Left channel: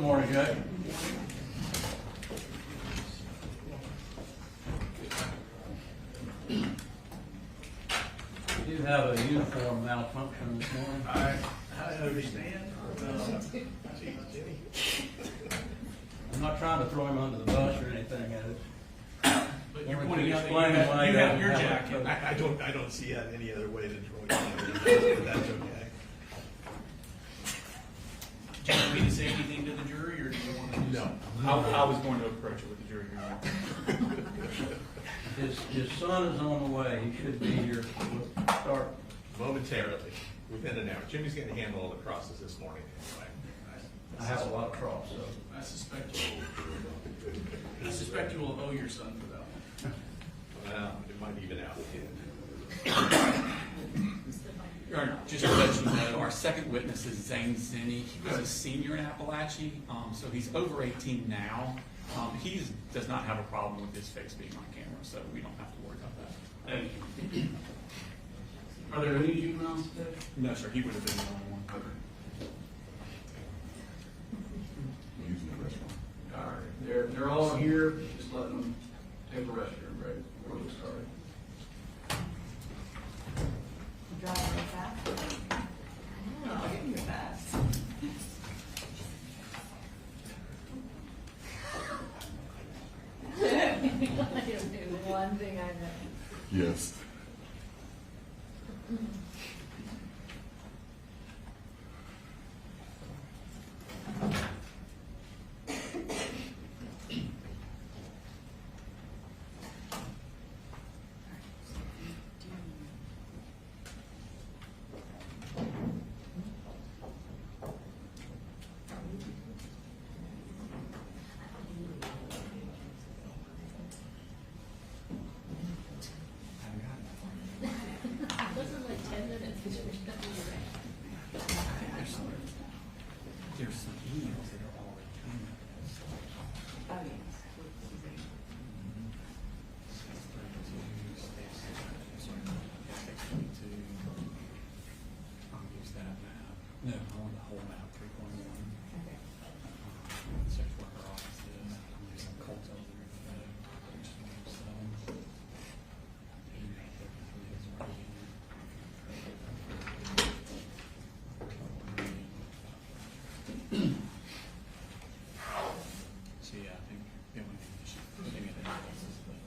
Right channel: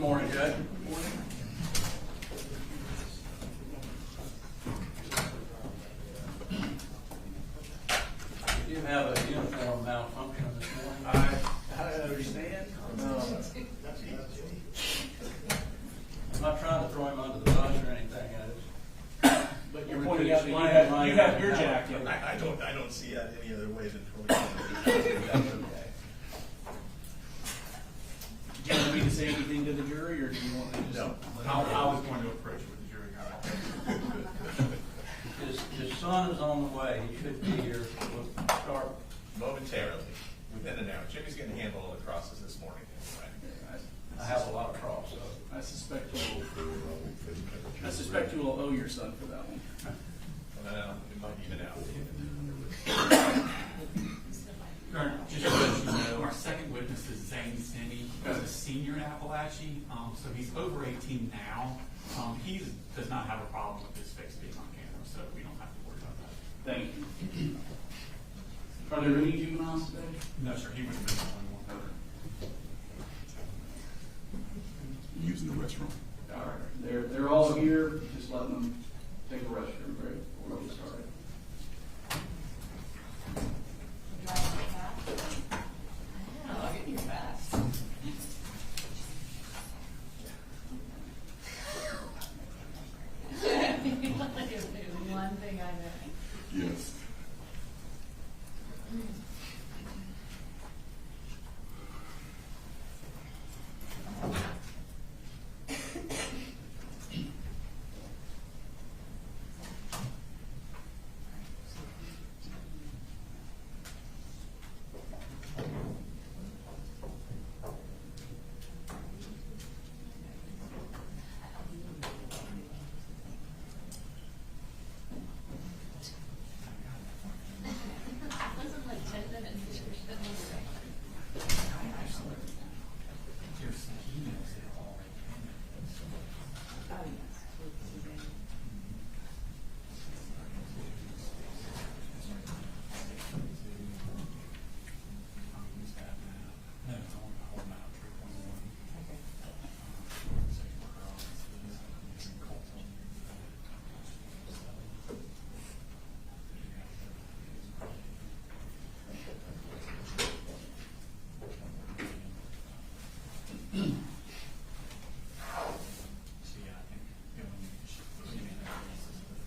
Good morning, Judge. We do have a uniform malfunction this morning. I understand. I'm not trying to throw him under the bus or anything at it. But you're pointing out that you have your jacket. I don't see that any other way than throwing it. That's okay. Do you want me to say anything to the jury, or do you want to just? No. I was going to approach it with the jury. His son is on the way. He should be here. We'll start Momentarily, within an hour. Jimmy's going to handle all the crosses this morning anyway. I have a lot of cross, so. I suspect you will owe your son for that one. Well, it might even out. Just to let you know, our second witness is Zane Zinni. He was a senior in Apalachee, so he's over 18 now. He does not have a problem with his face being on camera, so we don't have to worry about that. Thank you. Are there any juveniles today? No, sir, he would have been the only one. Using the restroom. All right, they're all here. Just let them take a restroom break before we get started. Driving fast. I know, I can hear fast. One thing I know. Yes. Wasn't like 10 minutes. There's some emails that are all like Oh, yes. No, I want the whole map, 3.1. Sex worker offices, some Colt Gray. So yeah, I think the only thing is maybe the address is the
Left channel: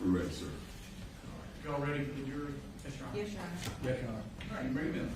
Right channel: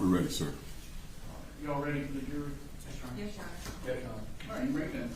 We're ready, sir. Y'all ready for the jury? Yes, Your Honor. Yes, Your Honor. All right, bring them.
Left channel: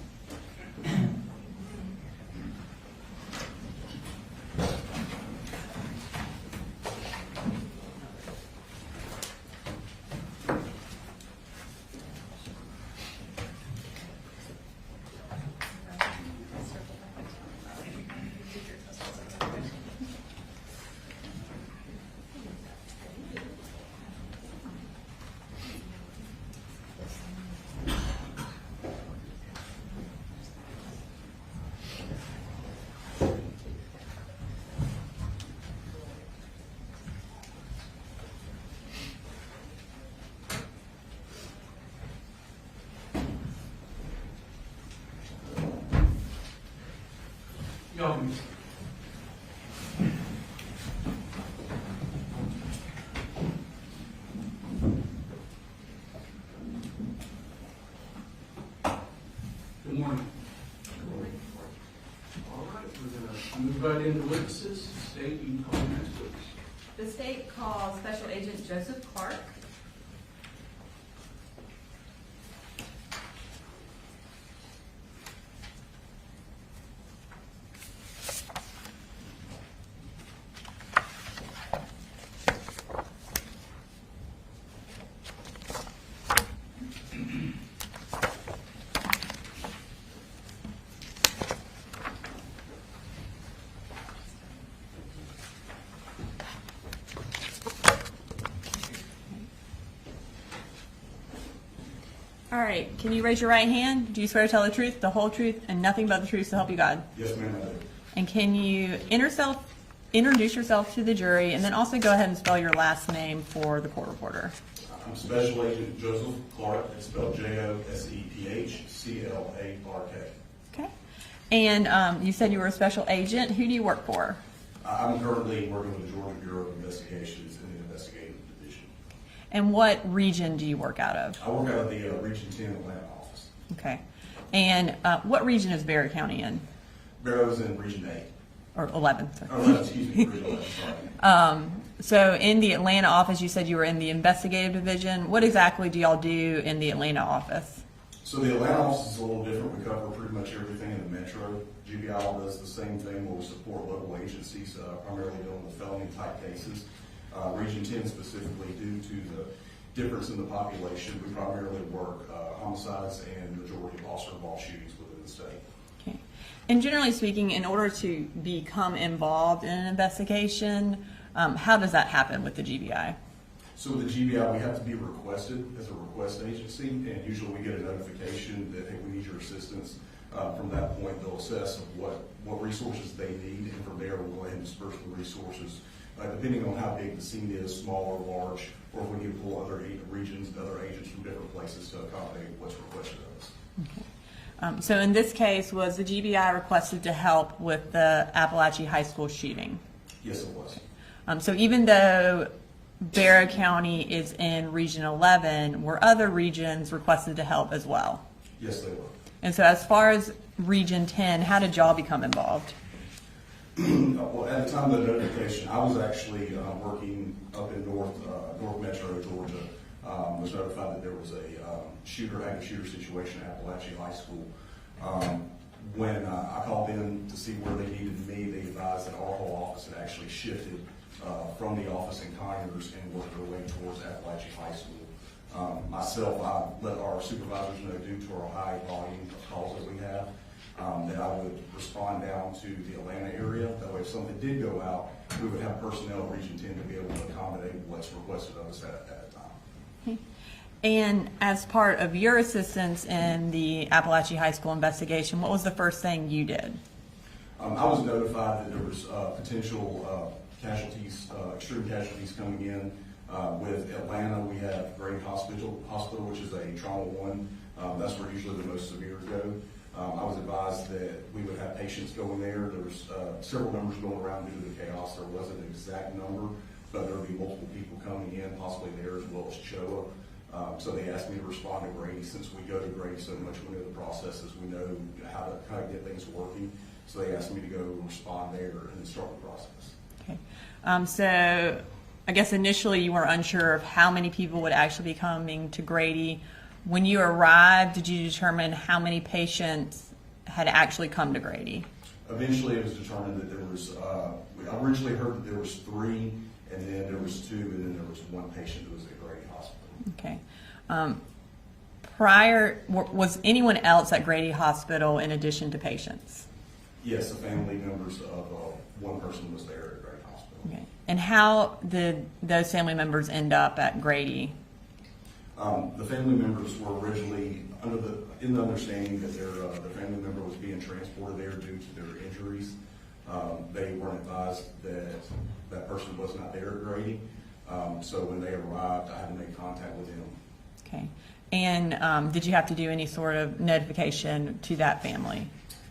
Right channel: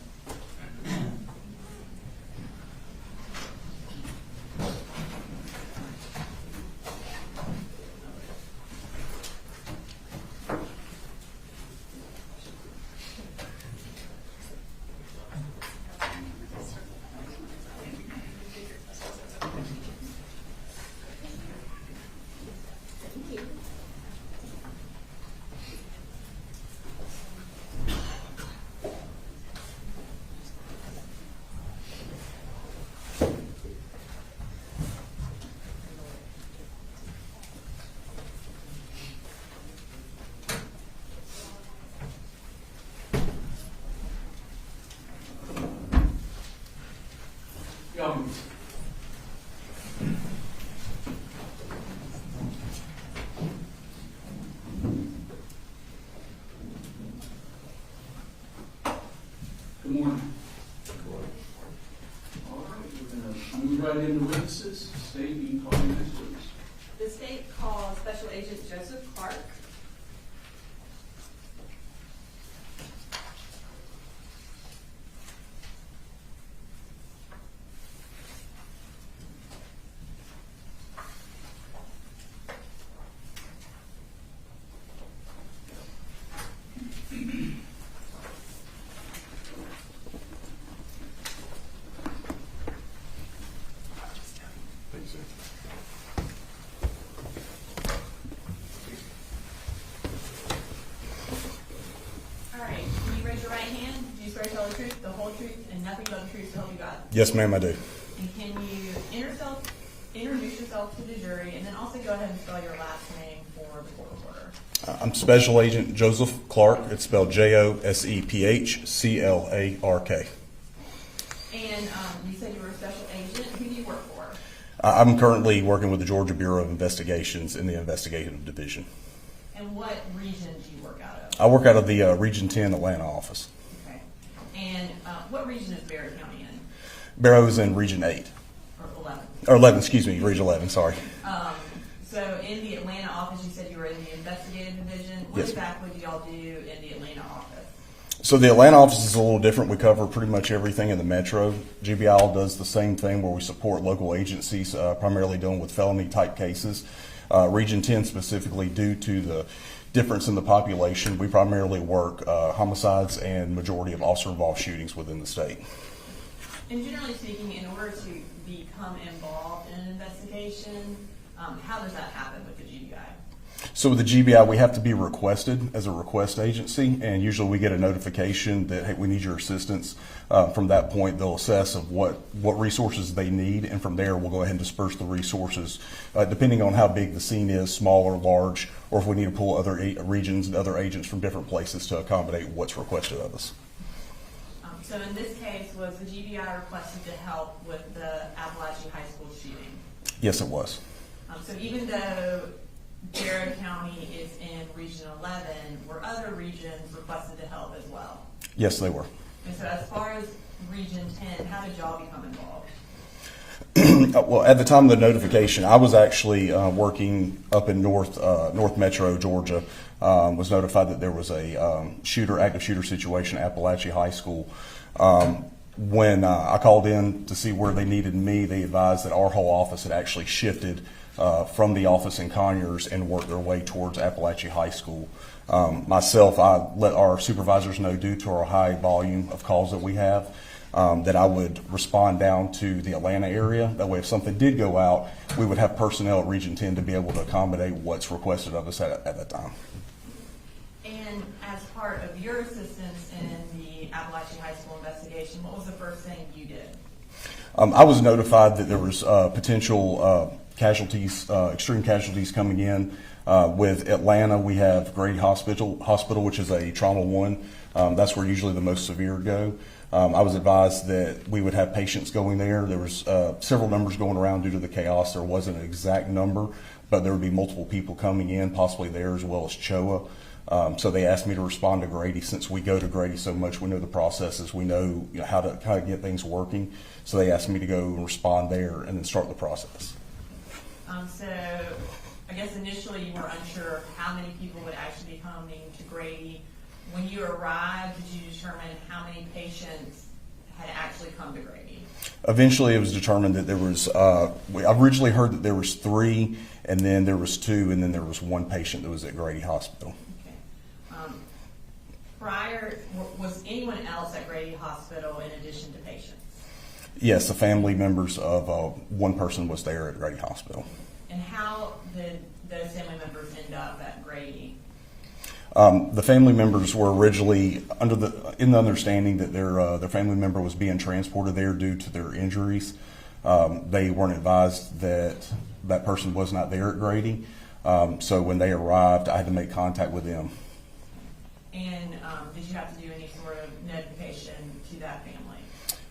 invite in the witnesses. State, you can call your next witness. The state calls Special Agent Joseph Clark. All right, can you raise your right hand? Do you swear to tell the truth, the whole truth, and nothing but the truth, so help you God? Yes, ma'am, I do. And can you introduce yourself to the jury, and then also go ahead and spell your last name for the court reporter? I'm Special Agent Joseph Clark. It's spelled Josephclark. Okay. And you said you were a special agent. Who do you work for? I'm currently working with the Georgia Bureau of Investigations in the investigative division. And what region do you work out of? I work out of the Region 10 Atlanta office. Okay. And what region is Barrow County in? Barrow is in Region 8. Or 11. Or 11, excuse me, Region 11, sorry. So in the Atlanta office, you said you were in the investigative division. What Yes, exactly do y'all do in the Atlanta office? So the Atlanta office is a little different. We cover pretty much everything in the metro. GBI does the same thing where we support local agencies, primarily dealing with felony type cases. Region 10 specifically, due to the difference in the population, we primarily work homicides and majority of officer-involved shootings within the state. And generally speaking, in order to become involved in an investigation, how does that happen with the GBI? So with the GBI, we have to be requested as a request agency, and usually we get a notification that, hey, we need your assistance. From that point, they'll assess of what resources they need, and from there, we'll go ahead and disperse the resources, depending on how big the scene is, small or large, or if we need to pull other regions and other agents from different places to accommodate what's requested of us. So in this case, was the GBI requested to help with the Apalachee High School shooting? Yes, it was. So even though Barrow County is in Region 11, were other regions requested to help as well? Yes, they were. And so as far as Region 10, how did y'all become involved? Well, at the time of the notification, I was actually working up in North Metro, Georgia. Was notified that there was a active shooter situation at Apalachee High School. When I called in to see where they needed me, they advised that our whole office had actually shifted from the office in Conyers and worked their way towards Apalachee High School. Myself, I let our supervisors know, due to our high volume of calls that we have, that I would respond down to the Atlanta area. That way, if something did go out, we would have personnel at Region 10 to be able to accommodate what's requested of us at that time. And as part of your assistance in the Apalachee High School investigation, what was the first thing you did? I was notified that there was potential casualties, extreme casualties coming in. With Atlanta, we have Grady Hospital, which is a trauma 1. That's where usually the most severe go. I was advised that we would have patients going there. There was several numbers going around due to the chaos. There wasn't an exact number, but there would be multiple people coming in, possibly there as well as CHOA. So they asked me to respond to Grady. Since we go to Grady so much, we know the processes, we know, how to get things working. So they asked me to go and respond there and then start the process. Okay. So I guess initially you were unsure of how many people would actually be coming to Grady. When you arrived, did you determine how many patients had actually come to Grady? Eventually it was determined that there was, I originally heard that there was 3, and then there was 2, and then there was 1 patient that was at Grady Hospital. Okay. Was anyone else at Grady Hospital in addition to patients? Yes, the family members of 1 person was there at Grady Hospital. Okay. And how did those family members end up at Grady? The family members were originally in the understanding that their family member was being transported there due to their injuries. They weren't advised that that person was not there at Grady. So when they arrived, I had to make contact with them. Okay. And did you have to do any sort of notification to that family?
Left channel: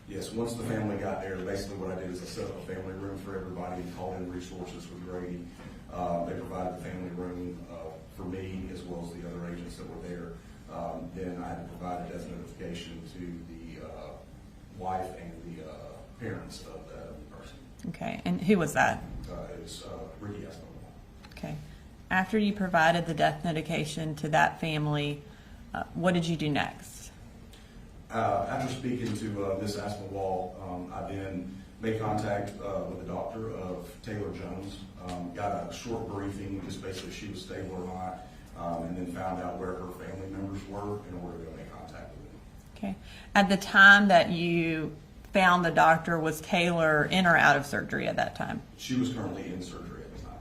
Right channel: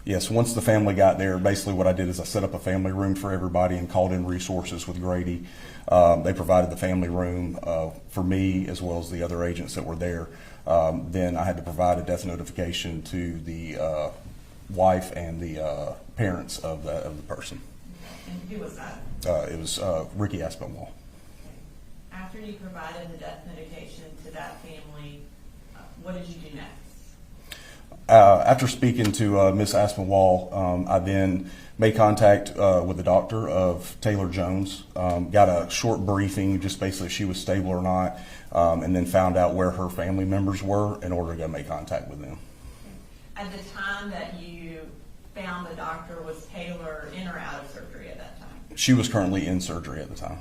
Yes, once the family got there, basically what I did is I set up a family room for everybody and called in resources with Grady. They provided the family room for me as well as the other agents that were there. Then I had to provide a death notification to the wife and the parents of the person. Okay, and who was that? It was Ricky Aspinwall. Okay. After you provided the death notification to that family, what did you do next? After speaking to Miss Aspinwall, I then made contact with the doctor of Taylor Jones, got a short briefing, just basically if she was stable or not, and then found out where her family members were in order to go make contact with them. Okay. At the time that you found the doctor, was Taylor in or out of surgery at that time? She was currently in surgery at the time.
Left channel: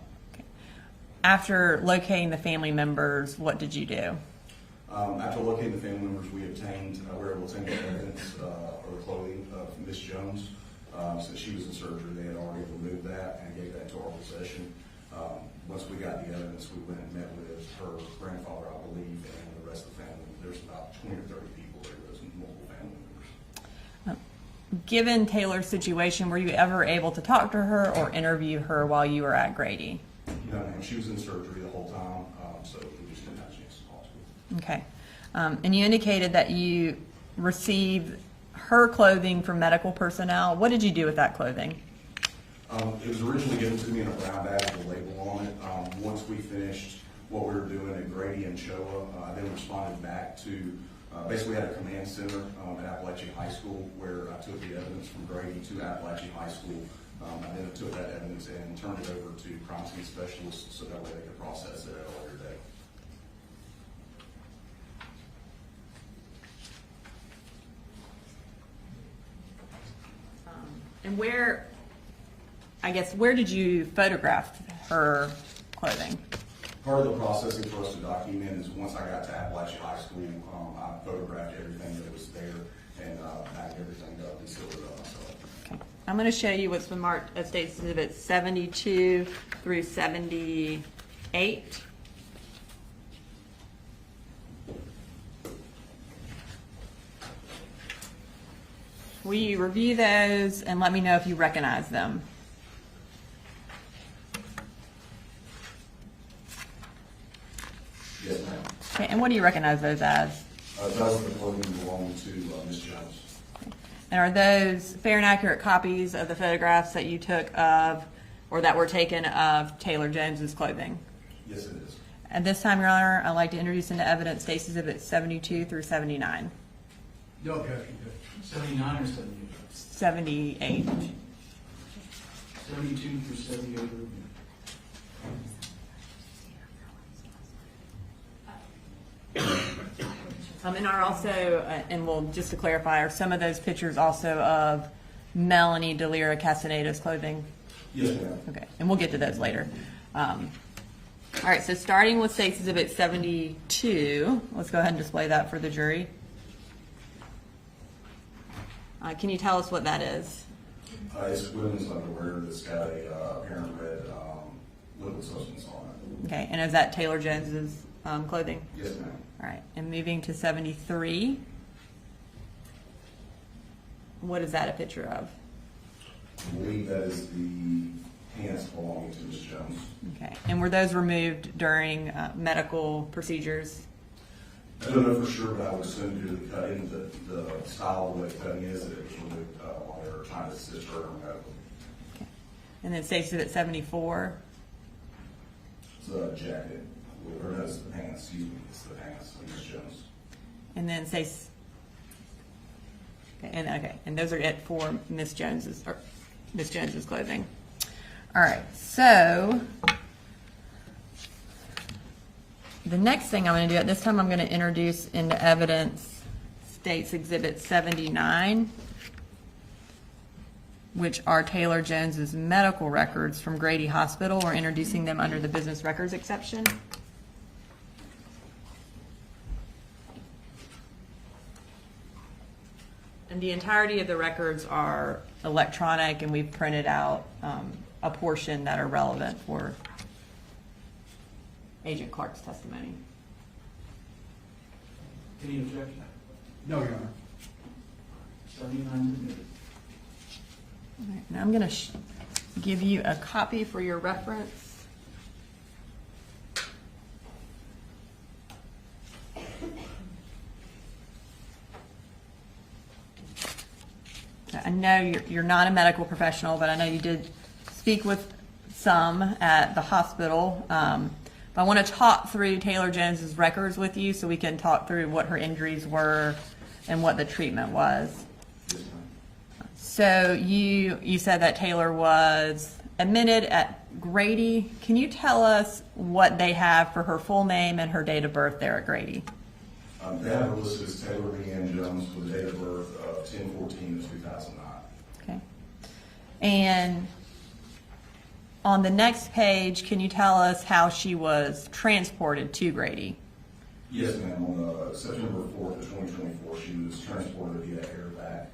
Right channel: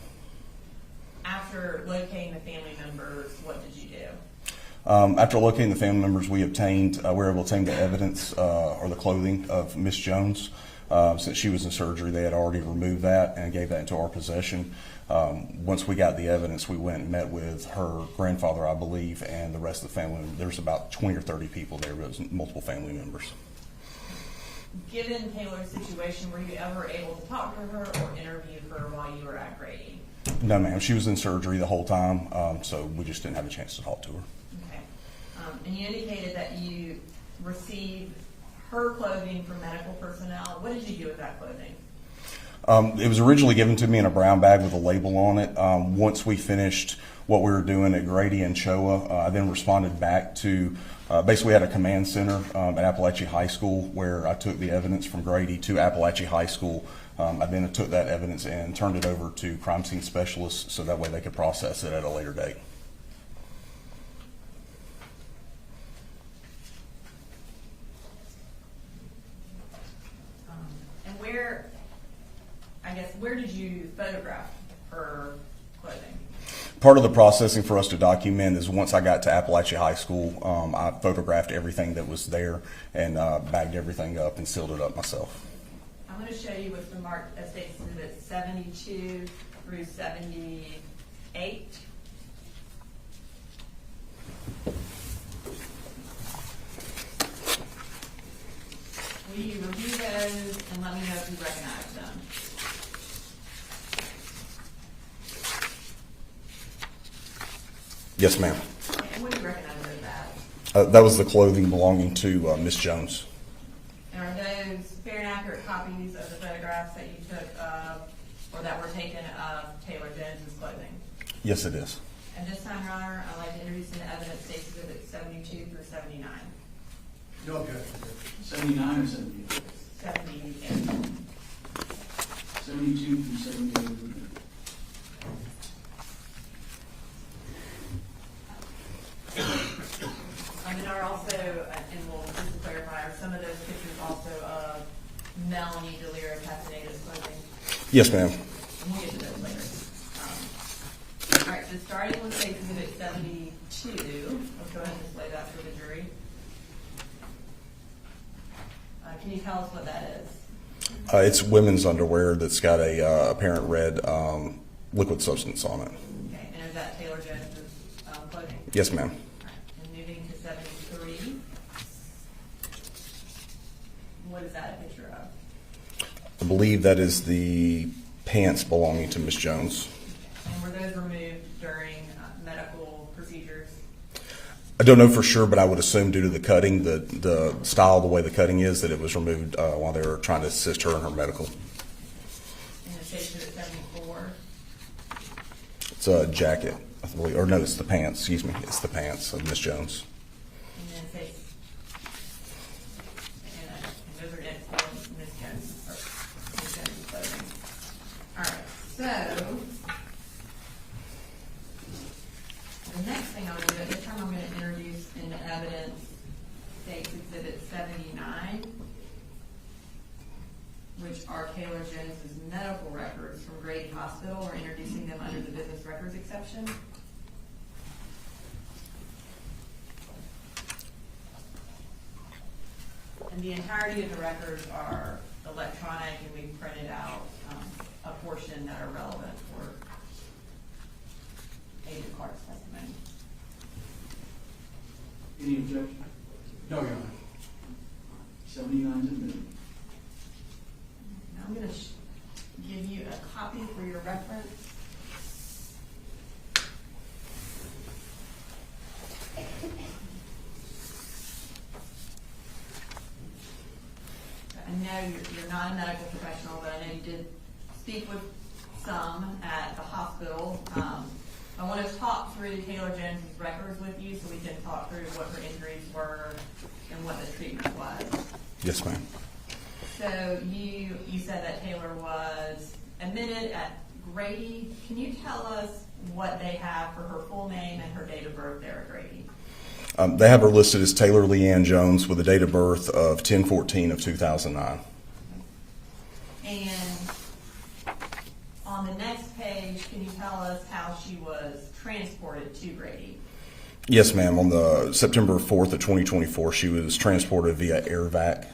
After locating the family members, what did you do? After locating the family members, we were able to obtain the evidence or the clothing of Miss Jones. Since she was in surgery, they had already removed that and gave that into our possession. Once we got the evidence, we went and met with her grandfather, I believe, and the rest of the family. There was about 20 or 30 people there. There was multiple family members. Given Taylor's situation, were you ever able to talk to her or interview her while you were at Grady? No, ma'am. She was in surgery the whole time, so we just didn't have a chance to talk to her. Okay. And you indicated that you received her clothing from medical personnel. What did you do with that clothing? It was originally given to me in a brown bag with a label on it. Once we finished what we were doing at Grady and Choa, I then responded back to, basically we had a command center at Apalachee High School where I took the evidence from Grady to Apalachee High School. I then took that evidence and turned it over to crime scene specialists so that way they could process it at a later date. And where did you photograph her clothing? Part of the processing for us to document is once I got to Apalachee High School, I photographed everything that was there and bagged everything up and sealed it up myself. Okay. I'm going to show you what's been marked as State's Exhibit 72 through 78. Will you review those and let me know if you recognize them? Yes, ma'am. Okay, and what do you recognize those as? That was the clothing belonging to Miss Jones. And are those fair and accurate copies of the photographs that you took of, or that were taken of Taylor Jones's clothing? Yes, it is. At this time, Your Honor, I'd like to introduce into evidence State's Exhibit 72 through 79. No objection. 79 or 78? 78. 72 through 78. And are also, and we'll just to clarify, are some of those pictures also of Melanie Delira Castaneda's clothing? Yes, ma'am. Okay, and we'll get to those later. All right, so starting with State's Exhibit 72, let's go ahead and display that for the jury. Can you tell us what that is? It's women's underwear that's got a apparent red liquid substance on it. Okay, and is that Taylor Jones's clothing? Yes, ma'am. All right, and moving to 73, what is that a picture of? I believe that is the pants belonging to Miss Jones. Okay, and were those removed during medical procedures? I don't know for sure, but I would assume due to the cutting, the style, the way the cutting is, that it was removed while they were trying to assist her in her medical. And then State's Exhibit 74? It's a jacket, I believe, or no, it's the pants, excuse me. It's the pants of Miss Jones. And then and those are it for Miss Jones's clothing. All right, so the next thing I'm going to do at this time, I'm going to introduce into evidence State's Exhibit 79, which are Taylor Jones's medical records from Grady Hospital. We're introducing them under the business records exception. And the entirety of the records are electronic, and we've printed out a portion that are relevant for Agent Clark's testimony. Any objection? No, Your Honor. 79 is admitted. All right, now I'm going to give you a copy for your reference. I know you're not a medical professional, but I know you did speak with some at the hospital. I want to talk through Taylor Jones's records with you so we can talk through what her injuries were and what the treatment was. Yes, ma'am. So you said that Taylor was admitted at Grady. Can you tell us what they have for her full name and her date of birth there at Grady? They have her listed as Taylor Leanne Jones with a date of birth of 10/14 of 2009. Okay. And on the next page, can you tell us how she was transported to Grady? Yes, ma'am. On the September 4th of 2024, she was transported via airvac.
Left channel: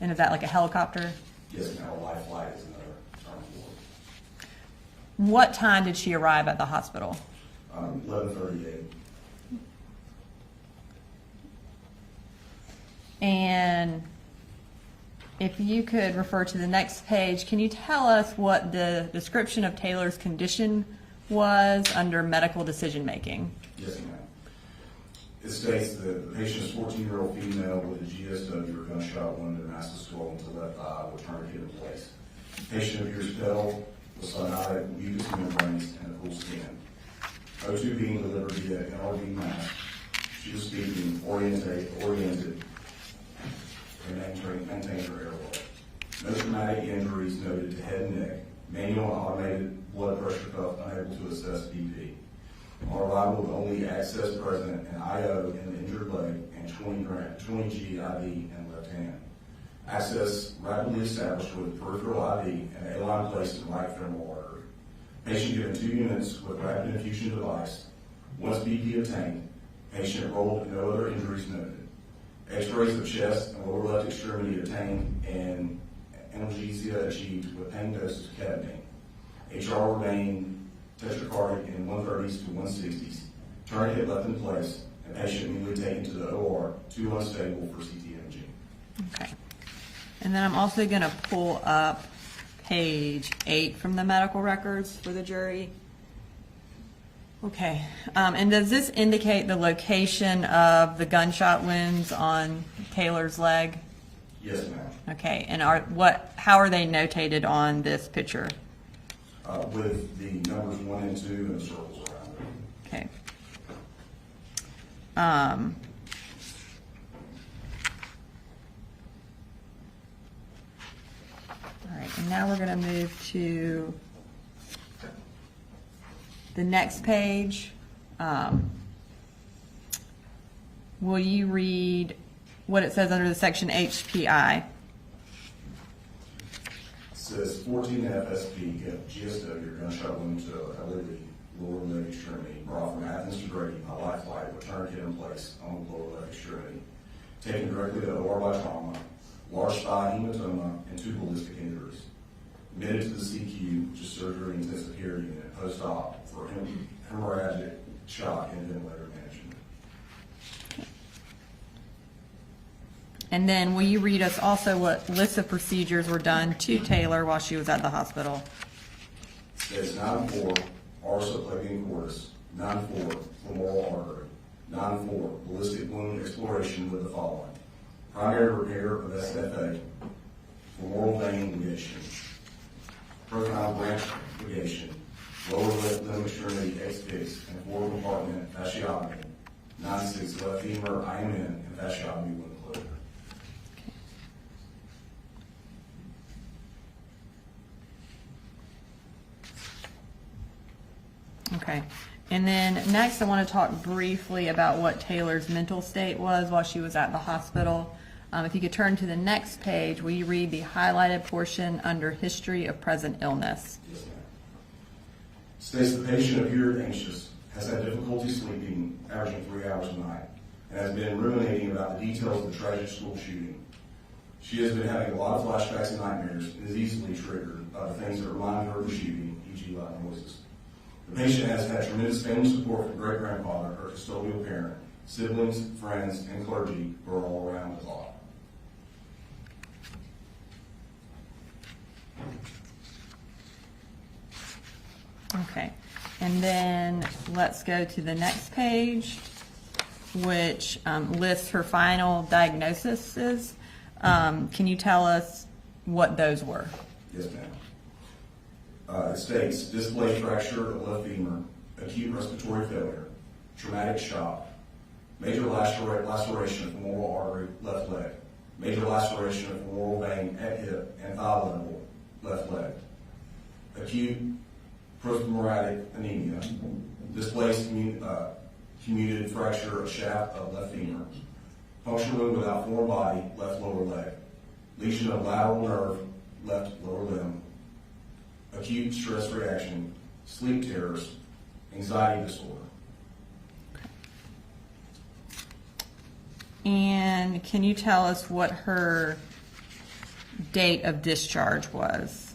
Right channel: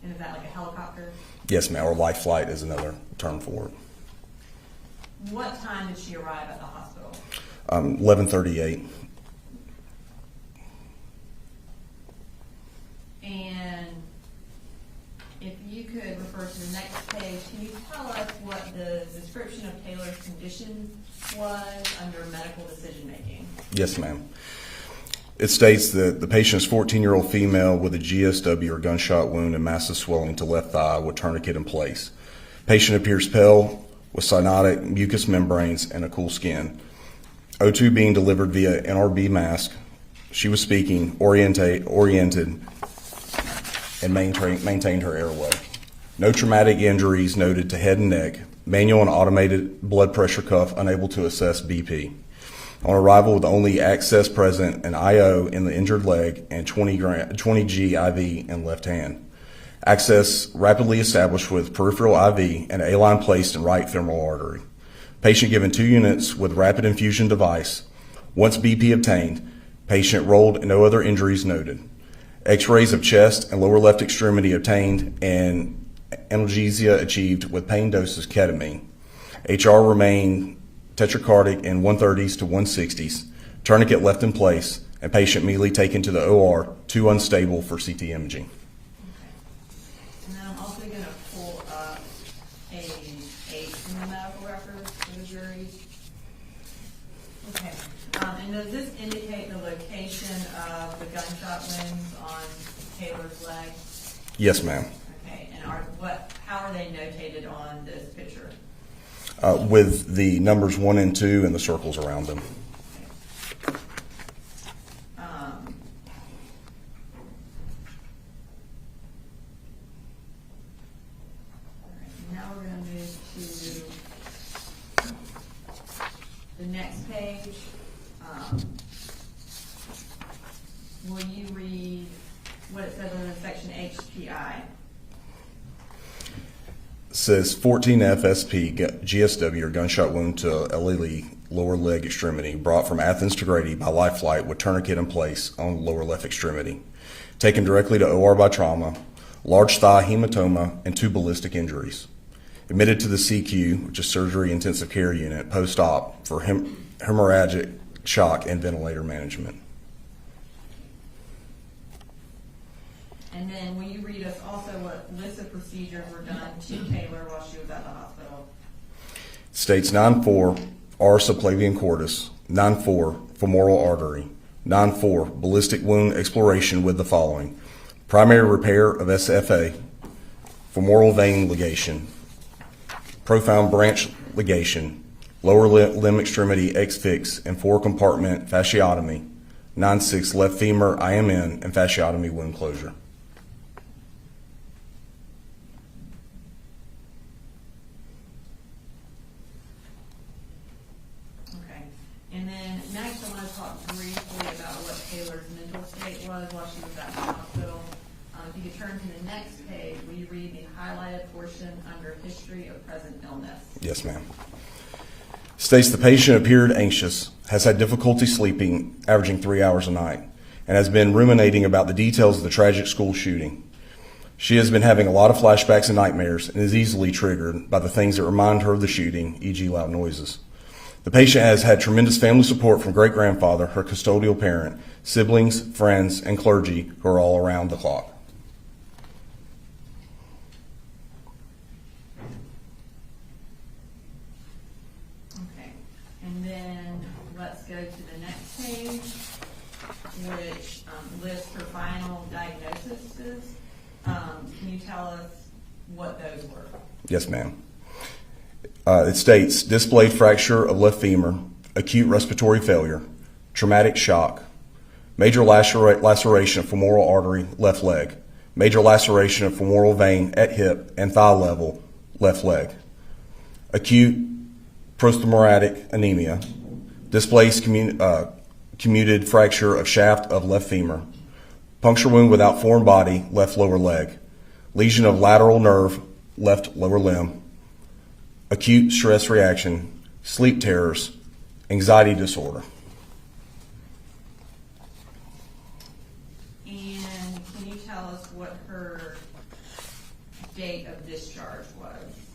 And is that like a helicopter? Yes, ma'am, or life flight is another term for it. What time did she arrive at the hospital? 11:38. And if you could refer to the next page, can you tell us what the description of Taylor's condition was under medical decision making? Yes, ma'am. It states that the patient is 14-year-old female with a GSW or gunshot wound and massive swelling to left thigh with tourniquet in place. Patient appears pale with cyanotic mucous membranes and a cool skin. O2 being delivered via NRB mask. She was speaking, oriented, and maintained her airway. No traumatic injuries noted to head and neck. Manual and automated blood pressure cuff unable to assess BP. On arrival with only access present, an IO in the injured leg and 20G IV in left hand. Access rapidly established with peripheral IV and A-line placed in right femoral artery. Patient given 2 units with rapid infusion device. Once BP obtained, patient rolled and no other injuries noted. X-rays of chest and lower left extremity obtained and analgesia achieved with pain doses ketamine. HR remained tetracardic in 130s to 160s. Tourniquet left in place and patient immediately taken to the OR, 2 unstable for CT imaging. Okay. And then I'm also going to pull up page 8 from the medical records for the jury. Okay. And does this indicate the location of the gunshot wounds on Taylor's leg? Yes, ma'am. Okay. And how are they notated on this picture? With the numbers 1 and 2 and the circles around them. Okay. All right, and now we're going to move to the next page. Will you read what it says under the section HPI? Says 14 FSP GSW or gunshot wound to LLE lower leg extremity brought from Athens to Grady by life flight with tourniquet in place on lower left extremity. Taken directly to OR by trauma, large thigh hematoma, and 2 ballistic injuries. Admitted to the CQ, which is surgery intensive care unit, post-op for hemorrhagic shock and ventilator management. And then will you read us also what lists of procedures were done to Taylor while she was at the hospital? States 9-4 R subclavian cordis, 9-4 femoral artery, 9-4 ballistic wound exploration with the following: primary repair of SFA, femoral vein ligation, profound branch ligation, lower limb extremity X-fix and 4-compartment fasciotomy, 9-6 left femur IMN and fasciotomy wound closure. Okay. And then next I want to talk briefly about what Taylor's mental state was while she was at the hospital. If you could turn to the next page, will you read the highlighted portion under history of present illness? Yes, ma'am. States the patient appeared anxious, has had difficulty sleeping, averaging 3 hours a night, and has been ruminating about the details of the tragic school shooting. She has been having a lot of flashbacks and nightmares and is easily triggered by the things that remind her of the shooting, e.g. loud noises. The patient has had tremendous family support from great-grandfather, her custodial parent, siblings, friends, and clergy who are all around the clock. Okay. And then let's go to the next page, which lists her final diagnoses. Can you tell us what those were? Yes, ma'am. It states displayed fracture of left femur, acute respiratory failure, traumatic shock, major laceration of femoral artery, left leg, major laceration of femoral vein at hip and thigh level, left leg, acute prosthomoratic anemia, displaced commuted fracture of shaft of left femur, puncture wound without foreign body, left lower leg, lesion of lateral nerve, left lower limb, acute stress reaction, sleep terrors, anxiety disorder. And can you tell us what her date of discharge was?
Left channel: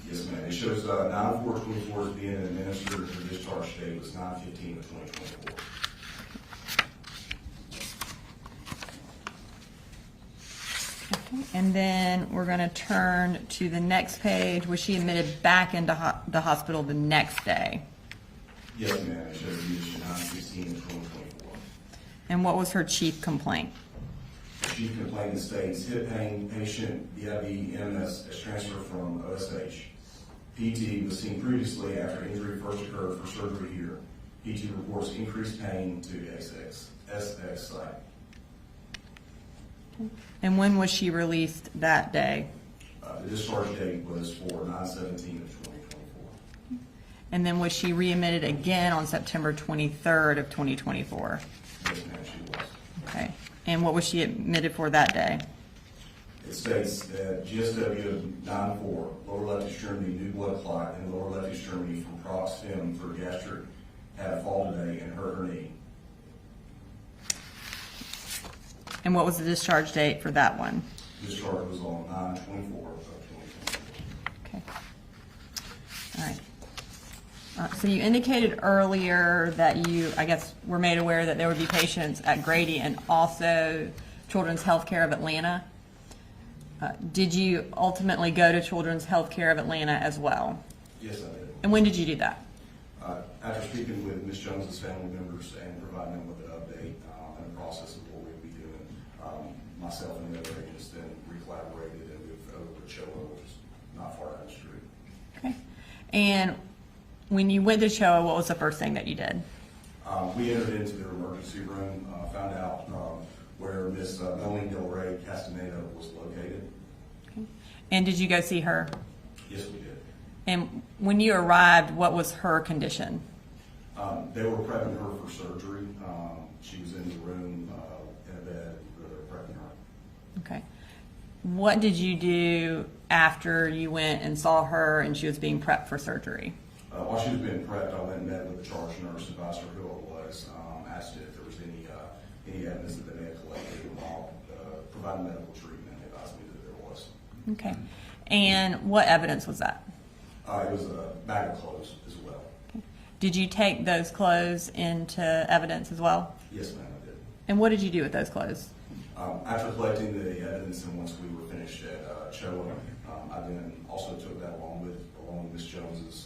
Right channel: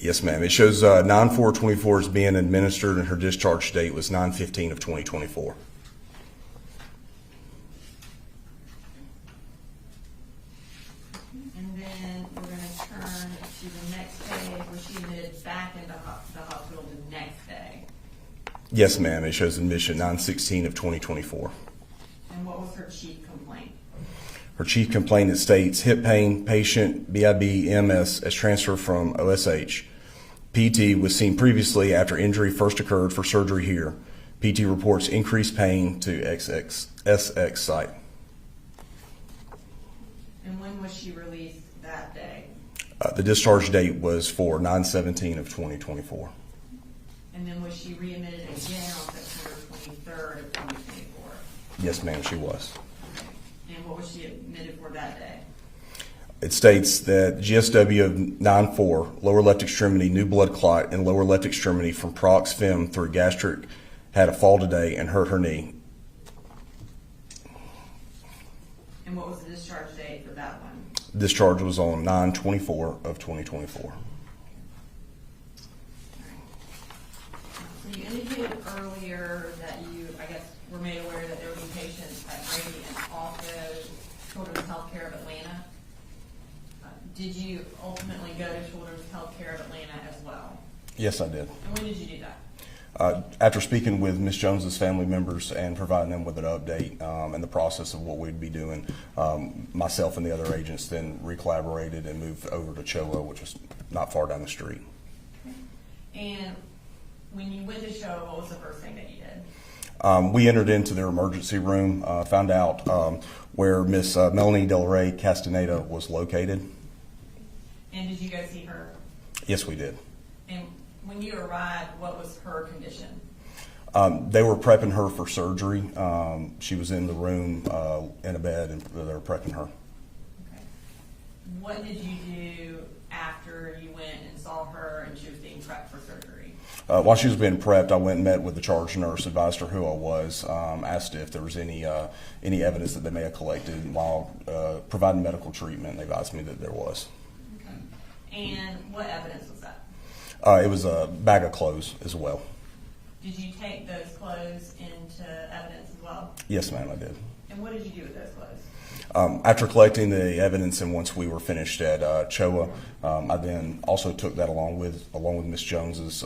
Yes, ma'am. It shows 9/4/24 is being administered, and her discharge date was 9/15 of 2024. And then we're going to turn to the next page. Was she admitted back into the hospital the next day? Yes, ma'am. It shows admission 9/16 of 2024. And what was her chief complaint? Her chief complaint, it states hip pain, patient BIB-MS as transferred from OSH. PT was seen previously after injury first occurred for surgery here. PT reports increased pain to SX site. And when was she released that day? The discharge date was for 9/17 of 2024. And then was she readmitted again on September 23rd of 2024? Yes, ma'am, she was. Okay. And what was she admitted for that day? It states that GSW of 9/4, lower left extremity, new blood clot in lower left extremity from prox fem through gastric, had a fall today and hurt her knee. And what was the discharge date for that one? Discharge was on 9/24 of 2024. Okay. All right. So you indicated earlier that you, I guess, were made aware that there would be patients at Grady and also Children's Healthcare of Atlanta. Did you ultimately go to Children's Healthcare of Atlanta as well? Yes, I did. And when did you do that? After speaking with Ms. Jones's family members and providing them with an update and the process of what we'd be doing, myself and the other agents then recollaborated and moved over to CHOA, which was not far down the street. Okay. And when you went to CHOA, what was the first thing that you did? We entered into their emergency room, found out where Miss Melanie Del Rey Castaneda was located. Okay. And did you go see her? Yes, we did. And when you arrived, what was her condition? They were prepping her for surgery. She was in the room in a bed, and they were prepping her. Okay. What did you do after you went and saw her and she was being prepped for surgery? While she was being prepped, I went and met with the charge nurse, advised her who I was, asked if there was any evidence that they may have collected while providing medical treatment. They advised me that there was. Okay. And what evidence was that? It was a bag of clothes as well. Did you take those clothes into evidence as well? Yes, ma'am, I did. And what did you do with those clothes? After collecting the evidence and once we were finished at CHOA, I then also took that along with Ms. Jones's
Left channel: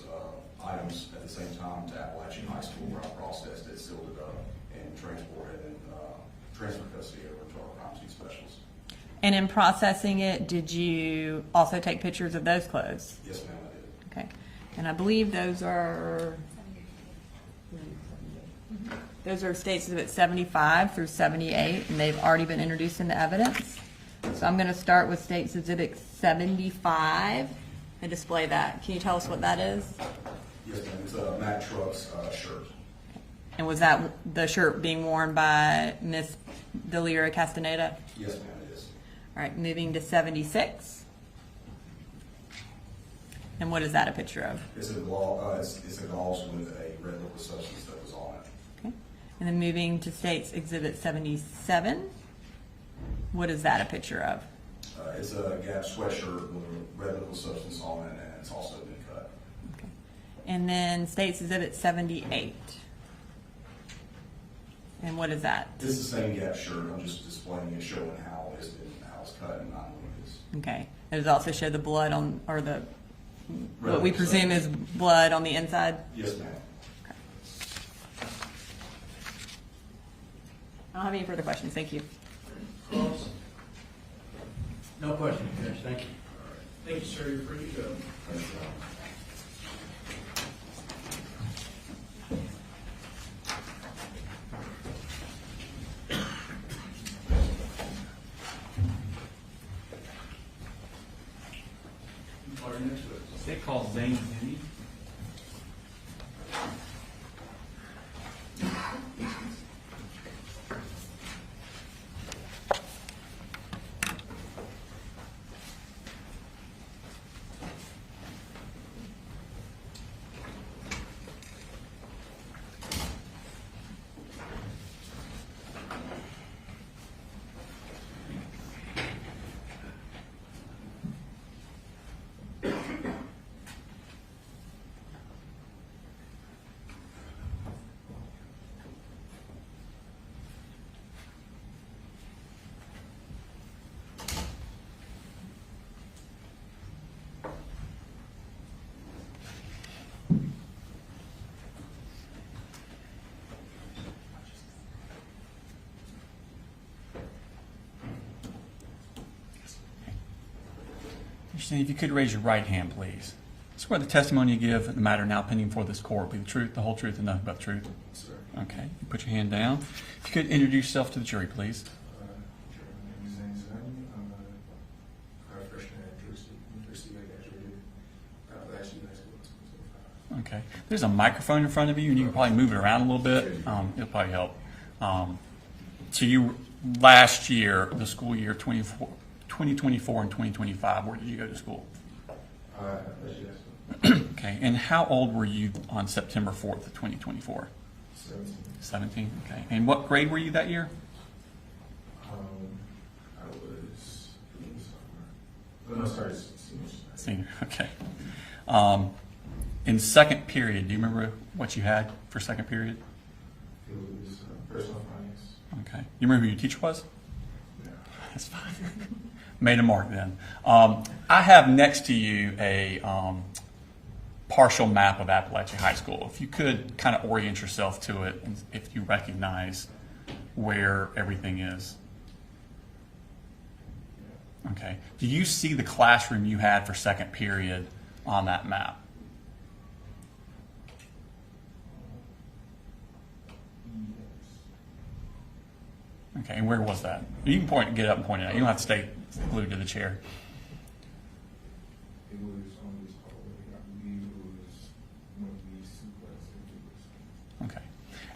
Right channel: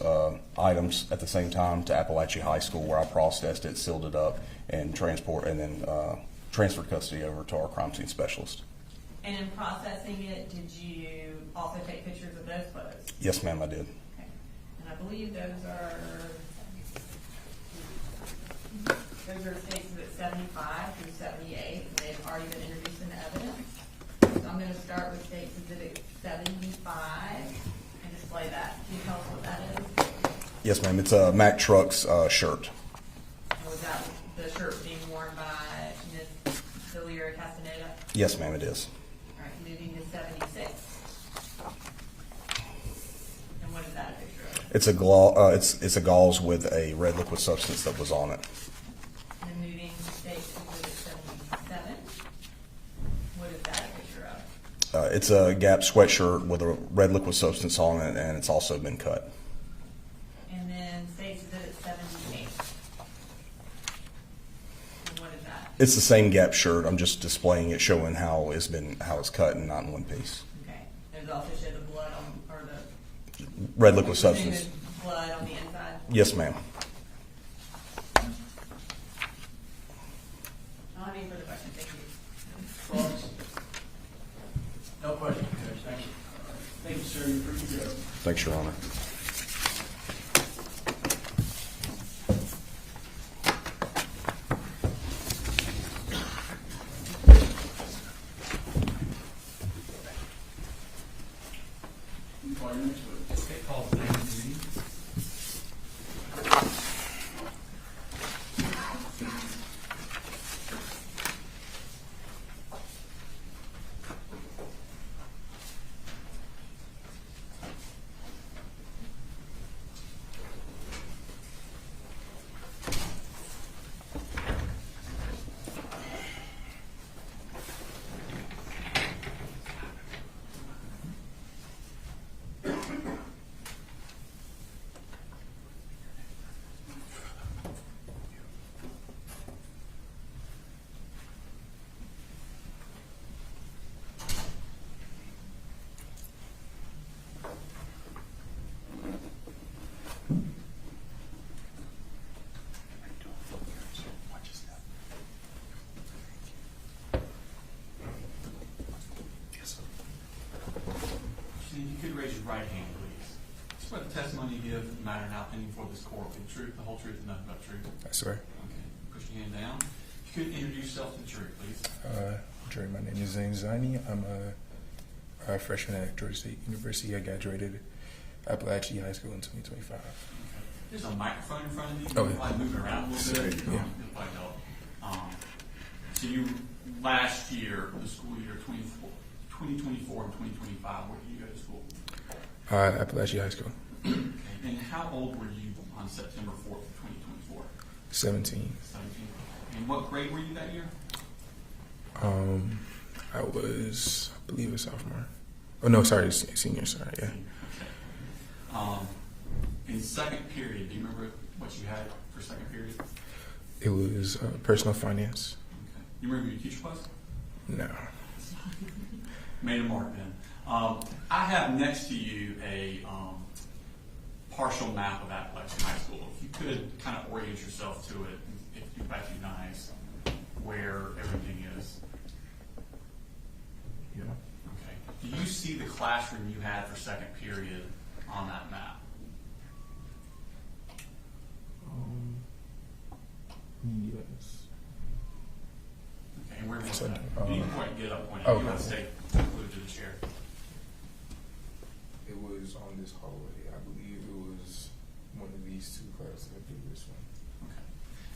items at the same time to Apalachee High School, where I processed it, sealed it up, and transferred custody over to our crime scene specialist. And in processing it, did you also take pictures of those clothes? Yes, ma'am, I did. Okay. And I believe those are States Exhibit 75 through 78, and they've already been introduced into evidence. So I'm going to start with States Exhibit 75 and display that. Can you tell us what that is? Yes, ma'am. It's a Mack Trucks shirt. And was that the shirt being worn by Miss Delira Castaneda? Yes, ma'am, it is. All right, moving to 76. And what is that a picture of? It's a gauze with a red liquid substance that was on it. Okay. And then moving to States Exhibit 77. What is that a picture of? It's a Gap sweatshirt with a red liquid substance on it, and it's also been cut. Okay. And then States Exhibit 78. And what is that? It's the same Gap shirt. I'm just displaying it, showing how it's cut and not in one piece. Okay. Does it also show the blood on, or the Red what we liquid presume substance. is blood on the inside? Yes, ma'am. I don't have any further questions. Thank you. No questions, Judge, thank you. Thank you, sir. You're pretty good. Thanks, Your Honor. And if you could raise your right hand, please. Swear the testimony you give in the matter now pending before this court will be the truth, the whole truth, and nothing but the truth. I swear. Okay. You put your hand down. If you could introduce yourself to the jury, please. Jury, my name is Zane Zani. I'm a freshman at Georgia State University. I graduated Apalachee High School in 2025. Okay. There's a microphone in front of you. You can probably move it around a little bit. It'll probably help. So you, last year, the school year 2024 and 2025, where did you go to school? Apalachee High School. Okay. And how old were you on September 4th of 2024? 17. 17. Okay. And what grade were you that year? I was, I believe, a sophomore. Oh no, sorry, senior. Sorry. Yeah. Senior. Okay. In second period, do you remember what you had for second period? It was personal finance. Okay. You remember who your teacher was? No. That's fine. Made a mark then. I have next to you a partial map of Apalachee High School. If you could kind of orient yourself to it, and if you recognize where everything is. Yeah. Okay. Do you see the classroom you had for second period on that map? Yes. Okay. And where was that? You can get up and point it out. You don't have to stay glued to the chair. It was on this hallway. I believe it was one of these two classes. I believe this one. Okay.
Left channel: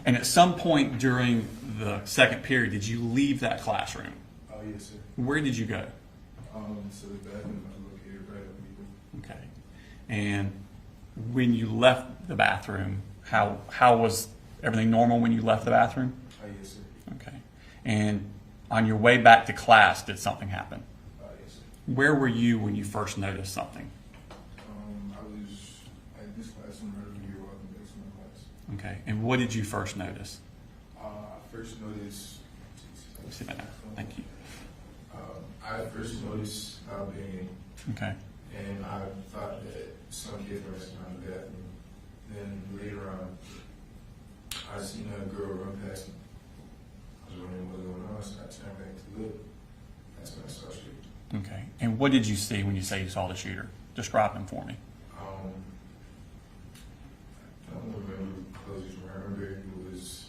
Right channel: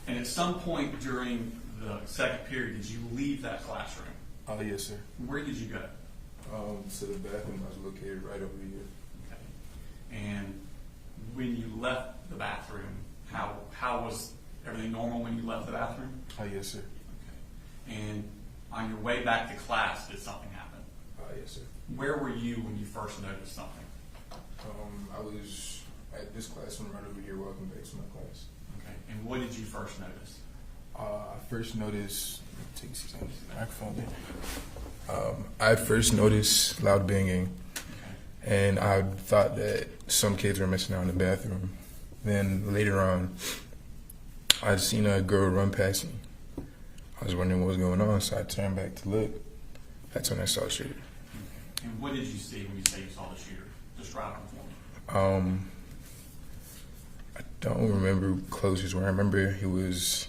And at some point during the second period, did you leave that classroom? Yes, sir. Where did you go? So the bathroom was located right over here. Okay. And when you left the bathroom, how was everything normal when you left the bathroom? Yes, sir. Okay. And on your way back to class, did something happen? Yes, sir. Where were you when you first noticed something? I was at this classroom right over here walking back to my class. Okay. And what did you first notice? I first noticed. See that microphone? I first noticed loud banging, Okay. and I thought that some kids were messing out in the bathroom. Then later on, I seen a girl run past me. I was wondering what was going on, so I turned back to look. That's when I saw the shooter. Okay. And what did you see when you say you saw the shooter? Describe him for me. I don't remember close his. I remember he was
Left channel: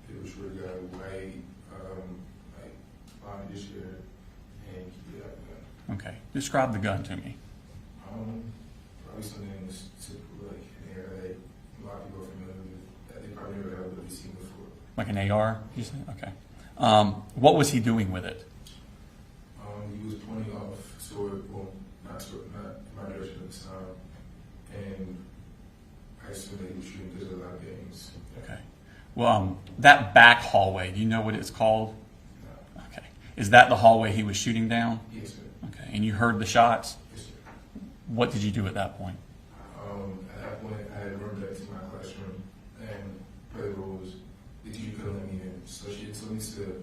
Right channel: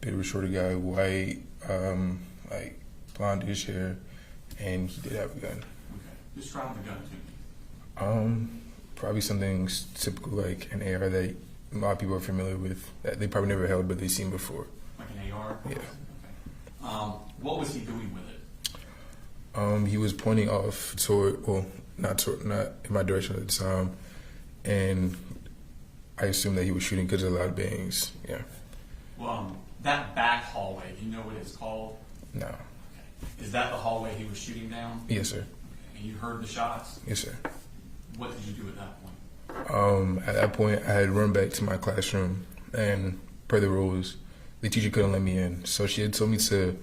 a bit of a shorter guy, white, like blondish hair, and he did have a gun. Okay. Describe the gun to me. Probably something typical like an AR that a lot of people are familiar with, that they probably never held, but they've seen before. Like an AR? Yeah. Okay. What was he doing with it? He was pointing off toward, well, not in my direction at the time, and I assumed that he was shooting because of the loud bangs. Yeah. Okay. Well, that back hallway, do you know what it's called? No. Okay. Is that the hallway he was shooting down? Yes, sir. Okay. And you heard the shots? Yes, sir. What did you do at that point? At that point, I had run back to my classroom, and per the rules, the teacher couldn't let me in, so she had told me to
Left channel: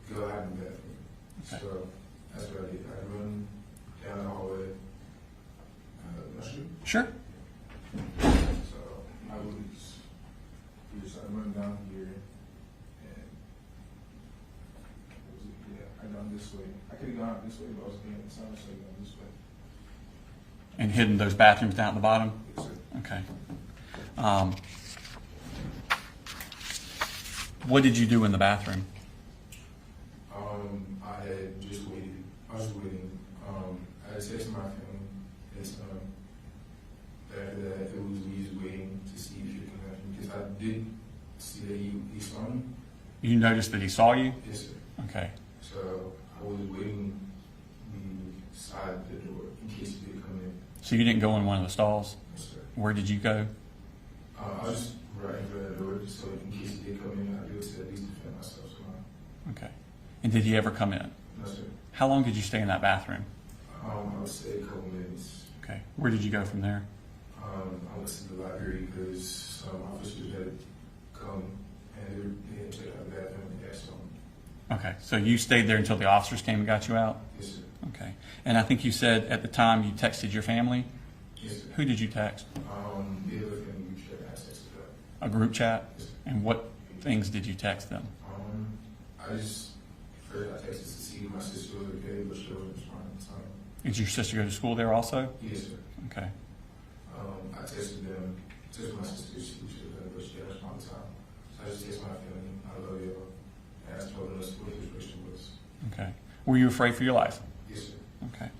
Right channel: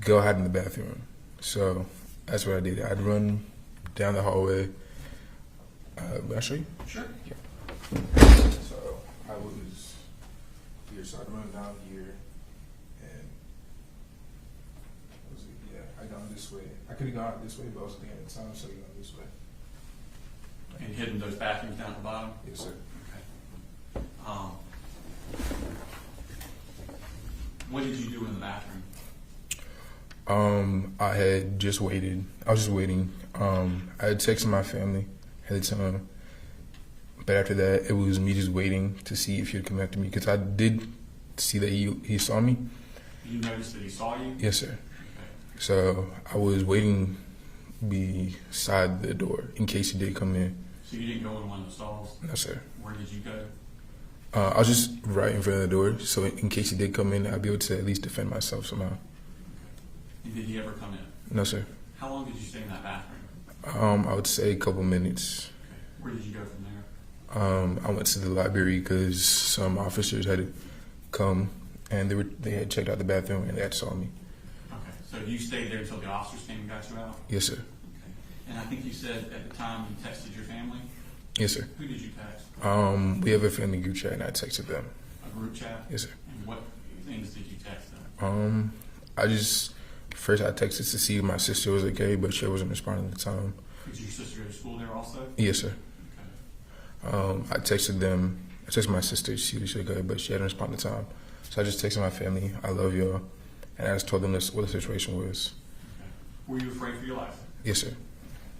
go hide in the bathroom. So that's what I did. I'd run down the hallway. May I show you? Sure. So I was here, so I run down here, and I gone this way. I could have gone this way, but I was looking at the time, so I gone this way. And hidden those bathrooms down at the bottom? Yes, sir. Okay. What did you do in the bathroom? I had just waited. I was just waiting. I had texted my family at the time, but after that, it was me just waiting to see if he would come after me, because I did see that he saw me. You noticed that he saw you? Yes, sir. Okay. So I was waiting beside the door in case he did come in. So you didn't go in one of the stalls? No, sir. Where did you go? I was just right in front of the door, so in case he did come in, I'd be able to at least defend myself somehow. Okay. And did he ever come in? No, sir. How long did you stay in that bathroom? I would say a couple minutes. Okay. Where did you go from there? I went to the library because some officers had come, and they had checked out the bathroom, and they had saw me. Okay. So you stayed there until the officers came and got you out? Yes, sir. Okay. And I think you said at the time you texted your family? Yes, sir. Who did you text? We have a family group chat, and I texted them. A group chat? Yes, sir. And what things did you text them? First I texted to see if my sister was okay, but she wasn't responding at the time. Did your sister go to school there also? Yes, sir. Okay. I texted them. I texted my sister. She was okay, but she hadn't responded in time. So I just texted my family, I love y'all. And I just told them what the situation was. Okay. Were you afraid for your life? Yes, sir. Okay.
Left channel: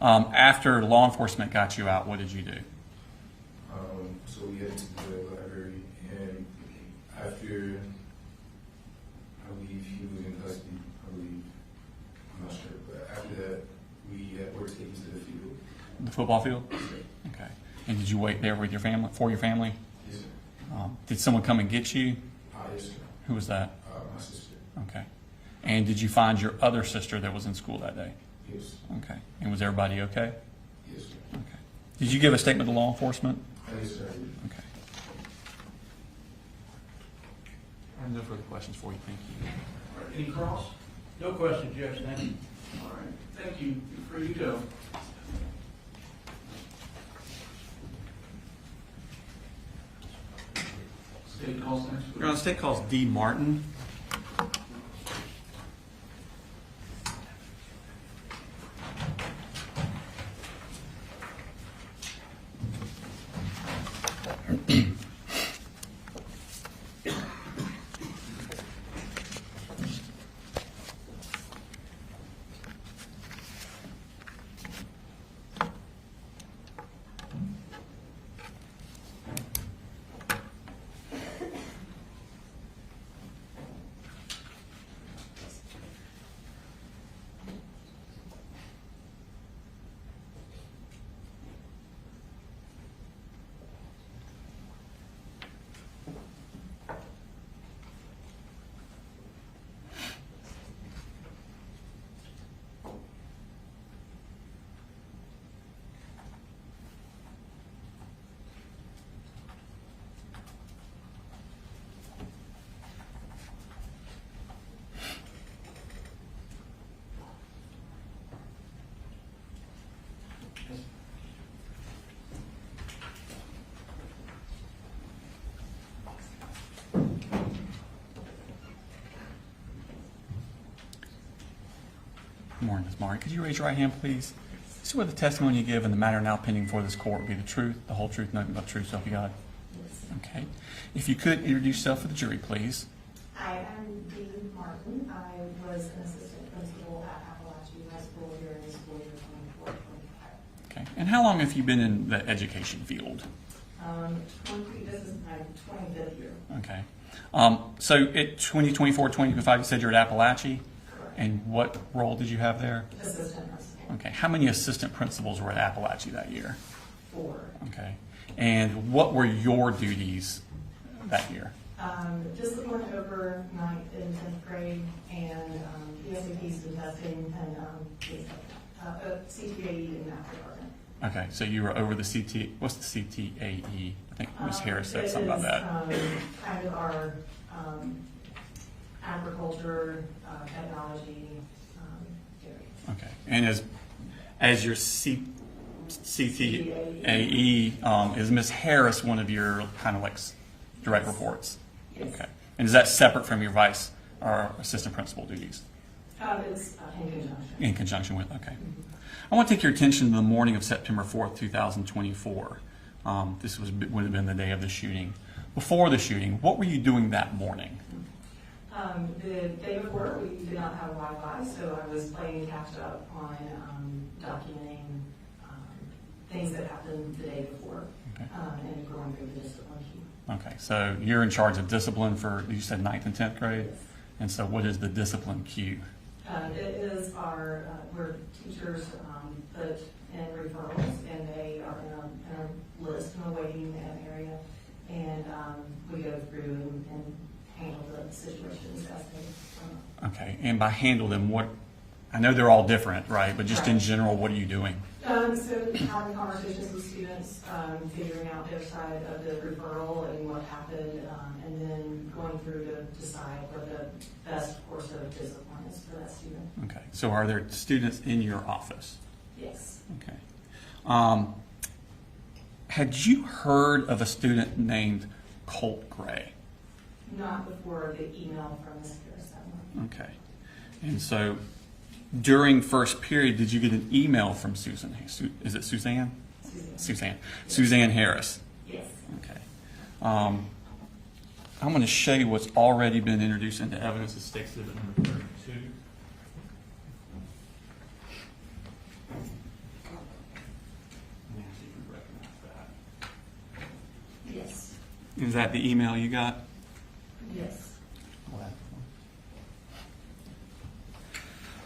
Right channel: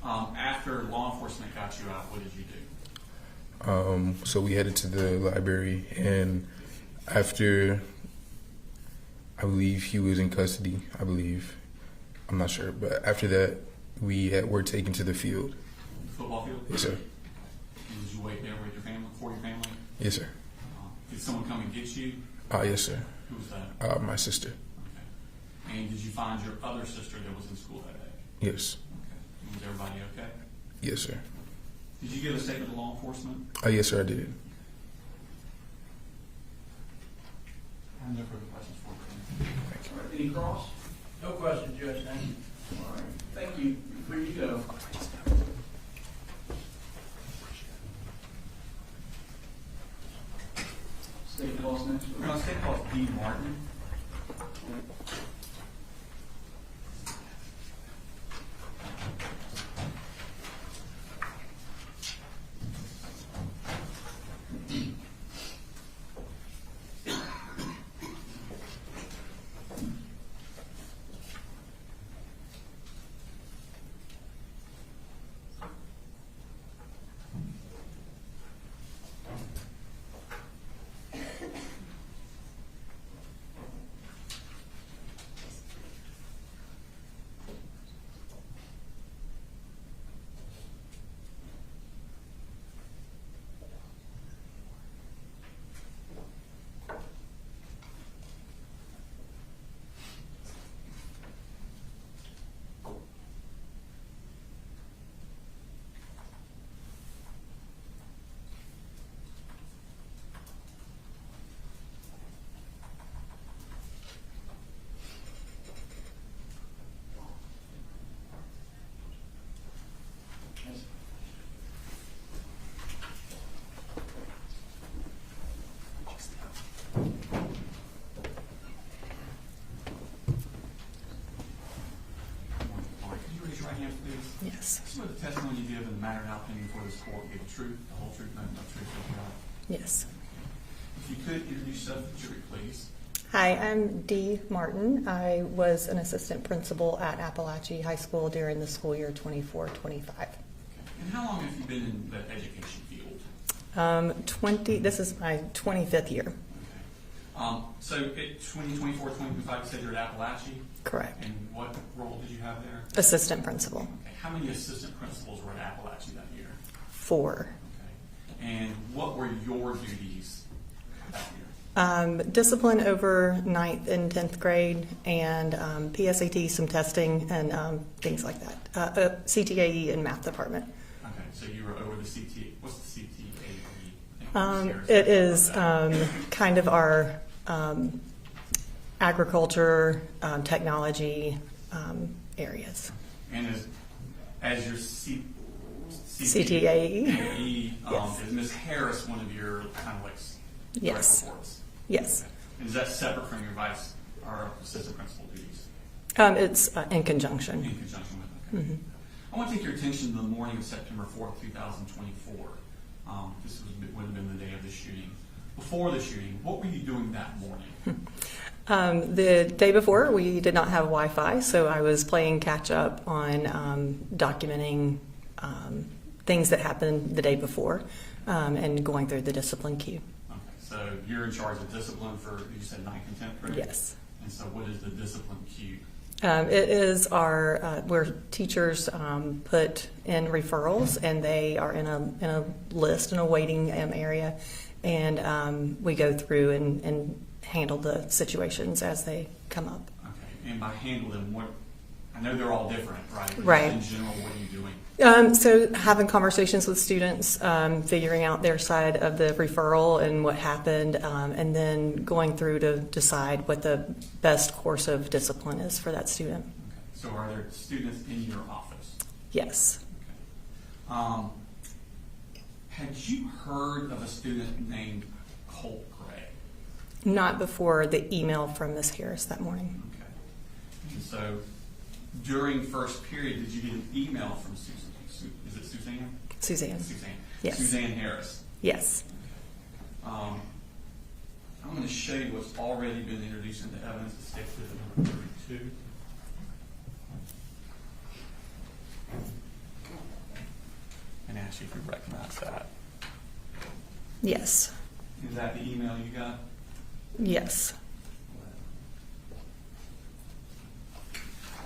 After law enforcement got you out, what did you do? So we headed to the library, and after, I believe he was in custody, I'm not sure, but after that, were taken to the field. The football field? Yes, sir. Okay. And did you wait there with your family, for your family? Yes, sir. Did someone come and get you? Yes, sir. Who was that? My sister. Okay. And did you find your other sister that was in school that day? Yes. Okay. And was everybody okay? Yes, sir. Okay. Did you give a statement to law enforcement? Yes, sir, I did. Okay. I have no further questions for you, Ken. All right, any cross? No question, Judge Nance. All right, thank you. You're free to go. State calls next week. Your Honor, state calls D. Martin. Good morning, Ms. Martin. Could you raise your right hand, please? Yes. Swear the testimony you give in the matter now pending before this court will be the truth, the whole truth, nothing but the truth, so help you God. Yes. Okay. If you could introduce yourself for the jury, please. Hi, I'm Dee Martin. I was an assistant principal at Apalachee High School during the school year 24-25. Okay. And how long have you been in the education field? This is my 25th year. Okay. So at 2024, 2025, you said you're at Apalachee? Correct. And what role did you have there? Assistant principal. Okay. How many assistant principals were at Apalachee that year? 4. Okay. And what were your duties that year? Discipline over 9th and 10th grade, and PSAT, some testing, and things like that. CTAE and math department. Okay, so you were over the CT. What's the CTAE? I think Ms. Harris said It something about is that. kind of our agriculture, technology areas. Okay, and as your CTAE, Yes. is Ms. Harris one of your kind of like direct Yes. reports? Yes. Okay, and is that separate from your vice or assistant principal duties? It's in conjunction. In conjunction with, okay. Mhm. I want to take your attention to the morning of September 4th, 2024. This would have been the day of the shooting. Before the shooting, what were you doing that morning? The day before, we did not have Wi-Fi, so I was playing catch up on documenting things that happened the day before, and going through the discipline queue. Okay, so you're in charge of discipline for, you said 9th and 10th grade? Yes. And so what is the discipline queue? It is where teachers put in referrals, and they are in a list, in a waiting area, and we go through and handle the situations as they come up. Okay, and by handle them, what, I know they're all different, right? But just Right. in general, what are you doing? So having conversations with students, figuring out their side of the referral and what happened, and then going through to decide what the best course of discipline is for that student. Okay, so are there students in your office? Yes. Okay. Had you heard of a student named Colt Gray? Not before the email from Ms. Harris that morning. Okay. And so during first period, did you get an email from Susan? Is it Suzanne? Suzanne. Suzanne. Yes. Suzanne Harris. Yes. Okay. I'm going to show you what's already been introduced into evidence. It stakes number 32. And ask you if you recognize that. Yes. Is that the email you got? Yes.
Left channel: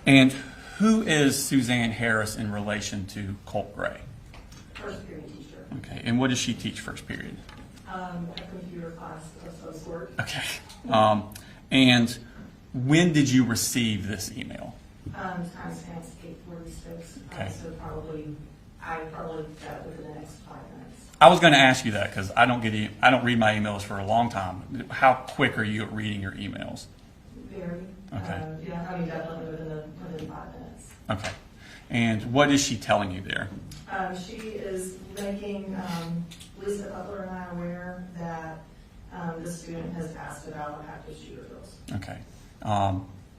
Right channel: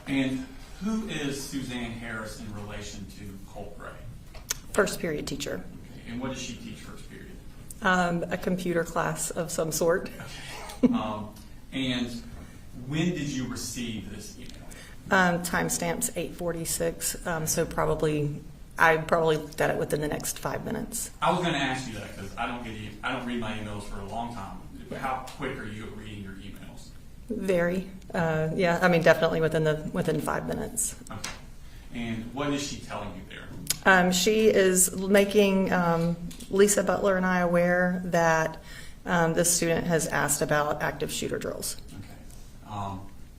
And who is Suzanne Harris in relation to Colt Gray? First period teacher. Okay. And what does she teach first period? A computer class of some sort. Okay. And when did you receive this email? Timestamps 8:46. Okay. So I probably looked at it within the next 5 minutes. I was going to ask you that because I don't read my emails for a long time. How quick are you at reading your emails? Very. Okay. Yeah. I mean, definitely within 5 minutes. Okay. And what is she telling you there? She is making Lisa Butler and I aware that this student has asked about active shooter drills. Okay.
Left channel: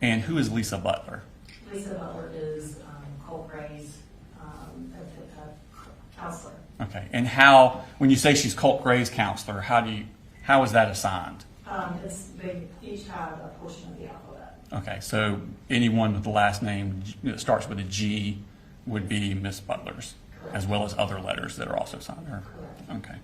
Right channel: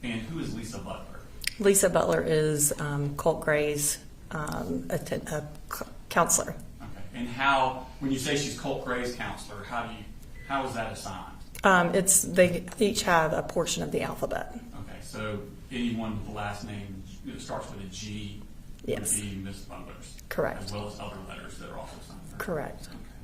And who is Lisa Butler? Lisa Butler is Colt Gray's counselor. Okay. And when you say she's Colt Gray's counselor, how is that assigned? They each have a portion of the alphabet. Okay. So anyone with the last name that starts with a G would Yes. be Miss Butler's. Correct. As well as other letters that are also signed there. Correct. Okay.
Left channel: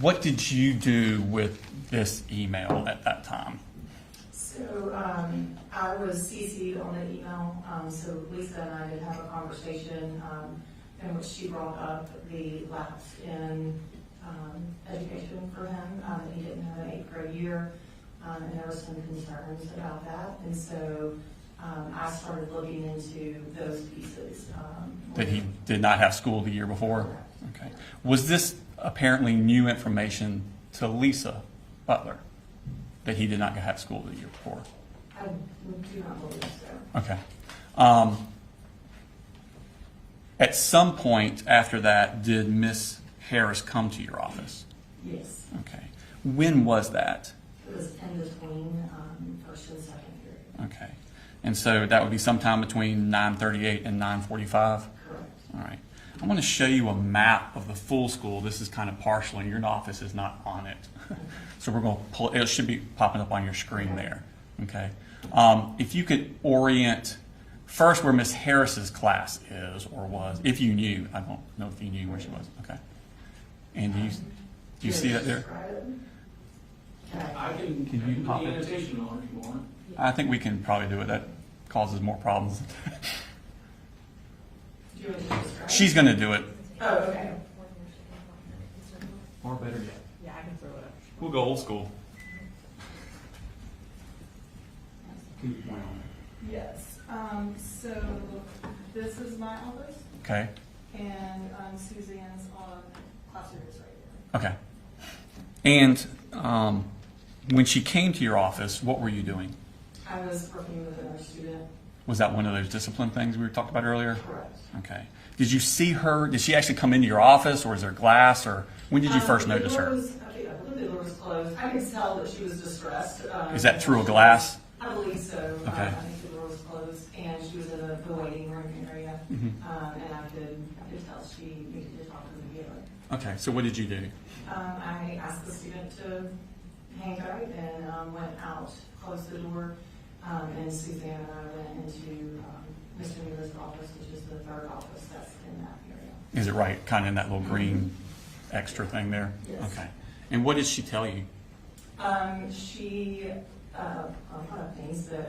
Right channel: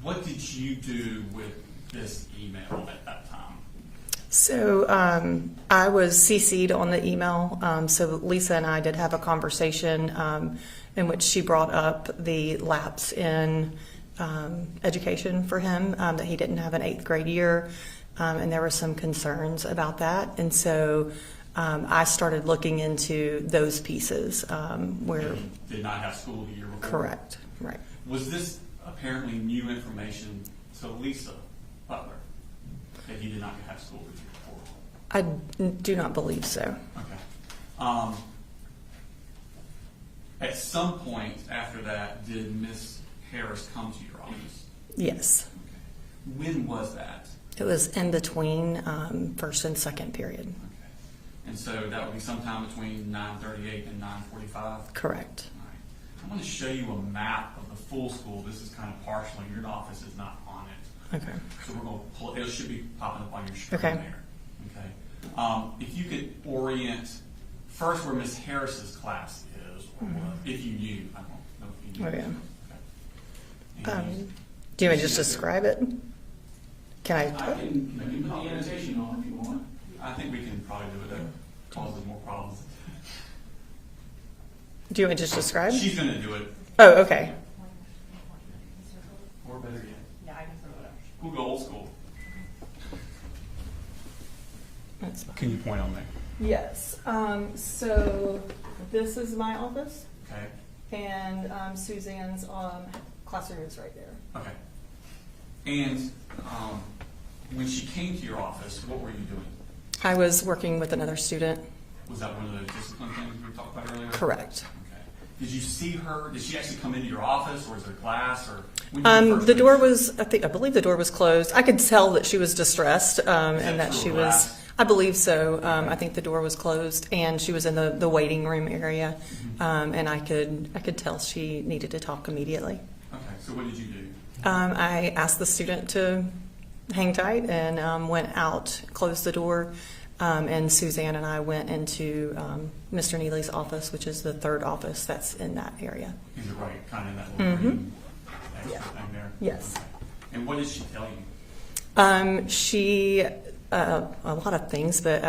What did you do with this email at that time? So I was CC'd on the email. So Lisa and I did have a conversation in which she brought up the lapse in education for him, that he didn't have an 8th grade year, and there were some concerns about that. And so I started looking into those pieces. Where That he did not have school the year before? Correct. Okay. Right. Was this apparently new information to Lisa Butler, that he did not have school the year before? I do not believe so. Okay. At some point after that, did Miss Harris come to your office? Yes. Okay. When was that? It was in between first and second period. Okay. And so that would be sometime between 9:38 and 9:45? Correct. All right. I'm going to show you a map of the full school. This is kind of partial, and your office is not on it. Okay. So we're going to pull it. It should be popping up on your screen Okay. there. Okay. If you could orient first where Miss Harris's class is or was, if you knew. I don't know if you knew where she was. Okay. And Do you want see me to just that there? describe it? Can I can you put pop the it? annotation on if you want. I think we can probably do it. That causes more problems. Do you want me to just describe? She's going to do it. Oh, okay. Or better yet. Yeah, I can throw it up. We'll go old school. That's fine. Can you point on there? Yes. So this is my office, Okay. and Suzanne's classroom is right there. Okay. And when she came to your office, what were you doing? I was working with another student. Was that one of those discipline things we were talking about earlier? Correct. Okay. Did you see her? Did she actually come into your office, or is there glass, or when did you first The notice door her? was, I believe the door was closed. I could tell that she was distressed. Is that and through a she glass? was- I believe so. Okay. I think the door was closed, and she was in the waiting room area, Mm-hmm. and I could tell she needed to talk immediately. Okay. So what did you do? I asked the student to hang tight and went out, closed the door, and Suzanne and I went into Mr. Neely's office, which is the third office that's in that area. Is it right, kind of in that little green extra thing there? Yes. Okay. And what did she tell you? She a lot of things, but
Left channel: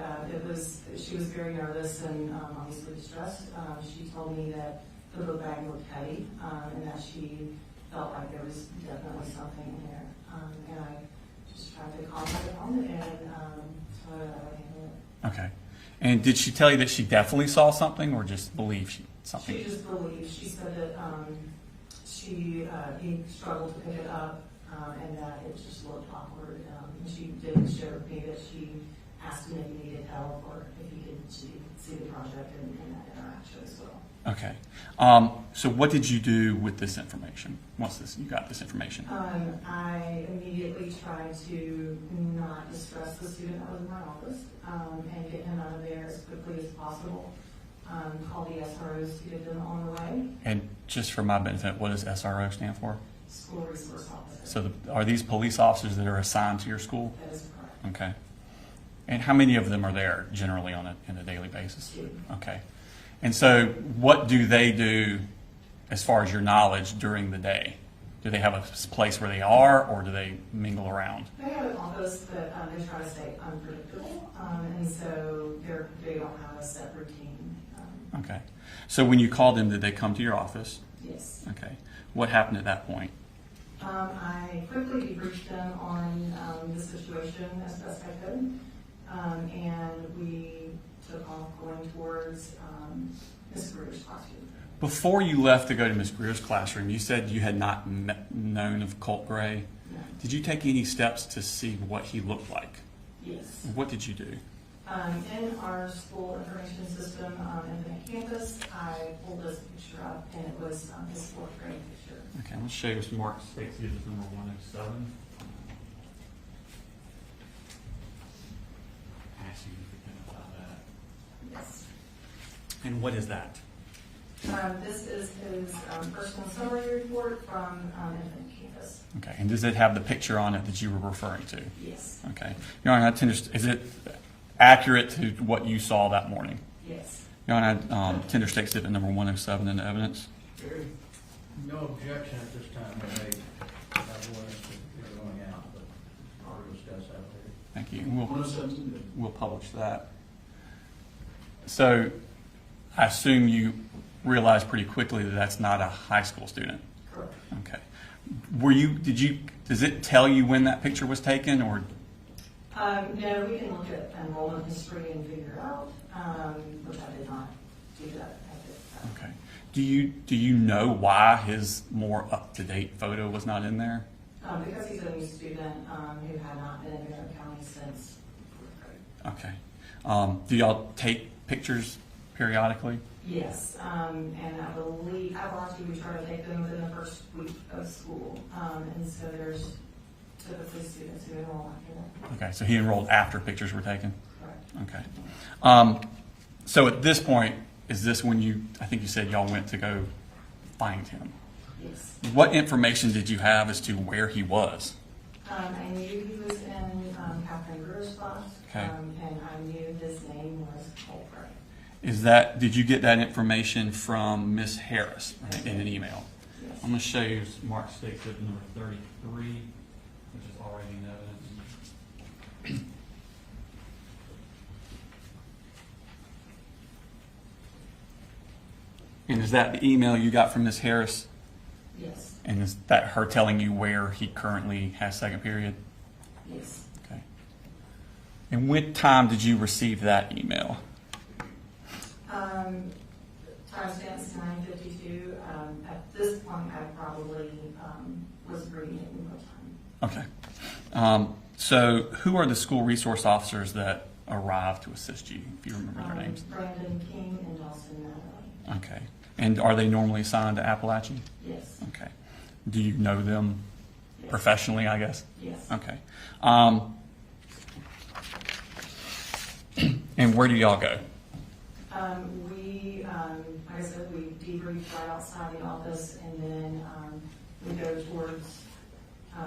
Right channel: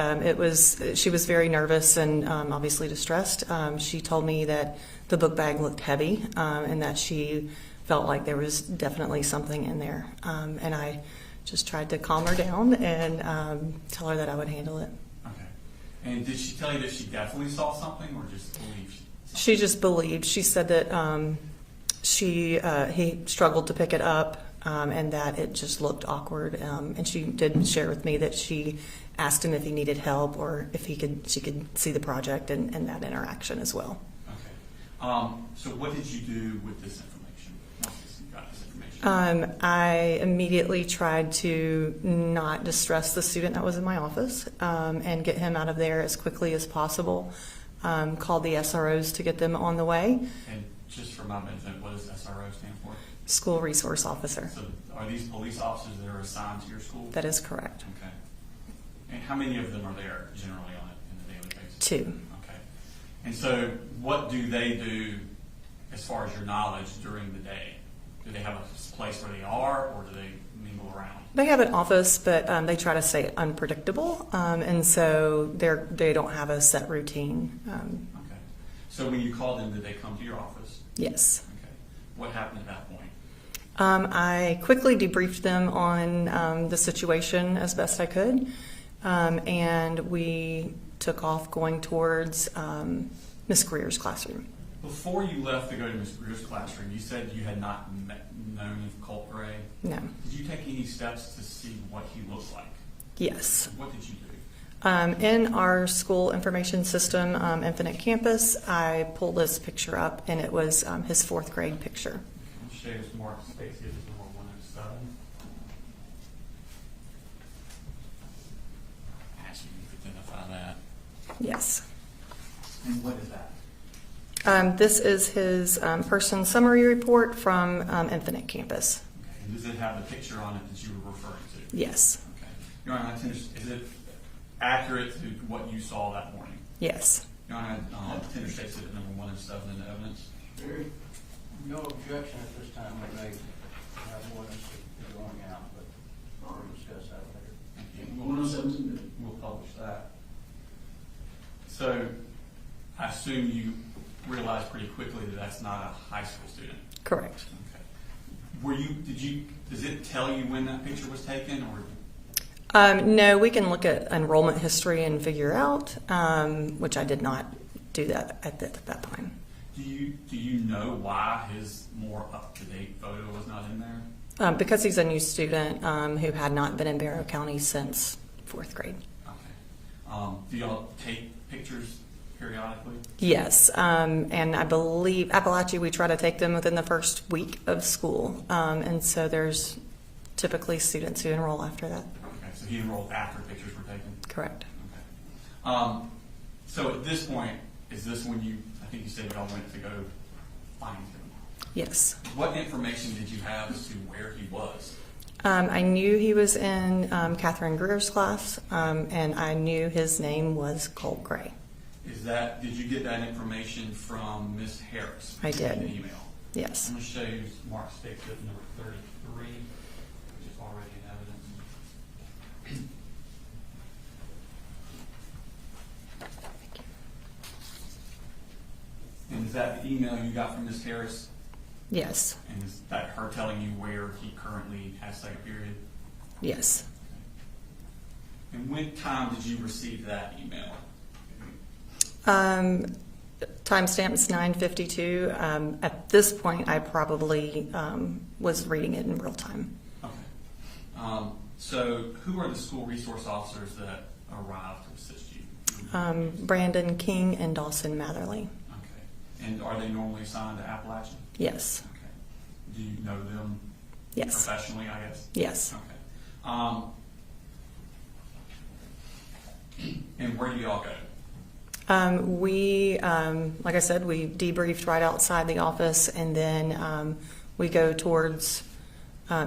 she was very nervous and obviously distressed. She told me that the book bag looked heavy and that she felt like there was definitely something in there. And I just tried to calm her down and tell her that I would handle it. Okay. And did she tell you that she definitely saw something, or just believed something? She just believed. She said that he struggled to pick it up. And that it just looked awkward. And she did share with me that she asked him if he needed help or if she could see the project and that interaction as well. Okay. So what did you do with this information? Once you got this information? I immediately tried to not distress the student that was in my office and get him out of there as quickly as possible. Called the SROs to get them on the way. And just for my benefit, what does SRO stand for? School Resource Officer. So are these police officers that are assigned to your school? That is correct. Okay. And how many of them are there generally on a daily basis? 2. Okay. And so what do they do as far as your knowledge during the day? Do they have a place where they are, or do they mingle around? They have an office, but they try to stay unpredictable, and so they don't have a set routine. Okay. So when you called them, did they come to your office? Yes. Okay. What happened at that point? I quickly debriefed them on the situation as best I could, and we took off going towards Miss Greer's classroom. Before you left to go to Ms. Greer's classroom, you said you had not known of Colt Gray. No. Did you take any steps to see what he looked like? Yes. And what did you do? In our school information system, Infinite Campus, I pulled this picture up, and it was his 4th grade picture. Okay, I'm going to show you Mark States. This is number 107. Ask you to identify that. Yes. And what is that? This is his person summary report from Infinite Campus. Okay, and does it have the picture on it that you were referring to? Yes. Okay. Your Honor, is it accurate to what you saw that morning? Yes. Your Honor, tender state statement number 107 in the evidence. No objection at this time to make that ordinance going out, but we'll discuss that later. Thank you. 107. We'll publish that. So I assume you realized pretty quickly that that's not a high school student. Correct. Okay. Does it tell you when that picture was taken, or? No, we can look at enrollment history and figure out, which I did not do that at that point. Okay. Do you know why his more up-to-date photo was not in there? Because he's a new student who had not been in Barrow County since 4th grade. Okay. Do y'all take pictures periodically? Yes, and I believe Apalachee, we try to take them within the first week of school, and so there's typically students who enroll after that. Okay, so he enrolled after pictures were taken? Correct. Okay. So at this point, is this when I think you said y'all went to go find him? Yes. What information did you have as to where he was? I knew he was in Catherine Greer's class, and I knew his name was Colt Gray. Did you get that information from Miss Harris? I did. In an email? Yes. I'm going to show you Mark State number 33, which is already in evidence. And is that the email you got from Miss Harris? Yes. And is that her telling you where he currently has second period? Yes. Okay. And what time did you receive that email? Timestamp's 9:52. At this point, I probably was reading it in real time. Okay. So who are the school resource officers that arrived to assist you? If you remember their names? Brandon King and Dawson Matherly. Okay. And are they normally assigned to Apalachee? Yes. Okay. Do you know them Yes. professionally, I guess? Yes. Okay. And where do y'all go? We, like I said, we debriefed right outside the office, and then we go towards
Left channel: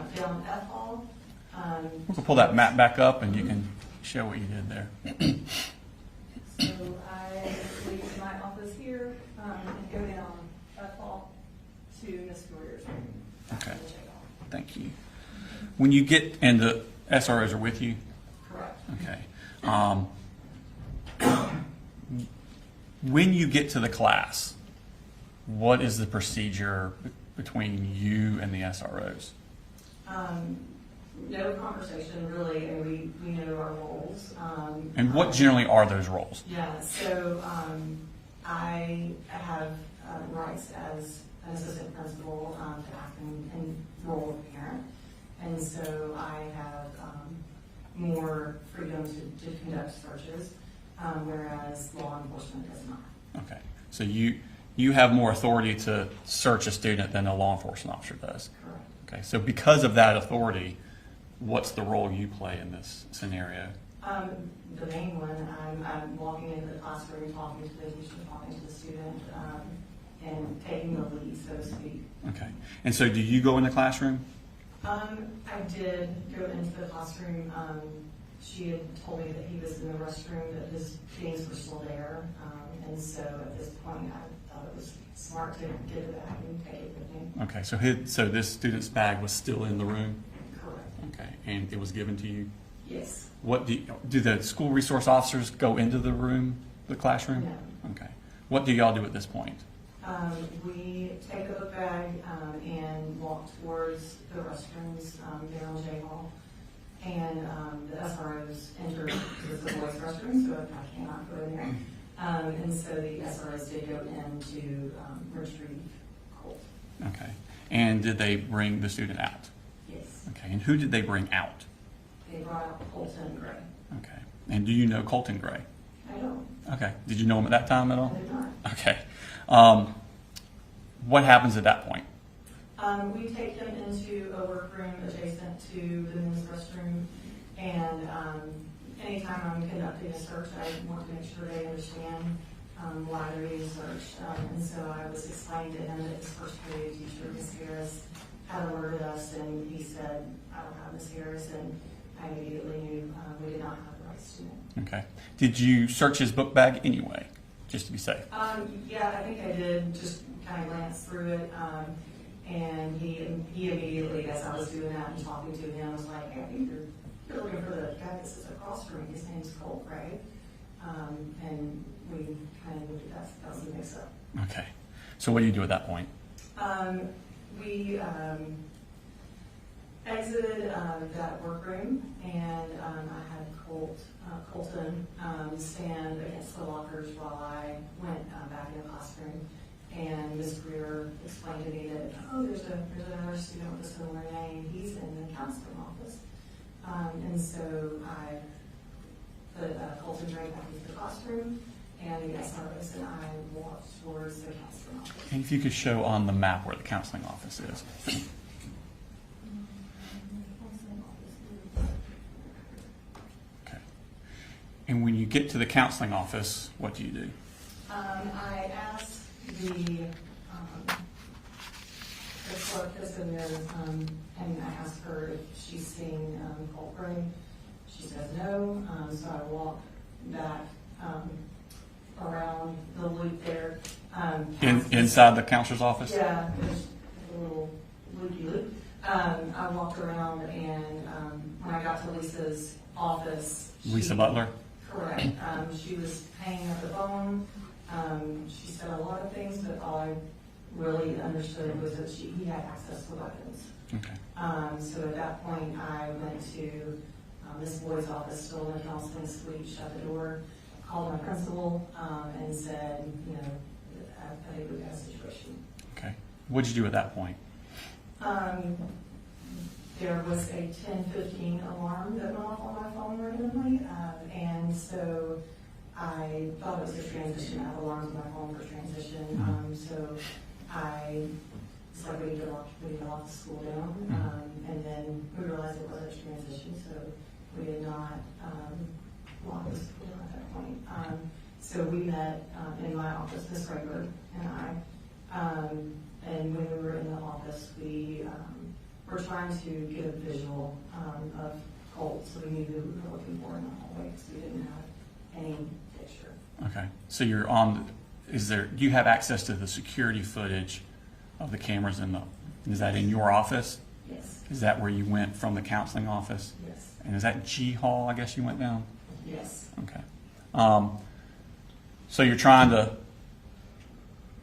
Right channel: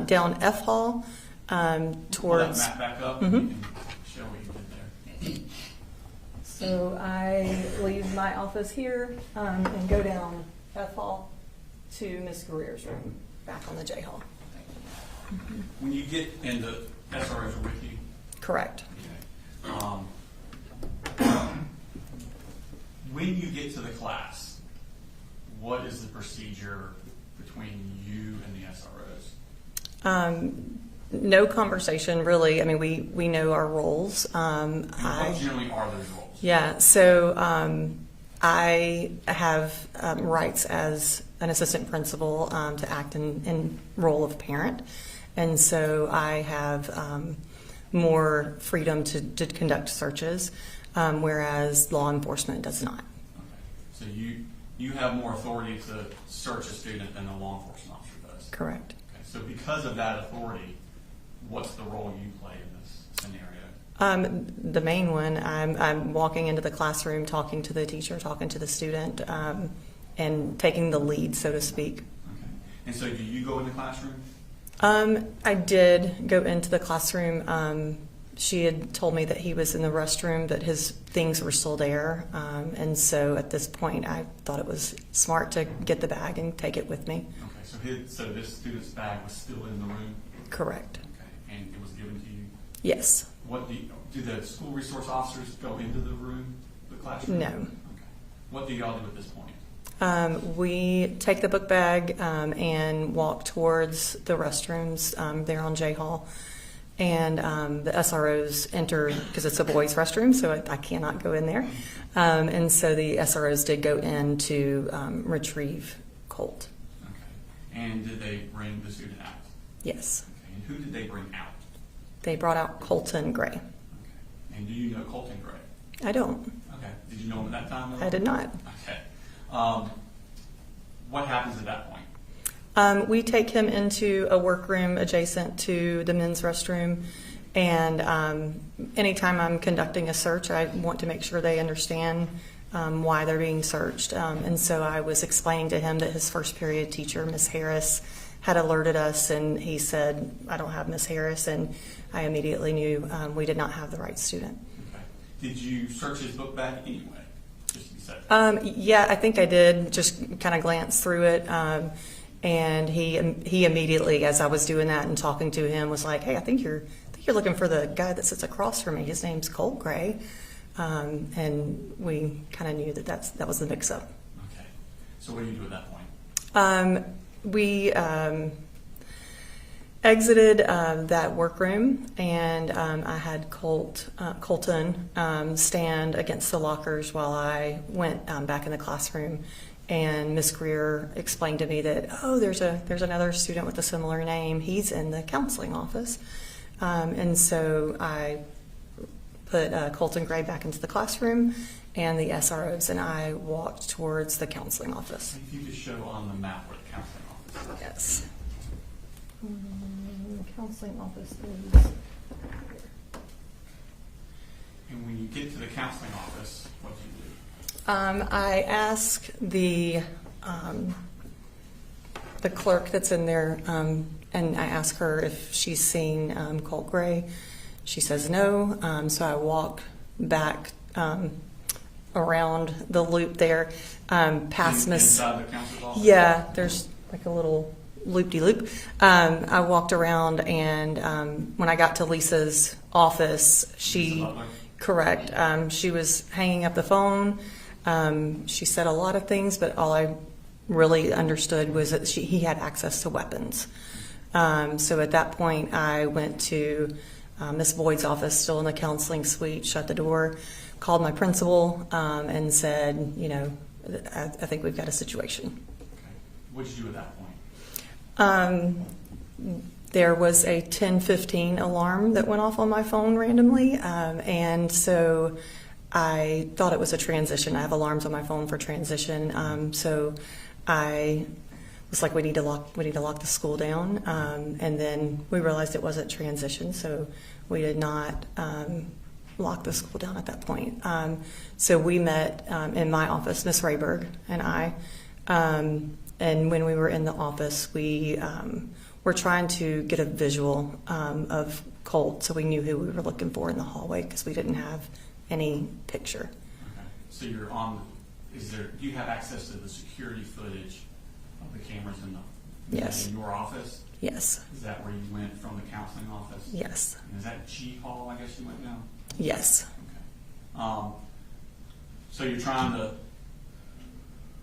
down F Hall. Pull that map back up and you can show what you did there. So I leave my office here and go down F Hall to Miss Greer's room back in the J Hall. Thank you. When you get, and the SROs are with you? Correct. Okay. When you get to the class, what is the procedure between you and the SROs? No conversation, really. I mean, we know our roles. And what generally are those roles? Yeah, so I have rights as an assistant principal to act in role of parent, and so I have more freedom to conduct searches, whereas law enforcement does not. Okay, so you you have more authority to search a student than a law enforcement officer does. Correct. Okay, so because of that authority, what's the role you play in this scenario? The main one, I'm walking into the classroom, talking to the teacher, talking to the student, and taking the lead, so to speak. Okay, and so do you go in the classroom? I did go into the classroom. She had told me that he was in the restroom, that his things were still there. And so at this point, I thought it was smart to get the bag and take it with me. Okay, so this student's bag was still in the room? Correct. Okay, and it was given to you? Yes. What do the school resource officers go into the room, the classroom? No. Okay. What do y'all do at this point? We take the book bag and walk towards the restrooms there on J Hall. And the SROs enter, because it's a boys' restroom, so I cannot go in there. And so the SROs did go in to retrieve Colt. Okay. And did they bring the student out? Yes. Okay. And who did they bring out? They brought out Colton Gray. Okay. And do you know Colton Gray? I don't. Okay. Did you know him at that time at all? I did not. Okay. What happens at that point? We take him into a workroom adjacent to the men's restroom, and anytime I'm conducting a search, I want to make sure they understand why they're being searched. And so I was explaining to him that his first period teacher, Miss Harris, had alerted us, and he said, "I don't have Miss Harris," and I immediately knew we did not have the right student. Okay. Did you search his book bag anyway, just to be safe? Yeah, I think I did. Just kind of glance through it. And he immediately, as I was doing that and talking to him, was like, "Hey, I think you're looking for the guy that sits across from me. His name's Colt Gray." And we kind of knew that was the mix-up. Okay. So what do you do at that point? We exited that workroom, and I had Colton stand against the lockers while I went back in the classroom. And Ms. Greer explained to me that, there's another student with a similar name. He's in the counseling office. And so I put Colton Gray back into the classroom, and the SROs and I walked towards the counseling office. And if you could show on the map where the counseling office is. Yes. Counseling office is... Okay. And when you get to the counseling office, what do you do? I ask the clerk that's in there, and I ask her if she's seen Colt Gray. She says no, so I walk back around the loop there, past Miss... Inside the counselor's office? Yeah, there's like a little loop-de-loop. I walked around, and when I got to Lisa's office, Lisa Butler? Correct. She was hanging up the phone. She said a lot of things, but all I really understood was that he had access to weapons. Okay. So at that point, I went to Miss Boyd's office, still in the counseling suite, shut the door, called my principal, and said, I think we've got a situation. Okay. What did you do at that point? There was a 10:15 alarm that went off on my phone randomly, and so I thought it was a transition. I have alarms on my phone for transition, so I was like, we need to lock the school down, and then we realized it wasn't transition, so we did not lock the school down at that point. So we met in my office, Miss Rayberg and I, and when we were in the office, we were trying to get a visual of Colt, so we knew who we were looking for in the hallway because we didn't have any picture. Okay. So you're on. Do you have access to the security footage of the cameras in the? Is Yes. that in your office? Yes. Is that where you went from the counseling office? Yes. And is that G Hall? I guess you went down. Yes. Okay. So you're trying to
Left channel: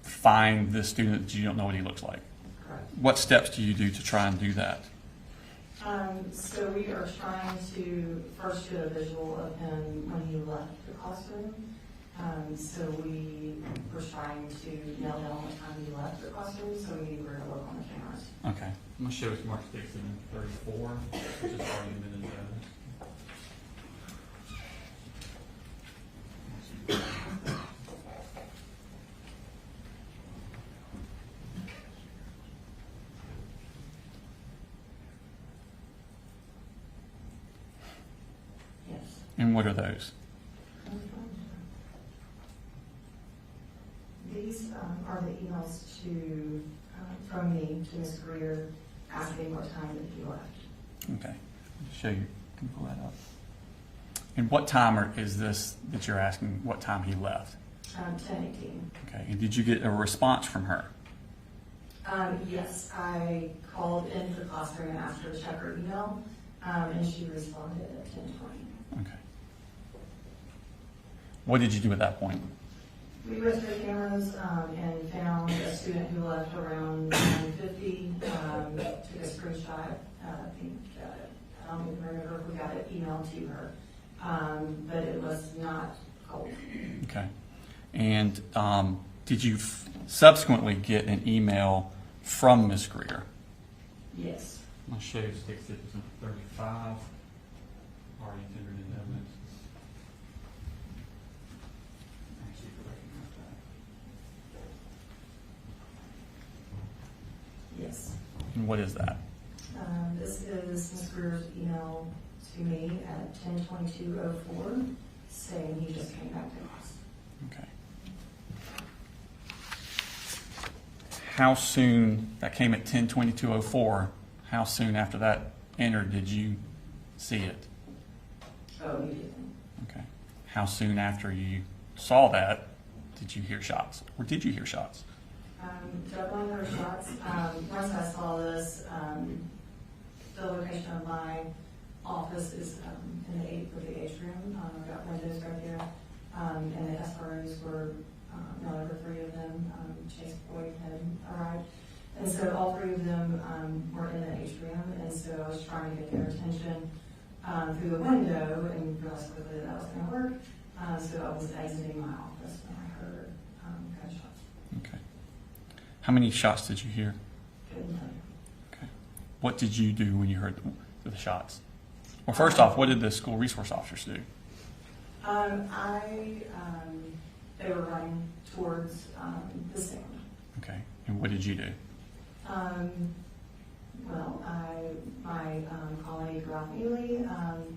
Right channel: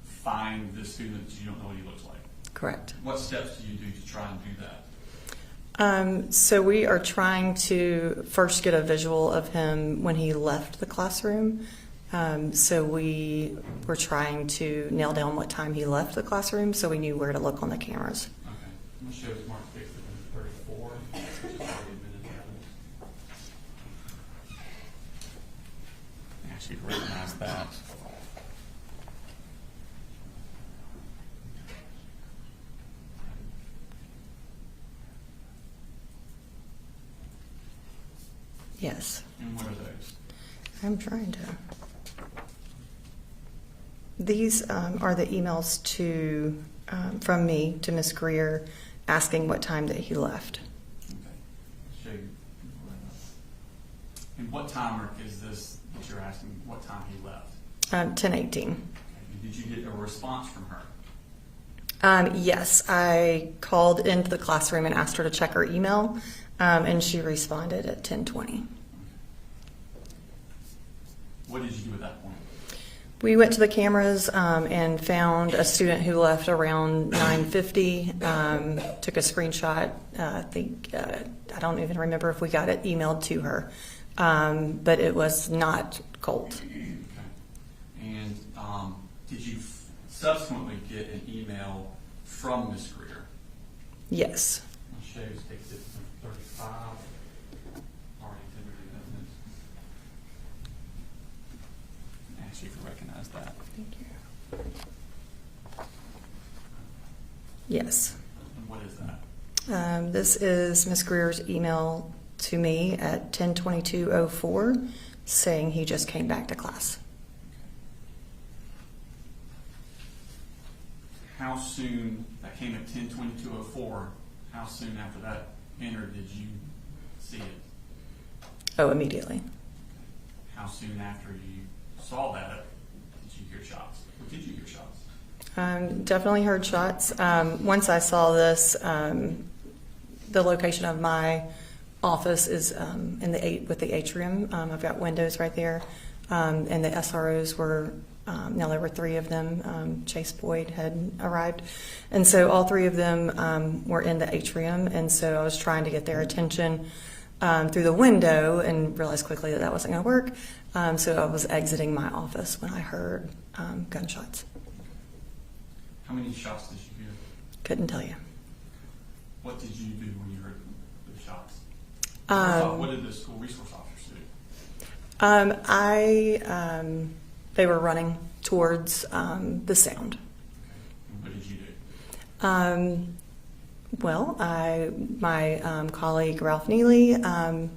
find the student that you don't know what he looks like. Correct. What steps do you do to try and do that? So we are trying to first get a visual of him when he left the classroom. So we were trying to nail down what time he left the classroom, so we knew where to look on the cameras. Okay. I'm going to show Mark 6 and 34, which is already a minute ago. Actually, right past that. Yes. And what are those? I'm trying to. These are the emails to from me to Miss Greer asking what time that he left. Okay. Show you. Can you pull that up? And what time is this that you're asking what time he left? 10:18. Okay. And did you get a response from her? Yes, I called into the classroom and asked her to check her email, and she responded at 10:20. Okay. What did you do at that point? We went to the cameras and found a student who left around 9:50. Took a screenshot. I don't even remember if we got it emailed to her, but it was not Colt. Okay. And did you subsequently get an email from Ms. Greer? Yes. I'll show you State Citizen 35. Already exhibited evidence. Ask you if you recognize that. Thank you. Yes. And what is that? This is Ms. Greer's email to me at 10:22:04 saying he just came back to class. Okay. How soon, that came at 10:22:04, how soon after that entered did you see it? Oh, immediately. Okay. How soon after you saw that did you hear shots? Or did you hear shots? Definitely heard shots. Once I saw this, the location of my office is with the atrium. I've got windows right there, and the SROs were. Now there were 3 of them. Chase Boyd had arrived, and so all 3 of them were in the atrium. And so I was trying to get their attention through the window, and realized quickly that wasn't going to work. So I was exiting my office when I heard gunshots. Okay. How many shots did you hear? Couldn't tell you. Okay. What did you do when you heard the shots? Well, first off, what did the school resource officers do? They were running towards the sound. Okay. And what did you do? My colleague Ralph Neely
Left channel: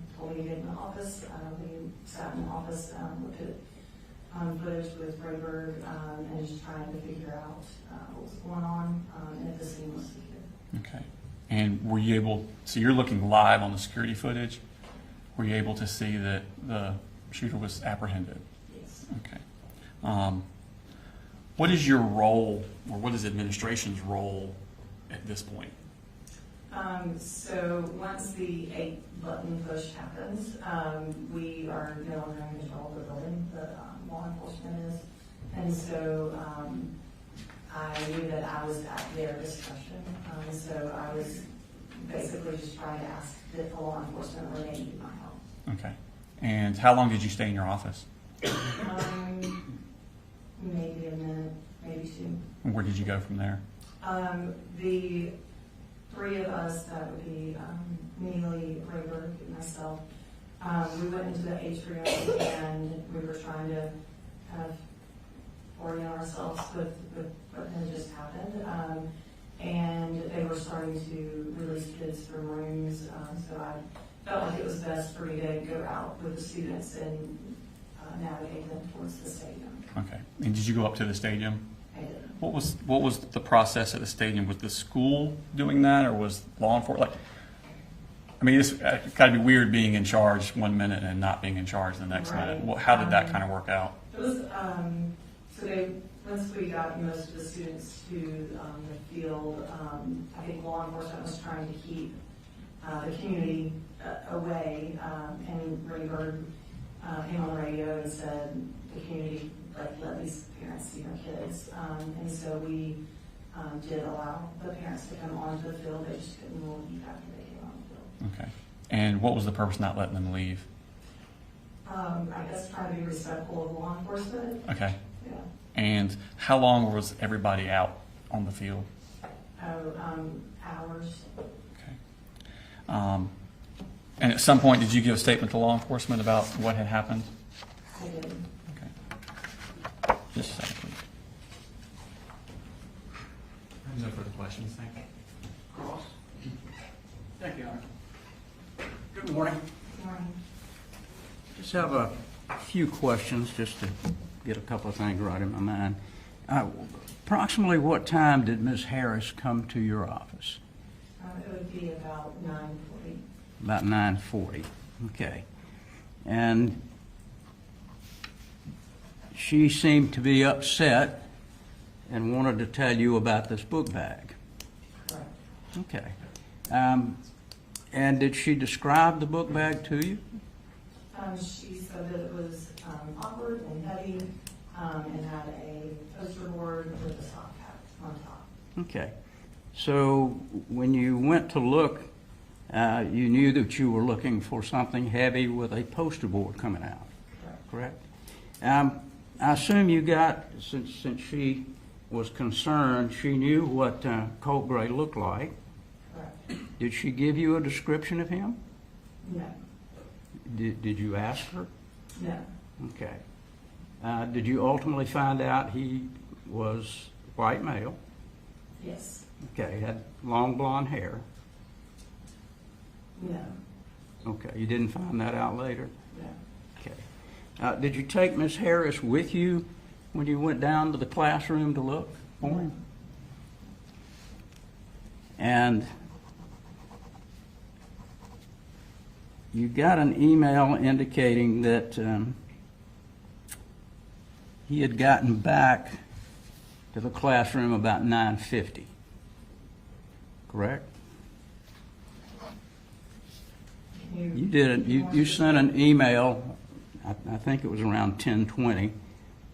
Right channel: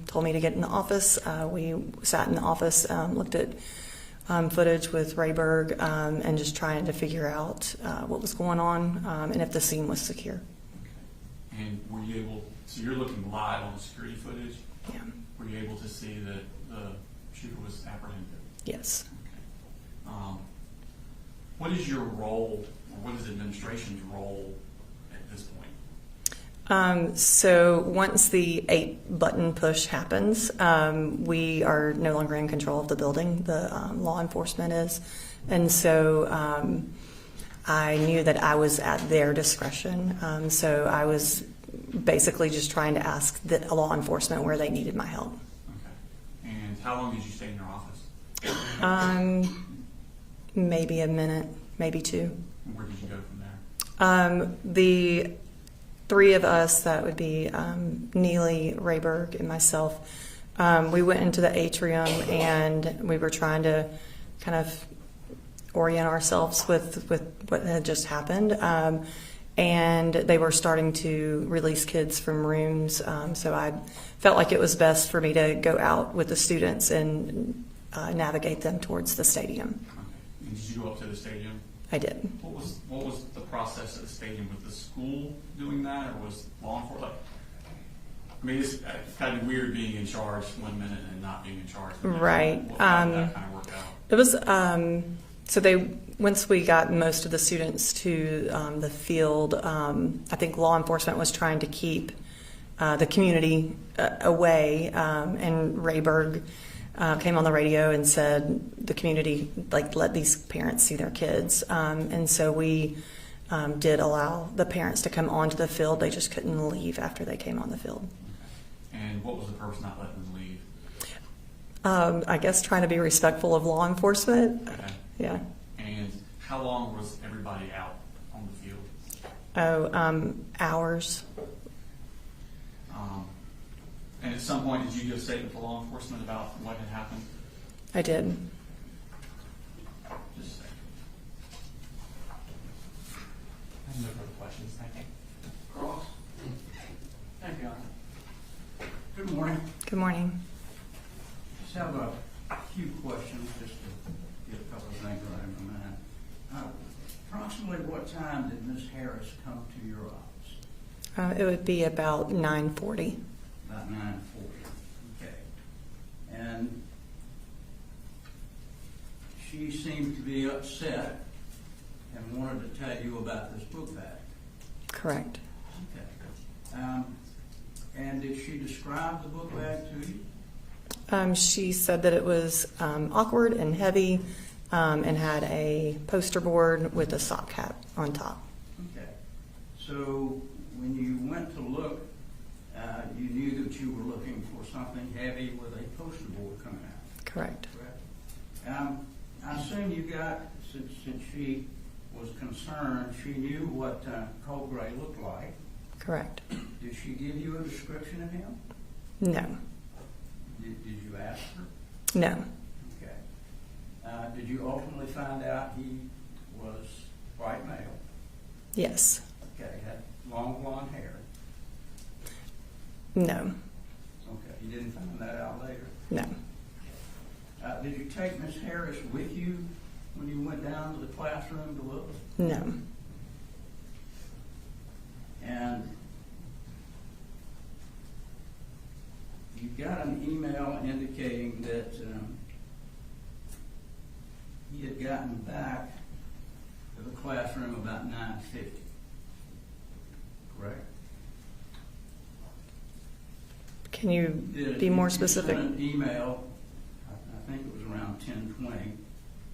told me to get in the office. We sat in the office, looked at footage with Rayberg, and just trying to figure out what was going on and if the scene was secure. Okay. And were you able, so you're looking live on the security footage? Yeah. Were you able to see that the shooter was apprehended? Yes. Okay. What is your role, or what is administration's role at this point? So once the 8-button push happens, we are no longer in control of the building. The law enforcement is. And so I knew that I was at their discretion. So I was basically just trying to ask the law enforcement where they needed my help. Okay. And how long did you stay in your office? Maybe a minute, maybe 2. And where did you go from there? The 3 of us, that would be Neely, Rayberg, and myself, we went into the atrium and we were trying to kind of orient ourselves with what had just happened. And they were starting to release kids from rooms, so I felt like it was best for me to go out with the students and navigate them towards the stadium. Okay. And did you go up to the stadium? I did. What was the process at the stadium? Was the school doing that, or was law enforcement? Like, I mean, it's got to be weird being in charge one minute and not being in charge the next right. minute. How did that kind of work out? It was so once we got most of the students to the field, I think law enforcement was trying to keep the community away, and Rayberg came on the radio and said the community, let these parents see their kids. And so we did allow the parents to come onto the field. They just couldn't leave after they came on the field. Okay. And what was the purpose not letting them leave? I guess trying to be respectful of law enforcement. Okay. Yeah. And how long was everybody out on the field? Hours. Okay. And at some point, did you give a statement to law enforcement about what had happened? I did. Okay. Just a second, please. I have no further questions. Thank you. Ross? Thank you, Arne. Good morning. Good morning. just have a few questions just to get a couple of things right in my mind. Approximately what time did Ms. Harris come to your office? It would be about 9:40. About 9:40. Okay. And she seemed to be upset and wanted to tell you about this book bag. Correct. Okay. And did she describe the book bag to you? She said that it was awkward and heavy and had a poster board with a sock cap on top. Okay. So when you went to look, you knew that you were looking for something heavy with a poster board coming out. Correct. Correct. I assume you got, since she was concerned, she knew what Colt Gray looked like. Correct. Did she give you a description of him? No. Did you ask her? No. Okay. Did you ultimately find out he was white male? Yes. Okay. Had long blonde hair? No. Okay. You didn't find that out later? No. Okay. Did you take Miss Harris with you when you went down to the classroom to look? No. And you got an email indicating that he had gotten back to the classroom about 9:50. Correct? Can you, You did. be more You specific? sent an email. I think it was around 10:20,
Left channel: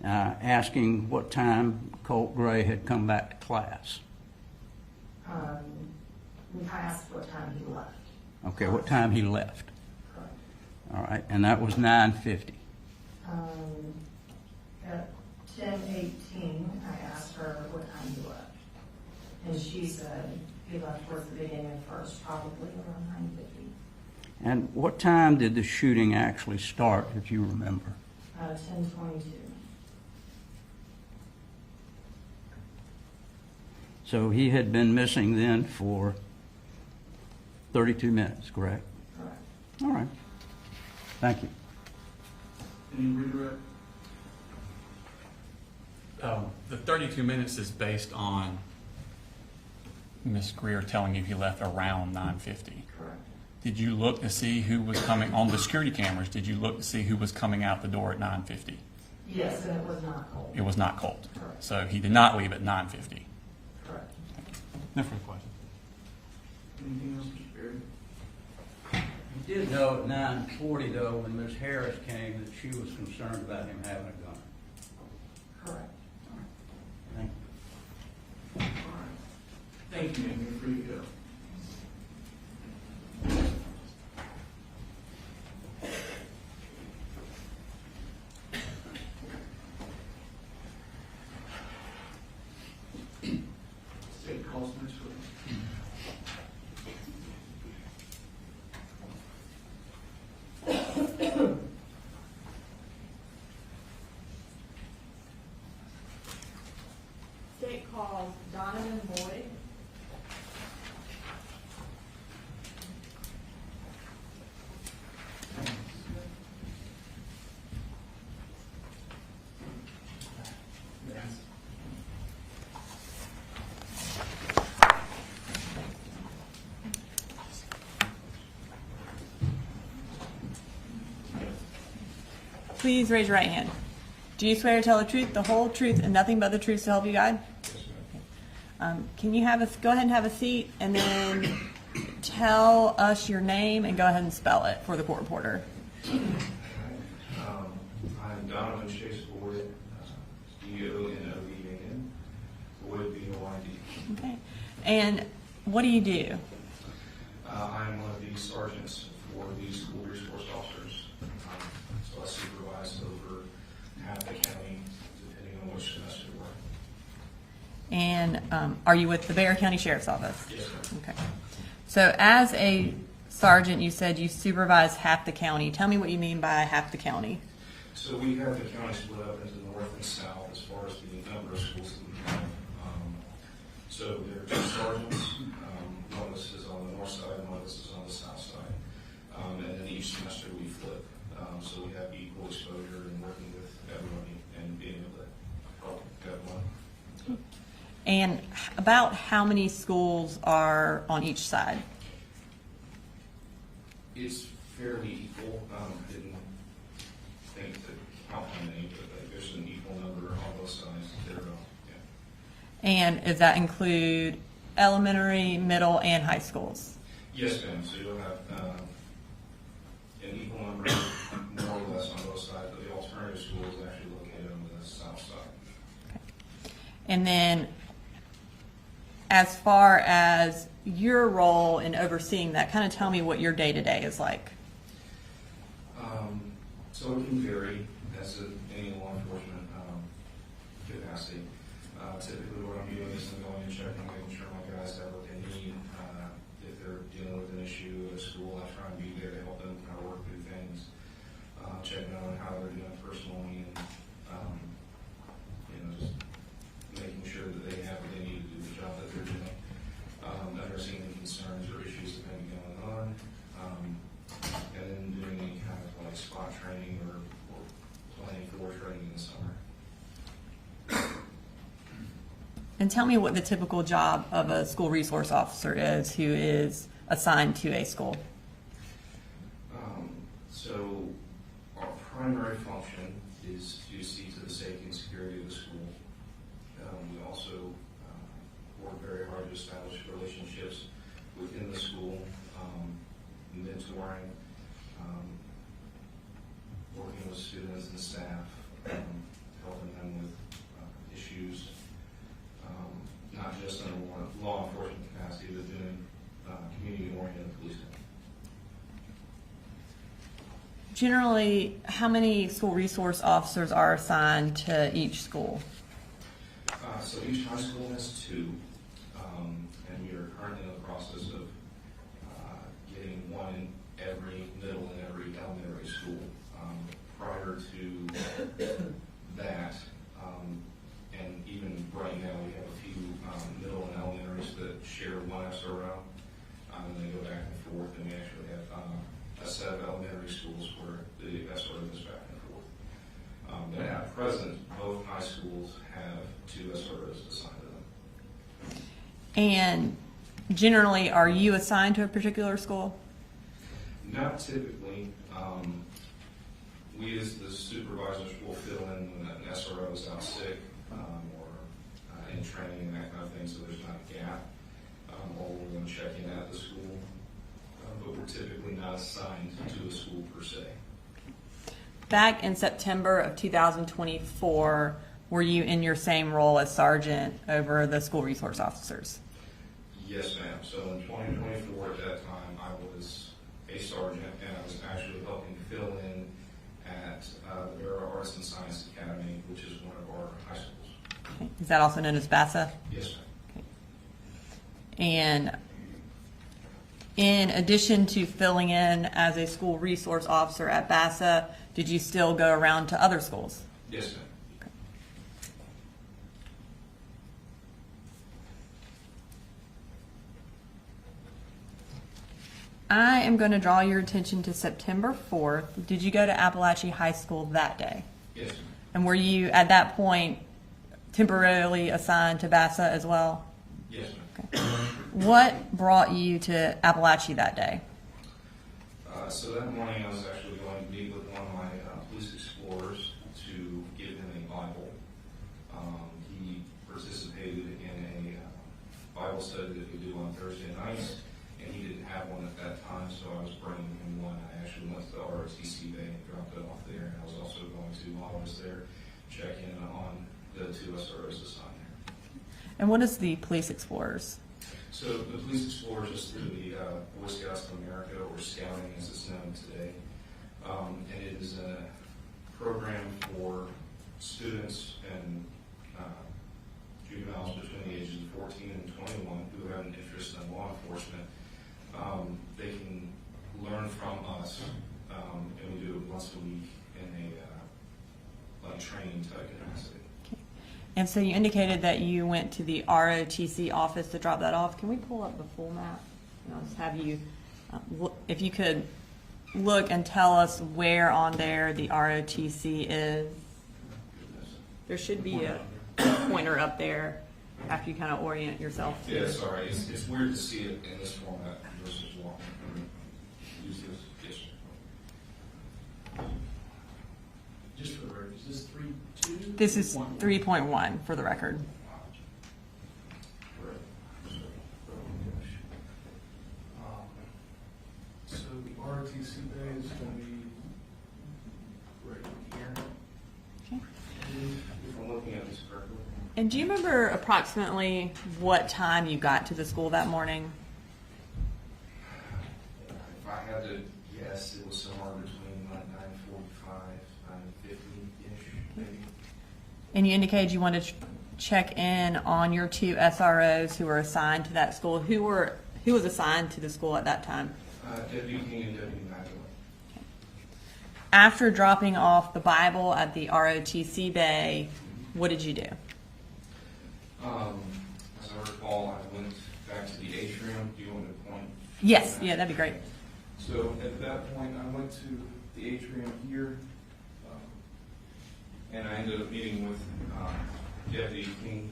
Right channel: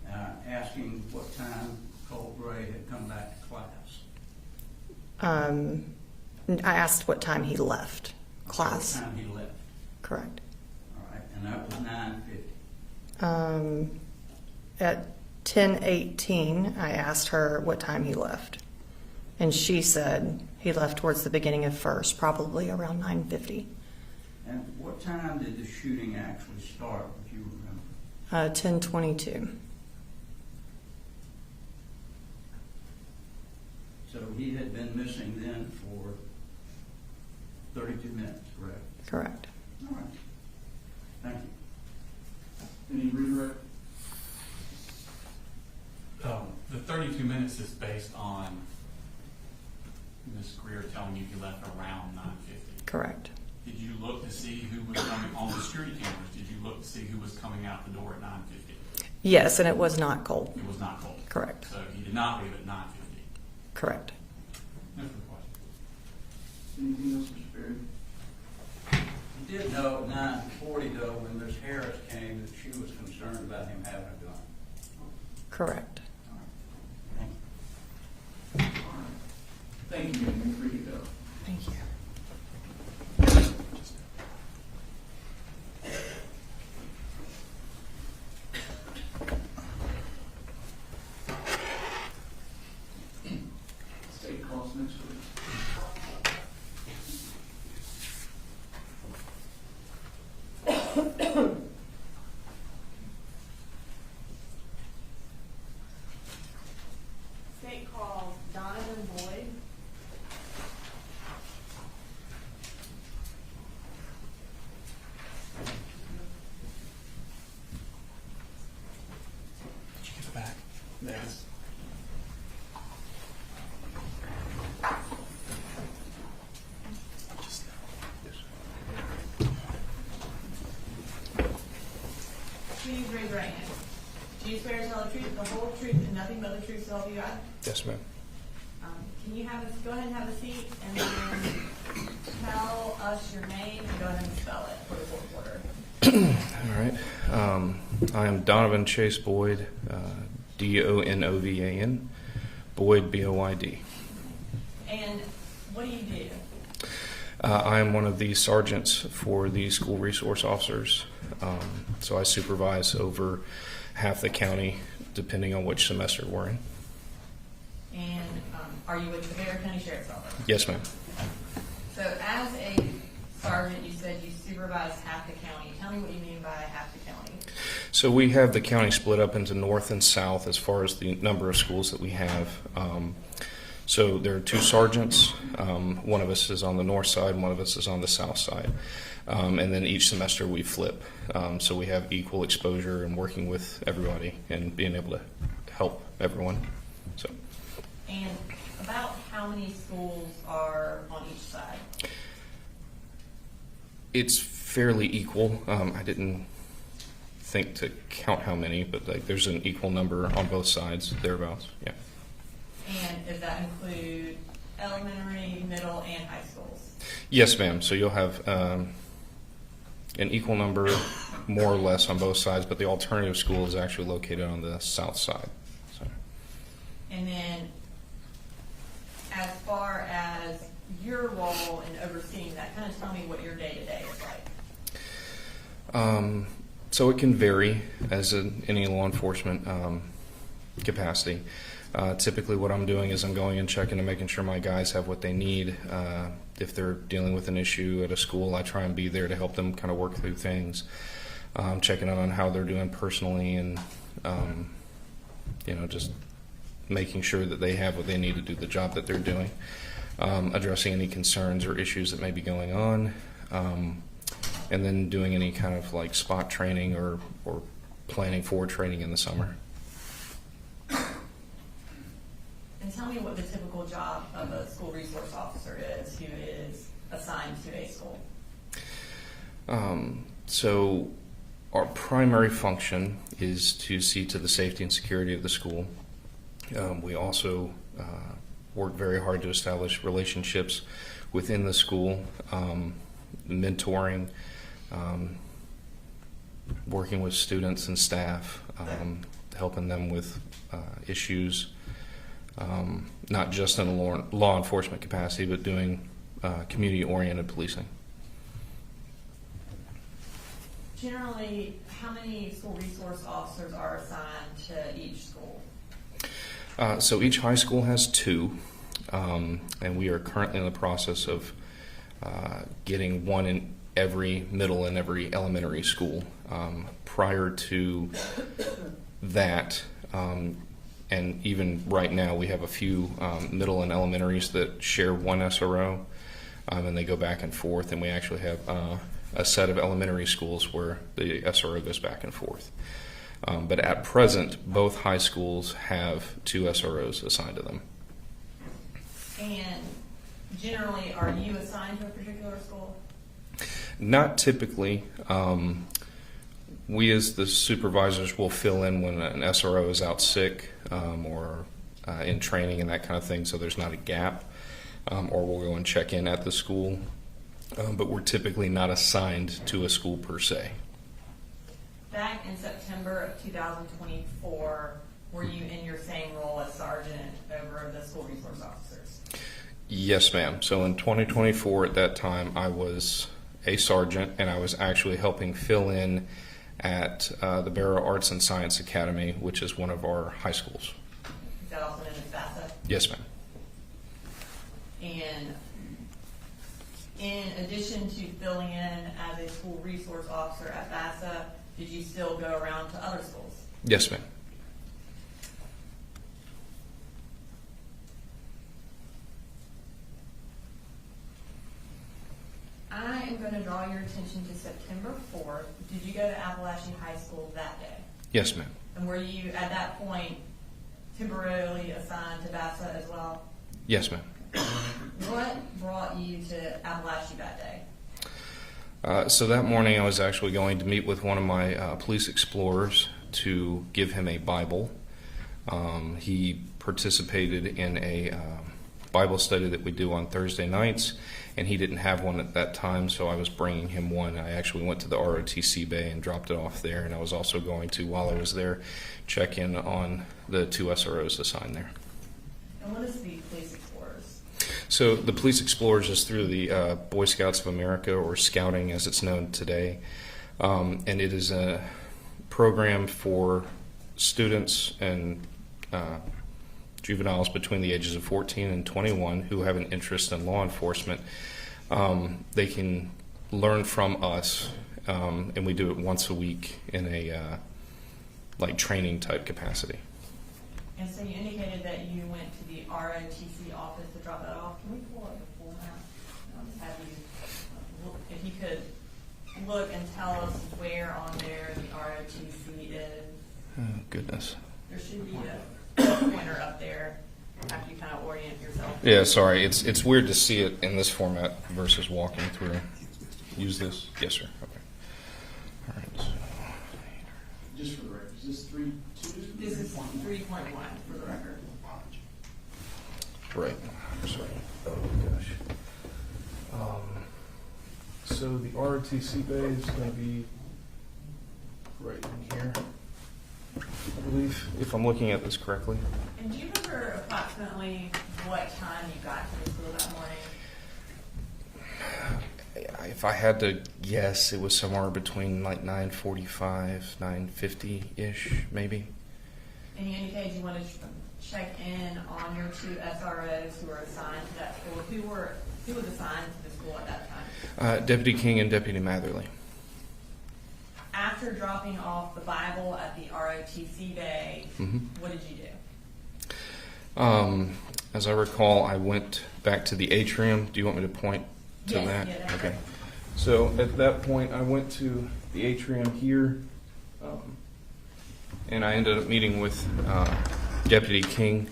asking what time Colt Gray had come back to class. I asked what time he left Okay, class. what time he left. Correct. All right, and that was 9:50. At 10:18, I asked her what time he left. And she said he left towards the beginning of first, probably around 9:50. And what time did the shooting actually start, if you remember? 10:22. So he had been missing then for 32 minutes, correct? Correct. All right. Thank you. Any redirect? The 32 minutes is based on Ms. Greer telling you he left around 9:50. Correct. Did you look to see who was coming on the security cameras? Did you look to see who was coming out the door at 9:50? Yes, and it was not Colt. It was not Colt. Correct. So he did not leave at 9:50. Correct. No further questions. Anything else, Mr. Perry? You did know at 9:40, though, when Ms. Harris came, that she was concerned about him having a gun. Correct. Thank you. All right. Thank you, ma'am. You're free to go. Thank you. State calls next week. State calls Donovan Boyd. She's back. Yes. Please raise your right hand. Do you swear to tell the truth, the whole truth, and nothing but the truth to help you God? Yes, ma'am. Can you go ahead and have a seat, and then tell us your name and go ahead and spell it for the court reporter. All right. I am Donovan Chase Boyd, Donovan, Boyd, Boyd. Okay. And what do you do? I am one of the sergeants for the school resource officers. So I supervise over half the county, depending on which semester we're in. And are you with the Bexar County Sheriff's Office? Yes, ma'am. Okay. So as a sergeant, you said you supervise half the county. Tell me what you mean by half the county. So we have the county split up into north and south as far as the number of schools that we have. So there are two sergeants. One of us is on the north side, and one of us is on the south side. And then each semester we flip. So we have equal exposure and working with everybody and being able to help everyone. So. And about how many schools are on each side? It's fairly equal. I didn't think to count how many, but like there's an equal number on both sides, thereabouts. Yeah. And does that include elementary, middle, and high schools? Yes, ma'am. So you'll have an equal number, more or less, on both sides, but the alternative school is actually located on the south side. So. And then, as far as your role in overseeing that, kind of tell me what your day-to-day is like. So it can vary as in any law enforcement capacity. Typically what I'm doing is I'm going and checking and making sure my guys have what they need. If they're dealing with an issue at a school, I try and be there to help them kind of work through things. Checking on how they're doing personally and, just making sure that they have what they need to do the job that they're doing. Addressing any concerns or issues that may be going on. And then doing any kind of like spot training or planning for training in the summer. And tell me what the typical job of a school resource officer is who is assigned to a school. So our primary function is to see to the safety and security of the school. We also work very hard to establish relationships within the school, mentoring, working with students and staff, helping them with issues, not just in a law enforcement capacity, but doing community-oriented policing. Generally, how many school resource officers are assigned to each school? So each high school has 2, and we are currently in the process of getting one in every middle and every elementary school. Prior to that, and even right now, we have a few middle and elementaries that share one SRO, and they go back and forth, and we actually have a set of elementary schools where the SRO goes back and forth. But at present, both high schools have 2 SROs assigned to them. And generally, are you assigned to a particular school? Not typically. We as the supervisors will fill in when an SRO is out sick or in training and that kind of thing, so there's not a gap. Or we'll go and check in at the school. But we're typically not assigned to a school per se. Back in September of 2024, were you in your same role as sergeant over the school resource officers? Yes, ma'am. So in 2024, at that time, I was a sergeant, and I was actually helping fill in at the Barrow Arts and Science Academy, which is one of our high schools. Okay. Is that also known as BASA? Yes, ma'am. Okay. And in addition to filling in as a school resource officer at BASA, did you still go around to other schools? Yes, ma'am. I am going to draw your attention to September 4th. Did you go to Apalachee High School that day? Yes, ma'am. And were you, at that point, temporarily assigned to BASA as well? Yes, ma'am. Okay. What brought you to Apalachee that day? So that morning I was actually going to meet with one of my police explorers to give him a Bible. He participated in a Bible study that we do on Thursday nights, and he didn't have one at that time, so I was bringing him one. I actually went to the ROTC bay and dropped it off there, and I was also going to, while I was there, check in on the 2 SROs assigned there. And what is the Police Explorers? So the Police Explorers is through the Boy Scouts of America, or Scouting as it's known today. And it is a program for students and juveniles between the ages of 14 and 21 who have an interest in law enforcement. They can learn from us, and we do it once a week in a like training type capacity. And so you indicated that you went to the ROTC office to drop that off. Can we pull up the full map? And I'll just have you, if you could look and tell us where on there the ROTC is? Oh, goodness. There should be a pointer up there after you kind of orient yourself. Yeah, sorry. It's weird to see it in this format versus walking through. Use this? Yes, sir. Okay. All right. Just for the record, is this 3.2? This is 3.1 for the record. Right. Sorry. Oh, gosh. So the ROTC bay is going to be right in here. I believe, if I'm looking at this correctly. And do you remember approximately what time you got to the school that morning? If I had to guess, it was somewhere between like 9:45, 9:50-ish, maybe. And you indicated you wanted to check in on your two SROs who were assigned to that school. Who was assigned to the school at that time? Deputy King and Deputy Matherly. After dropping off the Bible at the ROTC bay, Mm-hmm. what did you do? As I recall, I went back to the atrium. Do you want me to point to Yes, that? yeah, that'd be great. Okay. So at that point, I went to the atrium here, and I ended up meeting with Deputy King.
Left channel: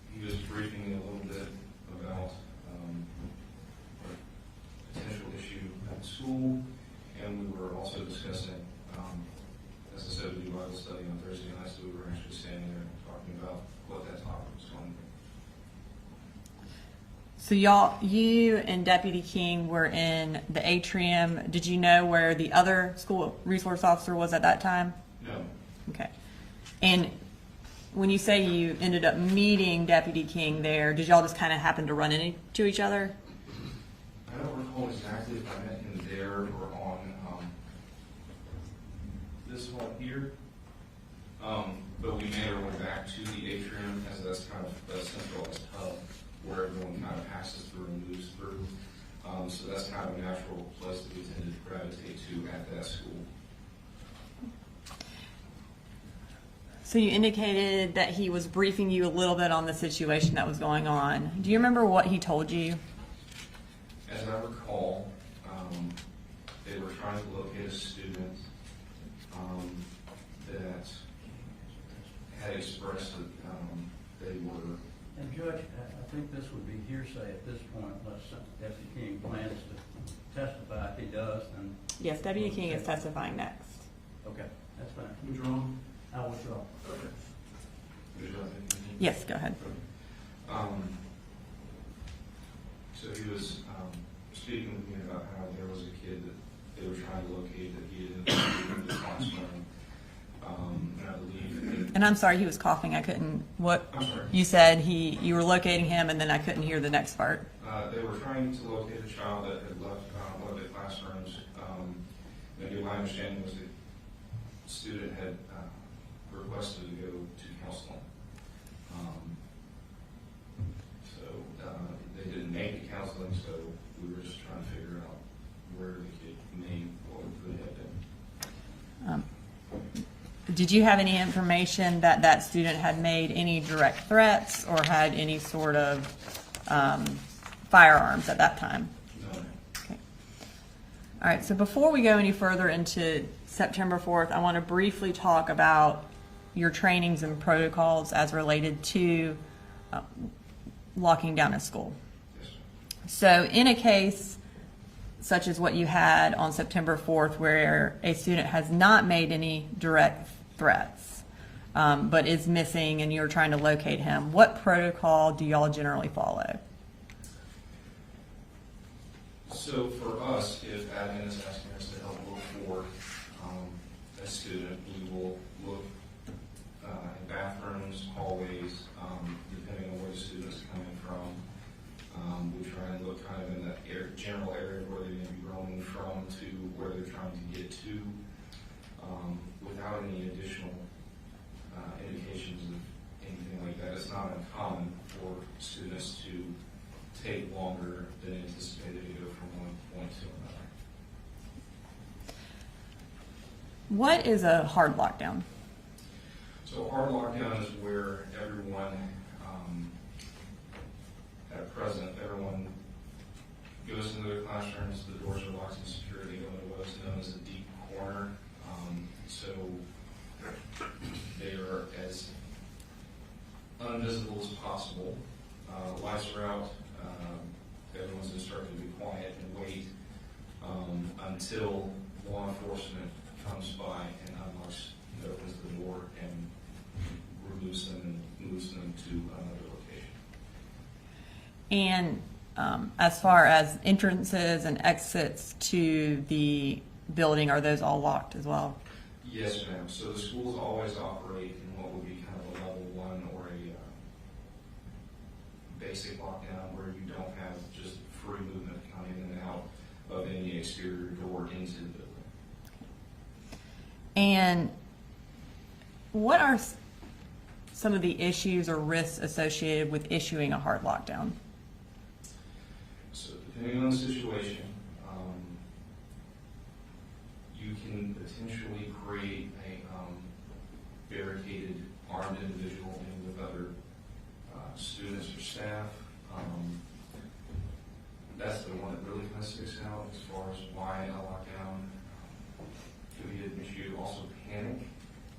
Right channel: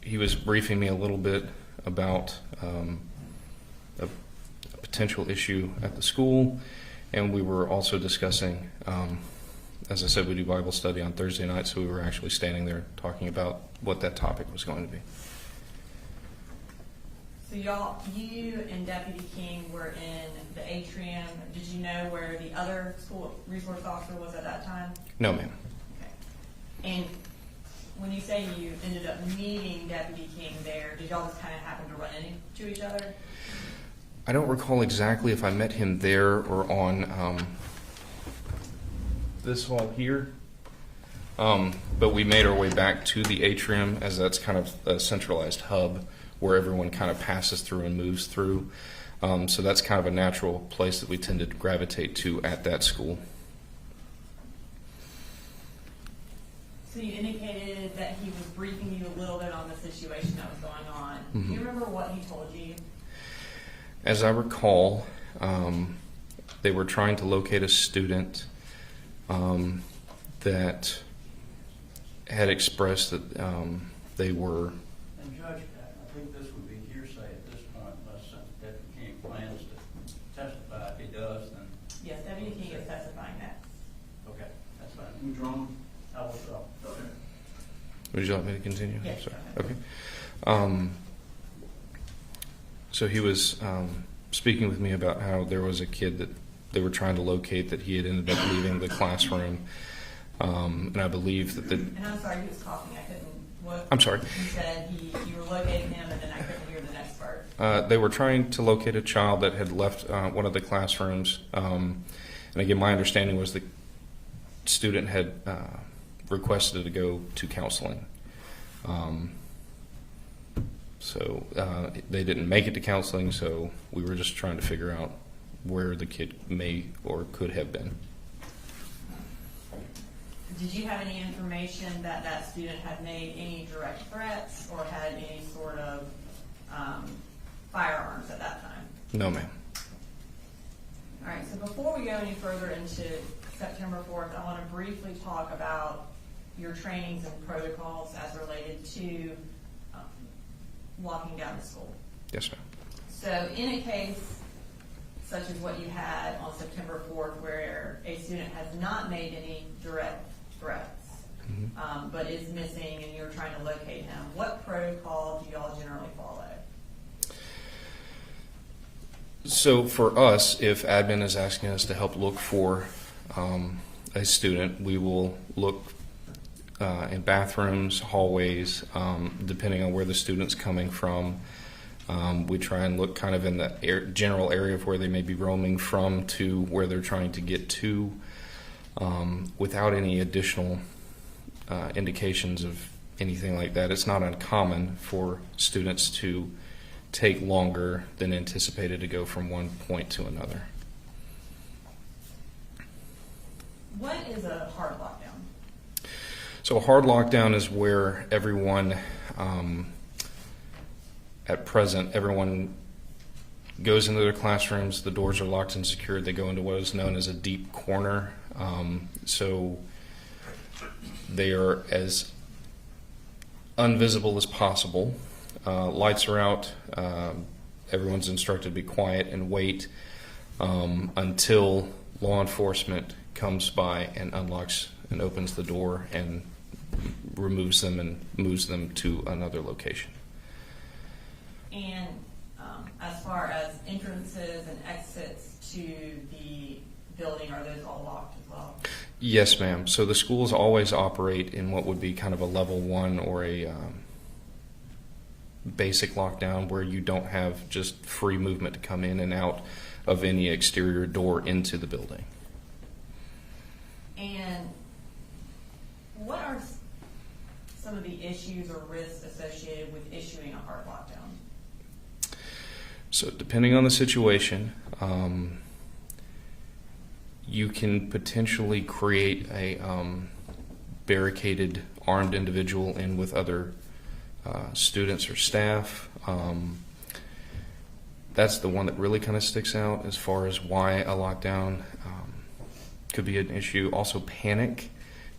He was briefing me a little bit about a potential issue at the school, and we were also discussing, as I said, we do Bible study on Thursday night, so we were actually standing there talking about what that topic was going to be. So you and Deputy King were in the atrium. Did you know where the other school resource officer was at that time? No, ma'am. Okay. And when you say you ended up meeting Deputy King there, did y'all just kind of happen to run into each other? I don't recall exactly if I met him there or on this hall here, but we made our way back to the atrium, as that's kind of a centralized hub where everyone kind of passes through and moves through. So that's kind of a natural place that we tended to gravitate to at that school. So you indicated that he was briefing you a little bit on the situation that was going on. Mm-hmm. Do you remember what he told you? As I recall, they were trying to locate a student that had expressed that they were. And Judge, I think this would be hearsay at this point, unless Deputy King plans to testify. If he does, then. Yes, Deputy King is testifying next. Okay, that's fine. You drawn? I will withdraw. Okay. Would you like me to continue? Yes, go ahead. Okay. So he was speaking with me about how there was a kid that they were trying to locate that he had ended up leaving the classroom. And I believe that And I'm sorry, he was coughing. I couldn't. What? I'm sorry. You said you were locating him, and then I couldn't hear the next part. They were trying to locate a child that had left one of the classrooms. And again, my understanding was the student had requested to go to counseling. So they didn't make it to counseling, so we were just trying to figure out where the kid may or could have been. Did you have any information that that student had made any direct threats or had any sort of firearms at that time? No, ma'am. Okay. All right, so before we go any further into September 4th, I want to briefly talk about your trainings and protocols as related to locking down a school. Yes, sir. So in a case such as what you had on September 4th, where a student has not made any direct threats, but is missing and you're trying to locate him, what protocol do y'all generally follow? So for us, if admin is asking us to help look for a student, we will look in bathrooms, hallways, depending on where the student's coming from. We try and look kind of in the general area of where they may be roaming from to where they're trying to get to, without any additional indications of anything like that. It's not uncommon for students to take longer than anticipated to go from one point to another. What is a hard lockdown? So a hard lockdown is where everyone, at present, everyone goes into their classrooms. The doors are locked and secured. They go into what is known as a deep corner. So they are as invisible as possible. Lights are out. Everyone's instructed to be quiet and wait until law enforcement comes by and unlocks and opens the door and removes them and moves them to another location. And as far as entrances and exits to the building, are those all locked as well? Yes, ma'am. So the schools always operate in what would be kind of a level 1 or a basic lockdown, where you don't have just free movement to come in and out of any exterior door into the building. And what are some of the issues or risks associated with issuing a hard lockdown? So depending on the situation, you can potentially create a barricaded armed individual in with other students or staff. That's the one that really kind of sticks out as far as why a lockdown could be an issue. Also panic,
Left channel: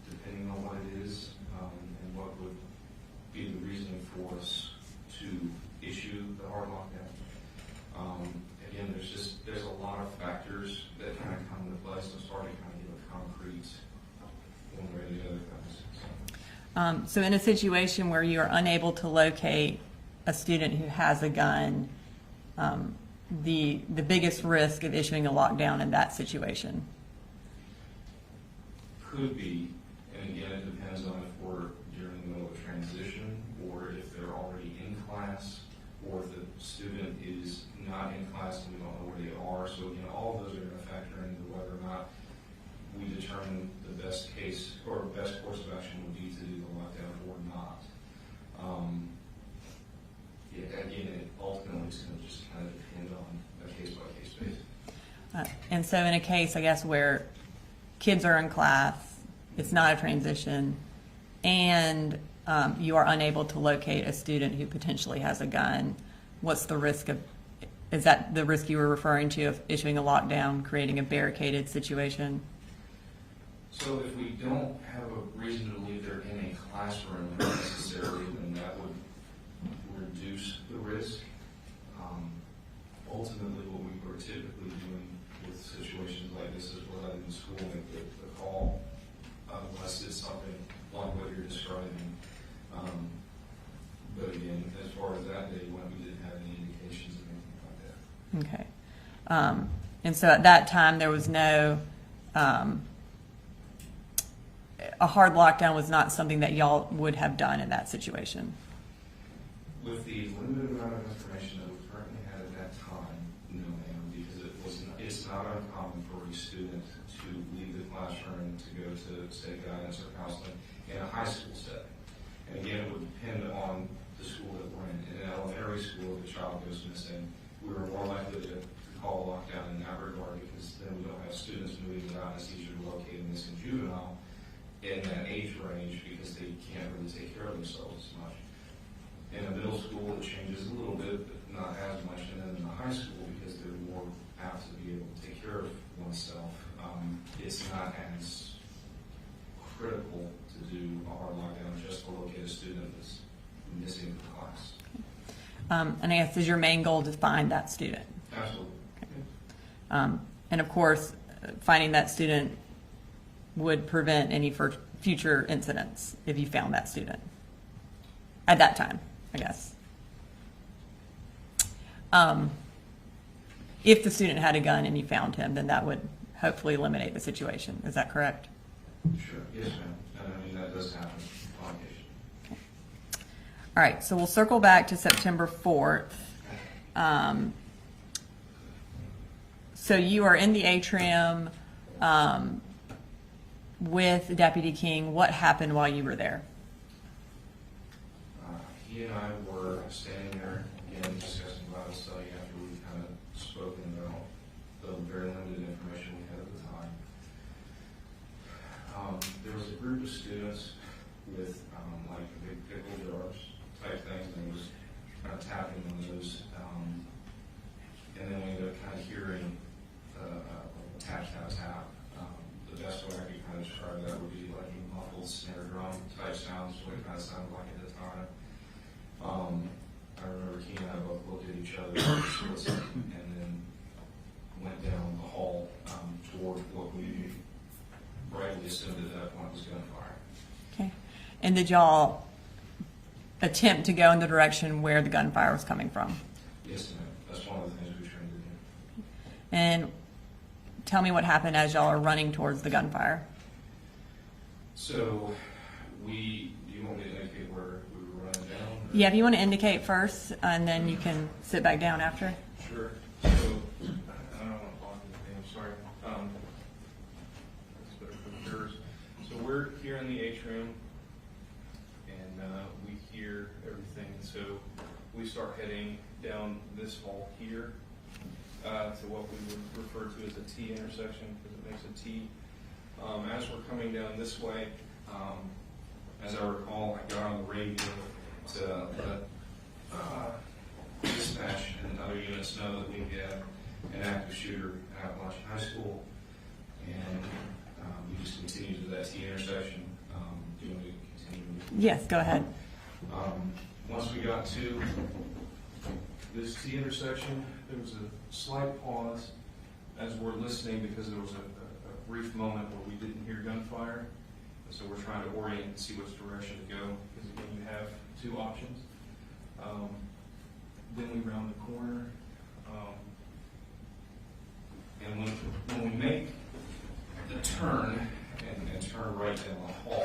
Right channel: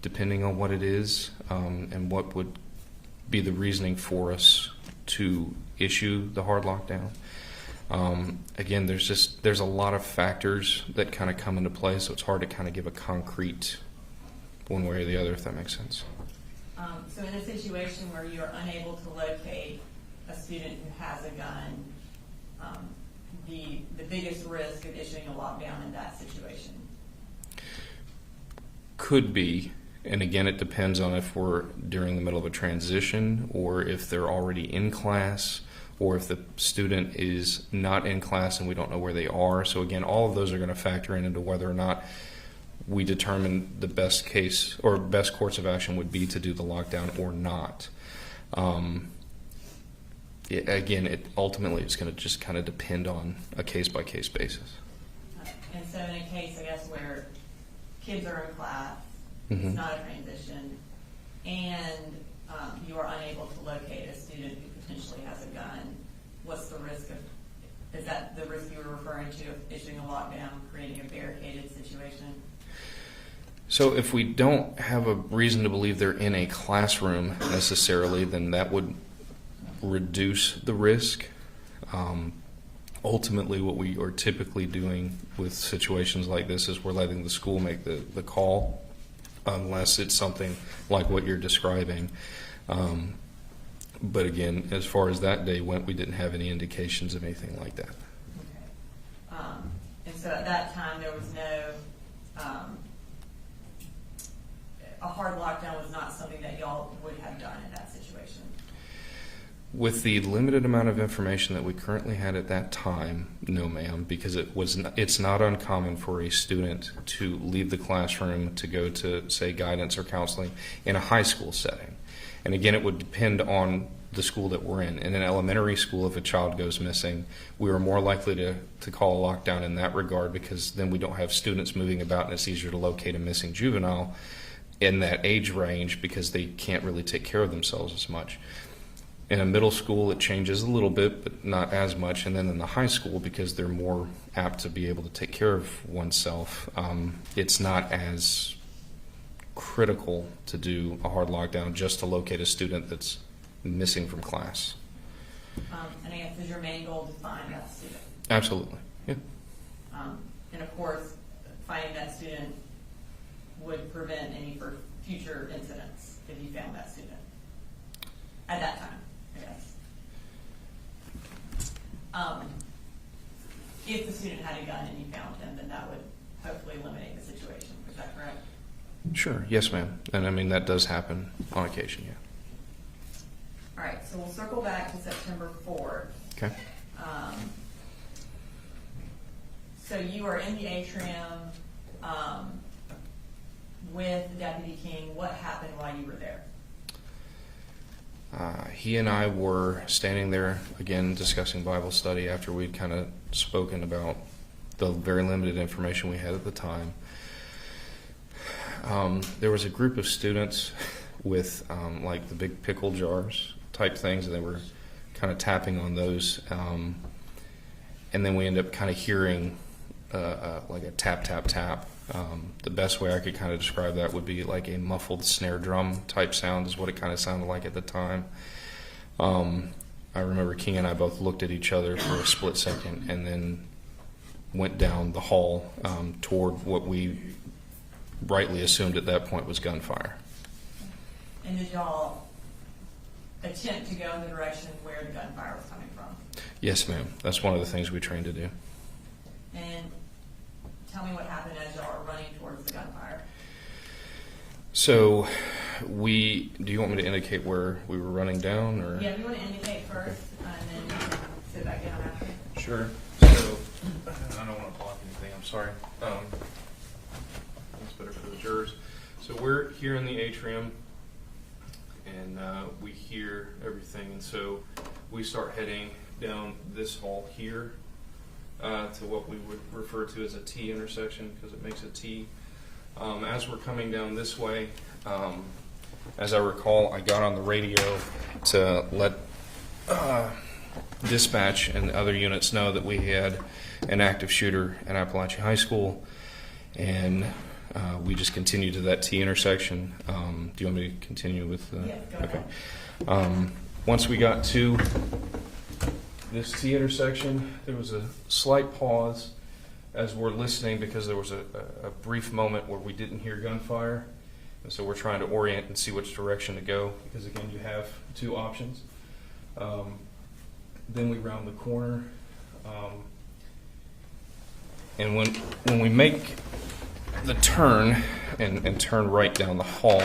depending on what it is, and what would be the reasoning for us to issue the hard lockdown. Again, there's a lot of factors that kind of come into play, so it's hard to kind of give a concrete one way or the other, if that makes sense. So in a situation where you are unable to locate a student who has a gun, the biggest risk of issuing a lockdown in that situation? Could be, and again, it depends on if we're during the middle of a transition or if they're already in class, or if the student is not in class and we don't know where they are. So again, all of those are going to factor into whether or not we determine the best case or best course of action would be to do the lockdown or not. Ultimately, it's going to just kind of depend on a case-by-case basis. And so in a case, I guess, where kids are in class, it's not a transition, and you are unable to locate a student who potentially has a gun, what's the risk of, is that the risk you were referring to of issuing a lockdown, creating a barricaded situation? So if we don't have a reason to believe they're in a classroom necessarily, then that would reduce the risk. Ultimately, what we are typically doing with situations like this is we're letting the school make the call, unless it's something like what you're describing. But again, as far as that day went, we didn't have any indications of anything like that. Okay. And so at that time, there was no, a hard lockdown was not something that y'all would have done in that situation? With the limited amount of information that we currently had at that time, no, ma'am, because it's not uncommon for a student to leave the classroom to go to, say, guidance or counseling in a high school setting. And again, it would depend on the school that we're in. In an elementary school, if a child goes missing, we are more likely to call a lockdown in that regard, because then we don't have students moving about and it's easier to locate a missing juvenile in that age range because they can't really take care of themselves as much. In a middle school, it changes a little bit, but not as much. And then in the high school, because they're more apt to be able to take care of oneself, it's not as critical to do a hard lockdown just to locate a student that's missing from class. And I guess, is your main goal to find that student? Absolutely. Okay. Yeah. And of course, finding that student would prevent any future incidents if you found that student at that time, I guess. If the student had a gun and you found him, then that would hopefully eliminate the situation. Is that correct? Sure. Yes, ma'am. And I mean, that does happen on occasion, yeah. Okay. All right, so we'll circle back to September 4th. Okay. So you are in the atrium with Deputy King. What happened while you were there? He and I were standing there, again, discussing Bible study after we'd kind of spoken about the very limited information we had at the time. There was a group of students with like the big pickle jars type things, and they were kind of tapping on those. and then we end up kind of hearing like a tap, tap, tap. The best way I could kind of describe that would be like a muffled snare drum type sound is what it kind of sounded like at the time. I remember King and I both looked at each other for a split second and then went down the hall toward what we rightly assumed at that point was gunfire. Okay. And did y'all attempt to go in the direction where the gunfire was coming from? Yes, ma'am. That's one of the things we trained to do. And tell me what happened as y'all are running towards the gunfire. So do you want me to indicate where we were running down? Or? Yeah, if you want to indicate first, and then you can sit back down after. Sure. So, I don't want to block anything, I'm sorry. That's better for the jurors. So we're here in the atrium, and we hear everything, and so we start heading down this hall here to what we would refer to as a T intersection, because it makes a T. As we're coming down this way, as I recall, I got on the radio to let dispatch and other units know that we had an active shooter at Apalachee High School, and we just continued to that T intersection. Do you want me to continue with? Yes, go ahead. Once we got to this T intersection, there was a slight pause as we're listening, because there was a brief moment where we didn't hear gunfire, and so we're trying to orient and see which direction to go, because again, you have two options. Then we round the corner, and when we make the turn and turn right down the hall,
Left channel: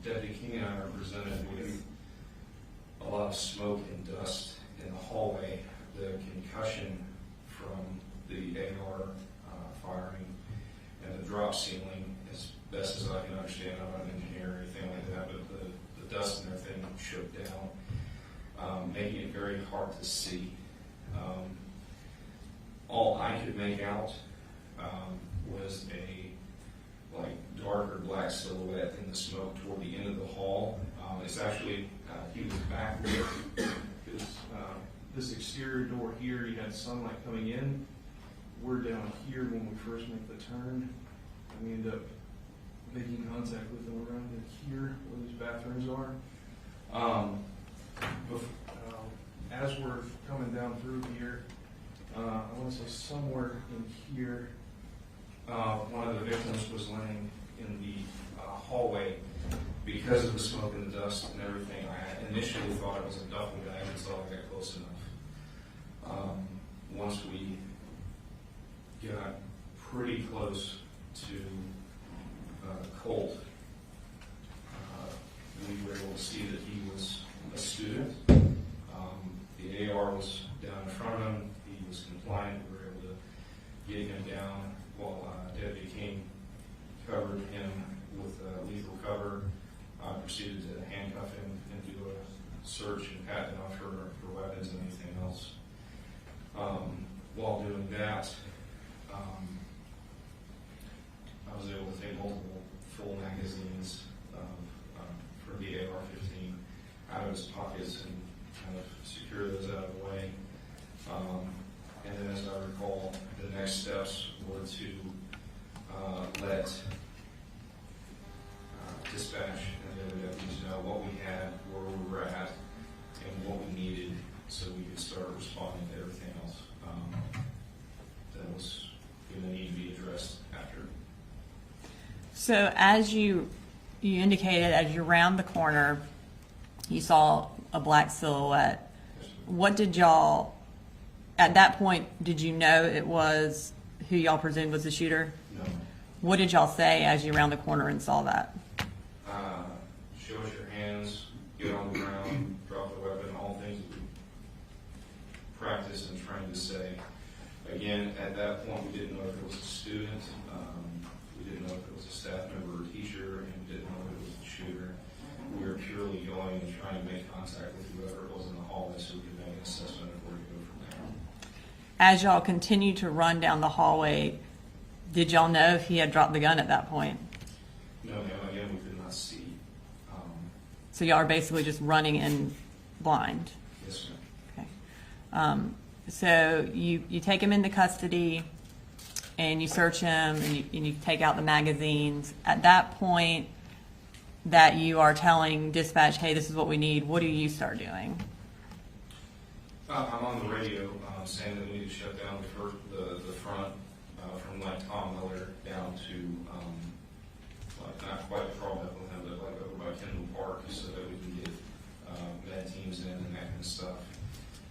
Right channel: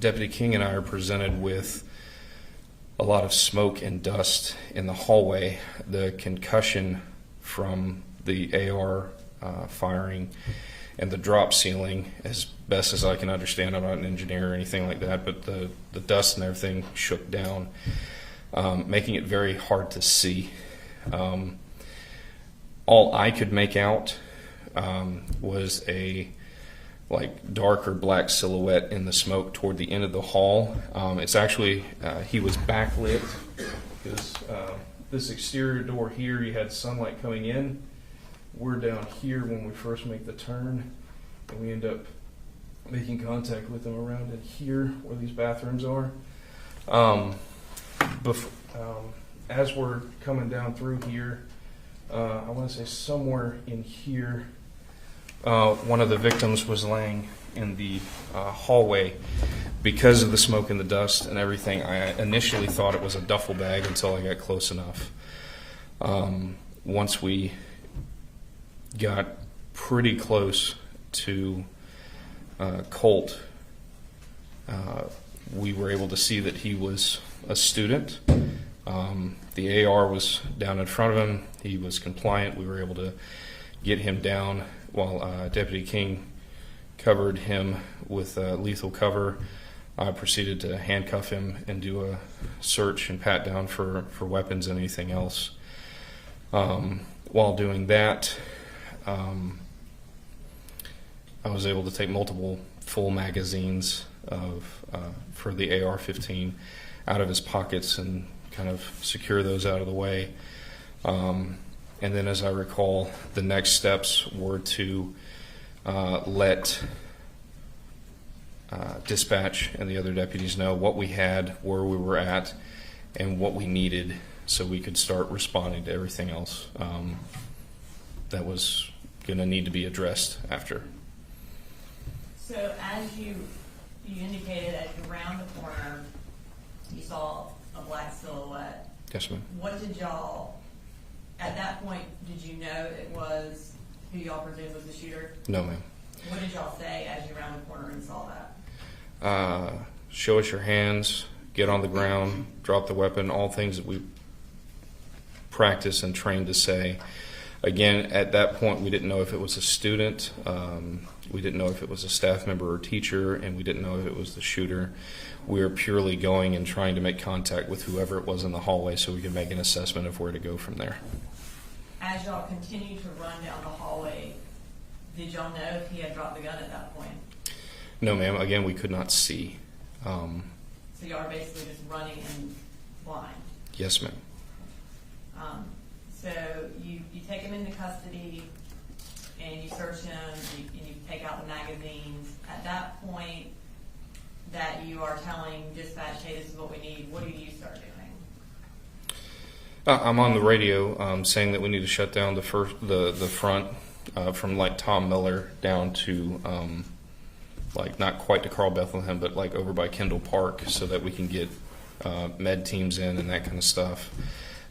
Deputy King and I are presented with a lot of smoke and dust in the hallway. The concussion from the AR firing and the drop ceiling, as best as I can understand, I'm not an engineer or anything like that, but the dust and everything shook down, making it very hard to see. All I could make out was a dark or black silhouette in the smoke toward the end of the hall. It's actually, he was backlit. This exterior door here, you had sunlight coming in. We're down here when we first make the turn, and we end up making contact with them around in here where these bathrooms are. As we're coming down through here, I want to say somewhere in here, one of the victims was laying in the hallway. Because of the smoke and the dust and everything, I initially thought it was a duffel bag until I got close enough. Once we got pretty close to Colt, we were able to see that he was a student. The AR was down in front of him. He was compliant. We were able to get him down while Deputy King covered him with lethal cover. I proceeded to handcuff him and do a search and pat down for weapons and anything else. While doing that, I was able to take multiple full magazines for the AR-15 out of his pockets and kind of secure those out of the way. And then, as I recall, the next steps were to let dispatch and the other deputies know what we had, where we were at, and what we needed, so we could start responding to everything else that was going to need to be addressed after. So as you indicated, as you round the corner, you saw a black silhouette. Yes, ma'am. What did y'all, at that point, did you know it was who y'all presumed was the shooter? No, ma'am. What did y'all say as you round the corner and saw that? Show us your hands, get on the ground, drop the weapon, all things that we practice and trained to say. Again, at that point, we didn't know if it was a student, we didn't know if it was a staff member or teacher, and we didn't know if it was the shooter. We were purely going and trying to make contact with whoever it was in the hallway so we could make an assessment of where to go from there. As y'all continued to run down the hallway, did y'all know if he had dropped the gun at that point? No, ma'am. Again, we could not see. So y'all are basically just running in blind? Yes, ma'am. Okay. So you take him into custody and you search him and you take out the magazines. At that point that you are telling dispatch, hey, this is what we need, what do you start doing? I'm on the radio saying that we need to shut down the front from like Tom Miller down to like not quite to Carl Bethlehem, but like over by Kendall Park, so that we can get med teams in and that kind of stuff.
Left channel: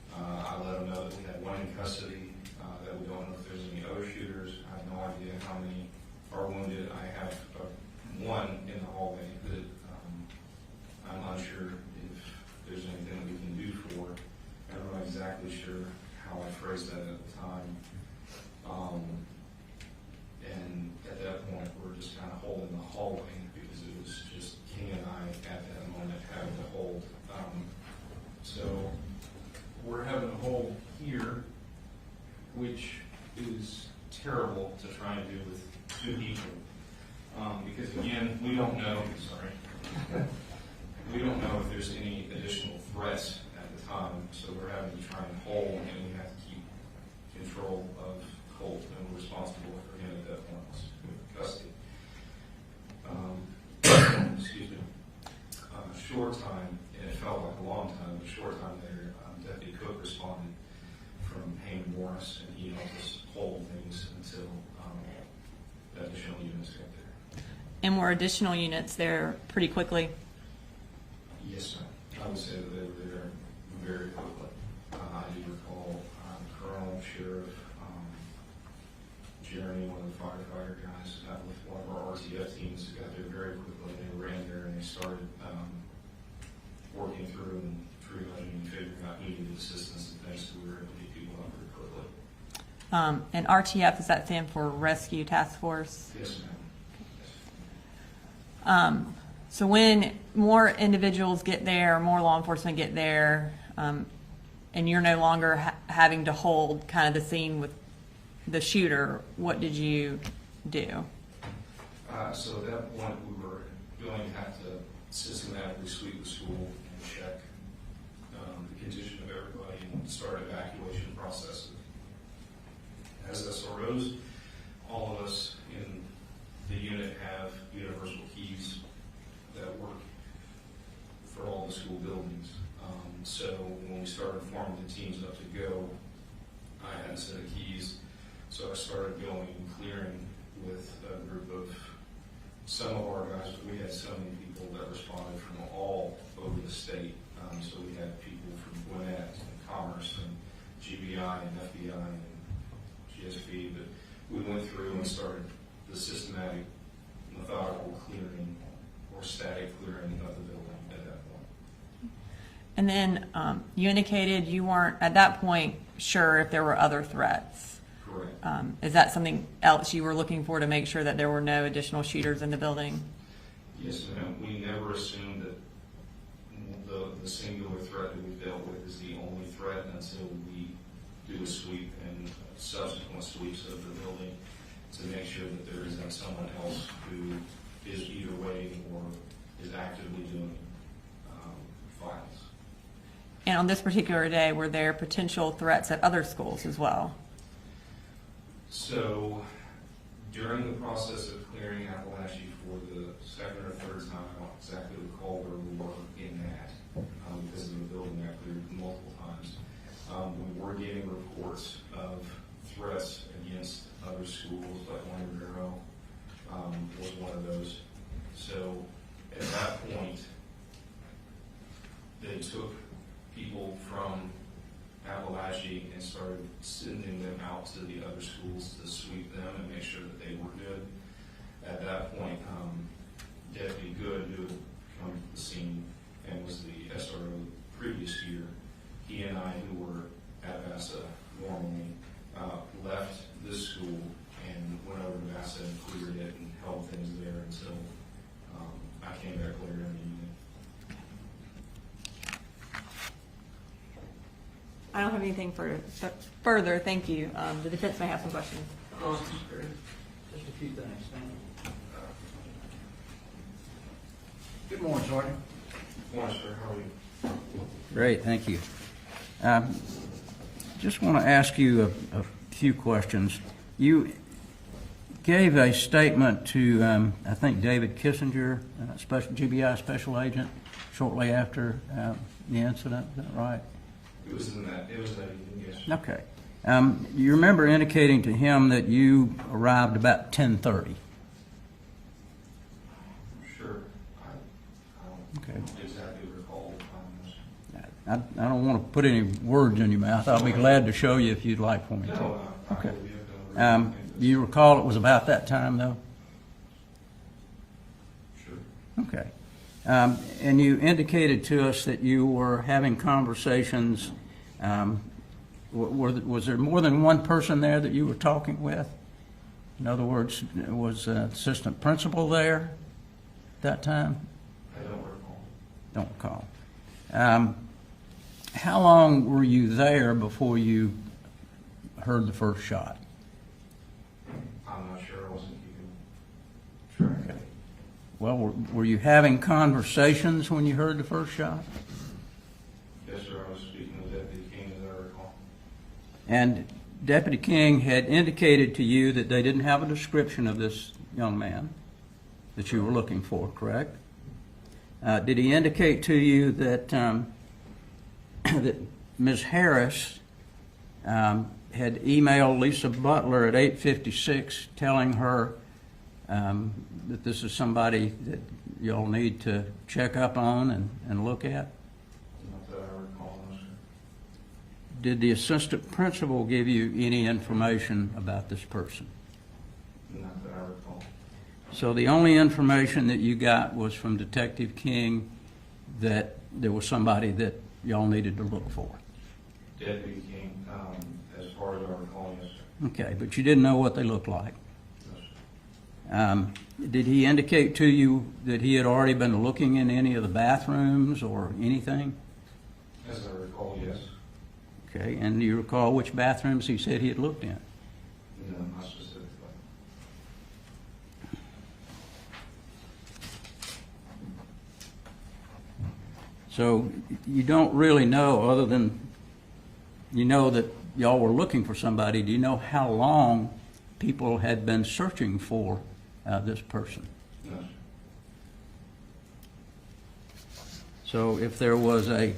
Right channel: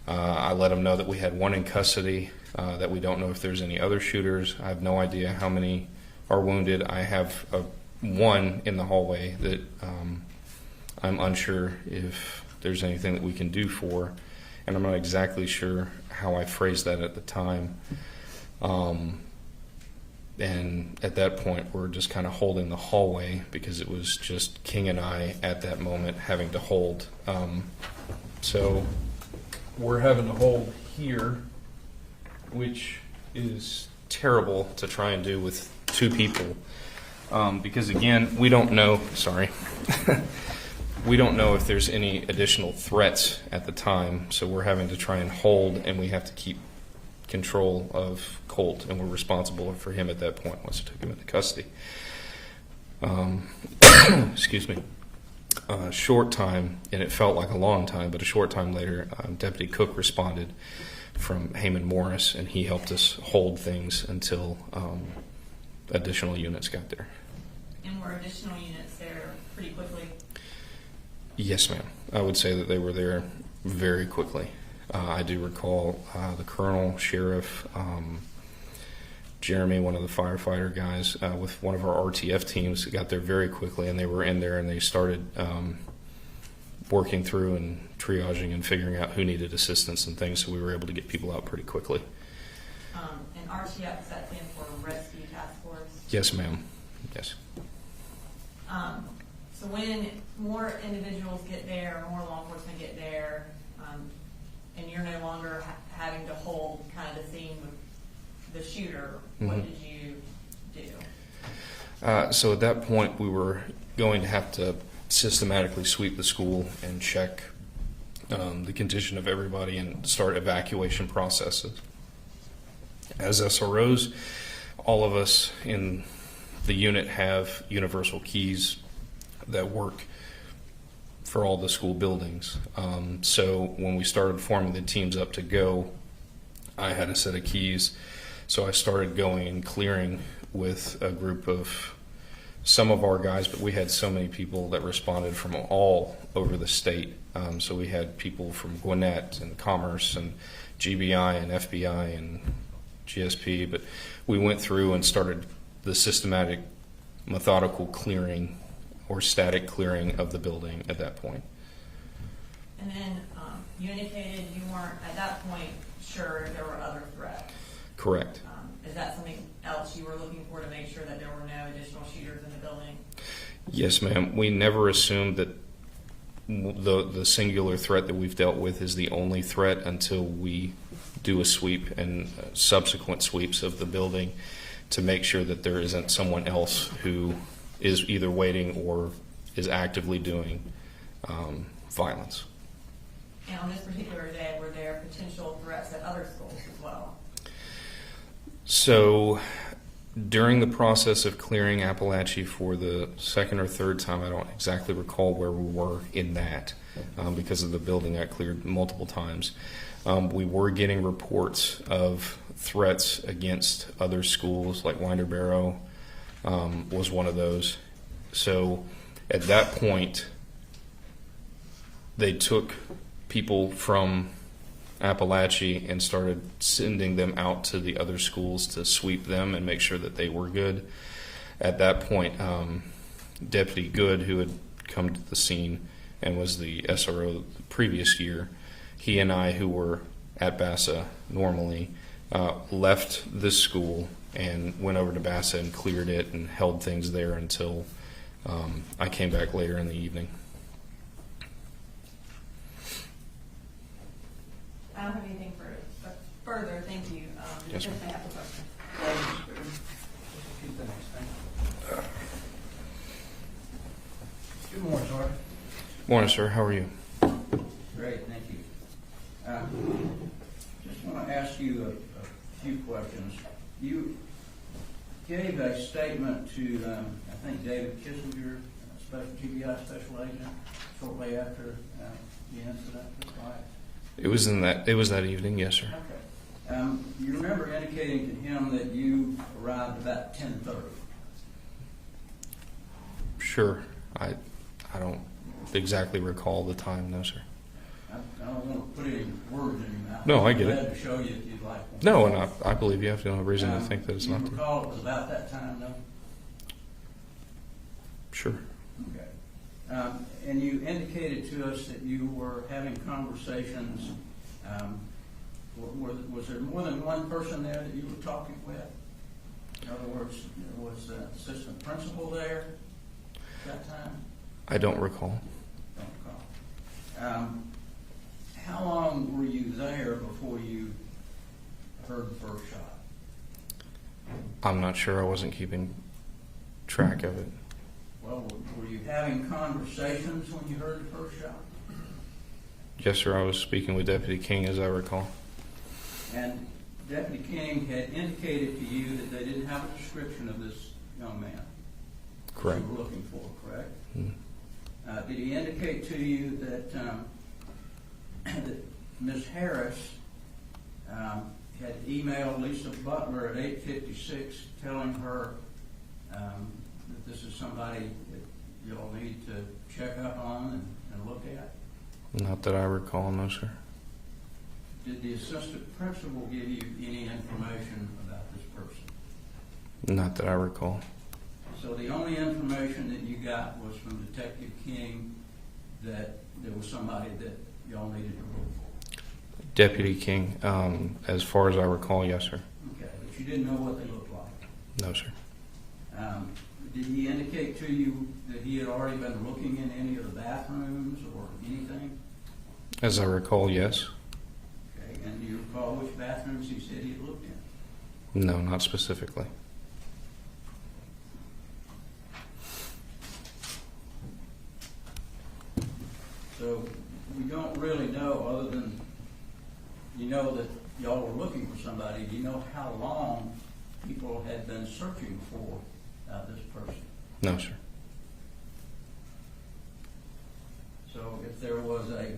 I let them know that we had one in custody, that we don't know if there's any other shooters. I have no idea how many are wounded. I have one in the hallway that I'm unsure if there's anything that we can do for, and I'm not exactly sure how I phrased that at the time. And at that point, we're just kind of holding the hallway because it was just King and I at that moment having to hold. So we're having to hold here, which is terrible to try and do with two people. Because again, we don't know, sorry, we don't know if there's any additional threats at the time. So we're having to try and hold, and we have to keep control of Colt, and we're responsible for him at that point once we took him into custody. Excuse me. A short time, and it felt like a long time, but a short time later, Deputy Cook responded from Heyman Morris, and he helped us hold things until additional units got there. And were additional units there pretty quickly? Yes, ma'am. I would say that they were there very quickly. I do recall the colonel, sheriff, Jeremy, one of the firefighter guys, with one of our RTF teams, got there very quickly, and they were in there and they started working through and triaging and figuring out who needed assistance and things, so we were able to get people out pretty quickly. And RTF, does that stand for Rescue Task Force? Yes, ma'am. Yes. So when more individuals get there, more law enforcement get there, and you're no longer having to hold kind of the scene with the shooter, what did you do? So at that point, we were going to have to systematically sweep the school and check the condition of everybody and start evacuation processes. As SROs, all of us in the unit have universal keys that work for all the school buildings. So when we started forming the teams up to go, I had a set of keys. So I started going and clearing with a group of some of our guys, but we had so many people that responded from all over the state. So we had people from Gwinnett and Commerce and GBI and FBI and GSP, but we went through and started the systematic, methodical clearing or static clearing of the building at that point. And then you indicated you weren't, at that point, sure if there were other threats. Correct. Is that something else you were looking for to make sure that there were no additional shooters in the building? Yes, ma'am. We never assumed that the singular threat that we've dealt with is the only threat until we do a sweep and subsequent sweeps of the building to make sure that there isn't someone else who is either waiting or is actively doing violence. And on this particular day, were there potential threats at other schools as well? So during the process of clearing Apalachee for the second or third time, I don't exactly recall where we were in that because of the building I cleared multiple times. We were getting reports of threats against other schools, like Winder Barrow was one of those. So at that point, they took people from Apalachee and started sending them out to the other schools to sweep them and make sure that they were good. At that point, Deputy Good, who had come to the scene and was the SRO the previous year, he and I, who were at Bassa normally, left this school and went over to Bassa and cleared it and held things there until I came back later in the evening. I don't have anything further. Thank you. The defense may have some questions. Just a few things. Thank you. Good morning, Sergeant. Morning, sir. How are you? Great, thank you. just want to ask you a few questions. You gave a statement to, I think, David Kissinger, GBI special agent, shortly after the incident. Is that right? It was that evening, yes, sir. Okay. You remember indicating to him that you arrived about 10:30. Sure. I don't exactly recall the time, no, sir. I don't want to put any words in your mouth. No, I'll I be get glad it. to show you if you'd like one. No, and I believe you have no reason to think that it's Do you not. recall it was about that time, though? Sure. Okay. And you indicated to us that you were having conversations. Was there more than one person there that you were talking with? In other words, was an assistant principal there at that time? I don't recall. Don't recall. How long were you there before you heard the first shot? I'm not sure. I wasn't keeping track of it. Well, were you having conversations when you heard the first shot? Yes, sir. I was speaking with Deputy King, as I recall. And Deputy King had indicated to you that they didn't have a description of this young man that Correct. you were looking for, correct? Mm. Did he indicate to you that that Ms. Harris had emailed Lisa Butler at 8:56 telling her that this is somebody that y'all need to check up on and look at? Not that I recall, no, sir. Did the assistant principal give you any information about this person? Not that I recall. So the only information that you got was from Detective King that there was somebody that y'all needed to look for? Deputy King, as far as I recall, yes, sir. Okay, but you didn't know what they looked like? No, sir. Did he indicate to you that he had already been looking in any of the bathrooms or anything? As I recall, yes. Okay, and do you recall which bathrooms he said he had looked in? No, not specifically. So you don't really know, other than you know that y'all were looking for somebody. Do you know how long people had been searching for this person? No, sir. So if there was an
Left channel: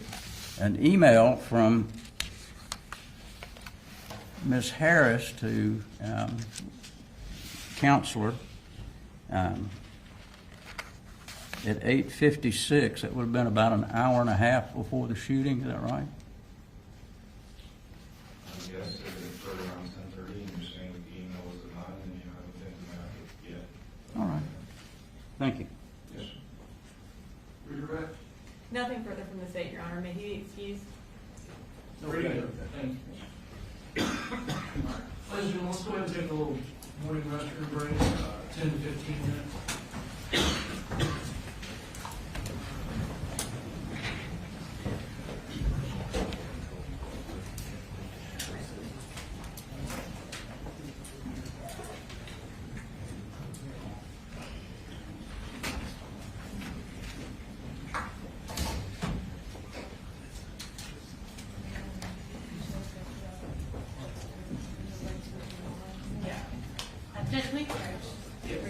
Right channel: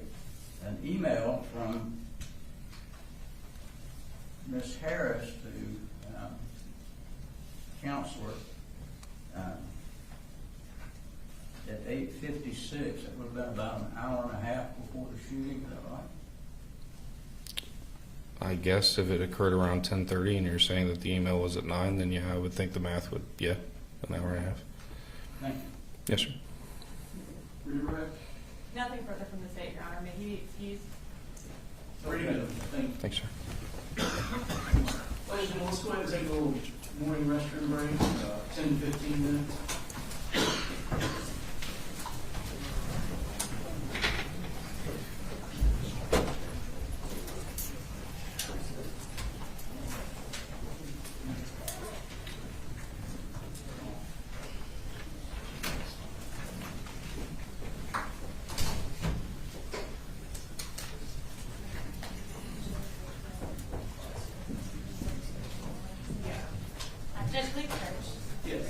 email from Ms. Harris to counselor at 8:56, it would have been about an hour and a half before the shooting. Is that right? I guess if it occurred around 10:30 and you're saying that the email was at 9, then yeah, I would think the math would, an hour and a half. Thank you. Yes, sir. Redirect. Nothing further from the state, Your Honor. May he be excused? Ready to go. Thank you. Thanks, sir. Ladies and gentlemen, let's go ahead and take a little morning restroom break, 10 to 15 minutes. Just make sure. Yes.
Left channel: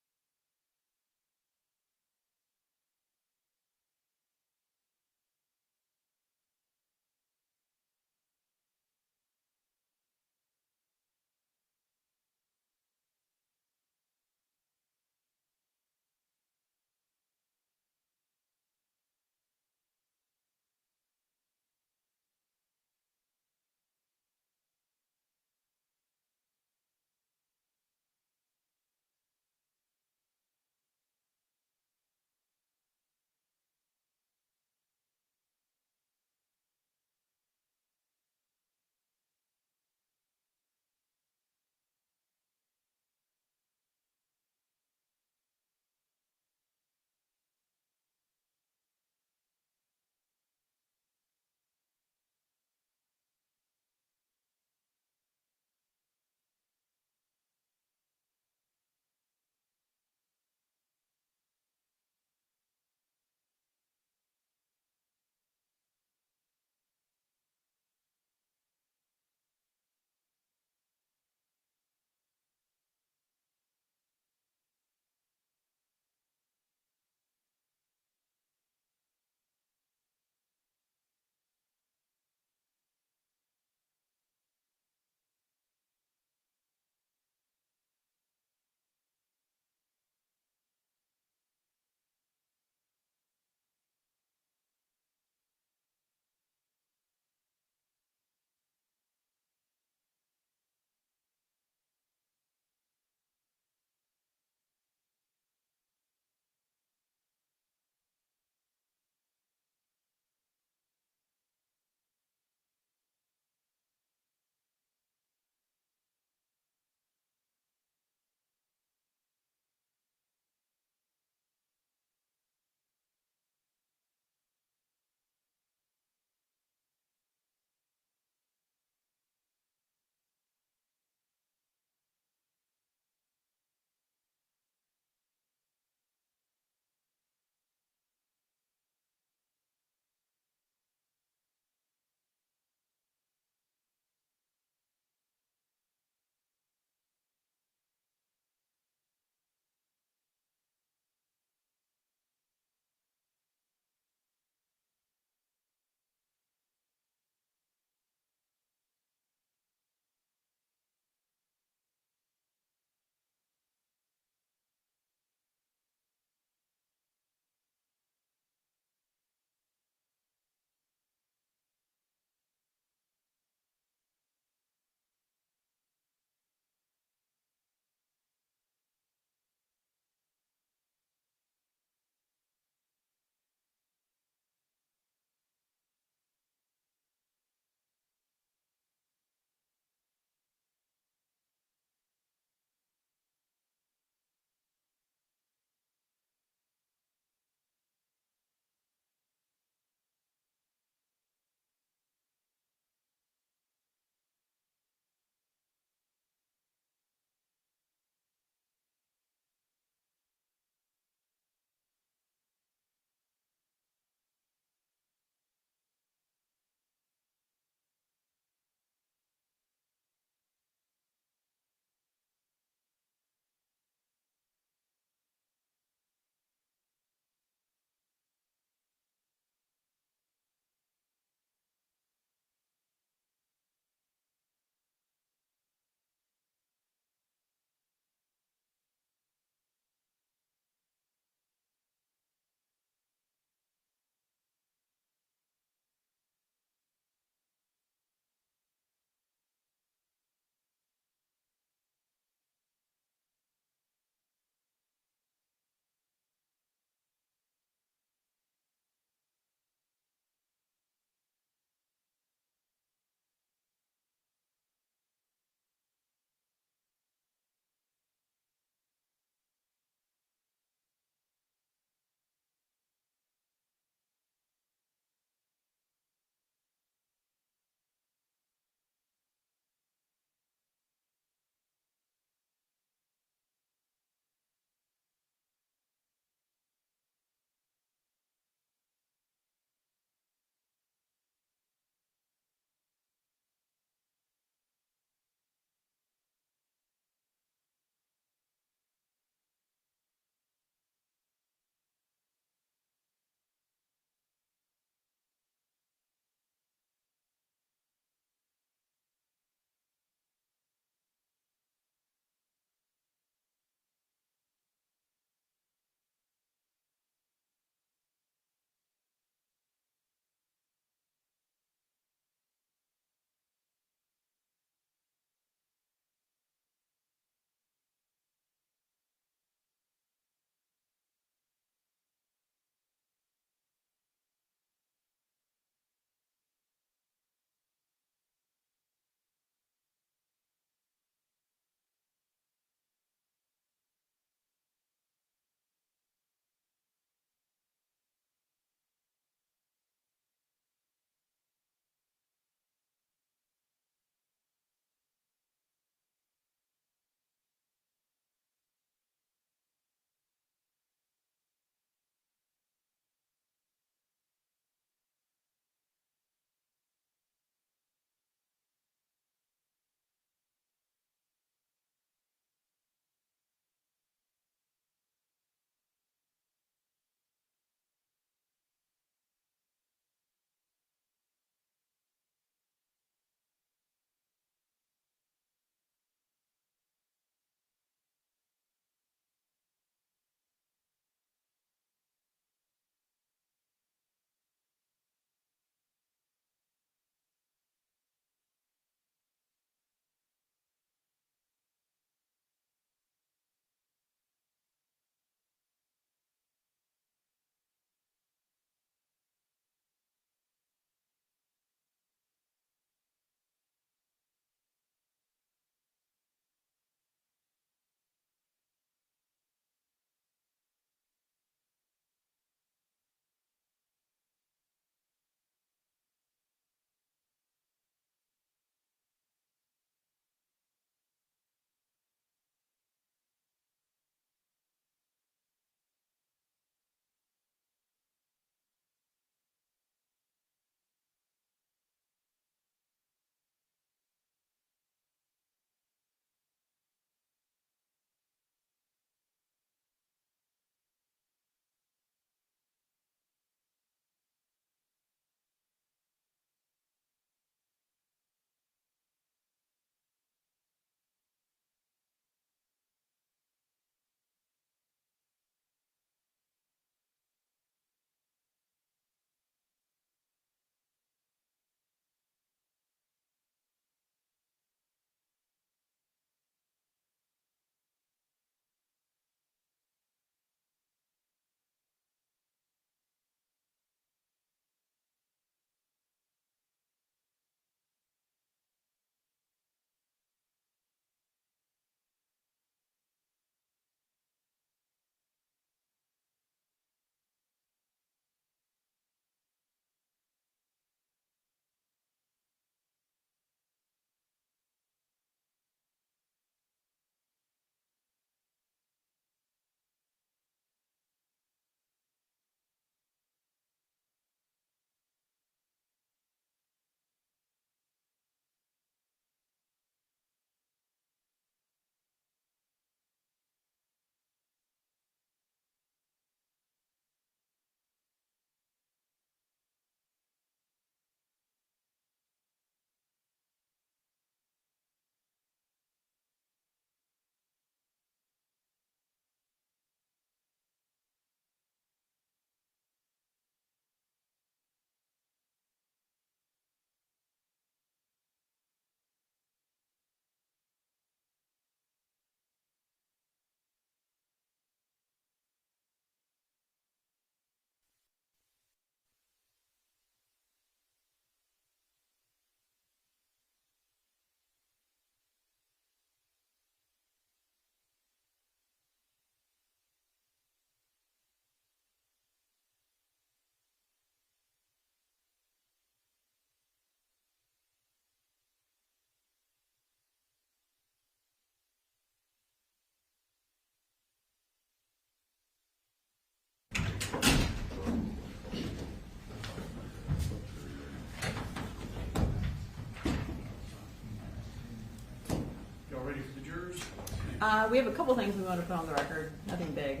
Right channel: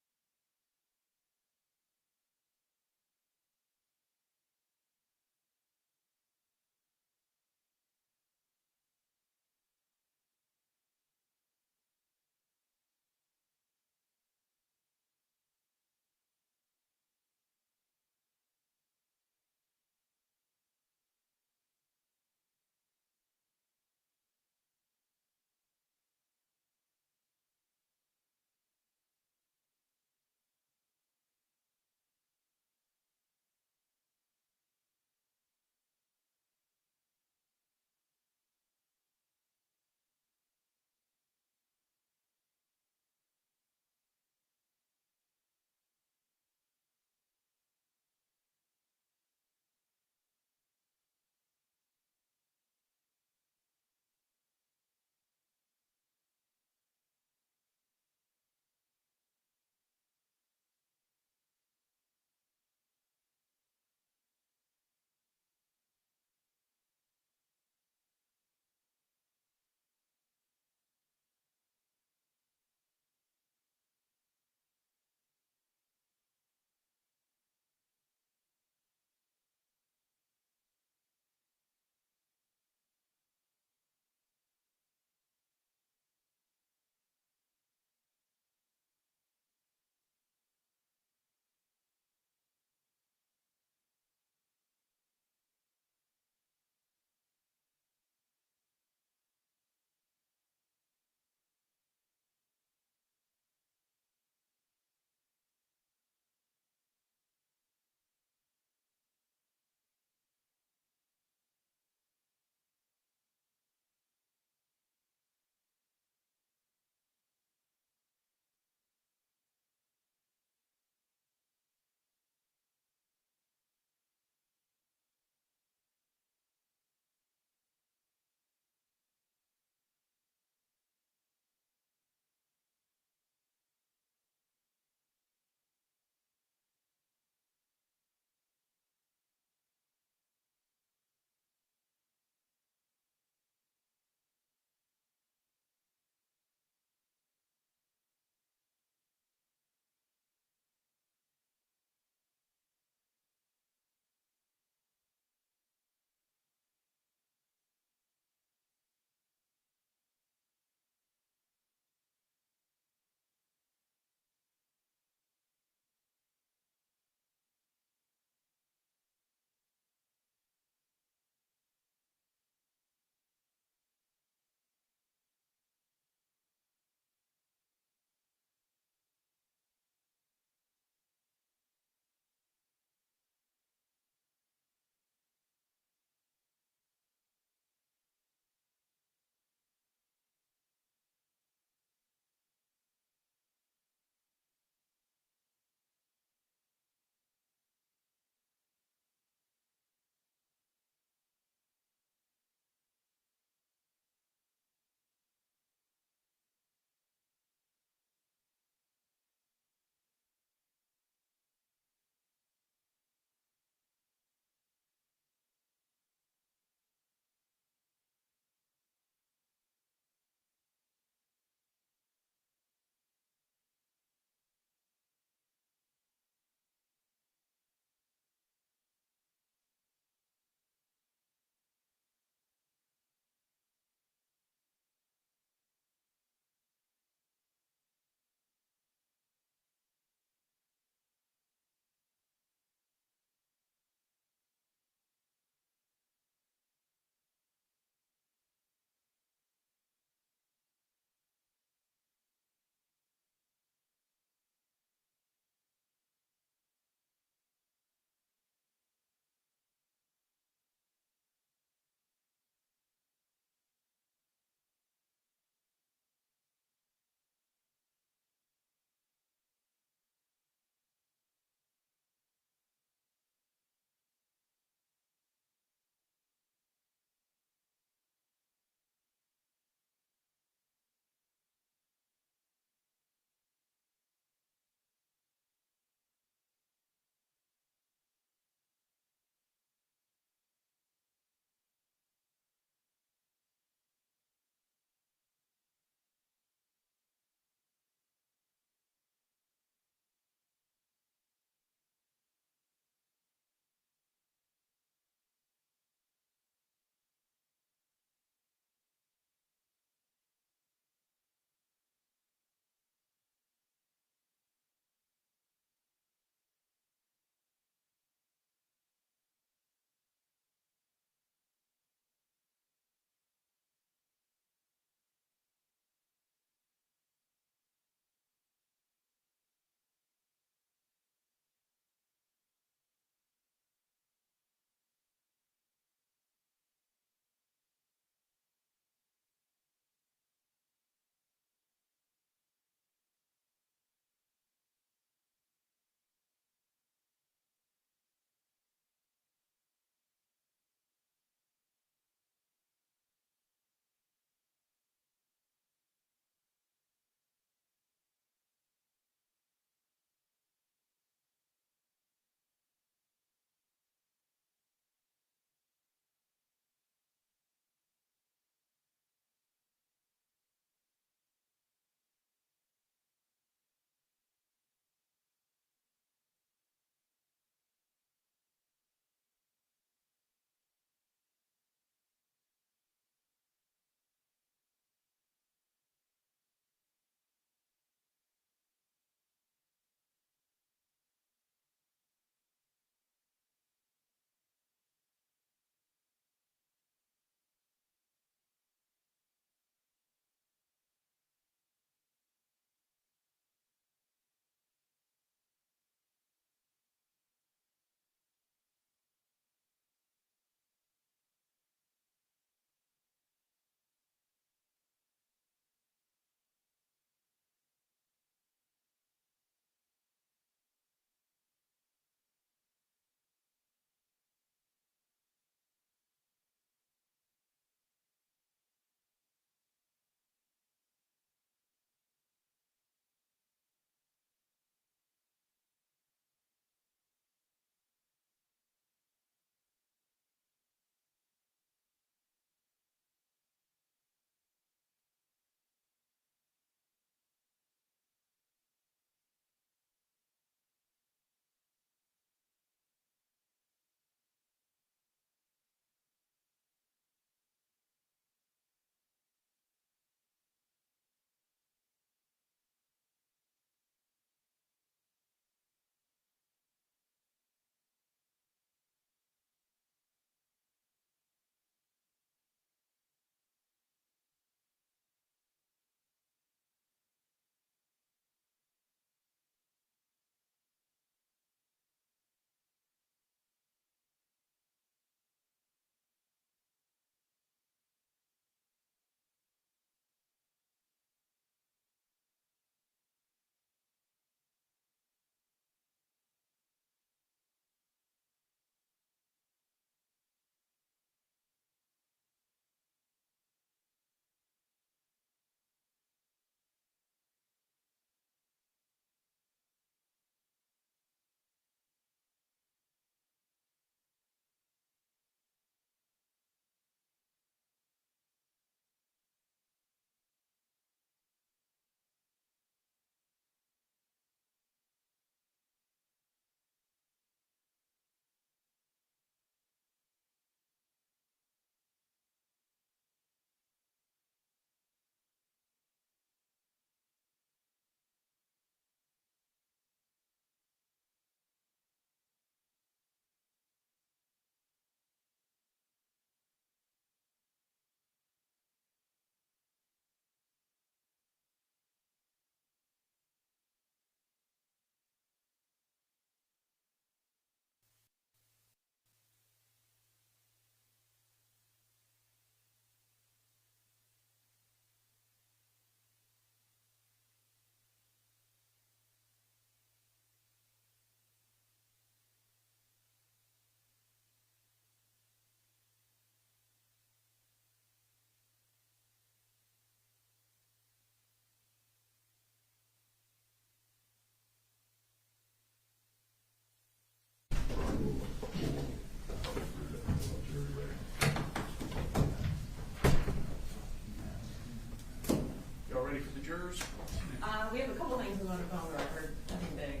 We have a couple things we want to put on the record. Nothing big.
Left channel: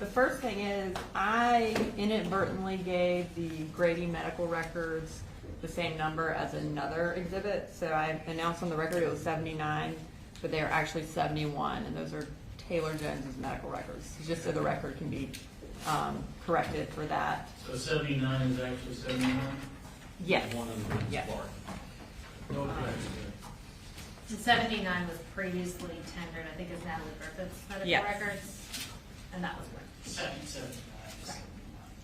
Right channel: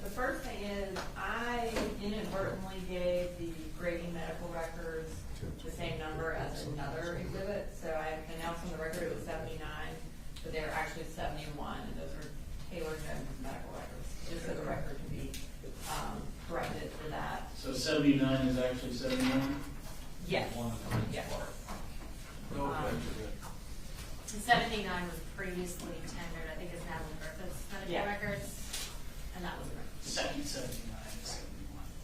The first thing is I inadvertently gave the Grady medical records the same number as another exhibit. So I announced on the record it was 79, but they are actually 71, and those are Taylor Jones' medical records, just so the record can be corrected for that. So 79 is actually 71? Yes. Yes. No correction. The 79 was previously tendered, I think it's now the Griffith's medical Yes. records, and that was correct. 79.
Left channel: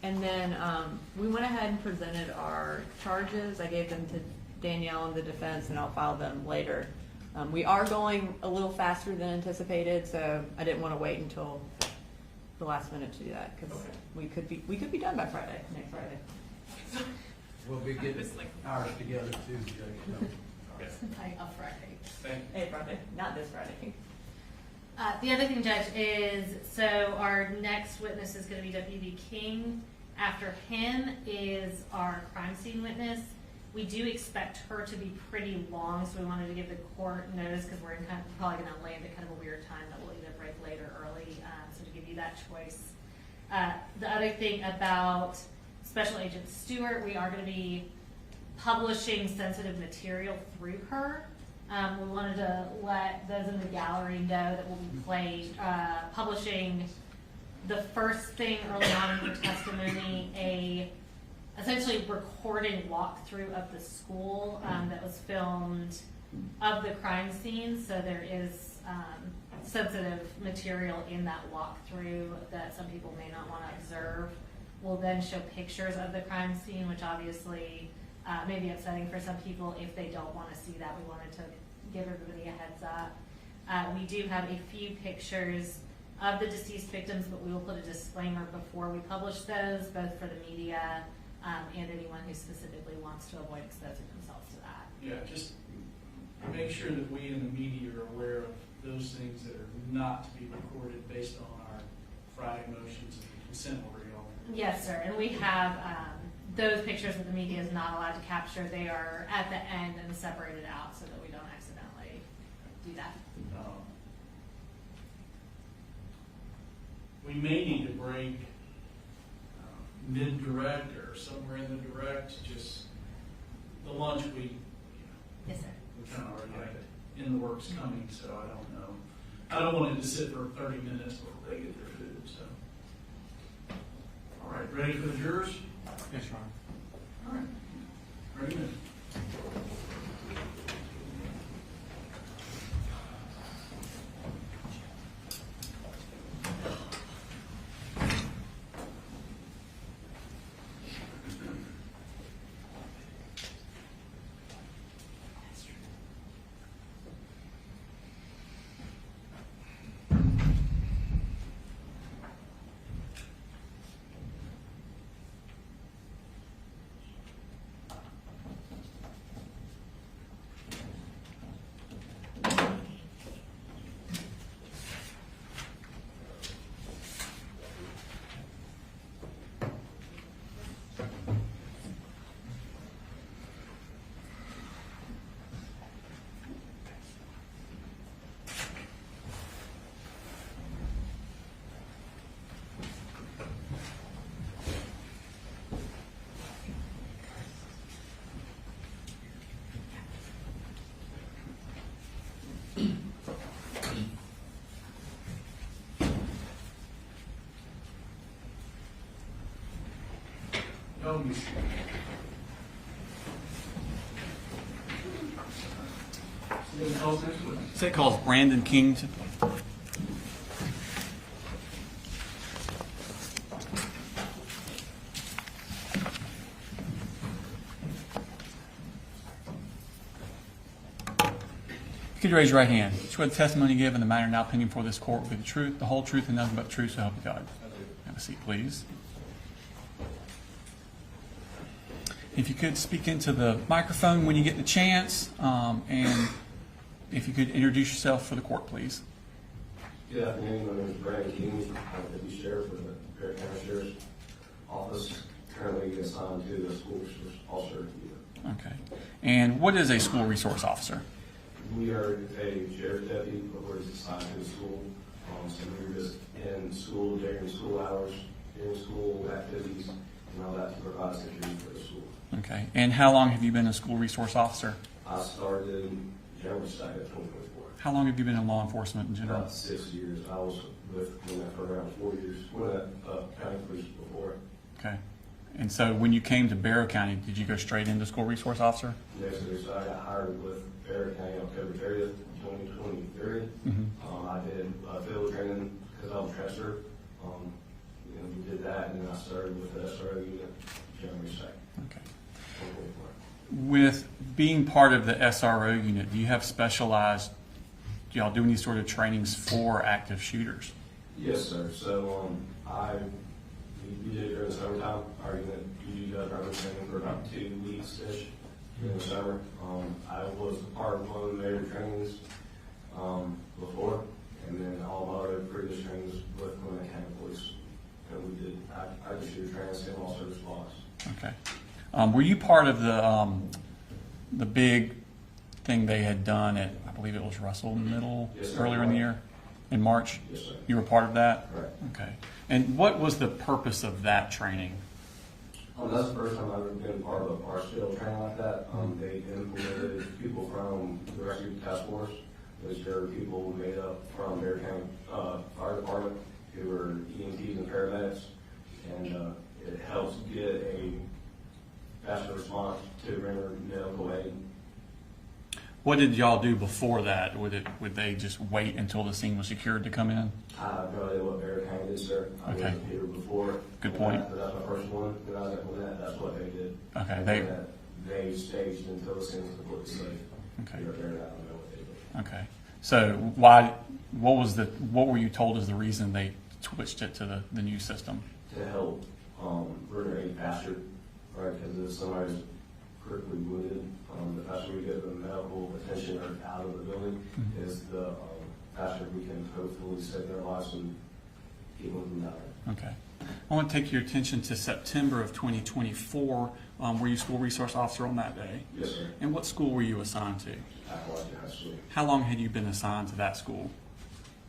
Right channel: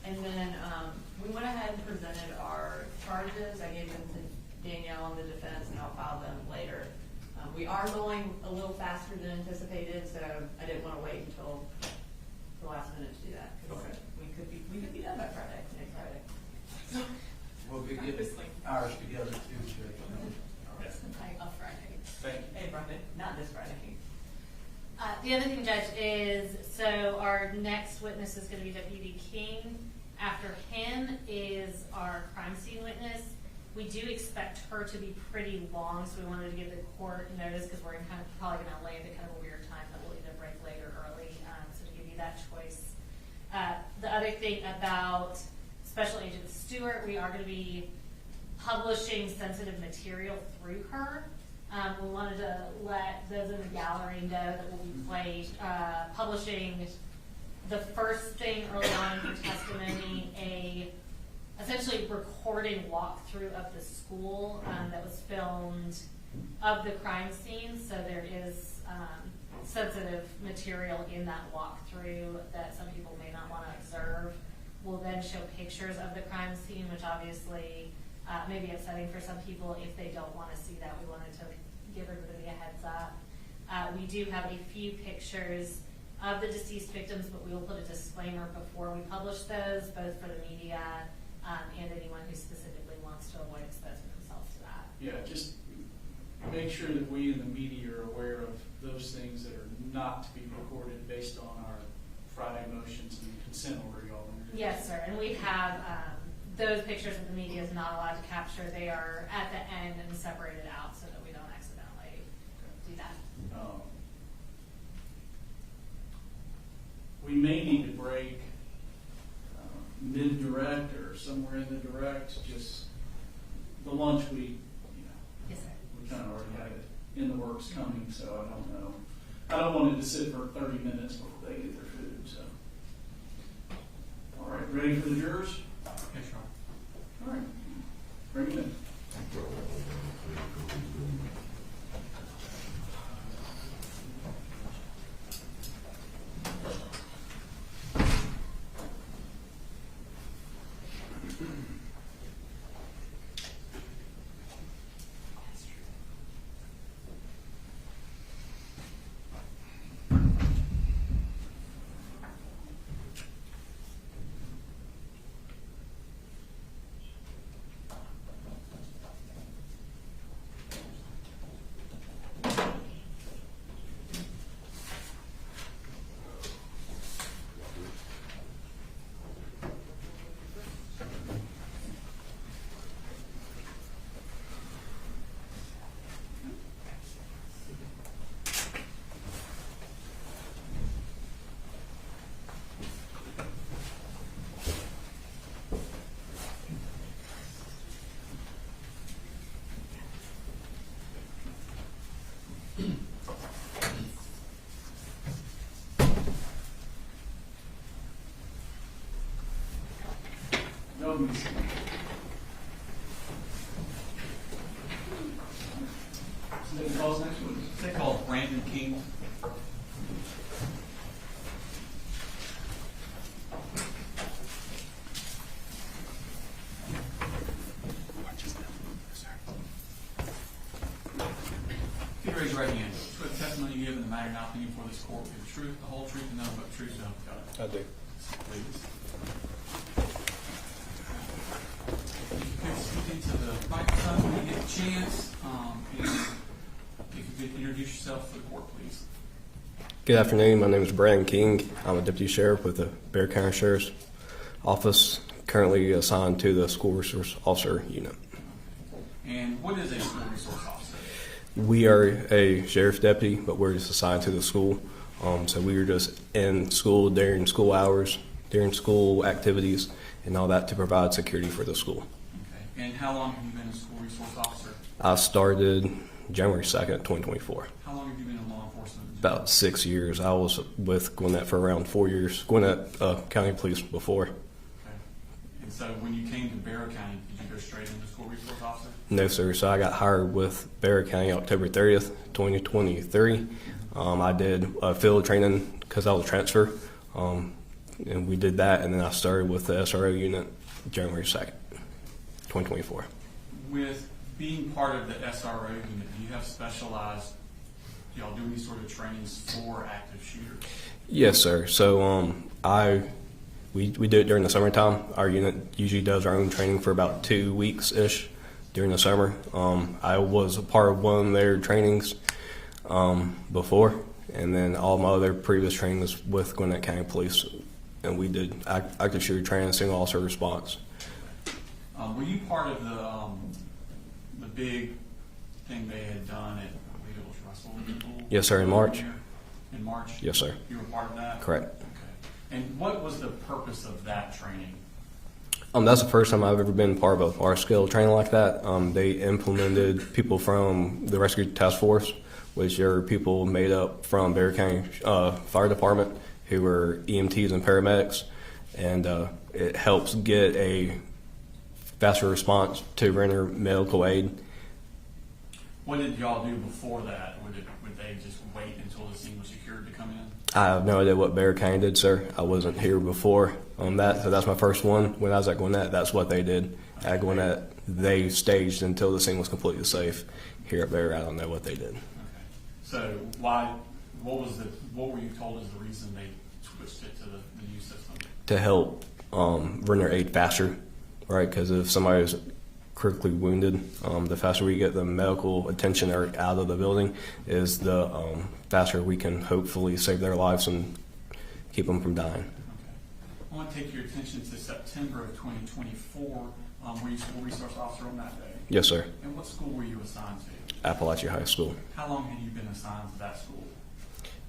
And then we went ahead and presented our charges. I gave them to Danielle and the defense, and I'll file them later. We are going a little faster than anticipated, so I didn't want to wait until the last minute to do that because we could be done by Friday, next Friday. We'll be getting ours together too, Judge. On Friday. Thank you. Hey, Friday, not this Friday. The other thing, Judge, is so our next witness is going to be Deputy King. After him is our crime scene witness. We do expect her to be pretty long, so we wanted to give the court notice because we're probably going to land at kind of a weird time that we'll either break late or early, so to give you that choice. The other thing about Special Agent Stewart, we are going to be publishing sensitive material through her. We wanted to let those in the gallery know that we'll be publishing the first thing early on in her testimony, essentially recording walkthrough of the school that was filmed of the crime scene. So there is sensitive material in that walkthrough that some people may not want to observe. We'll then show pictures of the crime scene, which obviously may be upsetting for some people if they don't want to see that. We wanted to give everybody a heads up. We do have a few pictures of the deceased victims, but we will put a disclaimer before we publish those, both for the media and anyone who specifically wants to avoid exposing themselves to that. Yeah, just make sure that we in the media are aware of those things that are not to be recorded based on our Friday motions and consent order, y'all. Yes, sir. And we have those pictures that the media is not allowed to capture. They are at the end and separated out so that we don't accidentally do that. We may need to break mid-direct or somewhere in the direct, just the lunch Yes, sir. we kind of already had it in the works coming, so I don't know. I don't want it to sit for 30 minutes before they get their food, so. All right, ready for the jurors? Yes, Your Honor. All right, bring them in. No music. Somebody calls next one. State calls Brandon King. Could you raise your right hand? Swear the testimony you give in the matter now pending before this court will be the truth, the whole truth, and nothing but the truth, so help you God. I do. Have a seat, please. If you could speak into the microphone when you get the chance, and if you could introduce yourself for the court, please. Good afternoon. My name is Brandon King. I'm a deputy sheriff with the Bexar County Sheriff's Office. currently assigned to the school resource officer unit. Okay. And what is a school resource officer? We are a sheriff's deputy, but we're just assigned to the school. So we are just in school during school hours, during school activities, and all that to provide security for the school. Okay. And how long have you been a school resource officer? I started January 2nd, 2024. How long have you been in law enforcement in general? About 6 years. I was with Gwinnett for around 4 years. Gwinnett County Police before. Okay. And so when you came to Barrow County, did you go straight into school resource officer? No, sir. So I got hired with Barrow County October 30th, 2023. I did field training because I was a transfer, and we did that, and then I started with the SRO unit January 2nd, 2024. With being part of the SRO unit, do you have specialized, do y'all do any sort of trainings for active shooters? Yes, sir. So we do it during the summertime. Our unit usually does our own training for about 2 weeks-ish during the summer. I was a part of one of their trainings before, and then all my other previous training was with Gwinnett County Police, and we did active shooter training, single officer response. Okay. Were you part of the big thing they had done at, I believe it was Russell Middle? Yes, sir, in earlier March. In March? Yes, sir. You were part of that? Correct. Okay. And what was the purpose of that training? That's the first time I've ever been part of a large-scale training like that. They implemented people from the Rescue Task Force, which are people made up from Barrow County Fire Department who were EMTs and paramedics, and it helps get a faster response to render medical aid. What did y'all do before that? Would they just wait until the scene was secured to come in? I have no idea what Barrow County did, sir. I wasn't here before on that, so that's my first one. When I was at Gwinnett, that's what they did. Okay. At Gwinnett, they staged until the scene was completely safe. Here at Barrow, I don't know what they did. Okay. So what were you told is the reason they switched it to the new system? To help render aid faster, right? Because if somebody is critically wounded, the faster we get the medical attention or out of the building is the faster we can hopefully save their lives and keep them from dying. Okay. I want to take your attention to September of 2024. Were you school resource officer on that day? Yes, sir. And what school were you assigned to? Apalachee High School. How long had you been assigned to that school?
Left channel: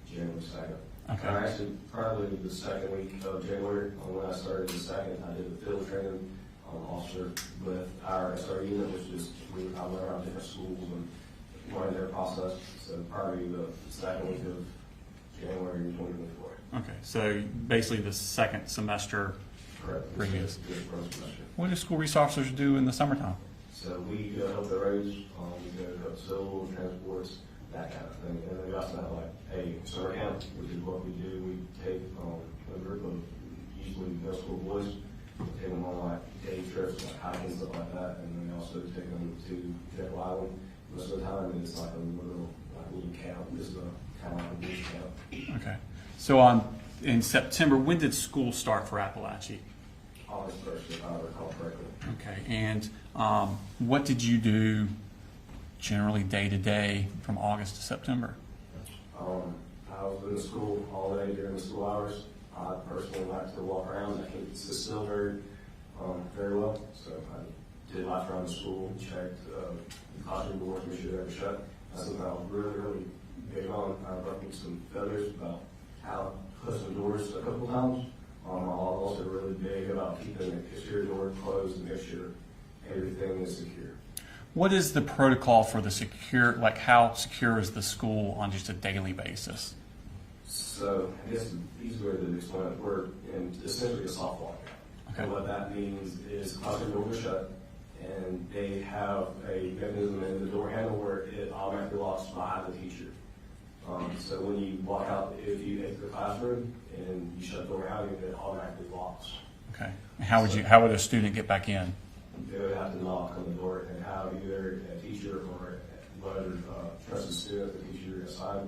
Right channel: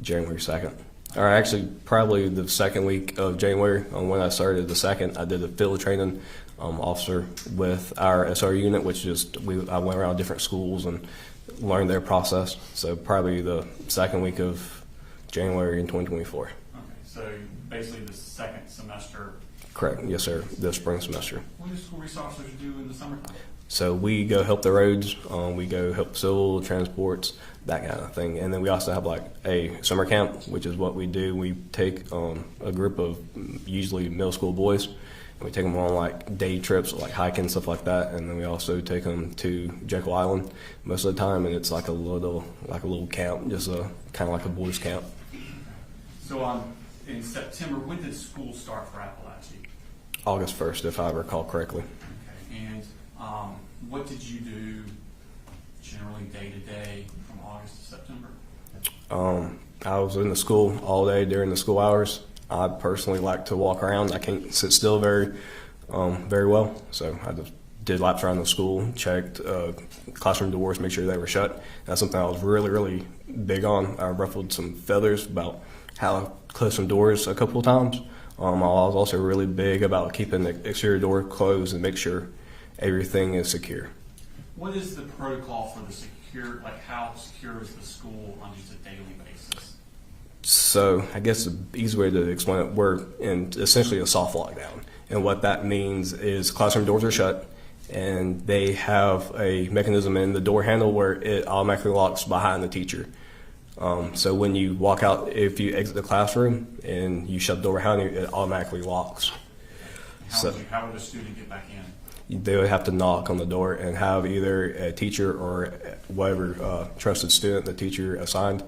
January 2nd. Or actually, probably the second week of January. When I started the 2nd, I did a field training officer with our SR unit, which is I went around different schools and learned their process. So probably the second week of January in 2024. Okay, so basically the second semester. Correct. Yes, sir. The spring semester. What do school resource officers do in the summertime? So we go help the roads. We go help civil transports, that kind of thing. And then we also have like a summer camp, which is what we do. We take a group of usually middle school boys. We take them on like day trips, like hiking, stuff like that, and then we also take them to Jekyll Island most of the time, and it's like a little camp, just kind of like a boys' camp. Okay. So in September, when did school start for Apalachee? August 1st, if I recall correctly. Okay. And what did you do generally day to day from August to September? I was in the school all day during the school hours. I personally like to walk around. I can't sit still very well, so I just did laps around the school, checked classroom doors, make sure they were shut. That's something I was really, really big on. I ruffled some feathers about how I closed some doors a couple of times. I was also really big about keeping the exterior door closed and make sure everything is secure. What is the protocol for the secure, like how secure is the school on just a daily basis? So I guess the easy way to explain it, we're in essentially a soft lockdown. And what that means is classroom doors are shut, and they have a mechanism in the door handle where it automatically locks behind the teacher. So when you walk out, if you exit the classroom and you shut the door behind you, it automatically locks. Okay. How would a student get back in? They would have to knock on the door and have either a teacher or whatever trusted student the teacher assigned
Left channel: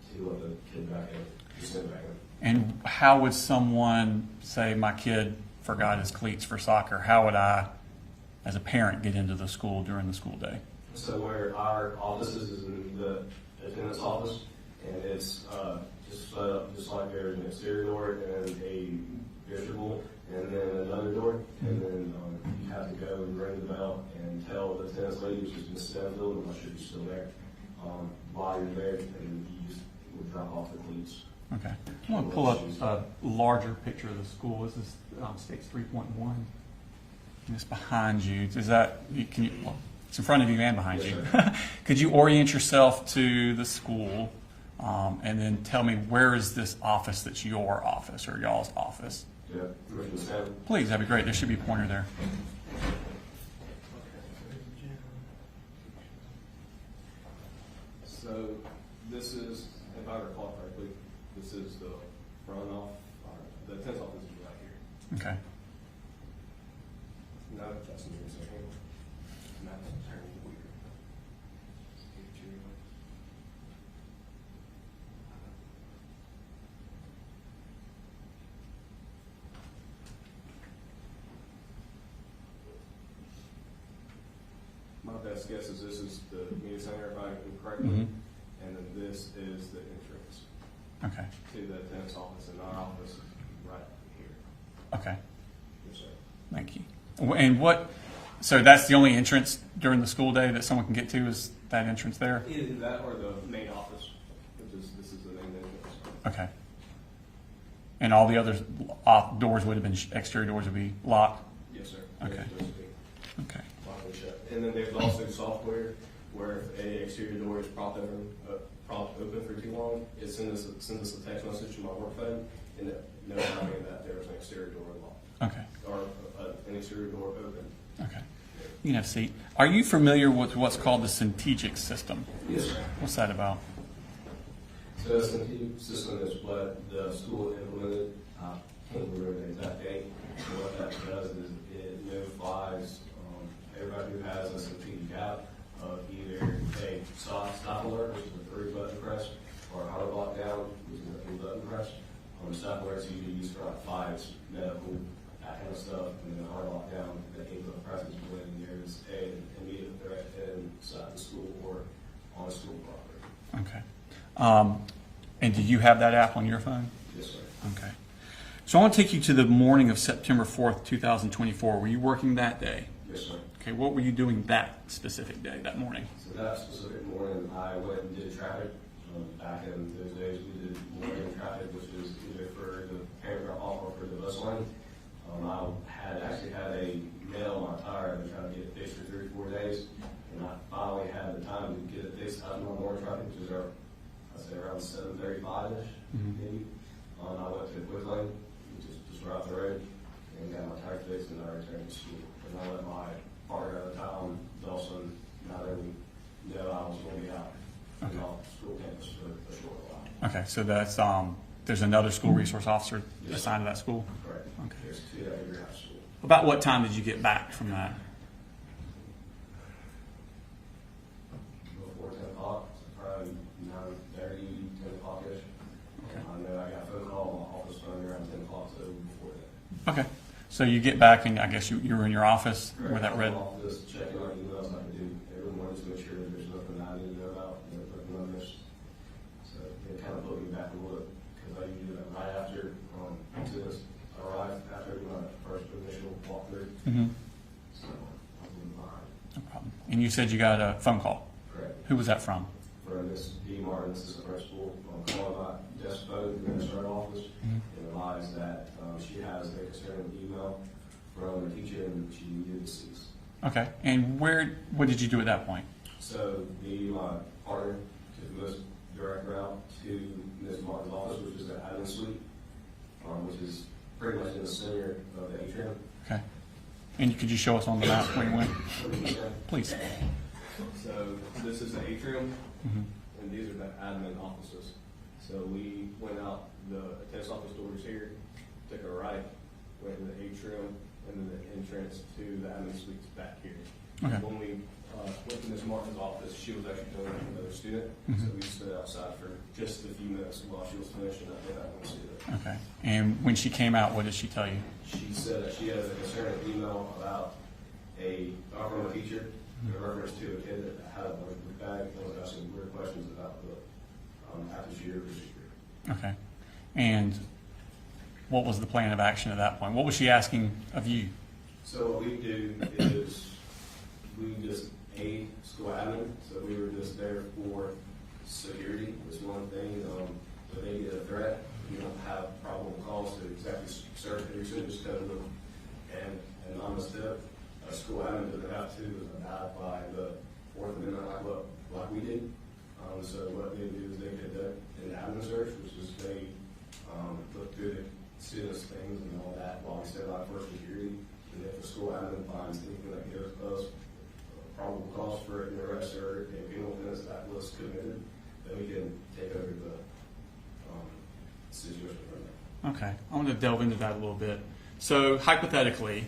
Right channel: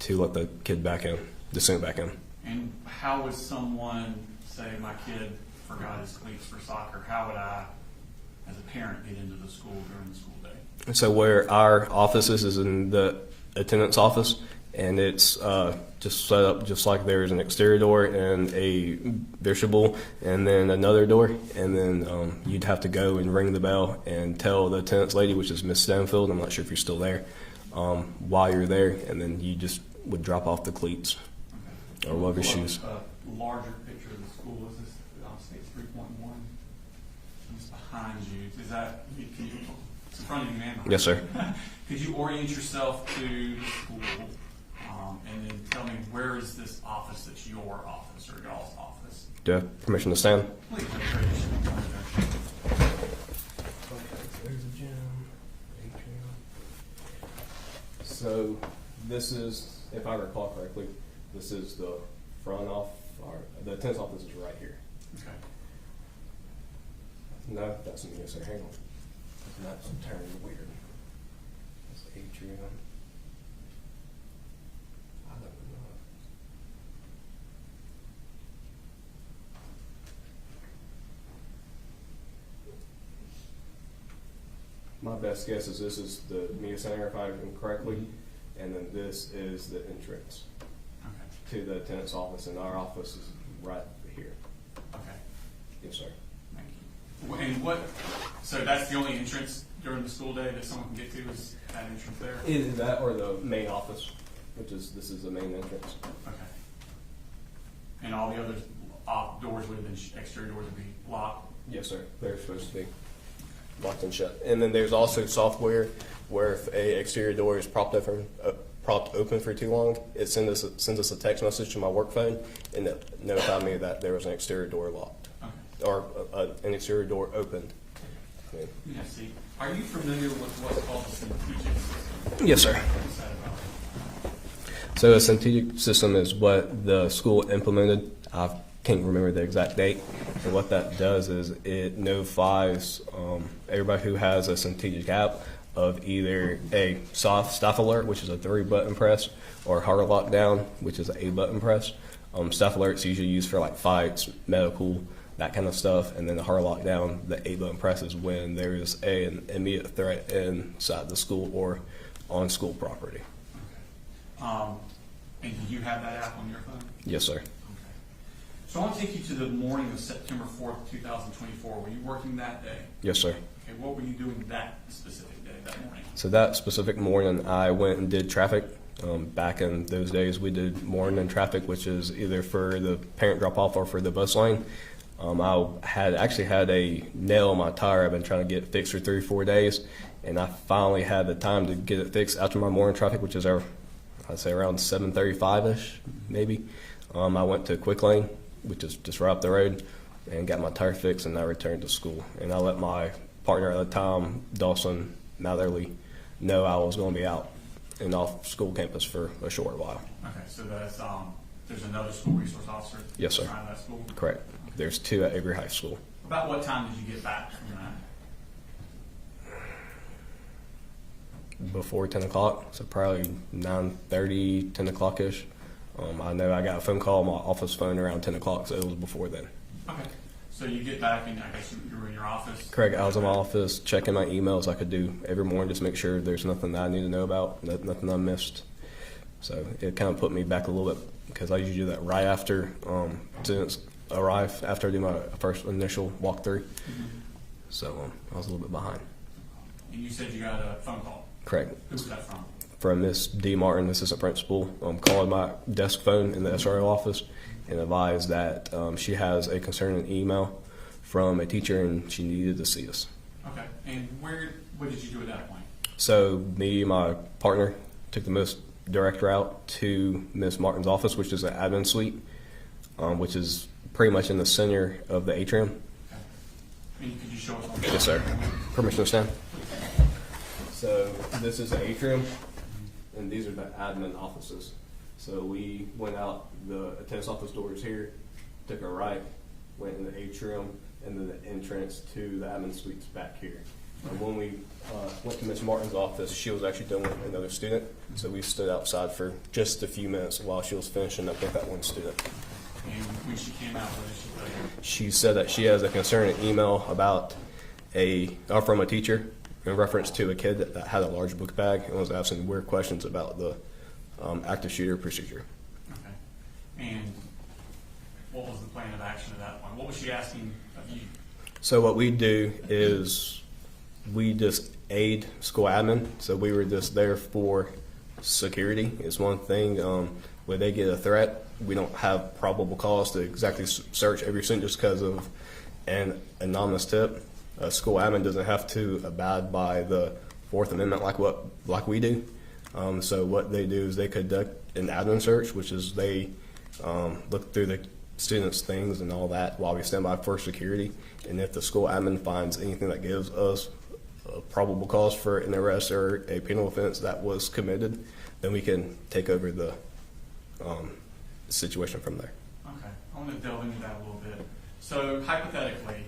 to let the kid back in, the student back in. And how would someone say, my kid forgot his cleats for soccer? How would I, as a parent, get into the school during the school day? So where our office is in the attendance office, and it's just set up just like there's an exterior door and a vestibule, and then another door, and then you'd have to go and ring the bell and tell the attendance lady, which is Miss Stanfield, I'm not sure if you're still there, why you're there, and then you just would drop off the cleats. Okay. Or Pull love your up shoes. a larger picture of the school. This is stage 3.1. And it's behind you. Is that, can you, it's in front of you and behind you. Yes, sir. Could you orient yourself to the school and then tell me where is this office that's your office or y'all's office? Do I have permission to stand? Please, that'd be great. There should be a pointer there. So this is, if I recall correctly, this is the front off, or the attendance office is right here. Okay. No, that's what I'm gonna say. Hang on. That's turned weird. It's atrium. I don't know. My best guess is this is the media center, if I remember correctly, and then this is the entrance Okay. to the attendance office, and our office is right here. Okay. Yes, sir. Thank you. And what, so that's the only entrance during the school day that someone can get to is that entrance there? Either that or the main office, which is, this is the main entrance. Okay. And all the other doors would have been, exterior doors would be locked? Yes, sir. They're Okay. supposed to be Okay. locked and shut. And then there's also software where if a exterior door is propped open for too long, it sends us a text message to my work phone and it notified me that there was an exterior door locked Okay. or an exterior door opened. Okay. You can have a seat. Are you familiar with what's called the Centegic system? Yes, sir. What's that about? So a Centegic system is what the school implemented. I can't remember the exact date. So what that does is it notifies everybody who has a Centegic app of either a staff alert, which is a 3-button press, or hard lockdown, which is an 8-button press. Staff alerts usually used for like fights, medical, that kind of stuff, and then the hard lockdown, the 8-button press is when there is an immediate threat inside the school or on school property. Okay. And do you have that app on your phone? Yes, sir. Okay. So I want to take you to the morning of September 4th, 2024. Were you working that day? Yes, sir. Okay, what were you doing that specific day, that morning? So that specific morning, I went and did traffic. Back in those days, we did morning traffic, which is either for the parent drop-off or for the bus lane. I had actually had a nail in my tire I've been trying to get fixed for 3 or 4 days, and I finally had the time to get it fixed after my morning traffic, which is I'd say around 7:35-ish, maybe. I went to Quick Lane, which is just right up the road, and got my tire fixed, and I returned to school. And I let my partner at the time, Dawson Matherly, know I was going to be out and off school campus for a short while. Okay, so that's there's another school resource officer Yes, sir. assigned to that school? Correct. Okay. There's 2 at Avery High School. About what time did you get back from that? Before 10 o'clock, so probably 9:30, 10 o'clock-ish. I know I got a phone call on my office phone around 10 o'clock, so it was before then. Okay. So you get back and I guess you were in your office? Correct. I was in my office checking my emails. I could do every morning, just make sure there's nothing that I need to know about, nothing I missed. So it kind of put me back a little bit because I usually do that right after students arrive, after I do my first initial walkthrough. Mm-hmm. So I was a little bit behind. No problem. And you said you got a phone call? Correct. Who was that from? From Miss D. Martin, assistant principal, calling my desk phone in the SRO office and advised that she has a concerning email from a teacher and she needed to see us. Okay. And what did you do at that point? So me and my partner took the most direct route to Miss Martin's office, which is an admin suite, which is pretty much in the center of the atrium. Okay. And could you show us on the map Yes, sir. where you went? Permission to stand? Please. So this is the atrium, and these are the admin offices. So we went out, the attendance office doors here, took a right, went in the atrium, and then the entrance to the admin suites back here. Okay. And when we went to Miss Martin's office, she was actually dealing with another student, so we stood outside for just a few minutes while she was finishing up with that one student. Okay. And when she came out, what did she tell you? She said that she has a concerning email about from a teacher in reference to a kid that had a large book bag and was asking weird questions about the active shooter procedure. Okay. And what was the plan of action at that point? What was she asking of you? So what we do is we just aid school admin. So we were just there for security. It's one thing. When they get a threat, we don't have probable cause to exactly search every student just because of an anonymous tip. A school admin doesn't have to abide by the Fourth Amendment like we do. So what they do is they conduct an admin search, which is they look through the students' things and all that while we stand by for security. And if the school admin finds anything that gives us a probable cause for an arrest or a penal offense that was committed, then we can take over the situation from there. Okay, I'm going to delve into that a little bit. So hypothetically,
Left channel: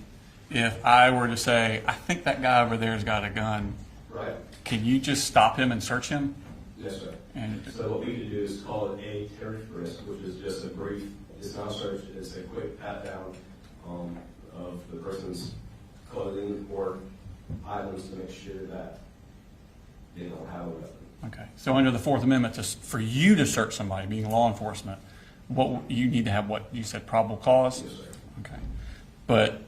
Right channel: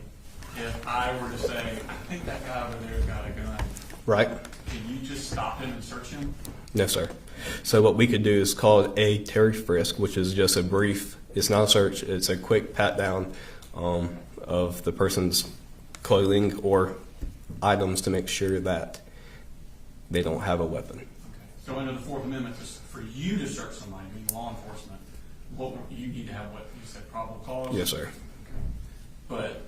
if I were to say, I think that guy over there's got a gun, Right? can you just stop him and search him? No, sir. And So what we could do is called a Terry frisk, which is just a brief, it's not a search, it's a quick pat down of the person's clothing or items to make sure that they don't have a weapon. okay, so under the Fourth Amendment, for you to search somebody, being law enforcement, what you need to have, what you said, probable cause? Yes, sir. Okay, but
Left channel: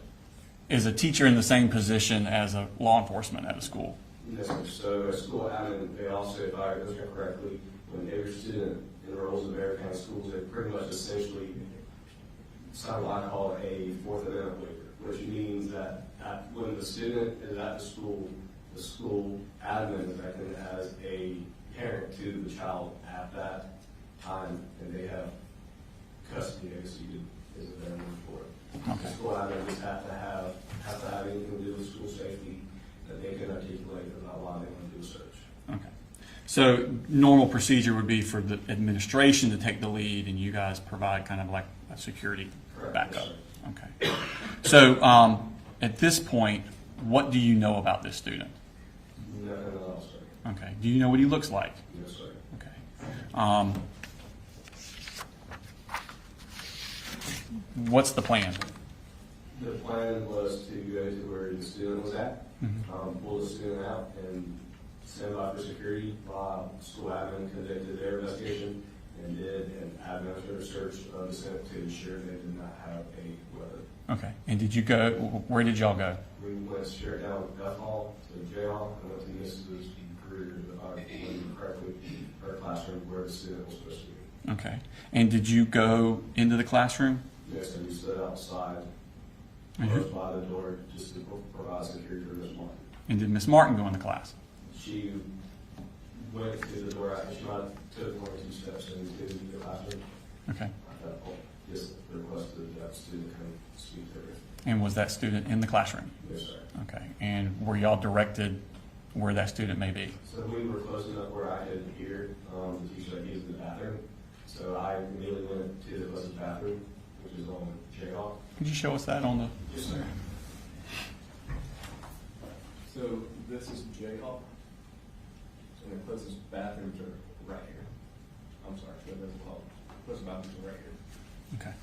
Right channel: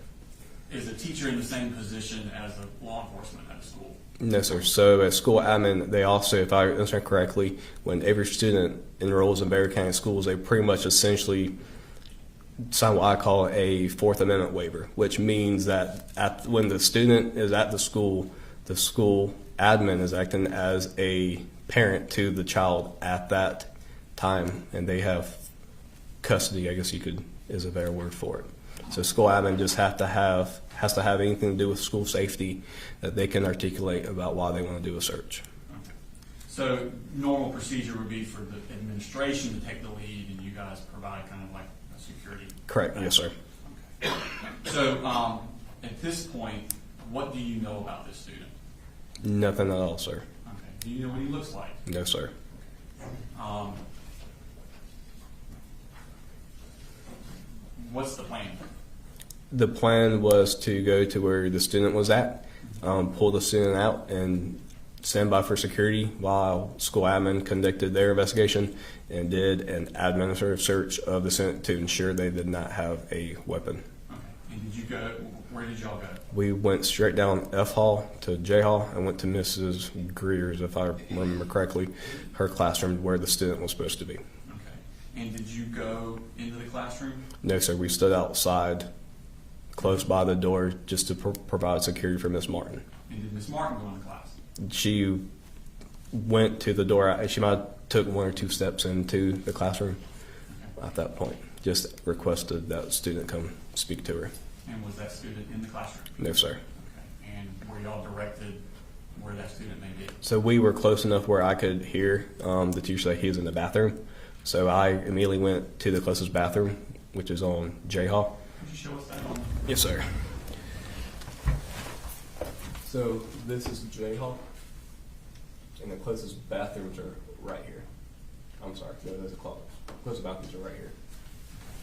is a teacher in the same position as a law enforcement at a school? No, sir. So at school admin, they also, if I understand correctly, when every student enrolls in Bexar County schools, they pretty much essentially sign what I call a Fourth Amendment waiver, which means that when the student is at the school admin is acting as a parent to the child at that time, and they have custody, I guess is a better word for it. So school admin just has to have anything to do with school safety that they can articulate about why they want to do a search. Okay. So normal procedure would be for the administration to take the lead and you guys provide kind of like a security Correct. backup. Yes, sir. Okay. So at this point, what do you know about this student? Nothing at all, sir. Okay. Do you know what he looks like? No, sir. Okay. What's the plan? The plan was to go to where the student was at, pull the student out, and stand by for security while school admin conducted their investigation and did an administrative search of the student to ensure they did not have a weapon. Okay. And did you go, where did y'all go? We went straight down F Hall to J Hall and went to Mrs. Greer's, if I remember correctly, her classroom where the student was supposed to be. Okay. And did you go into the classroom? No, sir. We stood outside, close by the door, just to provide security for Miss Martin. And did Miss Martin go into class? She went to the door. She might have took one or two steps into the classroom. Okay. At that point, just requested that student come speak to her. And was that student in the classroom? No, sir. Okay. And were y'all directed where that student may be? So we were close enough where I could hear the teacher say he was in the bathroom. So I immediately went to the closest bathroom, which is on J Hall. Could you show us that on the? Yes, sir. So this is J Hall, and the closest bathrooms are right here. I'm sorry, no, there's a closest bathrooms are right here. Okay.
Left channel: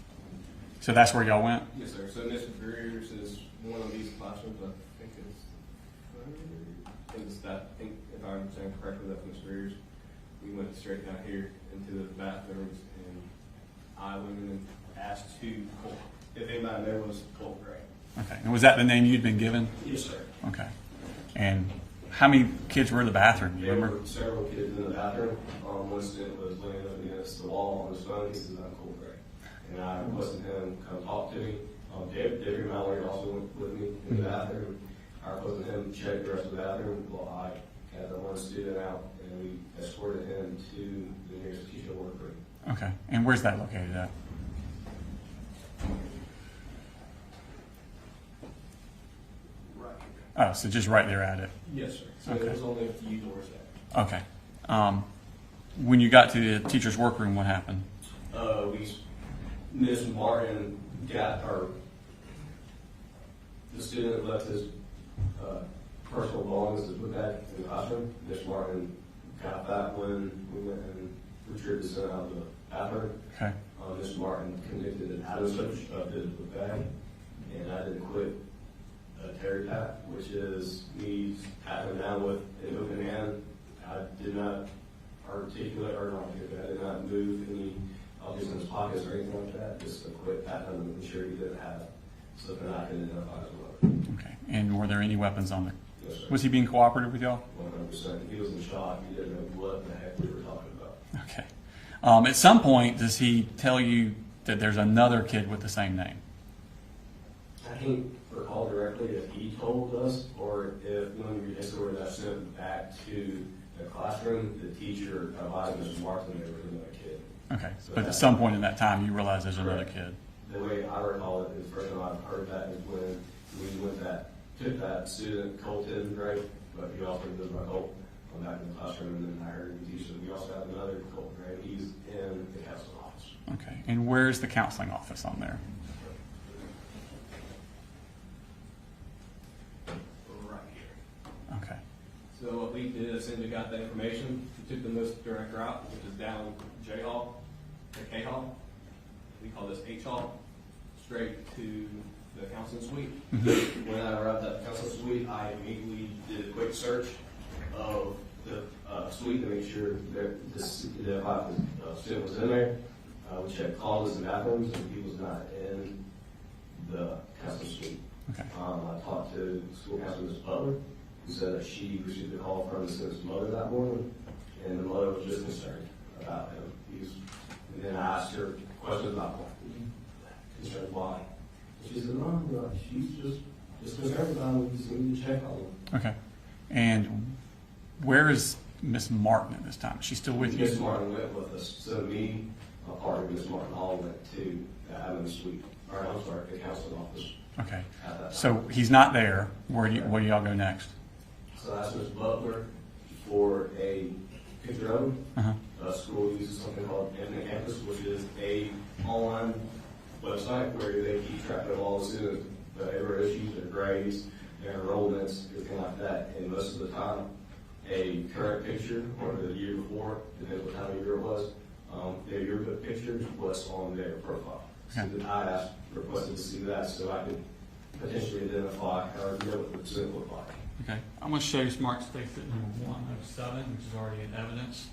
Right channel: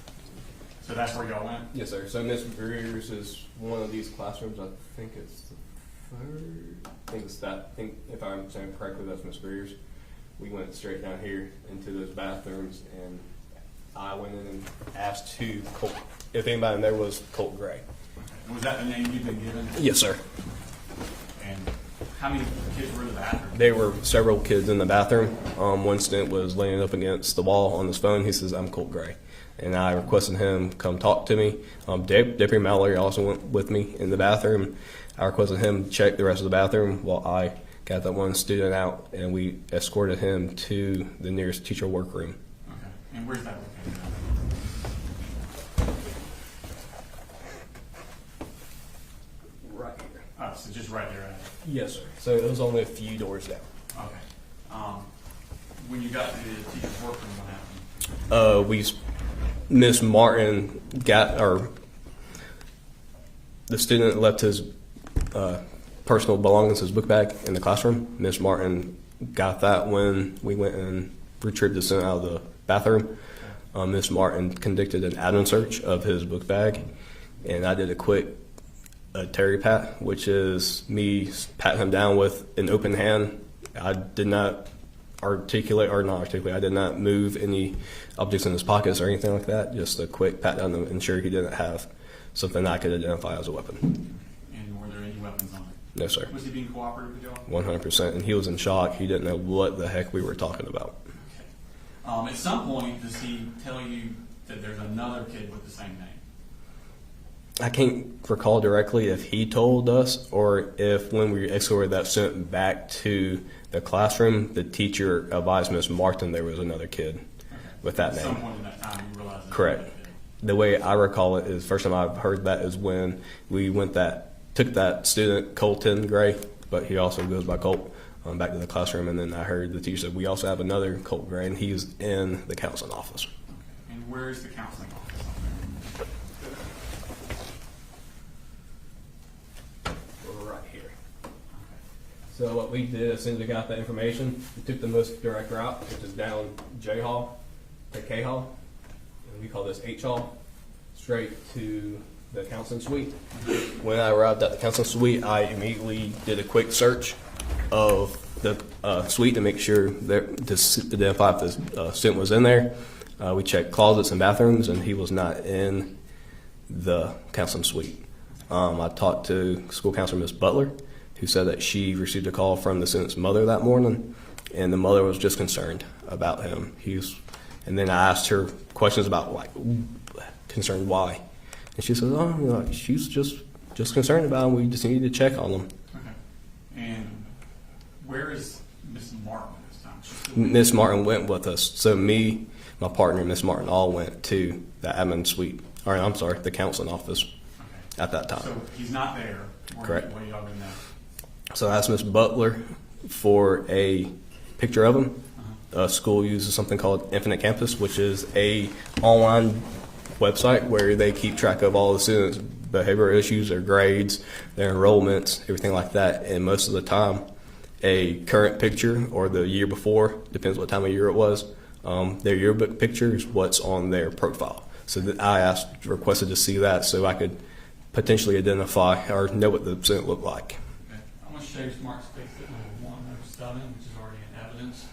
So that's where y'all went? Yes, sir. So Miss Greer's is one of these classrooms. I think it's the third. I think it's that. I think if I'm saying correctly, that's Miss Greer's. We went straight down here into those bathrooms, and I went in and asked if anybody in there was Colt Gray. Okay. And was that the name you'd been given? Yes, sir. Okay. And how many kids were in the bathroom? There were several kids in the bathroom. One student was laying up against the wall on his phone. He says, "I'm Colt Gray." And I requested him come talk to me. Deputy Mallory also went with me in the bathroom. I requested him check the rest of the bathroom while I got that one student out, and we escorted him to the nearest teacher workroom. Okay. And where's that located at? Right here. Oh, so just right there at it. Yes, sir. So it was only a few doors down. Okay. When you got to the teacher's workroom, what happened? Miss Martin the student left his personal belongings, his book bag, in the classroom. Miss Martin got that when we went and retrieved the student out of the bathroom. Okay. Miss Martin conducted an admin search of his book bag, and I did a quick Terry pat, which is me patting him down with an open hand. I did not articulate or not articulate. I did not move any objects in his pockets or anything like that. Just a quick pat down to ensure he didn't have something I could identify as a weapon. Okay. And were there any weapons on there? No, sir. Was he being cooperative with y'all? 100%. And he was in shock. He didn't know what the heck we were talking about. Okay. At some point, does he tell you that there's another kid with the same name? I can't recall directly if he told us or if when we escorted that student back to the classroom, the teacher advised Miss Martin there was another kid. Okay. With So that at some name. point in that time, you realized there's Correct. another kid. The way I recall it is first time I've heard that is when we took that student, Colton Gray, but he also goes by Colt, back to the classroom, and then I heard the teacher said we also have another Colt Gray, and he's in the counseling office. Okay. And where's the counseling office on there? Right here. Okay. So what we did as soon as we got that information, we took the most direct route, which is down J Hall and K Hall, and we call this H Hall, straight to the counseling suite. When I arrived at the counseling suite, I immediately did a quick search of the suite to make sure that to identify if the student was in there. We checked closets and bathrooms, and he was not in the counseling suite. I talked to school counselor Miss Butler, who said that she received a call from the student's mother that morning, and the mother was just concerned about him. And then I asked her questions about concerned why. And she said, "Oh, she's just concerned about him. We just need to check on him." Okay. And where is Miss Martin at this time? She's still with Miss you? Martin went with us. So me, my partner, Miss Martin, all went to the admin suite. Or I'm sorry, the counseling office. Okay. At that time. So he's not there. Correct. Where do y'all go next? So I asked Miss Butler for a picture of him. Uh-huh. School uses something called Infinite Campus, which is a online website where they keep track of all the students' behavioral issues, their grades, their enrollments, everything like that. And most of the time, a current picture or the year before, depends what time of year it was, their yearbook picture is what's on their profile. So that I requested to see that so I could potentially identify or know what the student looked like. Okay. I'm going to show you Smart Stakes at number 107, which is already in evidence.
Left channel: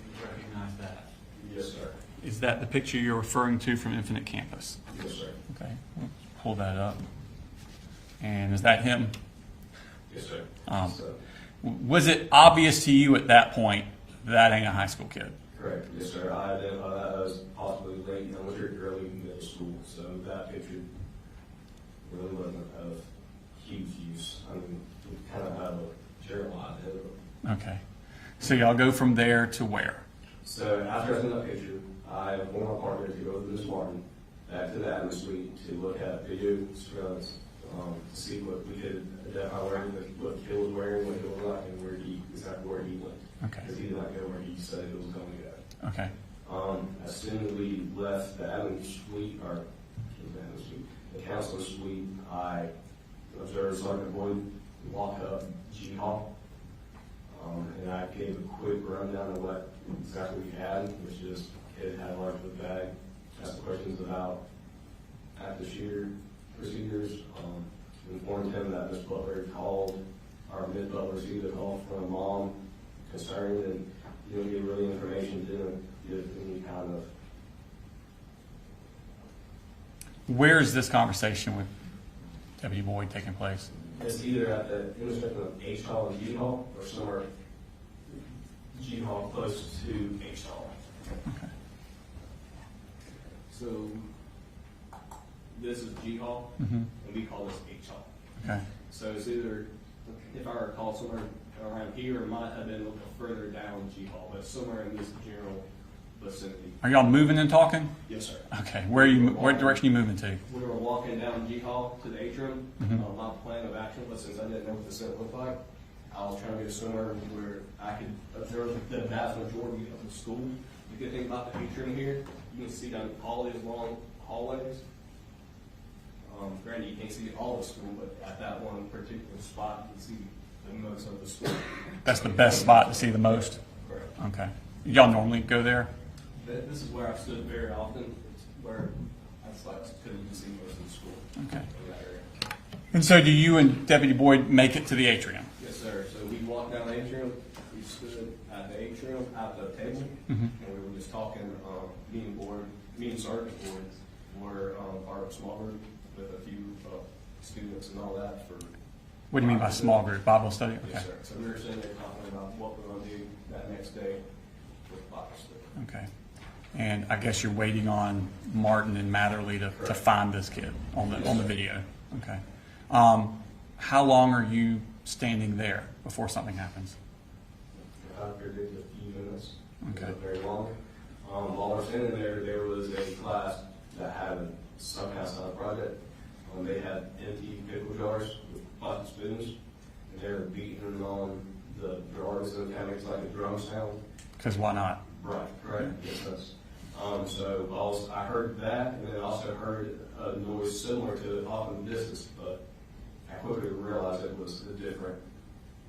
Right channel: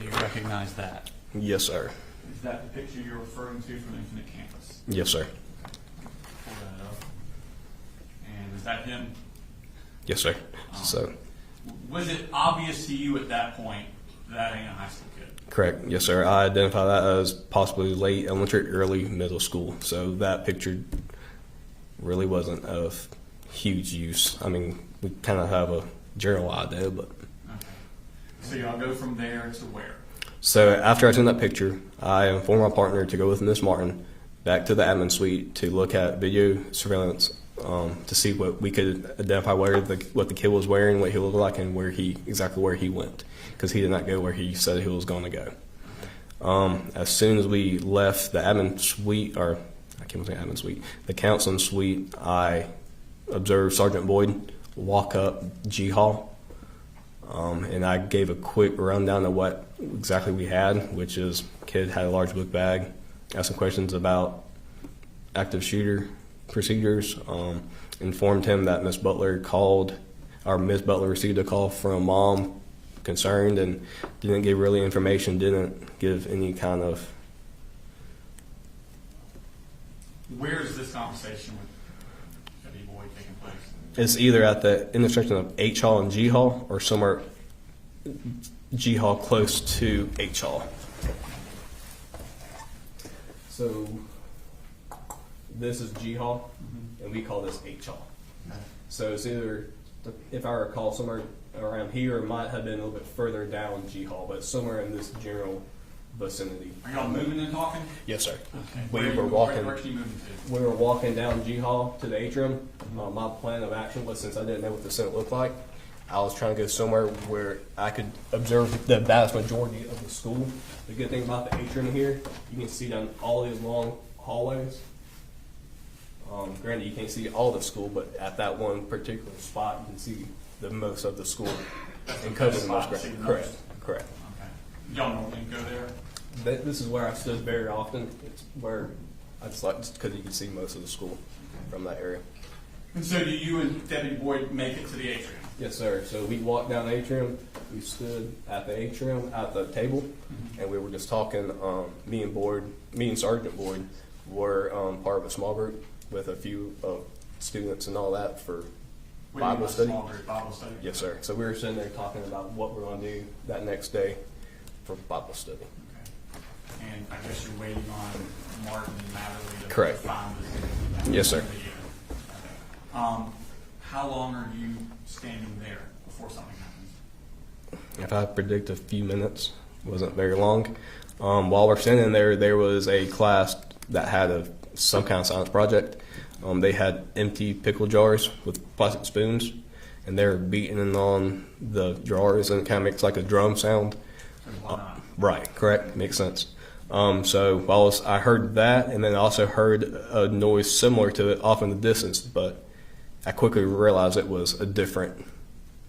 Do you recognize that? Yes, sir. Is that the picture you're referring to from Infinite Campus? Yes, sir. Okay. Pull that up. And is that him? Yes, sir. So, was it obvious to you at that point that ain't a high school kid? correct. Yes, sir. I identify that as possibly late elementary, early middle school. So that picture really wasn't of huge use. I mean, we kind of have a general idea, but. Okay. So y'all go from there to where? So after I took that picture, I informed my partner to go with Miss Martin back to the admin suite to look at video surveillance to see what we could identify what the kid was wearing, what he looked like, and exactly where he went, because he did not go where he said he was going to go. Okay. As soon as we left the admin suite, or I can't say admin suite, the counseling suite, I observed Sergeant Boyd walk up G Hall. And I gave a quick rundown of what exactly we had, which is kid had a large book bag, asked some questions about active shooter procedures, informed him that Miss Butler received a call from mom concerned, and didn't give really information, didn't give any kind of. Where is this conversation with W. Boyd taking place? It's either at the intersection of H Hall and G Hall, or somewhere G Hall close to H Hall. So this is G Hall, and we call this H Hall. Okay. So it's either, if I recall, somewhere around here, it might have been a little bit further down G Hall, but somewhere in this general vicinity. Are y'all moving and talking? Yes, sir. Okay. What direction are you moving to? We were walking down G Hall to the atrium. My plan of action was, since I didn't know what the center looked like, I was trying to go somewhere where I could observe the vast majority of the school. The good thing about the atrium here, you can see down all these long hallways. Granted, you can't see all the school, but at that one particular spot, you can see the most of the school. That's the best spot to see the most? Correct. Okay. Y'all normally go there? This is where I stood very often. It's where I just like, because you can see most of the school from that area. And so do you and Deputy Boyd make it to the atrium? Yes, sir. So we walked down the atrium. We stood at the atrium at the table, and we were just talking. Me and Sergeant Boyd were part of a small group with a few students and all that for. What do you mean by small group? Bible study? Yes, sir. So we were sitting there talking about what we're going to do that next day for Bible study. Okay. And I guess you're waiting on Martin and Matherly to Correct. find this kid on Yes, sir. on video. Okay. How long are you standing there before something happens? If I predict a few minutes, it wasn't very long. While we're standing there, there was a class that had some kind of science project. They had empty pickle jars with plastic spoons, and they were beating on the jars, and it kind of makes like a drum sound. Because why not? Right, correct, makes sense. So I heard that, and then I also heard a noise similar to it off in the distance, but I quickly realized it was a different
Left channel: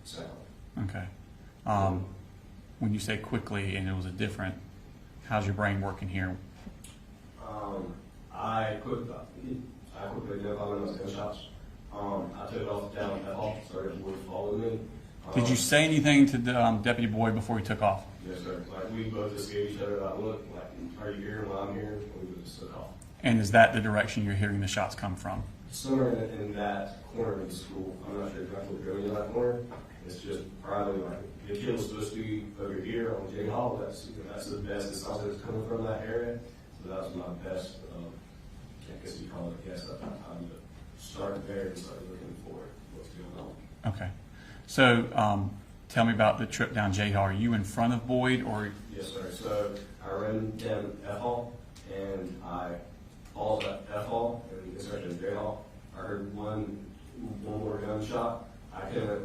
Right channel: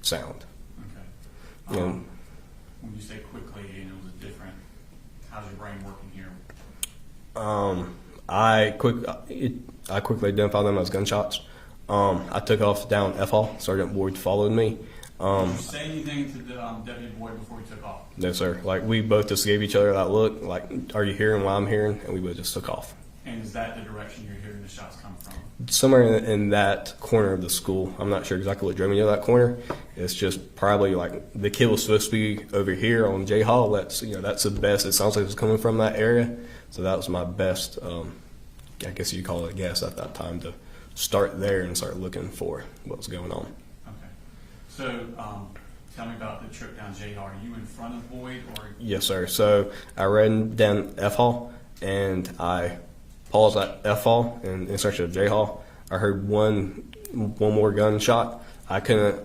sound. Okay. When you say quickly and it was a different, how's your brain working here? I quickly identified them as gunshots. I took off down F Hall. Sergeant Boyd followed me. Did you say anything to the Deputy Boyd before he took off? No, sir. Like, we both just gave each other that look, like, are you hearing what I'm hearing? And we both just took off. And is that the direction you're hearing the shots come from? Somewhere in that corner of the school. I'm not sure exactly what drove me to that corner. It's just probably like the kid was supposed to be over here on J Hall. That's the best. It sounds like it was coming from that area. So that was my best, I guess you call it a guess at that time, to start there and start looking for what's going on. Okay. So tell me about the trip down J Hall. Are you in front of Boyd or? Yes, sir. So I ran down F Hall and I paused at F Hall and in search of J Hall. I heard one more gunshot. I couldn't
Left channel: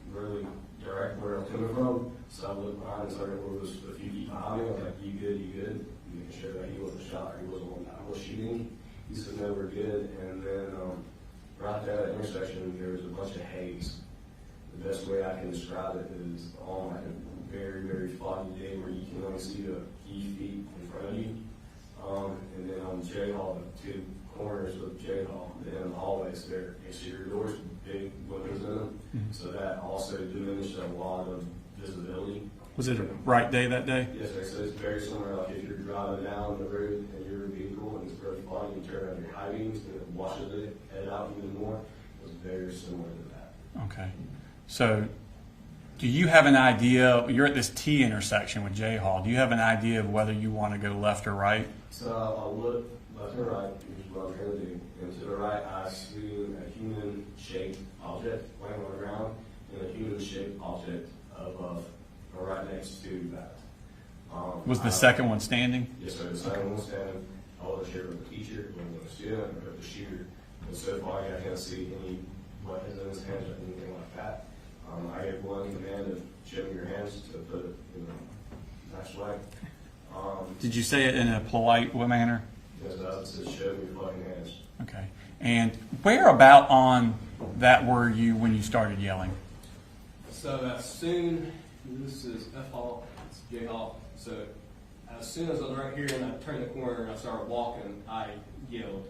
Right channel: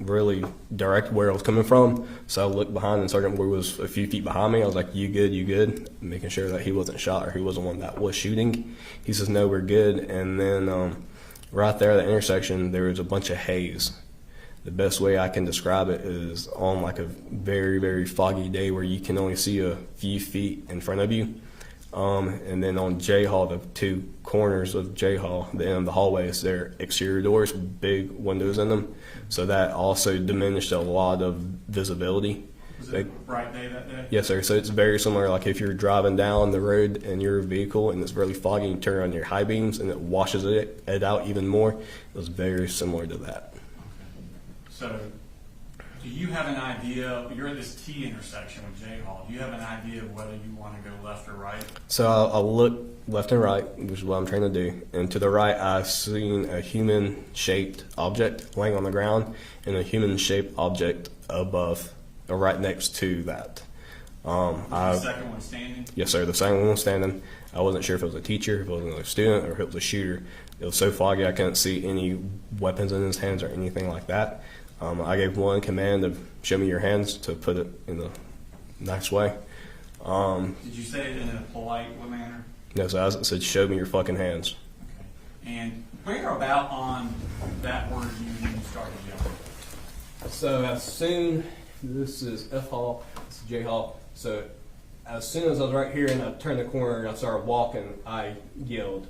really direct where it was coming from, so I looked behind and Sergeant Boyd was a few feet behind me. I was like, you good? Making sure that he wasn't shot or he wasn't one that was shooting. He says, no, we're good. And then right there at the intersection, there was a bunch of haze. The best way I can describe it is on like a very, very foggy day where you can only see a few feet in front of you. And then on J Hall, the two corners of J Hall, the end of the hallways, they're exterior doors, big windows in them. So that also diminished a lot of visibility. Was it a bright day that day? Yes, sir. So it's very similar. Like if you're driving down the road in your vehicle and it's really foggy, you turn on your high beams and it washes it out even more. It was very similar to that. Okay. So do you have an idea, you're at this T intersection with J Hall, do you have an idea of whether you want to go left or right? So I'll look left and right, which is what I'm trying to do. And to the right, I've seen a human-shaped object laying on the ground and a human-shaped object above or right next to that. Was the second one standing? Yes, sir. The second one was standing. I wasn't sure if it was a teacher, if it was another student, or if it was a shooter. It was so foggy I couldn't see any weapons in his hands or anything like that. I gave one command to show me your hands, to put it in a nice way. Did you say it in a polite manner? No, so I said, show me your fucking hands. Okay. And where about on that were you when you started yelling? So as soon, this is F Hall, this is J Hall. So as soon as I was right here and I turned the corner and I started walking, I yelled.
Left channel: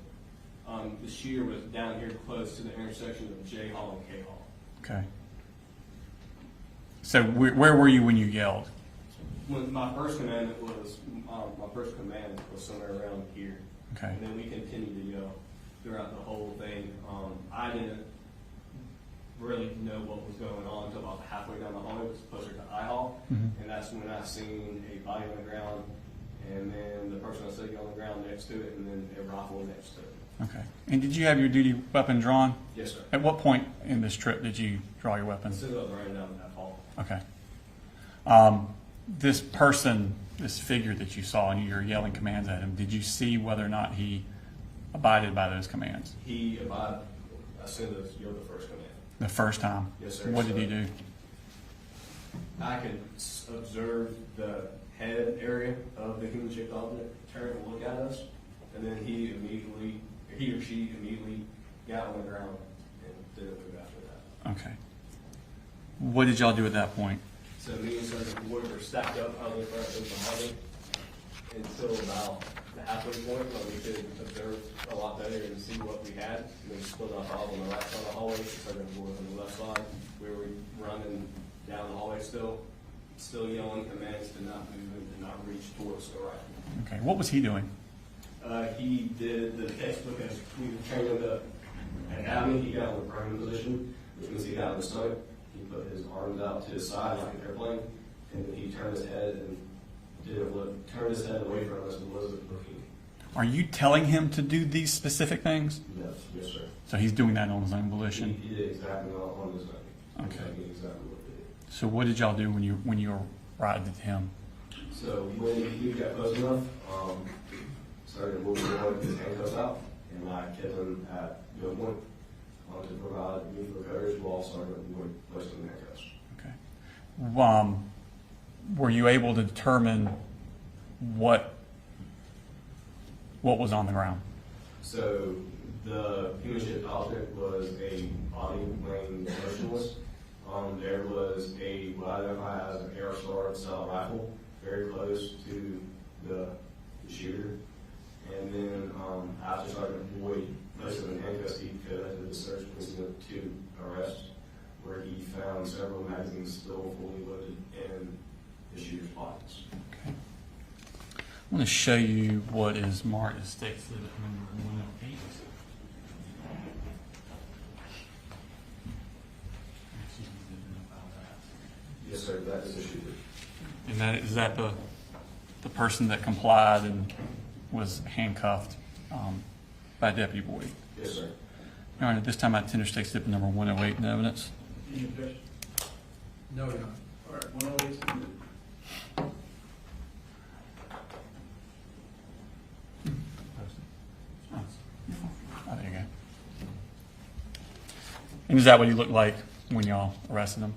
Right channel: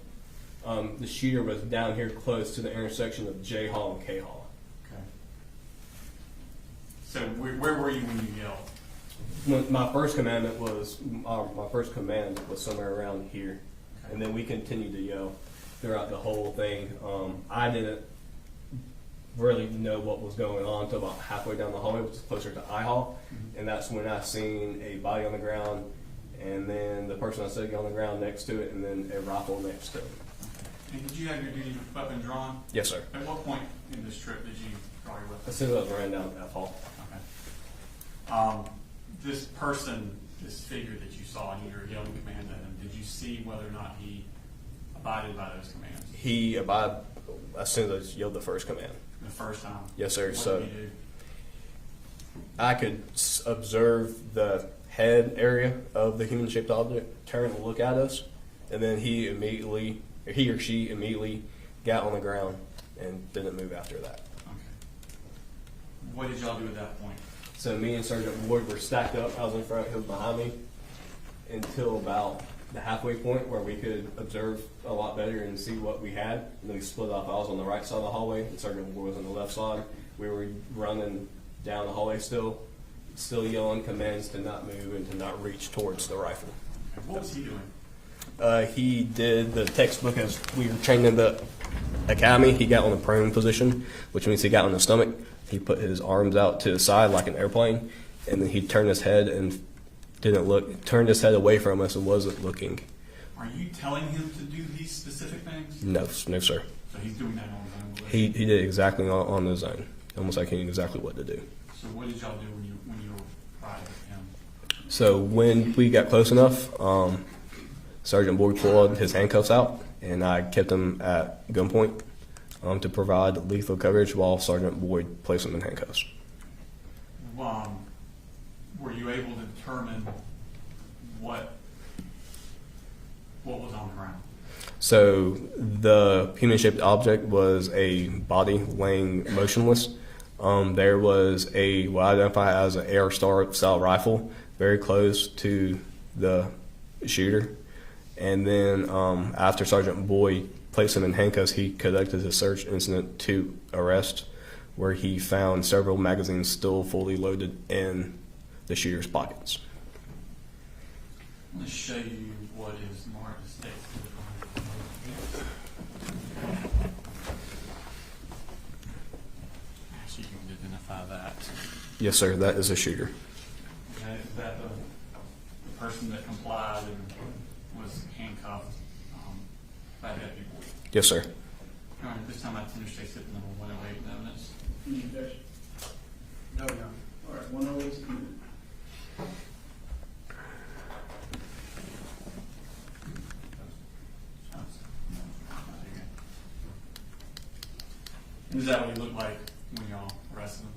The shooter was down here close to the intersection of J Hall and K Hall. Okay. So where were you when you yelled? My first command was somewhere around here. Okay. And then we continued to yell throughout the whole thing. I didn't really know what was going on until about halfway down the hallway, which is closer to I Hall. Mm-hmm. And that's when I seen a body on the ground, and then the person I was sitting on the ground next to it, and then a rifle next to it. Okay. And did you have your duty weapon drawn? Yes, sir. At what point in this trip did you draw your weapon? As soon as I was ran down that hall. Okay. This person, this figure that you saw, and you're yelling commands at him, did you see whether or not he abided by those commands? He abided as soon as I yelled the first command. The first time? Yes, sir. What did he do? I could observe the head area of the human-shaped object turn and look at us, and then he or she immediately got on the ground and didn't move after that. Okay. What did y'all do at that point? So me and Sergeant Boyd were stacked up. I was in front of him behind me until about the halfway point where we could observe a lot better and see what we had. And then we split off. I was on the right side of the hallway, and Sergeant Boyd was on the left side. We were running down the hallway still yelling commands to not move and to not reach towards the rifle. Okay, what was he doing? He did the textbook as we were trained in the academy. He got on the prone position, which means he got on the stomach. He put his arms out to the side like an airplane, and then he turned his head and didn't look, turned his head away from us and wasn't looking. Are you telling him to do these specific things? No, sir. So he's doing that on his own volition? He did exactly on his own, almost like he knew exactly what to do. So what did y'all do when you were riding with him? So when we got close enough, Sergeant Boyd pulled his handcuffs out, and I kept him at gunpoint to provide lethal coverage while Sergeant Boyd placed him in handcuffs. Okay. Were you able to determine what was on the ground? So the human-shaped object was a body laying motionless. There was what I identify as an Air Star style rifle very close to the shooter. And then after Sergeant Boyd placed him in handcuffs, he conducted a search incident to arrest, where he found several magazines still fully loaded in the shooter's pockets. Okay. I'm going to show you what is marked as state exhibit. So you can identify that. Yes, sir. That is a shooter. And is that the person that complied and was handcuffed by Deputy Boyd? Yes, sir. Your Honor, at this time I tender state exhibit number 108 in evidence. Any objection? No, Your Honor. All right, 108 is submitted. Oh, there you go. And is that what he looked like when y'all arrested him?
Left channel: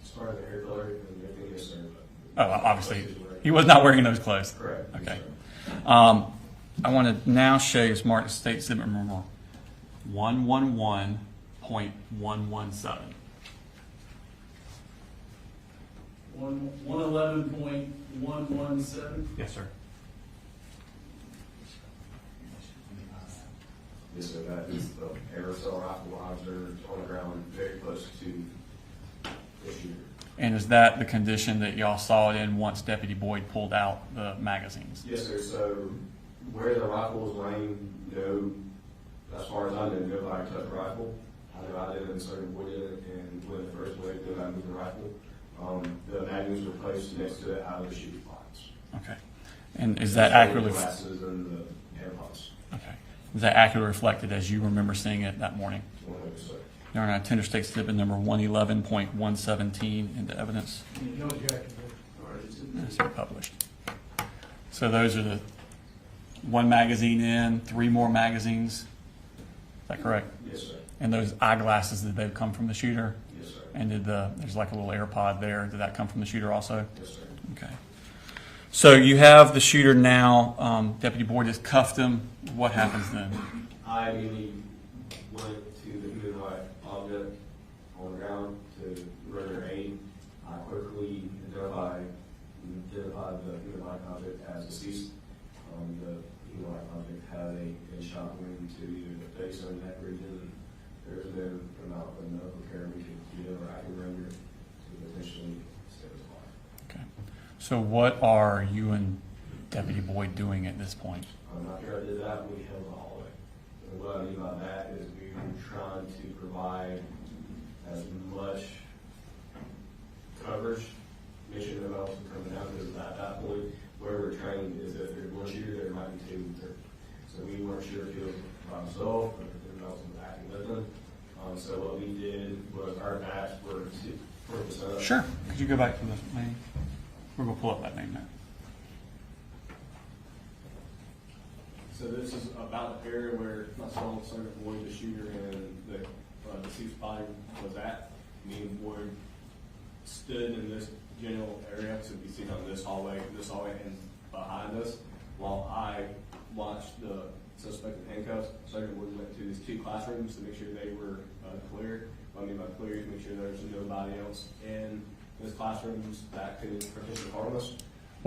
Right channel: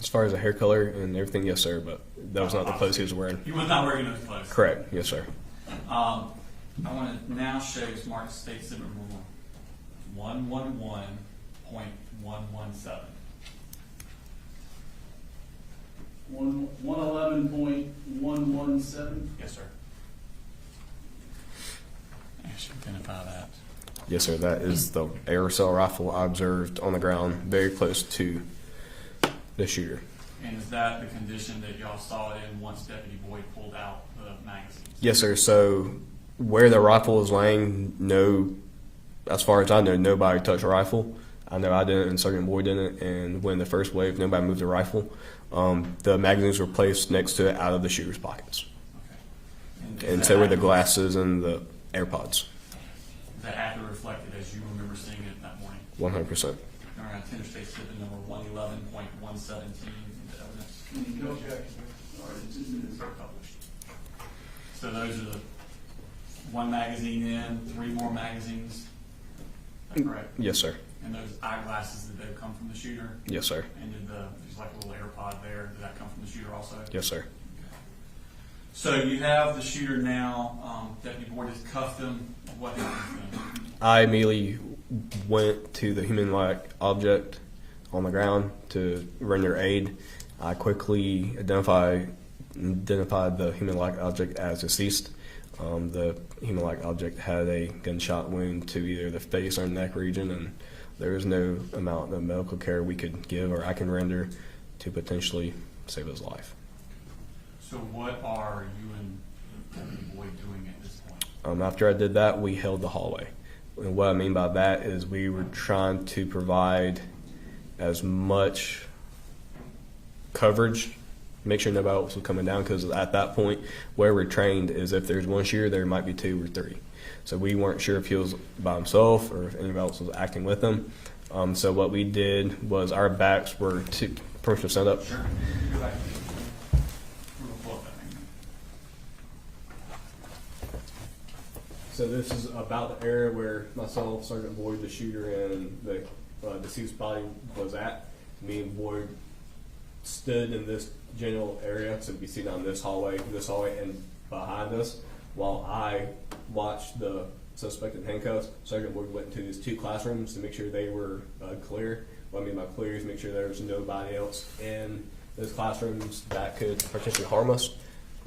As far as the hair color and everything, yes, sir. But that was not the clothes he was wearing. He was not wearing those clothes. Correct. Yes, Okay. sir. I want to now show you smart state exhibit number 111.117. 111.117. Yes, sir. I should identify that. Yes, sir. That is the aerosol rifle I observed on the ground very close to the shooter. And is that the condition that y'all saw it in once Deputy Boyd pulled out the magazines? Yes, sir. So where the rifle was laying, as far as I know, nobody touched the rifle. I know I didn't and Sergeant Boyd didn't. And when the first wave, nobody moved the rifle. The magazines were placed next to it out of the shooter's pockets. Okay. And is and that so were the accurately, glasses and the AirPods. okay. Is that accurately reflected as you remember seeing it that morning? 100%. Your Honor, I tender state exhibit number 111.117 into evidence. No objection. All right, it's submitted. It's published. So those are the one magazine in, 3 more magazines. Is that correct? Yes, sir. And those eyeglasses, did they come from the shooter? Yes, sir. And there's like a little AirPod there. Did that come from the shooter also? Yes, sir. Okay. So you have the shooter now. Deputy Boyd has cuffed him. What happens then? I immediately went to the human-like object on the ground to render aid. I quickly identified the human-like object as deceased. The human-like object had a gunshot wound to either the face or neck region, and there was no amount of medical care we could give or I can render to potentially save his life. Okay. So what are you and Deputy Boyd doing at this point? After I did that, we held the hallway. And what I mean by that is we were trying to provide as much coverage, make sure nobody else was coming down, because at that point, where we're trained is if there's one shooter, there might be 2 or 3. So we weren't sure if he was by himself or if anybody else was acting with him. So what we did was our backs were to person set up. Sure. Could you go back to the thing? We're going to pull up that thing now. So this is about the area where myself, Sergeant Boyd, the shooter, and the deceased body was at. Me and Boyd stood in this general area, so we see down this hallway, and behind us, while I watched the suspect in handcuffs. Sergeant Boyd went into these 2 classrooms to make sure they were clear. What I mean by clear is make sure there was nobody else in those classrooms that could potentially harm us.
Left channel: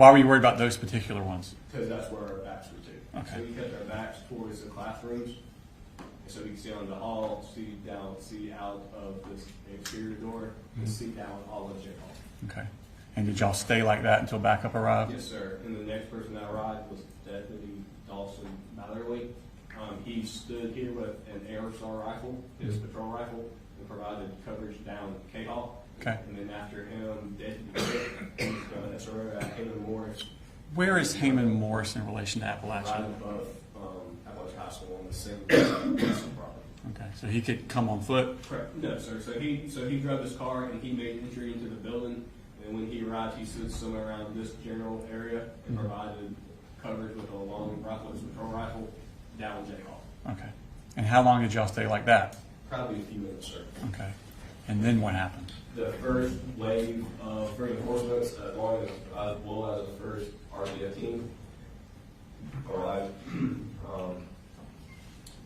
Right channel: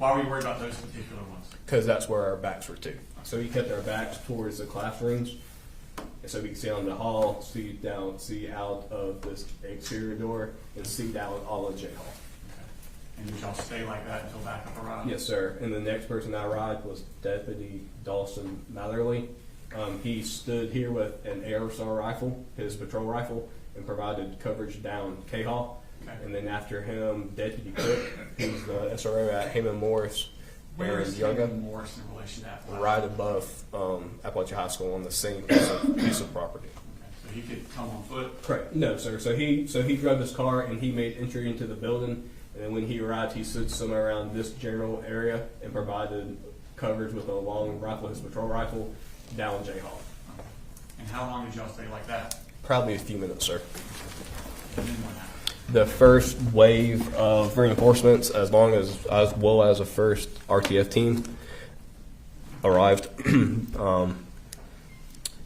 Why were you worried about those particular ones? Because that's where our backs were to. Okay. So we kept our backs towards the classrooms, and so we could see on the hall, see down, see out of this exterior door, and see down all of J Hall. Okay. And did y'all stay like that until backup arrived? Yes, sir. And the next person that arrived was Deputy Dawson Matherly. He stood here with an aerosol rifle, his patrol rifle, and provided coverage down K Hall. Okay. And then after him, Deputy Cook, who's the SRO at Heyman Morris. Where is Heyman Morris in relation to Apalachee? Right above Apalachee High School on the same piece of property. Okay, so he could come on foot? Correct. No, sir. So he drove his car and he made entry into the building. And then when he arrived, he stood somewhere around this general area and provided coverage with a long rifle, his patrol rifle, down J Hall. Okay. And how long did y'all stay like that? Probably a few minutes, sir. Okay. And then what happened? The first wave of reinforcements, as well as the first RTF team, arrived. And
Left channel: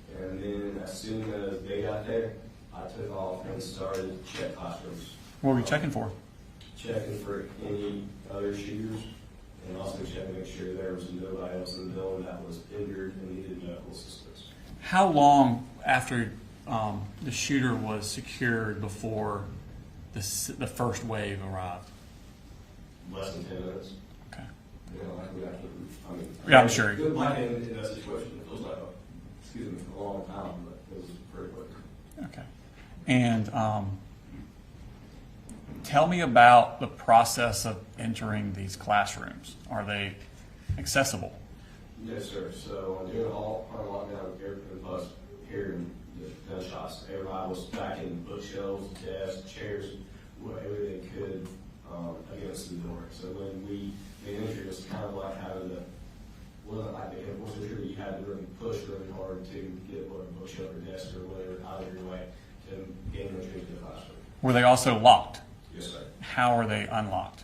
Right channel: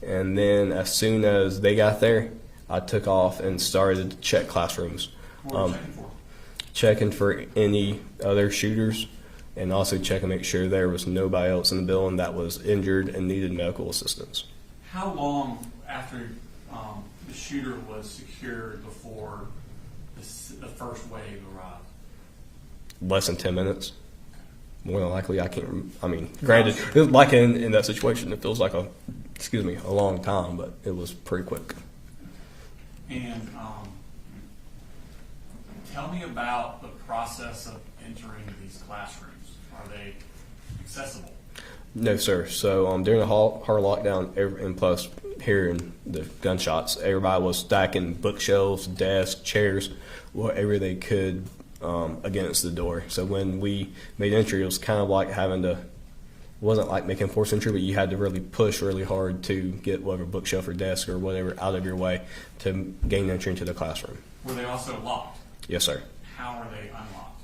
then as soon as they got there, I took off and started to check classrooms. What were you checking for? Checking for any other shooters, and also checking to make sure there was nobody else in the building that was injured and needed medical assistance. How long after the shooter was secured before the first wave arrived? Less than 10 minutes. Okay. More than likely, granted, sure. it was like in that situation, it feels like a long time, but it was pretty quick. Okay. And tell me about the process of entering these classrooms. Are they accessible? No, sir. So during the hard lockdown, and plus hearing the gunshots, everybody was stacking bookshelves, desks, chairs, whatever they could against the door. So when we made entry, it was kind of like wasn't like making forced entry, but you had to really push really hard to get whatever bookshelf or desk or whatever out of your way to gain entry into the classroom. Were they also locked? Yes, sir. How are they unlocked?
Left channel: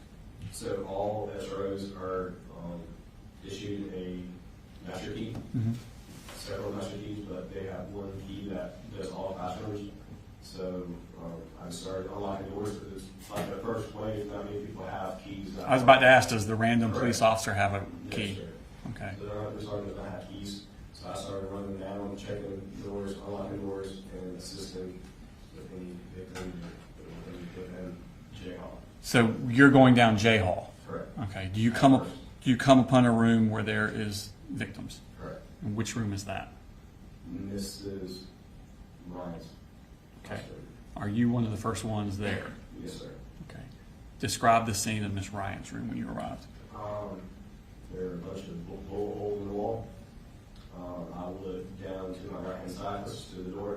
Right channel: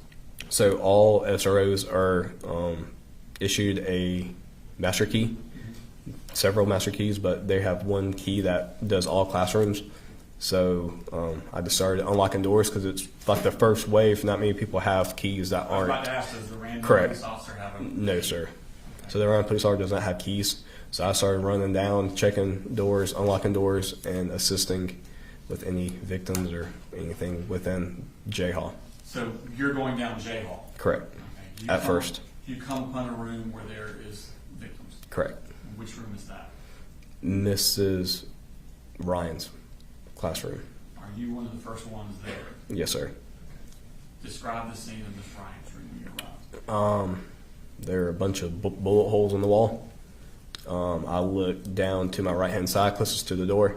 So all SROs are issued a master key, several master keys, but they have one key that does all classrooms. So I just started unlocking doors because it's like the first wave. Not many people have keys that I was about to ask, does the random police officer have a No, key? sir. Okay. So the random police officer does not have keys. So I started running down, checking doors, unlocking doors, and assisting with any victims or anything within J Hall. So you're going down J Hall? Correct. Okay. Do you come upon a room where there is victims? Correct. Which room is that? Mrs. Ryan's classroom. Are you one of the first ones there? Yes, sir. Okay. Describe the scene of Miss Ryan's room when you arrived. There are a bunch of bullet holes in the wall. I looked down to my right-hand side, closest to the door.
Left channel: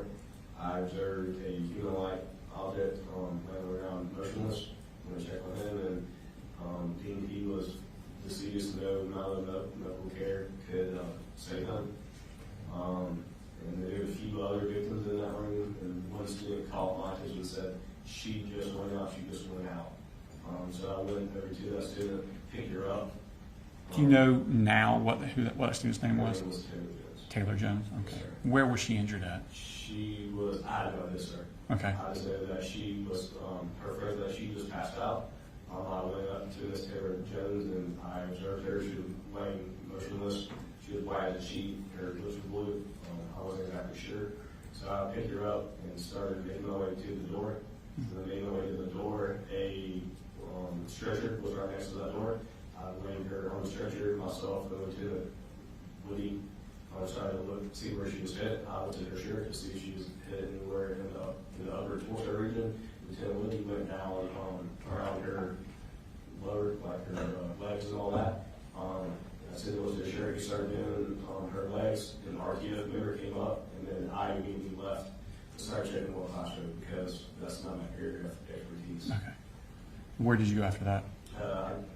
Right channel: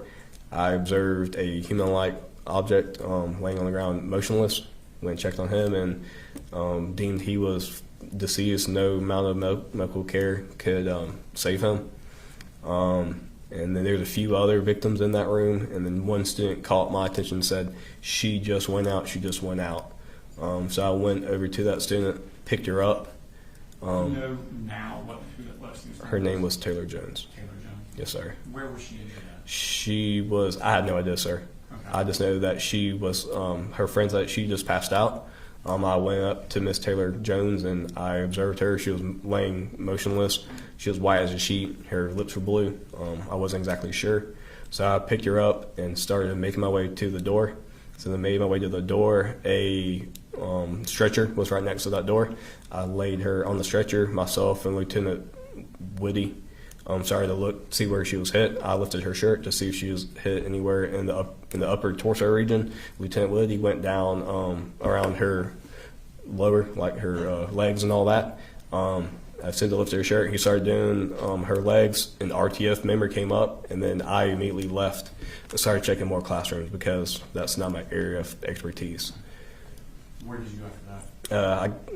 I observed a human-like object laying on the ground motionless. Went and checked on him and deemed he was deceased. No amount of medical care could save him. And then there was a few other victims in that room, and then one student caught my attention and said, "She just went out, she just went out." So I went over to that student, picked her up. You know now what student's name was? Her name was Taylor Jones. Taylor Jones? Yes, sir. Where was she injured at? I had no idea, sir. Okay. I just know that she was, her friend said she just passed out. I went up to Miss Taylor Jones and I observed her. She was laying motionless. She was white as a sheet. Her lips were blue. I wasn't exactly sure. So I picked her up and started making my way to the door. So then made my way to the door. A stretcher was right next to that door. I laid her on the stretcher, myself and Lieutenant Woody. Started to see where she was hit. I lifted her shirt to see if she was hit anywhere in the upper torso region. Lieutenant Woody went down around her lower, like her legs and all that. I said to lift her shirt. He started doing her legs, and the RTF member came up, and then I immediately left and started checking more classrooms because that's not my area of expertise. Okay. Where did you go after that?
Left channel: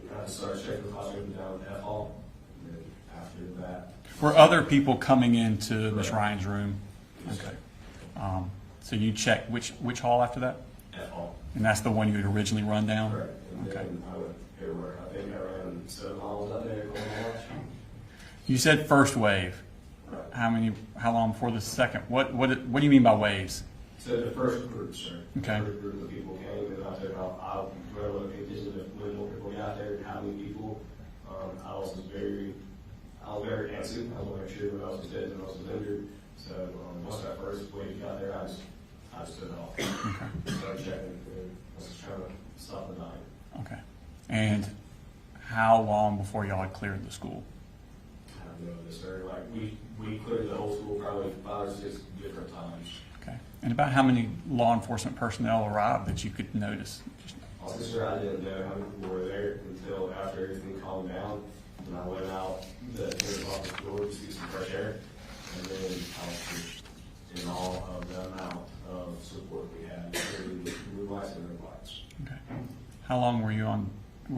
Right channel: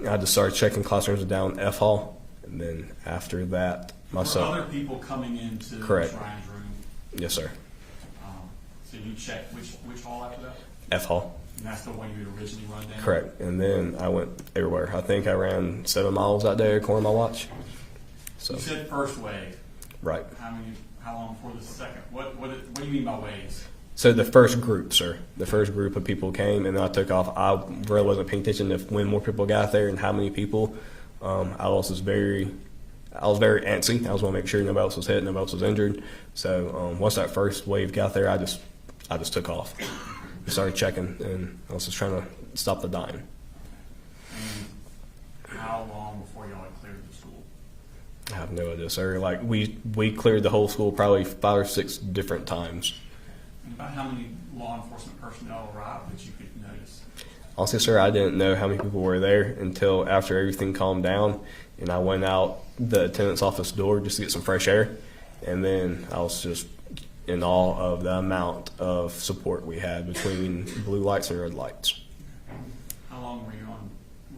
I just started checking classrooms down F Hall, and then after that, Were other people coming into Correct. Miss Ryan's room? Yes, sir. So you checked which hall after that? F Hall. And that's the one you had originally run down? Correct. And then I went everywhere. I think I ran 7 miles that day according to my watch. So, You said first wave. right. How long before the second? What do you mean by waves? So the first group, sir. The Okay. first group of people came, and then I took off. I really wasn't paying attention to when more people got there and how many people. I was very antsy. I was want to make sure nobody else was hit, nobody else was injured. So once that first wave got there, I just took off, started checking, and I was just trying to stop the dying. Okay. And how long before y'all had cleared the school? I have no idea, sir. Like we cleared the whole school probably 5 or 6 different times. Okay. And about how many law enforcement personnel arrived that you could notice? Honestly, sir, I didn't know how many people were there until after everything calmed down, and I went out the attendant's office door just to get some fresh air, and then I was just in awe of the amount of support we had between blue lights and red lights. Okay. How long were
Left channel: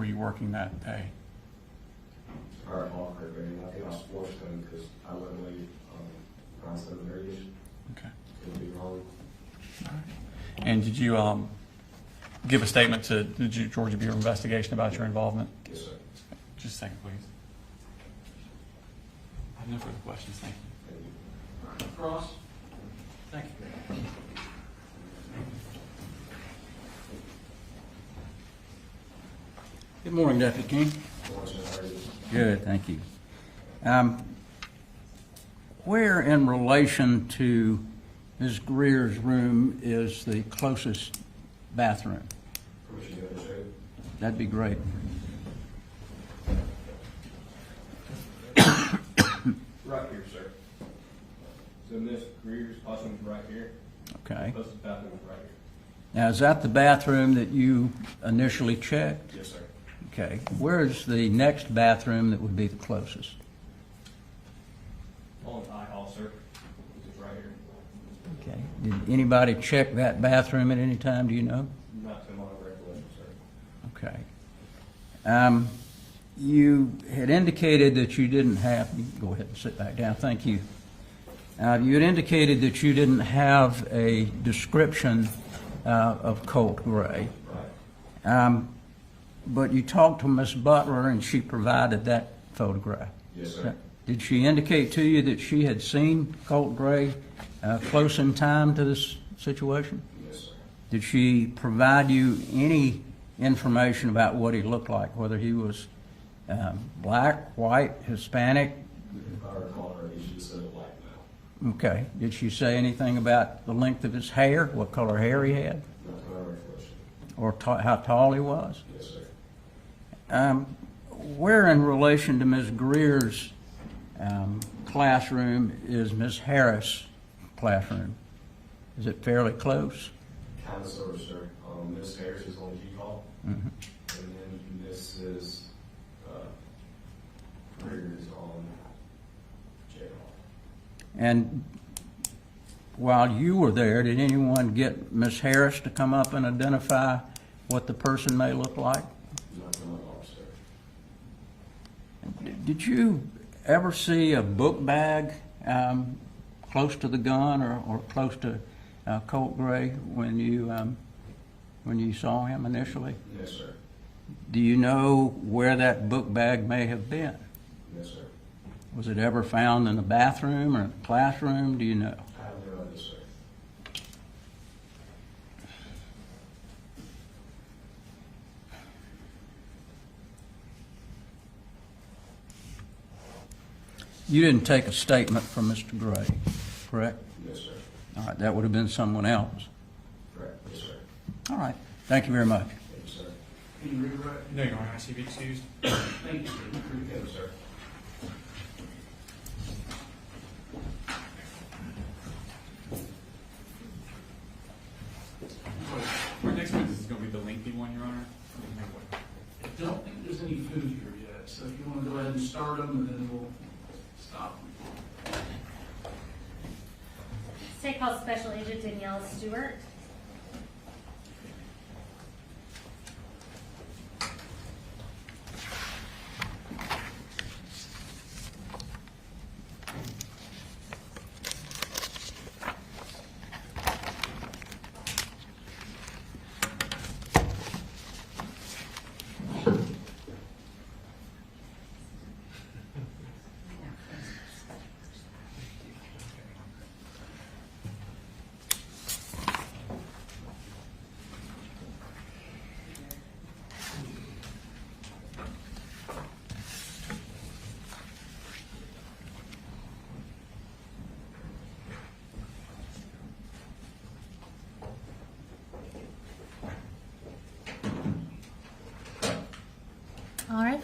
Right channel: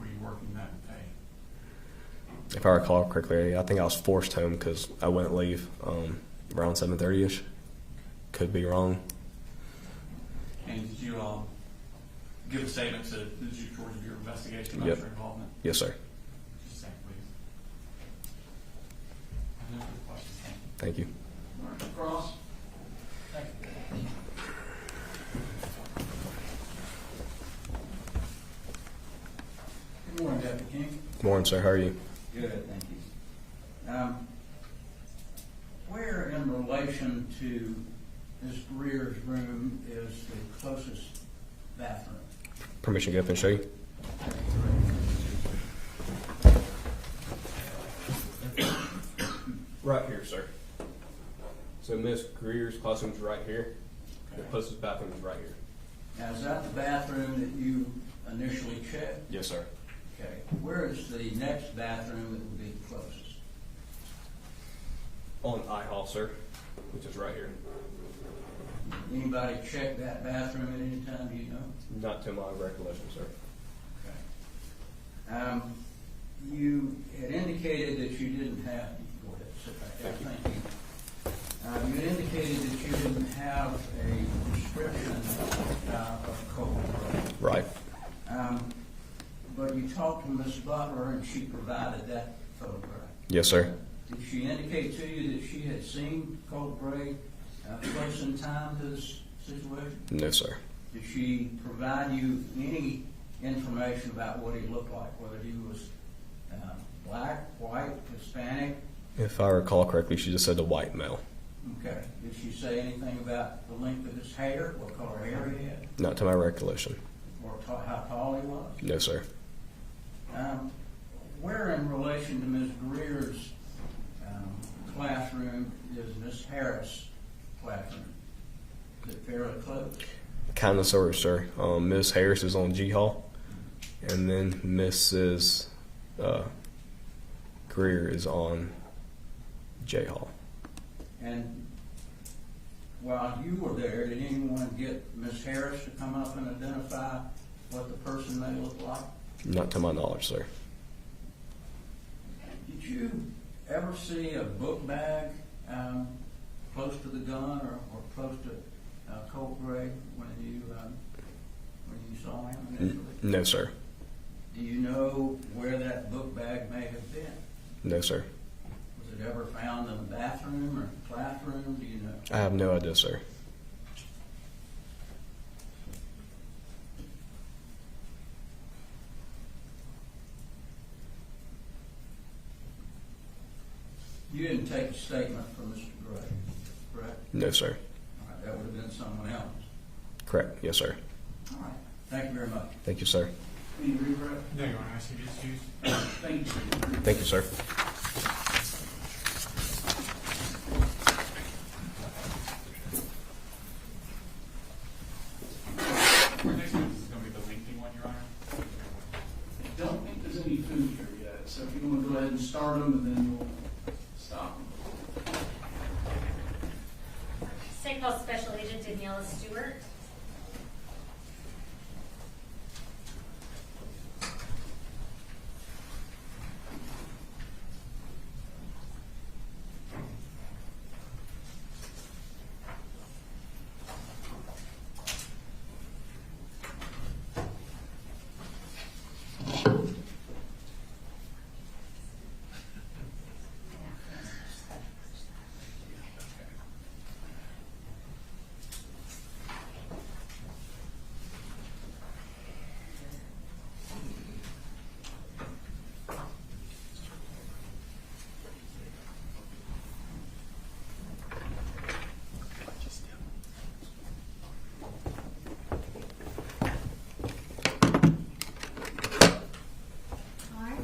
you working that day? If I recall correctly, I think I was forced home because I wouldn't leave around 7:30ish. Okay. Could be wrong. And did you give a statement to the Georgia Bureau of Investigation about Yep. your involvement? Yes, sir. Just a second, please. I have no further questions. Thank you. Thank you. All right, Cross. Thank you. Good morning, Deputy King. Morning, sir. How are you? Good, thank you. Where in relation to Ms. Greer's room is the closest bathroom? Permission to go up and show you? That'd be great. Right here, sir. So Miss Greer's classroom's right here. Okay. The closest bathroom is right here. Now, is that the bathroom that you initially checked? Yes, sir. Okay. Where is the next bathroom that would be the closest? On I hall, sir, which is right here. Okay. Did anybody check that bathroom at any time, do you know? Not to my recollection, sir. Okay. You had indicated that you didn't have, you can go ahead and sit back down, thank you. You had indicated that you didn't have a description of Colt Gray. Right. But you talked to Ms. Butler and she provided that photograph. Yes, sir. Did she indicate to you that she had seen Colt Gray close in time to this situation? No, sir. Did she provide you any information about what he looked like, whether he was black, white, Hispanic? If I recall correctly, she just said the white male. Okay. Did she say anything about the length of his hair, what color hair he had, Not to my recollection. or how tall he was? No, sir. Where in relation to Ms. Greer's classroom is Ms. Harris' classroom? Is it fairly close? Kind of, sort of, sir. Miss Harris is on G Hall, and then Mrs. Greer is on J Hall. And while you were there, did anyone get Ms. Harris to come up and identify what the person may look like? Not to my knowledge, sir. Did you ever see a book bag close to the gun or close to Colt Gray when you saw him initially? No, sir. Do you know where that book bag may have been? No, sir. Was it ever found in the bathroom or classroom? Do you know? I have no idea, sir. You didn't take a statement from Mr. Gray, correct? No, sir. All right, that would have been someone else. Correct. Yes, sir. All right, thank you very much. Thank you, sir. Can you rewrite? No, Your Honor, I ask you to be excused. Thank you. Thank you, sir. Our next witness is going to be the lengthy one, Your Honor. I don't think there's any food here yet, so if you want to go ahead and start them, and then we'll stop them. State Call Special Agent Daniela Stewart.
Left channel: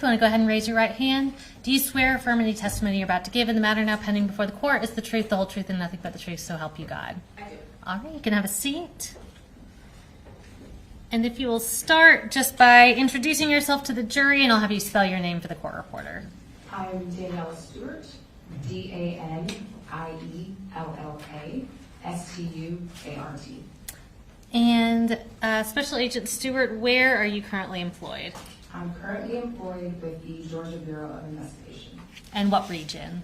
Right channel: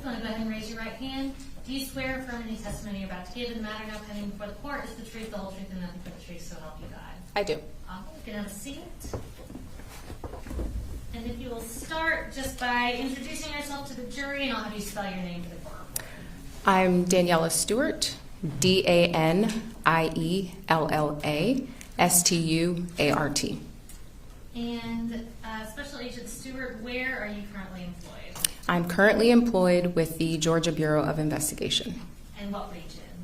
you want to go ahead and raise your right hand. Do you swear or affirm any testimony you're about to give in the matter now pending before the court is the truth, the whole truth, and nothing but the truth, so help you God? I do. All right, you can have a seat. And if you will start just by introducing yourself to the jury, and I'll have you spell your name for the court reporter. I'm Daniela Stewart, DANIELLA STUART. And Special Agent Stewart, where are you currently employed? I'm currently employed with the Georgia Bureau of Investigation. And what region?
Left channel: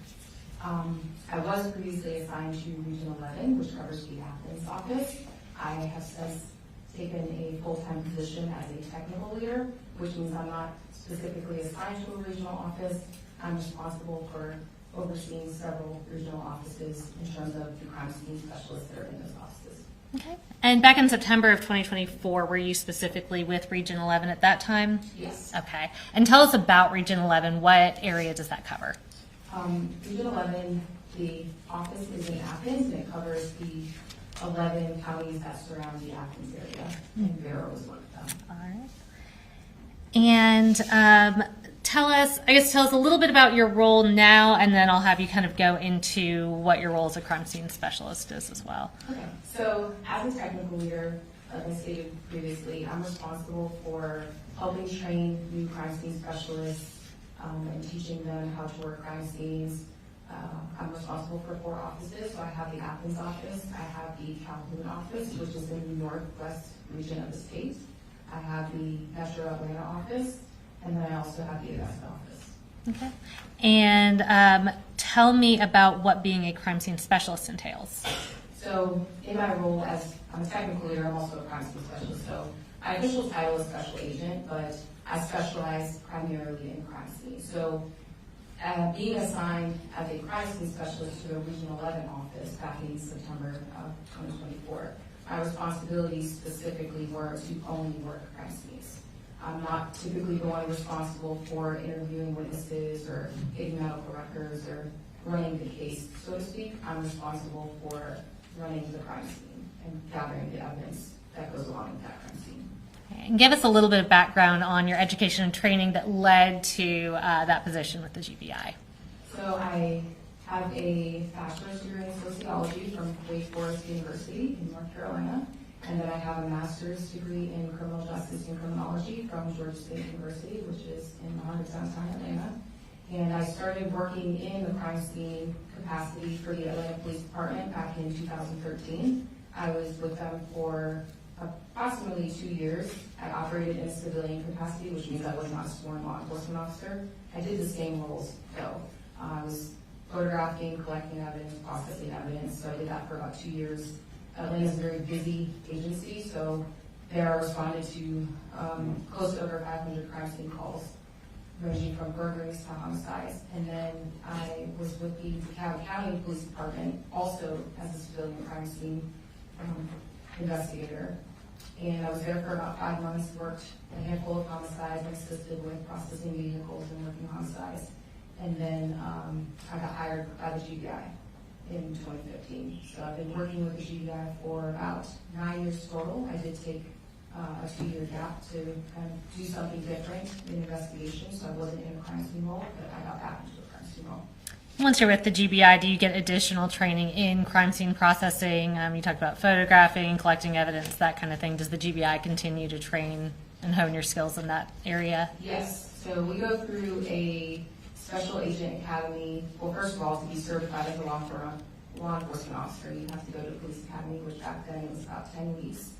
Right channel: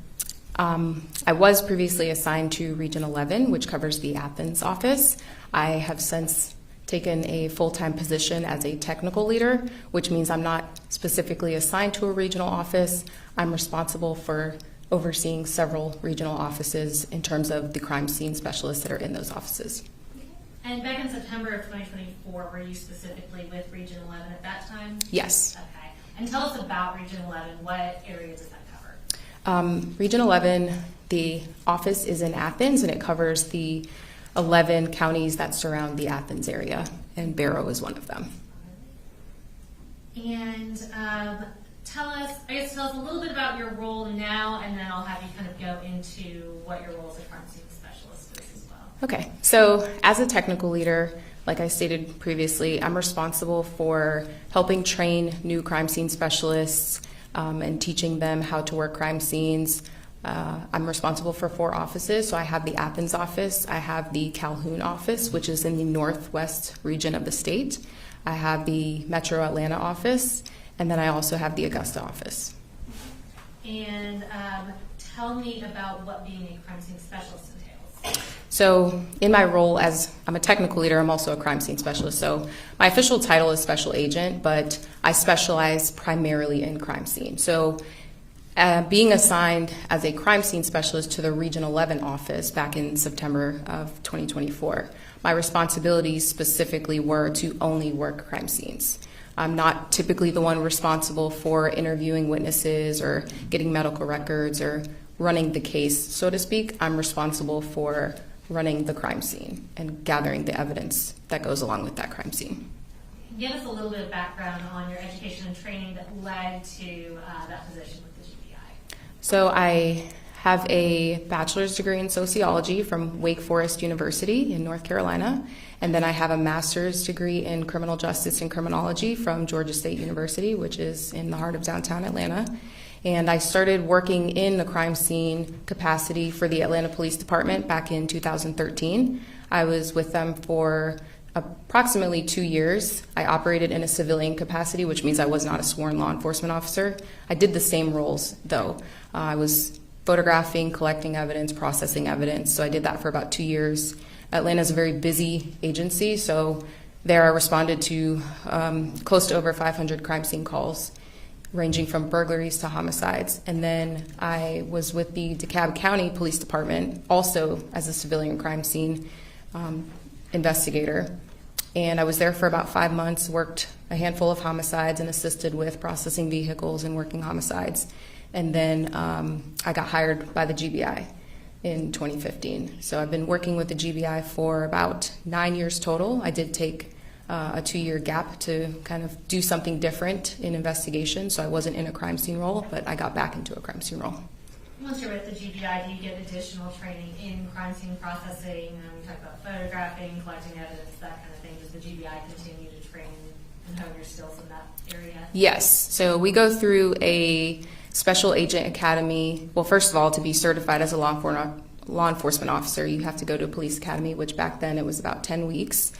I was previously assigned to Region 11, which covers the Athens office. I have since taken a full-time position as a technical leader, which means I'm not specifically assigned to a regional office. I'm responsible for overseeing several regional offices in terms of the crime scene specialists that are in those offices. Okay. And back in September of 2024, were you specifically with Region 11 at that time? Yes. Okay. And tell us about Region 11. What area does that cover? Region 11, the office is in Athens, and it covers the 11 counties that surround the Athens area, and Barrow is one of them. All right. And tell us a little bit about your role now, and then I'll have you kind of go into what your role as a crime scene specialist is as well. Okay, so as a technical leader, like I stated previously, I'm responsible for helping train new crime scene specialists and teaching them how to work crime scenes. I'm responsible for 4 offices. So I have the Athens office, I have the Calhoun office, which is in the northwest region of the state. I have the Metro Atlanta office, and then I also have the Augusta office. Okay. And tell me about what being a crime scene specialist entails. So in my role as I'm a technical leader, I'm also a crime scene specialist. So my official title is special agent, but I specialize primarily in crime scene. So being assigned as a crime scene specialist to the Region 11 office back in September of 2024, my responsibilities specifically were to only work crime scenes. I'm not typically the one responsible for interviewing witnesses or getting medical records or running the case, so to speak. I'm responsible for running the crime scene and gathering the evidence that goes along with that crime scene. And give us a little bit of background on your education and training that led to that position with the GBI. So I have a bachelor's degree in sociology from Wake Forest University in North Carolina, and then I have a master's degree in criminal justice and criminology from Georgia State University, which is in the heart of downtown Atlanta. And I started working in the crime scene capacity for the Atlanta Police Department back in 2013. I was with them for approximately 2 years. I operated in a civilian capacity, which means I was not a sworn law enforcement officer. I did the same roles, though. I was photographing, collecting evidence, processing evidence, so I did that for about 2 years. Atlanta is a very busy agency, so there I responded to close to over 500 crime scene calls, ranging from burglaries to homicides. And then I was with the DeKalb County Police Department, also as a civilian crime scene investigator. And I was there for about 5 months, worked a handful of homicides and assisted with processing vehicles and working homicides. And then I got hired by the GBI in 2015. So I've been working with the GBI for about 9 years total. I did take a 2-year gap to kind of do something different in investigation. So I wasn't in a crime scene role, but I got back into a crime scene role. Once you're with the GBI, do you get additional training in crime scene processing? You talked about photographing, collecting evidence, that kind of thing. Does the GBI continue to train and hone your skills in that area? Yes. So we go through a special agent academy. Well, first of all, to be certified as a law enforcement officer, you have to go to a police academy, which back then it was about 10 weeks.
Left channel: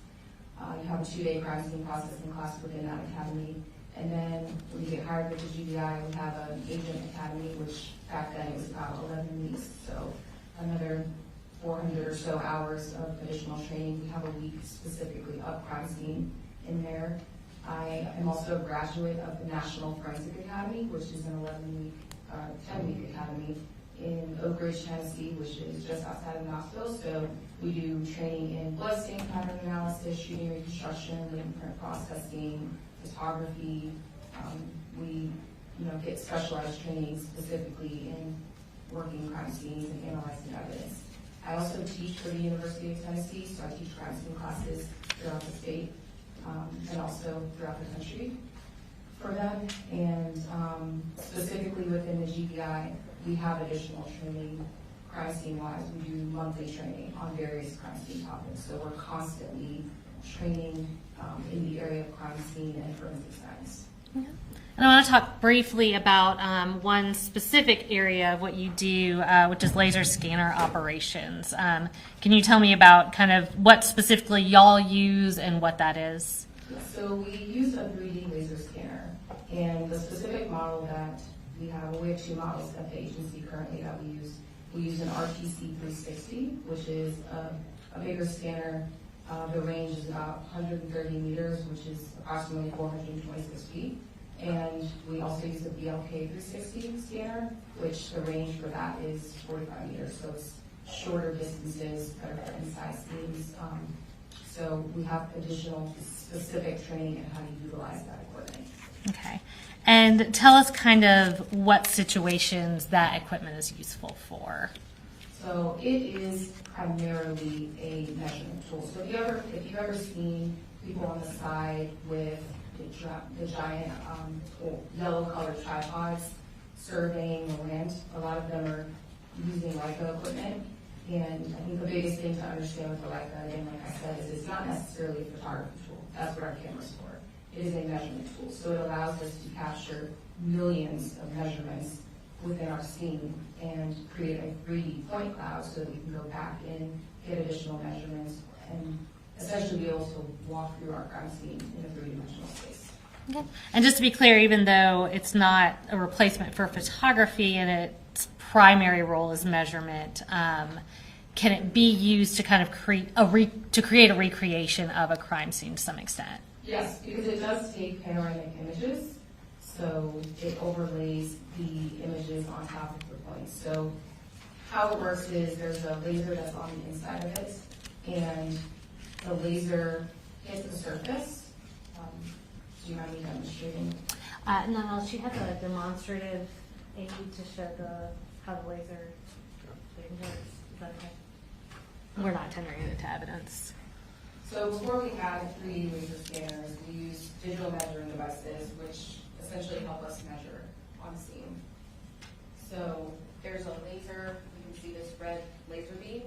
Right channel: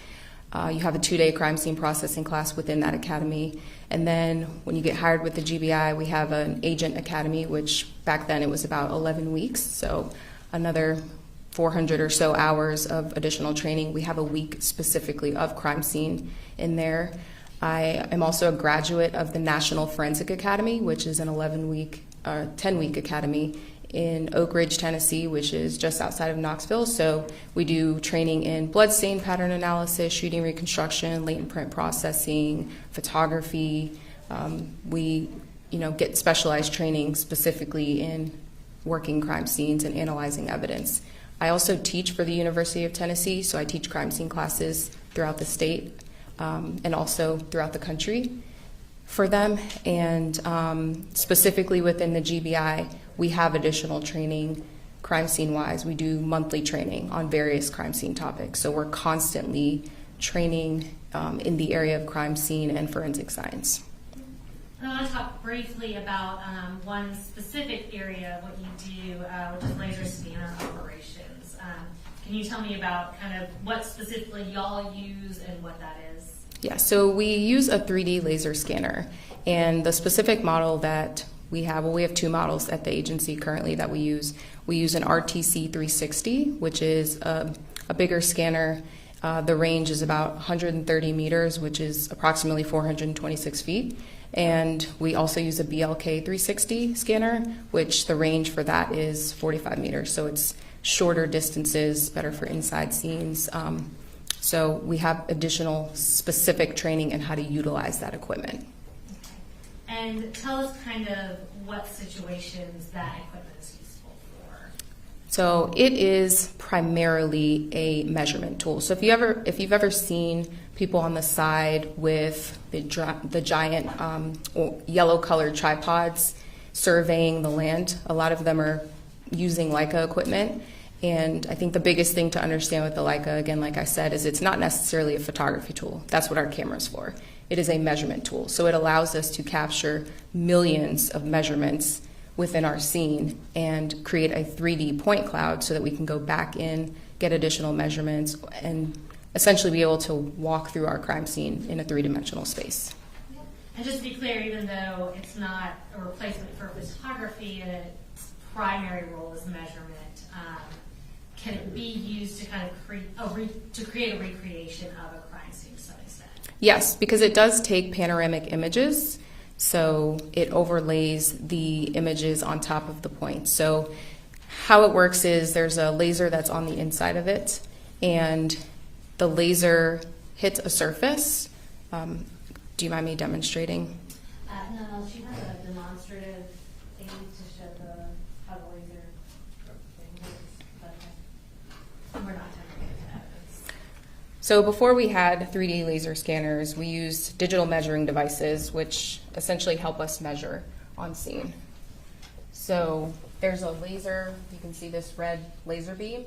You have a 2-day crime scene processing class within that academy. And then when you get hired with the GBI, we have an agent academy, which back then it was about 11 weeks. So another 400 or so hours of additional training. We have a week specifically of crime scene in there. I am also a graduate of the National Forensic Academy, which is an 10-week academy in Oak Ridge, Tennessee, which is just outside of Knoxville. So we do training in bloodstain pattern analysis, shooting reconstruction, latent print processing, photography. We get specialized training specifically in working crime scenes and analyzing evidence. I also teach for the University of Tennessee, so I teach crime scene classes throughout the state and also throughout the country. for them. And specifically within the GBI, we have additional training crime scene wise. We do monthly training on various crime scene topics. So we're constantly training in the area of crime scene and forensic science. And I want to talk briefly about one specific area of what you do, which is laser scanner operations. Can you tell me about kind of what specifically y'all use and what that is? Yeah, so we use a 3D laser scanner. And the specific model that we have, well, we have two models at the agency currently that we use. We use an RTC 360, which is a bigger scanner. The range is about 130 meters, which is approximately 426 feet. And we also use a BLK 360 scanner, which the range for that is 45 meters. So it's shorter distances, better for inside scenes. So we have additional specific training in how to utilize that equipment. Okay. And tell us kind of what situations that equipment is useful for. So it is primarily a measurement tool. So if you've ever seen people on the side with the giant yellow-colored tripods surveying the land, a lot of them are using Leica equipment. And I think the biggest thing to understand with the Leica, again, like I said, is it's not necessarily a photography tool. That's what our camera's for. It is a measurement tool. So it allows us to capture millions of measurements within our scene and create a 3D point cloud so that we can go back in, get additional measurements, and essentially be able to walk through our crime scene in a three-dimensional space. Okay. And just to be clear, even though it's not a replacement for photography and its primary role is measurement, can it be used to kind of create a recreation of a crime scene to some extent? Yes, because it does take panoramic images. So it overlays the images on top of the point. So how it works is there's a laser that's on the inside of it, and the laser hits a surface. Do you mind me demonstrating? No, she has a demonstrative aid to show how the laser works. We're not tendering it to evidence. So before we had 3D laser scanners, we used digital measuring devices, which essentially help us measure on scene. So there's a laser, you can see this red laser beam,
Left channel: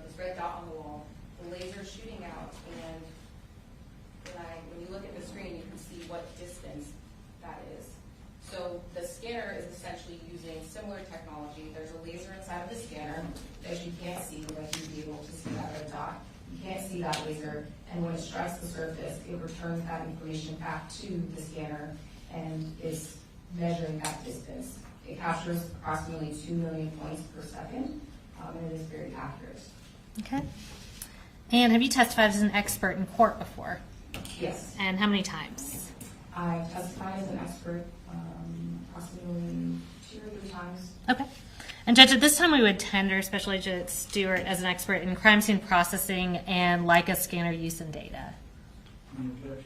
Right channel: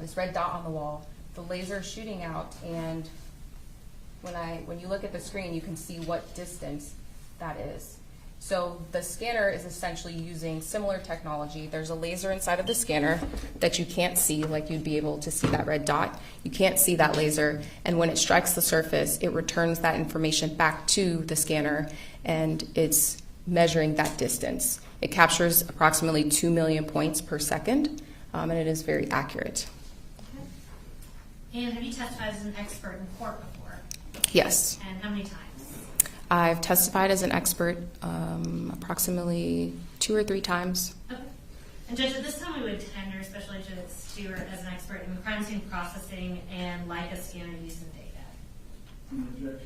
this red dot on the wall. The laser is shooting out, and when you look at the screen, you can see what distance that is. So the scanner is essentially using similar technology. There's a laser inside of the scanner that you can't see, like you'd be able to see that red dot. You can't see that laser, and when it strikes the surface, it returns that information back to the scanner, and it's measuring that distance. It captures approximately 2 million points per second, and it is very accurate. Okay. And have you testified as an expert in court before? Yes. And how many times? I've testified as an expert approximately 2 or 3 times. Okay. And Judge, at this time we would tender Special Agent Stewart as an expert in crime scene processing and Leica scanner use and data. No objection.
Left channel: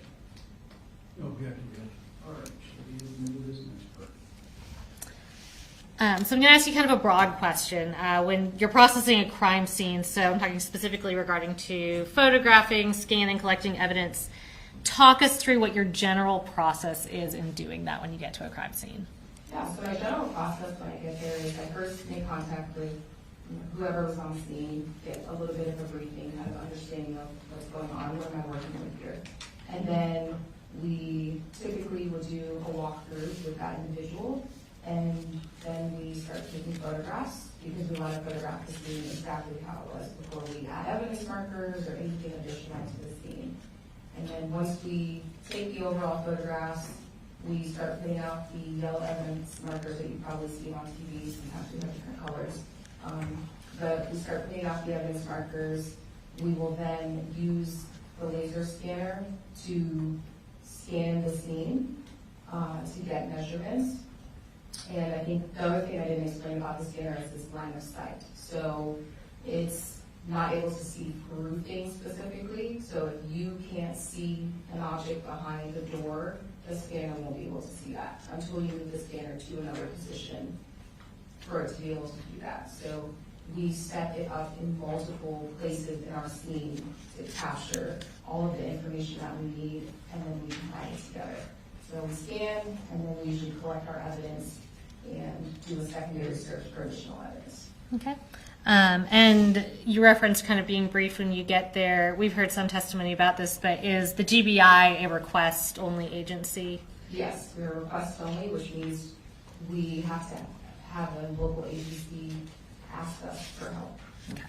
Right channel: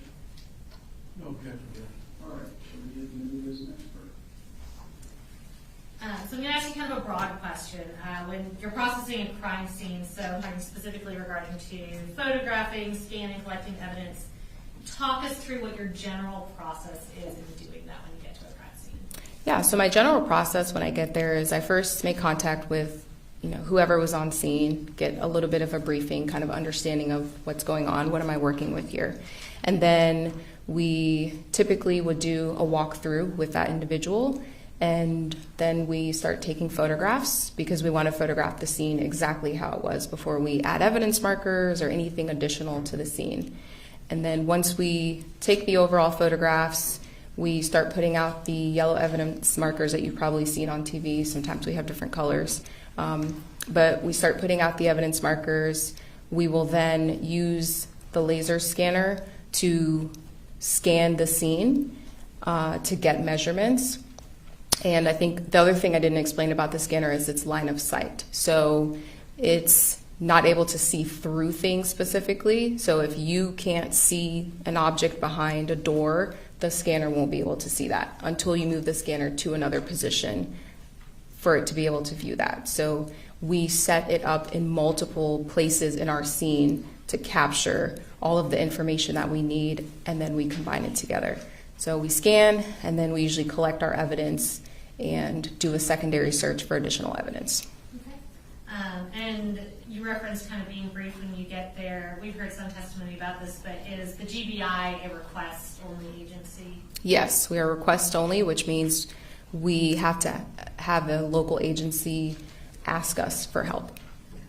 No objection, Judge. All right, so we get the new as an expert. So I'm going to ask you kind of a broad question. When you're processing a crime scene, so I'm talking specifically regarding to photographing, scanning, collecting evidence, talk us through what your general process is in doing that when you get to a crime scene. Yeah, so my general process when I get there is I first make contact with whoever was on scene, get a little bit of a briefing, kind of understanding of what's going on, what am I working with here. And then we typically would do a walkthrough with that individual, and then we start taking photographs because we want to photograph the scene exactly how it was before we add evidence markers or anything additional to the scene. And then once we take the overall photographs, we start putting out the yellow evidence markers that you've probably seen on TV. Sometimes we have different colors. But we start putting out the evidence markers. We will then use the laser scanner to scan the scene to get measurements. And I think the other thing I didn't explain about the scanner is its line of sight. So it's not able to see through things specifically. So if you can't see an object behind a door, the scanner won't be able to see that until you move the scanner to another position for it to be able to view that. So we set it up in multiple places in our scene to capture all of the information that we need, and then we combine it together. So we scan, and then we usually collect our evidence and do a secondary search for additional evidence. Okay. And you referenced kind of being brief when you get there. We've heard some testimony about this, but is the GBI a request-only agency? Yes, we are request only, which means we have to have a local agency ask us for help. Okay.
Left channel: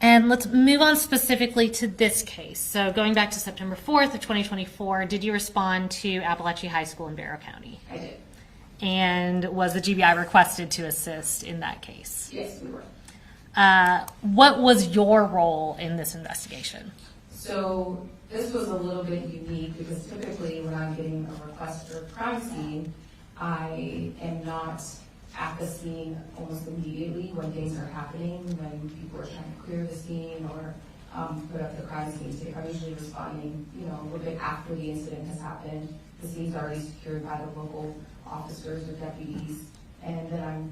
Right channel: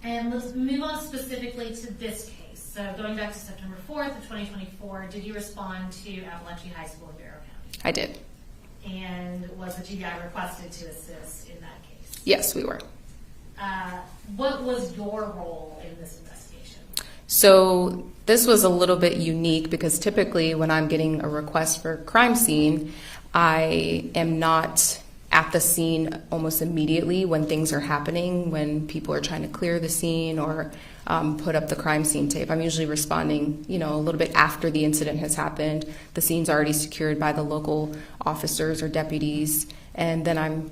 And let's move on specifically to this case. So going back to September 4th of 2024, did you respond to Apalachee High School in Barrow County? I did. And was the GBI requested to assist in that case? Yes, we were. What was your role in this investigation? So this was a little bit unique because typically when I'm getting a request for a crime scene, I am not at the scene almost immediately when things are happening, when people are trying to clear the scene or put up the crime scene tape. I'm usually responding, a little bit after the incident has happened. The scene's already secured by the local officers or deputies, and then I'm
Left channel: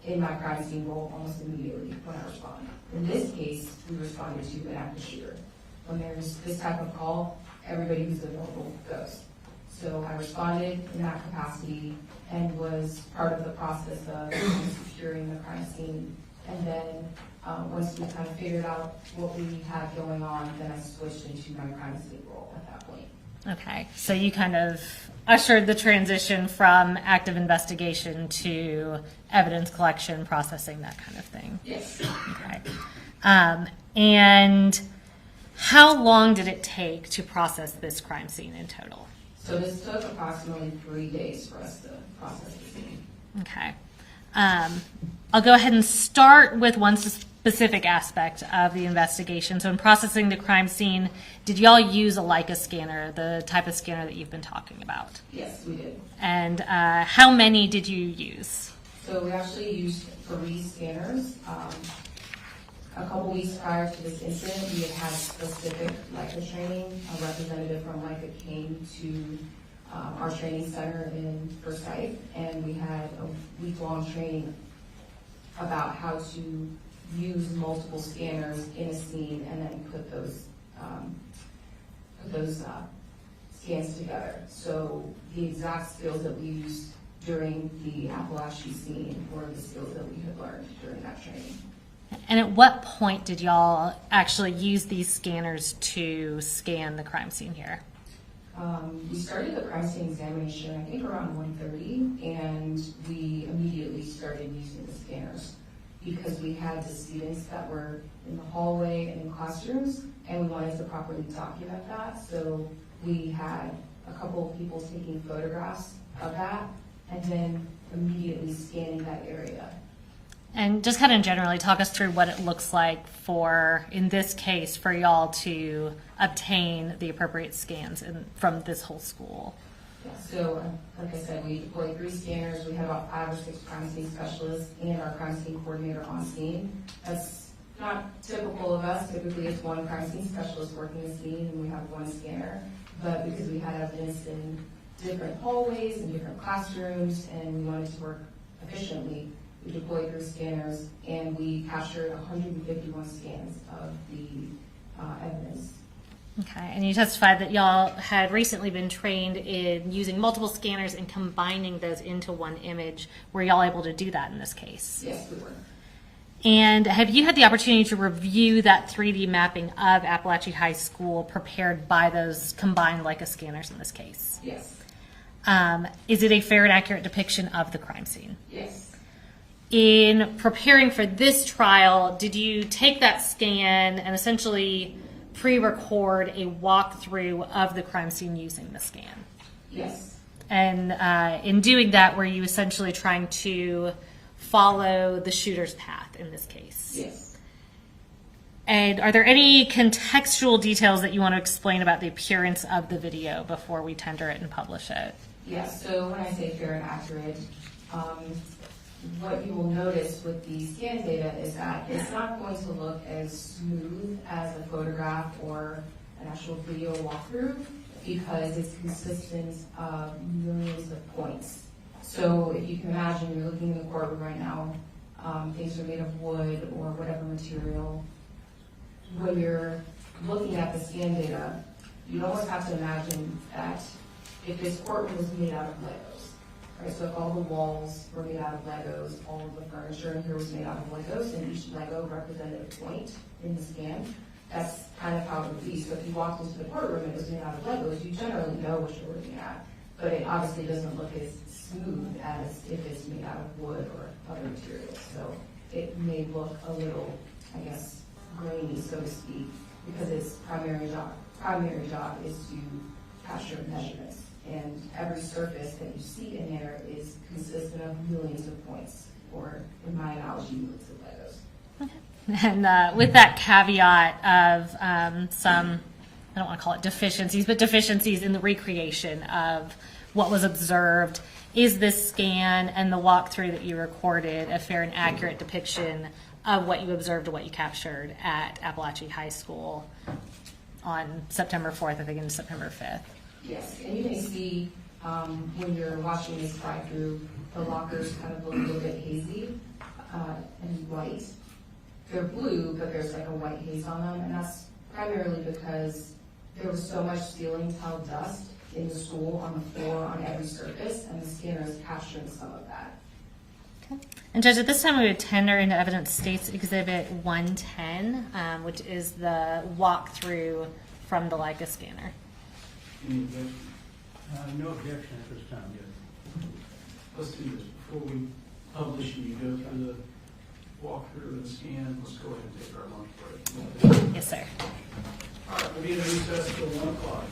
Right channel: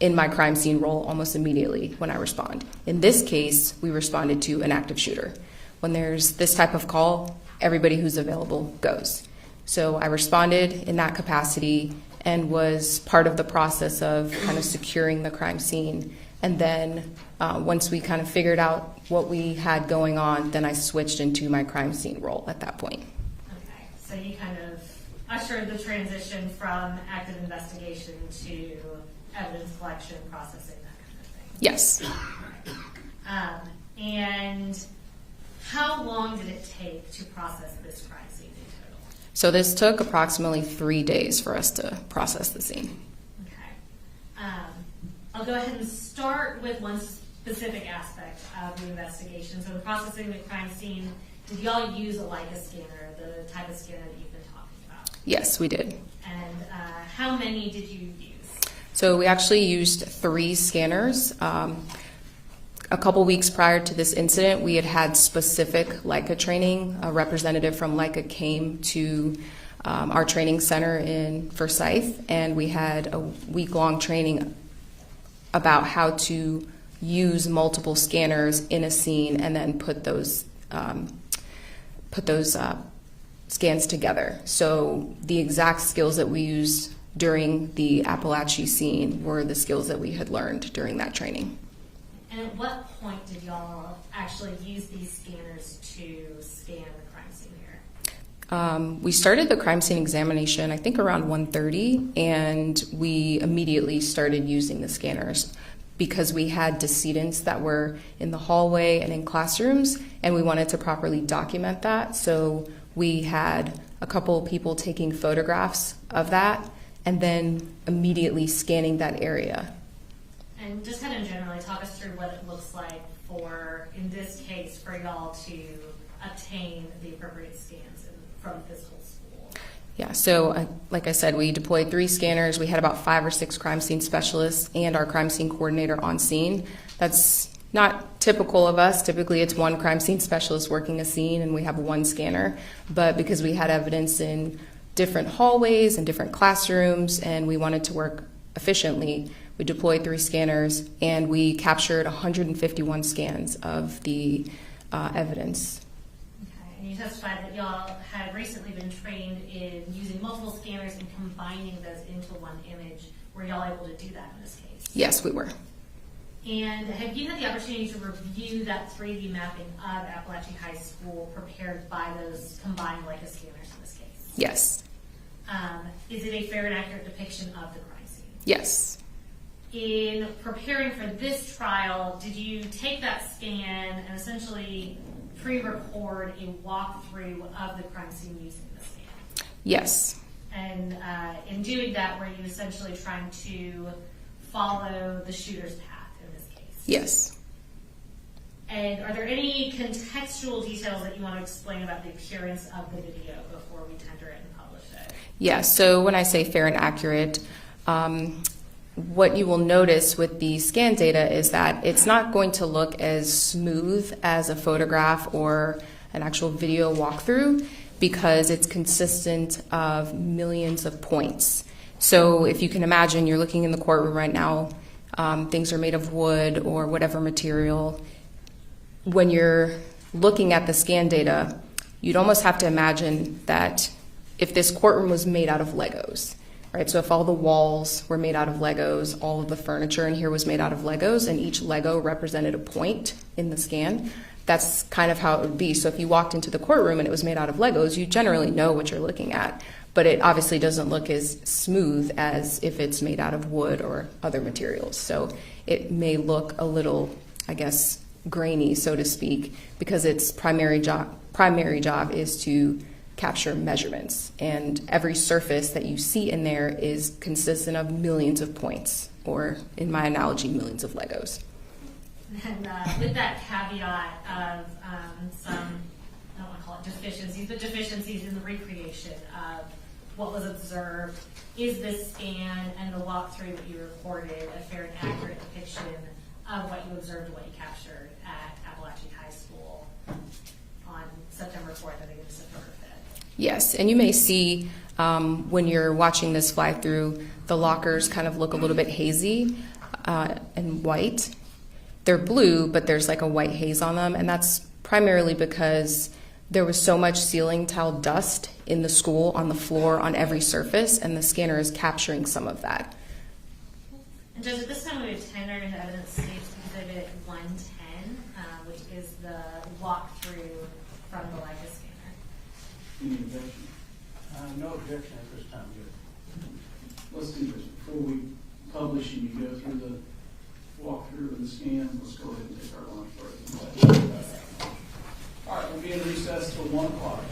in my crime scene role almost immediately when I respond. In this case, we responded to an active shooter. When there's this type of call, everybody who's available goes. So I responded in that capacity and was part of the process of kind of securing the crime scene. And then once we kind of figured out what we had going on, then I switched into my crime scene role at that point. Okay, so you kind of ushered the transition from active investigation to evidence collection, processing, that kind of thing. Yes. Okay. And how long did it take to process this crime scene in total? So this took approximately 3 days for us to process the scene. Okay. I'll go ahead and start with one specific aspect of the investigation. So in processing the crime scene, did y'all use a Leica scanner, the type of scanner that you've been talking about? Yes, we did. And how many did you use? So we actually used 3 scanners. A couple weeks prior to this incident, we had specific Leica training. A representative from Leica came to our training center in Forsyth, and we had a week-long training about how to use multiple scanners in a scene and then put those scans together. So the exact skills that we used during the Apalachee scene were the skills that we had learned during that training. And at what point did y'all actually use these scanners to scan the crime scene here? We started the crime scene examination, I think around 1:30, and we immediately started using the scanners because we had decedents that were in the hallway and in classrooms, and we wanted to properly document that. So we had a couple of people taking photographs of that and then immediately scanning that area. And just kind of generally talk us through what it looks like for, in this case, for y'all to obtain the appropriate scans from this whole school. Yeah, so like I said, we deployed 3 scanners. We had about 5 or 6 crime scene specialists and our crime scene coordinator on scene. That's not typical of us. Typically, it's 1 crime scene specialist working a scene and we have 1 scanner. But because we had evidence in different hallways and different classrooms and we wanted to work efficiently, we deployed 3 scanners and we captured 151 scans of the evidence. Okay, and you testified that y'all had recently been trained in using multiple scanners and combining those into one image. Were y'all able to do that in this case? Yes, we were. And have you had the opportunity to review that 3D mapping of Apalachee High School prepared by those combined Leica scanners in this case? Yes. Is it a fair and accurate depiction of the crime scene? Yes. In preparing for this trial, did you take that scan and essentially pre-record a walkthrough of the crime scene using the scan? Yes. And in doing that, were you essentially trying to follow the shooter's path in this case? Yes. And are there any contextual details that you want to explain about the appearance of the video before we tender it and publish it? Yeah, so when I say fair and accurate, what you will notice with the scan data is that it's not going to look as smooth as a photograph or an actual video walkthrough because it's consistent of millions of points. So if you can imagine, you're looking in the courtroom right now, things are made of wood or whatever material. When you're looking at the scan data, you'd almost have to imagine that if this courtroom was made out of Legos, right? So if all the walls were made out of Legos, all of the furniture in here was made out of Legos, and each Lego represented a point in the scan, that's kind of how it would be. So if you walked into the courtroom and it was made out of Legos, you generally know what you're looking at. But it obviously doesn't look as smooth as if it's made out of wood or other materials. So it may look a little, I guess, grainy, so to speak, because its primary job is to capture measurements. And every surface that you see in there is consistent of millions of points, or in my analogy, millions of Legos. And with that caveat of some, I don't want to call it deficiencies, but deficiencies in the recreation of what was observed, is this scan and the walkthrough that you recorded a fair and accurate depiction of what you observed or what you captured at Apalachee High School on September 4th, I think, and September 5th? Yes, and you may see when you're watching this fly through, the lockers kind of look a little bit hazy and white. They're blue, but there's like a white haze on them, and that's primarily because there was so much ceiling tile dust in the school, on the floor, on every surface, and the scanner is capturing some of that. Okay. And Judge, at this time we would tender into evidence States Exhibit 110, which is the walkthrough from the Leica scanner. Any objection? No objection at this time, yes. Let's do this. Before we publish and you go through the walkthrough of the scan, let's go ahead and take our lunch break. Yes, sir. All right, we'll be in recess till 1 o'clock.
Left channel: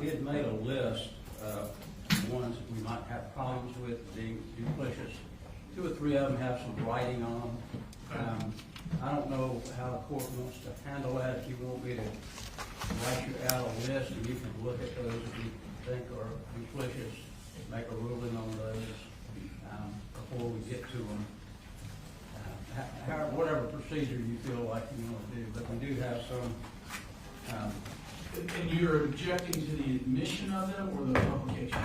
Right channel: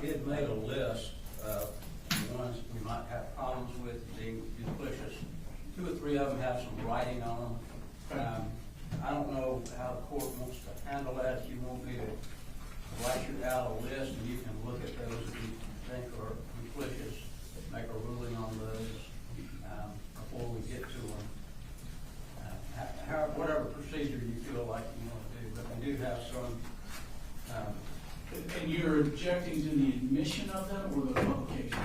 we had made a list of the ones that we might have problems with being duplicitous. 2 or 3 of them have some writing on them. I don't know how the court wants to handle that. If you want me to write you out a list and you can look at those that you think are duplicitous, make a ruling on those before we get to them. Whatever procedure you feel like you want to do, but we do have some. And you're objecting to the admission of them or the publication?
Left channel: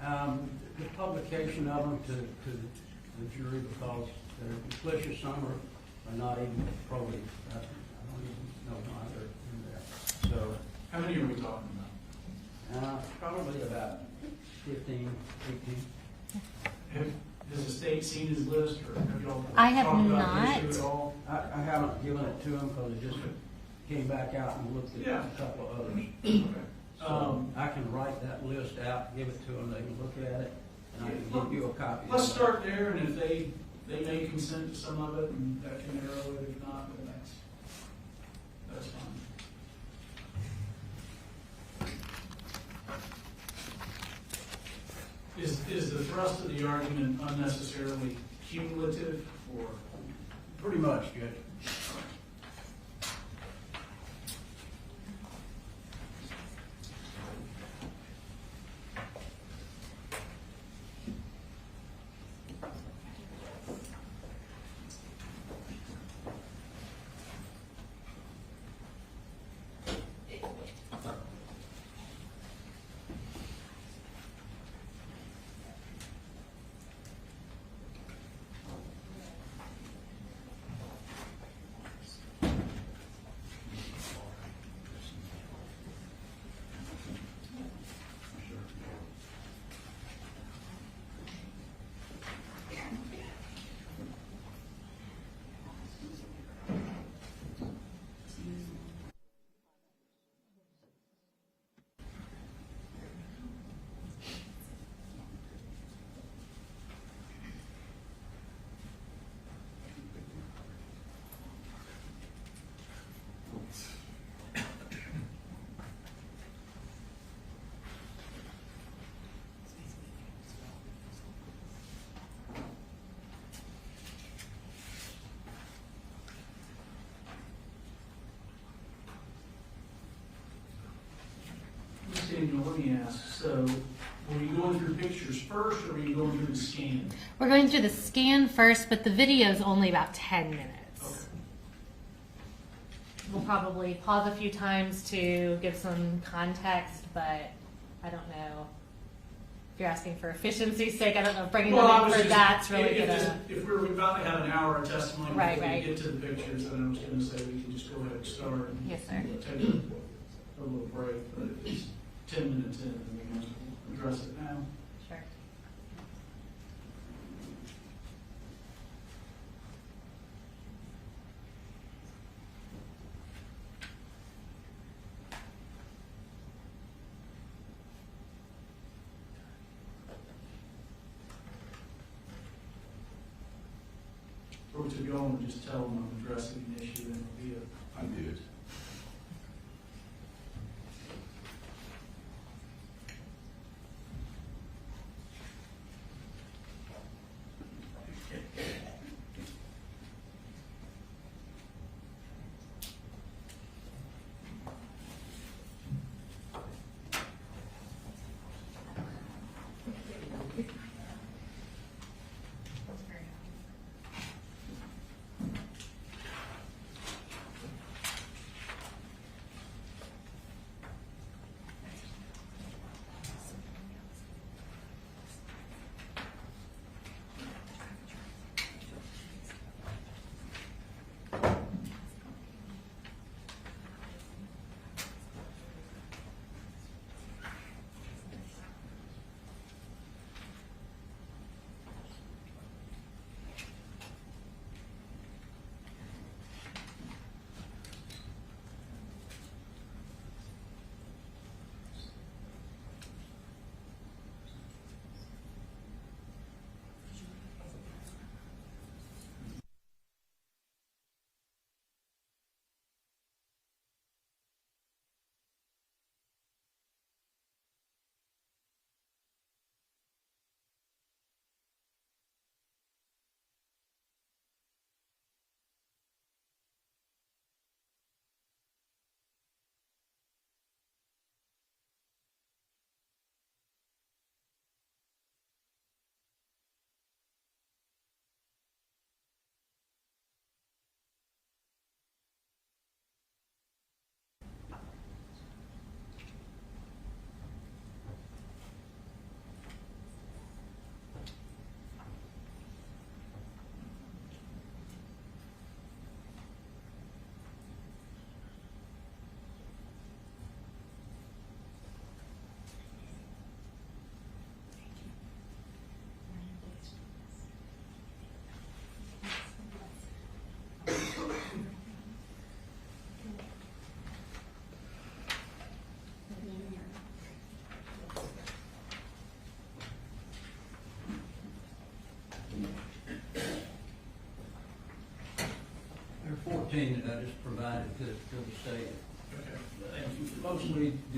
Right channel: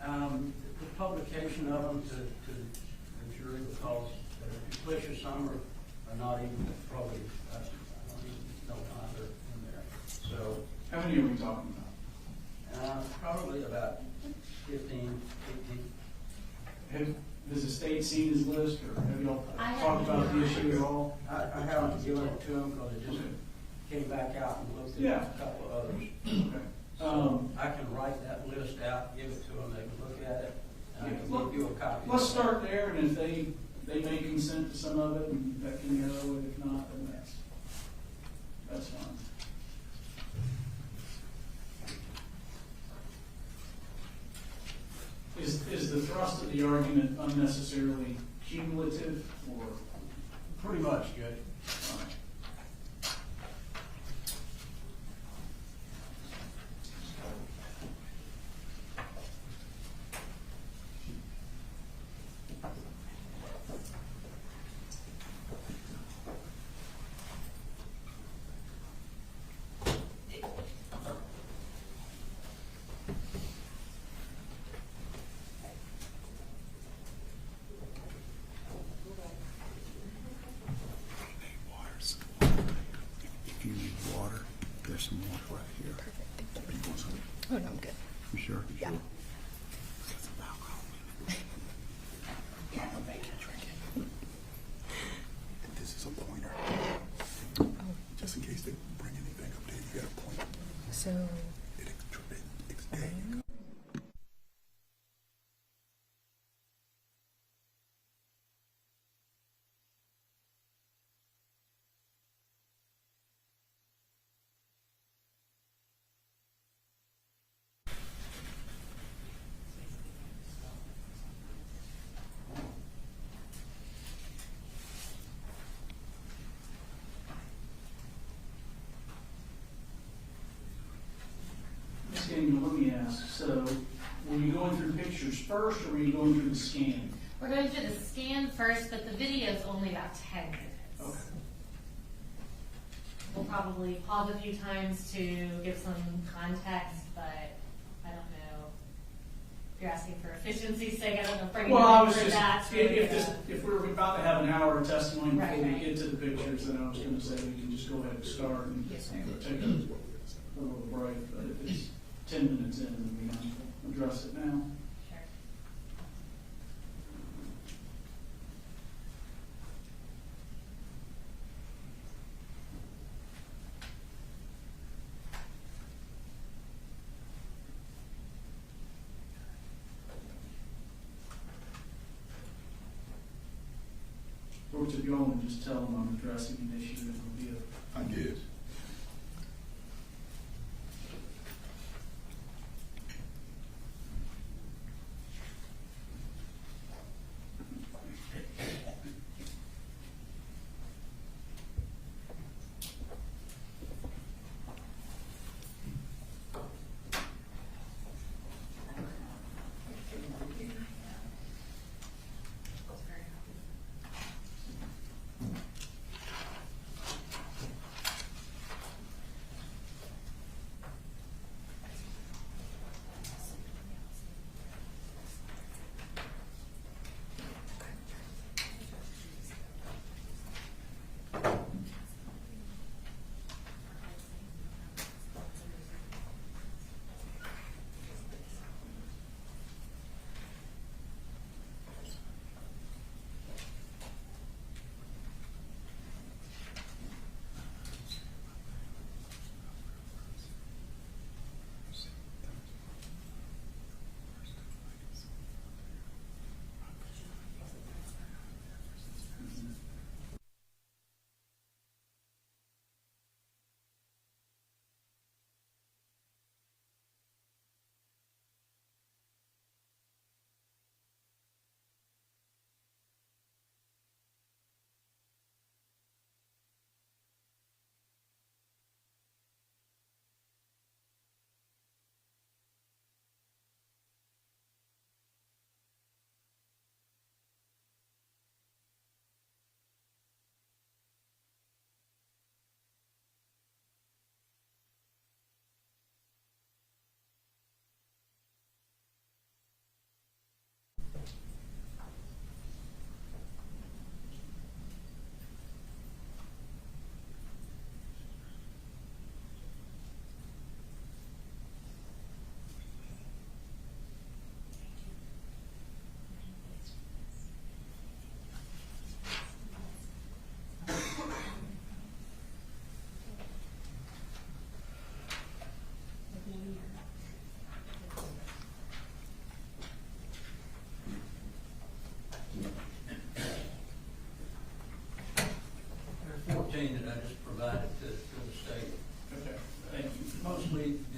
The publication of them to the jury, because duplicitous, some are not even probably, I don't even know why they're in there. So, How many are we talking about? probably about 15, 18. Has the state seen his list, or have y'all I have talked about not. the issue at all? I haven't given it to them because it just came back out and looked at Yeah. a couple of others. Okay. So I can write that list out, give it to them, they can look at it, and I can give you a copy. Let's start there, and if they may consent to some of it, and that can narrow it. If not, then that's fine. Is the thrust of the argument unnecessarily cumulative, or? Pretty much, Judge. Oh, no, I'm good. You sure? Yeah. This is a pointer. Just in case they bring anything up there, you got a point. So, Daniel, let me ask, so were you going through pictures first, or were you going through the scan? We're going through the scan first, but the video is only about 10 minutes. Okay. We'll probably pause a few times to give some context, but I don't know. If you're asking for efficiency's sake, I don't know if bringing them in for that's really if we're about to have an hour of testimony Right, before we right. get to the pictures, then I was going to say we can just go ahead and start and Yes, sir. take a little break, but if it's 10 minutes in, then we might as well address it now. Sure. Or to go and just tell them I'm addressing an issue that will be a. I did.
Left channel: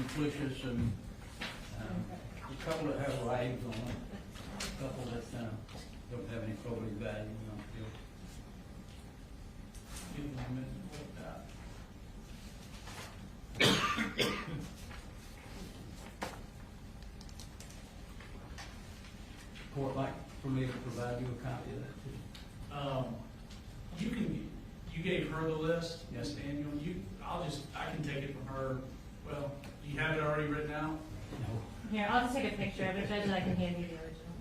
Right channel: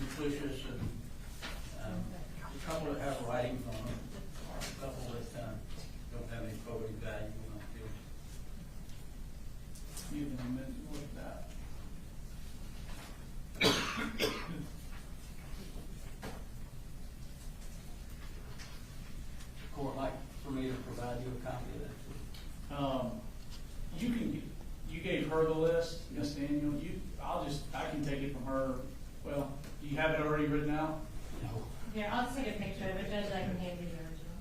duplicitous, and a couple that have writings on them, a couple that don't have any probative value. We don't feel. Give them a minute to look that. Court like for me to provide you a copy of that too. You gave her the list, Ms. Daniel. I can take it from her. Well, you have it already written out? No. Here, I'll just take a picture of it, Judge, and I can hand you the original.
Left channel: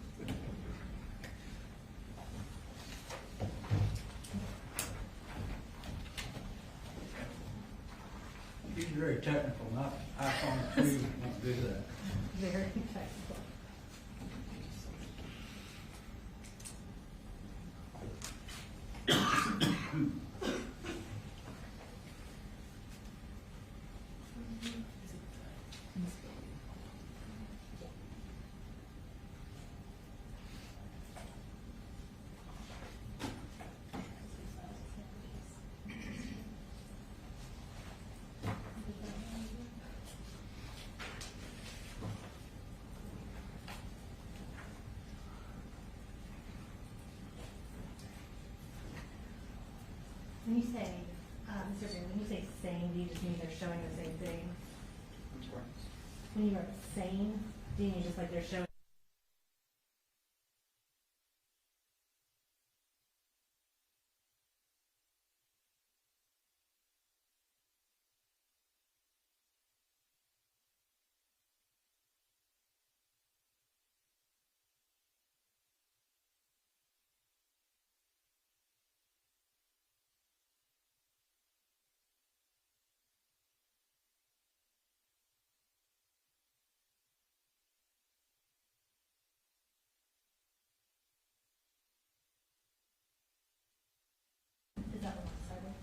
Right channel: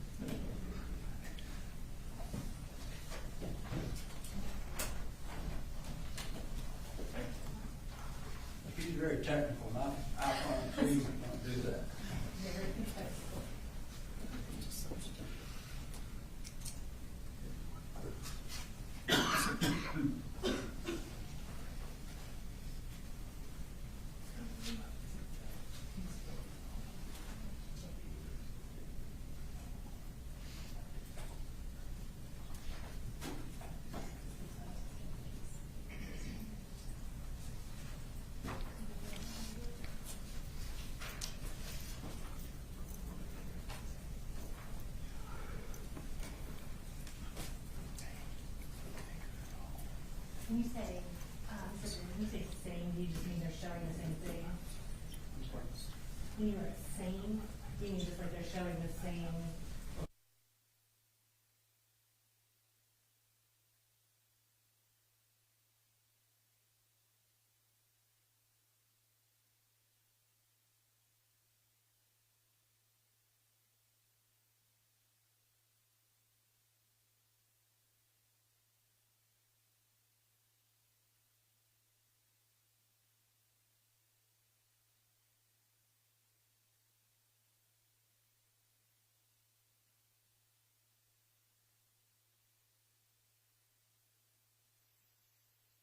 These are very technical, not iPhone 2, you don't do that. Very technical. When you say, when you say same, do you just mean they're showing the same thing? When you're same, do you mean just like they're showing the same? Is that what I started?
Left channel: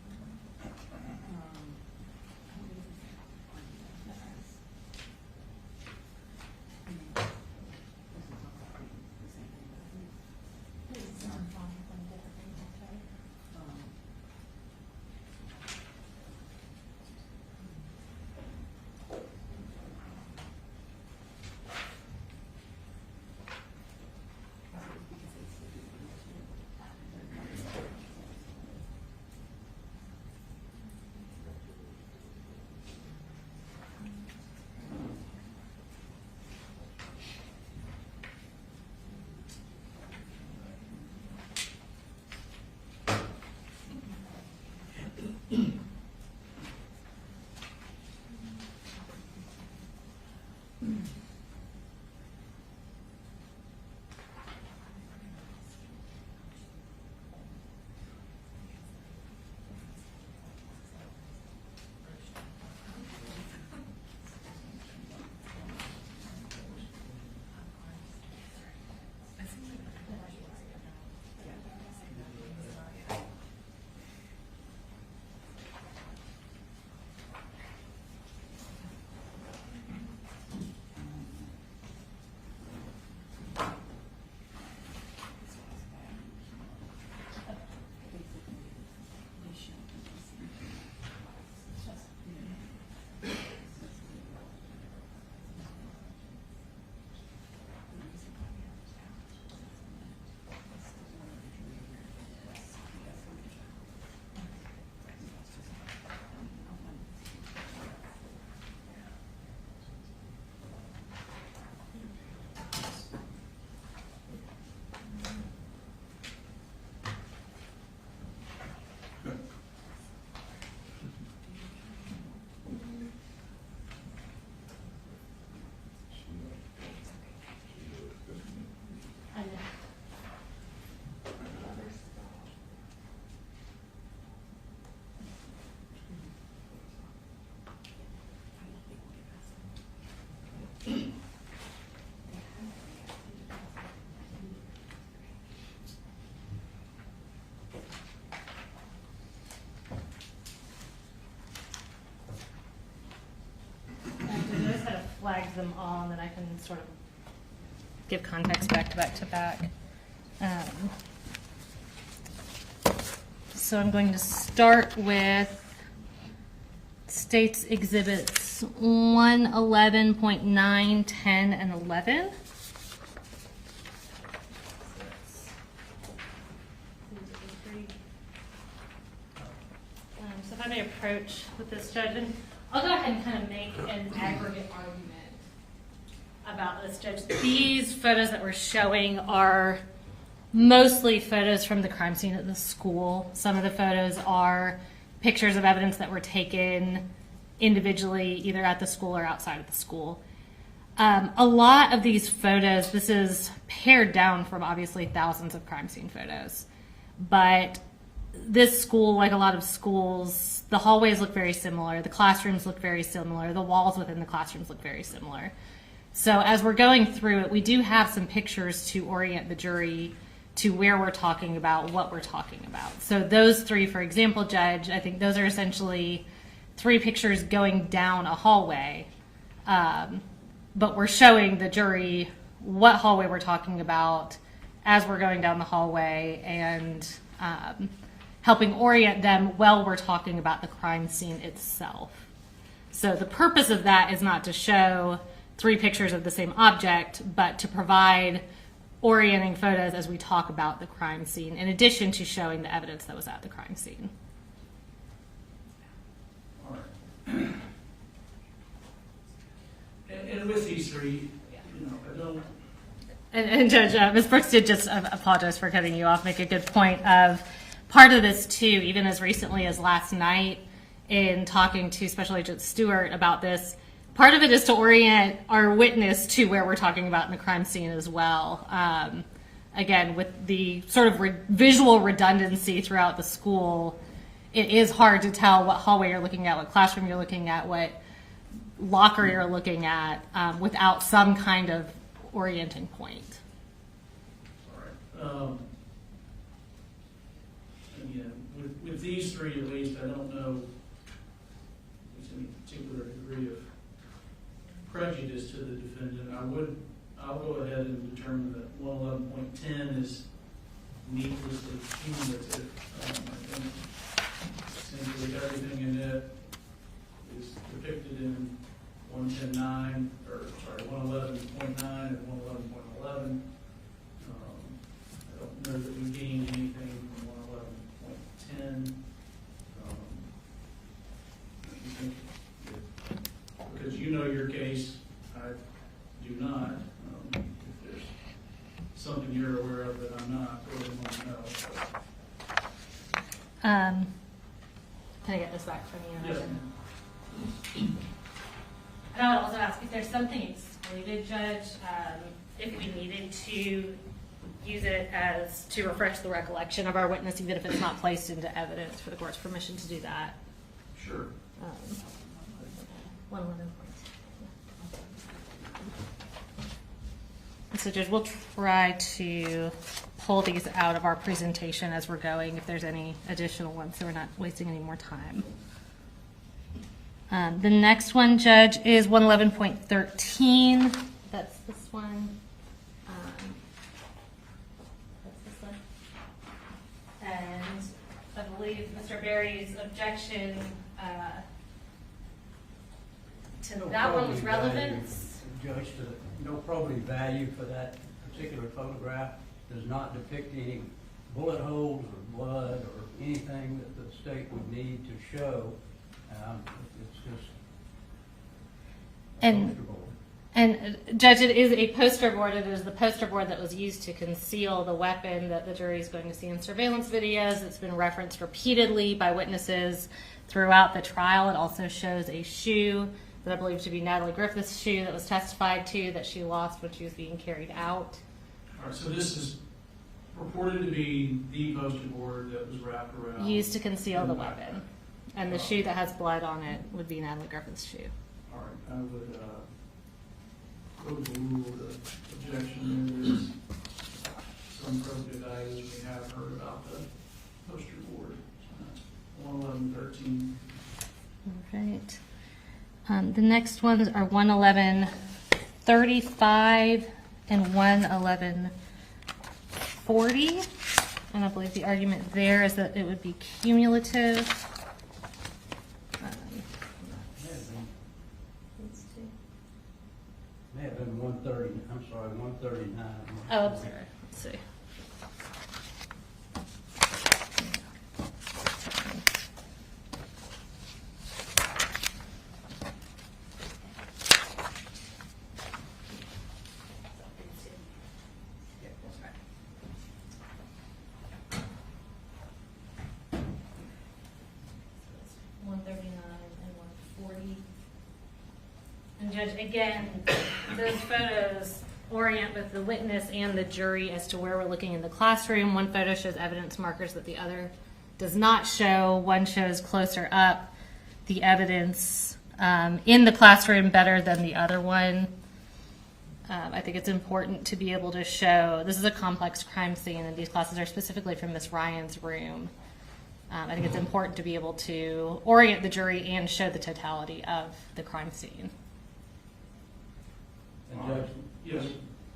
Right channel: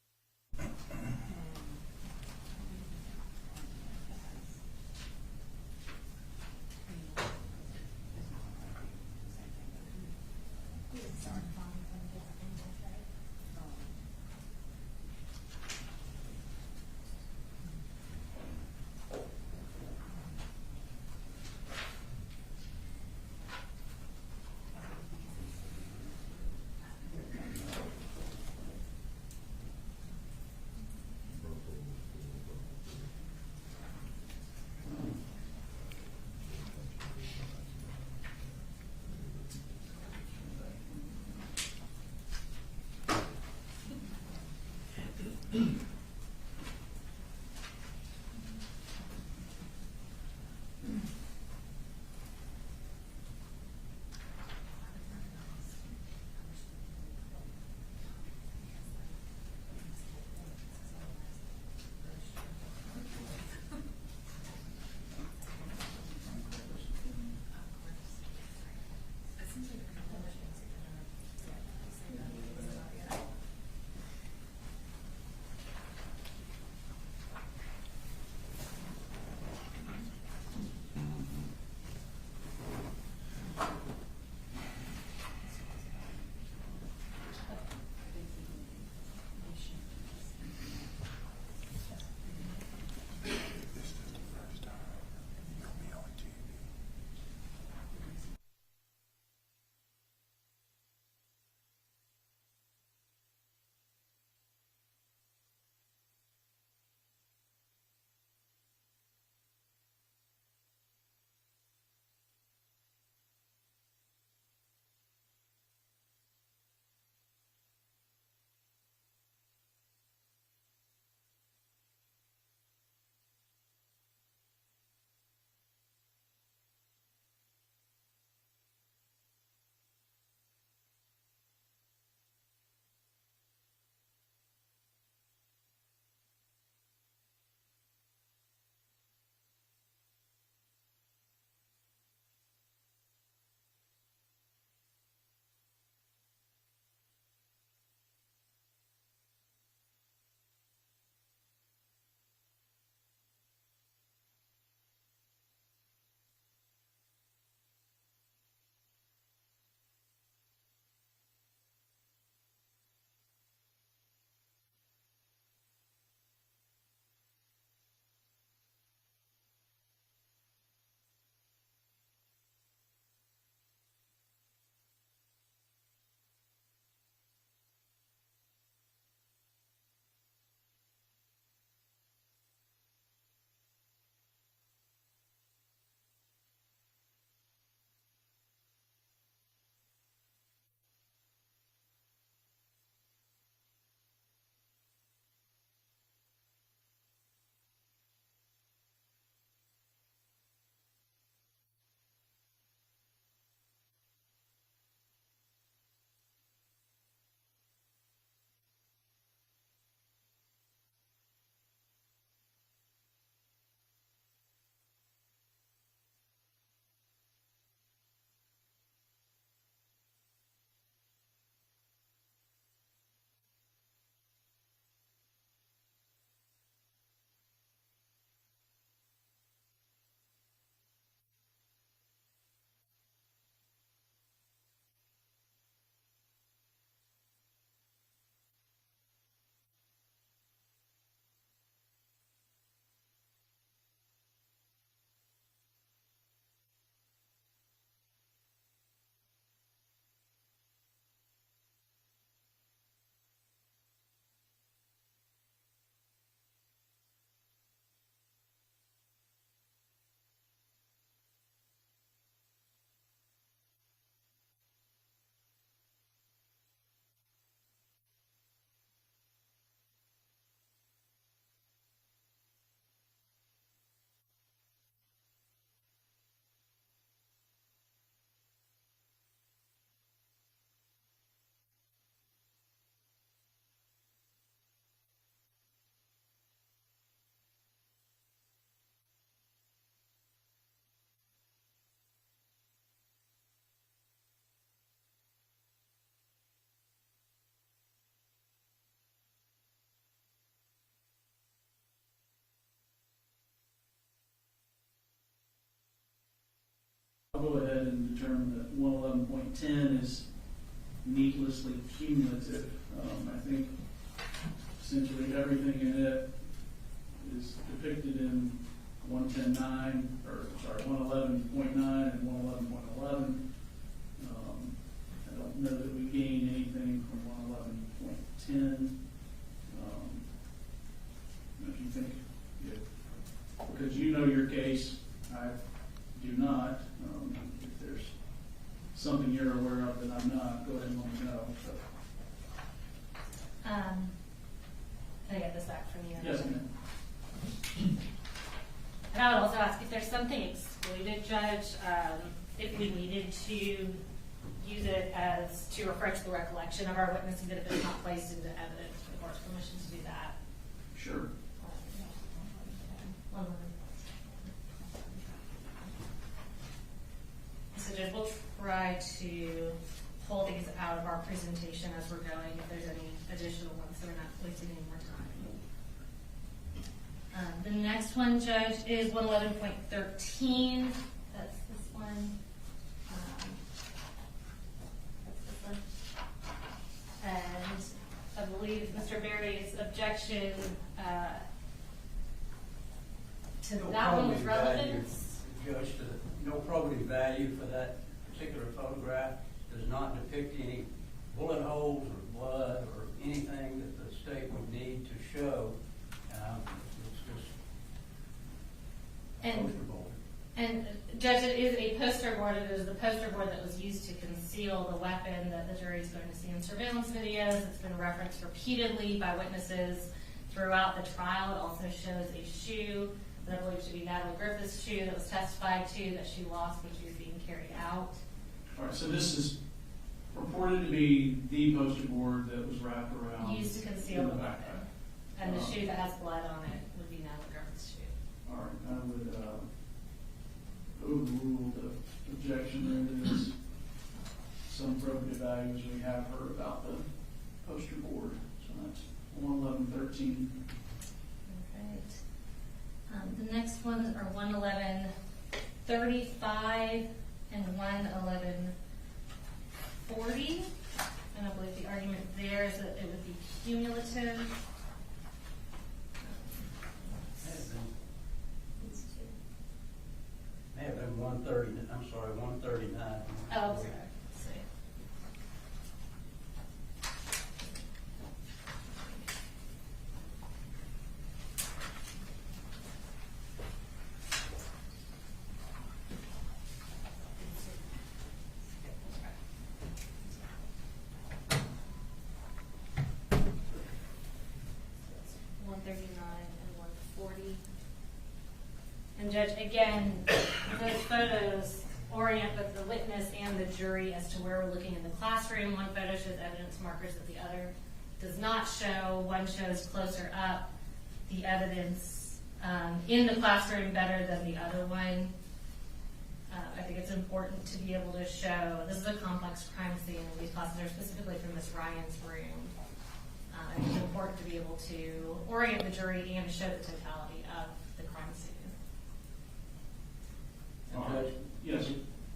Flags them all, and then I can sort of give context back to back. So I'm going to start with States Exhibits 111.9, 10, and 11. So if I may approach with this, Judge, and I'll go ahead and kind of make an aggregate argument about this, Judge. These photos that we're showing are mostly photos from the crime scene at the school. Some of the photos are pictures of evidence that were taken individually, either at the school or outside of the school. A lot of these photos, this is pared down from obviously thousands of crime scene photos, but this school, like a lot of schools, the hallways look very similar, the classrooms look very similar, the walls within the classrooms look very similar. So as we're going through it, we do have some pictures to orient the jury to where we're talking about, what we're talking about. So those three, for example, Judge, I think those are essentially three pictures going down a hallway, but we're showing the jury what hallway we're talking about as we're going down the hallway and helping orient them while we're talking about the crime scene itself. So the purpose of that is not to show three pictures of the same object, but to provide orienting photos as we talk about the crime scene, in addition to showing the evidence that was at the crime scene. All right. And with these three, you know, I don't. And Judge, Ms. Brooks did just apologize for cutting you off, make a good point of part of this too, even as recently as last night in talking to Special Agent Stewart about this, part of it is to orient our witness to where we're talking about in the crime scene as well. Again, with the sort of visual redundancy throughout the school, it is hard to tell what hallway you're looking at, what classroom you're looking at, what locker you're looking at, without some kind of orienting point. All right. Again, with these three at least, I don't know if there's any particular degree of prejudice to the defendant. I'll go ahead and determine that 111.10 is needlessly cumulative. I think simply everything in it is depicted in 111.9 and 111.11. I don't know that we gained anything from 111.10. I think that, because you know your case, I do not. If there's something you're aware of that I'm not, go ahead and let me know. Can I get this back from you? Yes, ma'am. And I would also ask if there's something excluded, Judge, if we needed to use it as to refresh the recollection of our witness, even if it's not placed into evidence, for the court's permission to do that. Sure. 111. So, Judge, we'll try to pull these out of our presentation as we're going, if there's any additional ones, so we're not wasting any more time. The next one, Judge, is 111.13. That's this one. That's this one. And I believe Mr. Berry's objection to that one was relevance. Judge, to no probative value for that particular photograph, does not depict any bullet holes or blood or anything that the state would need to show. It's just a poster board. And Judge, it is a poster board. It is the poster board that was used to conceal the weapon that the jury is going to see in surveillance videos. It's been referenced repeatedly by witnesses throughout the trial. It also shows a shoe that I believe to be Natalie Griffith's shoe that was testified to that she lost when she was being carried out. All right, so this is purported to be the poster board that was wrapped around. Used to conceal the weapon. And the shoe that has blood on it would be Natalie Griffith's shoe. All right, I would overrule the objection. There is some probative value as we have heard about the poster board. So that's 111.13. All right. The next ones are 111.35 and 111.40. And I believe the argument there is that it would be cumulative. 130, I'm sorry, 139. Oh, I'm sorry. Let's see. And Judge, again, those photos orient both the witness and the jury as to where we're looking in the classroom. One photo shows evidence markers that the other does not show. One shows closer up the evidence in the classroom better than the other one. I think it's important to be able to show, this is a complex crime scene, and these classes are specifically from Miss Ryan's room. I think it's important to be able to orient the jury and show the totality of the crime scene. And Judge, Yes.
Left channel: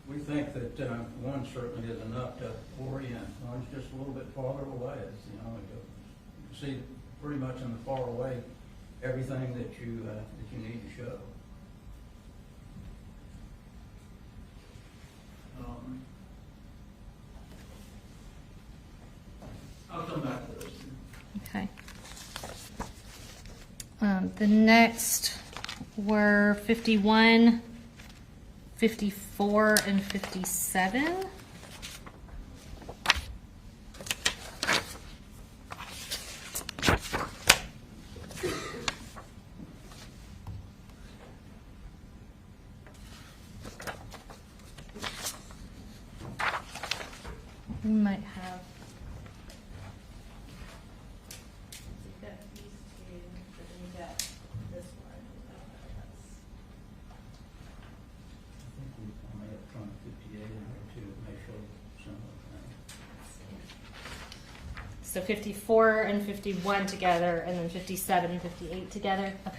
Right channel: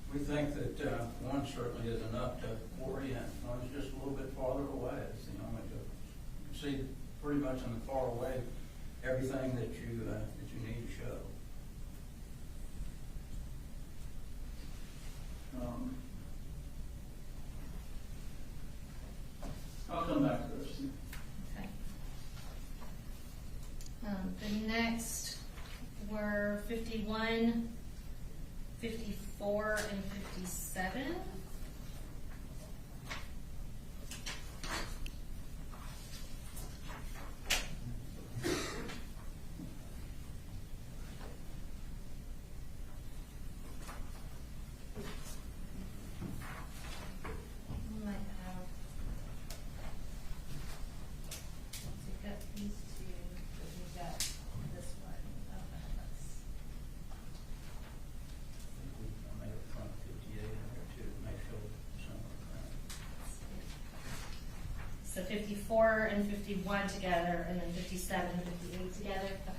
we think that one certainly is enough to orient. One's just a little bit farther away. It's the only good. You see pretty much in the far away everything that you need to show. I'll come back to those. Okay. The next were 51, 54, and 57. We might have. You've got these two, but then you've got this one. I don't know if that's. I may have front 58 in there too. It may show some of the So 54 and 51 together, and then 57 and 58 together. Okay.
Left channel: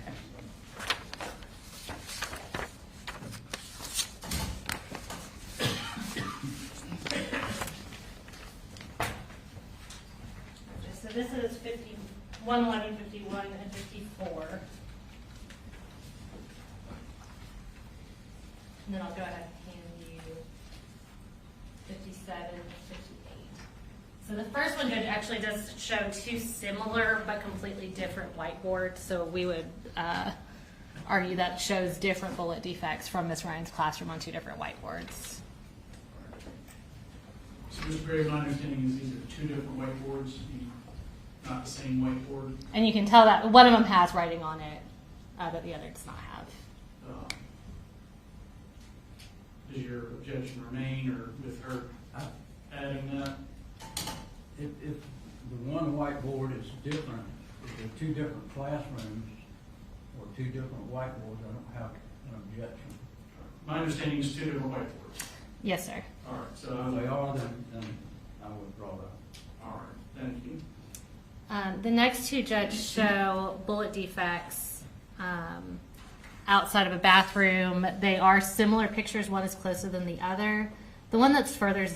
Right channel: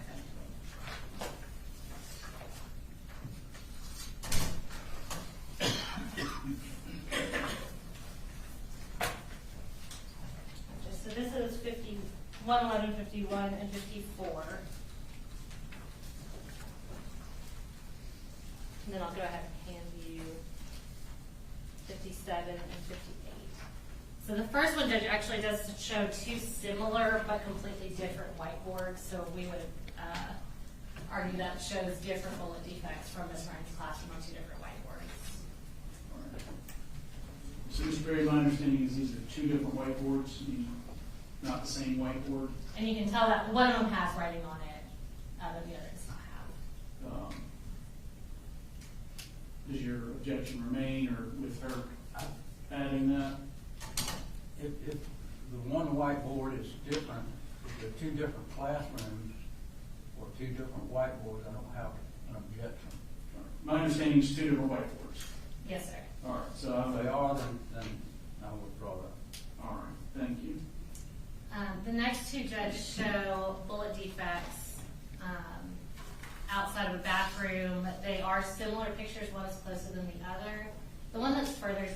So this is 51, 11, 51, and 54. And then I'll go ahead and hand you 57 and 58. So the first one, Judge, actually does show two similar but completely different whiteboards. So we would argue that shows different bullet defects from Miss Ryan's classroom on two different whiteboards. So, Mr. Gray, my understanding is these are two different whiteboards, not the same whiteboard. And you can tell that one of them has writing on it, that the other does not have. Does your objection remain, or with her adding that? If the one whiteboard is different, if they're two different classrooms or two different whiteboards, I don't have an objection. My understanding is two different whiteboards. Yes, sir. All right, so If they are, then I will withdraw that. all right, thank you. The next two, Judge, show bullet defects outside of a bathroom. They are similar pictures. One is closer than the other. The one that's further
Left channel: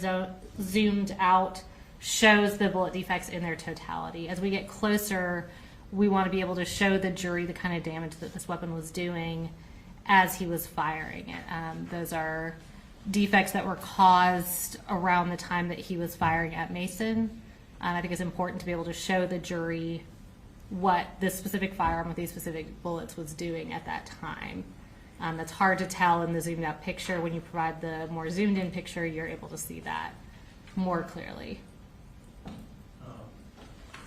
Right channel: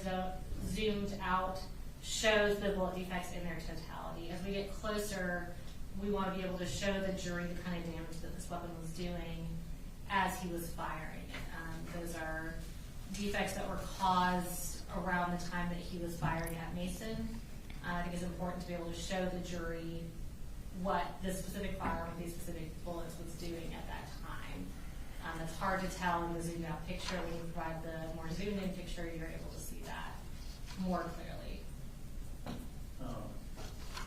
zoomed out shows the bullet defects in their totality. As we get closer, we want to be able to show the jury the kind of damage that this weapon was doing as he was firing it. Those are defects that were caused around the time that he was firing at Mason. I think it's important to be able to show the jury what this specific firearm with these specific bullets was doing at that time. It's hard to tell in the zoomed out picture. When you provide the more zoomed in picture, you're able to see that more clearly.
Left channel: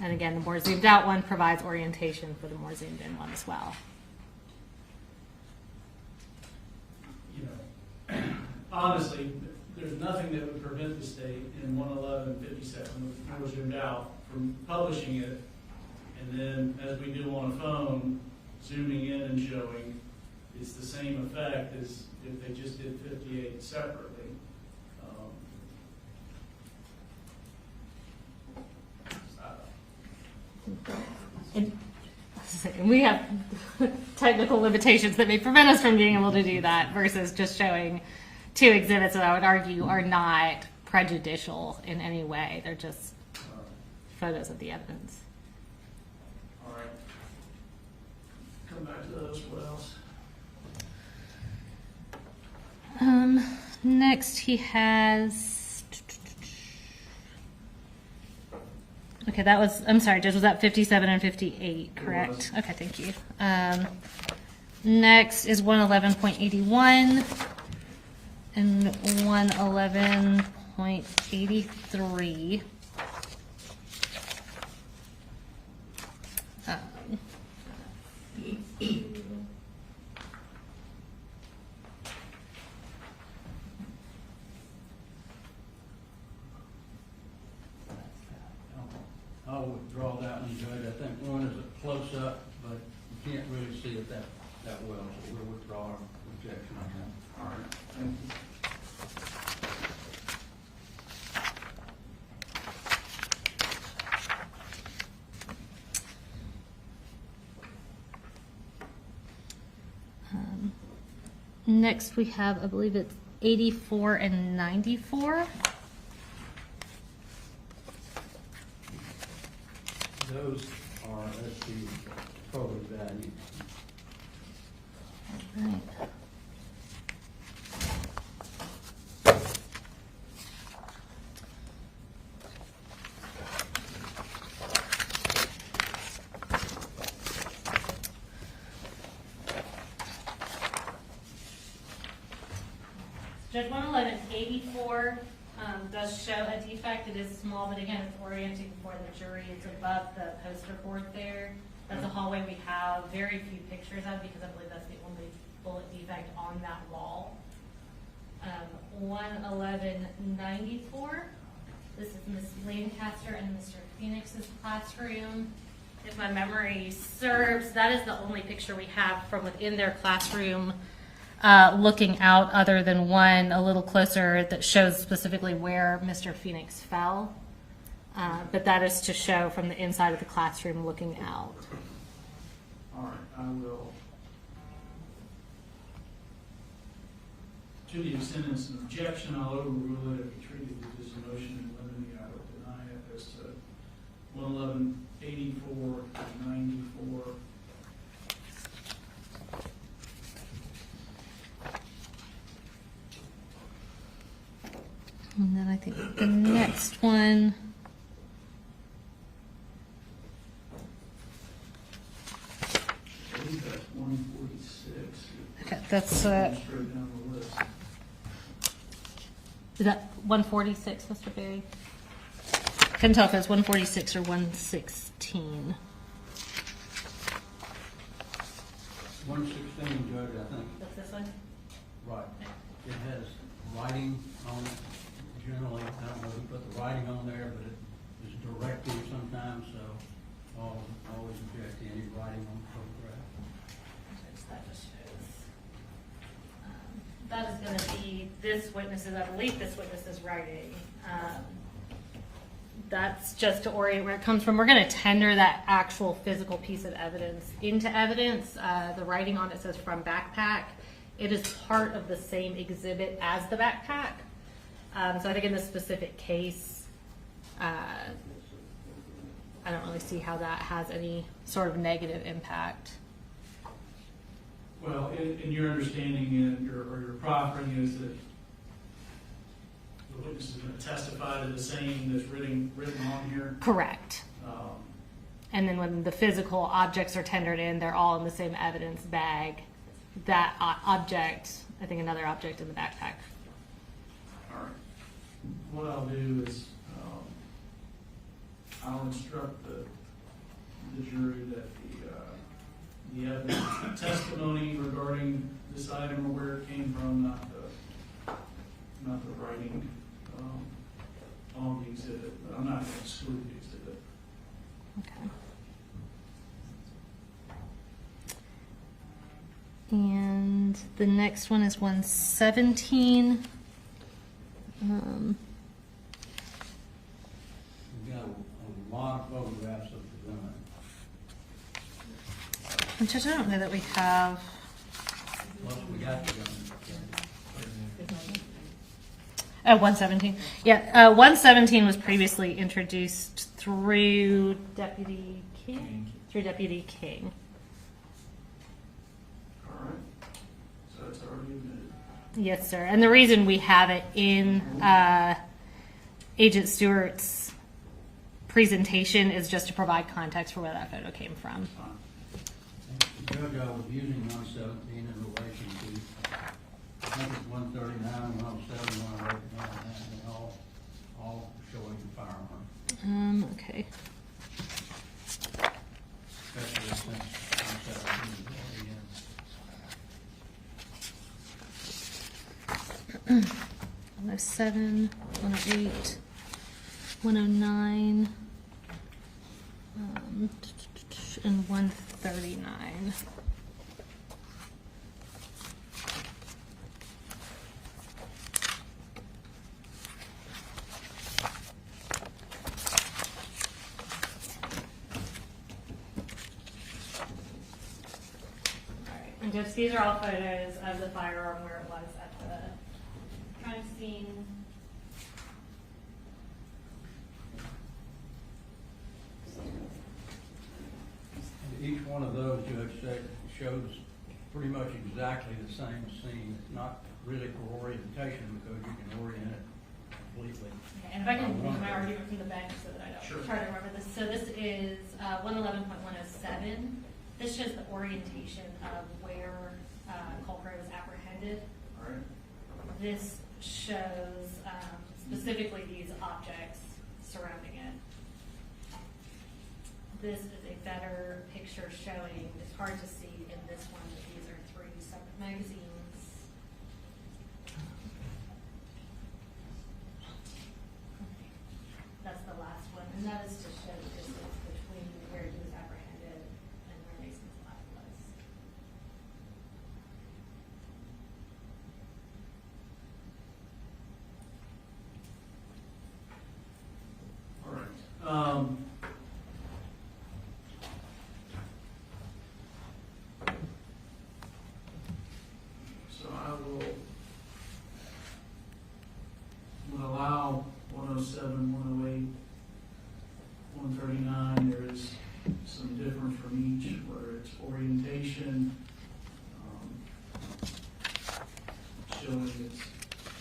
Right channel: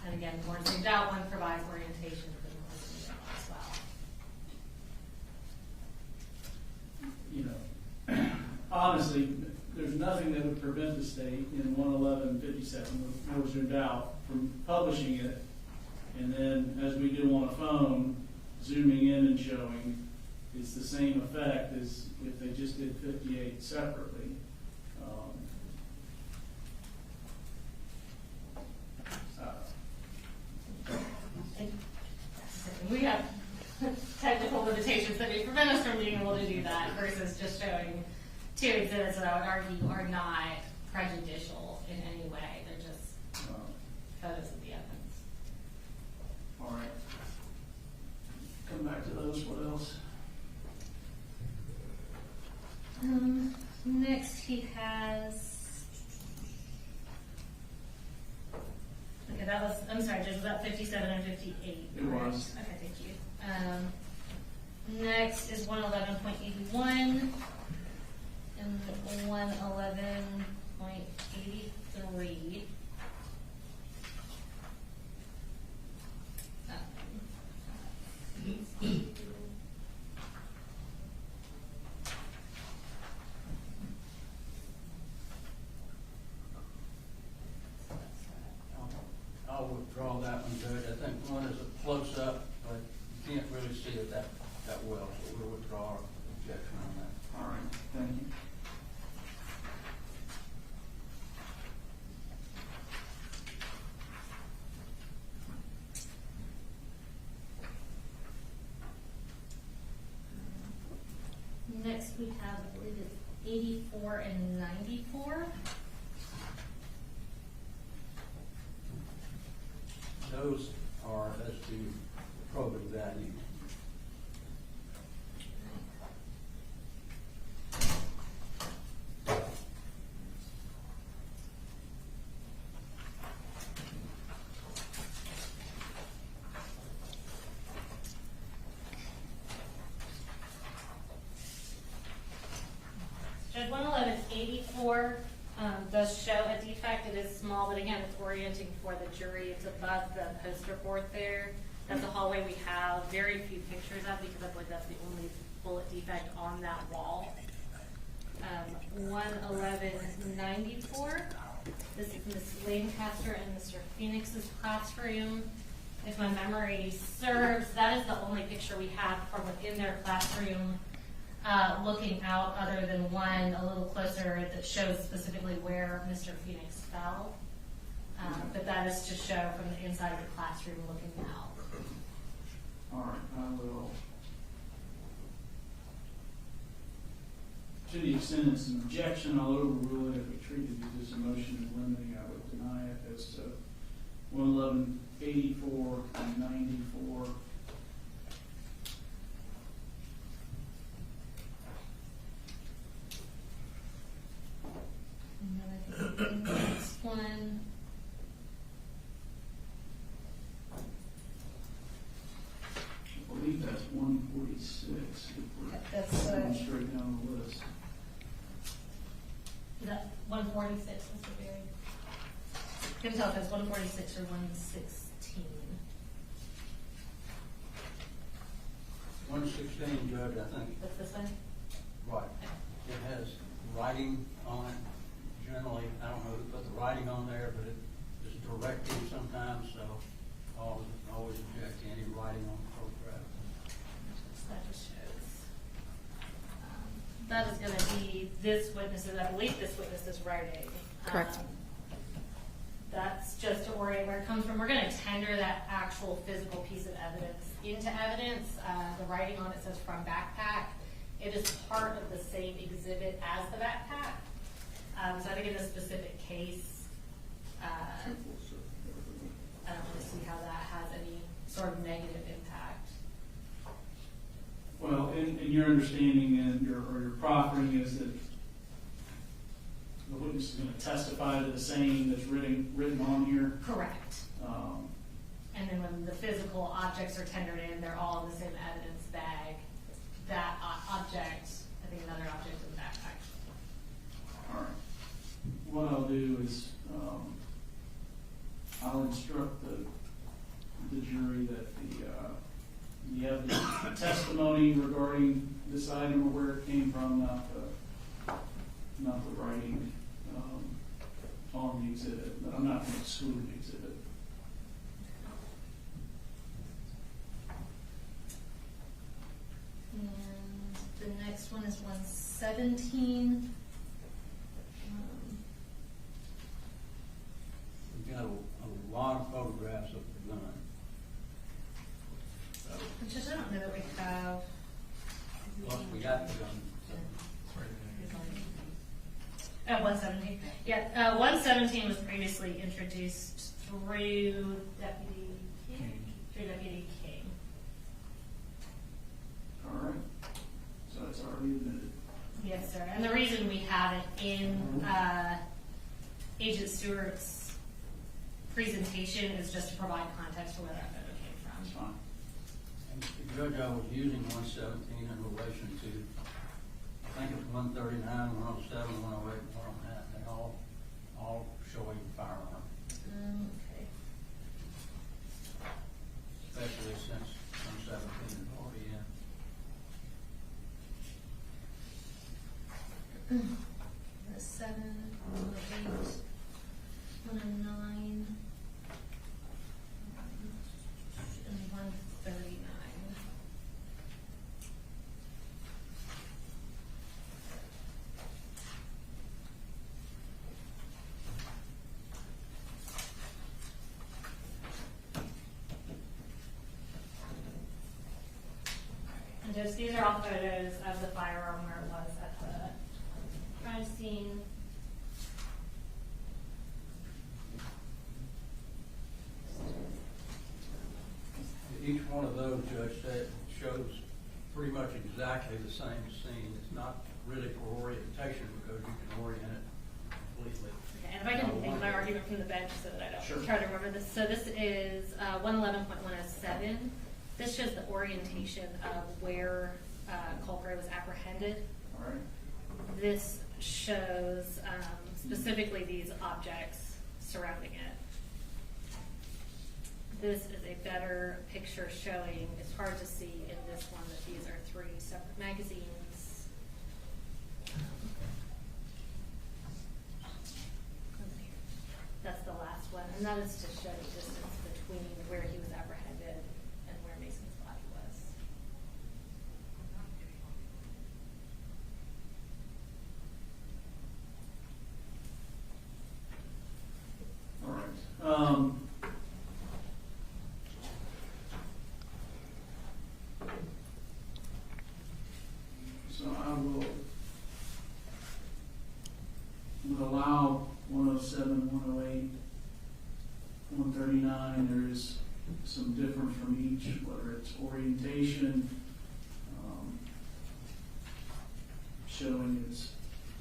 And again, the more zoomed out one provides orientation for the more zoomed in one as well. You know, honestly, there's nothing that would prevent the state in 11157, more zoomed out, from publishing it, and then, as we do on a phone, zooming in and showing. It's the same effect as if they just did 58 separately. And we have technical limitations that may prevent us from being able to do that versus just showing two exhibits that I would argue are not prejudicial in any way. They're just photos of the evidence. All right. Come back to those. What else? Next, he has. Okay, that was. I'm sorry, Judge. Was that 57 and 58? Correct. Okay, thank you. Next is 111.81 and 111.83. I'll withdraw that one, Judge. I think one is a close-up, but you can't really see it that well, so we'll withdraw our objection on that. All right, thank you. Next, we have, I believe it's 84 and 94. Those are as to probative value. Right. Judge 111.84 does show a defect. It is small, but again, it's orienting for the jury. It's above the poster board there. That's a hallway we have very few pictures of because I believe that's the only bullet defect on that wall. 111.94. This is Miss Lancaster and Mr. Phoenix's classroom. If my memory serves, that is the only picture we have from within their classroom. Looking out, other than one a little closer that shows specifically where Mr. Phoenix fell. But that is to show from the inside of the classroom looking out. All right, I will. To the extent it's an objection, I'll overrule it. If we treat it as a motion in limine, I would deny it as to 111.84 and 94. And then I think the next one. I believe that's 146. Okay, that's Straight down the list. is that 146, Mr. Berry? Couldn't tell if it was 146 or 116. 116, Judge, I think. What's this one? Right. It has writing on it. Generally, I don't know who put the writing on there, but it is directive sometimes, so I'll always object to any writing on the photograph. That just shows. That is going to be this witness's, I believe this witness's writing. Correct. That's just to orient where it comes from. We're going to tender that actual physical piece of evidence into evidence. The writing on it says from backpack. It is part of the same exhibit as the backpack. So I think in this specific case, I don't really see how that has any sort of negative impact. Well, in your understanding and your proffering is that the witness is going to testify to the same that's written on here. Correct. And then when the physical objects are tendered in, they're all in the same evidence bag. That object, I think another object in the backpack. All right. What I'll do is I'll instruct the jury that the evidence, the testimony regarding this item or where it came from, not the writing on the exhibit. But I'm not going to exclude the exhibit. Okay. And the next one is 117. We've got a lot of photographs of the gun. Which I don't know that we have. Plus, we got the gun. 117. Yeah, 117 was previously introduced through Deputy King. Through Deputy King. All right. So it's already admitted. Yes, sir. And the reason we have it in Agent Stewart's presentation is just to provide context for where that photo came from. Judge, I was using 117 in relation to, I think it's 139, 107, 108, and all that, and they all showing the firearm. Okay. Especially since 117 is already in. 107, 108, 109, and 139. And just these are all photos of the firearm where it was at the crime scene. Each one of those, Judge, said shows pretty much exactly the same scene. It's not really for orientation because you can orient it completely. Okay, and if I can make my argument from the bench so that I don't try to remember this. So this is 111.107. This shows the orientation of where Colt Gray was apprehended. All right. This shows specifically these objects surrounding it. This is a better picture showing, it's hard to see in this one that these are 3 separate magazines. That's the last one, and that is to show the distance between where he was apprehended and where Mason's lab was. All right. So I would allow 107, 108, 139. There is some difference from each, whether it's orientation, showing its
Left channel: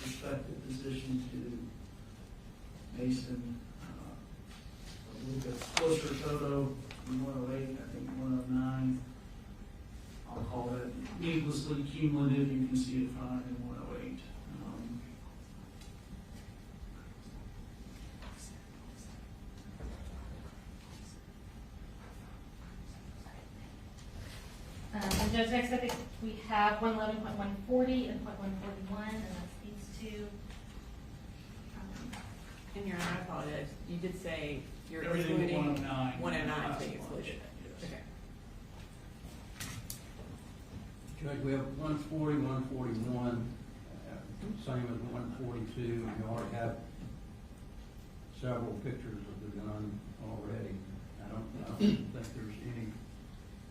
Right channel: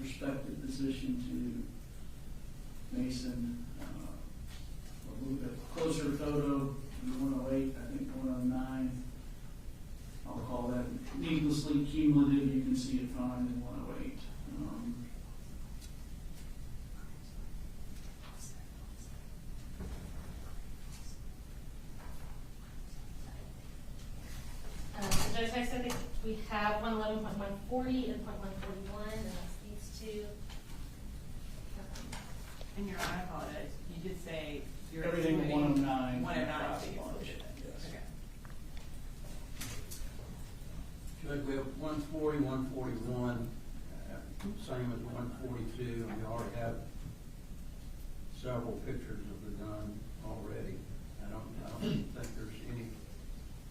respective position to Mason. A little bit closer photo, 108, I think 109. I'll call that needlessly cumulative. You can see it fine in 108. Judge, next I think we have 111.140 and 141, and that's these two. In your I apologize. You did say you're Everything but excluding 109. 109 is excluded. Yes. Okay. Judge, we have 140, 141, same as 142. We already have several pictures of the gun already. I don't think there's any.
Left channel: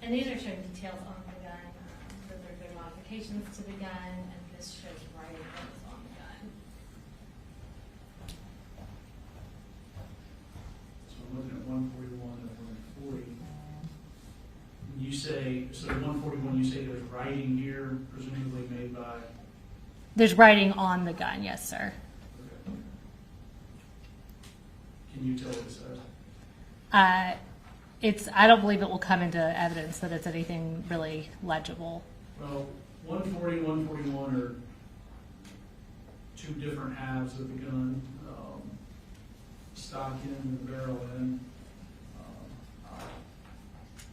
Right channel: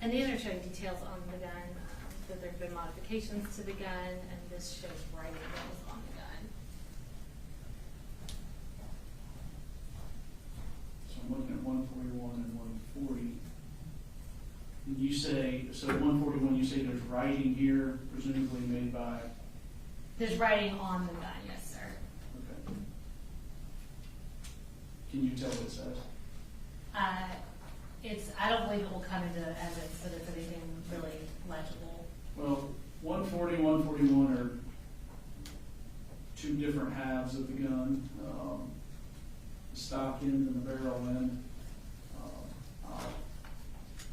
And these are showing details on the gun, that there have been modifications to the gun, and this shows writing that was on the gun. So I'm looking at 141 and 140. You say, so 141, you say there's writing here, presumably made by? There's writing on the gun, yes, sir. Okay. Can you tell what it says? I don't believe it will come into evidence that it's anything really legible. Well, 140, 141 are two different halves of the gun, stock end and the barrel end. I'll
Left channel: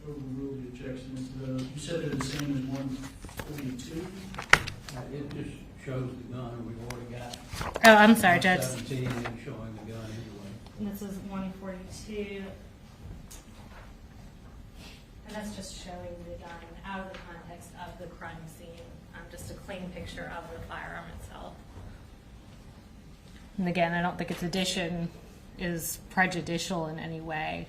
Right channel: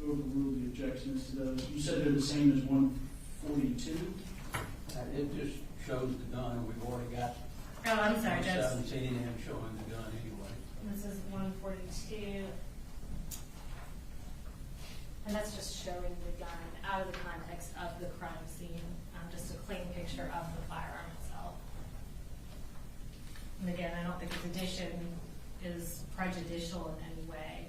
overrule the objections to those. You said they're the same as 142? It just shows the gun. We've already got. Oh, I'm sorry, Judge. 17 showing the gun anyway. This is 142. And that's just showing the gun out of the context of the crime scene. Just a clean picture of the firearm itself. And again, I don't think its addition is prejudicial in any way.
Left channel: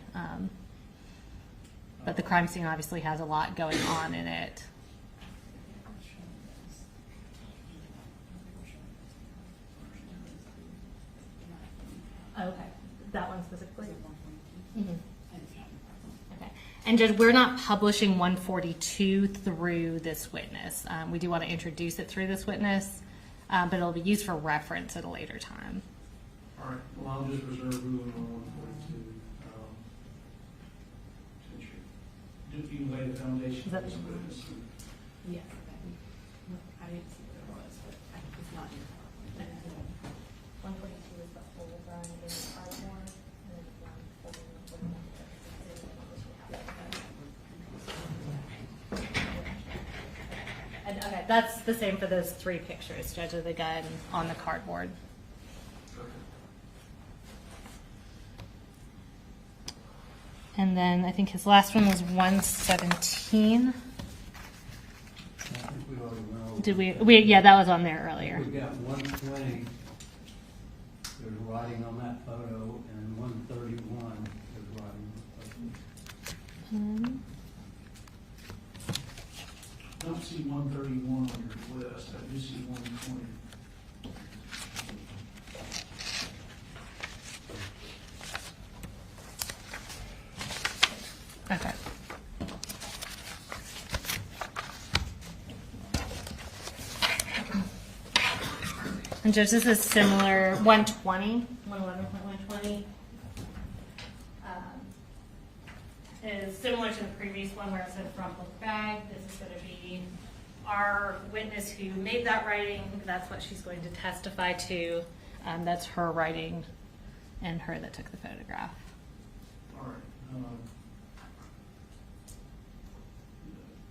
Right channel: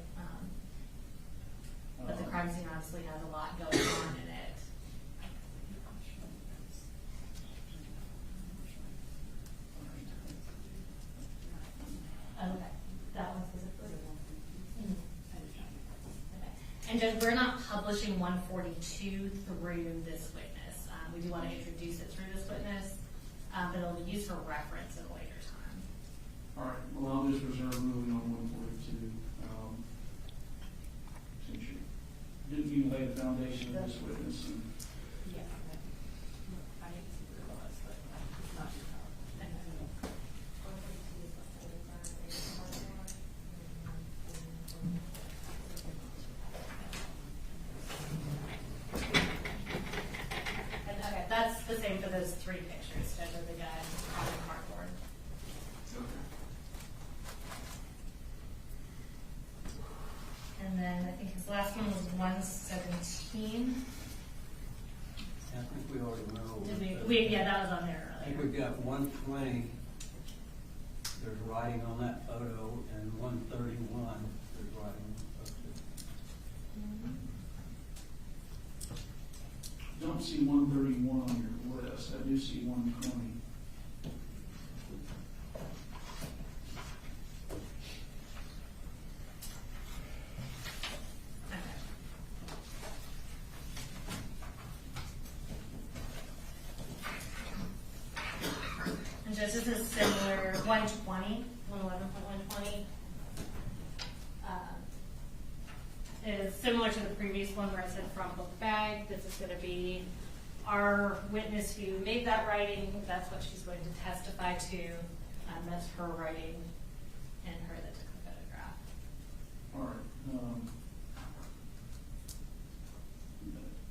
But the crime scene obviously has a lot going on in it. Okay, that one specifically? Mm-hmm. Okay. And Judge, we're not publishing 142 through this witness. We do want to introduce it through this witness. but it'll be used for reference at a later time. All right, well, I'll just reserve ruling on 142. Since you lay the foundation of this witness. Yeah. I didn't see what it was, but it's not your problem. 122 is the whole run in Ardmore, and okay, that's the same for those 3 pictures, Judge, of the gun on the cardboard. And then I think his last one was 117. I think we already went over. Did we? Yeah, that was on there earlier. We've got 120, there's writing on that photo, and 131, there's writing on the photo. I don't see 131 on your list. I do see 120. Okay. And Judge, this is similar, 120, 111.120. Is similar to the previous one where it said front book bag. This is going to be our witness who made that writing. That's what she's going to testify to. That's her writing and her that took the photograph. All right.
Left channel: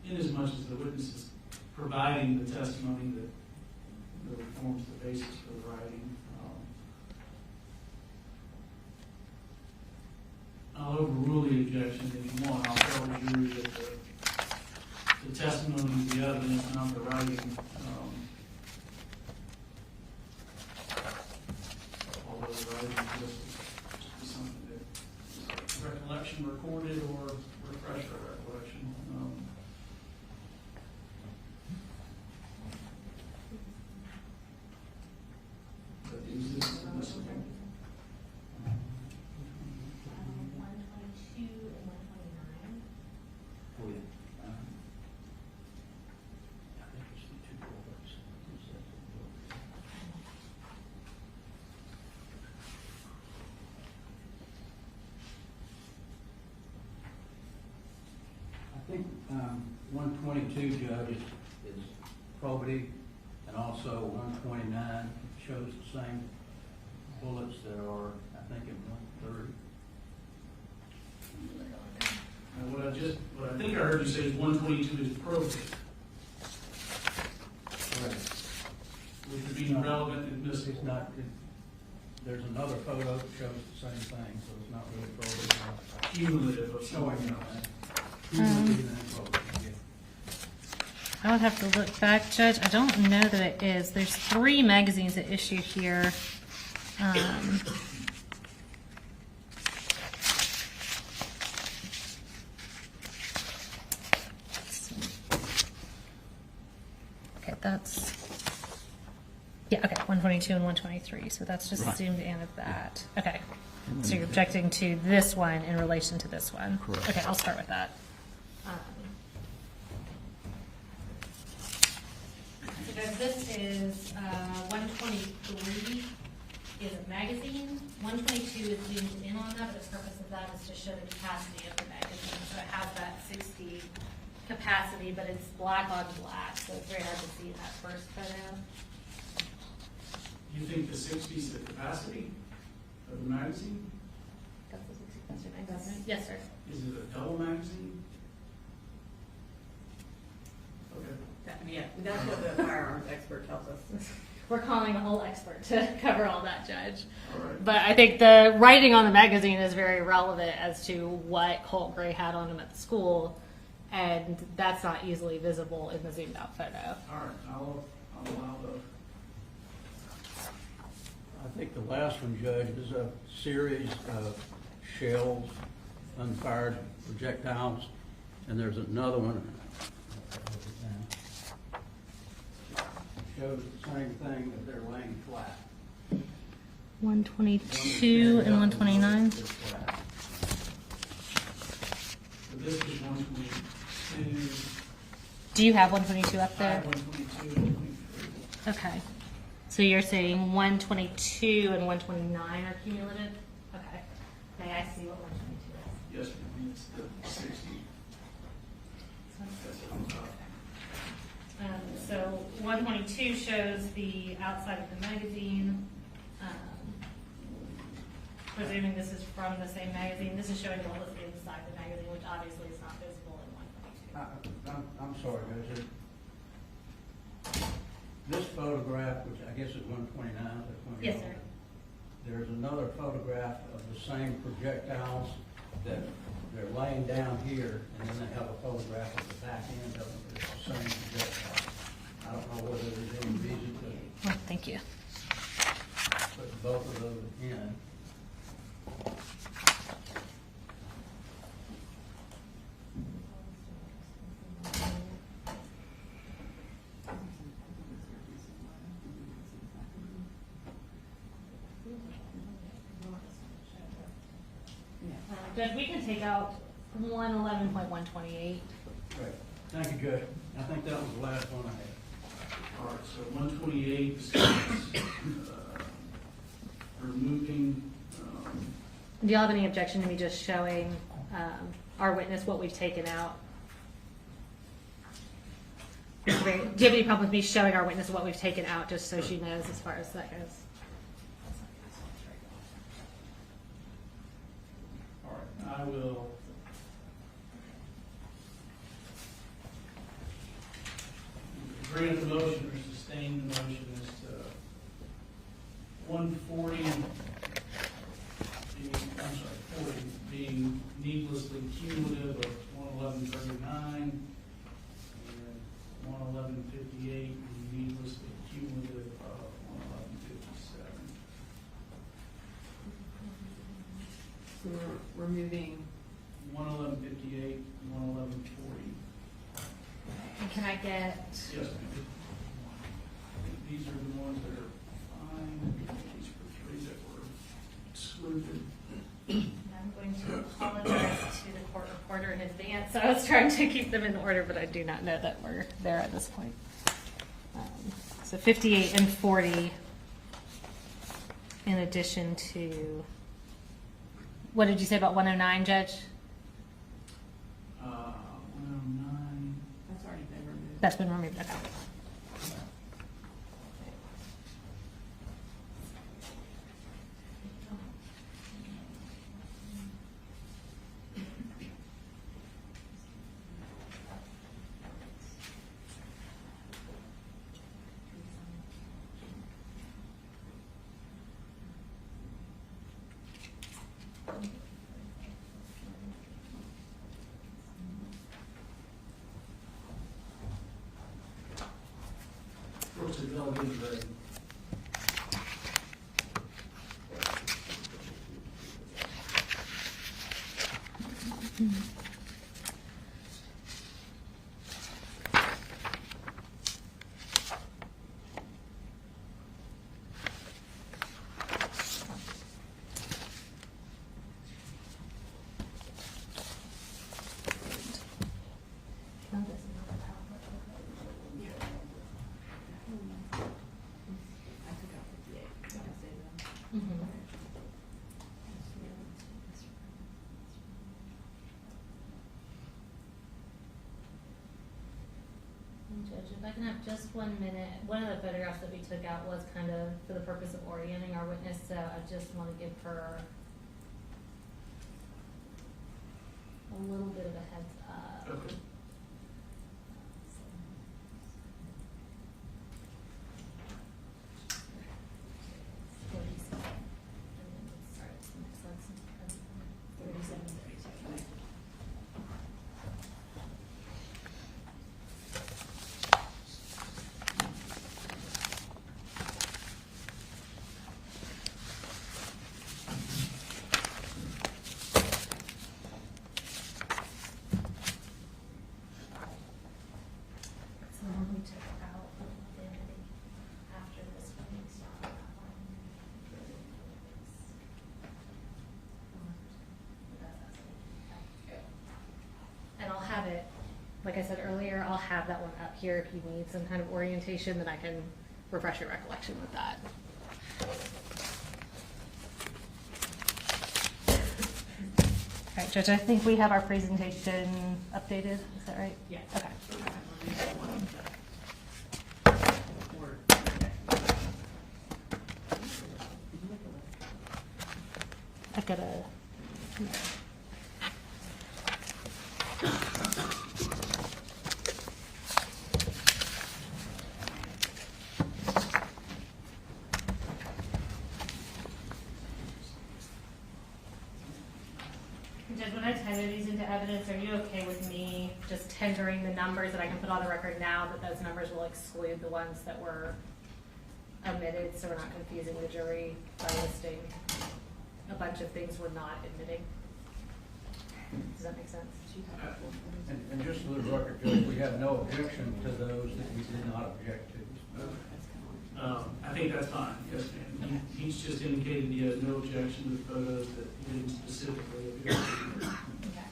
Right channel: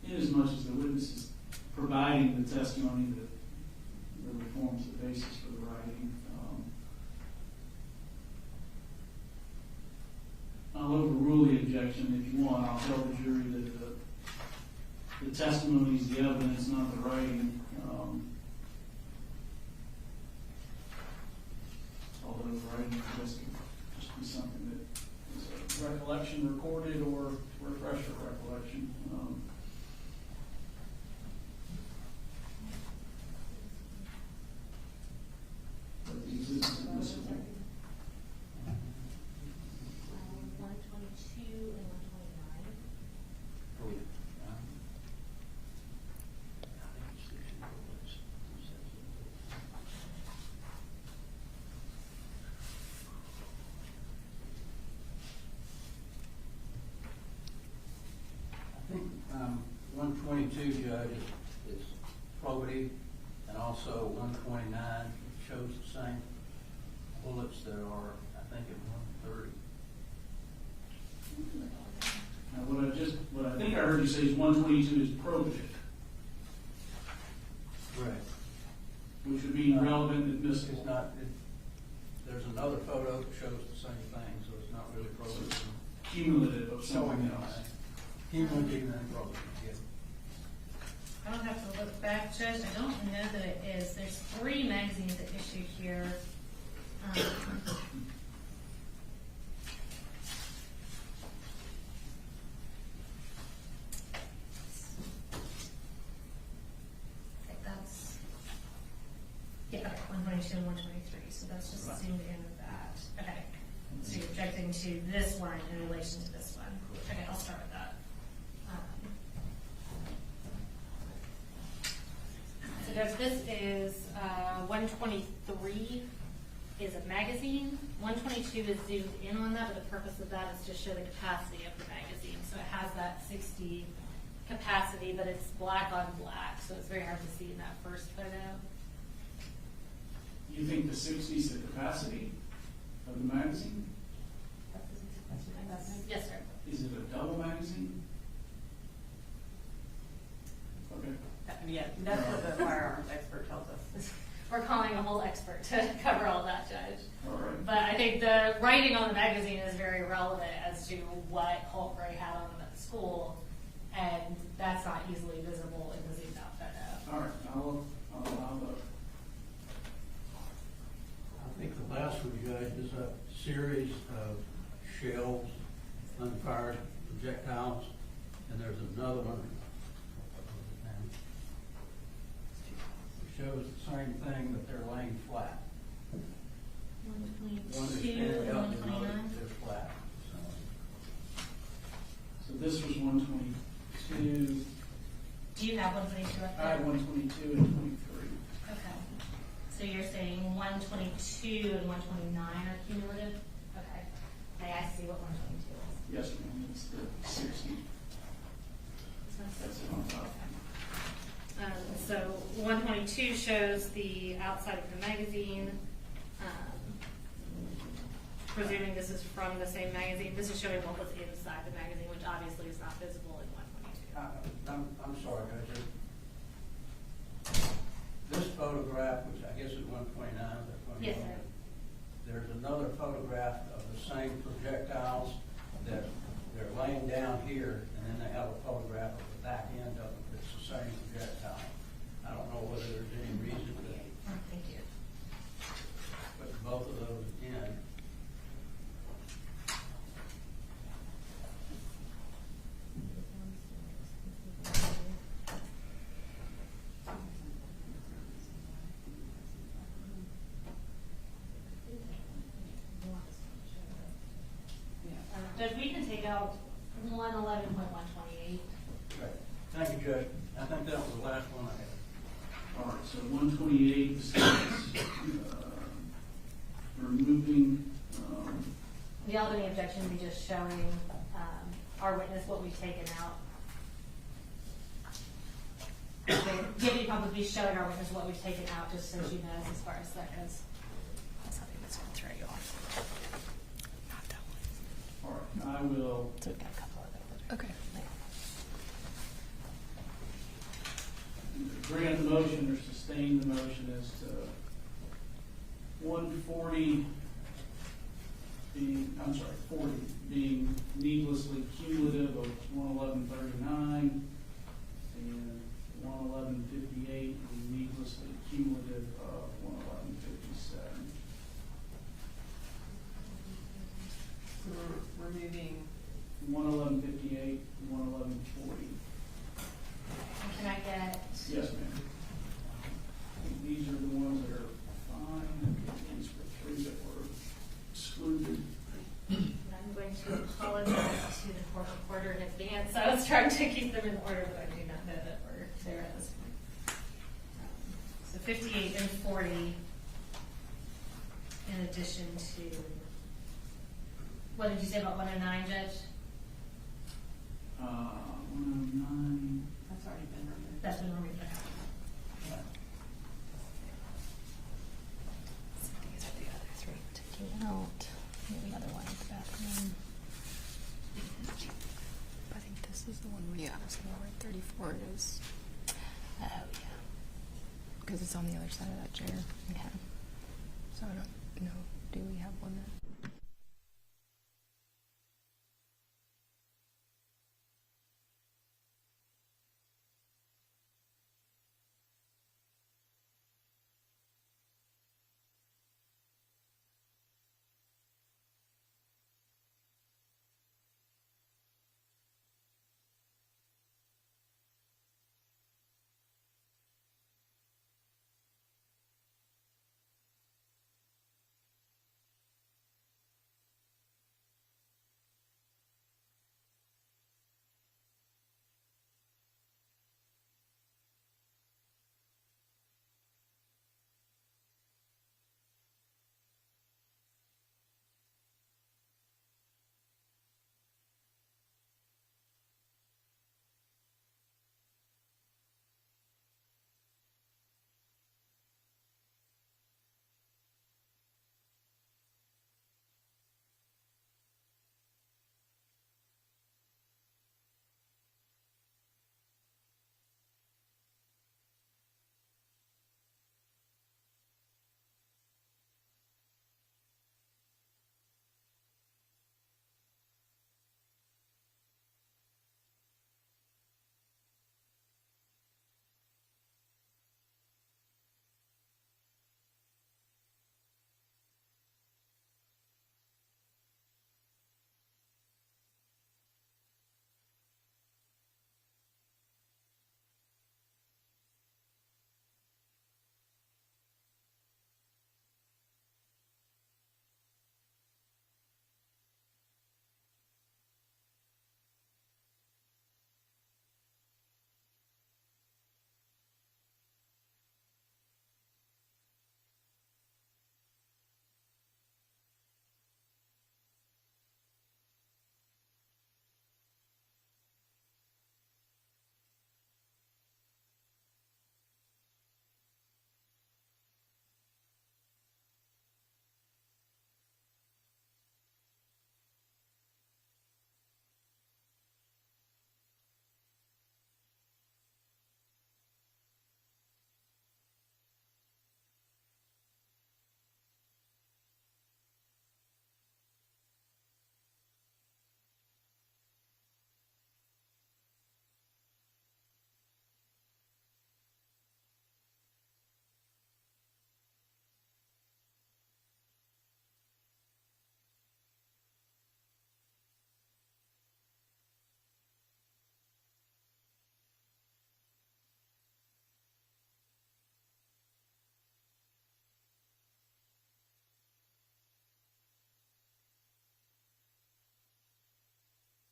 Inasmuch as the witness is providing the testimony that forms the basis for the writing, I'll overrule the objection if you want. I'll tell the jury that the testimony is the evidence, not the writing. Although the writing is just be something that is a recollection recorded or refresher recollection. But these is admissible. 122 and 129. I think 122, Judge, is probity, and also 129 shows the same bullets that are, I think, in 130. Now, what I think I heard you say is 122 is probative, Correct. which would be relevant and admissible. It's not, there's another photo that shows the same thing, so it's not really probity. Cumulative of Showing something else. I would have to look back, Judge. I don't know that it is. There's 3 magazines at issue here. Okay, that's... Yeah, okay, 122 and 123. So that's just Right. zoomed in of that. Okay. So you're objecting to this one in relation to this one? Correct. Okay, I'll start with that. So Doug, this is 123 is a magazine. 122 is zoomed in on that, but the purpose of that is to show the capacity of the magazine. So it has that 60 capacity, but it's black on black, so it's very hard to see in that first photo. You think the 60 is the capacity of the magazine? That's the 60 capacity. Yes, sir. Is it a double magazine? Okay. Yeah, that's what the firearms expert tells us. We're calling a whole expert to cover all that, Judge. All right. But I think the writing on the magazine is very relevant as to what Colt Gray had on him at the school, and that's not easily visible in the zoomed out photo. All right, I'll allow the... I think the last one, Judge, is a series of shells, unfired projectiles, and there's another one. Shows the same thing, but they're laying flat. 122 and 129. So this was 122. Do you have 122 up I there? have 122 and 23. Okay. So you're saying 122 and 129 are cumulative? Okay. May I see what 122 is? Yes, ma'am, it's the 60. That's on top. So 122 shows the outside of the magazine. Presuming this is from the same magazine, this is showing what was inside the magazine, which obviously is not visible in 122. I'm sorry, guys. This photograph, which I guess is 129, or 21. Yes, sir. There's another photograph of the same projectiles that they're laying down here, and then they have a photograph of the back end of them. It's the same projectile. I don't know whether there's any reason to Oh, thank you. put both of those in. Judge, we can take out 111.128. Right. Thank you, Judge. I think that was the last one I had. All right, so 128 states, removing, Do y'all have any objection to me just showing our witness what we've taken out? Do you have any problem with me showing our witness what we've taken out, just so she knows as far as that goes? That's something that's going to throw you off. all right, I will, So we've got a couple of those. Okay. grant the motion or sustain the motion as to 140 being, I'm sorry, 40 being needlessly cumulative of 111.39 and 111.58 being needlessly cumulative of 111.57. So we're removing. 111.58 and 111.40. And can I get, Yes, ma'am. I think these are the ones that are fine. These were three that were excluded. I'm going to apologize to the court reporter in advance. I was trying to keep them in order, but I do not know that we're there at this point. So 58 and 40, in addition to, what did you say about 109, Judge? 109. That's already been removed. That's been removed, okay. Any other one? I think this is the one we asked about. 34 is. Oh, yeah. Because it's on the other side of that chair. Okay. So I don't know. Do we have one? What's the delegate grade? Judge, if I can have just 1 minute, one of the photographs that we took out was kind of for the purpose of orienting our witness, so I just want to give her a little bit of a heads up. Okay. So when we took out identity after this one, we saw that one. And I'll have it, like I said earlier, I'll have that one up here if you need some kind of orientation that I can refresh your recollection with that. All right, Judge, I think we have our presentation updated. Is that right? Yeah. Okay. I've got a. Judge, when I tender these into evidence, are you okay with me just tendering the numbers that I can put on the record now, that those numbers will exclude the ones that were omitted, so we're not confusing the jury by listing a bunch of things we're not admitting? Does that make sense? And just for the record, Judge, we have no objection to those that we did not object to. I think that's fine, yes, ma'am. He's just indicated he has no objection to the photos that he didn't specifically object to. Okay.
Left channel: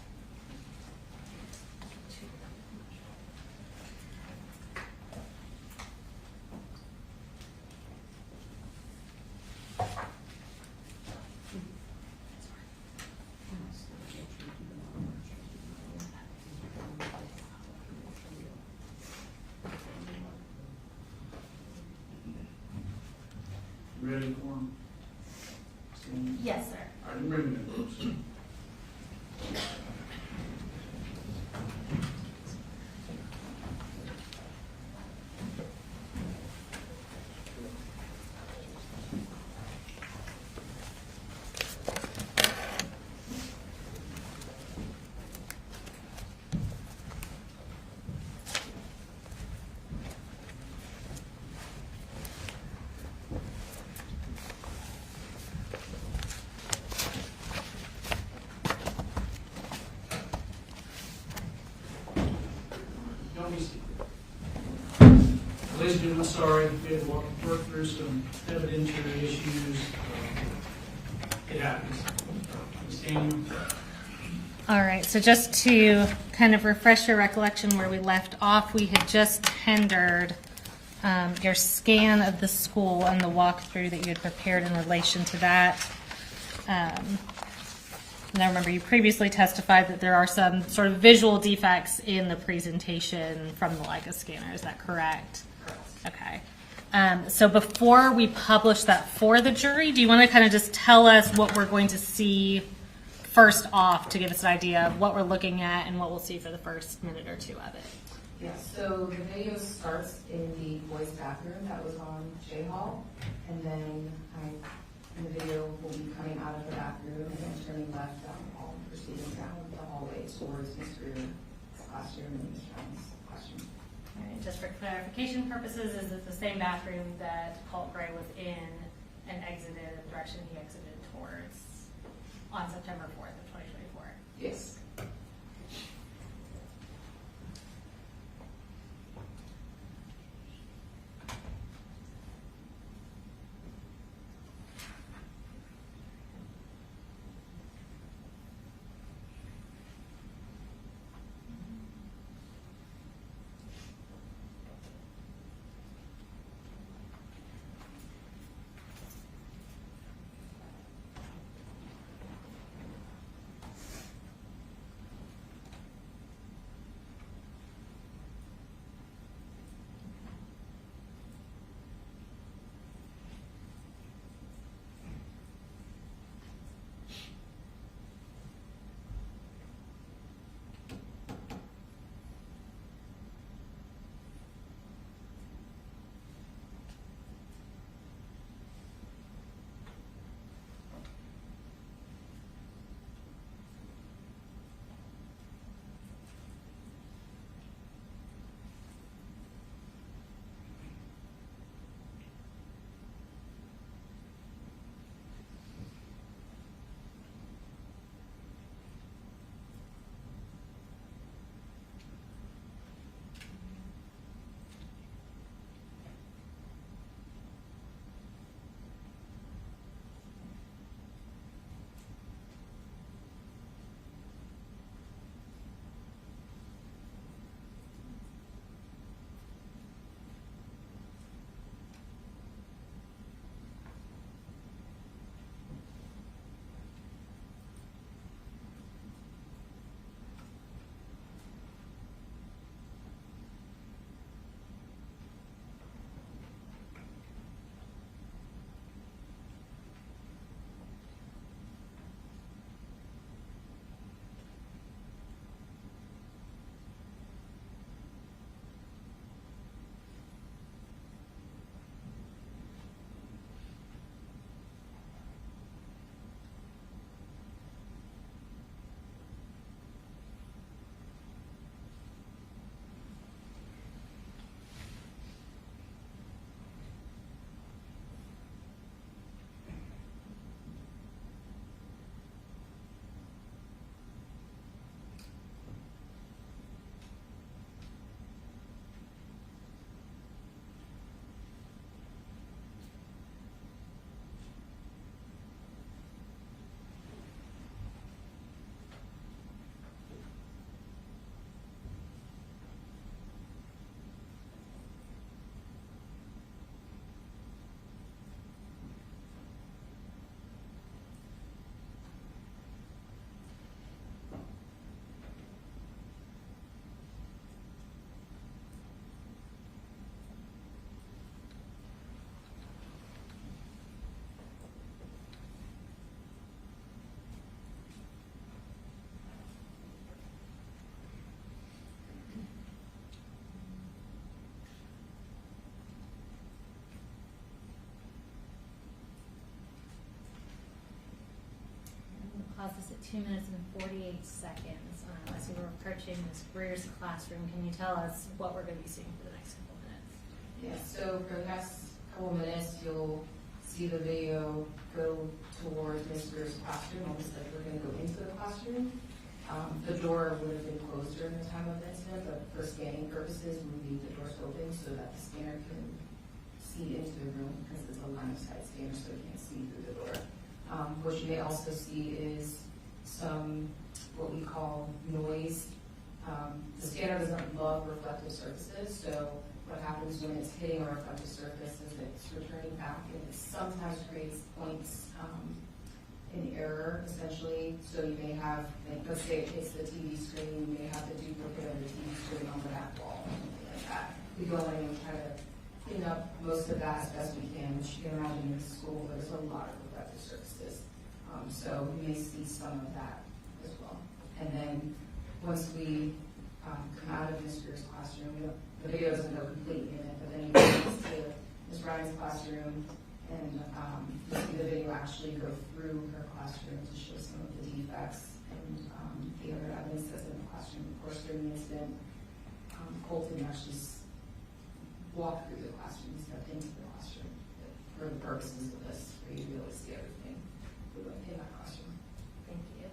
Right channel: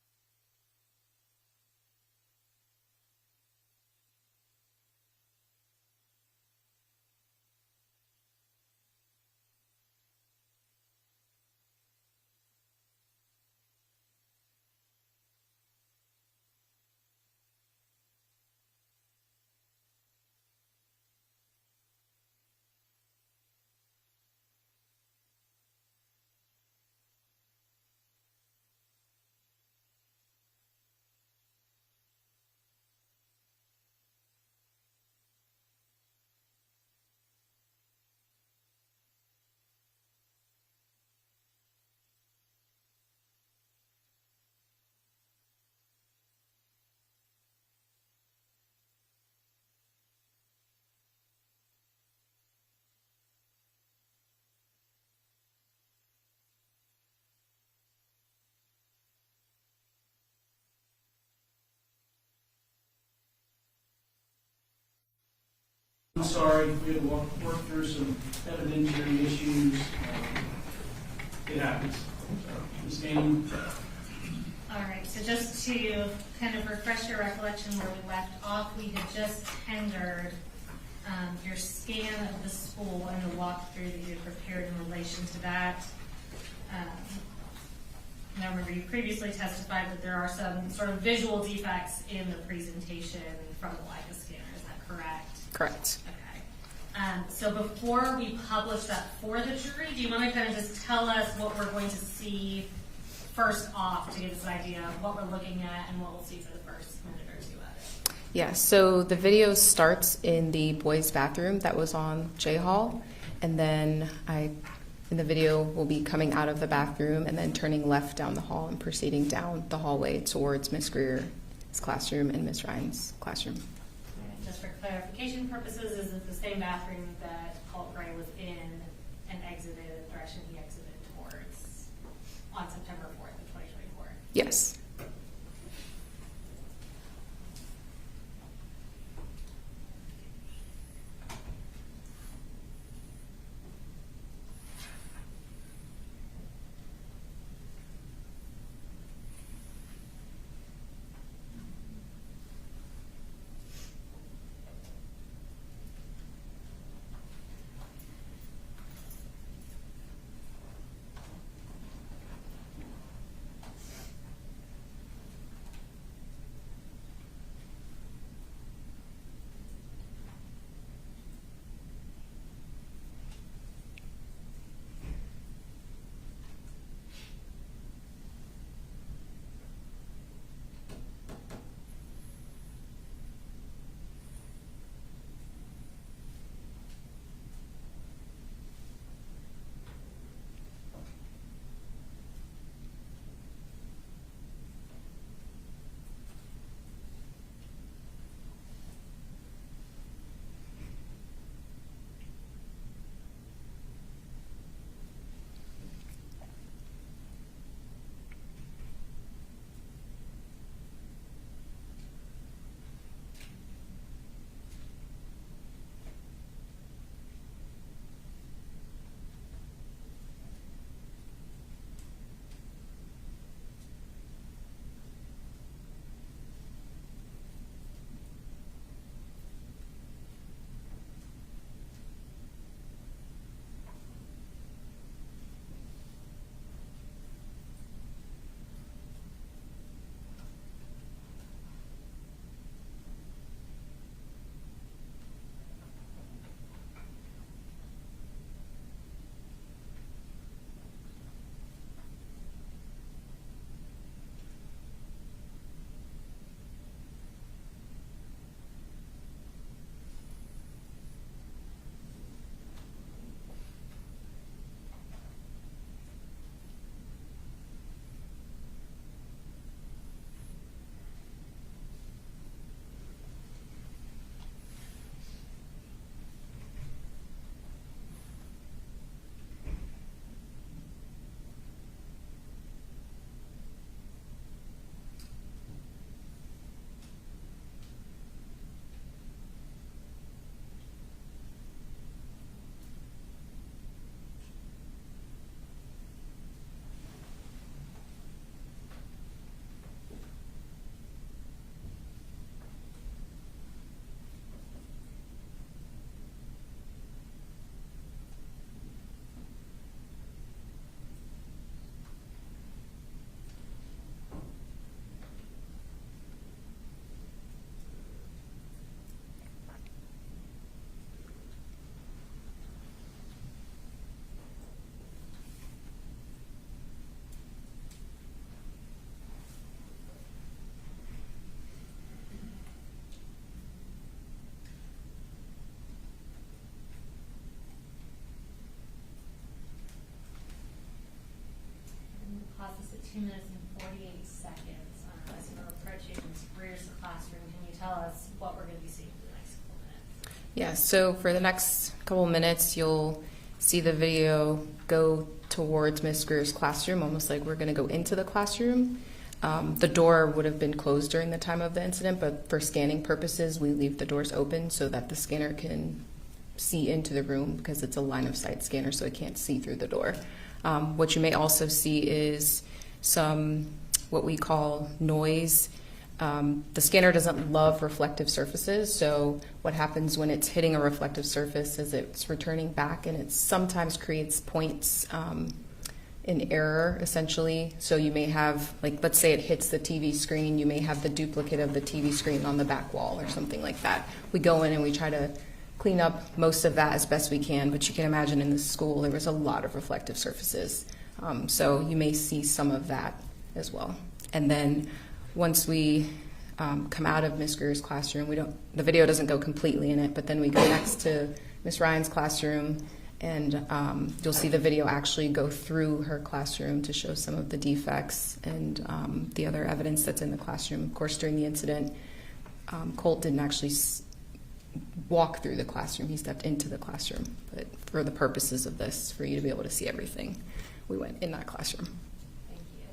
Ready for him? Yes, sir. All right, bring him in, folks. Ladies and gentlemen, sorry, we had to work through some evidentiary issues. It happens. Ms. Daniel? All right, so just to kind of refresh your recollection where we left off, we had just tendered your scan of the school and the walkthrough that you had prepared in relation to that. And I remember you previously testified that there are some sort of visual defects in the presentation from the Leica scanner. Is that correct? Correct. Okay. So before we publish that for the jury, do you want to kind of just tell us what we're going to see first off to give us an idea of what we're looking at and what we'll see for the first minute or two of it? Yeah, so the video starts in the boys' bathroom that was on J Hall, and then in the video will be coming out of the bathroom and then turning left down the hall and proceeding down the hallway towards Miss Greer's classroom and Miss Ryan's classroom. All right, just for clarification purposes, is it the same bathroom that Colt Gray was in and exited in the direction he exited towards on September 4th of 2024? Yes. 2 minutes and 48 seconds. As we're approaching Ms. Greer's classroom, can you tell us what we're going to be seeing for the next couple of minutes? Yeah, so for the next couple of minutes, you'll see the video go towards Ms. Greer's classroom, almost like we're going to go into the classroom. The door would have been closed during the time of the incident, but for scanning purposes, we leave the doors open so that the scanner can see into the room because it's a line of sight scanner, so it can't see through the door. What you may also see is some what we call noise. The scanner doesn't love reflective surfaces, so what happens when it's hitting a reflective surface is it's returning back, and it sometimes creates points in error, essentially. So you may have, like, let's say it hits the TV screen, you may have the duplicate of the TV screen on the back wall or something like that. We go in and we try to clean up most of that as best we can, but you can imagine in the school there was a lot of reflective surfaces. So you may see some of that as well. And then once we come out of Ms. Greer's classroom, the video doesn't go completely in it, but then we go next to Ms. Ryan's classroom, and you'll see the video actually go through her classroom to show some of the defects and the other evidence that's in the classroom. Of course, during the incident, Colt didn't actually walk through the classroom. He stepped into the classroom. But for the purposes of this, for you to be able to see everything, we went in that classroom. Thank you.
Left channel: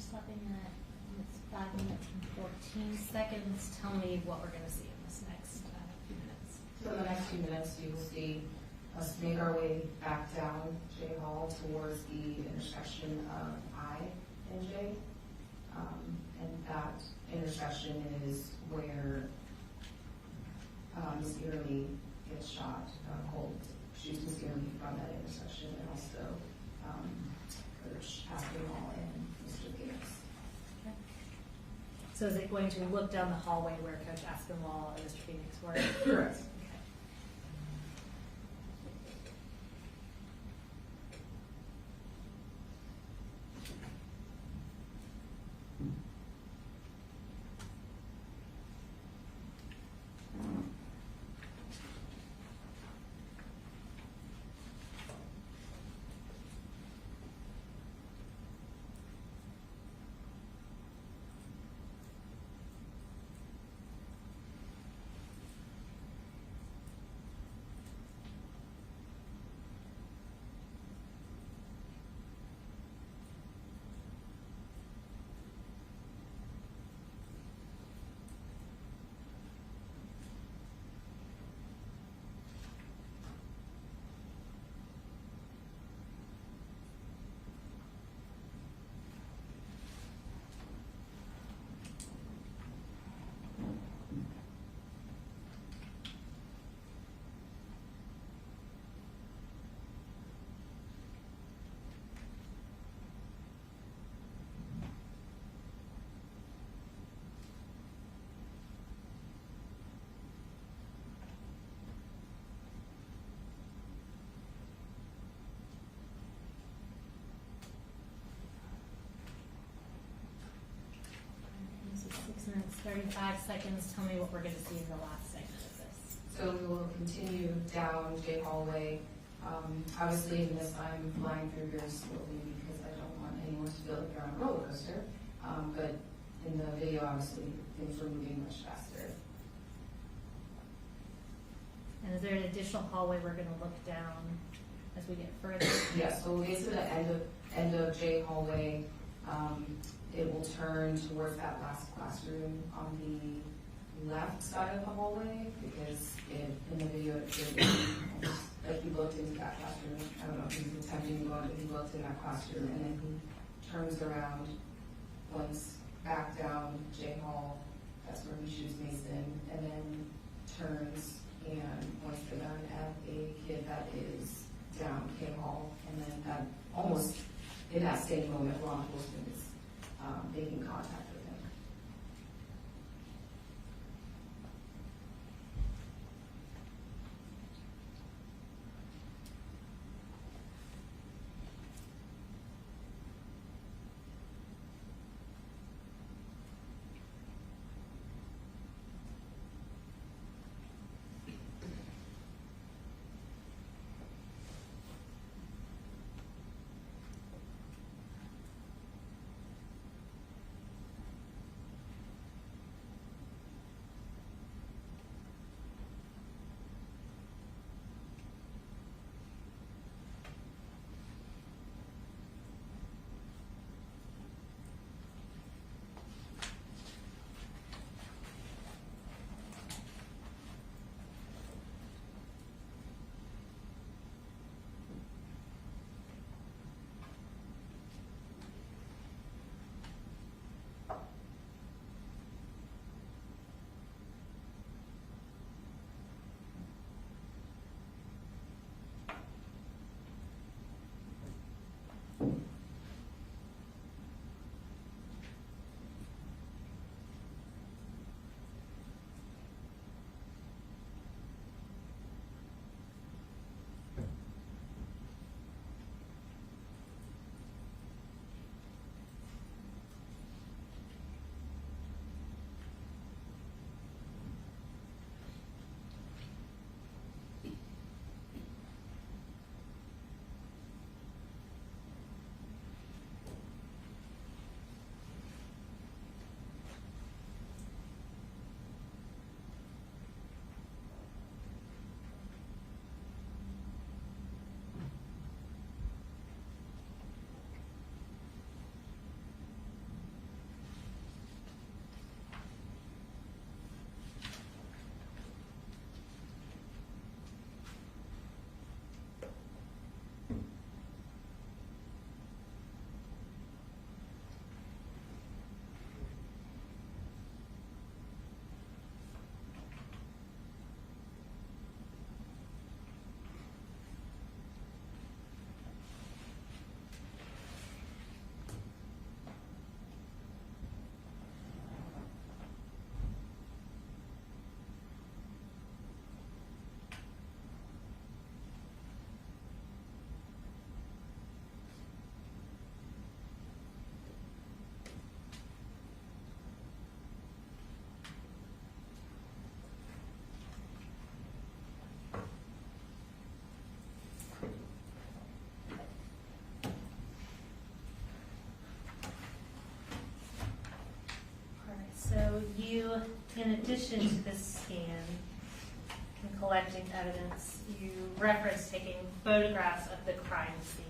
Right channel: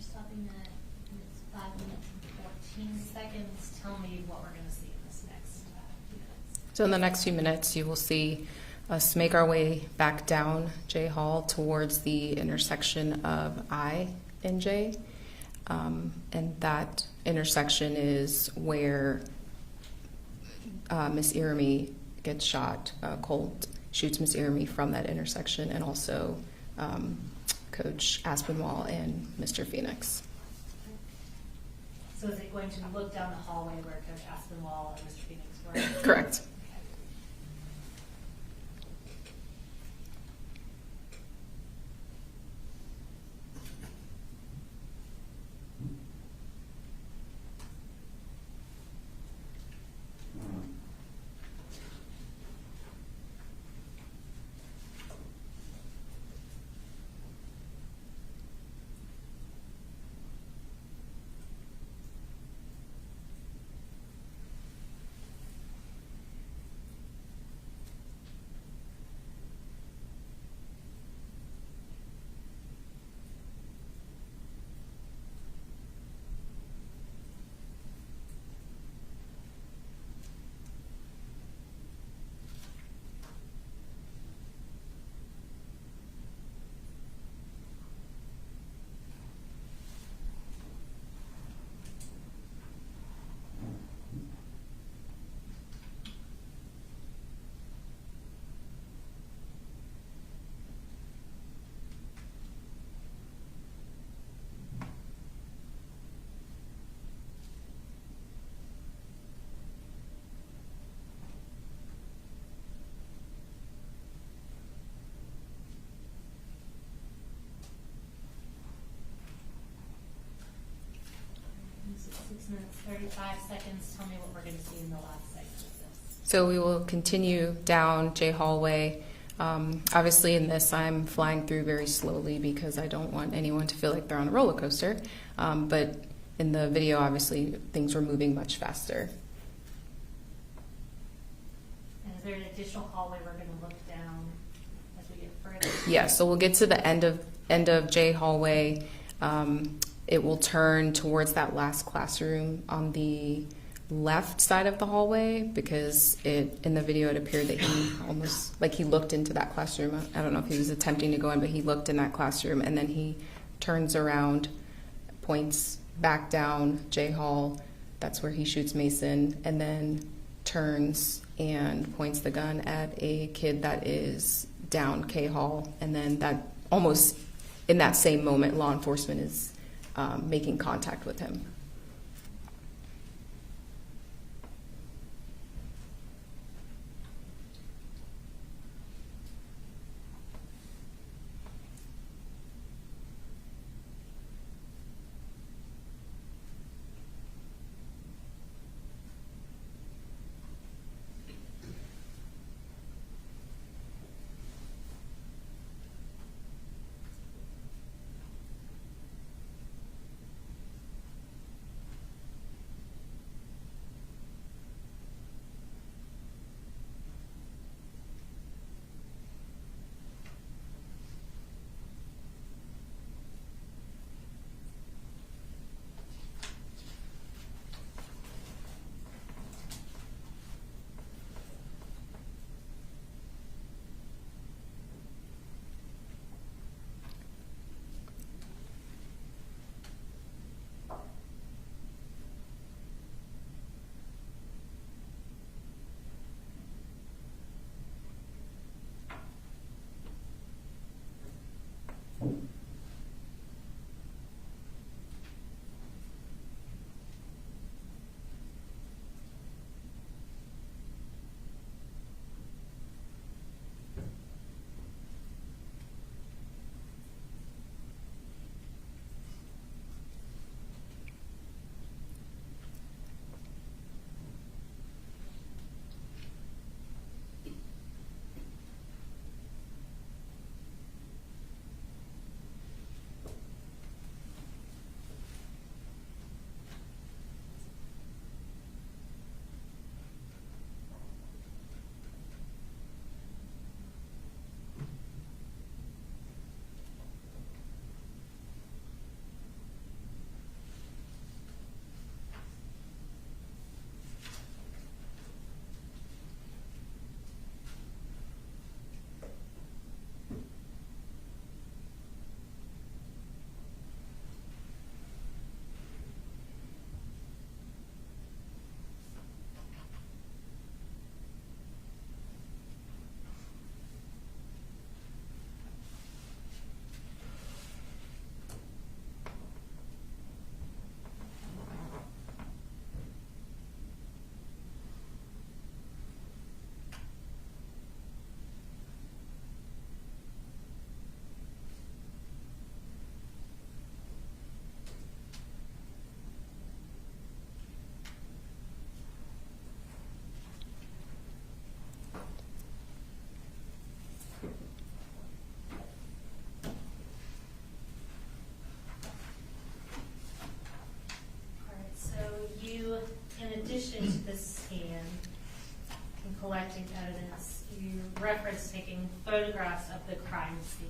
Stopping at 5 minutes and 14 seconds. Tell me what we're going to see in this next few minutes. So in the next few minutes, you will see us make our way back down J Hall towards the intersection of I and J. And that intersection is where Miss Irami gets shot. Colt shoots Miss Irami from that intersection, and also Coach Aspinwall and Mr. Phoenix. Okay. So is it going to look down the hallway where Coach Aspinwall and Mr. Phoenix were? Correct. 45 seconds, tell me what we're going to see in the last segment of this. So we will continue down J hallway. Obviously in this I'm flying through very slowly because I don't want anyone to feel like they're on a roller coaster. But in the video, obviously, things were moving much faster. And is there an additional hallway we're going to look down as we get further? Yeah, so we'll get to the end of J hallway. It will turn towards that last classroom on the left side of the hallway because in the video it appeared that he almost like he looked into that classroom. I don't know if he was attempting to go in, but he looked in that classroom and then he turns around, points back down J hall. That's where he shoots Mason, and then turns and points the gun at a kid that is down K hall, and then that almost in that same moment law enforcement is making contact with him. in addition to this scan and collecting evidence, you referenced taking photographs of the crime scene.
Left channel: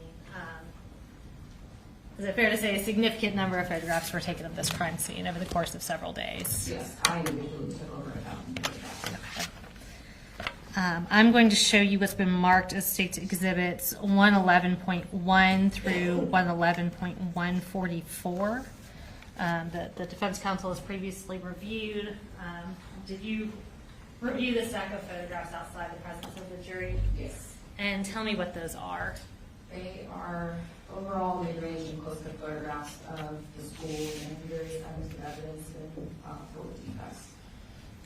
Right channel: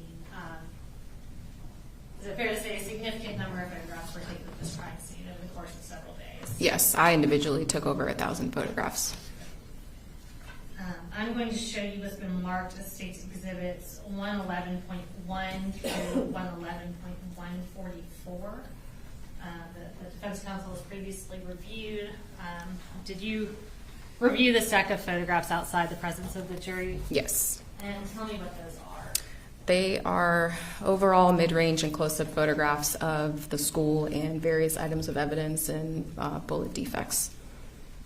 Is it fair to say a significant number of photographs were taken of this crime scene over the course of several days? Yes, I individually took over 1,000 photographs. Okay. I'm going to show you what's been marked as State's Exhibits 111.1 through 111.144. The Defense Counsel has previously reviewed. Did you review the stack of photographs outside the presence of the jury? Yes. And tell me what those are. They are overall mid-range and close-up photographs of the school and various items of evidence and bullet defects.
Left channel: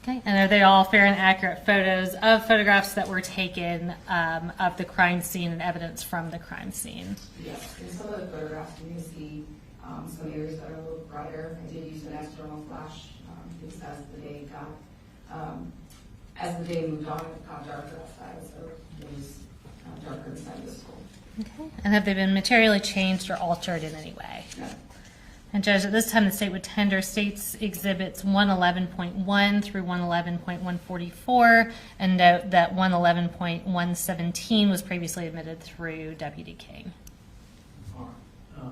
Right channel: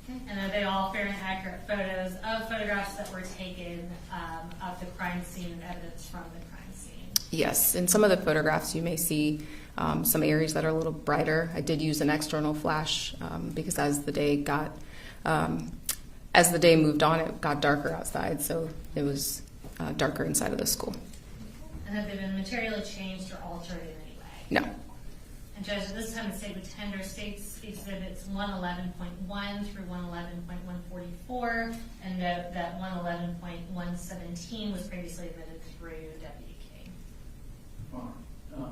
Okay, and are they all fair and accurate photos of photographs that were taken of the crime scene and evidence from the crime scene? Yes, in some of the photographs you may see some areas that are a little brighter. I did use an external flash because as the day moved on, it got darker outside, so it was darker inside of the school. Okay. And have they been materially changed or altered in any way? No. And Judge, at this time, the state would tender States Exhibits 111.1 through 111.144, and note that 111.117 was previously admitted through Deputy King. All right.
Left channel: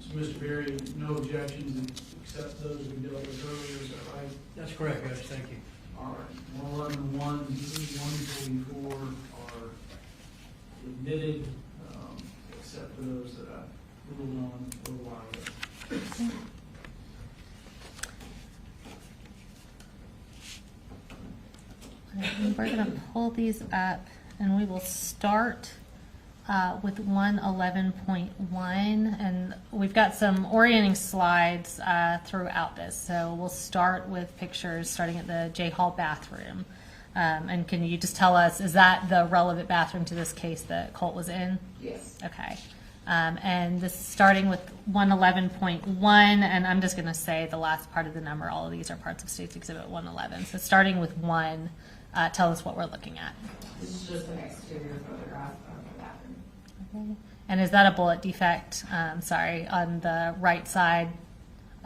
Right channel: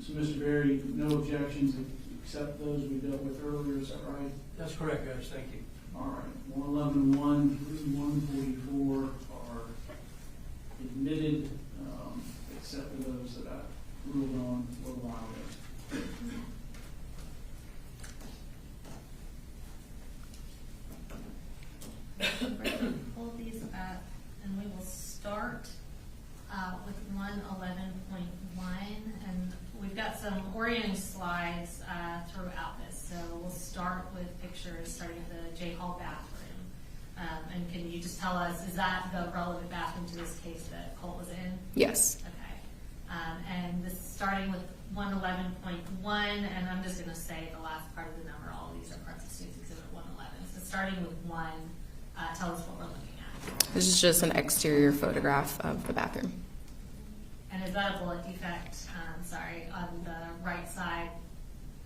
So, Mr. Berry, no objections except those we dealt with earlier, is that right? That's correct, Judge, thank you. All right. 111.1 through 144 are admitted, except for those that I ruled on a little while ago. We're going to pull these up, and we will start with 111.1, and we've got some orienting slides throughout this. So we'll start with pictures starting at the J Hall bathroom. And can you just tell us, is that the relevant bathroom to this case that Colt was in? Yes. Okay. And this starting with 111.1, and I'm just going to say the last part of the number. All of these are parts of State's Exhibit 111. So starting with 1, tell us what we're looking at. This is just an exterior photograph of the bathroom. Okay. And is that a bullet defect, on the right side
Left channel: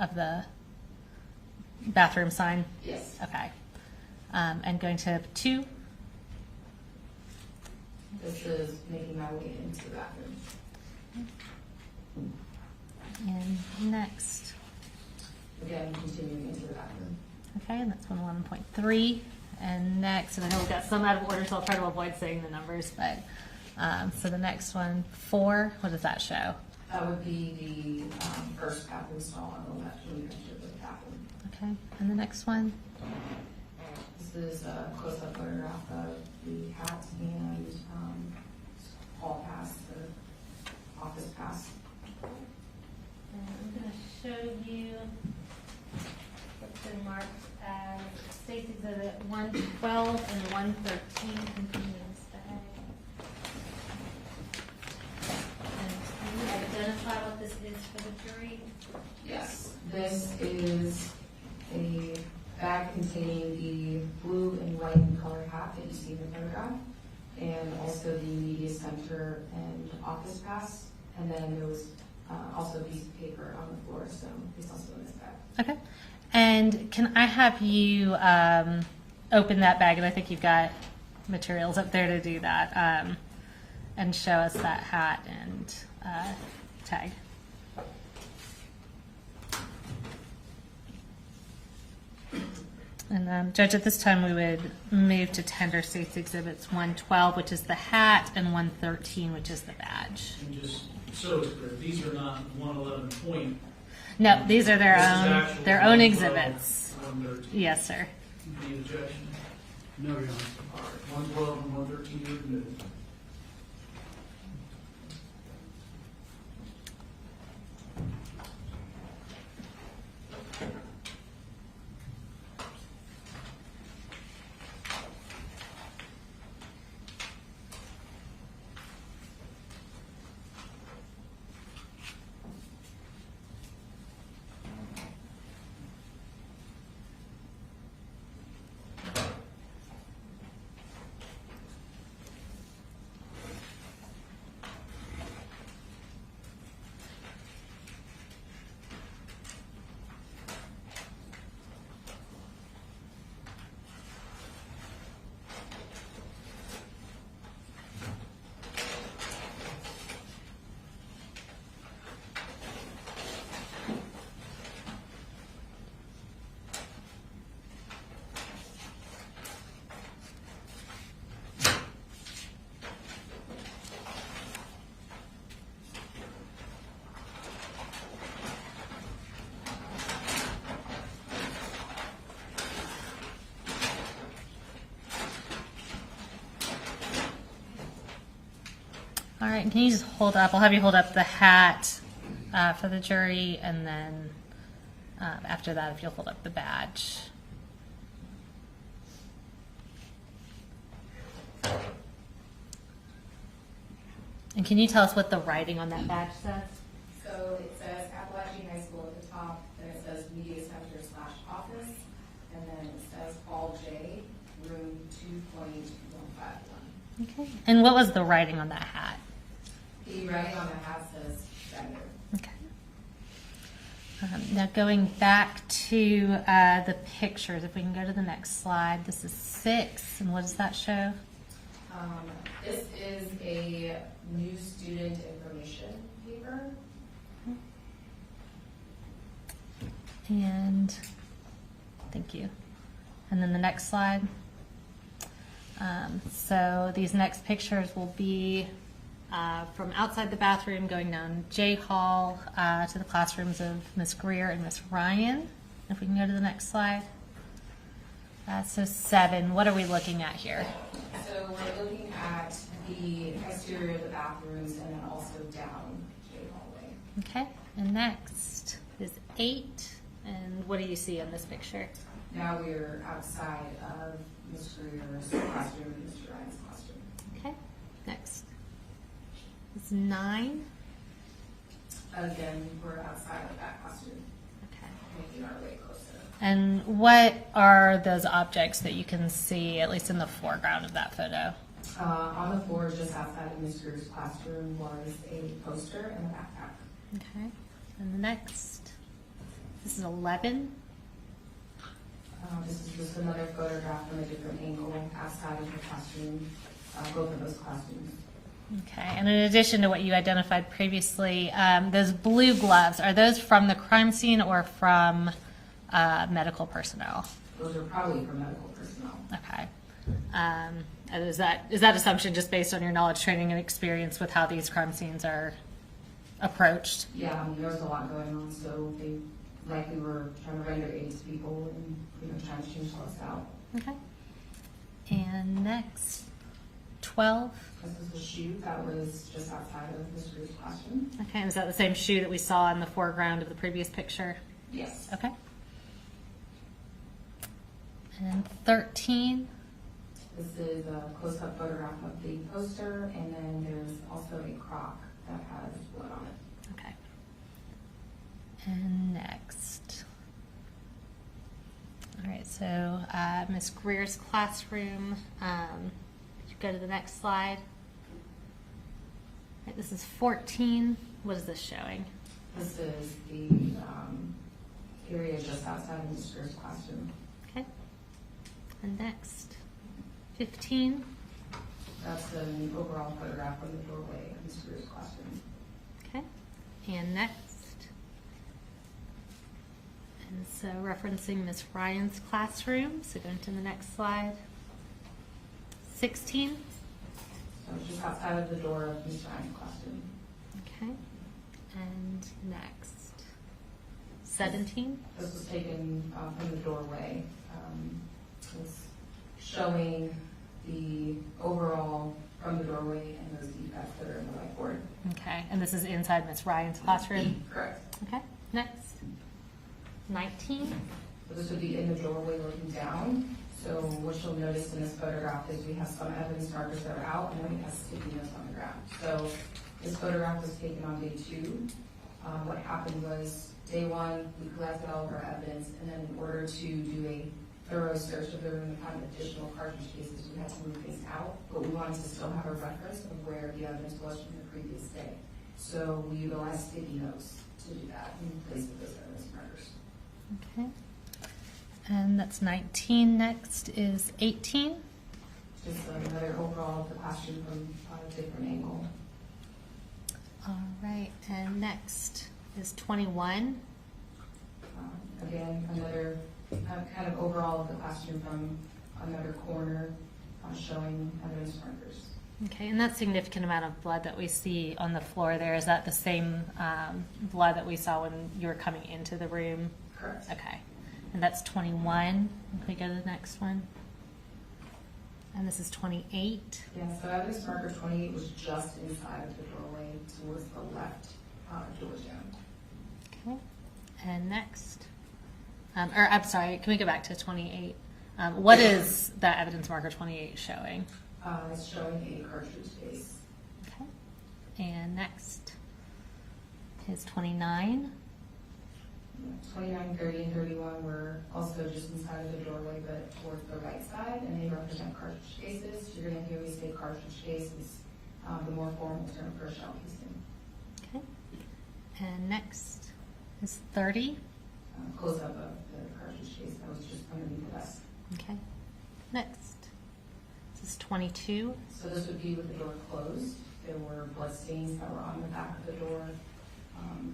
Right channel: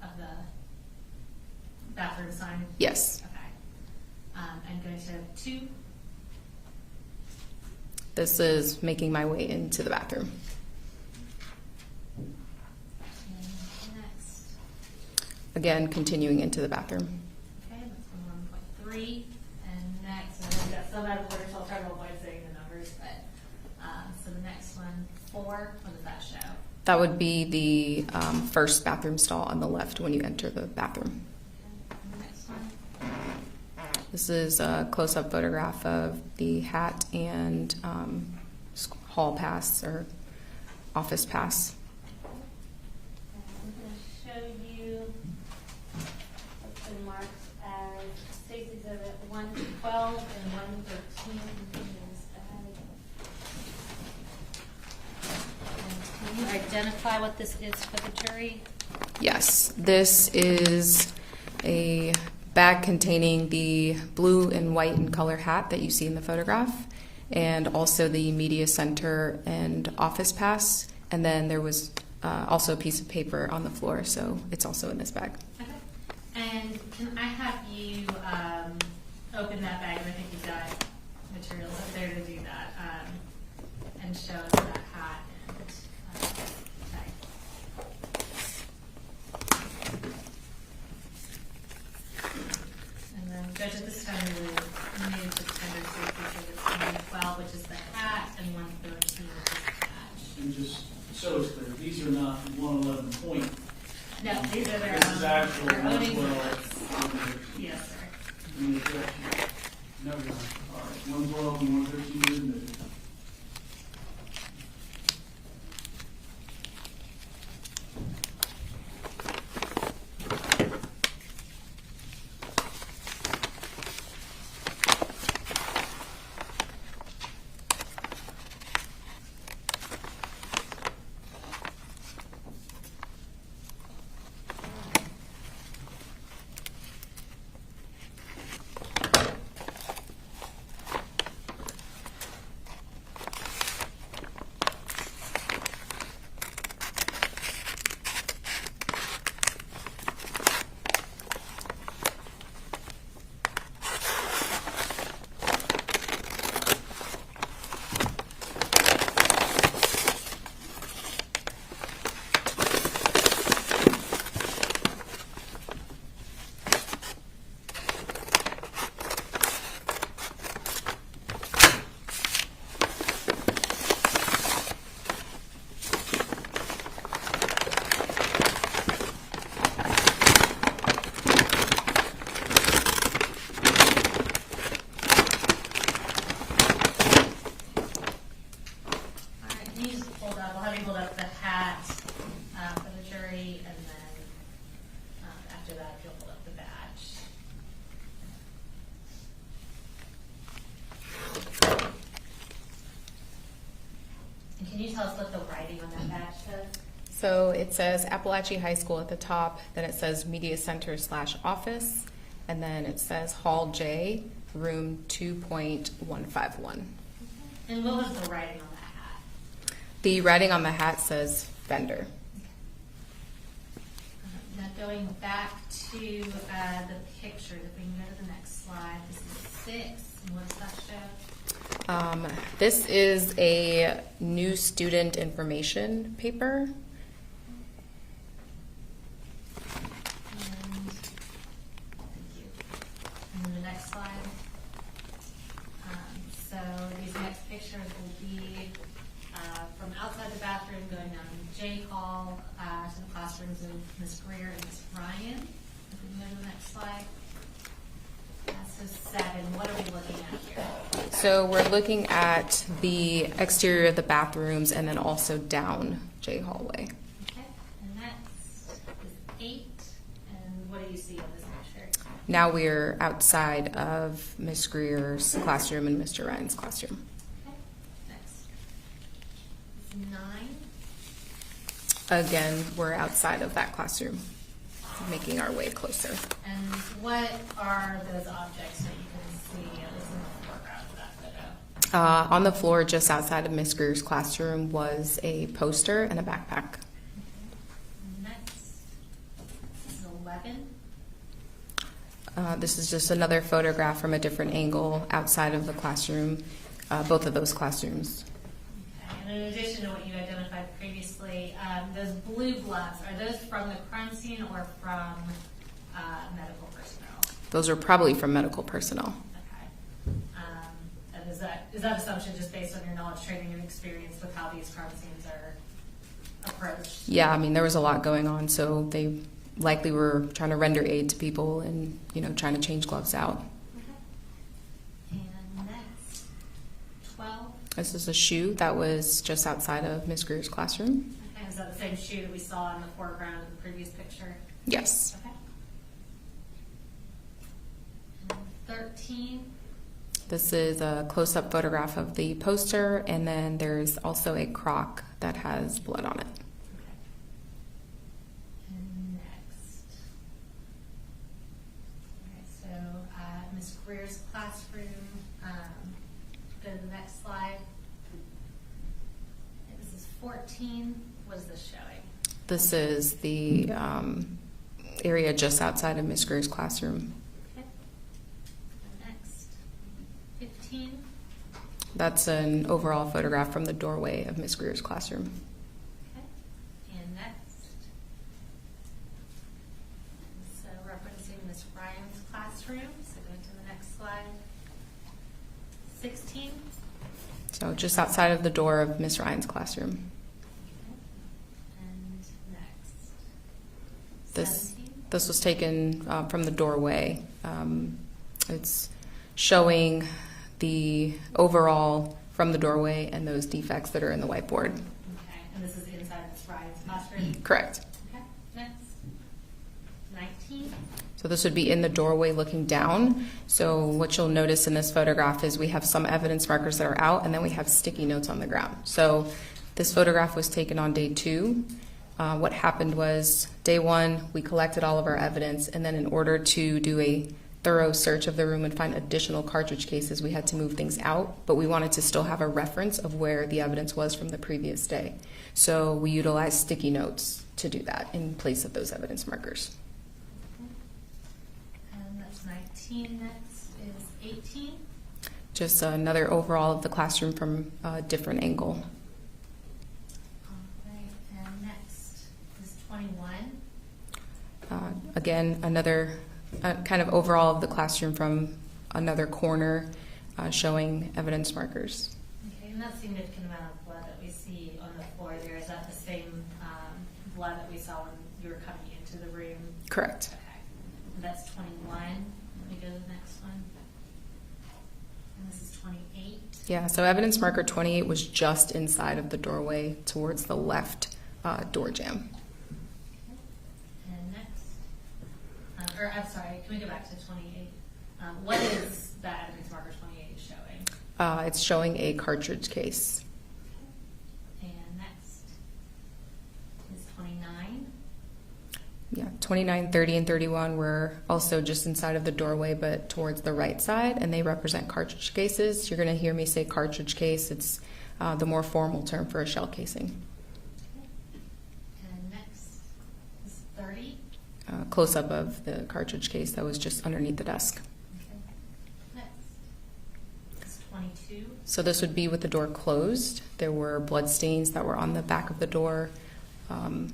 of the bathroom sign? Yes. Okay. And going to 2. This is making my way into the bathroom. And next. Again, continuing into the bathroom. Okay, and that's 111.3. And next, and I know we've got some out of order, so I'll try to avoid saying the numbers, but so the next one, 4, what does that show? That would be the first bathroom stall on the left when you enter the bathroom. Okay, and the next one? This is a close-up photograph of the hat and hall pass or office pass. I'm going to show you what's been marked as State's Exhibit 112 and 113. And can you identify what this is for the jury? Yes, this is a bag containing the blue and white in color hat that you see in the photograph, and also the media center and office pass. And then there was also a piece of paper on the floor, so it's also in this bag. Okay. And can I have you open that bag? And I think you've got materials up there to do that, and show us that hat and tag. And Judge, at this time we would move to tender State's Exhibits 112, which is the hat, and 113, which is the badge. And just so it's clear, these are not 111 point. No, these are their This is own actual exhibits. 112. Yes, sir. Any objection? No, Your Honor. All right, 112 and 113 are admitted. Can you just hold up? I'll have you hold up the hat for the jury, and then after that, if you'll hold up the badge. And can you tell us what the writing on that badge says? So it says Apalachee High School at the top, then it says Media Center / office, and then it says Hall J, room 2.151. Okay. And what was the writing on that hat? The writing on the hat says vendor. Okay. Now going back to the pictures, if we can go to the next slide. This is 6, and what does that show? This is a new student information paper. And thank you. And then the next slide. So these next pictures will be from outside the bathroom, going down J Hall to the classrooms of Miss Greer and Miss Ryan. If we can go to the next slide. So 7, what are we looking at here? So we're looking at the exterior of the bathrooms and then also down J hallway. Okay, and next is 8. And what do you see in this picture? Now we're outside of Miss Greer's classroom and Mr. Ryan's classroom. Okay, next is 9. Again, we're outside of that classroom, making our way closer. And what are those objects that you can see, at least in the foreground of that photo? On the floor just outside of Miss Greer's classroom was a poster and a backpack. Okay, and the next, this is 11. This is just another photograph from a different angle outside of the classroom, both of those classrooms. Okay, and in addition to what you identified previously, those blue gloves, are those from the crime scene or from medical personnel? Those are probably from medical personnel. Okay. And is that assumption just based on your knowledge, training, and experience with how these crime scenes are approached? Yeah, I mean, there was a lot going on, so they likely were trying to render aid to people and, trying to change gloves out. Okay. And next, 12. This is a shoe that was just outside of Miss Greer's classroom. Okay, and is that the same shoe that we saw in the foreground of the previous picture? Yes. Okay. And 13. This is a close-up photograph of the poster, and then there's also a crock that has blood on it. Okay. And next. All right, so Miss Greer's classroom. Go to the next slide. Right, this is 14. What is this showing? This is the area just outside of Miss Greer's classroom. Okay. And next, 15. That's an overall photograph from the doorway of Miss Greer's classroom. Okay. And next. And so referencing Miss Ryan's classroom. So going to the next slide. 16. So just outside of the door of Miss Ryan's classroom. Okay. And next. This- 17. This was taken from the doorway. It's showing the overall from the doorway and those defects that are in the whiteboard. Okay. And this is inside Miss Ryan's classroom? Correct. Okay. Next. 19. So this would be in the doorway looking down. So what you'll notice in this photograph is we have some evidence markers that are out, and then we have sticky notes on the ground. So this photograph was taken on day 2. What happened was day 1, we collected all of our evidence, and then in order to do a thorough search of the room and find additional cartridge cases, we had to move things out, but we wanted to still have a reference of where the evidence was from the previous day. So we utilized sticky notes to do that in place of those evidence markers. Okay. And that's 19. Next is 18. Just another overall of the classroom from a different angle. All right. And next is 21. Again, another kind of overall of the classroom from another corner showing evidence markers. Okay, and that significant amount of blood that we see on the floor there, is that the same blood that we saw when you were coming into the room? Correct. Okay. And that's 21. Can we go to the next one? And this is 28. Yeah, so evidence marker 28 was just inside of the doorway towards the left door jamb. Okay. And next. I'm sorry, can we go back to 28? What is that evidence marker 28 showing? It's showing a cartridge case. Okay. And next is 29. Yeah, 29, 30, and 31 were also just inside of the doorway, but towards the right side, and they represent cartridge cases. You're going to hear me say cartridge case. It's the more formal term for a shell casing. Okay. And next is 30. Close-up of the cartridge case that was just underneath the desk. Okay. Next is 22. So this would be with the door closed. There were blood stains that were on the back of the door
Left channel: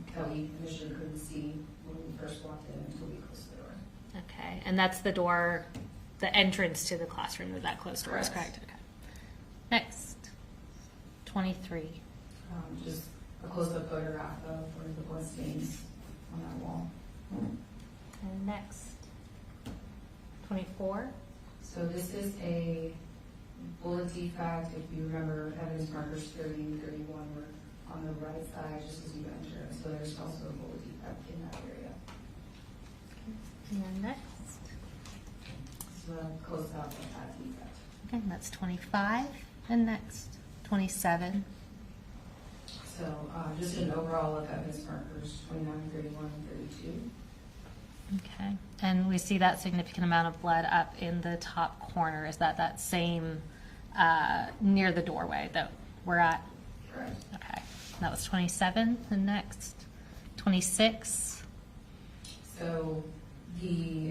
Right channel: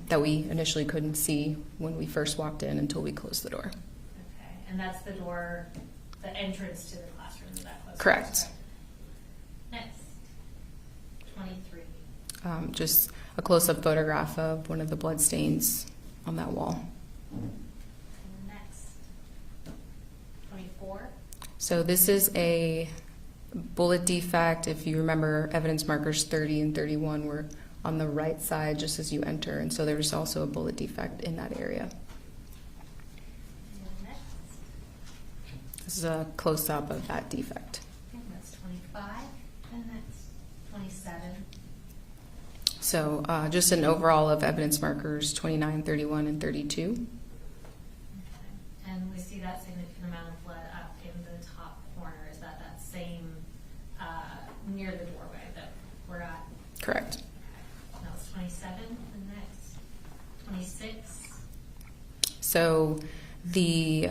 that we initially couldn't see when we first walked in until we closed the door. Okay. And that's the door, the entrance to the classroom. Is that closed? Correct. Okay. Next, 23. Just a close-up photograph of one of the blood stains on that wall. And next, 24. So this is a bullet defect. If you remember, evidence markers 30 and 31 were on the right side just as you enter, and so there was also a bullet defect in that area. And then next, This is a close-up of that defect. okay, and that's 25. And next, 27. So just an overall of evidence markers 29, 31, and 32. Okay. And we see that significant amount of blood up in the top corner. Is that same near the doorway that we're at? Correct. Okay. That was 27. And next, 26. So the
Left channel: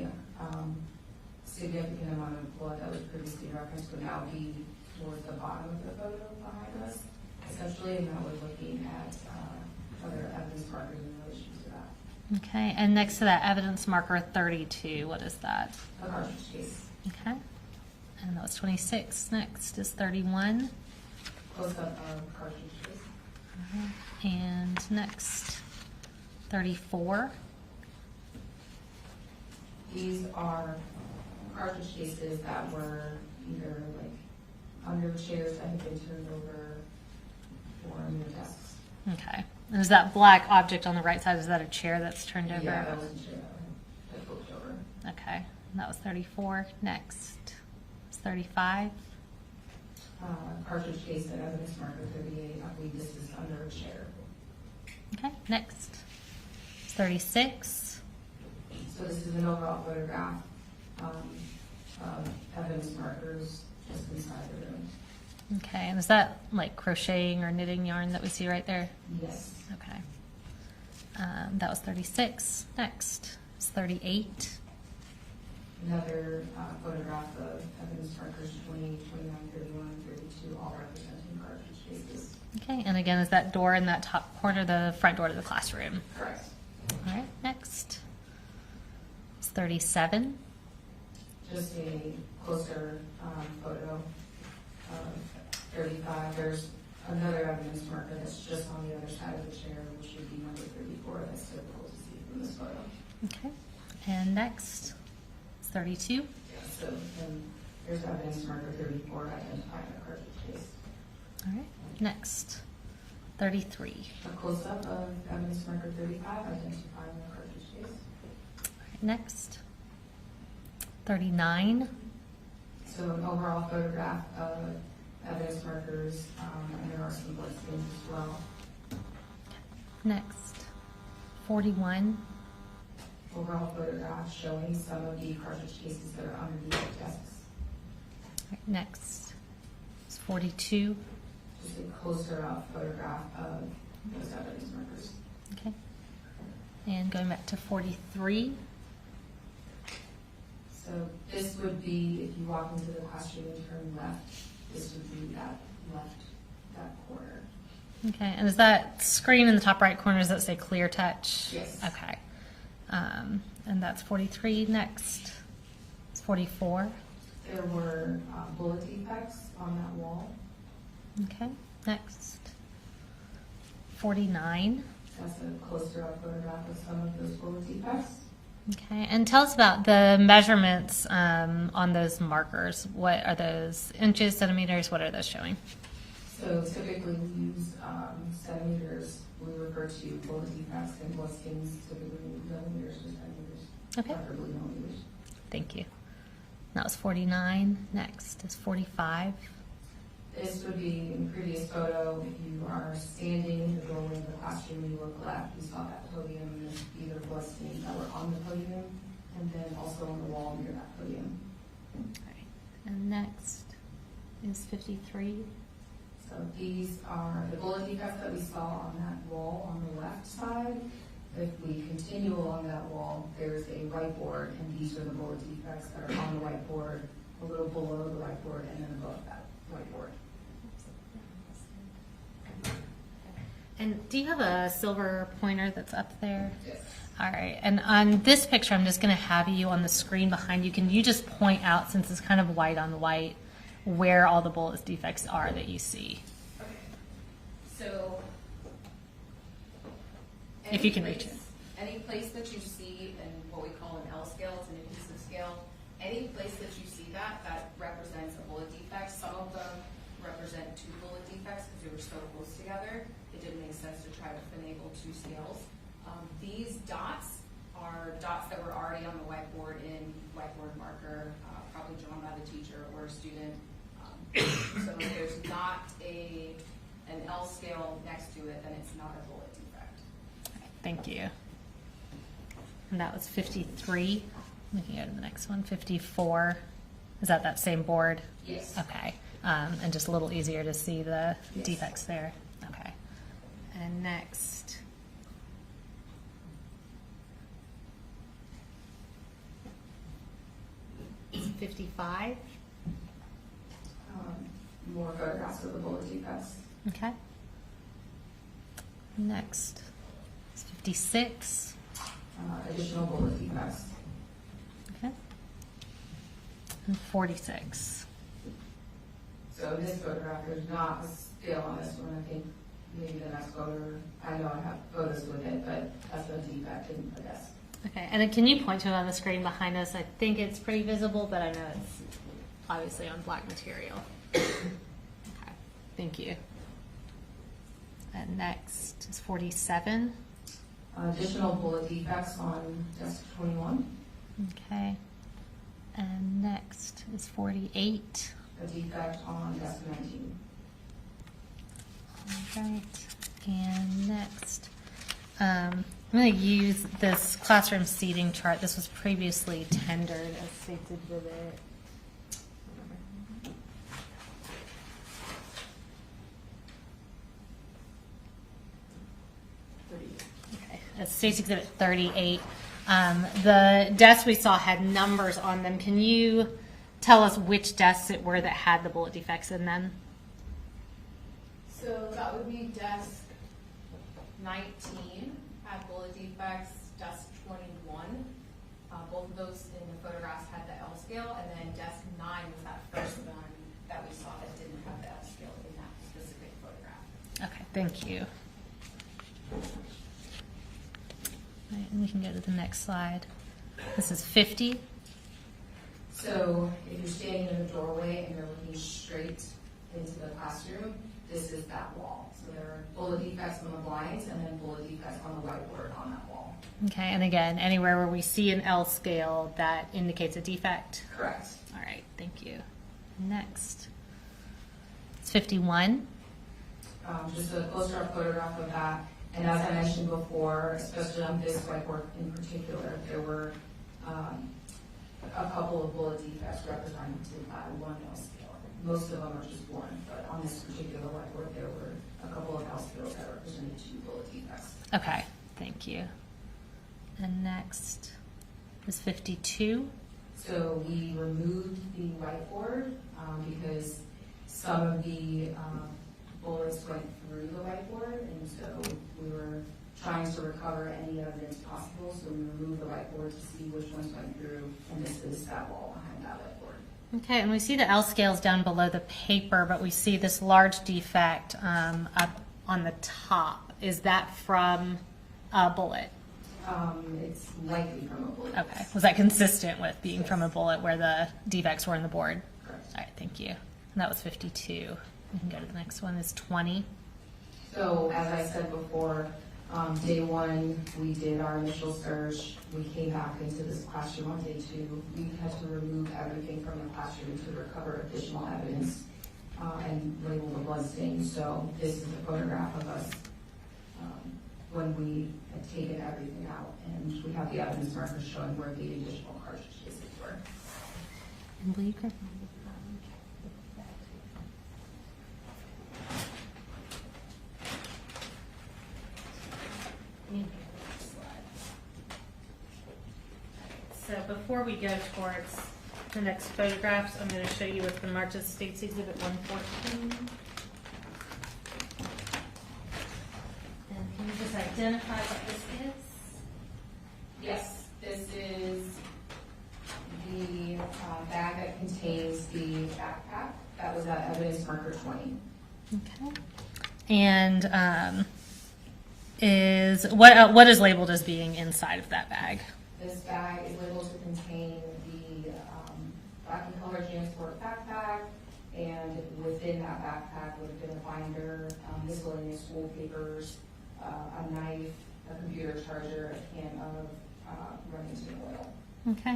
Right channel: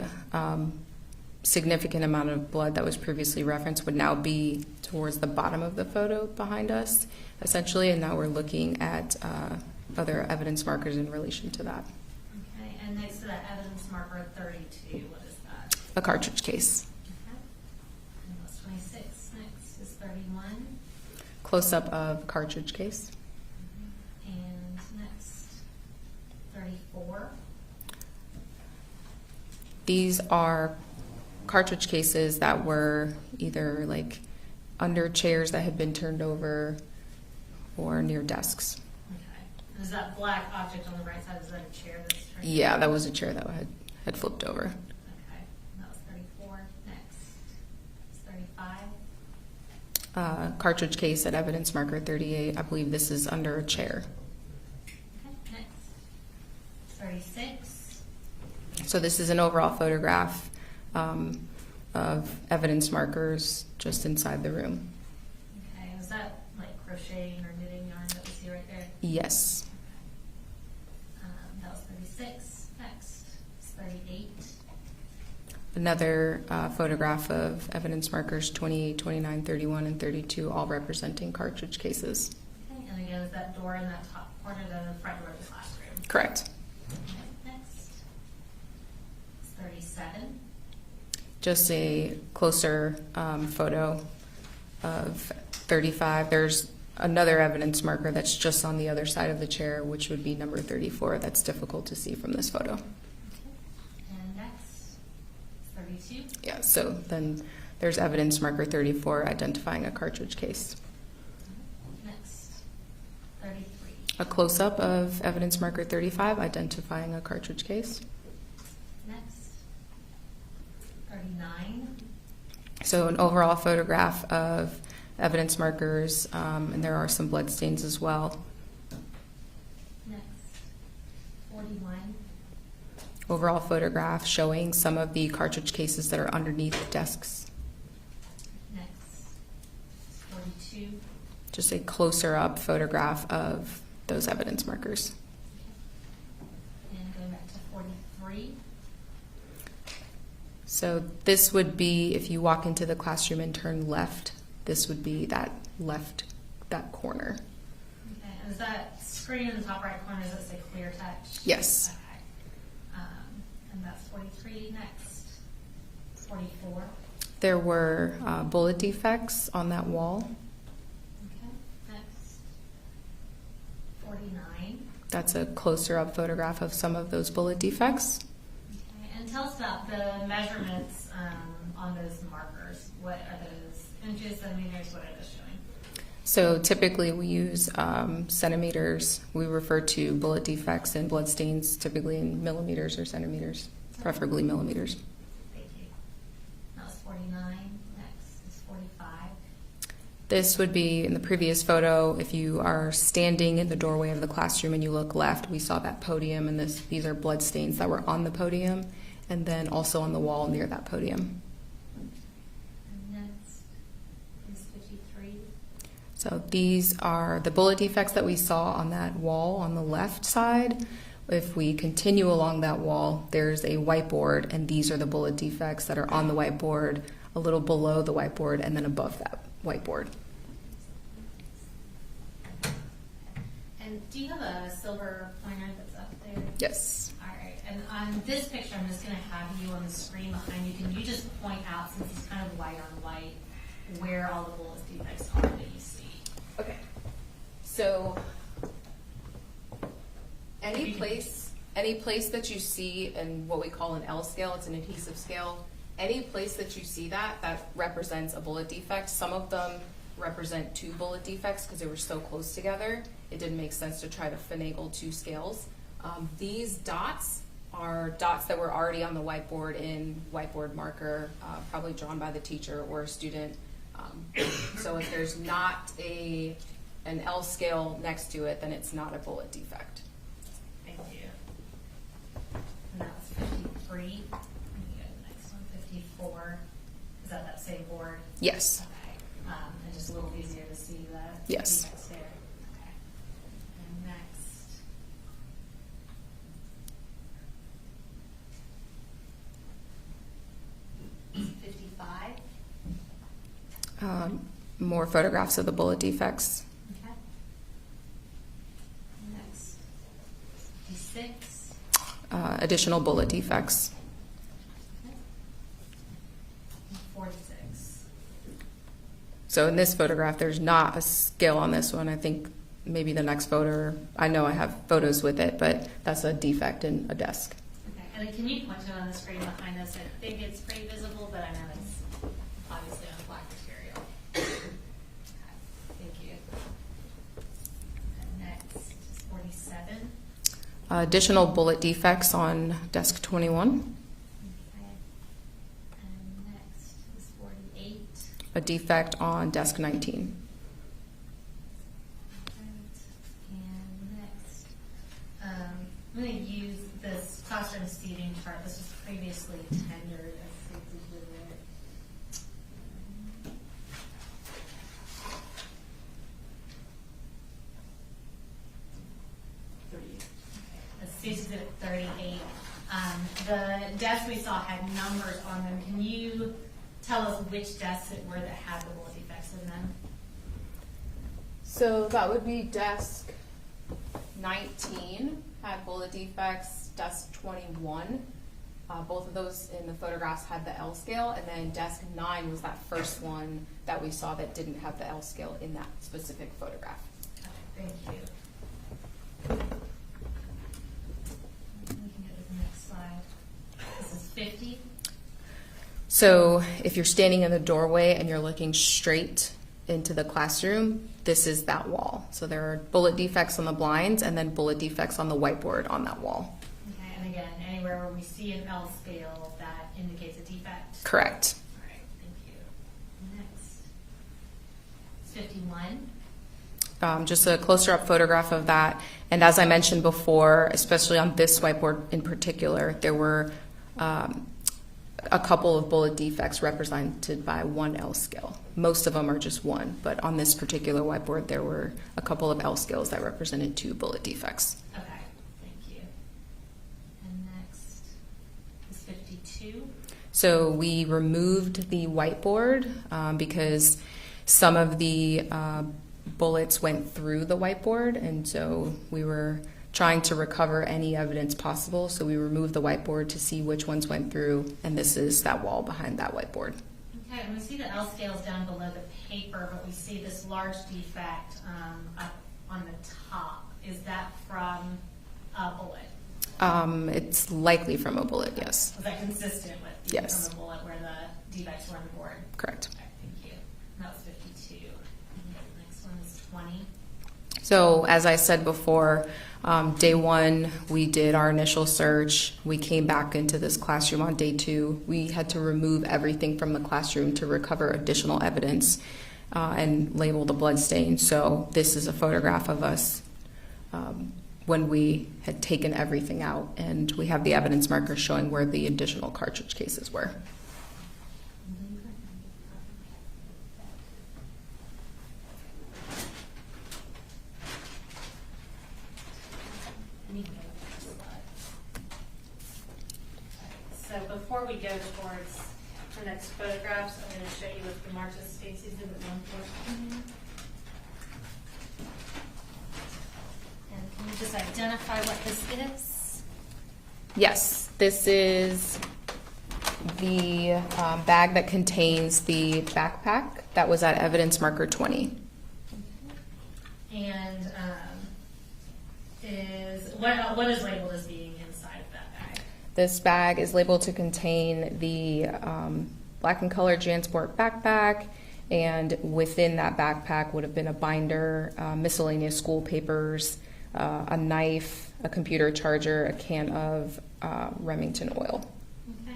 significant amount of blood that was previously referenced would now be towards the bottom of the photo behind us, essentially, and now we're looking at other evidence markers in relation to that. Okay. And next to that evidence marker 32, what is that? A cartridge case. Okay. And that was 26. Next is 31. Close-up of cartridge case. And next, 34. These are cartridge cases that were either like under chairs that had been turned over or near desks. Okay. And is that black object on the right side, is that a chair that's turned over? Yeah, that was a chair that had flipped over. Okay. And that was 34. Next is 35. Cartridge case at evidence marker 38. I believe this is under a chair. Okay. Next is 36. So this is an overall photograph of evidence markers just inside the room. Okay. And is that like crocheting or knitting yarn that we see right there? Yes. Okay. That was 36. Next is 38. Another photograph of evidence markers 28, 29, 31, and 32, all representing cartridge cases. Okay. And again, is that door in that top corner, the front door to the classroom? Correct. All right. Next is 37. Just a closer photo of 35. There's another evidence marker that's just on the other side of the chair, which would be number 34. That's difficult to see from this photo. Okay. And next is 32. Yeah, so then there's evidence marker 34 identifying a cartridge case. All right. Next, 33. A close-up of evidence marker 35 identifying a cartridge case. Next, 39. So an overall photograph of evidence markers, and there are some blood stains as well. Next, 41. Overall photograph showing some of the cartridge cases that are underneath desks. Next is 42. Just a closer up photograph of those evidence markers. Okay. And going back to 43. So this would be, if you walk into the classroom and turn left, this would be that corner. Okay. And is that screen in the top right corner, does that say clear touch? Yes. Okay. And that's 43. Next is 44. There were bullet defects on that wall. Okay. Next, 49. That's a closer up photograph of some of those bullet defects. Okay. And tell us about the measurements on those markers. What are those? Inches, centimeters? What are those showing? So typically we use centimeters. We refer to bullet defects and blood stains typically in millimeters or centimeters, preferably millimeters. Thank you. That was 49. Next is 45. This would be in the previous photo. If you are standing in the doorway of the classroom and you look left, we saw that podium, and these are blood stains that were on the podium, and then also on the wall near that podium. And next is 53. So these are the bullet defects that we saw on that wall on the left side. If we continue along that wall, there's a whiteboard, and these are the bullet defects that are on the whiteboard, a little below the whiteboard, and then above that whiteboard. And do you have a silver pointer that's up there? Yes. All right. And on this picture, I'm just going to have you on the screen behind you. Can you just point out, since it's kind of white on white, where all the bullet defects are that you see? Okay. So any place that you see in what we call an L scale, it's an adhesive scale. Any place that you see that represents a bullet defect. Some of them represent 2 bullet defects because they were so close together. It didn't make sense to try to finagle 2 scales. These dots are dots that were already on the whiteboard in whiteboard marker, probably drawn by the teacher or a student. So if there's not an L scale next to it, then it's not a bullet defect. Thank you. And that was 53. We can go to the next one, 54. Is that same board? Yes. Okay. And just a little easier to see the Yes. defects there. Okay. And next. Is 55. More photographs of the bullet defects. Okay. Next is 56. Additional bullet defects. Okay. And 46. So in this photograph, there's not a scale on this one. I think maybe the next photo, I know I have photos with it, but that's a defect in a desk. Okay, and then can you point to it on the screen behind us? I think it's pretty visible, but I know it's obviously on black material. Okay, thank you. And next is 47. Additional bullet defects on desk 21. Okay. And next is 48. A defect on desk 19. All right. And next, I'm going to use this classroom seating chart. This was previously tendered as stated with it. Okay. That's State's Exhibit 38. The desks we saw had numbers on them. Can you tell us which desks it were that had the bullet defects in them? So that would be desk 19 had bullet defects, desk 21. Both of those in the photographs had the L scale, and then desk 9 was that first one that we saw that didn't have the L scale in that specific photograph. Okay, thank you. All right, and we can go to the next slide. This is 50. So if you're standing in the doorway and you're looking straight into the classroom, this is that wall. So there are bullet defects on the blinds and then bullet defects on the whiteboard on that wall. Okay, and again, anywhere where we see an L scale, that indicates a defect? Correct. All right, thank you. Next. It's 51. Just a closer up photograph of that. And as I mentioned before, especially on this whiteboard in particular, there were a couple of bullet defects represented by one L scale. Most of them are just one, but on this particular whiteboard, there were a couple of L scales that represented 2 bullet defects. Okay, thank you. And next is 52. So we removed the whiteboard because some of the bullets went through the whiteboard, and so we were trying to recover any evidence possible. So we removed the whiteboard to see which ones went through, and this is that wall behind that whiteboard. Okay, and we see the L scales down below the paper, but we see this large defect up on the top. Is that from a bullet? It's likely from a bullet, Okay. yes. Was that consistent with being Yes. from a bullet where the defects were on the board? Correct. All right, thank you. And that was 52. We can go to the next one, is 20. So as I said before, day 1, we did our initial search. We came back into this classroom on day 2. We had to remove everything from the classroom to recover additional evidence. and label the blood stain. So this is a photograph of us when we had taken everything out, and we have the evidence markers showing where the additional cartridge cases were. So before we go towards the next photographs, I'm going to show you what's been marked as State's Exhibit 114. And can you just identify what this is? Yes, this is the bag that contains the backpack that was at evidence marker 20. Okay. And is what is labeled as being inside of that bag? This bag is labeled to contain the black and colored JanSport backpack, and within that backpack would have been a binder, miscellaneous school papers, a knife, a computer charger, a can of Remington oil. Okay.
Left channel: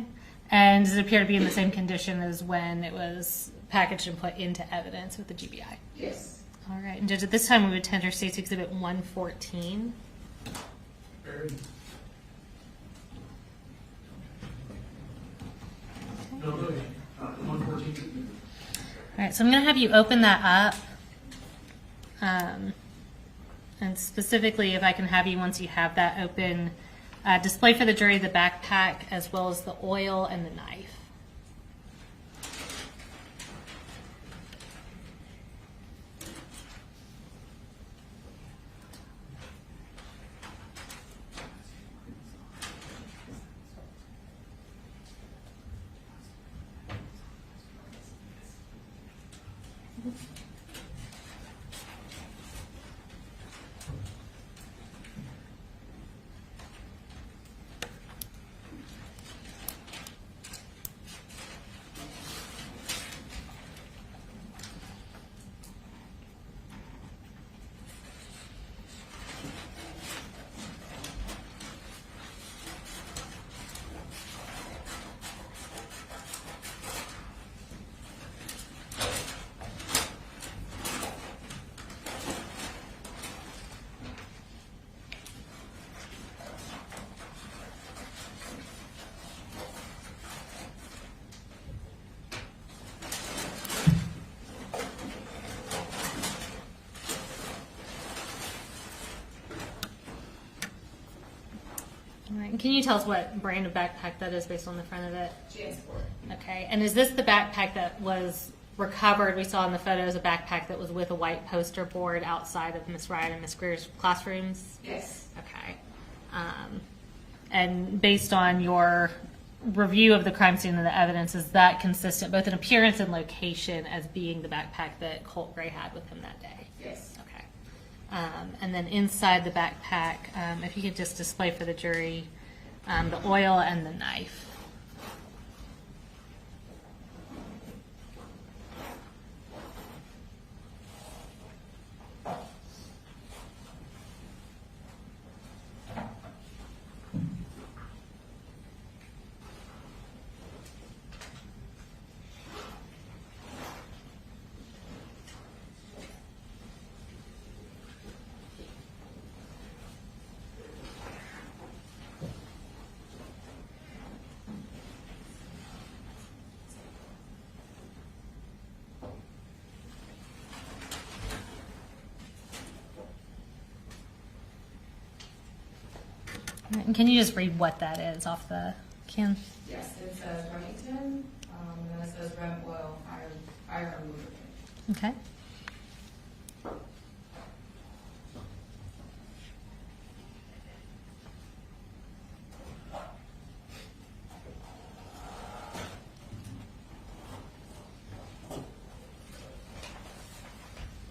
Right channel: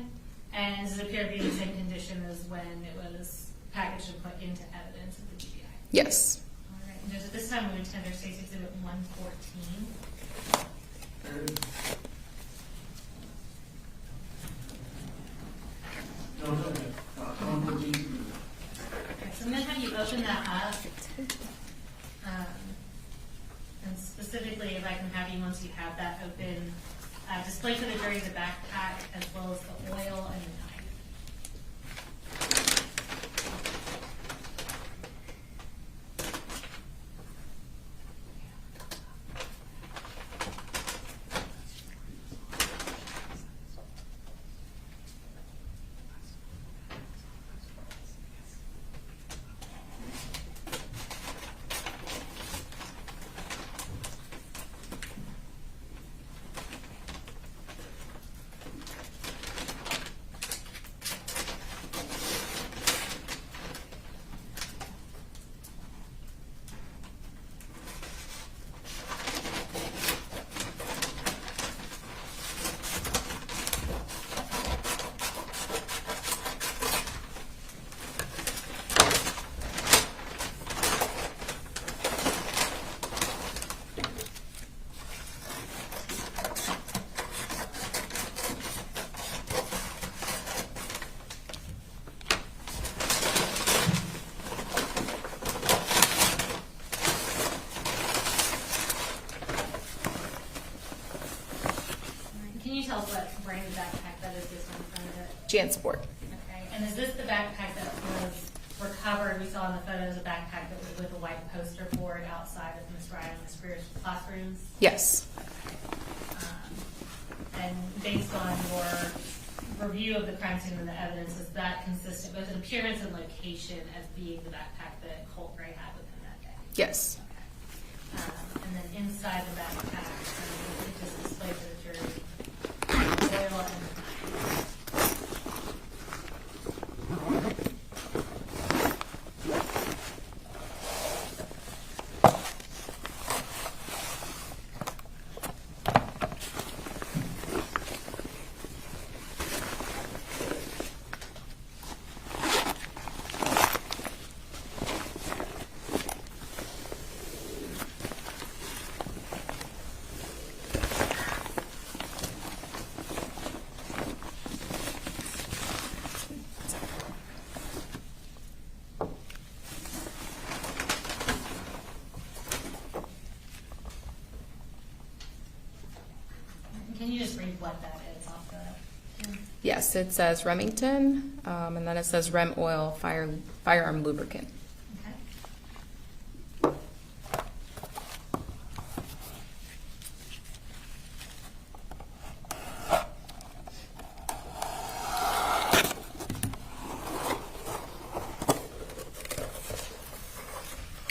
And does it appear to be in the same condition as when it was packaged and put into evidence with the GBI? Yes. All right. And Judge, at this time we would tender State's Exhibit 114. No, no, 114. All right, so I'm going to have you open that up. And specifically, if I can have you, once you have that open, display for the jury the backpack as well as the oil and the knife. Can you tell us what brand of backpack that is based on the front of it? JanSport. Okay, and is this the backpack that was recovered? We saw in the photos a backpack that was with a white poster board outside of Miss Ryan and Miss Greer's classrooms? Yes. Okay. And based on your review of the crime scene and the evidence, is that consistent both in appearance and location as being the backpack that Colt Gray had with him that day? Yes. Okay. And then inside the backpack, if you could just display for the jury the oil and the knife. And can you just read what that is off the can? Yes, it says Remington, and then it says Rem Oil Firearm Lubricant. Okay. I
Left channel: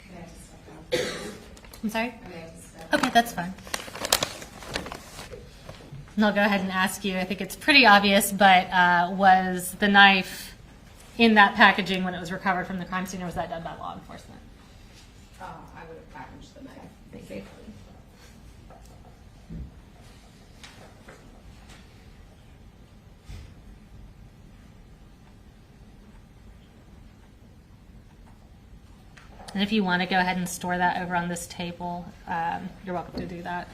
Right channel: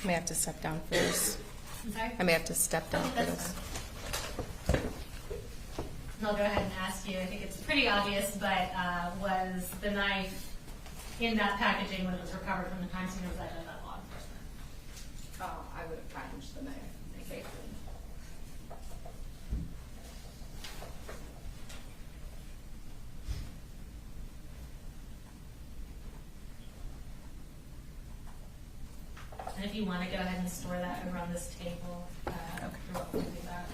may have to step down for this. I'm sorry? I may have to step down. Okay, for that's this. fine. And I'll go ahead and ask you, I think it's pretty obvious, but was the knife in that packaging when it was recovered from the crime scene, or was that done by law enforcement? I would have packaged the knife safely. And if you want to go ahead and store that over on this table, you're welcome to do that.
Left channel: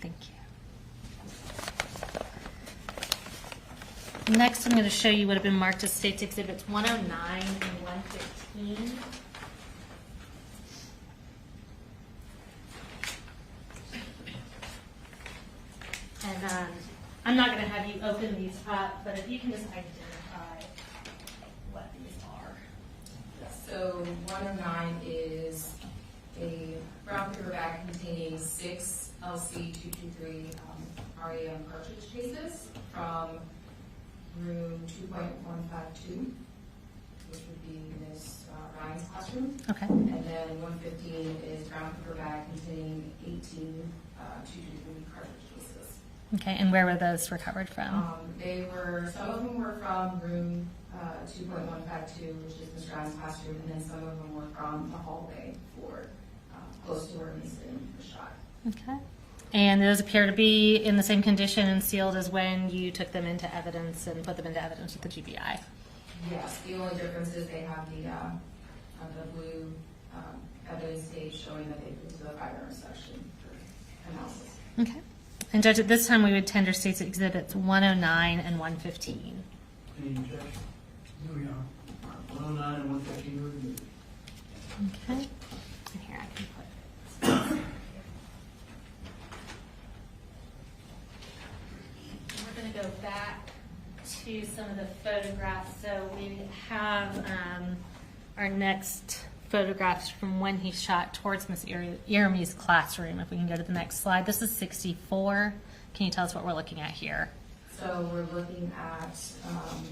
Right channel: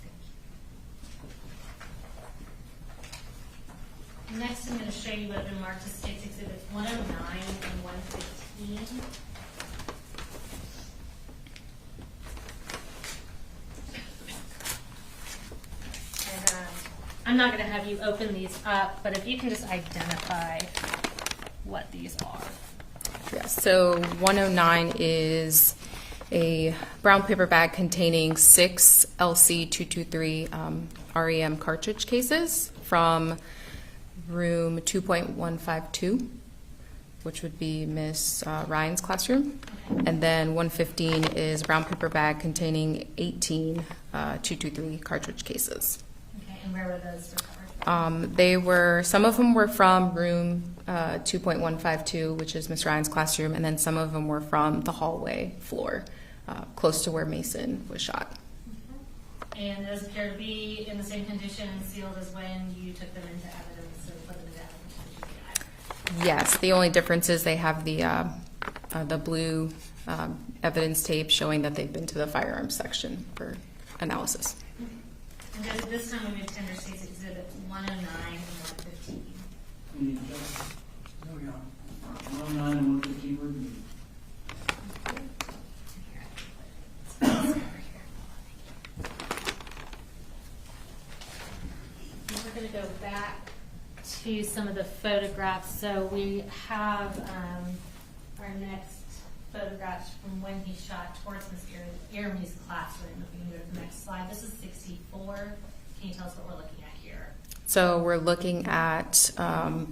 Thank you. Next, I'm going to show you what have been marked as State's Exhibits 109 and 115. And I'm not going to have you open these up, but if you can just identify what these are. Yes, so 109 is a brown paper bag containing 6 LC223 REM cartridge cases from room 2.152, which would be Miss Ryan's classroom. Okay. And then 115 is brown paper bag containing 18 223 cartridge cases. Okay, and where were those recovered from? Some of them were from room 2.152, which is Miss Ryan's classroom, and then some of them were from the hallway floor, close to where Mason was shot. Okay. And those appear to be in the same condition and sealed as when you took them into evidence and put them into evidence with the GBI? Yes, the only difference is they have the blue evidence tape showing that they've been to the firearms section for analysis. Okay. And Judge, at this time we would tender State's Exhibits 109 and 115. Any objection? No, Your Honor. 109 and 115 were reviewed. Okay. And here I can put. And we're going to go back to some of the photographs. So we have our next photographs from when he shot towards Miss Iramy's classroom. If we can go to the next slide. This is 64. Can you tell us what we're looking at here? So we're looking at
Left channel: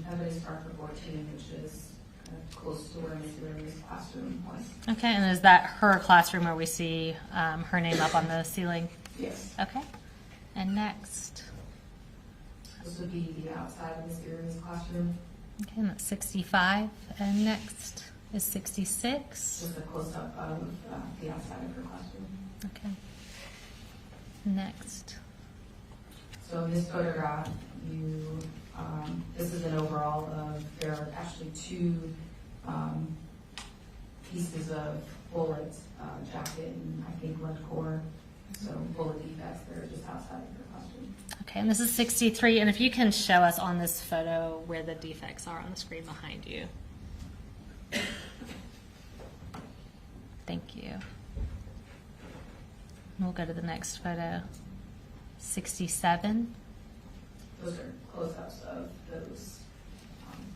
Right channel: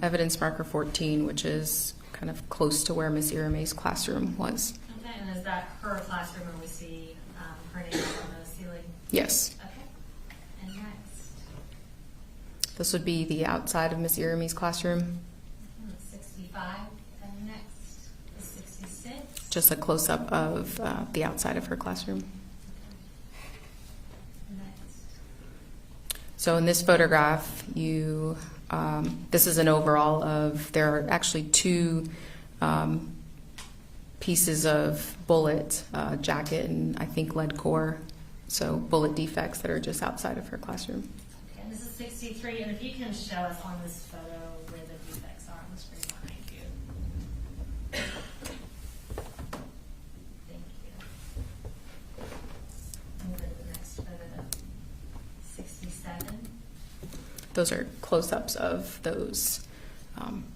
evidence marker 14, which is kind of close to where Miss Iramy's classroom was. Okay, and is that her classroom where we see her name up on the ceiling? Yes. Okay. And next? This would be the outside of Miss Iramy's classroom. Okay, and that's 65. And next is 66. Just a close-up of the outside of her classroom. Okay. Next. So in this photograph, this is an overall of, there are actually 2 pieces of bullet jacket and I think lead core, so bullet defects that are just outside of her classroom. Okay, and this is 63. And if you can show us on this photo where the defects are on the screen behind you. Thank you. We'll go to the next photo. 67. Those are close-ups of those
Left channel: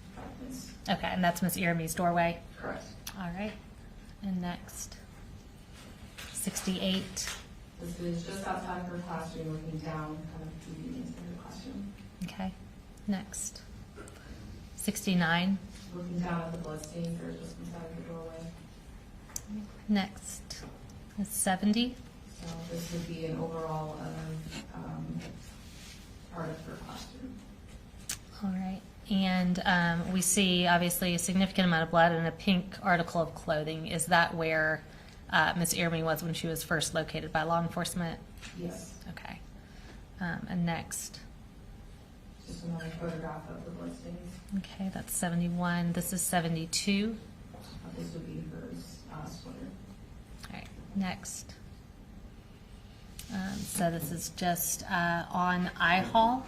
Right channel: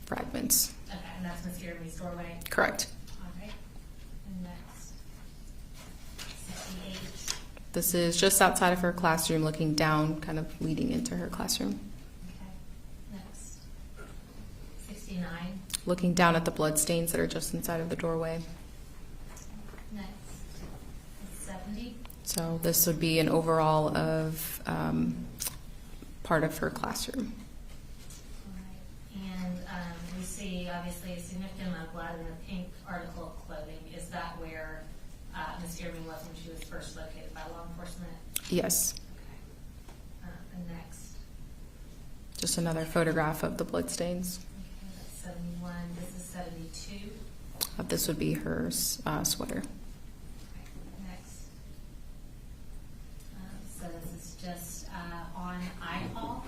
fragments. Okay, and that's Miss Iramy's doorway? Correct. All right. And next, 68. This is just outside of her classroom, looking down, kind of leading into her classroom. Okay. Next, 69. Looking down at the blood stains that are just inside of the doorway. Next is 70. So this would be an overall of part of her classroom. All right. And we see, obviously, a significant amount of blood and a pink article of clothing. Is that where Miss Iramy was when she was first located by law enforcement? Yes. Okay. And next. Just another photograph of the blood stains. Okay, that's 71. This is 72. This would be her sweater. All right. Next. So this is just on I-Hall.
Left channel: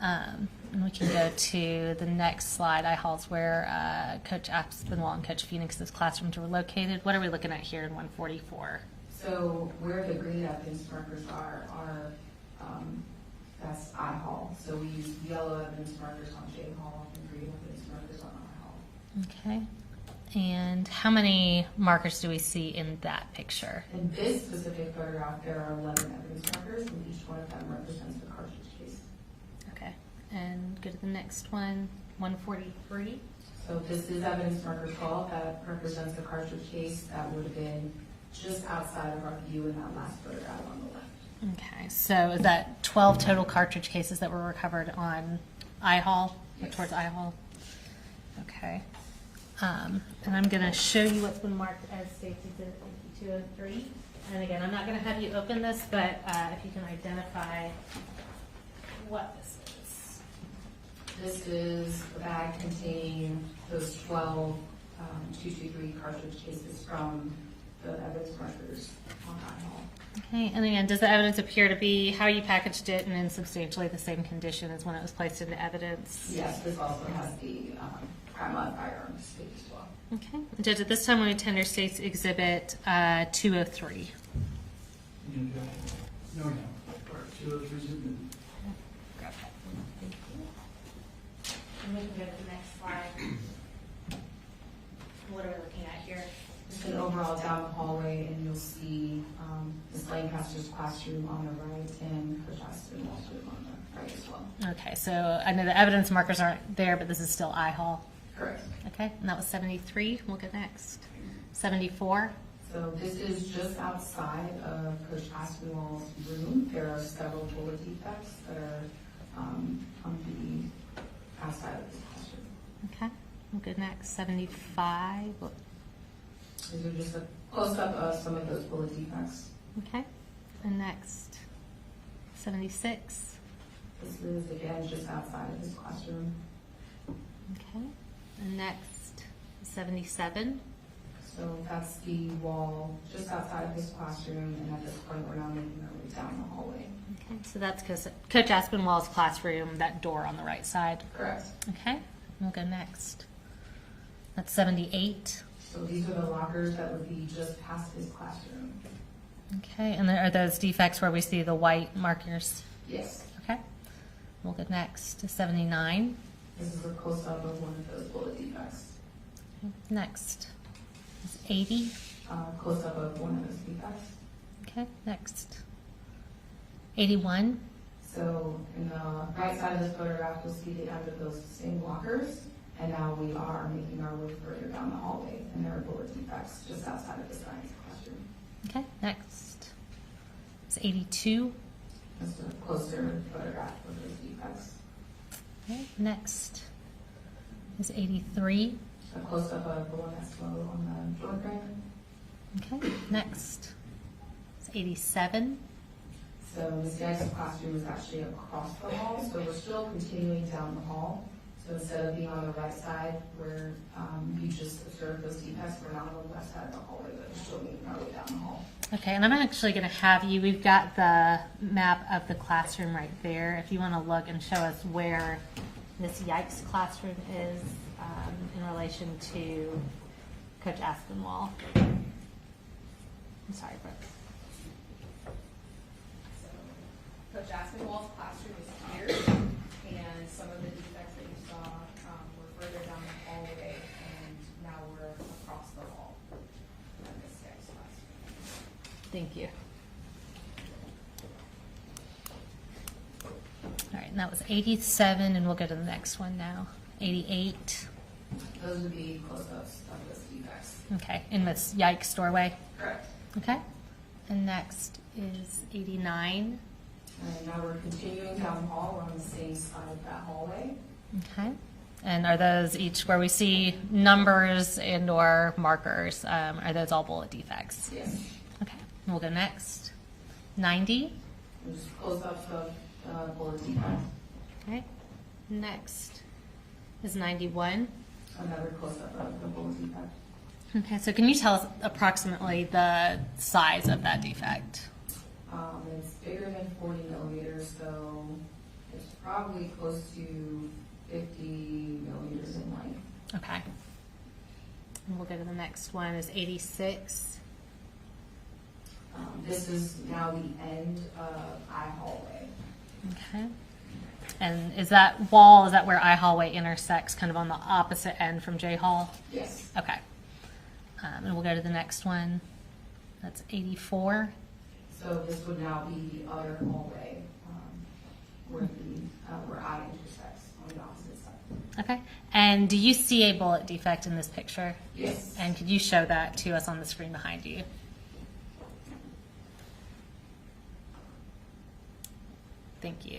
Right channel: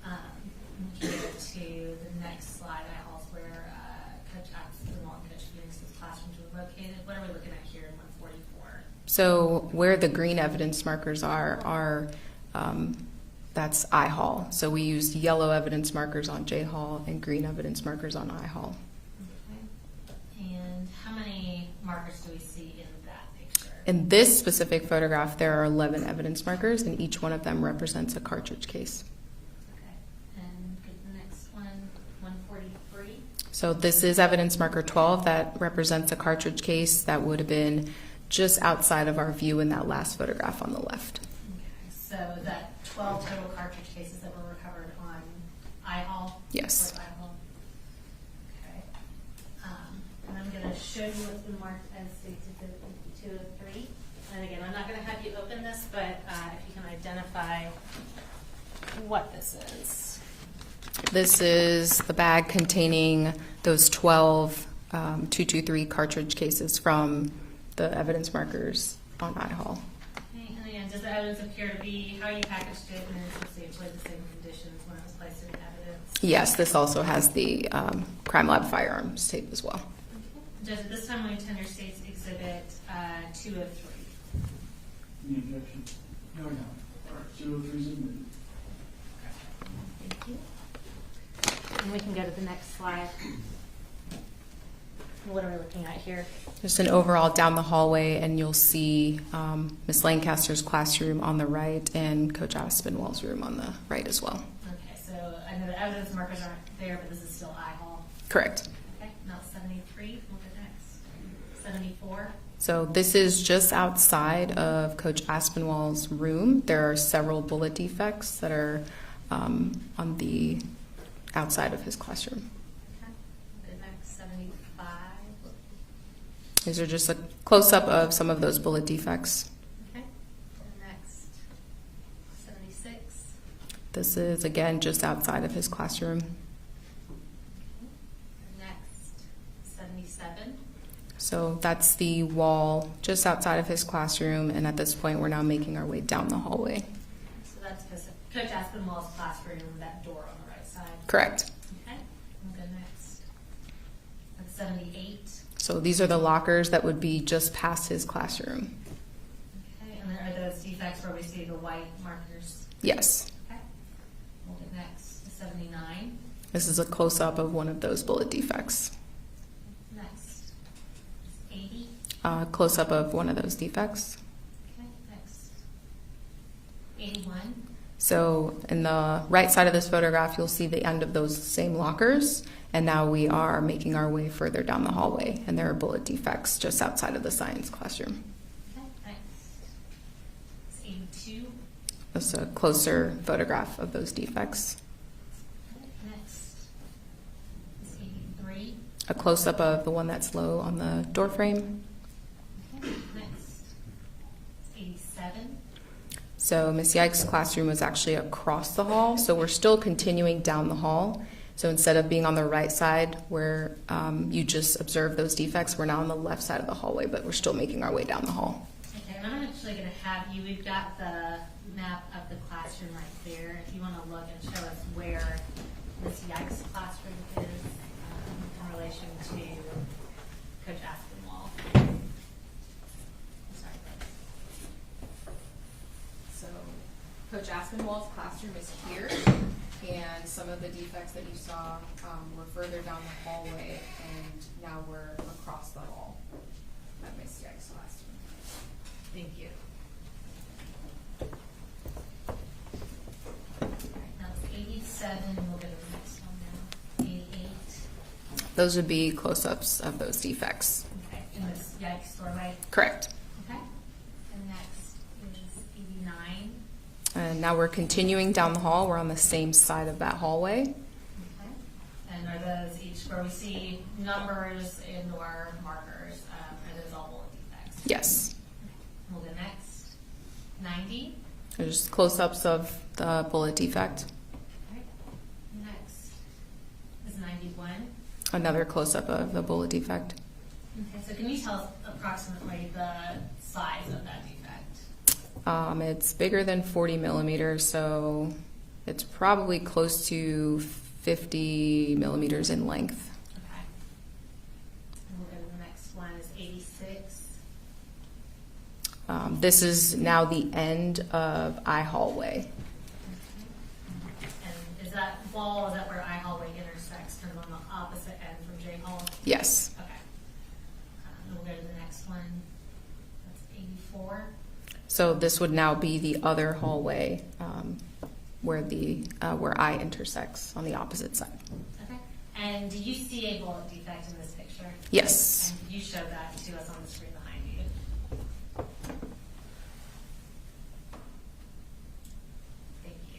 And we can go to the next slide. I-Hall is where Coach Aspinwall and Coach Phoenix's classrooms were located. What are we looking at here in 144? So where the green evidence markers are that's I-Hall. So we used yellow evidence markers on J-Hall and green evidence markers on I-Hall. Okay. And how many markers do we see in that picture? In this specific photograph, there are 11 evidence markers, and each one of them represents a cartridge case. Okay. And go to the next one, 143. So this is evidence marker 12 that represents a cartridge case that would have been just outside of our view in that last photograph on the left. Okay. So is that 12 total cartridge cases that were recovered on I-Hall? Yes. Towards I-Hall? Okay. And I'm going to show you what's been marked as State's Exhibit 203. And again, I'm not going to have you open this, but if you can identify what this is. This is the bag containing those 12 .223 cartridge cases from the evidence markers on IHAL. Okay, and again, does the evidence appear to be how you packaged it and in substantially the same condition as when it was placed into evidence? Yes, this also has the crime lab firearms tape as well. Okay. Judge, at this time, we tender State's Exhibit 203. Any objection? No, no. All right, 203 is admitted. Thank you. And we can go to the next slide. What are we looking at here? Just an overall down the hallway, and you'll see Ms. Lancaster's classroom on the right and Coach Aspinwall's room on the right as well. Okay, so I know the evidence markers aren't there, but this is still IHAL. Correct. Okay, and that was 73. We'll go next. 74. So this is just outside of Coach Aspinwall's room. There are several bullet defects that are on the outside of his classroom. Okay, we'll go next. 75. These are just a close-up of some of those bullet defects. Okay, and next. 76. This is, again, just outside of his classroom. Okay, and next. 77. So that's the wall just outside of his classroom, and at this point, we're now making our way down the hallway. Okay, so that's Coach Aspinwall's classroom, that door on the right side. Correct. Okay, we'll go next. That's 78. So these are the lockers that would be just past his classroom. Okay, and are those defects where we see the white markers? Yes. Okay, we'll go next to 79. This is a close-up of one of those bullet defects. Next is 80. Close-up of one of those defects. Okay, next. 81. So in the right side of this photograph, you'll see the end of those same lockers. And now we are making our way further down the hallway, and there are bullet defects just outside of the science classroom. Okay, next is 82. That's a closer photograph of those defects. Okay, next is 83. A close-up of the one that's low on the door frame. Okay, next is 87. So Ms. Yike's classroom was actually across the hall, so we're still continuing down the hall. So instead of being on the right side where you just observe those defects, we're now on the left side of the hallway, but we're still making our way down the hall. Okay, and I'm actually going to have you, we've got the map of the classroom right there. If you want to look and show us where Ms. Yike's classroom is in relation to Coach Aspinwall. I'm sorry, Brooke. So Coach Aspinwall's classroom is here, and some of the defects that you saw were further down the hallway, and now we're across the hall at Ms. Yike's classroom. Thank you. All right, and that was 87, and we'll go to the next one now. 88. Those would be close-ups of those defects. Okay, in Ms. Yike's doorway. Correct. Okay, and next is 89. And now we're continuing down the hall. We're on the same side of that hallway. Okay, and are those each where we see numbers and or markers? Are those all bullet defects? Yes. Okay, and we'll go next. 90. There's close-ups of the bullet defect. Okay, next is 91. Another close-up of the bullet defect. Okay, so can you tell us approximately the size of that defect? It's bigger than 40 millimeters, so it's probably close to 50 millimeters in length. Okay. And we'll go to the next one is 86. This is now the end of I hallway. Okay. And is that wall, is that where I hallway intersects, kind of on the opposite end from J Hall? Yes. Okay. And we'll go to the next one. That's 84. So this would now be the other hallway where I intersects on the opposite side. Okay. And do you see a bullet defect in this picture? Yes. And could you show that to us on the screen behind you? Thank you.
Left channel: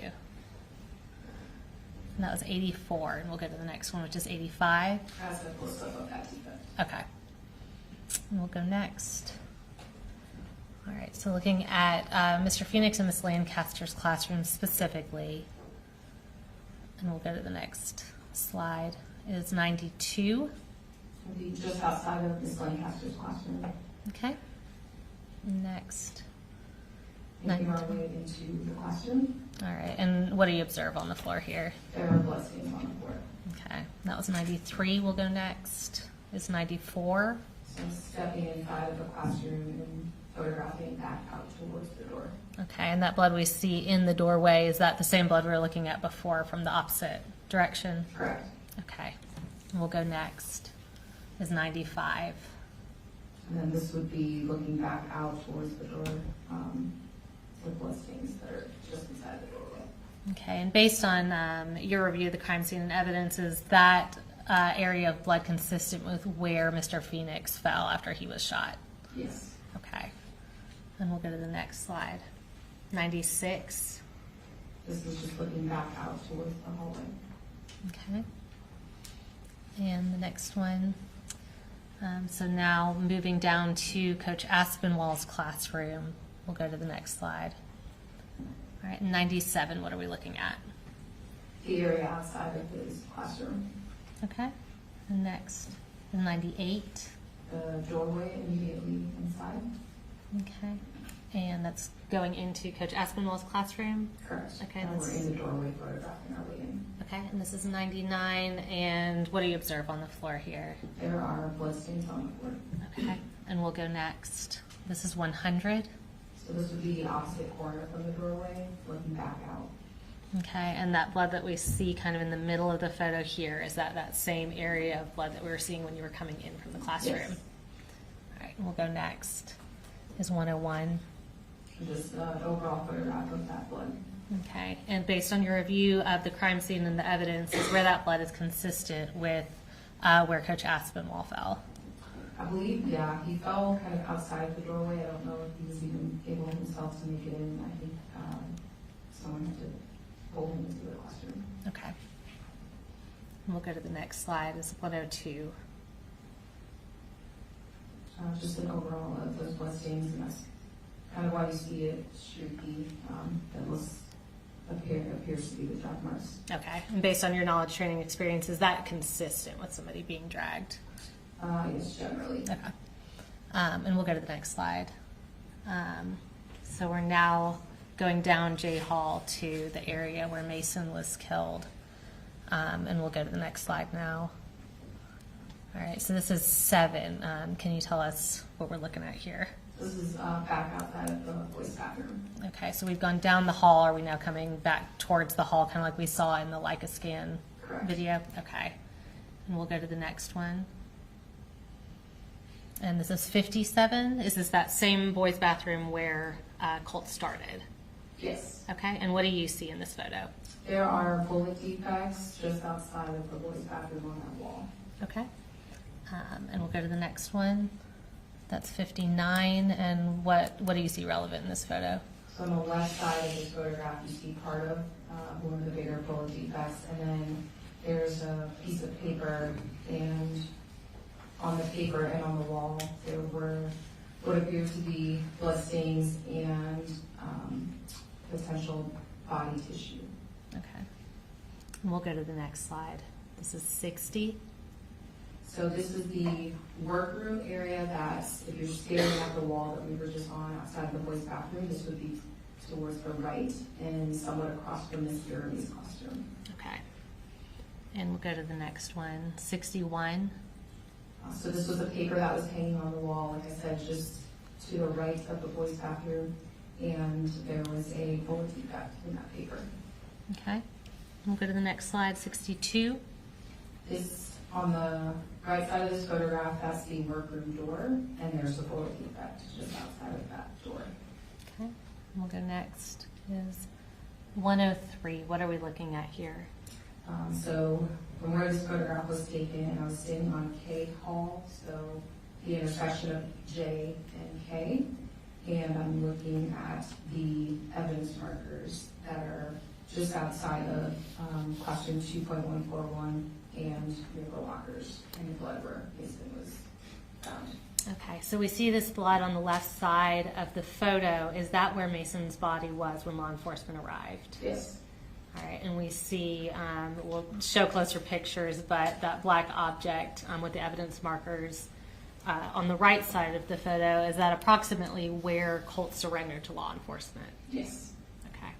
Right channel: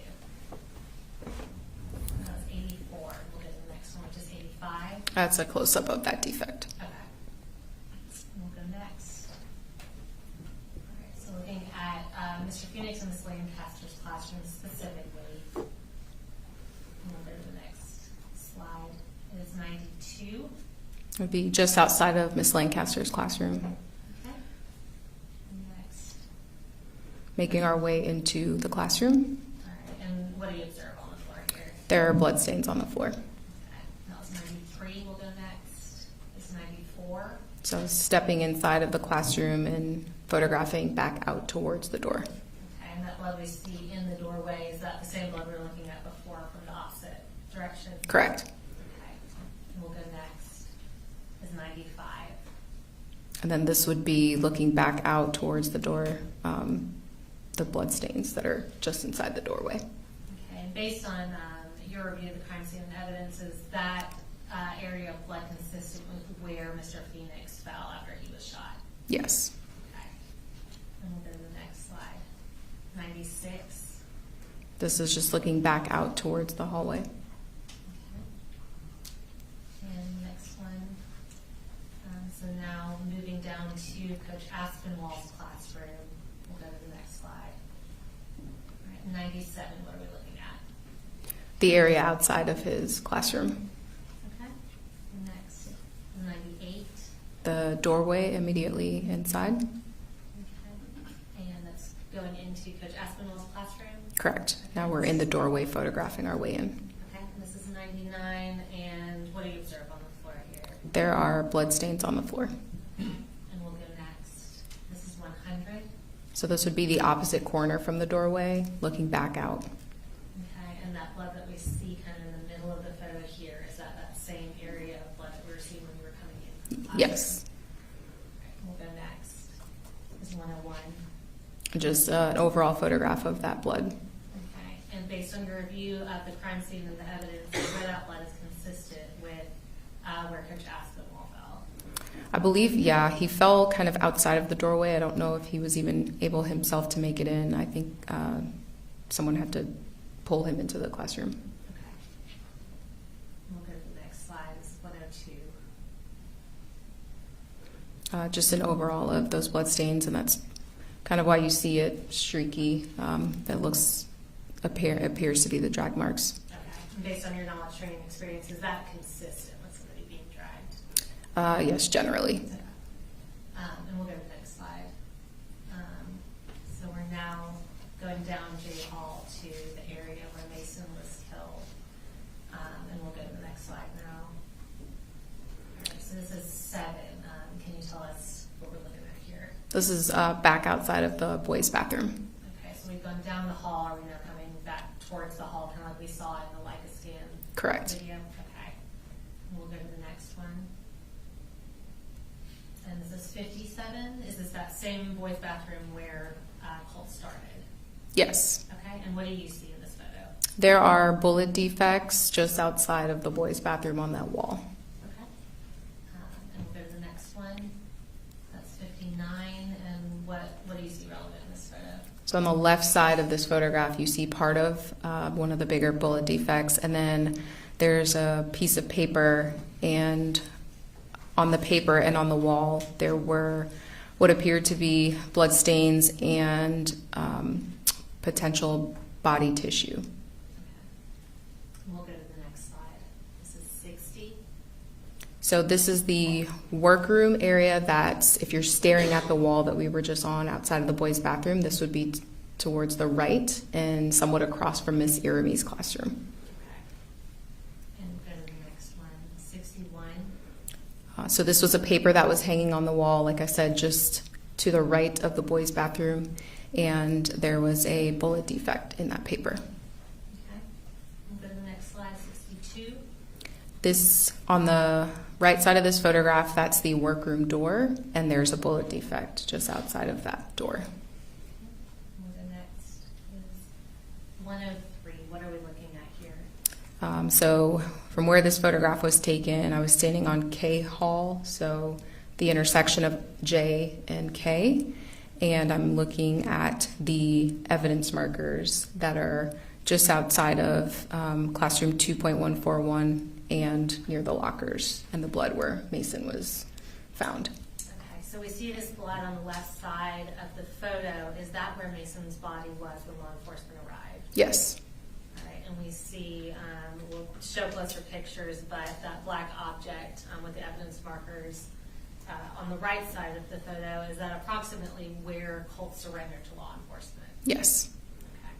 And that was 84, and we'll go to the next one, which is 85. That's a close-up of that defect. Okay. And we'll go next. All right, so looking at Mr. Phoenix and Ms. Lancaster's classroom specifically, And we'll go to the next slide. It is 92. It would be just outside of Miss Lancaster's classroom. Okay. Next. Making our way into the classroom. All right. And what do you observe on the floor here? There are bloodstains on the floor. Okay. That was 93. We'll go next. It's 94. So stepping inside of the classroom and photographing back out towards the door. Okay. And that blood we see in the doorway, is that the same blood we were looking at before from the opposite direction? Correct. Okay. And we'll go next. Is 95. And then this would be looking back out towards the door, the blood stains that are just inside the doorway. Okay, and based on your review of the crime scene and evidence, is that area of blood consistent with where Mr. Phoenix fell after he was shot? Yes. Okay. And we'll go to the next slide. 96. This is just looking back out towards the hallway. Okay. And the next one. So now moving down to Coach Aspinwall's classroom. We'll go to the next slide. All right, 97, what are we looking at? The area outside of his classroom. Okay. And next, 98. The doorway immediately inside. Okay. And that's going into Coach Aspinwall's classroom? Correct. Okay. Now we're in the doorway photographing our way in. Okay, and this is 99, and what do you observe on the floor here? There are blood stains on the floor. Okay, and we'll go next. This is 100. So this would be the opposite corner from the doorway, looking back out. Okay, and that blood that we see kind of in the middle of the photo here, is that same area of blood that we were seeing when you were coming in from the classroom? Yes. All right, we'll go next. Is 101. Just an overall photograph of that blood. Okay, and based on your review of the crime scene and the evidence, is where that blood is consistent with where Coach Aspinwall fell? I believe, yeah, he fell kind of outside of the doorway. I don't know if he was even able himself to make it in. I think someone had to pull him into the classroom. Okay. And we'll go to the next slide. Is 102. Just an overall of those blood stains, and that's kind of why you see it streaky. That appears to be the drag marks. Okay. And based on your knowledge, training, experience, is that consistent with somebody being dragged? Yes, generally. Okay. And we'll go to the next slide. So we're now going down J Hall to the area where Mason was killed. And we'll go to the next slide now. All right, so this is 7. Can you tell us what we're looking at here? This is back outside of the boys' bathroom. Okay, so we've gone down the hall. Are we now coming back towards the hall, kind of like we saw in the Leica scan Correct. video? Okay. And we'll go to the next one. And this is 57. Is this that same boys' bathroom where Colt started? Yes. Okay, and what do you see in this photo? There are bullet defects just outside of the boys' bathroom on that wall. Okay. And we'll go to the next one. That's 59. And what do you see relevant in this photo? So on the left side of this photograph, you see part of one of the bigger bullet defects, and then there's a piece of paper, and on the paper and on the wall, there were what appeared to be blood stains and potential body tissue. Okay. And we'll go to the next slide. This is 60. So this is the workroom area that's, if you're staring at the wall that we were just on outside of the boys' bathroom, this would be towards the right and somewhat across from Miss Irami's classroom. Okay. And we'll go to the next one, 61. So this was a paper that was hanging on the wall, like I said, just to the right of the boys' bathroom, and there was a bullet defect in that paper. Okay. We'll go to the next slide, 62. This, on the right side of this photograph, that's the workroom door, and there's a bullet defect just outside of that door. Okay. We'll go next is 103. What are we looking at here? So from where this photograph was taken, I was standing on K Hall, so the intersection of J and K, and I'm looking at the evidence markers that are just outside of classroom 2.141 and near the lockers and the blood where Mason was found. Okay, so we see this blood on the left side of the photo. Is that where Mason's body was when law enforcement arrived? Yes. All right, and we see, we'll show closer pictures, but that black object with the evidence markers on the right side of the photo, is that approximately where Colt surrendered to law enforcement? Yes. Okay.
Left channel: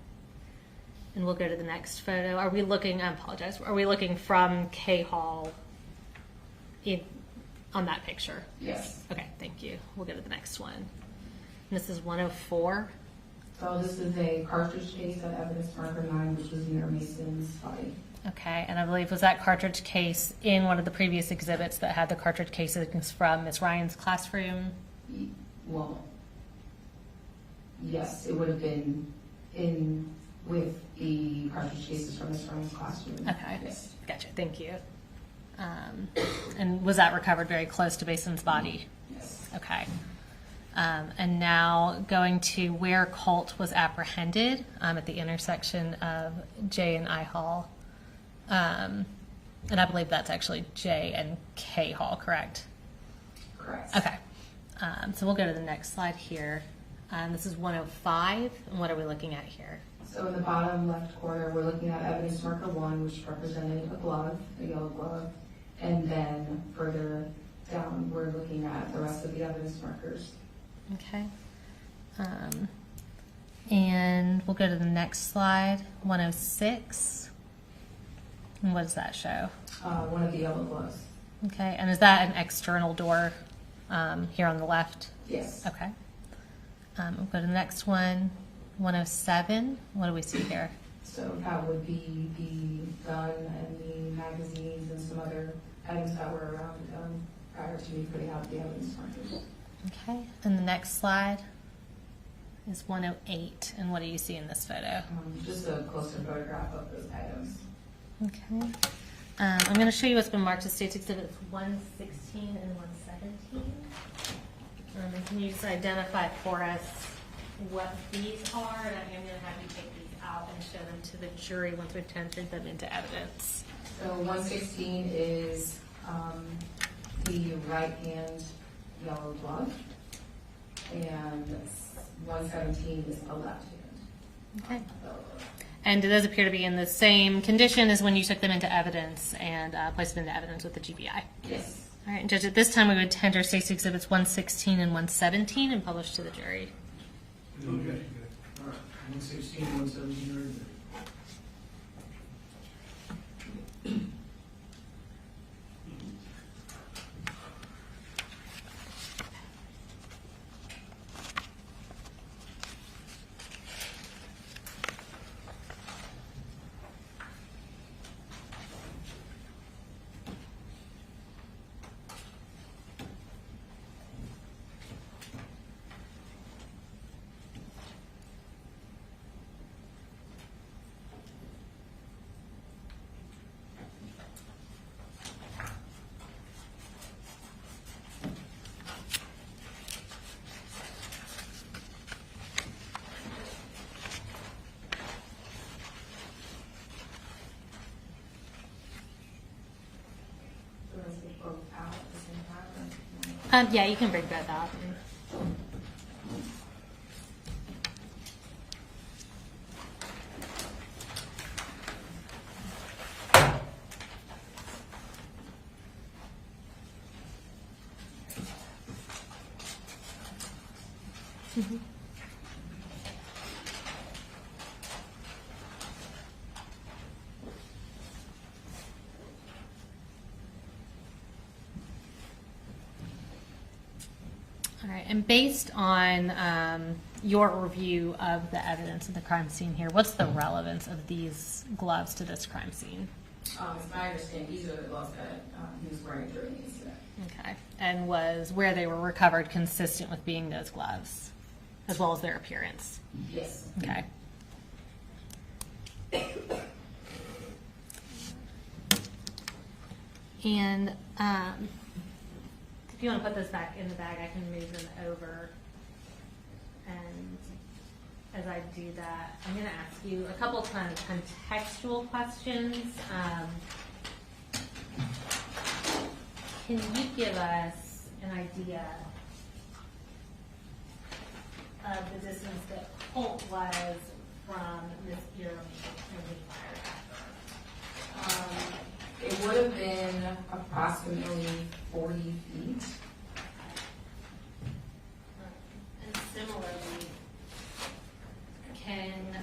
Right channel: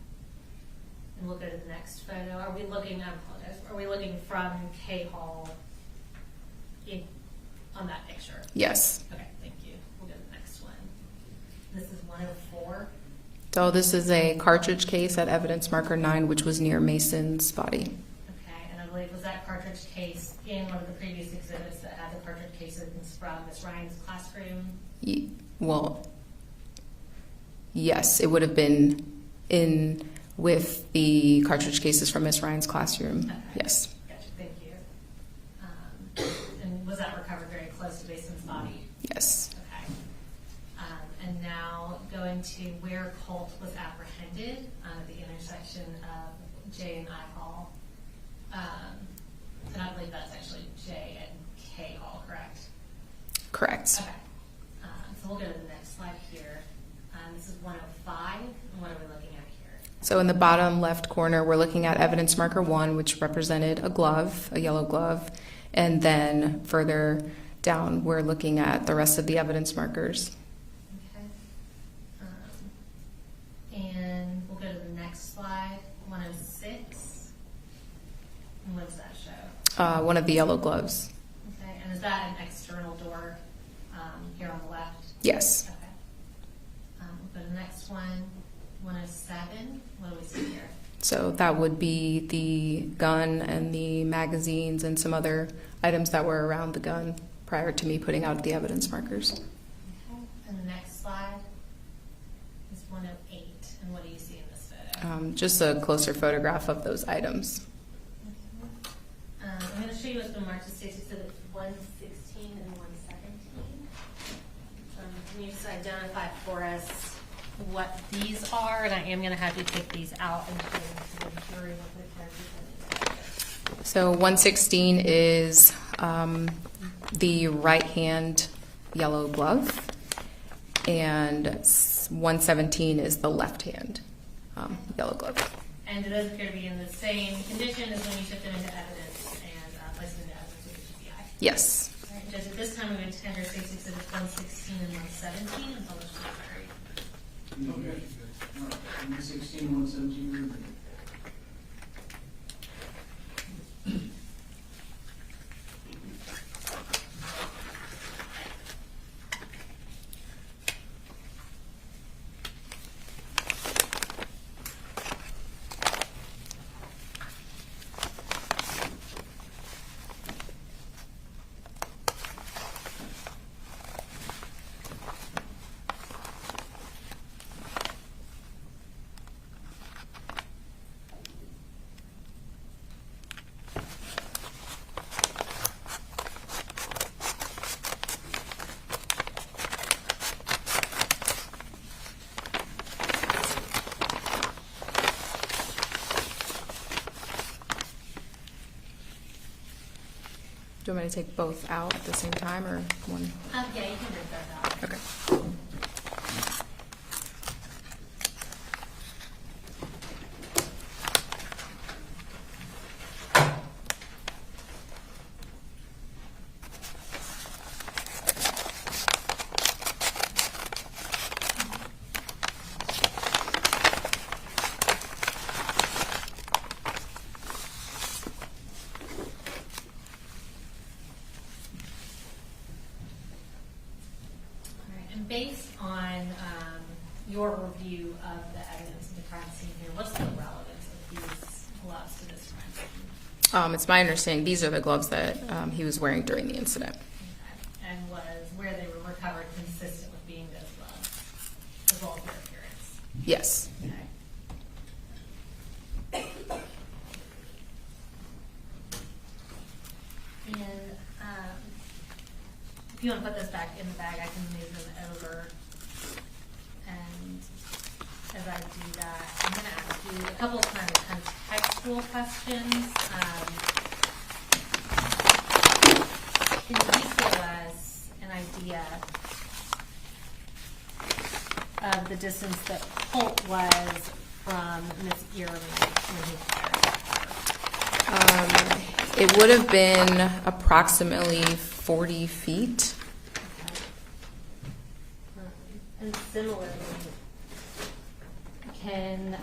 And we'll go to the next photo. Are we looking, I apologize, are we looking from K Hall on that picture? Yes. Okay, thank you. We'll go to the next one. And this is 104. So this is a cartridge case at evidence marker 9, which was near Mason's body. Okay, and I believe, was that cartridge case in one of the previous exhibits that had the cartridge cases from Miss Ryan's classroom? Well, yes, it would have been in with the cartridge cases from Miss Ryan's classroom. Okay. Yes. Gotcha, thank you. And was that recovered very close to Mason's body? Yes. Okay. And now going to where Colt was apprehended at the intersection of J and I Hall. And I believe that's actually J and K Hall, correct? Correct. Okay. So we'll go to the next slide here. This is 105. And what are we looking at here? So in the bottom left corner, we're looking at evidence marker 1, which represented a glove, a yellow glove. And then further down, we're looking at the rest of the evidence markers. Okay. And we'll go to the next slide, 106. And what does that show? One of the yellow gloves. Okay, and is that an external door here on the left? Yes. Okay. We'll go to the next one, 107. What do we see here? So that would be the gun and the magazines and some other items that were around the gun prior to me putting out the evidence markers. Okay, and the next slide is 108. And what do you see in this photo? Just a closer photograph of those items. Okay. I'm going to show you what's been marked as State's Exhibit 116 and 117. Can you just identify for us what these are? And I am going to have you take these out and show them to the jury once we've tendered them into evidence. So 116 is the right hand yellow glove, and 117 is the left hand yellow glove. And do those appear to be in the same condition as when you took them into evidence and placed them into evidence with the GBI? Yes. All right, and Judge, at this time we would tender State's Exhibits 116 and 117 and publish to the jury. Okay. All right. 116 and 117 are in there. Do you want me to take both out at the same time or one? Yeah, you can bring both out. Okay. And based on your review of the evidence of the crime scene here, what's the relevance of these gloves to this crime scene? It's my understanding these are the gloves that he was wearing during the incident. Okay. And was where they were recovered consistent with being those gloves, as well as their appearance? Yes. Okay. And if you want to put this back in the bag, I can move them over. And as I do that, I'm going to ask you a couple of kind of contextual questions. Can you give us an idea of the distance that Colt was from Miss Ehrman when he fired? It would have been approximately 40 feet. And similarly, can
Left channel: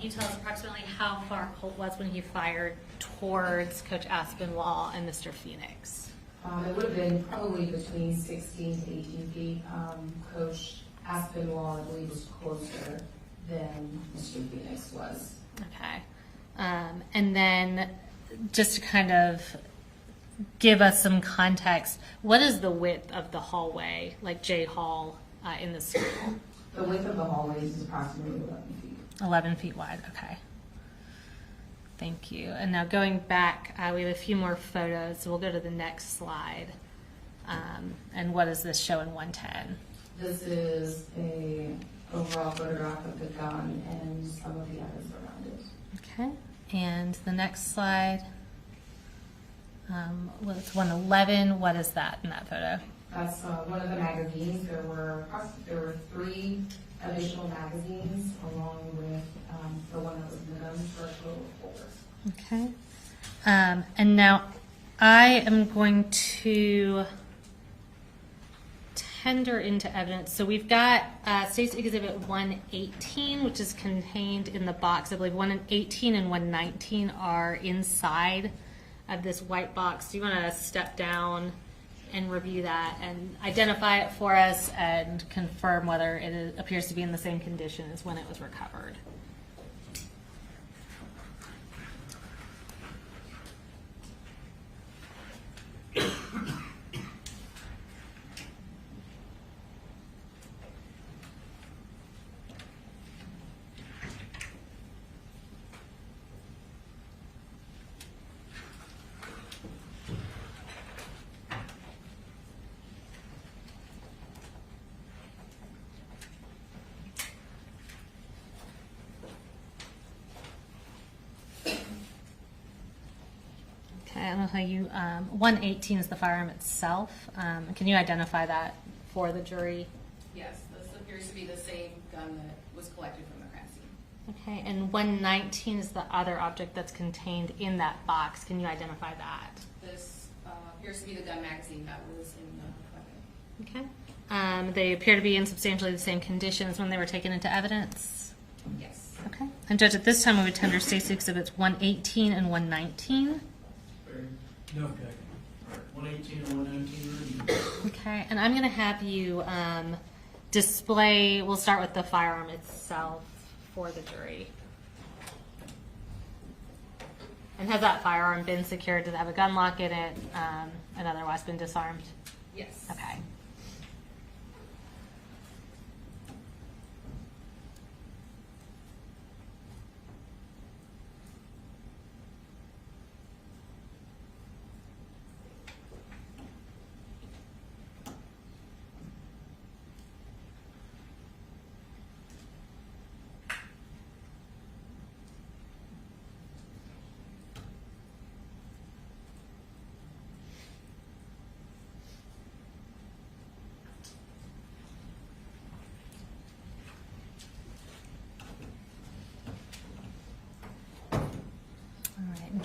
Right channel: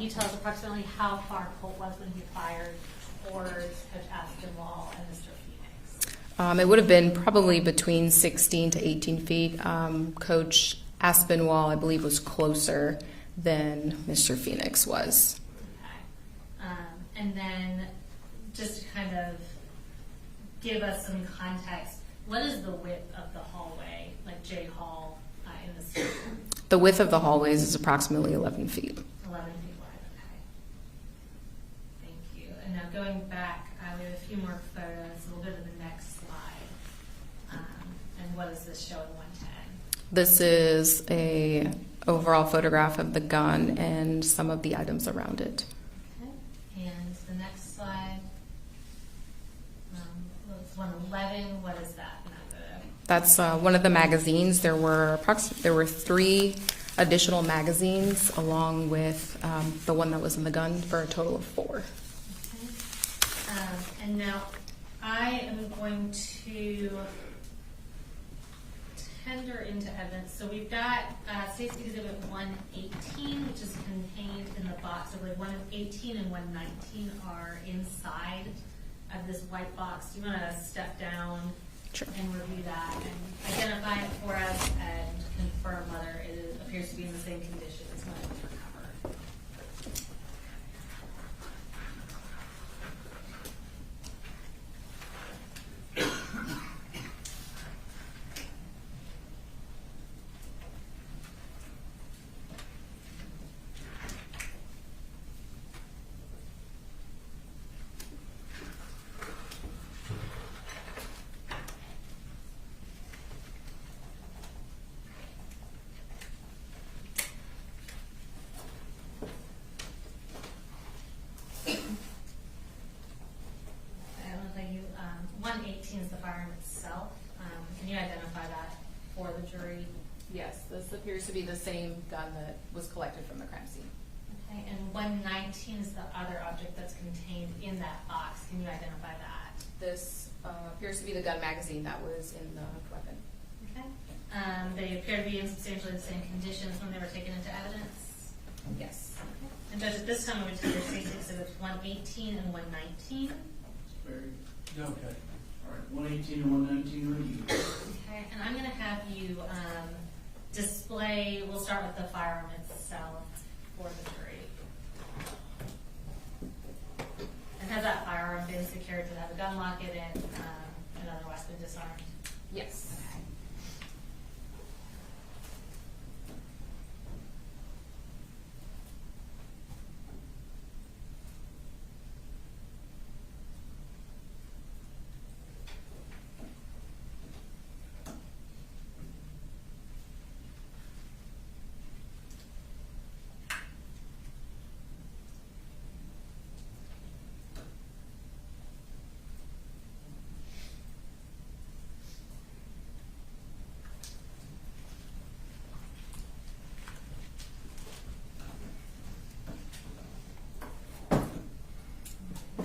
you tell us approximately how far Colt was when he fired towards Coach Aspinwall and Mr. Phoenix? It would have been probably between 16 to 18 feet. Coach Aspinwall, I believe, was closer than Mr. Phoenix was. Okay. And then just to kind of give us some context, what is the width of the hallway, like J Hall, in the school? The width of the hallways is approximately 11 feet. 11 feet wide, okay. Thank you. And now going back, we have a few more photos. So we'll go to the next slide. And what does this show in 110? This is a overall photograph of the gun and some of the items around it. Okay. And the next slide, it's 111. What is that in that photo? That's one of the magazines. There were 3 additional magazines along with the one that was in the gun for a total of 4. Okay. And now I am going to tender into evidence. So we've got State's Exhibit 118, which is contained in the box. I believe 118 and 119 are inside of this white box. Do you want to step down? Sure. And review that and identify it for us and confirm whether it appears to be in the same condition as when it was recovered? You 118 is the firearm itself. Can you identify that for the jury? Yes, this appears to be the same gun that was collected from the crime scene. Okay, and 119 is the other object that's contained in that box. Can you identify that? This appears to be the gun magazine that was in the weapon. Okay. They appear to be in substantially the same condition as when they were taken into evidence? Yes. Okay. And Judge, at this time we would tender State's Exhibits 118 and 119. Okay. All right, 118 and 119 are Okay, and I'm going to have you display, we'll start with the firearm itself for the jury. And has that firearm been secured? Does it have a gun lock in it and otherwise been disarmed? Yes. Okay.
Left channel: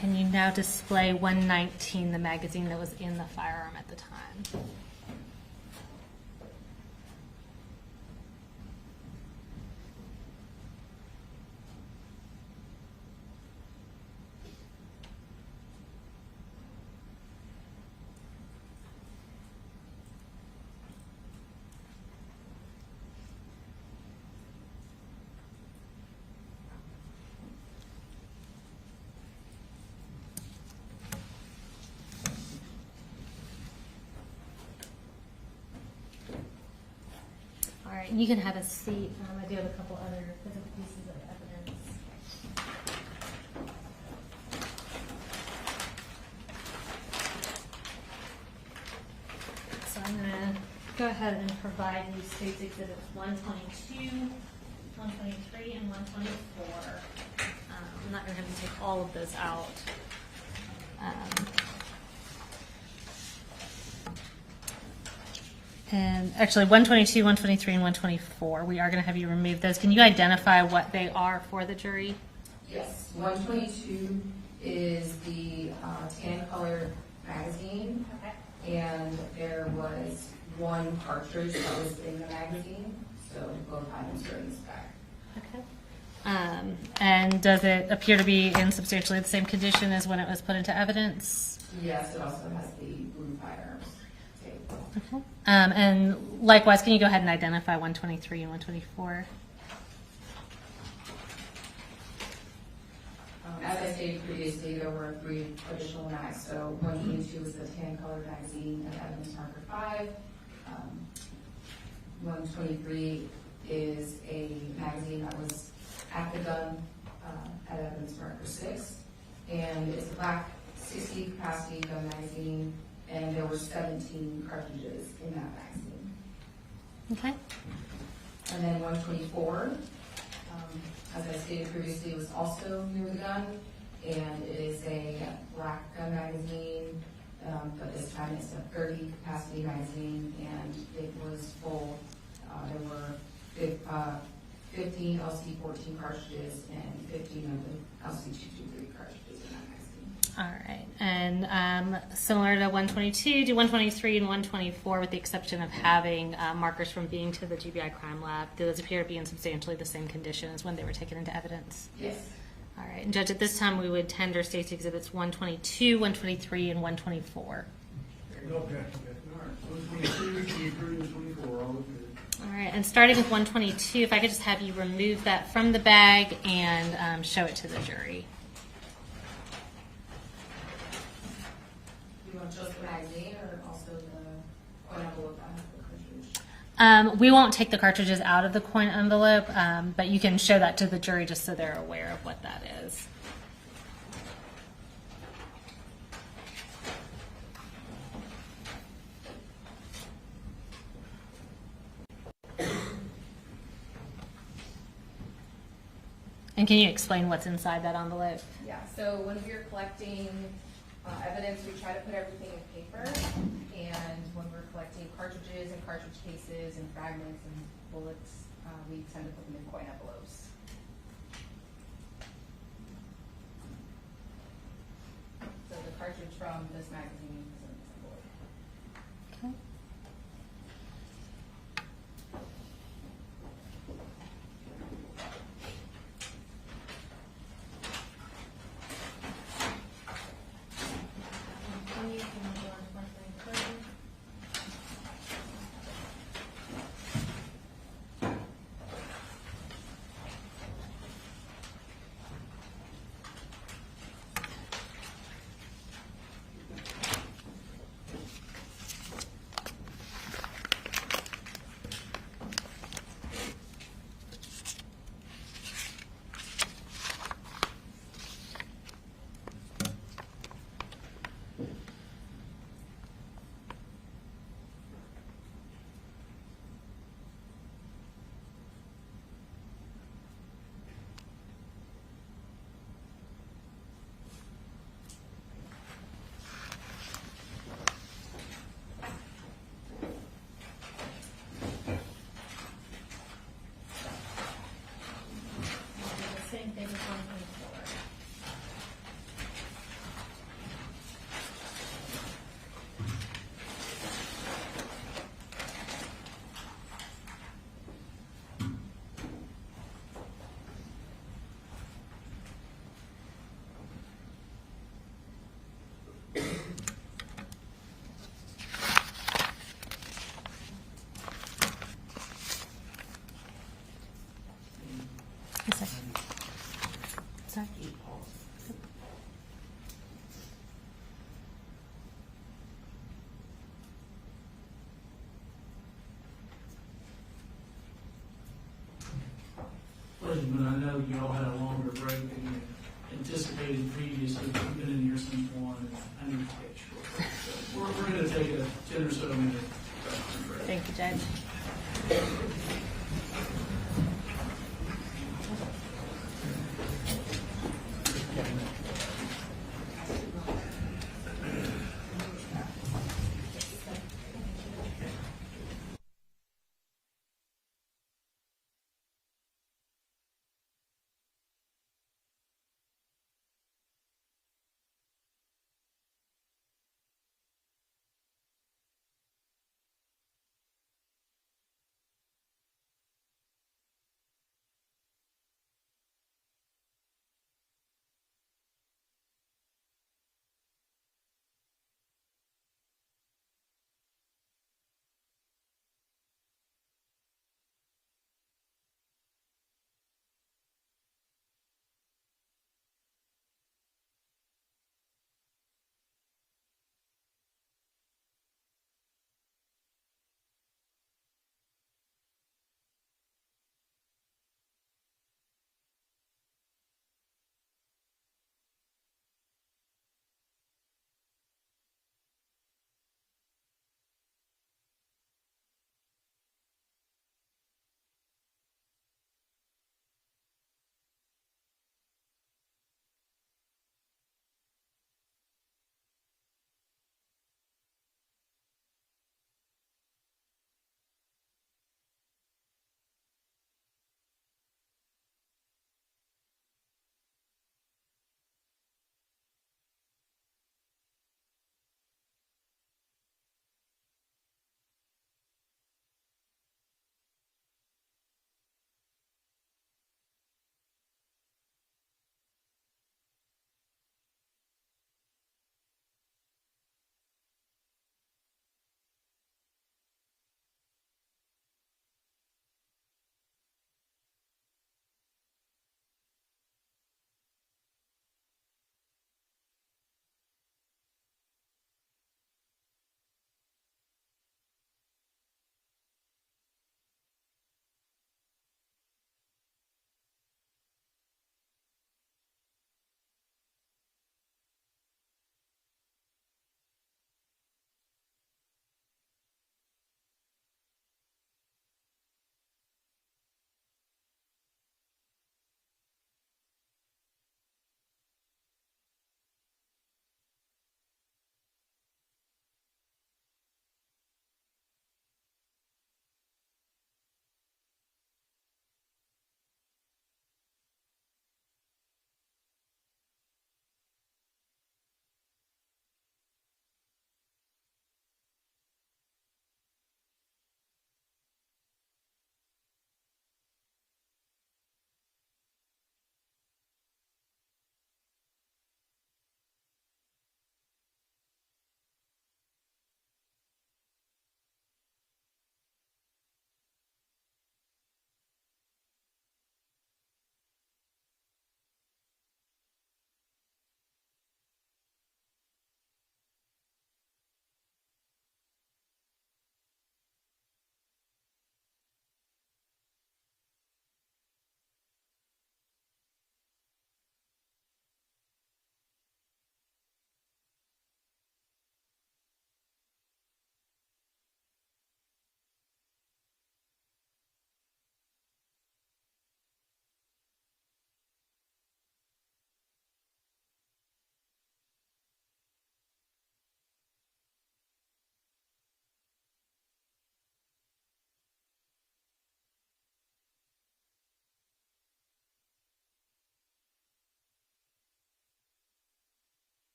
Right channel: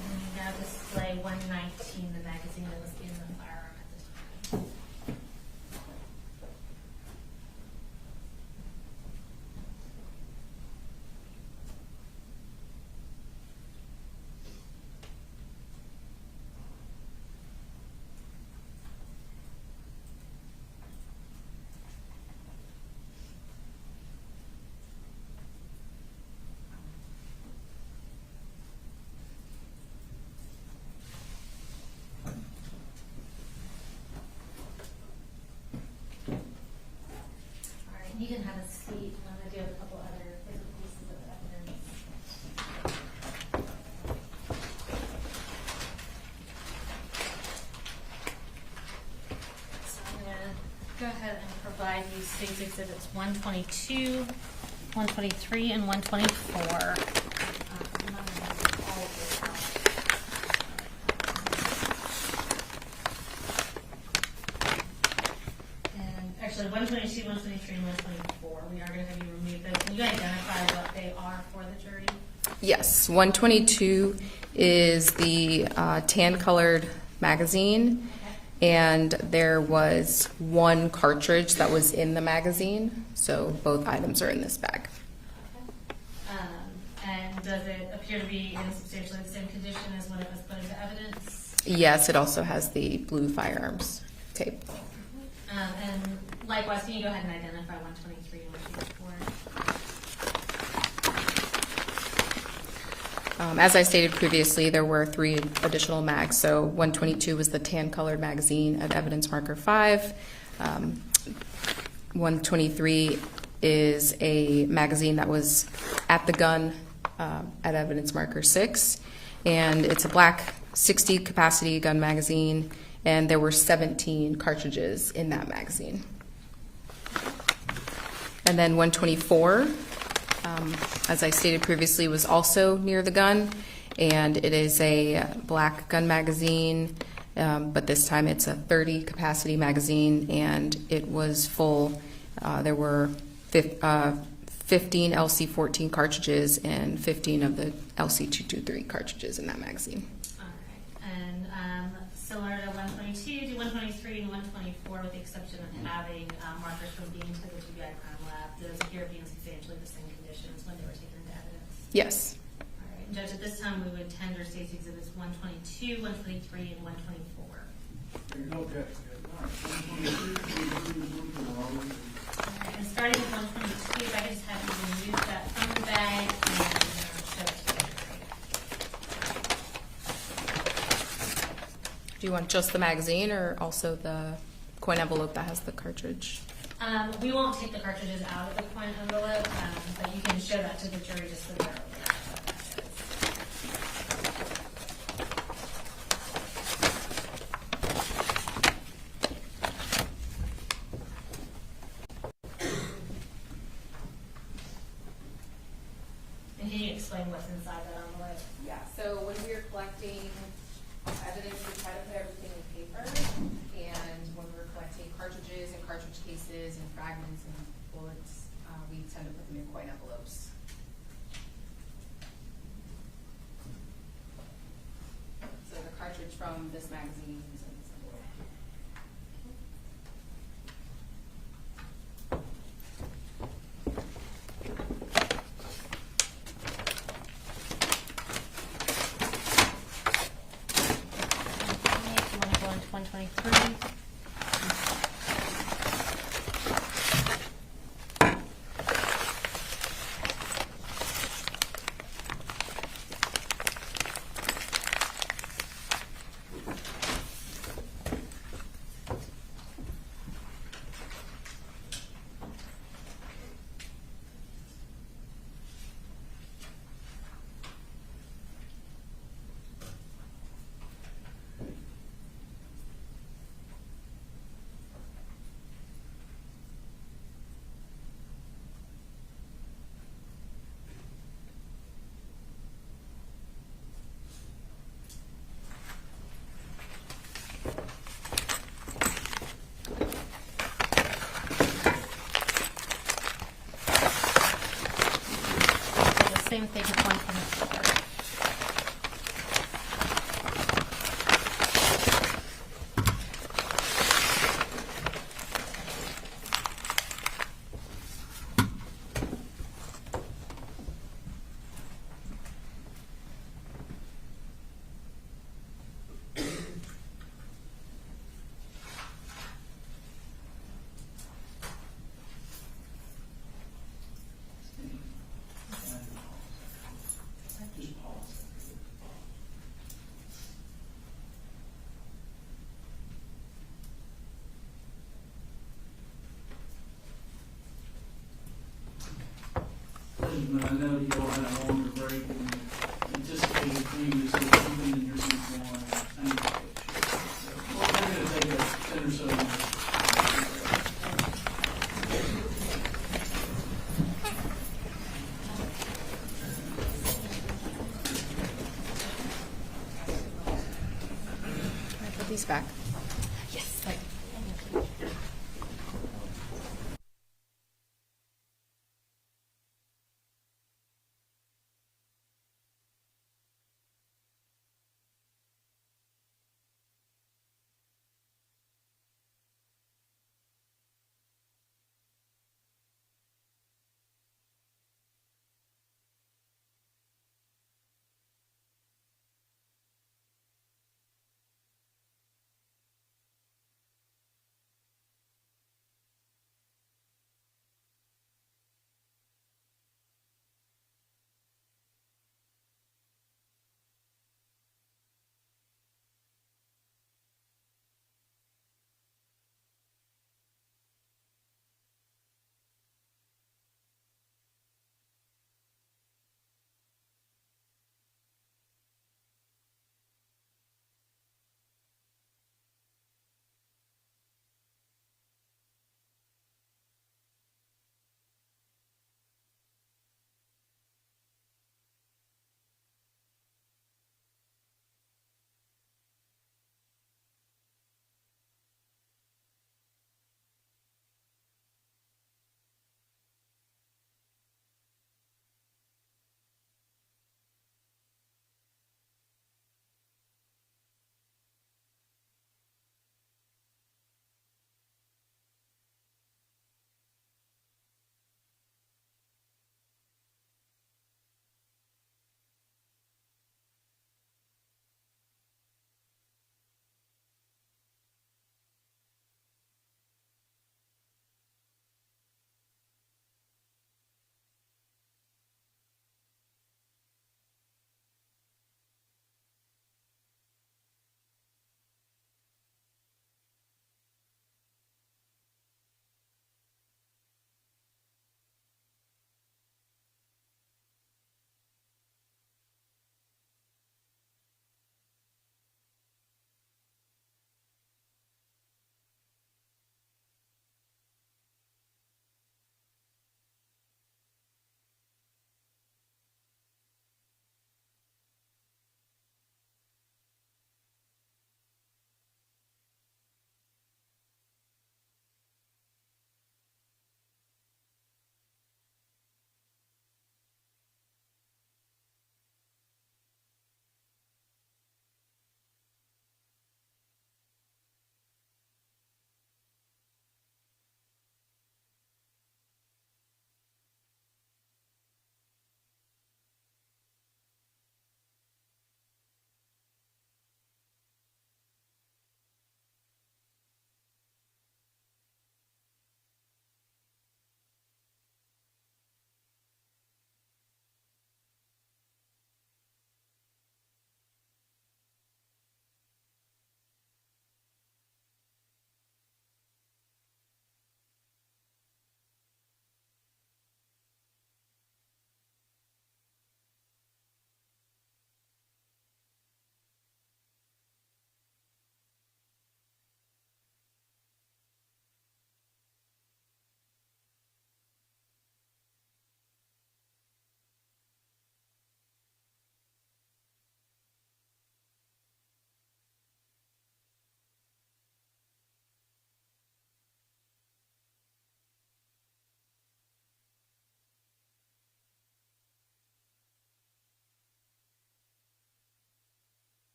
Can you now display 119, the magazine that was in the firearm at the time? You can have a seat. I do have a couple other physical pieces of evidence. So I'm going to go ahead and provide you State's Exhibits 122, 123, and 124. I'm not going to take all of those out. And actually, 122, 123, and 124, we are going to have you remove those. Can you identify what they are for the jury? Yes, 122 is the tan-colored magazine, and there was one cartridge that was in the magazine, so both items are in this bag. And does it appear to be in substantially the same condition as when it was put into evidence? Yes, it also has the blue firearms tape. And likewise, can you go ahead and identify 123 and 124? As I stated previously, there were 3 additional mags. So 122 was the tan-colored magazine at evidence marker 5. 123 is a magazine that was at the gun at evidence marker 6. And it's a black 60 capacity gun magazine, and there were 17 cartridges in that magazine. Okay. And then 124, as I stated previously, was also near the gun, and it is a black gun magazine, but this time it's a 30 capacity magazine, and it was full. There were 15 LC-14 cartridges and 15 of the LC-223 cartridges in that magazine. All right. And similar to 122, do 123 and 124, with the exception of having markers from being to the GBI crime lab, do those appear to be in substantially the same condition as when they were taken into evidence? Yes. All right. And Judge, at this time, we would tender State's Exhibits 122, 123, and 124. There you go, okay. All right, 122, 123, and 124. All right. And starting with 122, if I could just have you remove that from the bag and show it to the jury. Do you want just the magazine or also the coin envelope that has the cartridge? We won't take the cartridges out of the coin envelope, but you can show that to the jury just so they're aware of what that is. And can you explain what's inside that envelope? Yeah, so when we are collecting evidence, we try to put everything in paper, and when we're collecting cartridges and cartridge cases and fragments and bullets, we tend to put them in coin envelopes. So the cartridge from this magazine is in this envelope. Okay. Same thing with 124. I know you all had a longer break than you anticipated previously. You've been in your seat more than I need to take. So we're going to take a 10 or so minutes. Thank you, Judge. Put these back.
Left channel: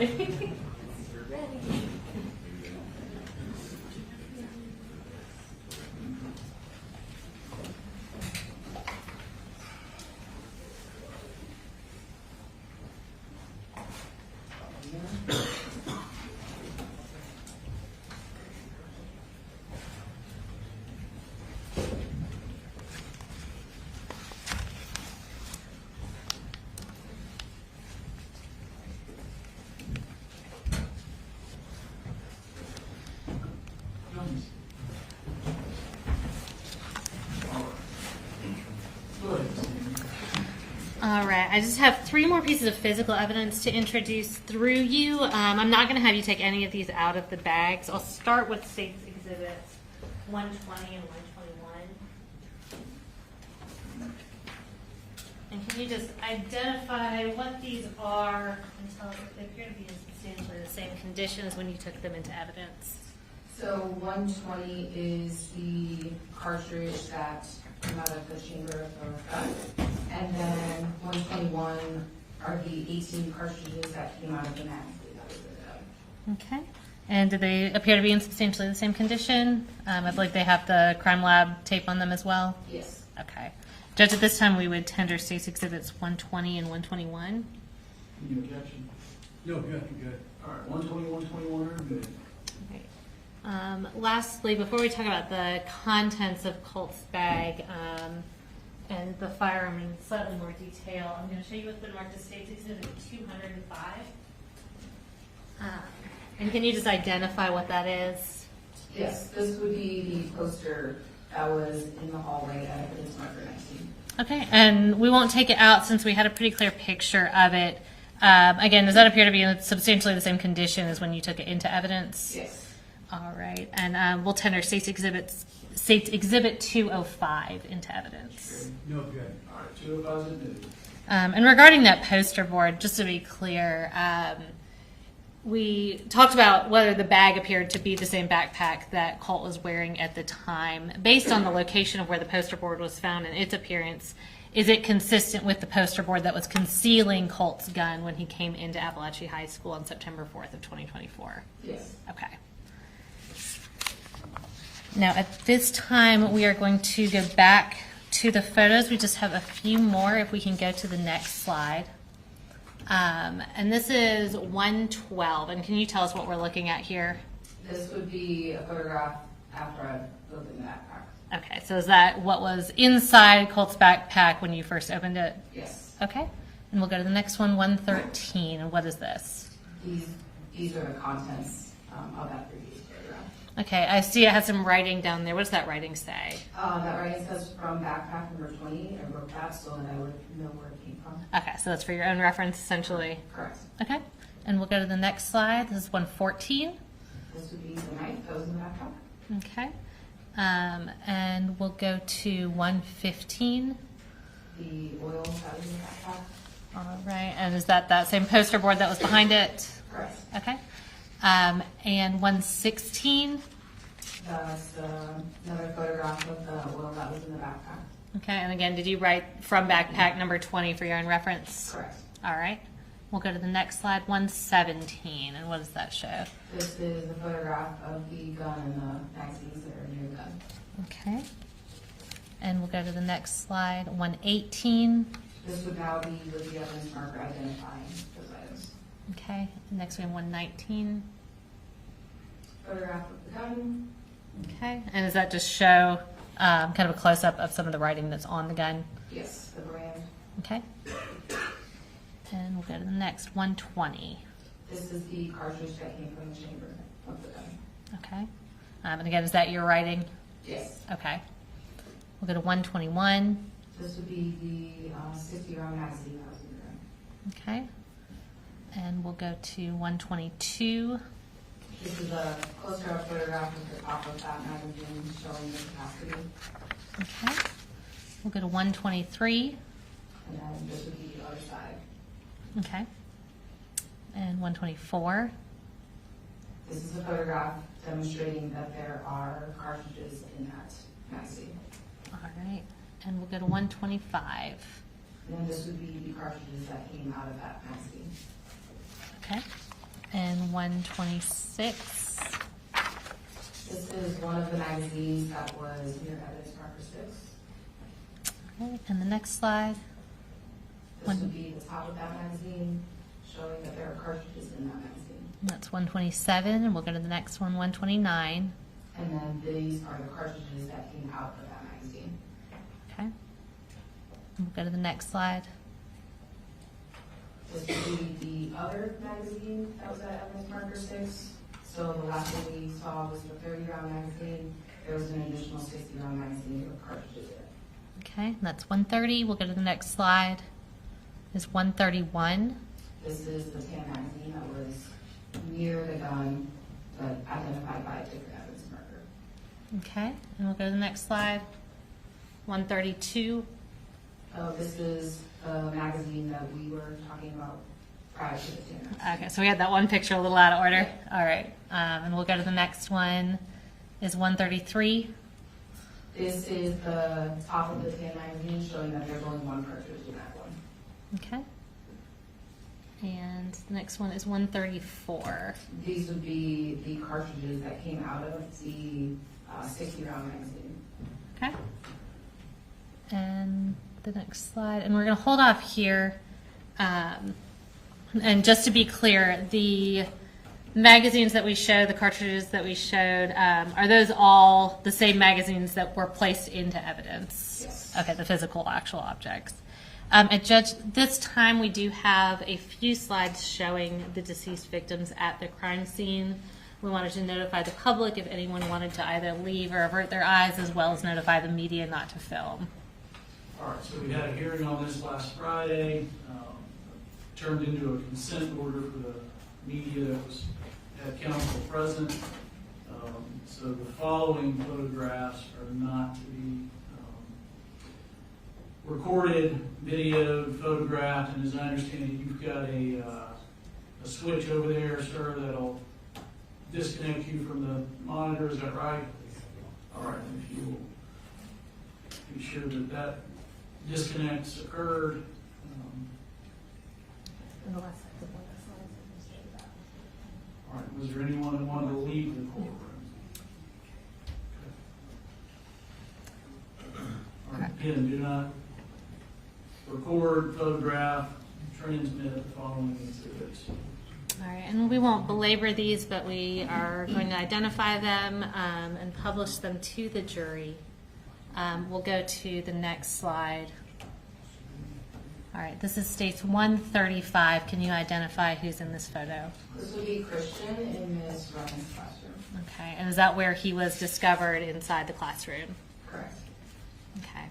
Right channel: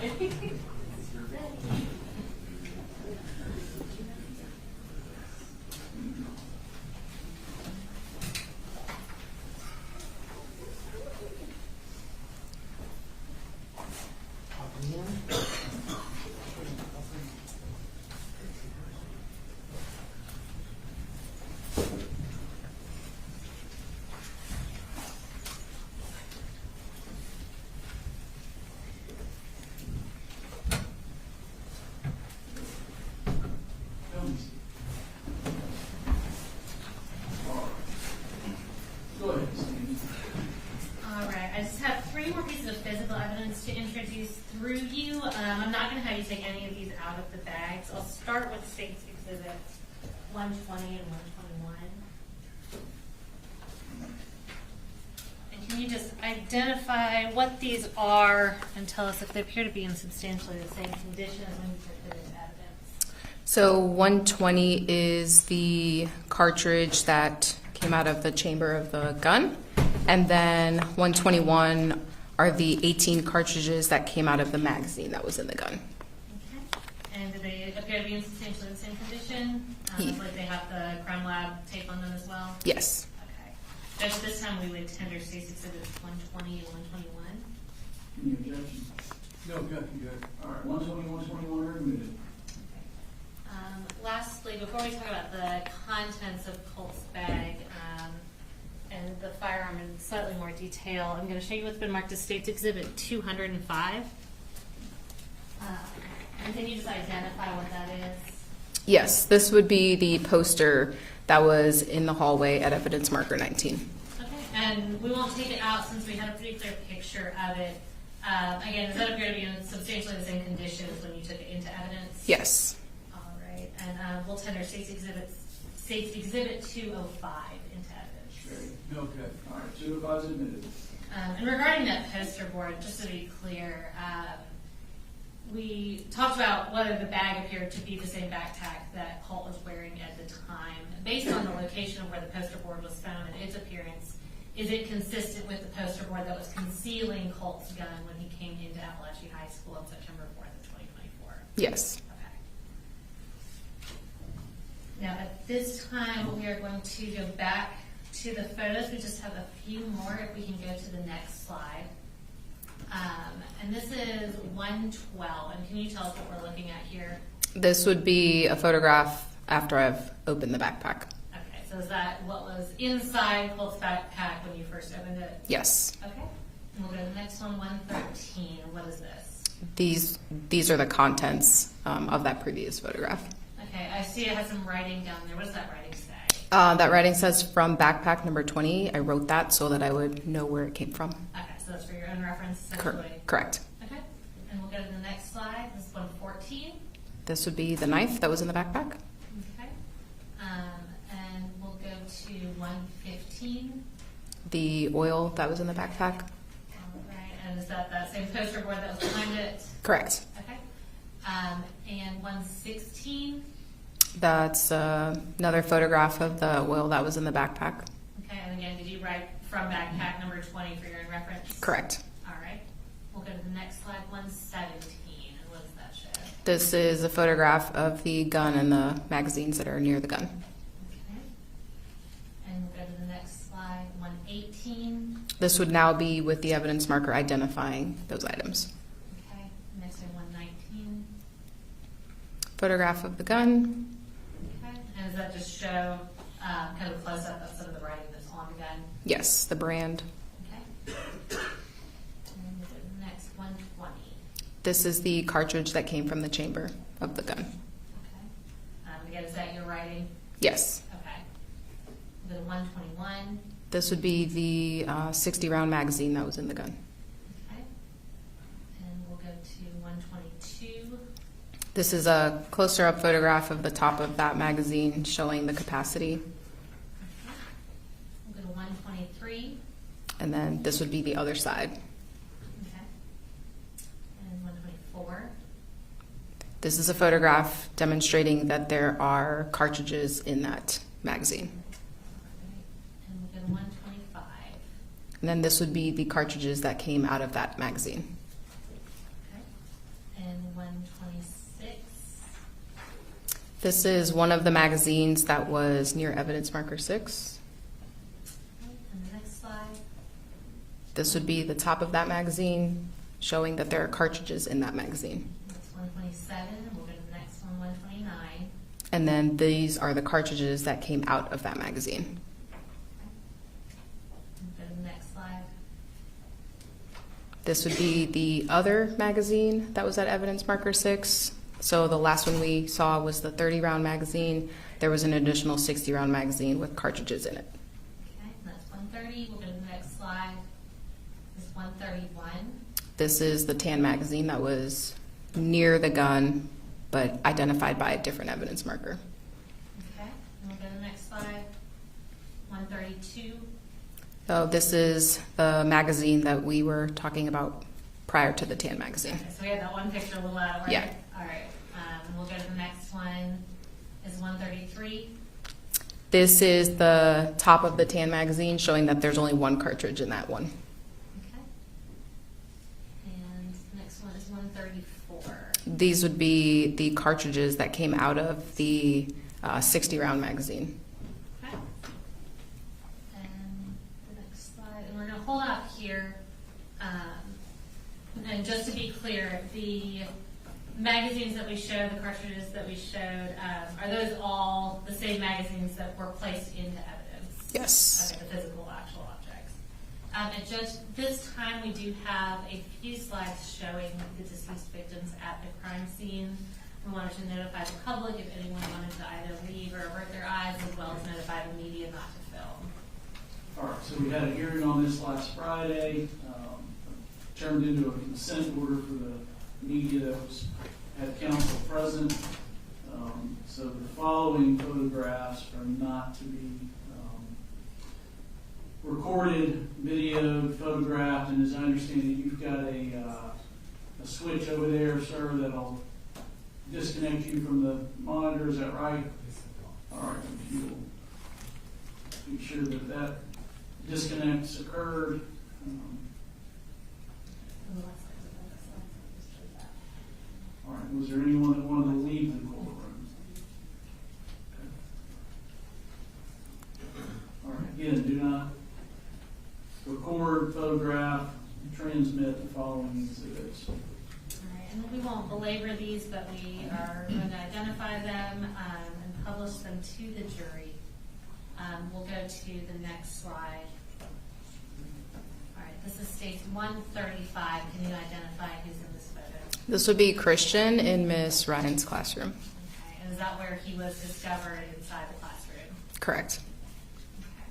Ready? All right, I just have 3 more pieces of physical evidence to introduce through you. I'm not going to have you take any of these out of the bags. I'll start with State's Exhibits 120 and 121. And can you just identify what these are and tell us if they appear to be in substantially the same condition as when you took them into evidence? So 120 is the cartridge that came out of the chamber of the gun. And then 121 are the 18 cartridges that came out of the magazine that was in the gun. Okay. And do they appear to be in substantially the same condition? I believe they have the crime lab tape on them as well? Yes. Okay. Judge, at this time we would tender State's Exhibits 120 and 121. Any objection? No, good. All right, 120, 121 are admitted. Lastly, before we talk about the contents of Colt's bag and the firearm in slightly more detail, I'm going to show you what's been marked as State's Exhibit 205. And can you just identify what that is? Yes, this would be the poster that was in the hallway at evidence marker 19. Okay, and we won't take it out since we had a pretty clear picture of it. Again, does that appear to be in substantially the same condition as when you took it into evidence? Yes. All right, and we'll tender State's Exhibit 205 into evidence. No, good. All right, 205 is admitted. And regarding that poster board, just to be clear, we talked about whether the bag appeared to be the same backpack that Colt was wearing at the time. Based on the location of where the poster board was found and its appearance, is it consistent with the poster board that was concealing Colt's gun when he came into Apalachee High School on September 4th of 2024? Yes. Okay. Now, at this time, we are going to go back to the photos. We just have a few more, if we can go to the next slide. And this is 112. And can you tell us what we're looking at here? This would be a photograph after I've opened the backpack. Okay, so is that what was inside Colt's backpack when you first opened it? Yes. Okay, and we'll go to the next one, 113. And what is this? These are the contents of that previous photograph. Okay, I see it has some writing down there. What does that writing say? That writing says from backpack number 20. I wrote that so that I would know where it came from. Okay, so that's for your own reference, essentially? Correct. Okay, and we'll go to the next slide. This is 114. This would be the knife that was in the backpack. Okay, and we'll go to 115. The oil that was in the backpack. All right, and is that same poster board that was behind it? Correct. Okay. And 116. That's another photograph of the oil that was in the backpack. Okay, and again, did you write from backpack number 20 for your own reference? Correct. All right. We'll go to the next slide, 117. And what does that show? This is a photograph of the gun and the magazines that are near the gun. Okay. And we'll go to the next slide, 118. This would now be with the evidence marker identifying those items. Okay. Next we have 119. Photograph of the gun. Okay. And does that just show kind of a close-up of some of the writing that's on the gun? Yes, the brand. Okay. And we'll go to the next, 120. This is the cartridge that came from the chamber of the gun. Okay. And again, is that your writing? Yes. Okay. We'll go to 121. This would be the 60-round magazine that was in the gun. Okay. And we'll go to 122. This is a closer-up photograph of the top of that magazine showing the capacity. Okay. We'll go to 123. And then this would be the other side. Okay. And 124. This is a photograph demonstrating that there are cartridges in that magazine. All right. And we'll go to 125. And then this would be the cartridges that came out of that magazine. Okay. And 126. This is one of the magazines that was near evidence marker 6. Okay, and the next slide. This would be the top of that magazine, showing that there are cartridges in that magazine. That's 127, and we'll go to the next one, 129. And then these are the cartridges that came out of that magazine. Okay. We'll go to the next slide. This would be the other magazine that was at evidence marker 6. So the last one we saw was the 30-round magazine. There was an additional 60-round magazine with cartridges in it. Okay, and that's 130. We'll go to the next slide. Is 131. This is the tan magazine that was near the gun, but identified by a different evidence marker. Okay, and we'll go to the next slide. 132. So this is the magazine that we were talking about prior to the tan magazine. Okay, so we had that one picture a little out of order. Yeah. All right, and we'll go to the next one. Is 133. This is the top of the tan magazine, showing that there's only one cartridge in that one. Okay. And the next one is 134. These would be the cartridges that came out of the 60-round magazine. Okay. And the next slide, and we're going to hold off here. And just to be clear, the magazines that we showed, the cartridges that we showed, are those all the same magazines that were placed into evidence? Yes. Okay, the physical, actual objects. And Judge, this time we do have a few slides showing the deceased victims at the crime scene. We wanted to notify the public if anyone wanted to either leave or avert their eyes, as well as notify the media not to film. All right, so we had a hearing on this last Friday, turned into a consent order for the media that was at council present. So the following photographs are not to be recorded, videoed, photographed, and as I understand it, you've got a switch over there, sir, that'll disconnect you from the monitor. Is that right? All right, if you'll be sure that that disconnects occurred. All right, was there anyone that wanted to leave the courtroom? Okay. All right, again, do not record, photograph, transmit the following exhibits. All right, and we won't belabor these, but we are going to identify them and publish them to the jury. We'll go to the next slide. All right, this is states 135. Can you identify who's in this photo? This would be Christian in Miss Ryan's classroom. Okay, and is that where he was discovered inside the classroom? Correct. Okay,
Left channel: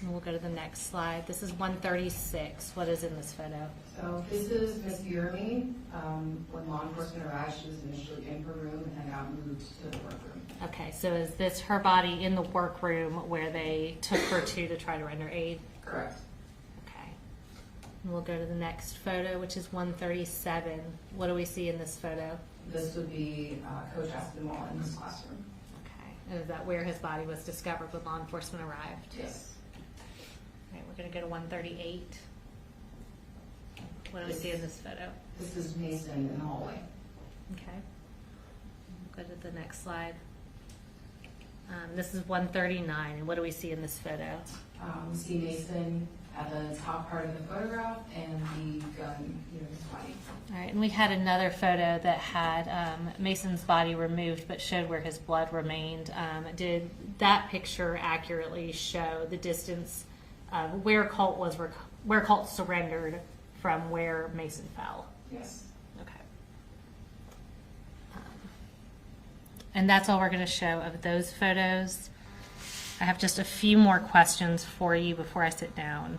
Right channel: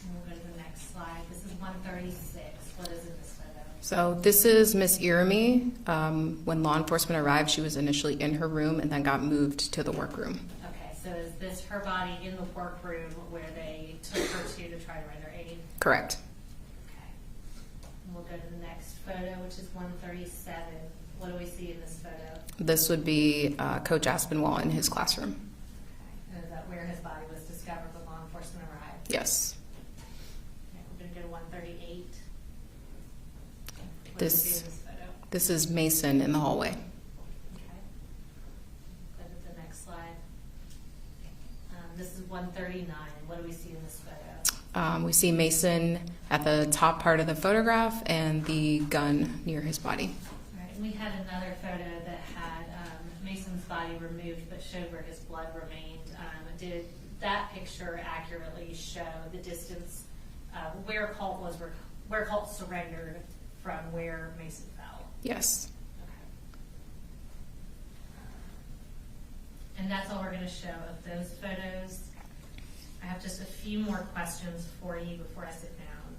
and we'll go to the next slide. This is 136. What is in this photo? So this is Miss Irami. When law enforcement arrived, she was initially in her room and then got moved to the workroom. Okay, so is this her body in the workroom where they took her to try to render aid? Correct. And we'll go to the next photo, which is 137. What do we see in this photo? This would be Coach Aspinwall in his classroom. Okay. And is that where his body was discovered when law enforcement arrived? Yes. Okay, we're going to go to 138. What do we see in this photo? This is Mason in the hallway. Okay. Go to the next slide. This is 139. And what do we see in this photo? We see Mason at the top part of the photograph and the gun near his body. All right, and we had another photo that had Mason's body removed but showed where his blood remained. Did that picture accurately show the distance where Colt surrendered from where Mason fell? Yes. Okay. And that's all we're going to show of those photos. I have just a few more questions for you before I sit down.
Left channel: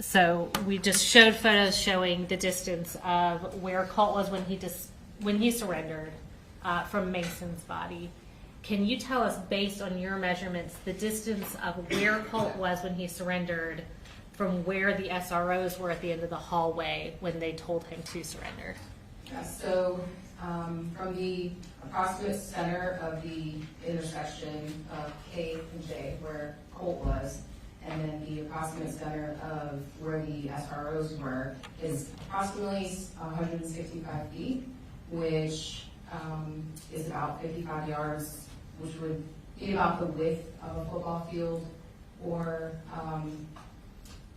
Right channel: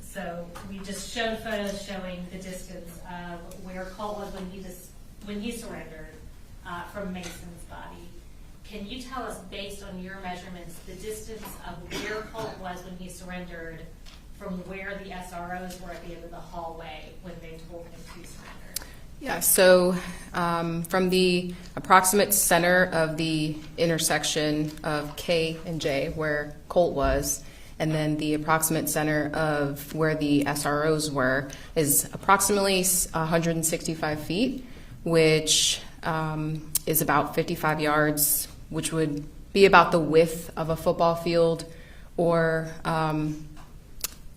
So we just showed photos showing the distance of where Colt was when he surrendered from Mason's body. Can you tell us, based on your measurements, the distance of where Colt was when he surrendered from where the SROs were at the end of the hallway when they told him to surrender? Yeah, so from the approximate center of the intersection of K and J, where Colt was, and then the approximate center of where the SROs were is approximately 165 feet, which is about 55 yards, which would be about the width of a football field, or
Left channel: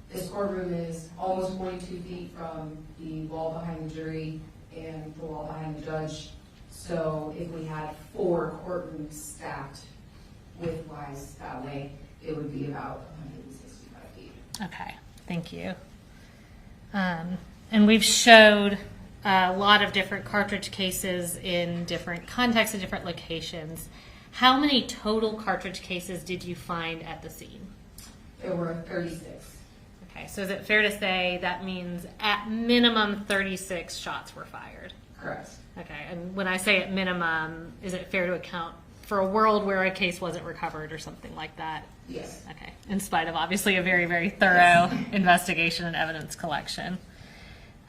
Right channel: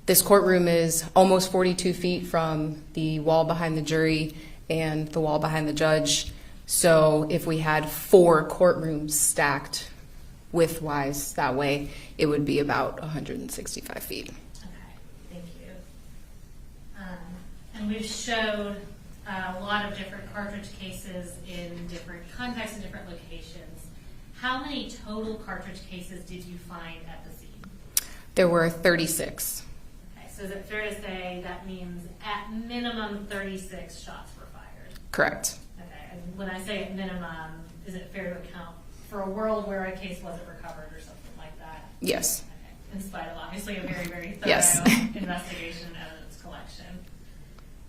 this courtroom is almost 42 feet from the wall behind the jury and the wall behind the judge. So if we had 4 courtrooms stacked width-wise that way, it would be about 165 feet. Okay, thank you. And we've showed a lot of different cartridge cases in different contexts and different locations. How many total cartridge cases did you find at the scene? There were 36. Okay, so is it fair to say that means at minimum 36 shots were fired? Correct. Okay, and when I say at minimum, is it fair to account for a world where a case wasn't recovered or something like that? Yes. Okay, in spite of obviously a very, very thorough Yes. investigation and evidence collection.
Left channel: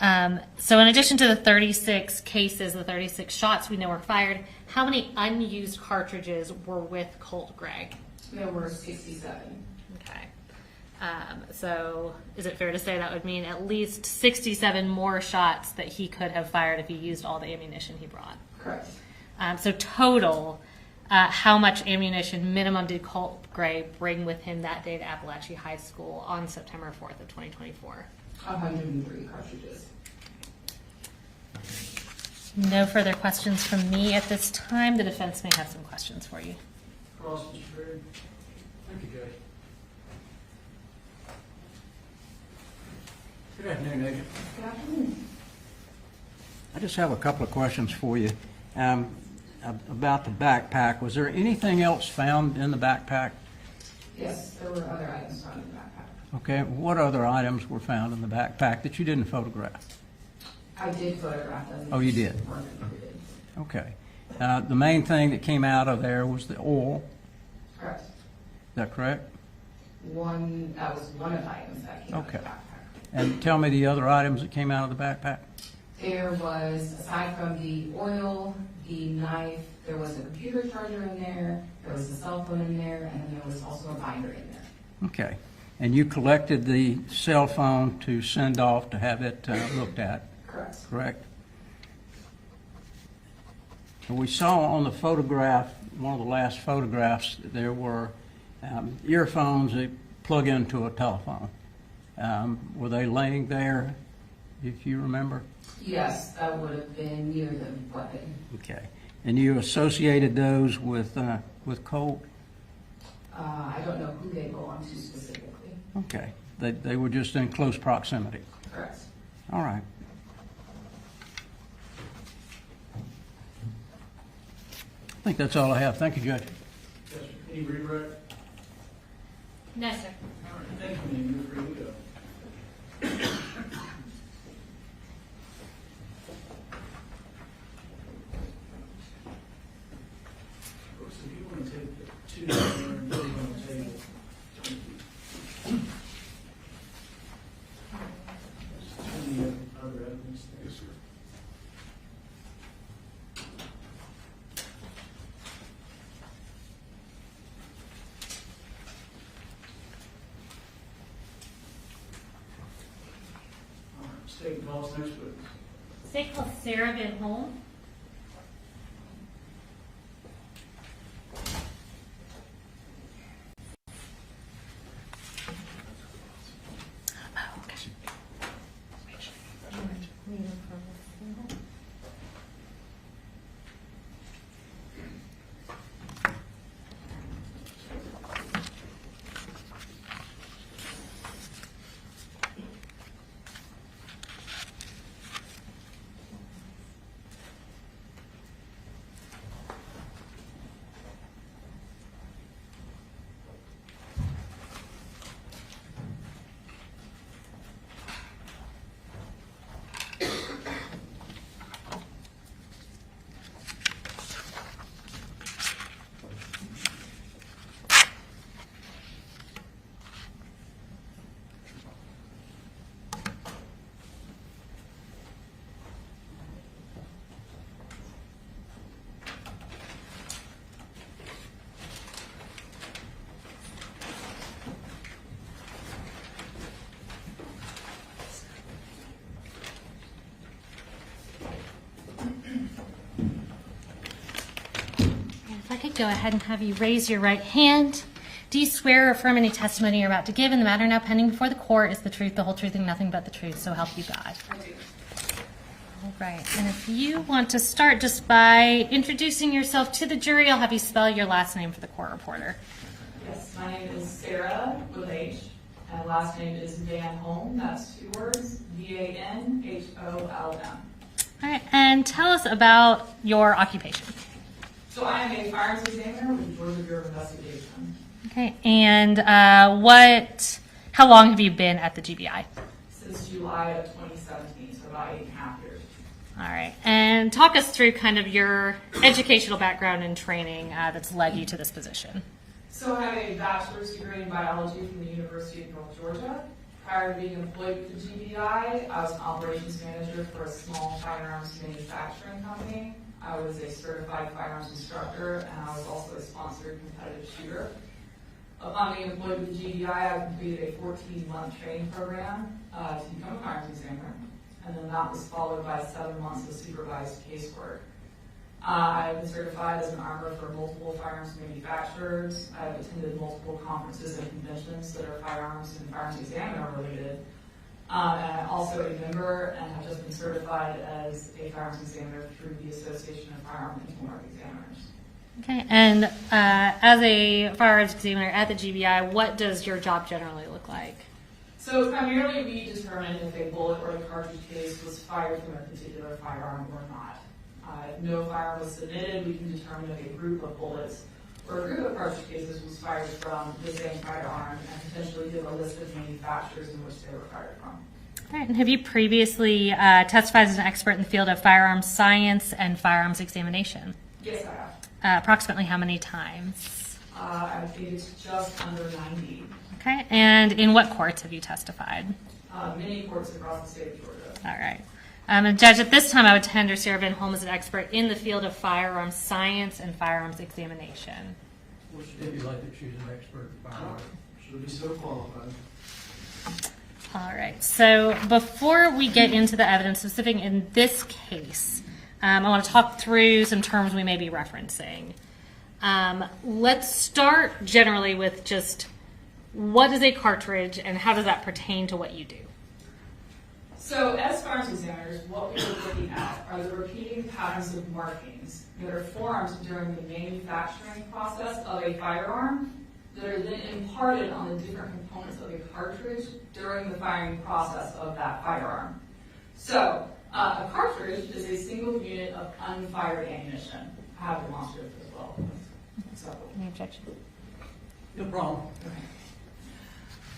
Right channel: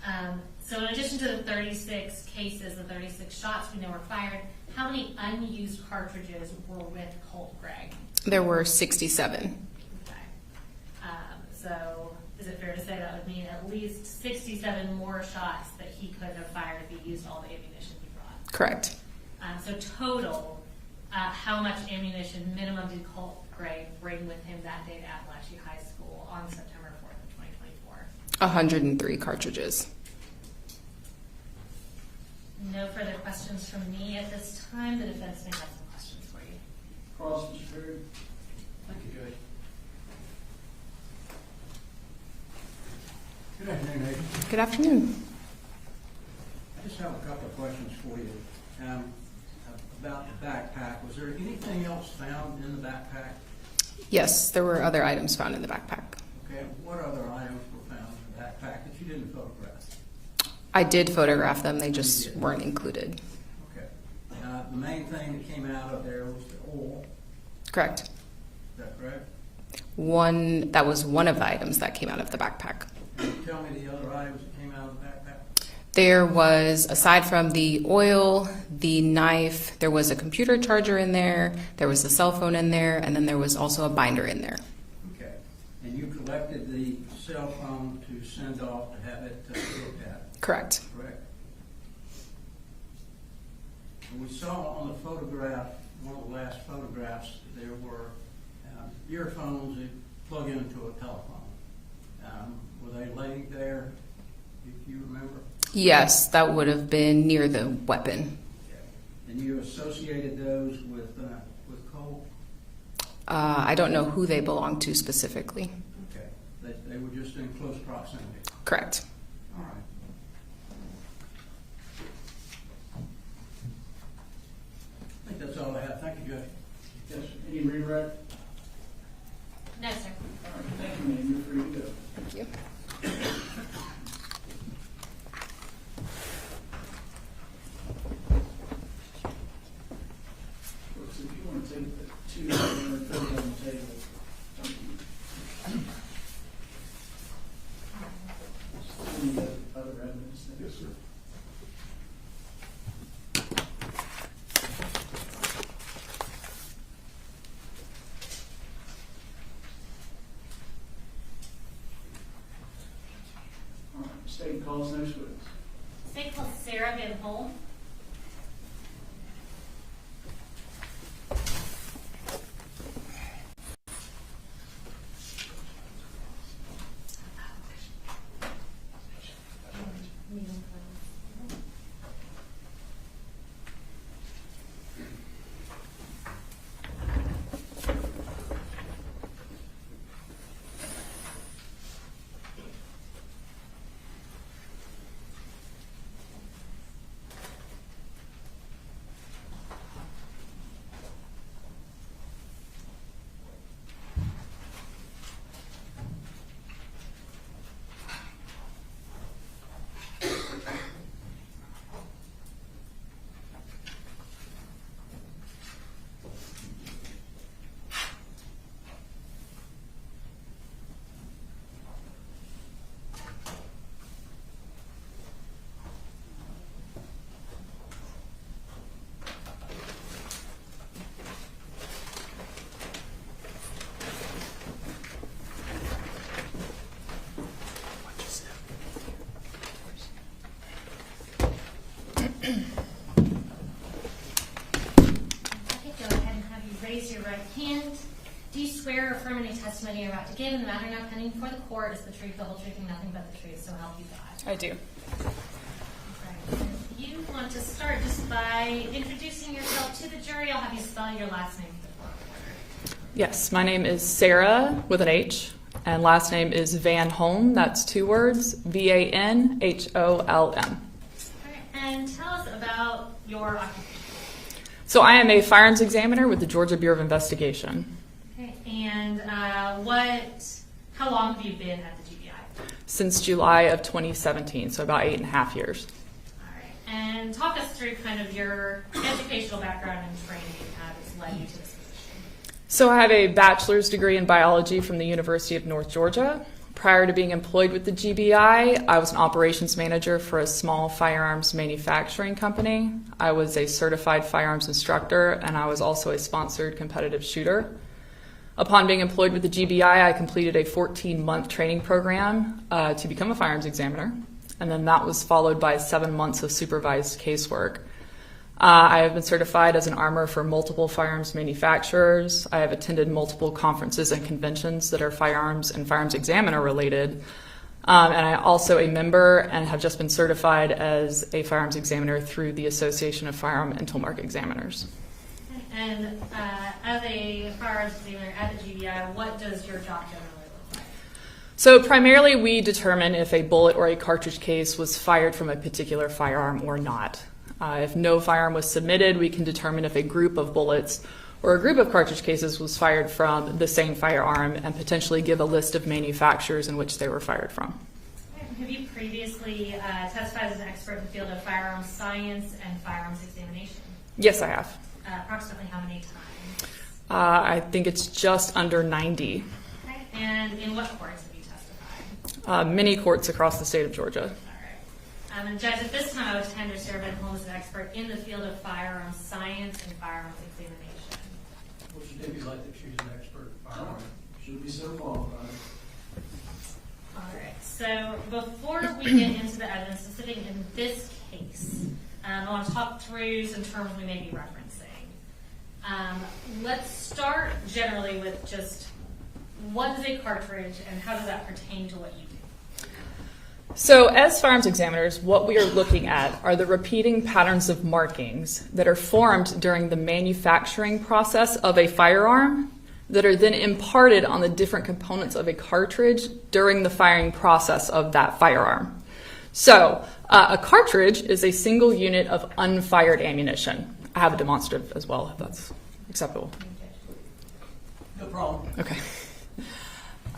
So in addition to the 36 cases, the 36 shots we know were fired, how many unused cartridges were with Colt Gray? There were 67. Okay. So is it fair to say that would mean at least 67 more shots that he could have fired if he used all the ammunition he brought? Correct. So total, how much ammunition minimum did Colt Gray bring with him that day to Apalachee High School on September 4th of 2024? 103 cartridges. No further questions from me at this time. The defense may have some questions for you. Cross, Mr. Perry. Thank you, Judge. Good afternoon, Adrian. Good afternoon. I just have a couple of questions for you. About the backpack, was there anything else found in the backpack? Yes, there were other items found in the backpack. Okay, what other items were found in the backpack that you didn't photograph? I did photograph them, they Oh, you just did? weren't included. Okay. The main thing that came out of there was the oil. Correct. Is that correct? That was one of the items that came out of the backpack. And tell me the other items that came out of the backpack. There was, aside from the oil, the knife, there was a computer charger in there was a cell phone in there, and then there was also a binder in there. Okay. And you collected the cell phone to send off to have it looked at? Correct. Correct. We saw on the photograph, one of the last photographs, there were earphones that plug into a telephone. Were they laying there, if you remember? Yes, that would have been near the weapon. Okay. And you associated those with Colt? I don't know who they belong to specifically. Okay. They were just in close proximity? Correct. All right. I think that's all I have. Thank you, Judge. Yes, sir. Any redirect? No, sir. All right, thank you, ma'am. You're free to go. Thank you. Brooks, if you want to take the $2 and put it on the table, thank you. Any other evidence there? Yes, sir. All right, state calls next witness. State calls Sarah Van Holm. go ahead and have you raise your right hand. Do you swear or affirm any testimony you're about to give in the matter now pending before the court is the truth, the whole truth, and nothing but the truth, so help you God? I do. All right, and if you want to start just by introducing yourself to the jury, I'll have you spell your last name for the court reporter. Yes, my name is Sarah with an H, and last name is Van Holm. That's 2 words, VanHolm. All right, and tell us about your occupation. So I am a firearms examiner with the Georgia Bureau of Investigation. Okay, and how long have you been at the GBI? Since July of 2017, so about 8.5 years. All right, and talk us through kind of your educational background and training that's led you to this position. So I have a bachelor's degree in biology from the University of North Georgia. Prior to being employed with the GBI, I was an operations manager for a small firearms manufacturing company. I was a certified firearms instructor, and I was also a sponsored competitive shooter. Upon being employed with the GBI, I completed a 14-month training program to become a firearms examiner, and then that was followed by 7 months of supervised casework. I have been certified as an armor for multiple firearms manufacturers. I have attended multiple conferences and conventions that are firearms and firearms examiner related. And I also a member and have just been certified as a firearms examiner through the Association of Firearm and Tool Mark Examiners. Okay, and as a firearms examiner at the GBI, what does your job generally look like? So primarily we determine if a bullet or a cartridge case was fired from a particular firearm or not. If no firearm was submitted, we can determine if a group of bullets or a group of cartridge cases was fired from the same firearm and potentially give a list of manufacturers in which they were fired from. All right, and have you previously testified as an expert in the field of firearms science and firearms examination? Yes, I have. Approximately how many times? I think it's just under 90. Okay, and in what courts have you testified? Many courts across the state of Georgia. All right. And Judge, at this time, I would tender Sarah Van Holm as an expert in the field of firearms science and firearms examination. Well, she did like that she's an expert in firearms. She'll be so qualified. All right. So before we get into the evidence specific in this case, I want to talk through some terms we may be referencing. Let's start generally with just what is a cartridge and how does that pertain to what you do? So as firearms examiners, what we are looking at are the repeating patterns of markings that are formed during the manufacturing process of a firearm that are then imparted on the different components of a cartridge during the firing process of that firearm. So a cartridge is a single unit of unfired ammunition. I have a demonstrative as well, if that's acceptable. Any objection? No problem. Okay.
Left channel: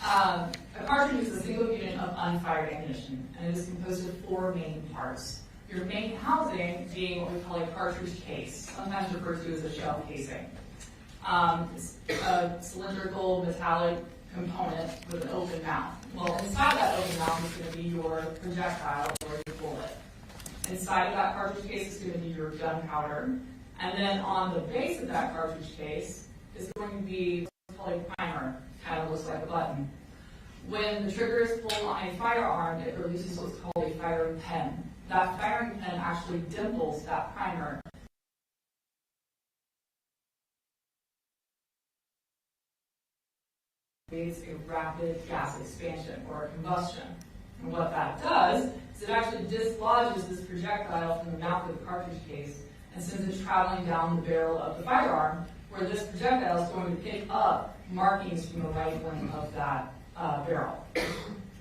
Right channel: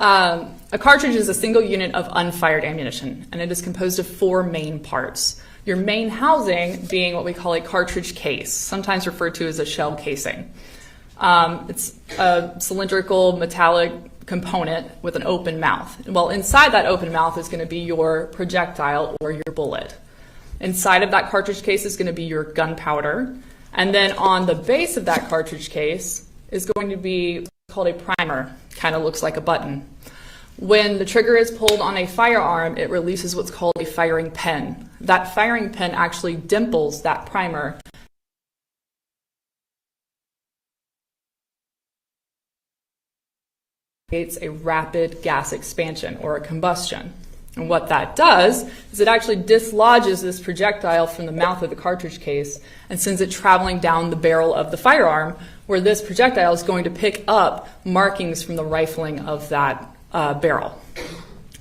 A cartridge is a single unit of unfired ammunition, and it is composed of 4 main parts. Your main housing being what we call a cartridge case, sometimes referred to as a shell casing. It's a cylindrical metallic component with an open mouth. Well, inside that open mouth is going to be your projectile or your bullet. Inside of that cartridge case is going to be your gunpowder, and then on the base of that cartridge case is going to be called a primer. Kind of looks like a button. When the trigger is pulled on a firearm, it releases what's called a firing pin. That firing pin actually dimples that primer. Creates a rapid gas expansion or a combustion. And what that does is it actually dislodges this projectile from the mouth of the cartridge case and sends it traveling down the barrel of the firearm, where this projectile is going to pick up markings from the rifling of that barrel.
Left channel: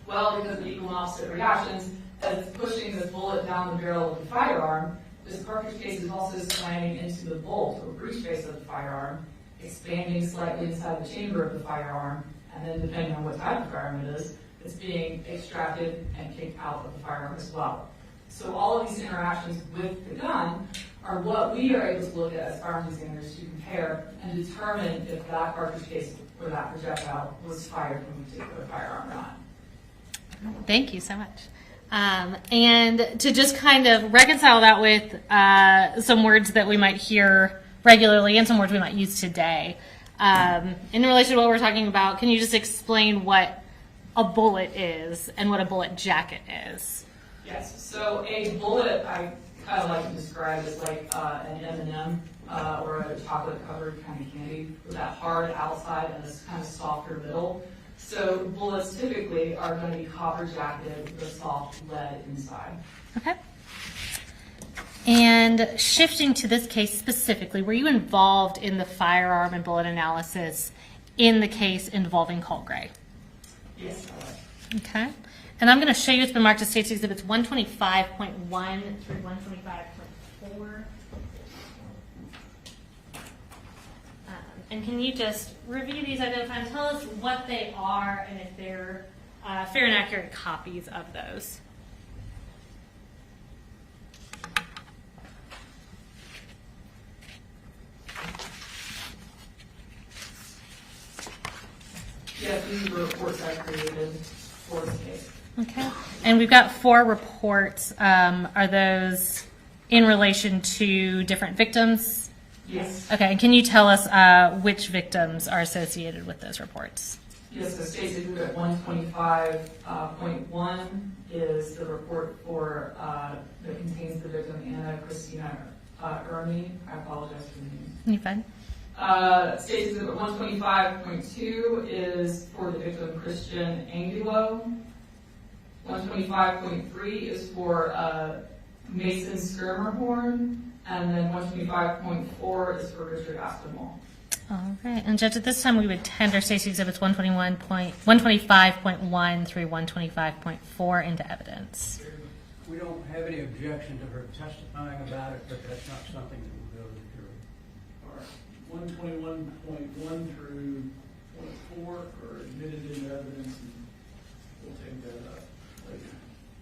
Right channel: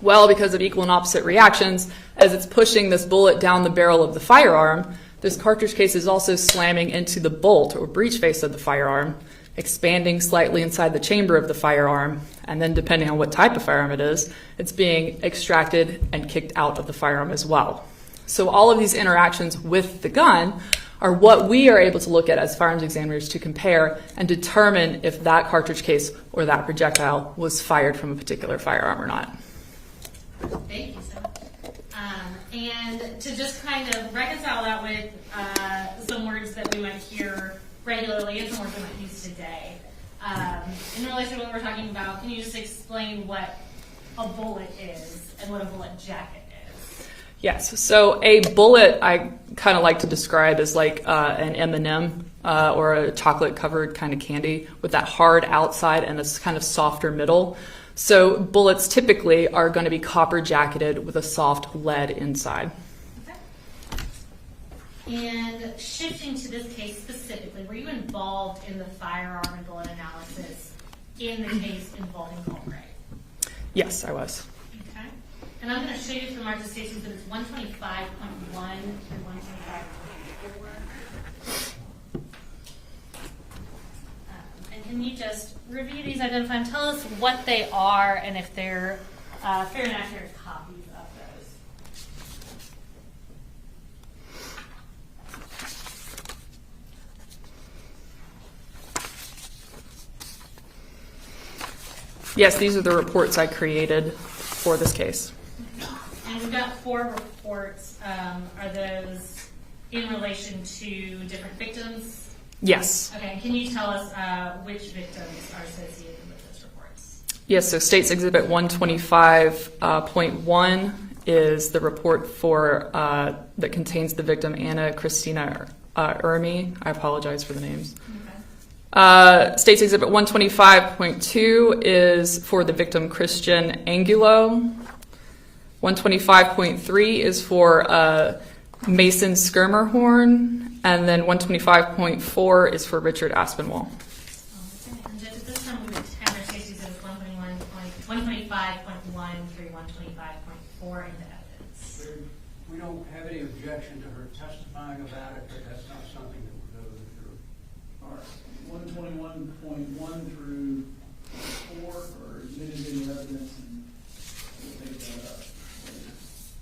Well, because of equal and opposite reactions, as it's pushing this bullet down the barrel of the firearm, this cartridge case is also slamming into the bolt or breech face of the firearm, expanding slightly inside the chamber of the firearm, and then depending on what type of firearm it is, it's being extracted and kicked out of the firearm as well. So all of these interactions with the gun are what we are able to look at as firearms examiners to compare and determine if that cartridge case or that projectile was fired from a particular firearm or not. Thank you so much. And to just kind of reconcile that with some words that we might hear regularly and some words we might use today, in relation to what we're talking about, can you just explain what a bullet is and what a bullet jacket is? Yes, so a bullet I kind of like to describe as like an M&M or a chocolate-covered kind of candy with that hard outside and this kind of softer middle. So bullets typically are going to be copper jacketed with a soft lead inside. Okay. And shifting to this case specifically, were you involved in the firearm and bullet analysis in the case involving Colt Gray? Yes, I was. Okay. And I'm going to show you it's been marked as State's Exhibits 125.1 through 125.4. And can you just review these, identify them, tell us what they are and if they're fair and accurate copies of those? Yes, these are the reports I created for this case. Okay. And we've got 4 reports. Are those in relation to different victims? Yes. Okay. And can you tell us which victims are associated with those reports? Yes, so State's Exhibit 125.1 is the report for that contains the victim Anna Christina Ermi. I apologize for the names. You're fine. State's Exhibit 125.2 is for the victim Christian Angulo. 125.3 is for Mason Skirmerhorn, and then 125.4 is for Richard Aspinwall. All right. And Judge, at this time we would tender State's Exhibits 125.1 through 125.4 into evidence. We don't have any objection to her testifying about it, but that's not something that will go to the jury. All right. 121.1 through 4 are admitted into evidence, and we'll take that up later.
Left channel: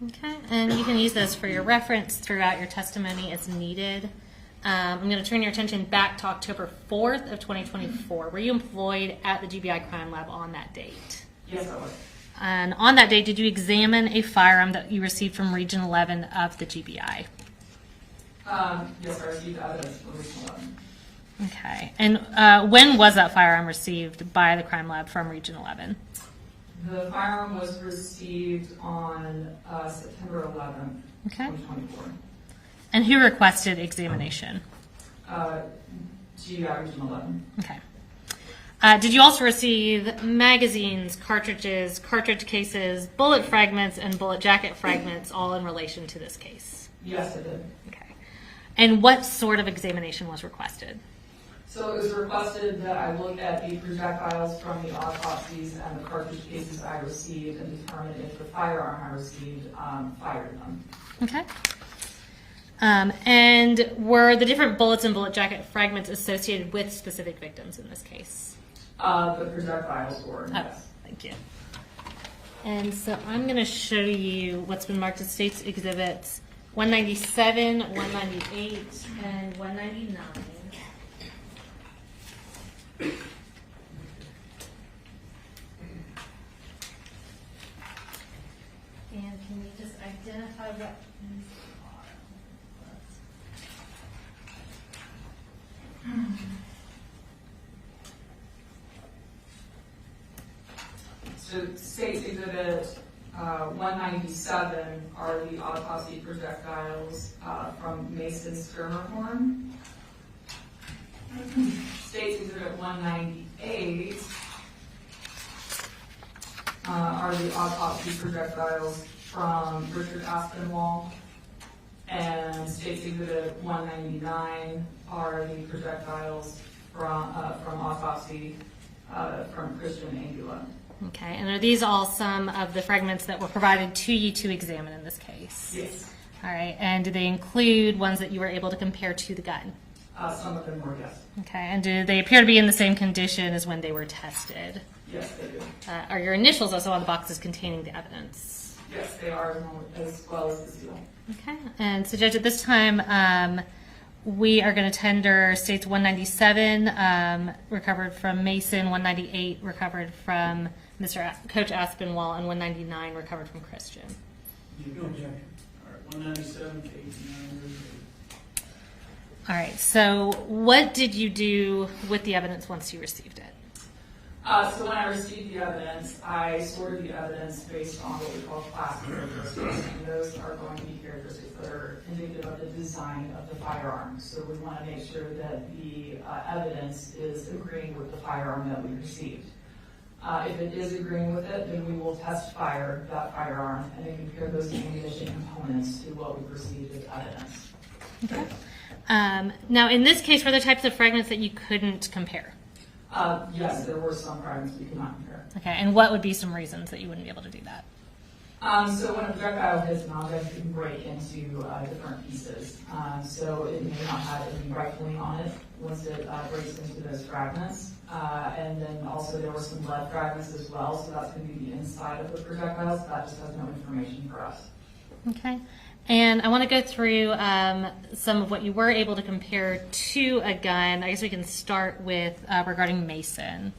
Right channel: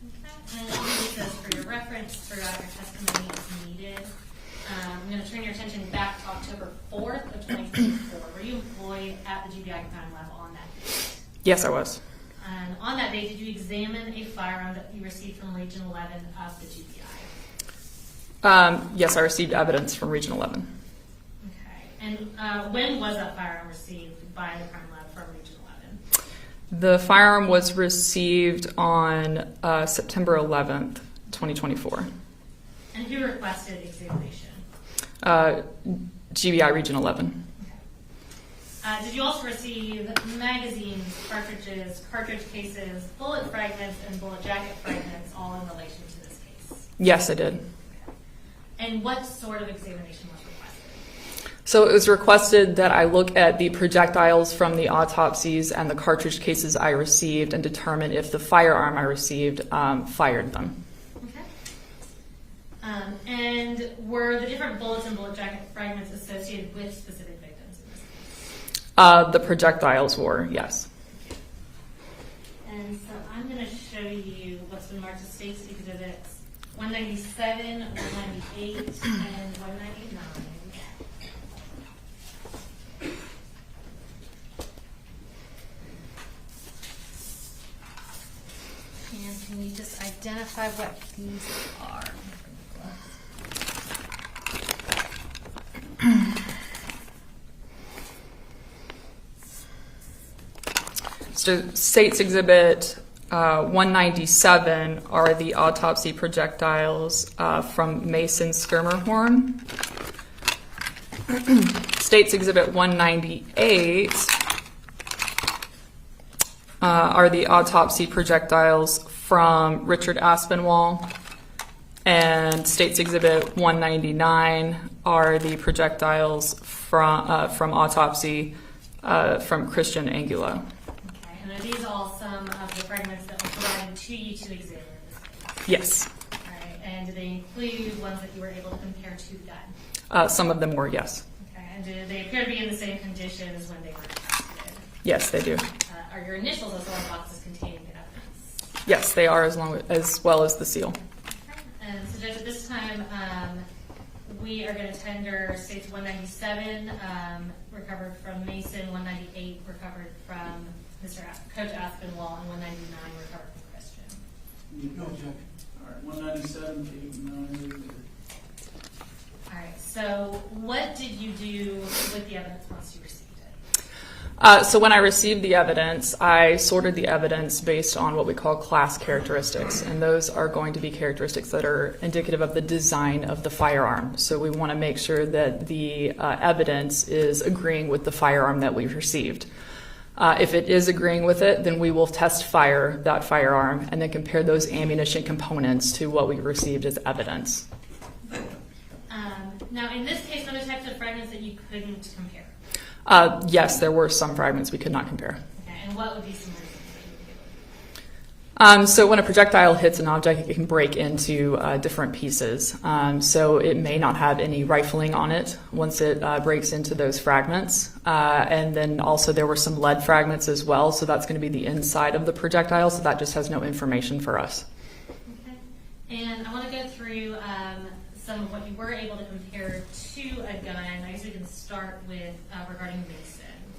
Okay, and you can use those for your reference throughout your testimony as needed. I'm going to turn your attention back to October 4th of 2024. Were you employed at the GBI Crime Lab on that date? Yes, I was. And on that date, did you examine a firearm that you received from Region 11 of the GBI? Yes, I received evidence from Region 11. Okay, and when was that firearm received by the Crime Lab from Region 11? The firearm was received on September 11th, 2024. And who requested examination? GBI Region 11. Okay. Did you also receive magazines, cartridges, cartridge cases, bullet fragments, and bullet jacket fragments, all in relation to this case? Yes, I did. Okay. And what sort of examination was requested? So it was requested that I look at the projectiles from the autopsies and the cartridge cases I received and determine if the firearm I received fired them. Okay. And were the different bullets and bullet jacket fragments associated with specific victims in this case? The projectiles were, yes. Thank you. And so I'm going to show you what's been marked as State's Exhibits 197, 198, and 199. And can you just identify what these are? So State's Exhibit 197 are the autopsy projectiles from Mason Skirmerhorn. State's Exhibit 198 are the autopsy projectiles from Richard Aspinwall. And State's Exhibit 199 are the projectiles from autopsy from Christian Angulo. Okay, and are these all some of the fragments that were provided to you to examine in this case? Yes. All right, and do they include ones that you were able to compare to the gun? Some of them were, yes. Okay, and do they appear to be in the same condition as when they were tested? Yes, they do. Are your initials also on boxes containing the evidence? Yes, they are, as well as the seal. Okay, and so Judge, at this time, we are going to tender States 197, recovered from Mason, 198, recovered from Coach Aspinwall, and 199, recovered from Christian. No objection. All right, 197 to 89. All right, so what did you do with the evidence once you received it? So when I received the evidence, I sorted the evidence based on what we call class characteristics, and those are going to be characteristics that are indicative of the design of the firearm. So we want to make sure that the evidence is agreeing with the firearm that we received. If it is agreeing with it, then we will test fire that firearm and then compare those ammunition components to what we received as evidence. Okay. Now, in this case, were there types of fragments that you couldn't compare? Yes, there were some fragments we could not compare. Okay, and what would be some reasons that you wouldn't be able to do that? So when a projectile hits an object, it can break into different pieces. So it may not have any rifling on it once it breaks into those fragments. And then also there were some lead fragments as well, so that's going to be the inside of the projectile, so that just has no information for us. Okay. And I want to go through some of what you were able to compare to a gun. I guess we can start with regarding Mason.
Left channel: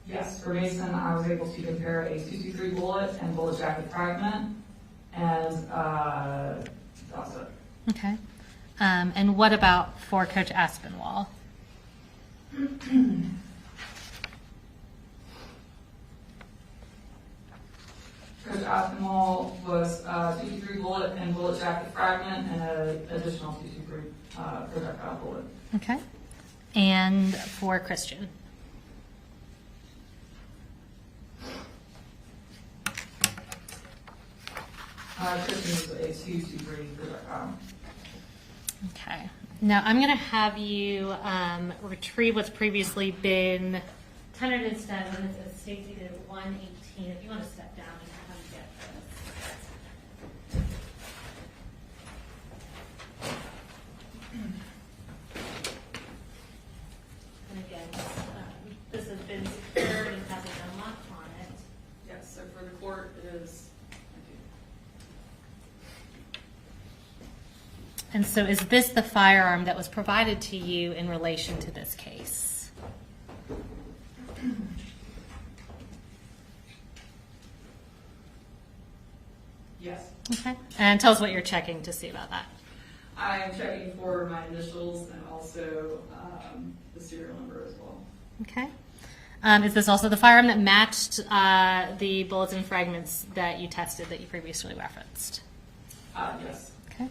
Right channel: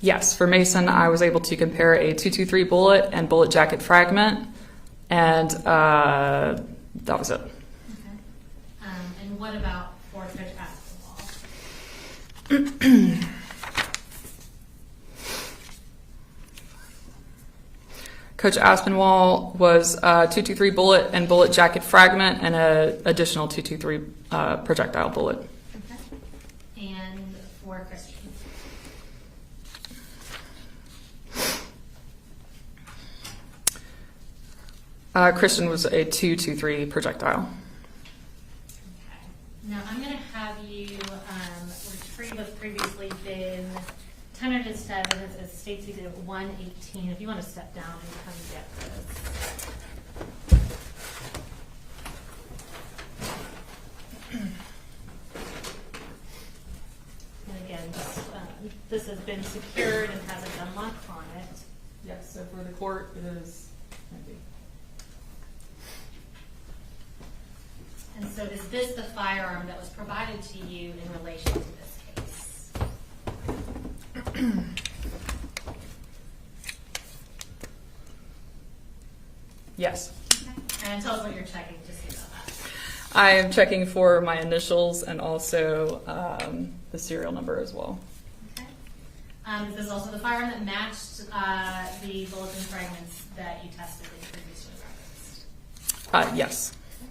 Yes, for Mason, I was able to compare a .223 bullet and bullet jacket fragment, and that was it. Okay. And what about for Coach Aspinwall? Coach Aspinwall was a .223 bullet and bullet jacket fragment and an additional .223 projectile bullet. Okay. And for Christian? Christian was a .223 projectile. Okay. Now I'm going to have you retrieve what's previously been tendered into evidence as states Exhibit 118. If you want to step down and come get this. And again, this has been secured and has a gun lock on it. Yes, so for the court it is. And so is this the firearm that was provided to you in relation to this case? Yes. Okay. And tell us what you're checking to see about that. I am checking for my initials and also the serial number as well. Okay. Is this also the firearm that matched the bullets and fragments that you tested that you previously referenced? Yes. Okay.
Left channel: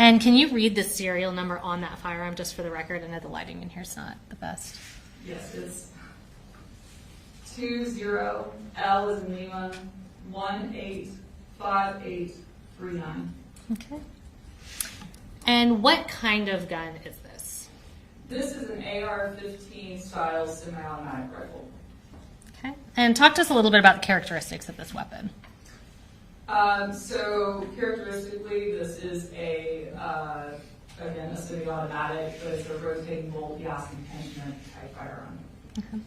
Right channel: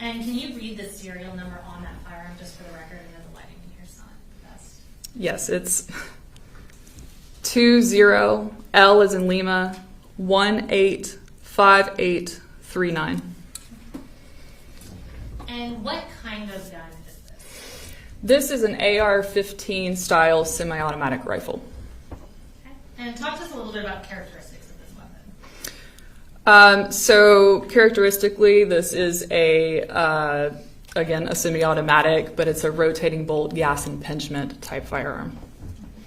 And can you read the serial number on that firearm just for the record? I know the lighting in here is not the best. Yes, it's 20 L as in Lima 185839. Okay. And what kind of gun is this? This is an AR-15 style semi-automatic rifle. Okay. And talk to us a little bit about the characteristics of this weapon. So characteristically, this is again, a semi-automatic, but it's a rotating bolt gas impingement type firearm. Okay.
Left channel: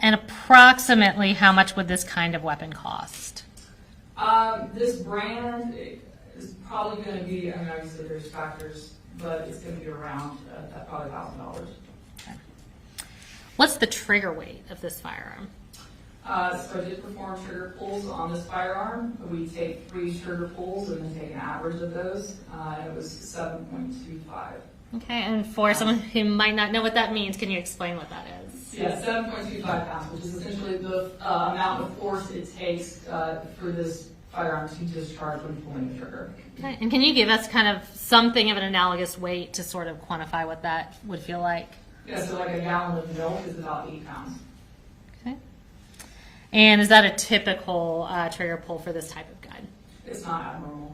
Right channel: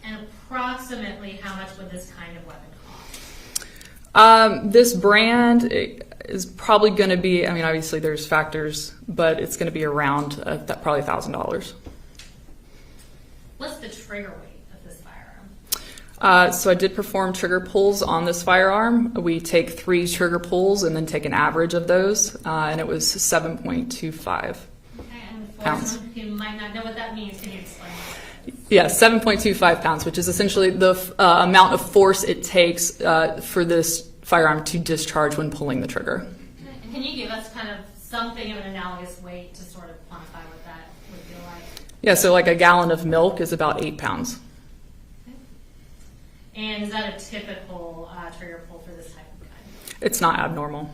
And approximately how much would this kind of weapon cost? This brand is probably going to be, I mean, obviously there's factors, but it's going to be around probably $1,000. Okay. What's the trigger weight of this firearm? So I did perform trigger pulls on this firearm. We take 3 trigger pulls and then take an average of those, and it was 7.25. Okay, and for pounds. someone who might not know what that means, can you explain what that is? Yeah, 7.25 pounds, which is essentially the amount of force it takes for this firearm to discharge when pulling the trigger. Okay. And can you give us kind of something of an analogous weight to sort of quantify what that would feel like? Yeah, so like a gallon of milk is about 8 pounds. Okay. And is that a typical trigger pull for this type of gun? It's not abnormal.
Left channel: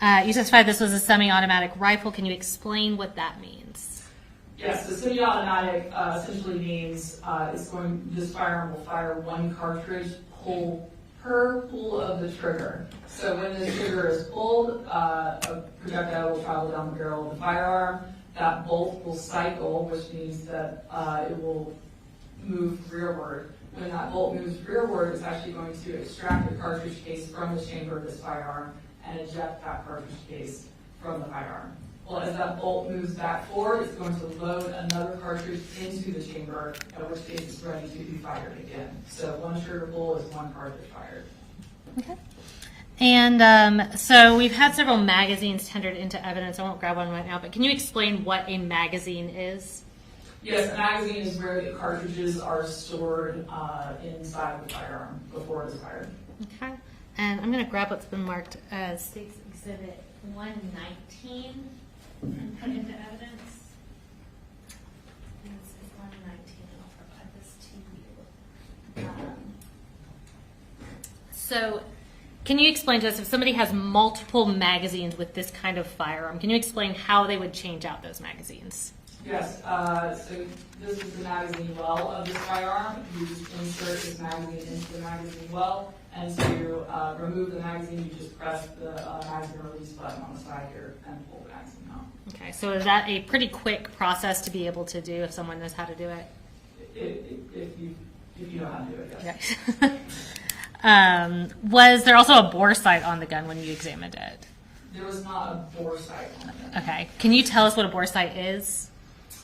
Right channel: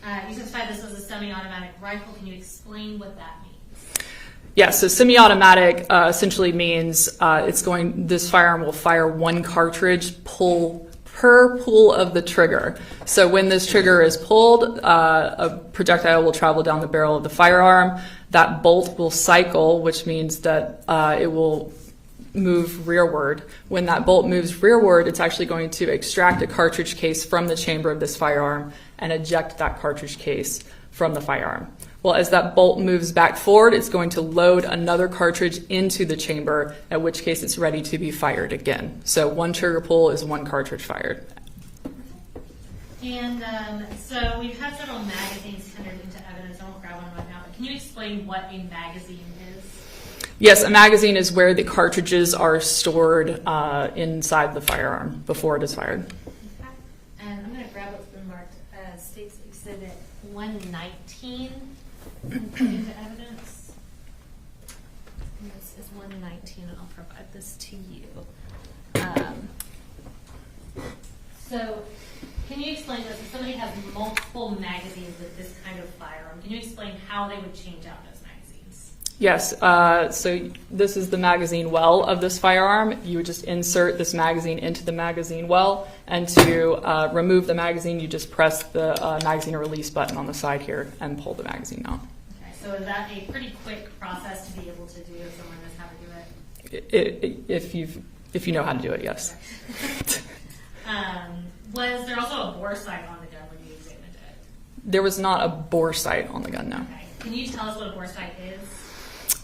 Okay. You testified this was a semi-automatic rifle. Can you explain what that means? Yeah, so semi-automatic essentially means this firearm will fire 1 cartridge per pull of the trigger. So when this trigger is pulled, a projectile will travel down the barrel of the firearm. That bolt will cycle, which means that it will move rearward. When that bolt moves rearward, it's actually going to extract a cartridge case from the chamber of this firearm and eject that cartridge case from the firearm. Well, as that bolt moves back forward, it's going to load another cartridge into the chamber, at which case it's ready to be fired again. So one trigger pull is one cartridge fired. Okay. And so we've had several magazines tendered into evidence. I won't grab one right now, but can you explain what a magazine is? Yes, a magazine is where the cartridges are stored inside the firearm before it is fired. Okay. And I'm going to grab what's been marked as State's Exhibit 119 and put into evidence. This is 119, and I'll provide this to you. So can you explain to us, if somebody has multiple magazines with this kind of firearm, can you explain how they would change out those magazines? Yes, so this is the magazine well of this firearm. You would just insert this magazine into the magazine well, and to remove the magazine, you just press the magazine release button on the side here and pull the magazine out. Okay, so is that a pretty quick process to be able to do if someone knows how to do it? If you know how to do it, yes. Right. Was there also a bore sight on the gun when you examined it? There was not a bore sight on the gun, no. Okay. Can you tell us what a bore sight is?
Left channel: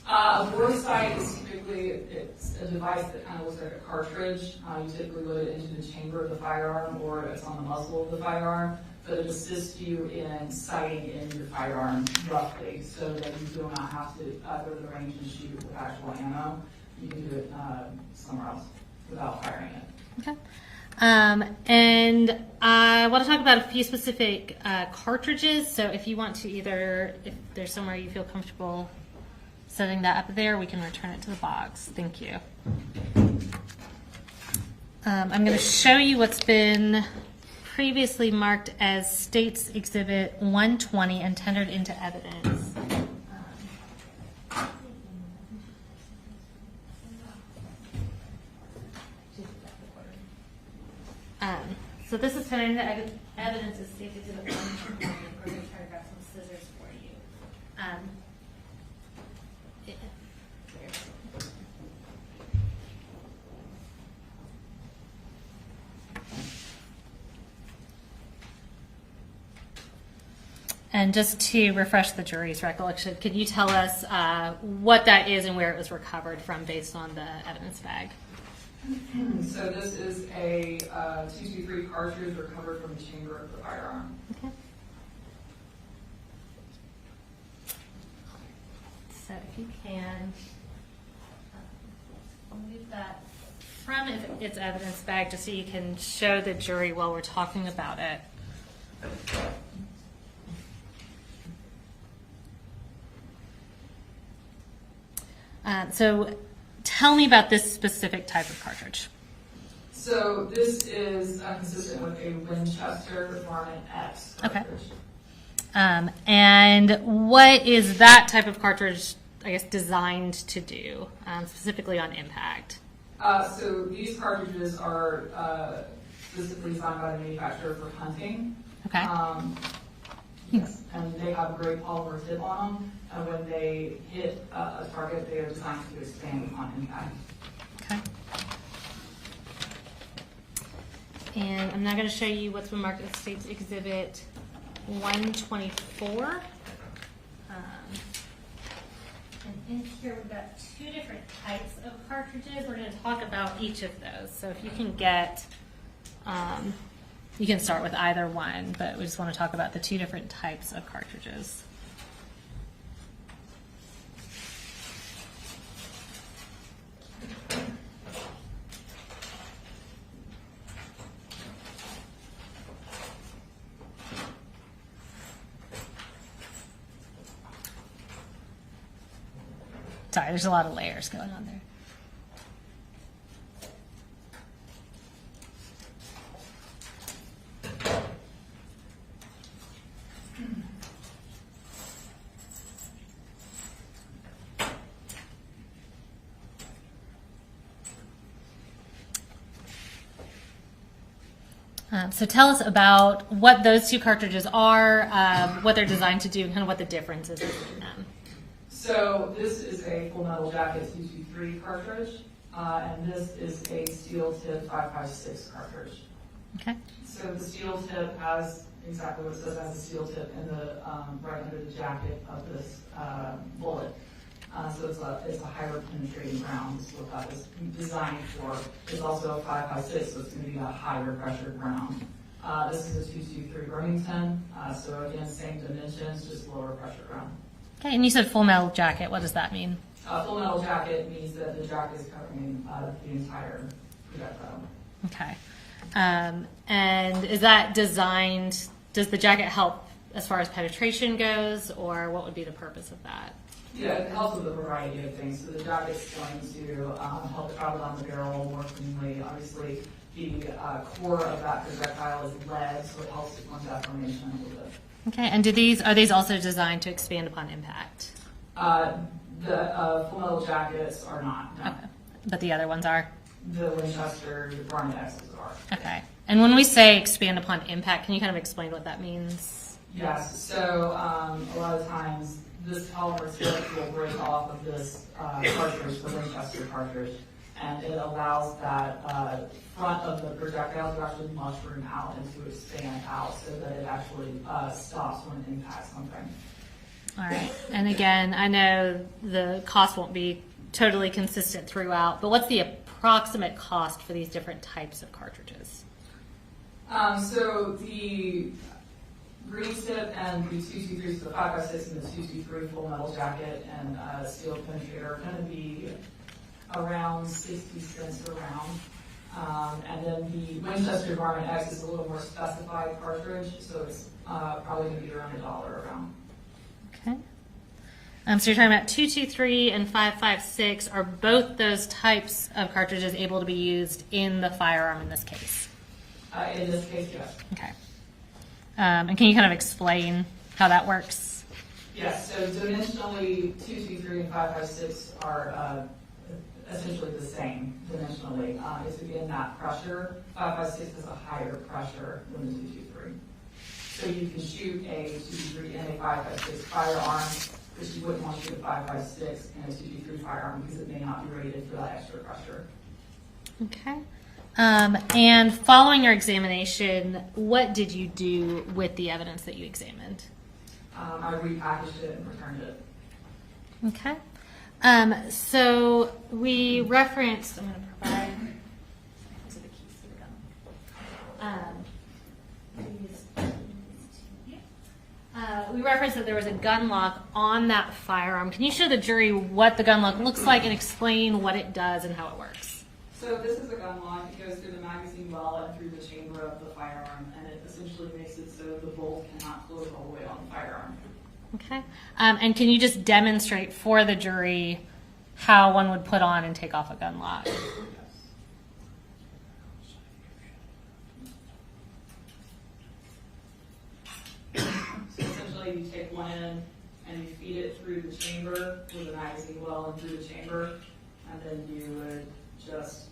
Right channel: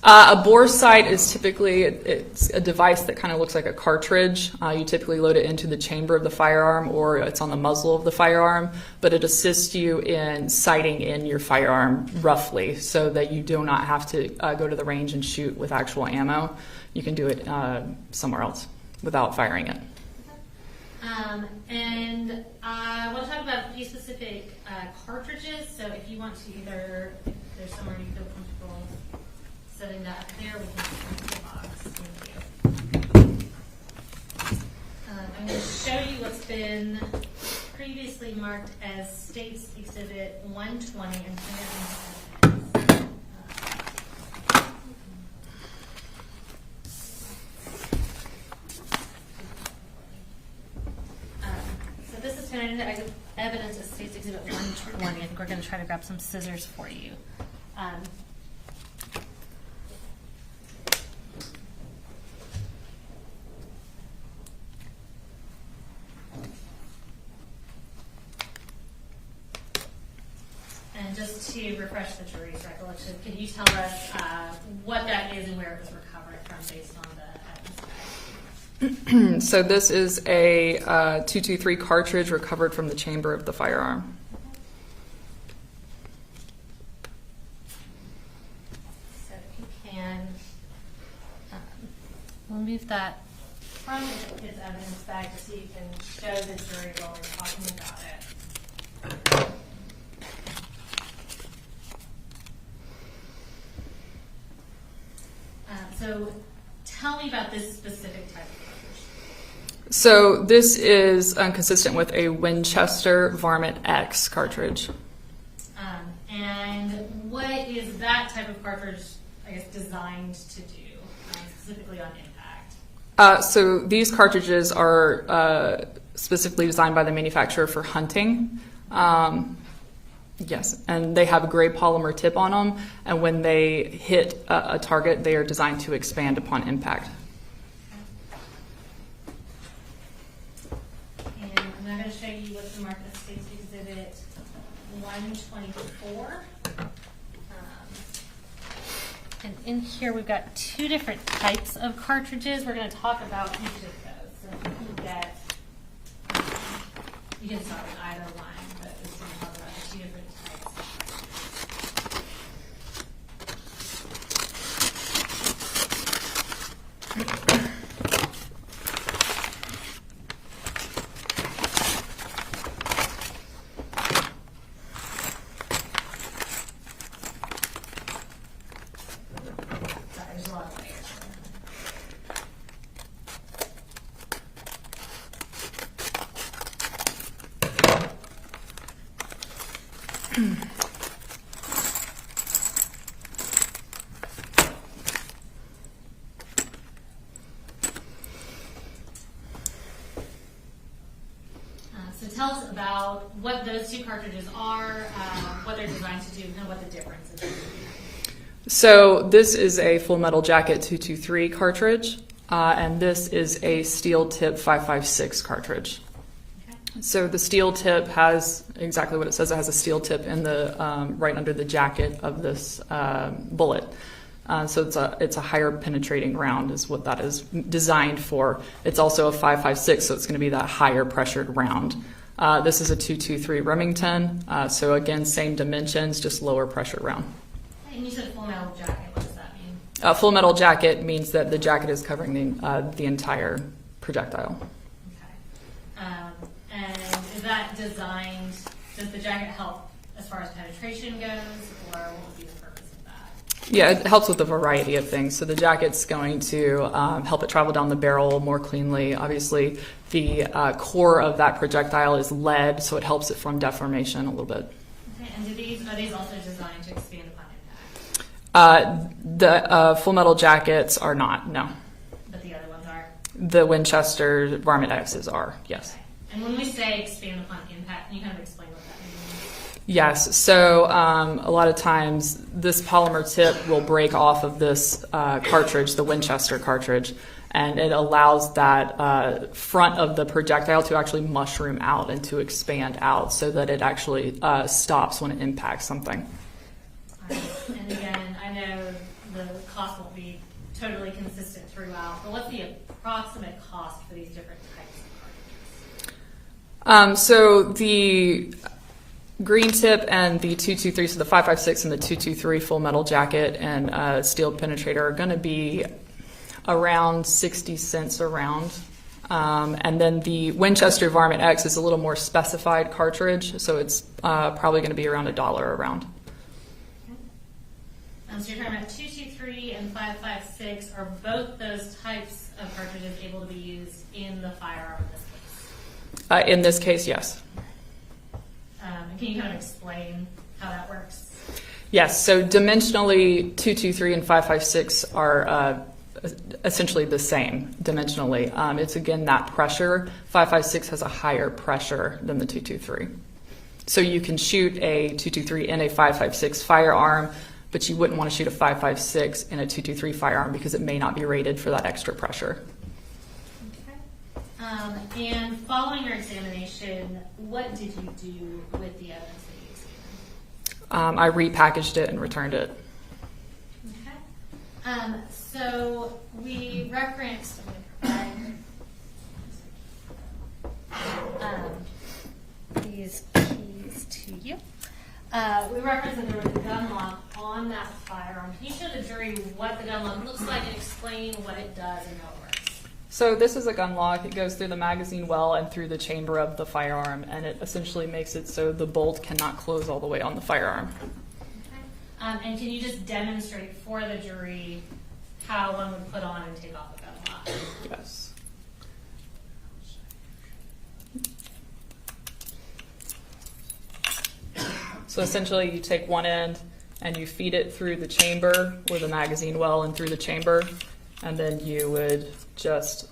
A bore sight is typically it's a device that kind of looks like a cartridge. You typically load it into the chamber of the firearm, or it's on the muzzle of the firearm, but it assists you in sighting in your firearm roughly, so that you do not have to go to the range and shoot with actual ammo. You can do it somewhere else without firing it. Okay. And I want to talk about a few specific cartridges. So if you want to if there's somewhere you feel comfortable setting that up there, we can return it to the box. Thank you. I'm going to show you what's been previously marked as State's Exhibit 120 and tendered into evidence. So this is tendered into evidence as State's Exhibit 120, and we're going to try to grab some scissors for you. And just to refresh the jury's recollection, could you tell us what that is and where it was recovered from based on the evidence bag? So this is a 223 cartridge recovered from the chamber of the firearm. Okay. So if you can remove that from its evidence bag just so you can show the jury while we're talking about it. So tell me about this specific type of cartridge. So this is consistent with a Winchester Varmint X cartridge. Okay. And what is that type of cartridge, I guess, designed to do, specifically on impact? So these cartridges are specifically designed by the manufacturer for hunting. Okay. Yes, and they have a gray polymer tip on them, and when they hit a target, they are designed to expand upon impact. Okay. And I'm now going to show you what's been marked as State's Exhibit 124. And in here we've got two different types of cartridges. We're going to talk about each of those. So if you can get... you can start with either one, but we just want to talk about the two different types of cartridges. Sorry, there's a lot of layers going on there. So tell us about what those two cartridges are, what they're designed to do, and kind of what the difference is between them. So this is a Full Metal Jacket 223 cartridge, and this is a Steel Tip 556 cartridge. Okay. So the steel tip has exactly what it says. It has a steel tip in the right under the jacket of this bullet. So it's a higher penetrating round is what that is designed for. It's also a 5.56, so it's going to be that higher pressured round. This is a 223 Remington. So again, same dimensions, just lower pressure round. Okay, and you said full metal jacket. What does that mean? Full metal jacket means that the jacket is covering the entire projectile. Okay. And is that designed, does the jacket help as far as penetration goes, or what would be the purpose of that? Yeah, it helps with a variety of things. So the jacket's going to help it travel down the barrel more cleanly. Obviously, the core of that projectile is lead, so it helps it from deformation a little bit. Okay, and are these also designed to expand upon impact? The full metal jackets are not, no. Okay. But the other ones are? The Winchester Varmint X's are, yes. Okay. And when we say expand upon impact, can you kind of explain what that means? Yes, so a lot of times this polymer tip will break off of this cartridge, the Winchester cartridge, and it allows that front of the projectile to actually mushroom out and to expand out so that it actually stops when it impacts something. All right. And again, I know the cost won't be totally consistent throughout, but what's the approximate cost for these different types of cartridges? So the green tip and the 223, so the 5.56 and the 223 full metal jacket and steel penetrator are going to be around 60 cents a round. And then the Winchester Varmint X is a little more specified cartridge, so it's probably going to be around $1 a round. Okay. So you're talking about 223 and 5.56. Are both those types of cartridges able to be used in the firearm in this case? In this case, yes. Okay. And can you kind of explain how that works? Yes, so dimensionally 223 and 5.56 are essentially the same dimensionally. It's again that pressure. 5.56 has a higher pressure than the 223. So you can shoot a 223 in a 5.56 firearm, but you wouldn't want to shoot a 5.56 in a 223 firearm because it may not be rated for that extra pressure. Okay. And following your examination, what did you do with the evidence that you examined? I repackaged it and returned it. Okay. So we referenced, I'm going to provide these keys to you. We referenced that there was a gun lock on that firearm. Can you show the jury what the gun lock looks like and explain what it does and how it works? So this is a gun lock. It goes through the magazine well and through the chamber of the firearm, and it essentially makes it so the bolt cannot close all the way on the firearm. Okay. And can you just demonstrate for the jury how one would put on and take off a gun lock? Yes. So essentially you take one end and you feed it through the chamber or the magazine well and through the chamber, and then you would just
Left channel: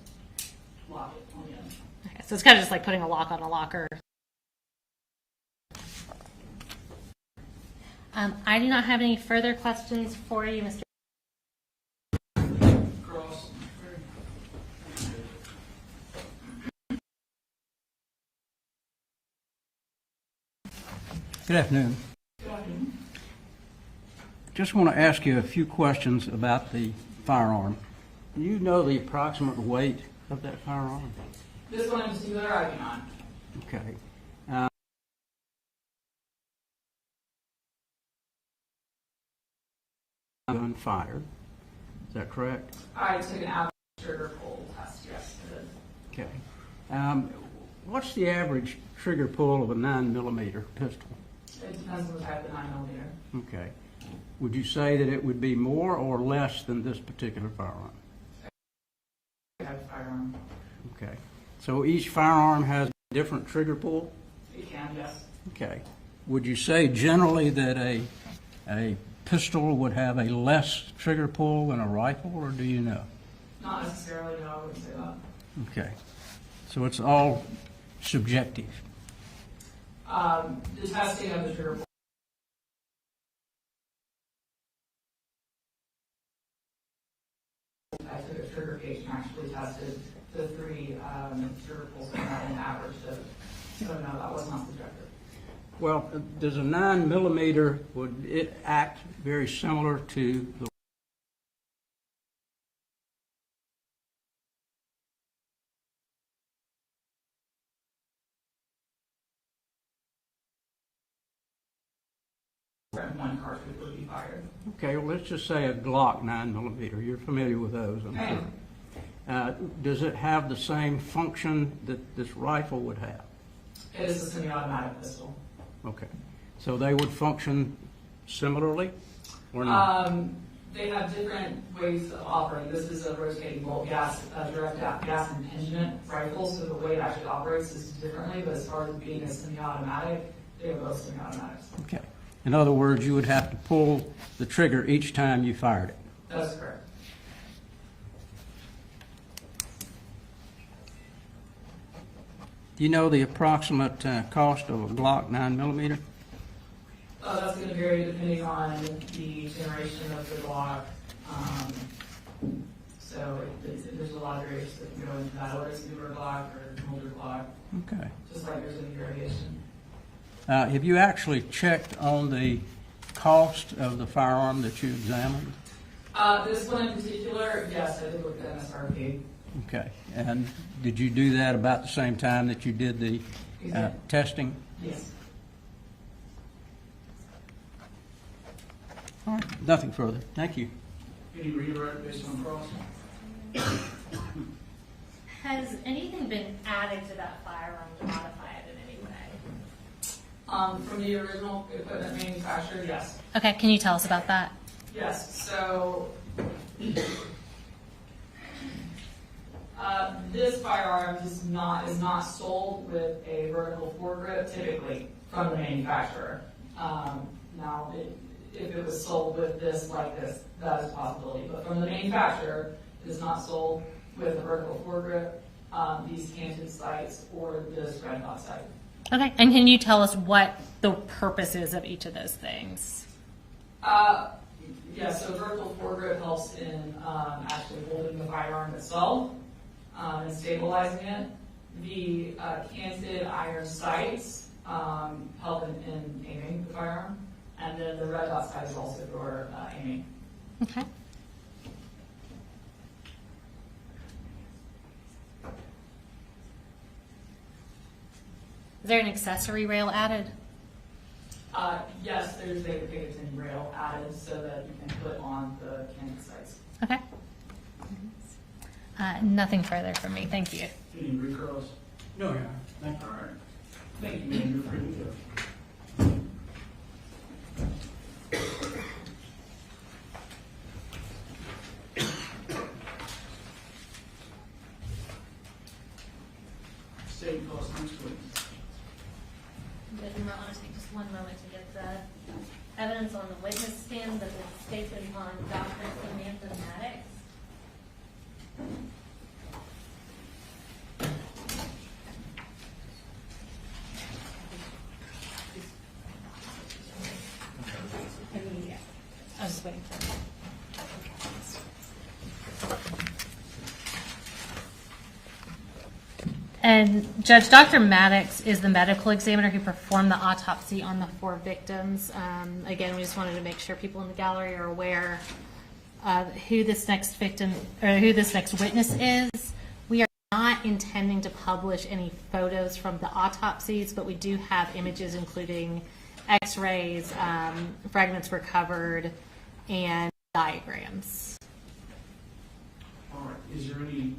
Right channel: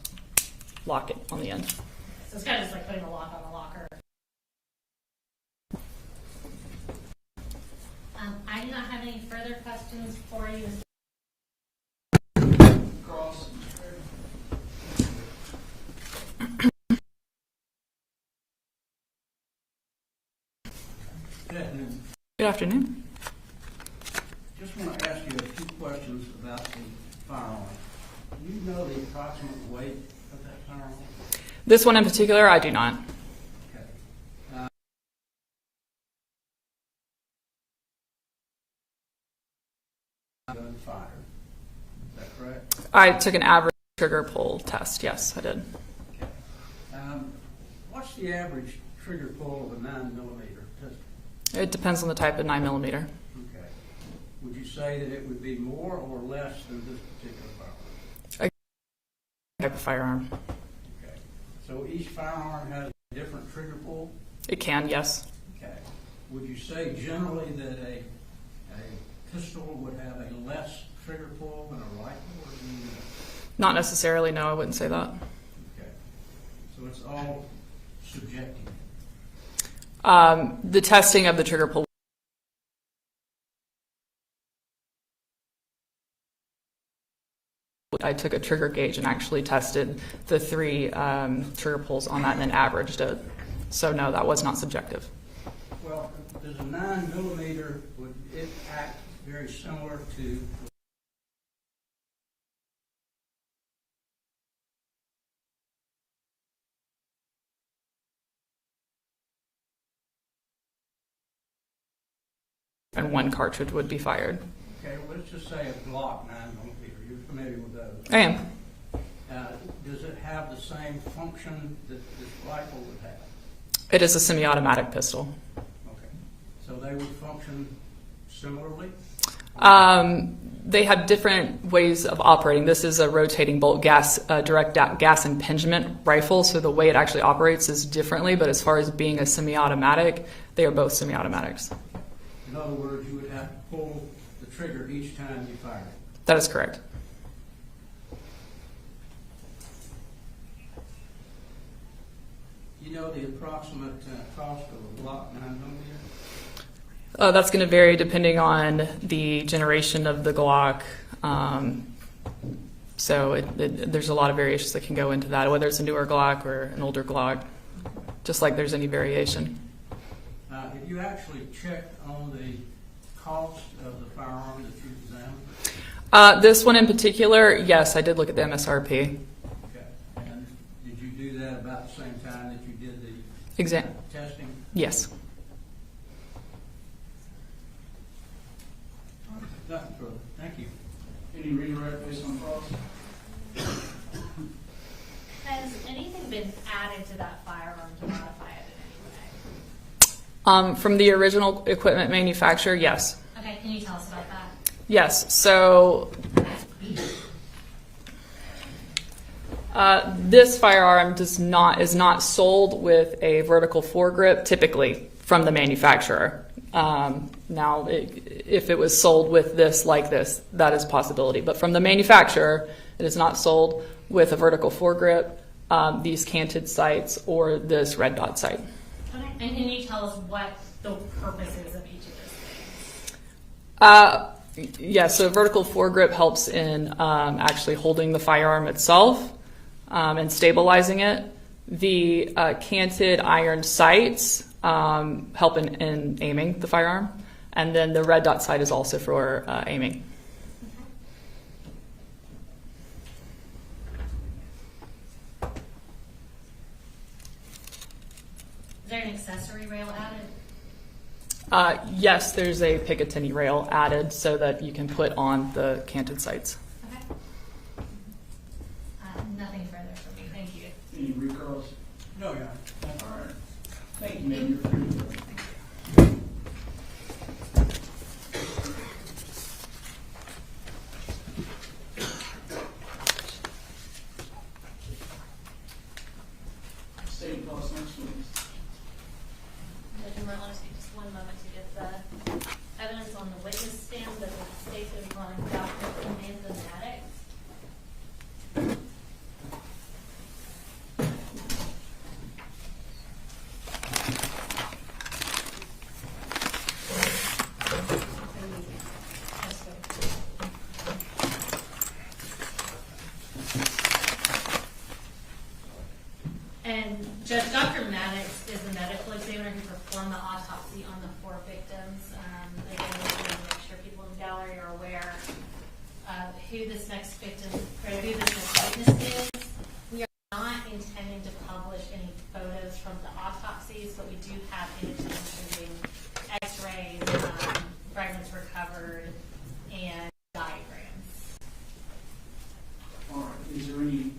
lock it on the end. Okay, so it's kind of just like putting a lock on a locker. I do not have any further questions for you, Mr. Cross. Good afternoon. Good afternoon. Just want to ask you a few questions about the firearm. Do you know the approximate weight of that firearm? This one in particular, I do not. Okay. Gun fired. Is that correct? I took an average trigger pull test. Yes, I did. Okay. What's the average trigger pull of a 9mm pistol? It depends on the type of 9mm. Okay. Would you say that it would be more or less than this particular firearm? Type of firearm. Okay. So each firearm has a different trigger pull? It can, yes. Okay. Would you say generally that a pistol would have a less trigger pull than a rifle, or do you know? Not necessarily, no, I wouldn't say that. Okay. So it's all subjective. The testing of the trigger pull. I took a trigger gauge and actually tested the three trigger pulls on that and then averaged it. So no, that was not subjective. Well, does a 9mm, would it act very similar to the And one cartridge would be fired. Okay, well, let's just say a Glock 9mm. You're familiar with those? I am. Does it have the same function that this rifle would have? It is a semi-automatic pistol. Okay. So they would function similarly? Or not? They have different ways of operating. This is a rotating bolt direct gas impingement rifle, so the way it actually operates is differently, but as far as being a semi-automatic, they are both semi-automatics. Okay. In other words, you would have to pull the trigger each time you fired it. That is correct. Do you know the approximate cost of a Glock 9mm? That's going to vary depending on the generation of the Glock. So there's a lot of variations that can go into that, whether it's a newer Glock or an older Glock, Okay. just like there's any variation. Have you actually checked on the cost of the firearm that you examined? This one in particular, yes, I did look at the MSRP. Okay. And did you do that about the same time that you did the testing? Yes. All right. Nothing further. Thank you. Any redirect based on cross? Has anything been added to that firearm to modify it in any way? From the original equipment manufacturer, yes. Okay, can you tell us about that? Yes. So this firearm is not sold with a vertical foregrip typically from the manufacturer. Now, if it was sold with this like this, that is a possibility. But from the manufacturer, it is not sold with a vertical foregrip, these canted sights, or this red dot sight. Okay, and can you tell us what the purpose is of each of those things? Yeah, so vertical foregrip helps in actually holding the firearm itself and stabilizing it. The canted iron sights help in aiming the firearm. And then the red dot sight is also for aiming. Okay. Is there an accessory rail added? Yes, there's a Picatinny rail added so that you can put on the canted sights. Okay. Nothing further from me. Thank you. Any recalls? No, yeah. All right. Thank you, ma'am. You're free to go. State cost next, please. Judge, I'll just take just one moment to get the evidence on the witness stand that the state's been calling Dr. Samantha Maddox. I was just waiting for you. And Judge, Dr. Maddox is the medical examiner who performed the autopsy on the 4 victims. Again, we just wanted to make sure people in the gallery are aware who this next victim or who this next witness is. We are not intending to publish any photos from the autopsies, but we do have images including X-rays, fragments recovered, and diagrams. All right. Is there any?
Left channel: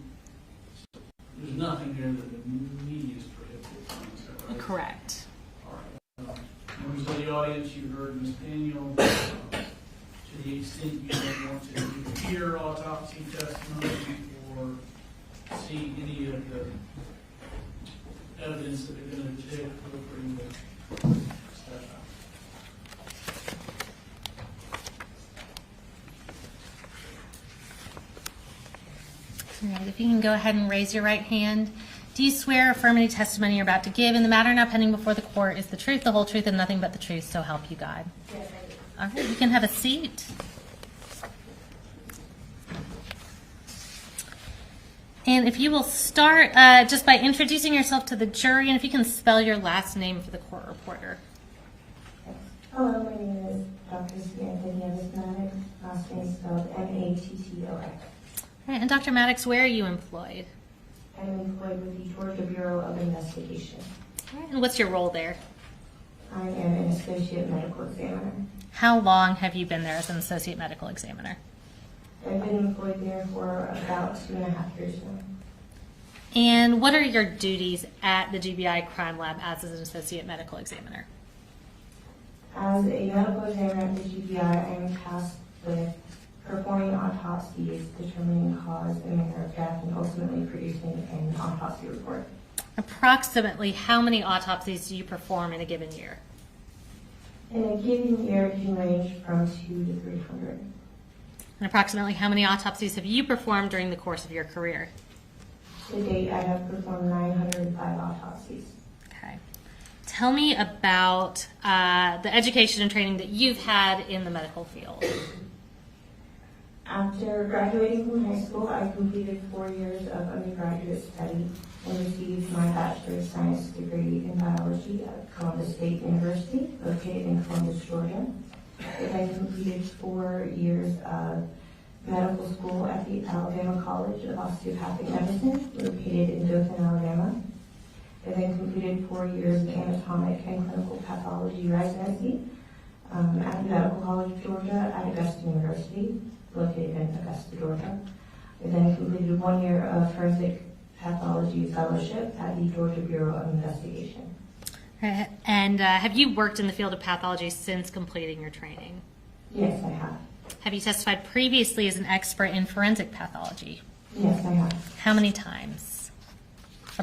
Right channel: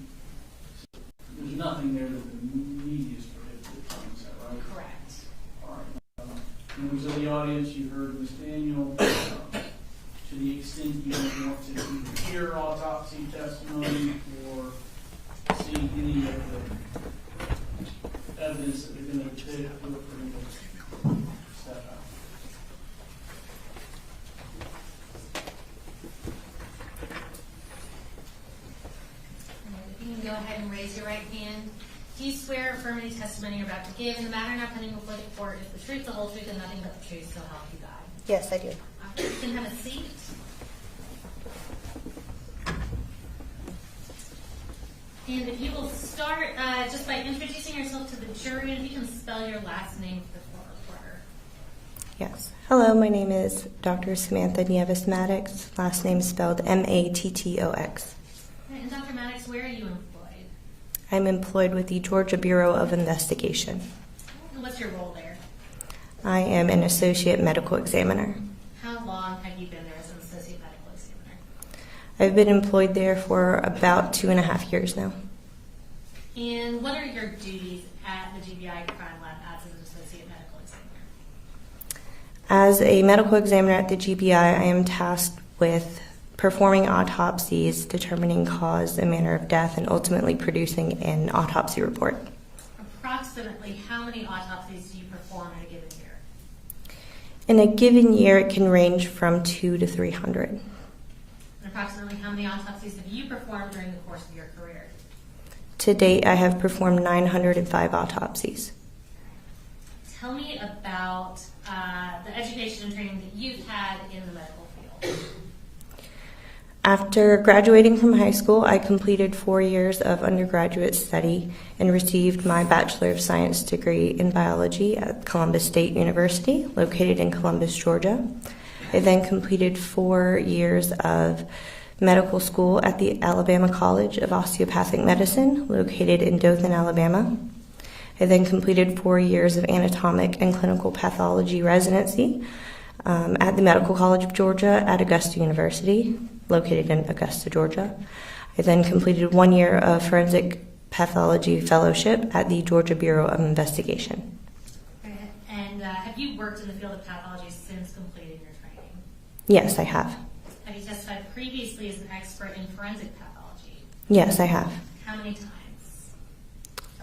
There's nothing there that the media is prohibited from, is that right? Correct. All right. Members of the audience, you heard Ms. Daniel. To the extent you may want to either hear autopsy testimony or see any of the evidence that they're going to take, feel free to step out. All right, if you can go ahead and raise your right hand. Do you swear or affirm any testimony you're about to give in the matter now pending before the court is the truth, the whole truth, and nothing but the truth, so help you God? Yes, I do. All right, you can have a seat. And if you will start just by introducing yourself to the jury, and if you can spell your last name for the court reporter. Yes. Hello, my name is Dr. Samantha Nieves Maddox. Last name spelled Mattox. All right, and Dr. Maddox, where are you employed? I'm employed with the Georgia Bureau of Investigation. All right, and what's your role there? I am an associate medical examiner. How long have you been there as an associate medical examiner? I've been employed there for about 2.5 years now. And what are your duties at the GBI Crime Lab as an associate medical examiner? As a medical examiner at the GBI, I am tasked with performing autopsies, determining cause and manner of death, and ultimately producing an autopsy report. Approximately how many autopsies do you perform in a given year? In a given year, it can range from 200 to 300. And approximately how many autopsies have you performed during the course of your career? To date, I have performed 905 autopsies. Okay. Tell me about the education and training that you've had in the medical field. After graduating from high school, I completed 4 years of undergraduate study and received my Bachelor of Science degree in biology at Columbus State University, located in Columbus, Georgia. I then completed 4 years of medical school at the Alabama College of Osteopathic Medicine, located in Dothan, Alabama. I then completed 4 years of anatomic and clinical pathology residency at the Medical College of Georgia at Augusta University, located in Augusta, Georgia. I then completed 1 year of forensic pathology fellowship at the Georgia Bureau of Investigation. And have you worked in the field of pathology since completing your training? Yes, I have. Have you testified previously as an expert in forensic pathology? Yes, I have. How many times?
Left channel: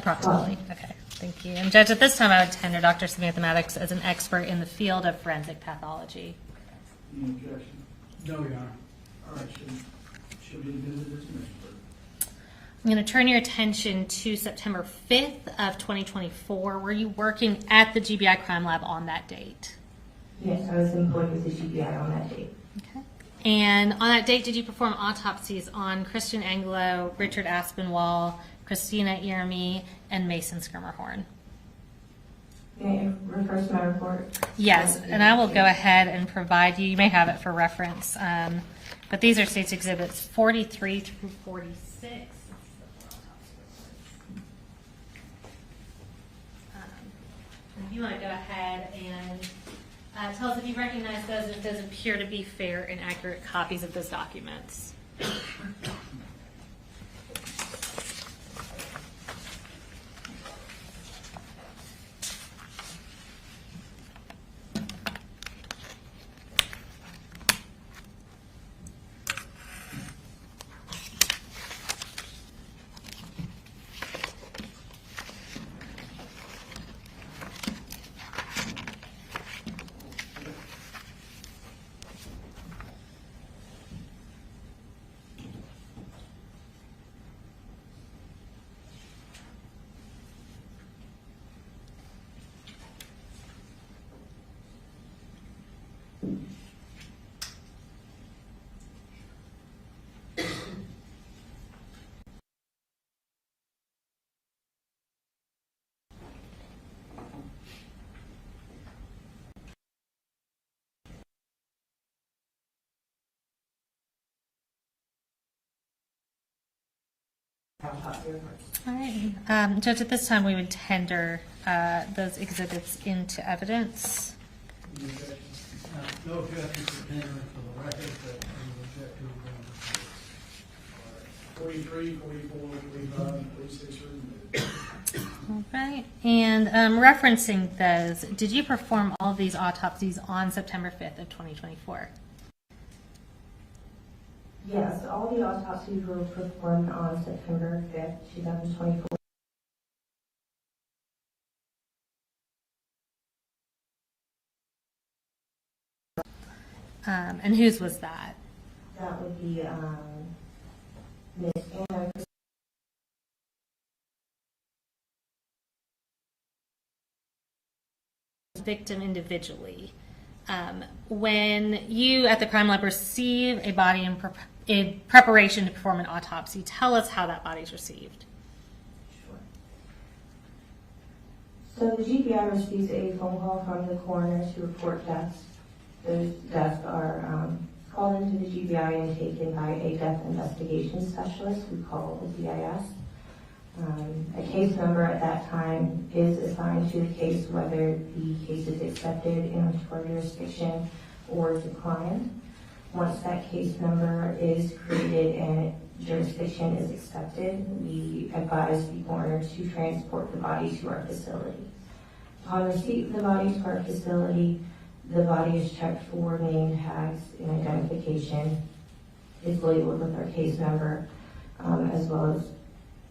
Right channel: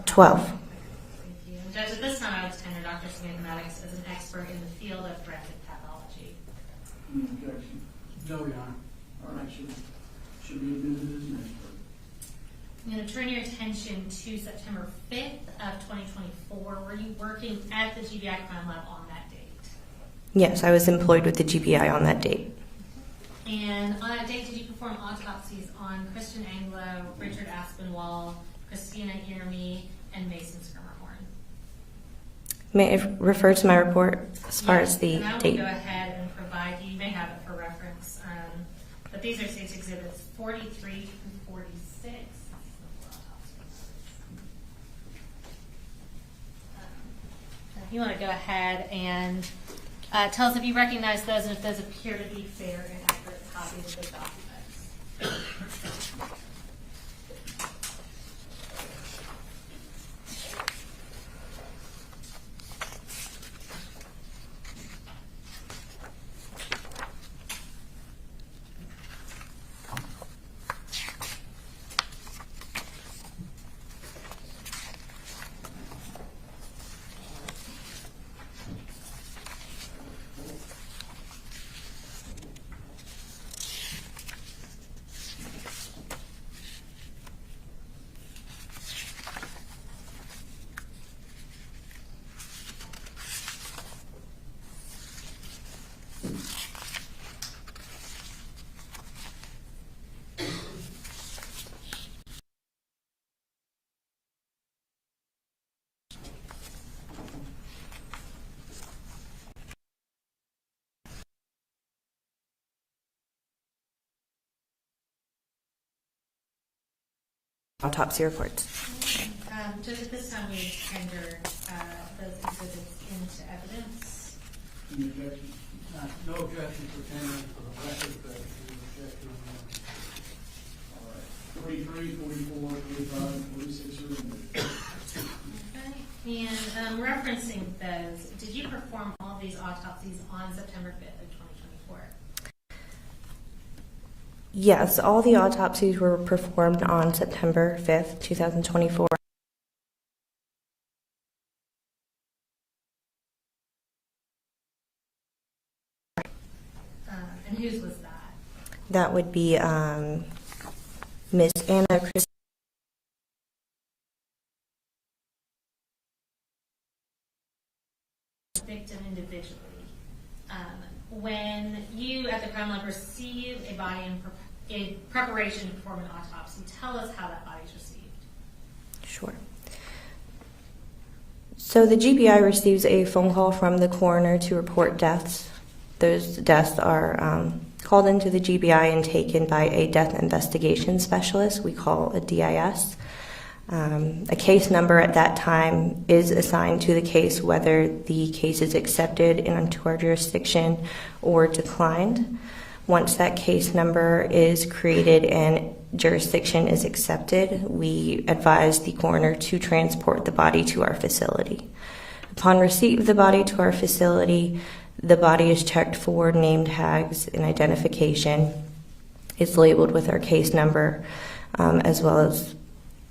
12. Okay, thank you. And Judge, at this time I would tender Dr. Samantha Maddox as an expert in the field of forensic pathology. Any objection? No, Your Honor. All right, should be admitted as an expert. I'm going to turn your attention to September 5th of 2024. Were you working at the GBI Crime Lab on that date? Yes, I was employed with the GBI on that date. Okay. And on that date, did you perform autopsies on Christian Anglo, Richard Aspinwall, Christina Ieremy, and Mason Skirmerhorn? May I refer to my report as far as the and I will date? go ahead and provide you may have it for reference, but these are State's Exhibits 43 through 46. If you want to go ahead and tell us if you recognize those and if those appear to be fair and accurate copies of those documents. Autopsy reports. Judge, at this time we would tender those exhibits into evidence. Any objection? No objection for tendering for the record, but any objection from 43, 44, 45, 46 are removed. All right. And referencing those, did you perform all of these autopsies on September 5th of 2024? Yes, all the autopsies were performed on September 5th, 2024. And whose was that? That would be Ms. Anna Victim individually. When you at the crime lab receive a body in in preparation to perform an autopsy. Tell us how that body's received. Sure. So the GBI receives a phone call from the coroner to report deaths. Those deaths are called into the GBI and taken by a death investigation specialist we call a DIS. A case number at that time is assigned to the case, whether the case is accepted into our jurisdiction or declined. Once that case number is created and jurisdiction is accepted, we advise the coroner to transport the body to our facility. Upon receipt of the body to our facility, the body is checked for name tags and identification. It's labeled with our case number as well as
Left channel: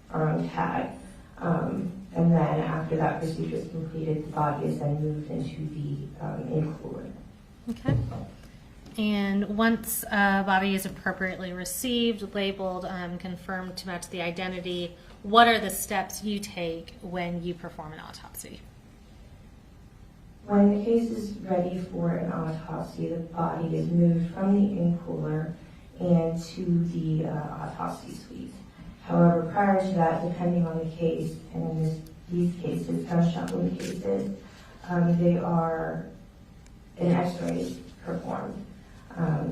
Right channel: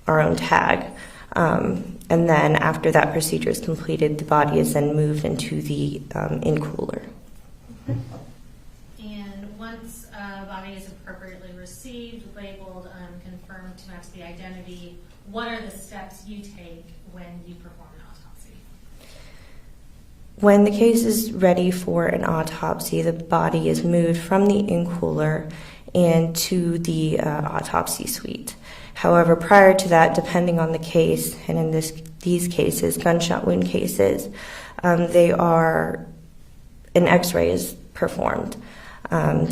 our own tag. And then after that procedure is completed, the body is then moved into the in-cooler. Okay. And once a body is appropriately received, labeled, confirmed to match the identity, what are the steps you take when you perform an autopsy? When the case is ready for an autopsy, the body is moved from the in-cooler and to the autopsy suite. However, prior to that, depending on the case, and in these cases, gunshot wound cases, an X-ray is performed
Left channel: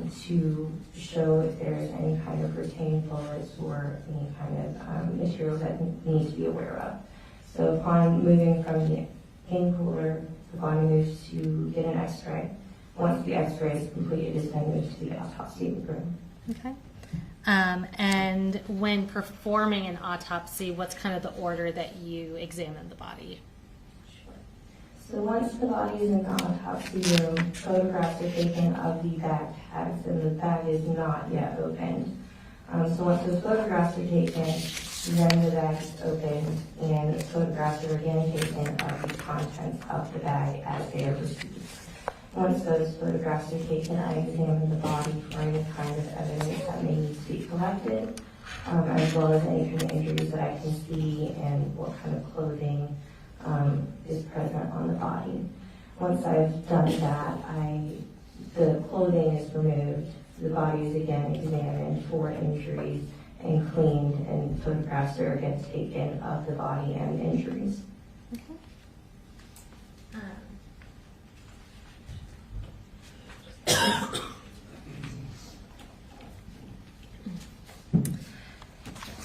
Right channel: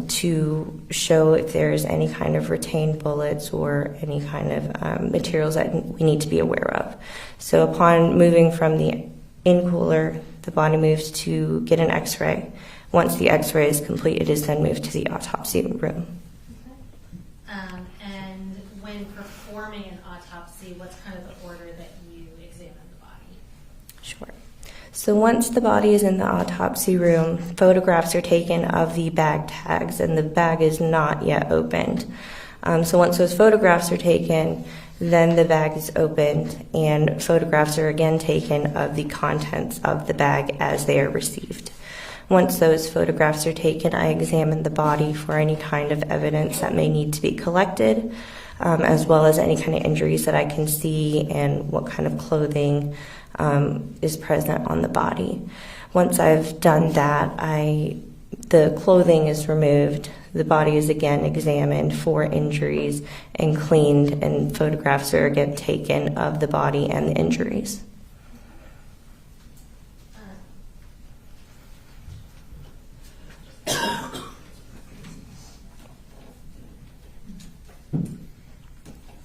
to show if there's any kind of retained bullets or any kind of materials that we need to be aware of. So upon moving from the in-cooler, the body moves to get an X-ray. Once the X-ray is complete, it is then moved to the autopsy room. Okay. And when performing an autopsy, what's kind of the order that you examine the body? Sure. So once the body is in the autopsy room, photographs are taken of the bag tags, and the bag is not yet opened. So once those photographs are taken, then the bag is opened, and photographs are again taken of the contents of the bag as they are received. Once those photographs are taken, I examine the body for any kind of evidence that may need to be collected, as well as any kind of injuries that I can see and what kind of clothing is present on the body. Once I've done that, the clothing is removed, the body is again examined for injuries and cleaned, and photographs are again taken of the body and the injuries.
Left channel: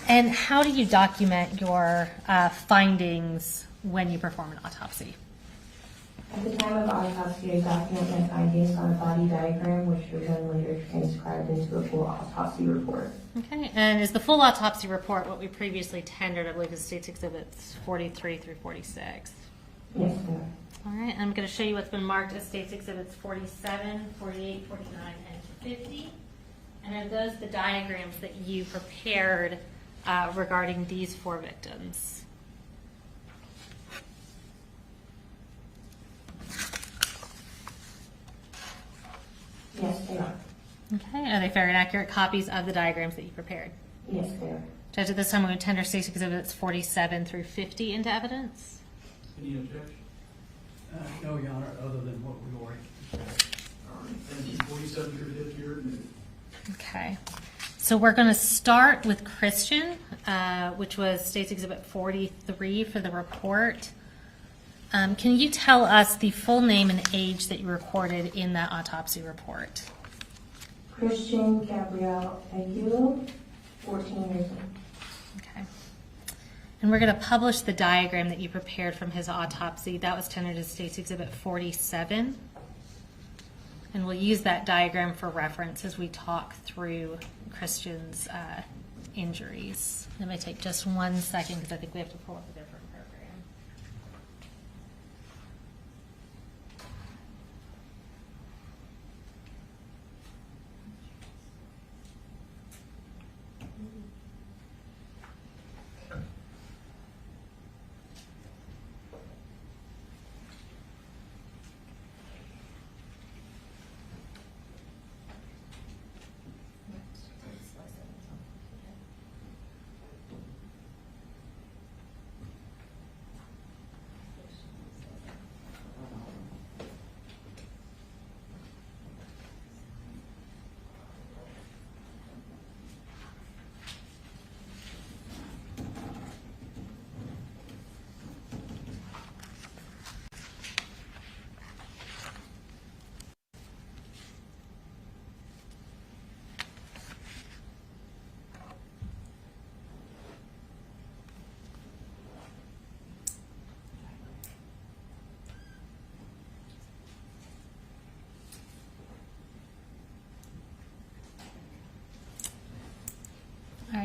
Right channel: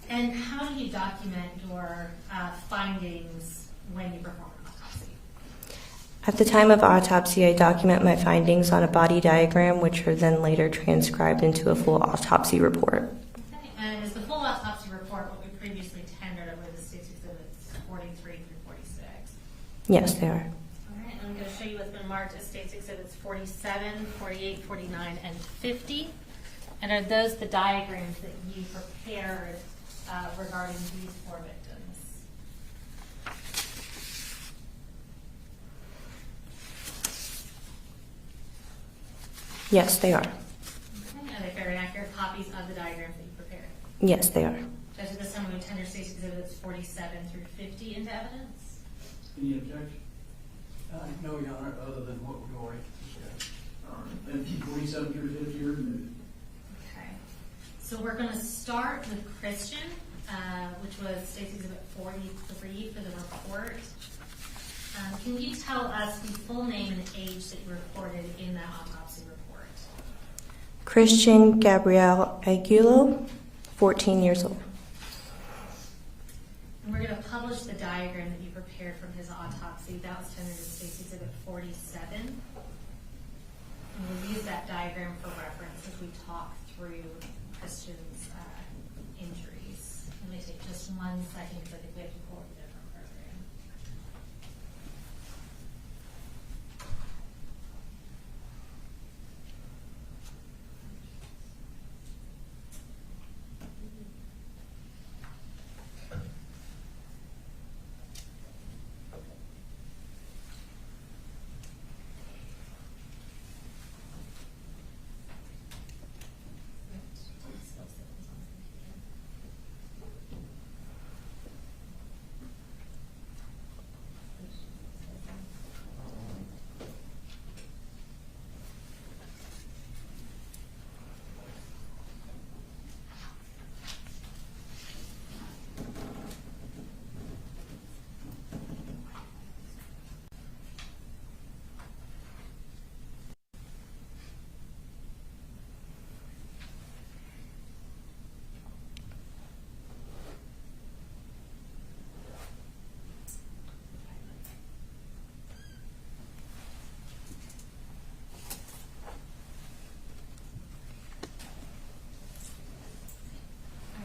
And how do you document your findings when you perform an autopsy? At the time of autopsy, I document my findings on a body diagram, which are then later transcribed into a full autopsy report. Okay, and is the full autopsy report what we previously tendered? I believe is State's Exhibits 43 through 46. Yes, they are. All right, I'm going to show you what's been marked as State's Exhibits 47, 48, 49, and 50. And are those the diagrams that you prepared regarding these 4 victims? Yes, they are. Okay, are they fair and accurate copies of the diagrams that you prepared? Yes, they are. Judge, at this time, we're going to tender State's Exhibits 47 through 50 into evidence. Any objection? No, Your Honor, other than what we've already. All right, thank you. 47 through 50 are removed. Okay, so we're going to start with Christian, which was State's Exhibit 43 for the report. Can you tell us the full name and age that you recorded in that autopsy report? Christian Gabriel Aguilo, 14 years old. Okay. And we're going to publish the diagram that you prepared from his autopsy. That was tendered as State's Exhibit 47. And we'll use that diagram for reference as we talk through Christian's injuries. It may take just 1 second because I think we have to pull up a different program.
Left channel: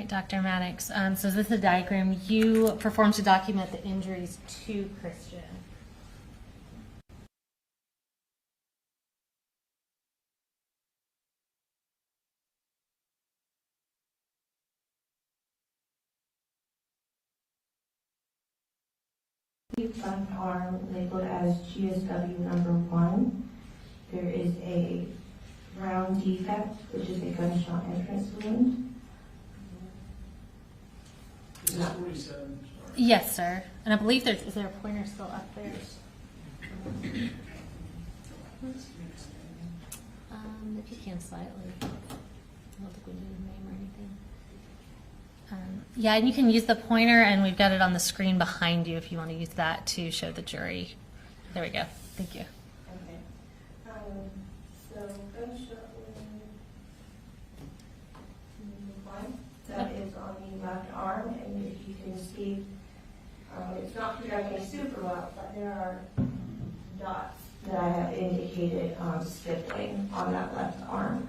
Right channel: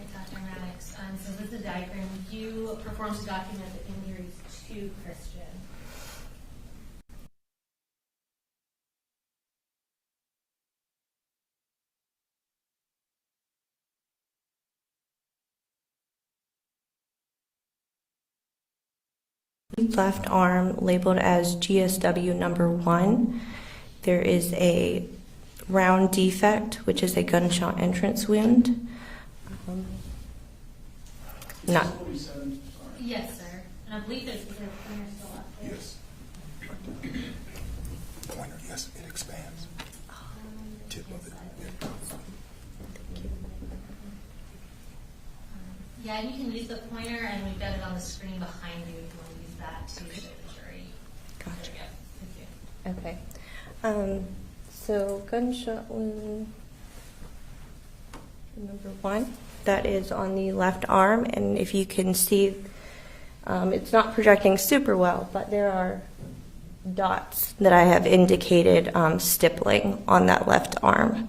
right, Dr. Maddox. So this is a diagram you performed to document the injuries to Christian. Left arm labeled as GSW number 1. There is a round defect, which is a gunshot entrance wound. Not. Yes, sir. And I believe is there a pointer still up there? Yes. Pointer, yes, it expands. If you can slightly. Yeah, and you can use the pointer, and we've got it on the screen behind you if you want to use that to show the jury. Gotcha. There we go. Thank you. Okay. So gunshot wound number 1, that is on the left arm, and if you can see, it's not projecting super well, but there are dots that I have indicated stippling on that left arm.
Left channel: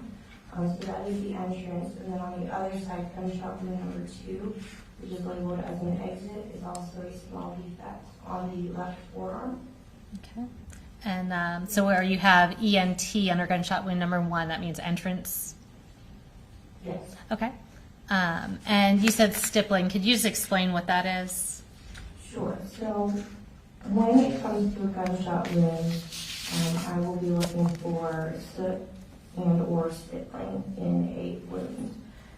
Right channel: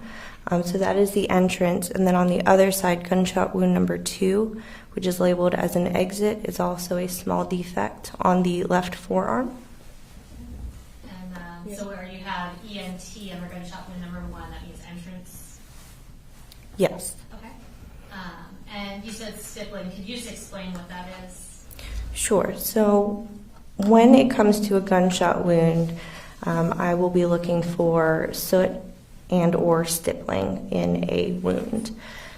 So that is the entrance, and then on the other side, gunshot wound number 2, which is labeled as an exit, is also a small defect on the left forearm. Okay. And so where you have ENT under gunshot wound number 1, that means entrance? Yes. Okay. And you said stippling. Could you just explain what that is? Sure. So when it comes to a gunshot wound, I will be looking for soot and or stippling in a wound.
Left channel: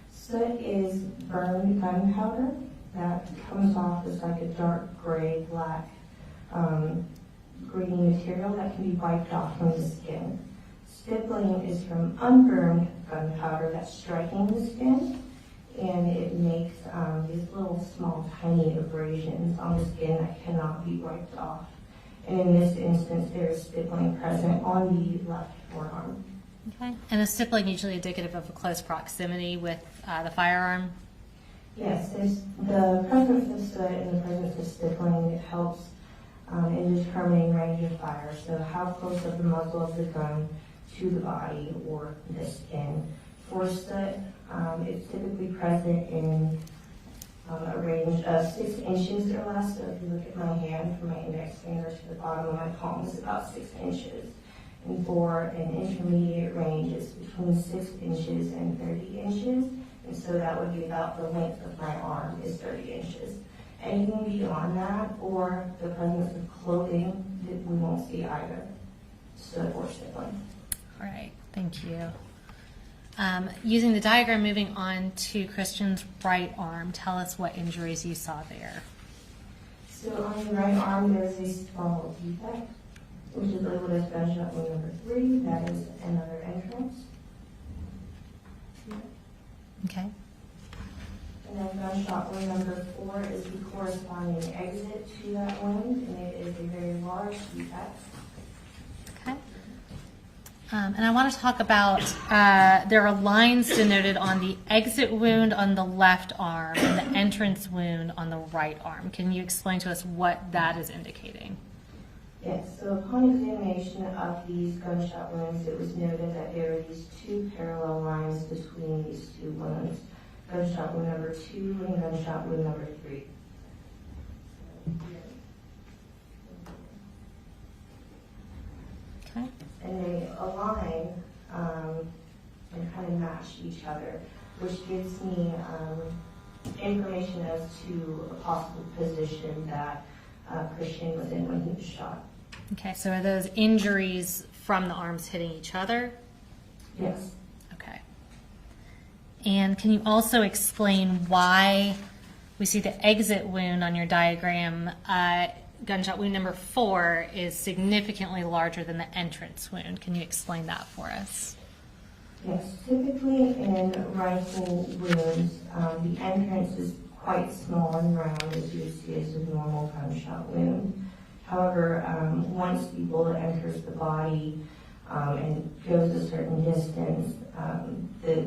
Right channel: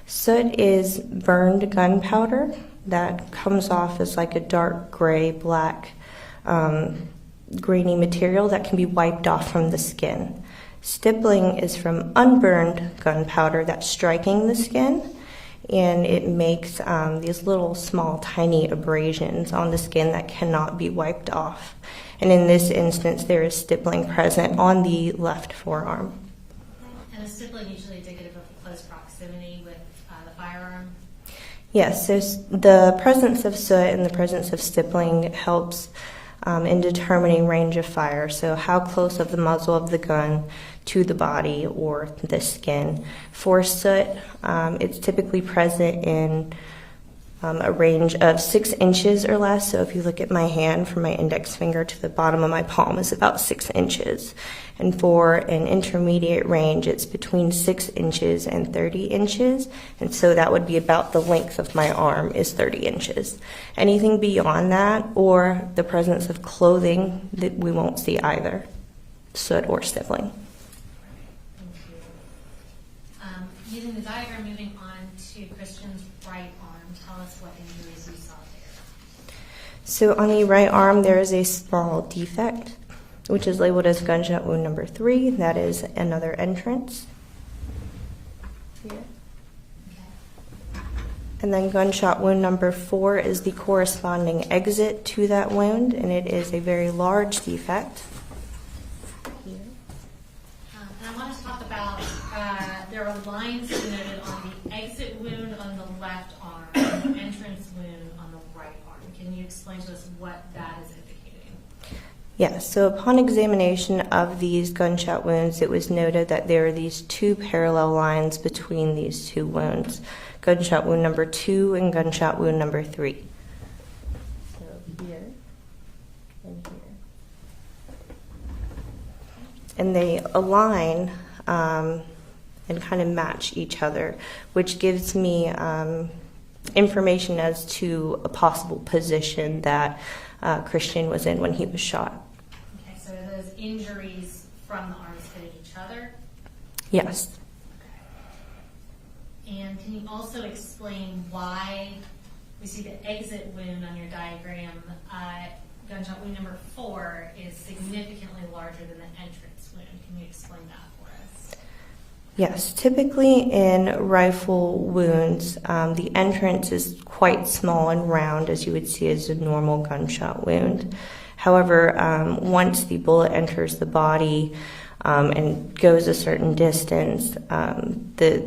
Soot is burned gunpowder that comes off as like a dark gray, black, grainy material that can be wiped off from the skin. Stippling is from unburned gunpowder that's striking the skin, and it makes these little small tiny abrasions on the skin that cannot be wiped off. And in this instance, there is stippling present on the left forearm. Okay. And is stippling usually indicative of a close proximity with the firearm? Yes, so the presence of soot and the presence of stippling helps in determining range of fire. So how close of the muzzle of the gun to the body or the skin. For soot, it's typically present in a range of 6 inches or less. So if you look at my hand, from my index finger to the bottom of my palm is about 6 inches. And for an intermediate range, it's between 6 inches and 30 inches. And so that would be about the length of my arm is 30 inches. Anything beyond that, or the presence of clothing, that we won't see either, soot or stippling. All right, thank you. Using the diagram, moving on to Christian's right arm, tell us what injuries you saw there. So on the right arm, there is a small defect, which is labeled as gunshot wound number 3. That is another entrance. Okay. And then gunshot wound number 4 is the corresponding exit to that wound, and it is a very large defect. Okay. And I want to talk about, there are lines denoted on the exit wound on the left arm and the entrance wound on the right arm. Can you explain to us what that is indicating? Yes, so upon examination of these gunshot wounds, it was noted that there are these 2 parallel lines between these 2 wounds, gunshot wound number 2 and gunshot wound number 3. So here and here. Okay. And they align and kind of match each other, which gives me information as to a possible position that Christian was in when he was shot. Okay, so are those injuries from the arms hitting each other? Yes. Okay. And can you also explain why we see the exit wound on your diagram, gunshot wound number 4, is significantly larger than the entrance wound? Can you explain that for us? Yes, typically in rifle wounds, the entrance is quite small and round, as you would see as a normal gunshot wound. However, once the bullet enters the body and goes a certain distance, the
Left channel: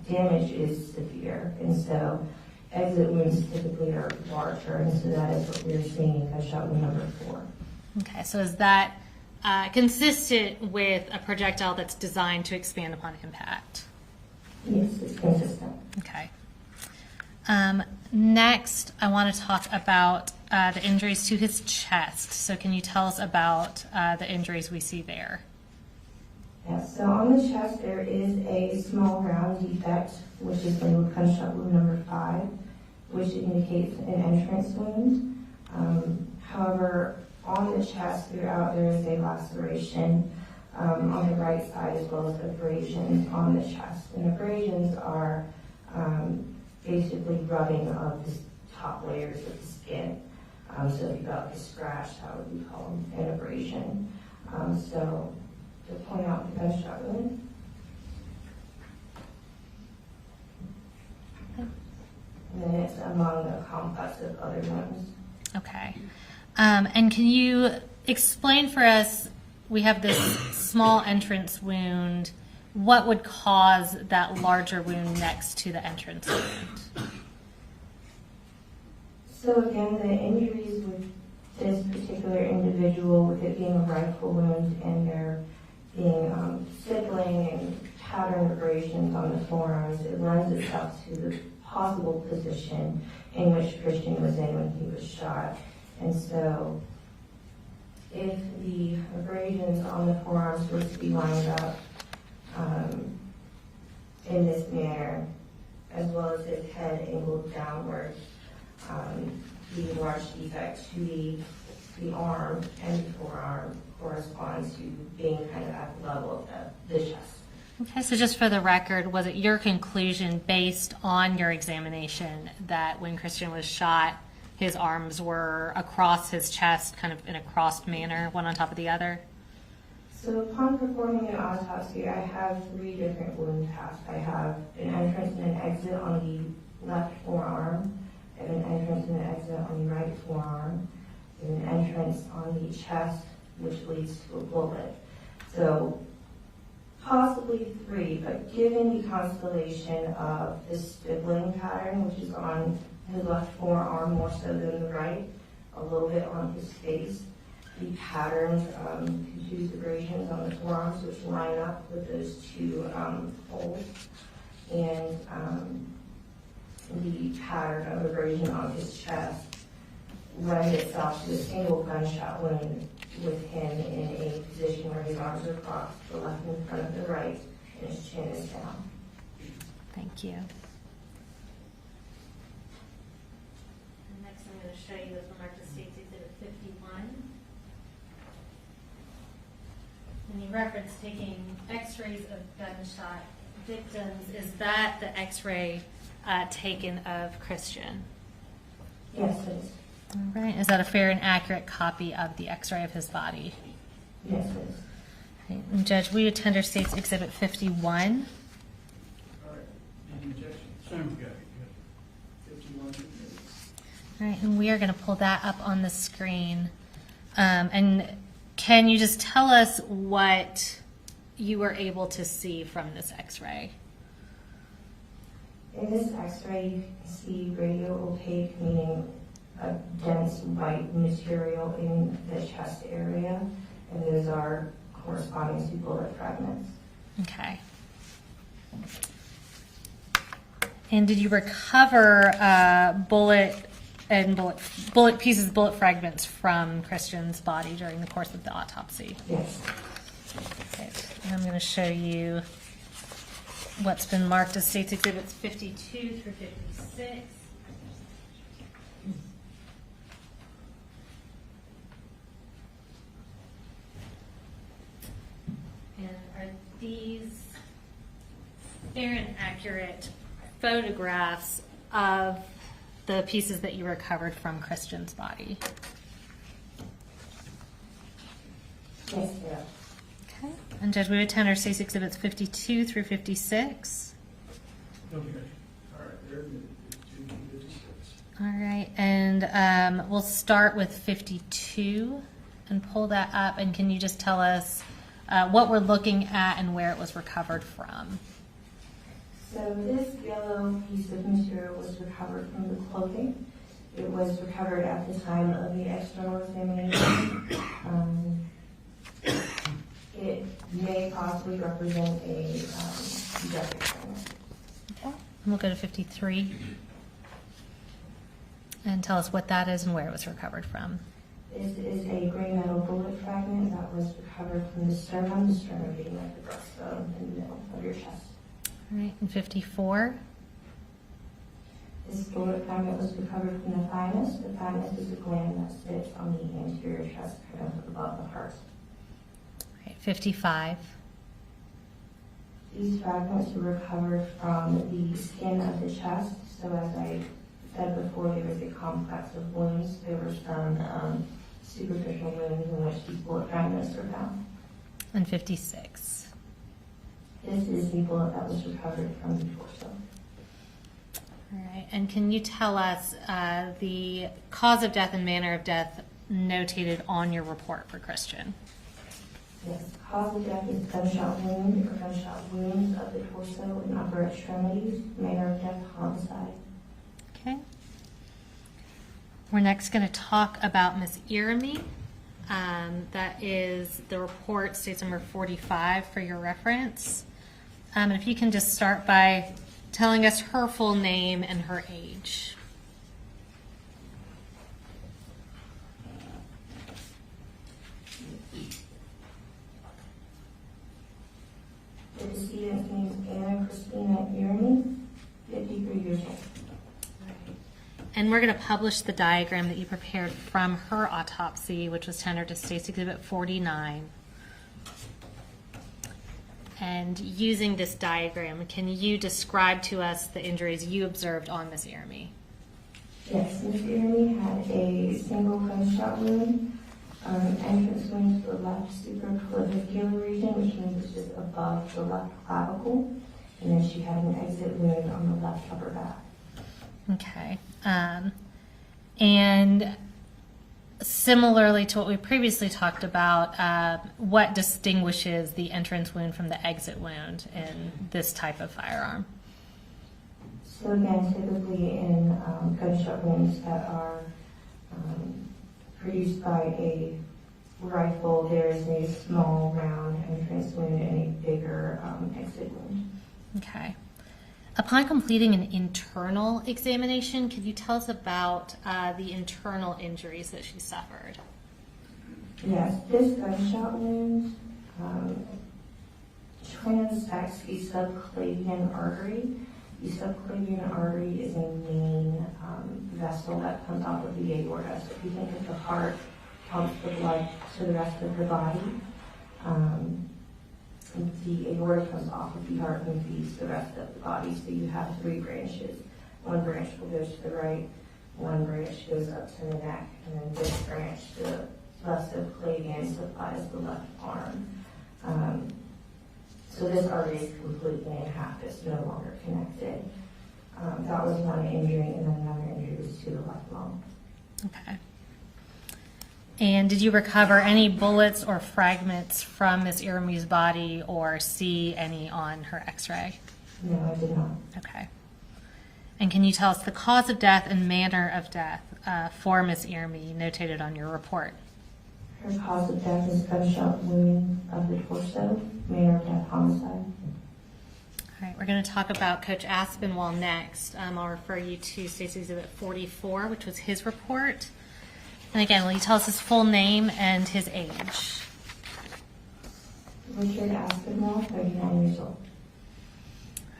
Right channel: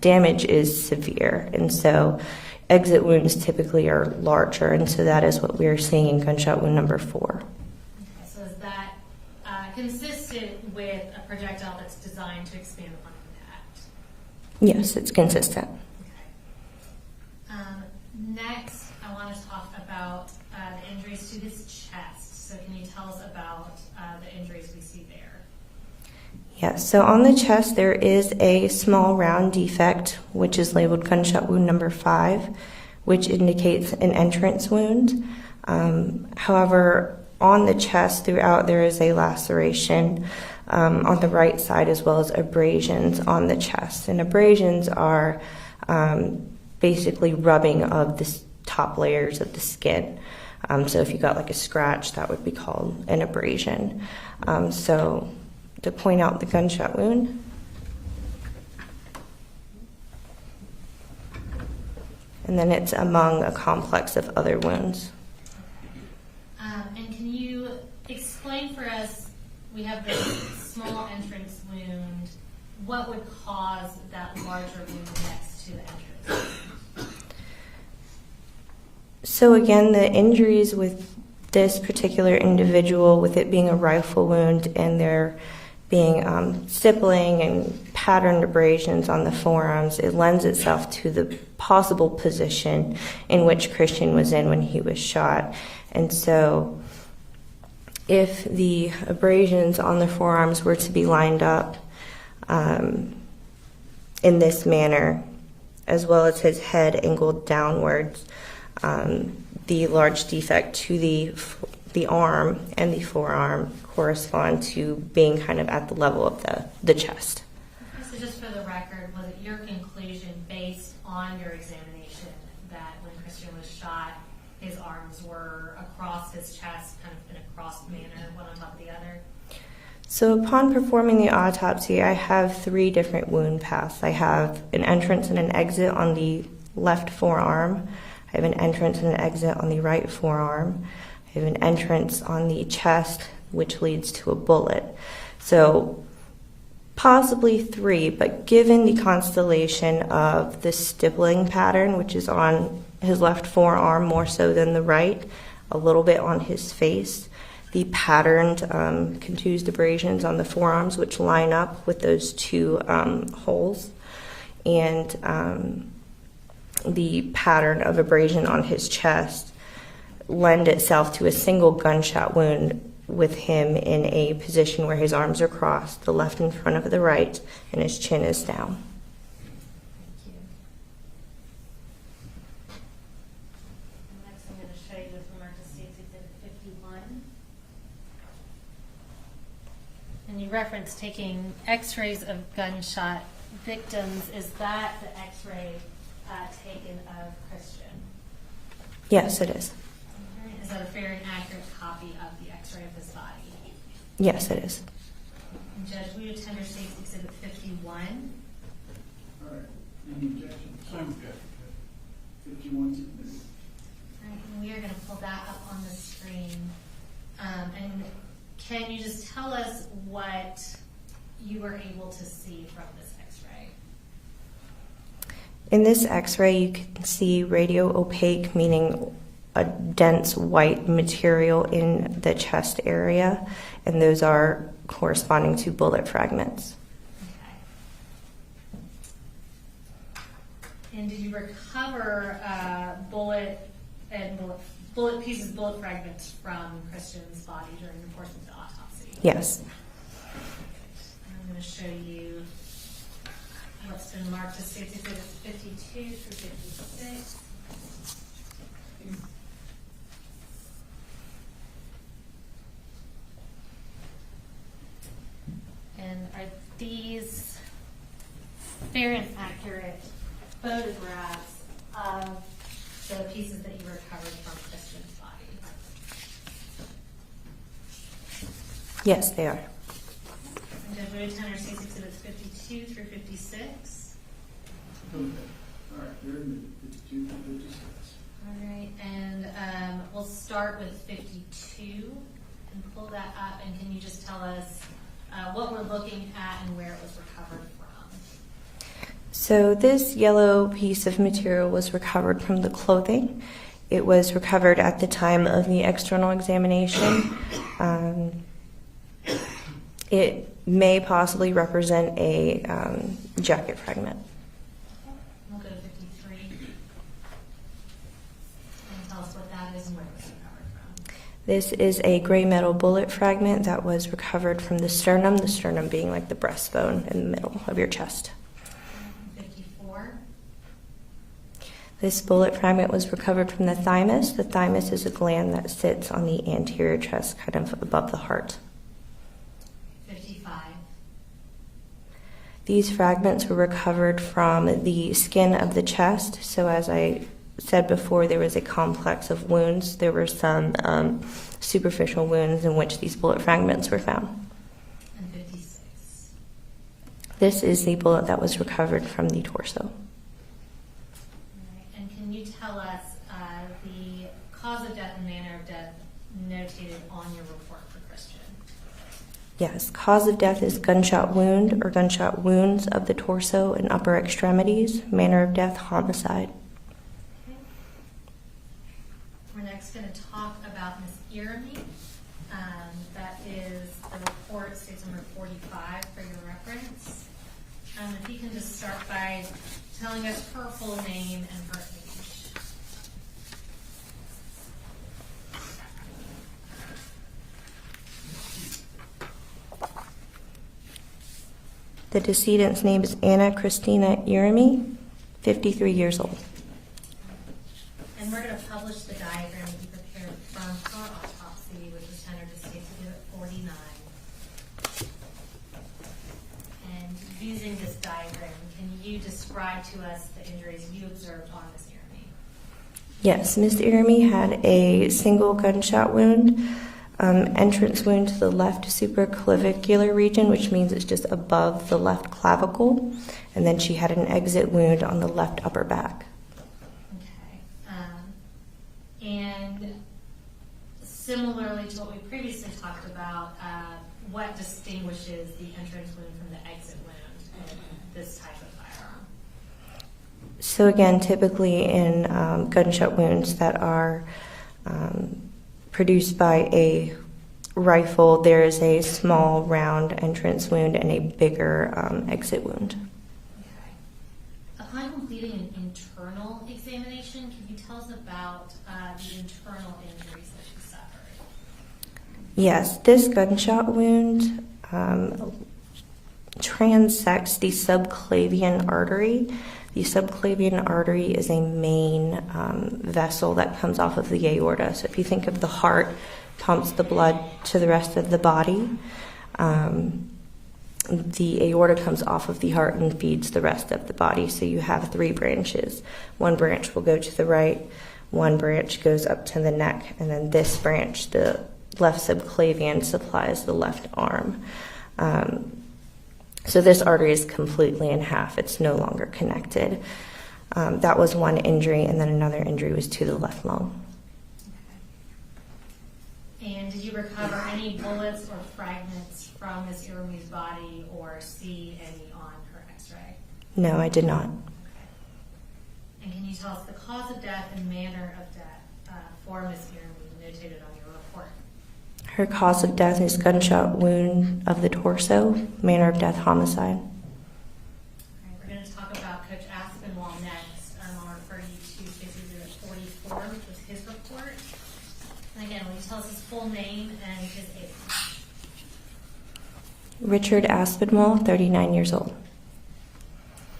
damage is severe, and so exit wounds typically are larger, and so that is what we are seeing in gunshot wound number 4. Okay, so is that consistent with a projectile that's designed to expand upon impact? Yes, it's consistent. Okay. Next, I want to talk about the injuries to his chest. So can you tell us about the injuries we see there? Yes, so on the chest there is a small round defect, which is labeled gunshot wound number 5, which indicates an entrance wound. However, on the chest throughout there is a laceration on the right side, as well as abrasions on the chest. And abrasions are basically rubbing of the top layers of the skin. So if you got like a scratch, that would be called an abrasion. So to point out the gunshot wound. And then it's among a complex of other wounds. Okay. And can you explain for us, we have this small entrance wound. What would cause that larger wound next to the entrance wound? So again, the injuries with this particular individual, with it being a rifle wound and there being stippling and patterned abrasions on the forearms, it lends itself to the possible position in which Christian was in when he was shot. And so if the abrasions on the forearms were to be lined up in this manner, as well as his head angled downwards, the large defect to the arm and the forearm correspond to being kind of at the level of the chest. Okay, so just for the record, was it your conclusion based on your examination that when Christian was shot, his arms were across his chest, kind of in a crossed manner, one on top of the other? So upon performing the autopsy, I have 3 different wound paths. I have an entrance and an exit on the left forearm. I have an entrance and an exit on the right forearm. I have an entrance on the chest, which leads to a bullet. So possibly 3, but given the constellation of the stippling pattern, which is on his left forearm more so than the right, a little bit on his face, the patterned contused abrasions on the forearms, which line up with those 2 holes, and the pattern of abrasion on his chest lend itself to a single gunshot wound with him in a position where his arms are crossed, the left in front of the right, and his chin is down. Thank you. And next I'm going to show you the Marcus States Exhibit 51. And you referenced taking x-rays of gunshot victims. Is that the x-ray taken of Christian? Yes, it is. All right. Is that a fair and accurate copy of the x-ray of his body? Yes, it is. Okay. And Judge, we attend our State's Exhibit 51. All right, any objection? Same objection. 51. All right, and we are going to pull that up on the screen. And can you just tell us what you were able to see from this x-ray? In this x-ray, you can see radio opaque, meaning a dense white material in the chest area, and those are corresponding to bullet fragments. Okay. And did you recover bullet fragments from Christian's body during the course of the autopsy? Yes. Okay. And I'm going to show you what's been marked as State's Exhibits 52 through 56. And are these fair and accurate photographs of the pieces that you recovered from Christian's body? Yes, they are. Okay. And Judge, we attend our State's Exhibits 52 through 56. Okay, all right, they're in the 52 to 56. All right, and we'll start with 52 and pull that up. And can you just tell us what we're looking at and where it was recovered from? So this yellow piece of material was recovered from the clothing. It was recovered at the time of the external examination. It may possibly represent a jacket fragment. Okay. We'll go to 53. And tell us what that is and where it was recovered from. This is a gray metal bullet fragment that was recovered from the sternum being like the breastbone in the middle of your chest. And 54. This bullet fragment was recovered from the thymus. The thymus is a gland that sits on the anterior chest, kind of above the heart. 55. These fragments were recovered from the skin of the chest. So as I said before, there was a complex of wounds. There were some superficial wounds in which these bullet fragments were found. And 56. This is the bullet that was recovered from the torso. All right. And can you tell us the cause of death and manner of death notated on your report for Christian? Yes, cause of death is gunshot wound or gunshot wounds of the torso and upper extremities. Manner of death, homicide. Okay. We're next going to talk about Miss Irami. That is the report, states number 45 for your reference. If you can just start by telling us her full name and her age. The decedent's name is Anna Christina Irami, 53 years old. And we're going to publish the diagram that you prepared from her autopsy, which was tendered to State's Exhibit 49. And using this diagram, can you describe to us the injuries you observed on Miss Irami? Yes, Miss Irami had a single gunshot wound, entrance wound to the left supraclavicular region, which means it's just above the left clavicle, and then she had an exit wound on the left upper back. Okay. And similarly to what we previously talked about, what distinguishes the entrance wound from the exit wound in this type of firearm? So again, typically in gunshot wounds that are produced by a rifle, there is a small round entrance wound and a bigger exit wound. Okay. Upon completing an internal examination, can you tell us about the internal injuries that she suffered? Yes, this gunshot wound transects the subclavian artery. The subclavian artery is a main vessel that comes off of the aorta. So if you think of the heart, pumps the blood to the rest of the body. The aorta comes off of the heart and feeds the rest of the body. So you have three branches. One branch will go to the right, one branch goes up to the neck, and then this branch, the left subclavian, supplies the left arm. So this artery is completely in half. It's no longer connected. That was one injury, and then another injury was to the left lung. Okay. And did you recover any bullets or fragments from Miss Irami's body or see any on her x-ray? No, I did not. Okay. And can you tell us the cause of death and manner of death for Miss Irami notated on your report? Her cause of death is gunshot wound of the torso. Manner of death, homicide. All right, we're going to talk about Coach Aspinwall next. I'll refer you to State's Exhibit 44, which was his report. And again, will you tell us his full name and his age? Richard Aspinwall, 39 years old.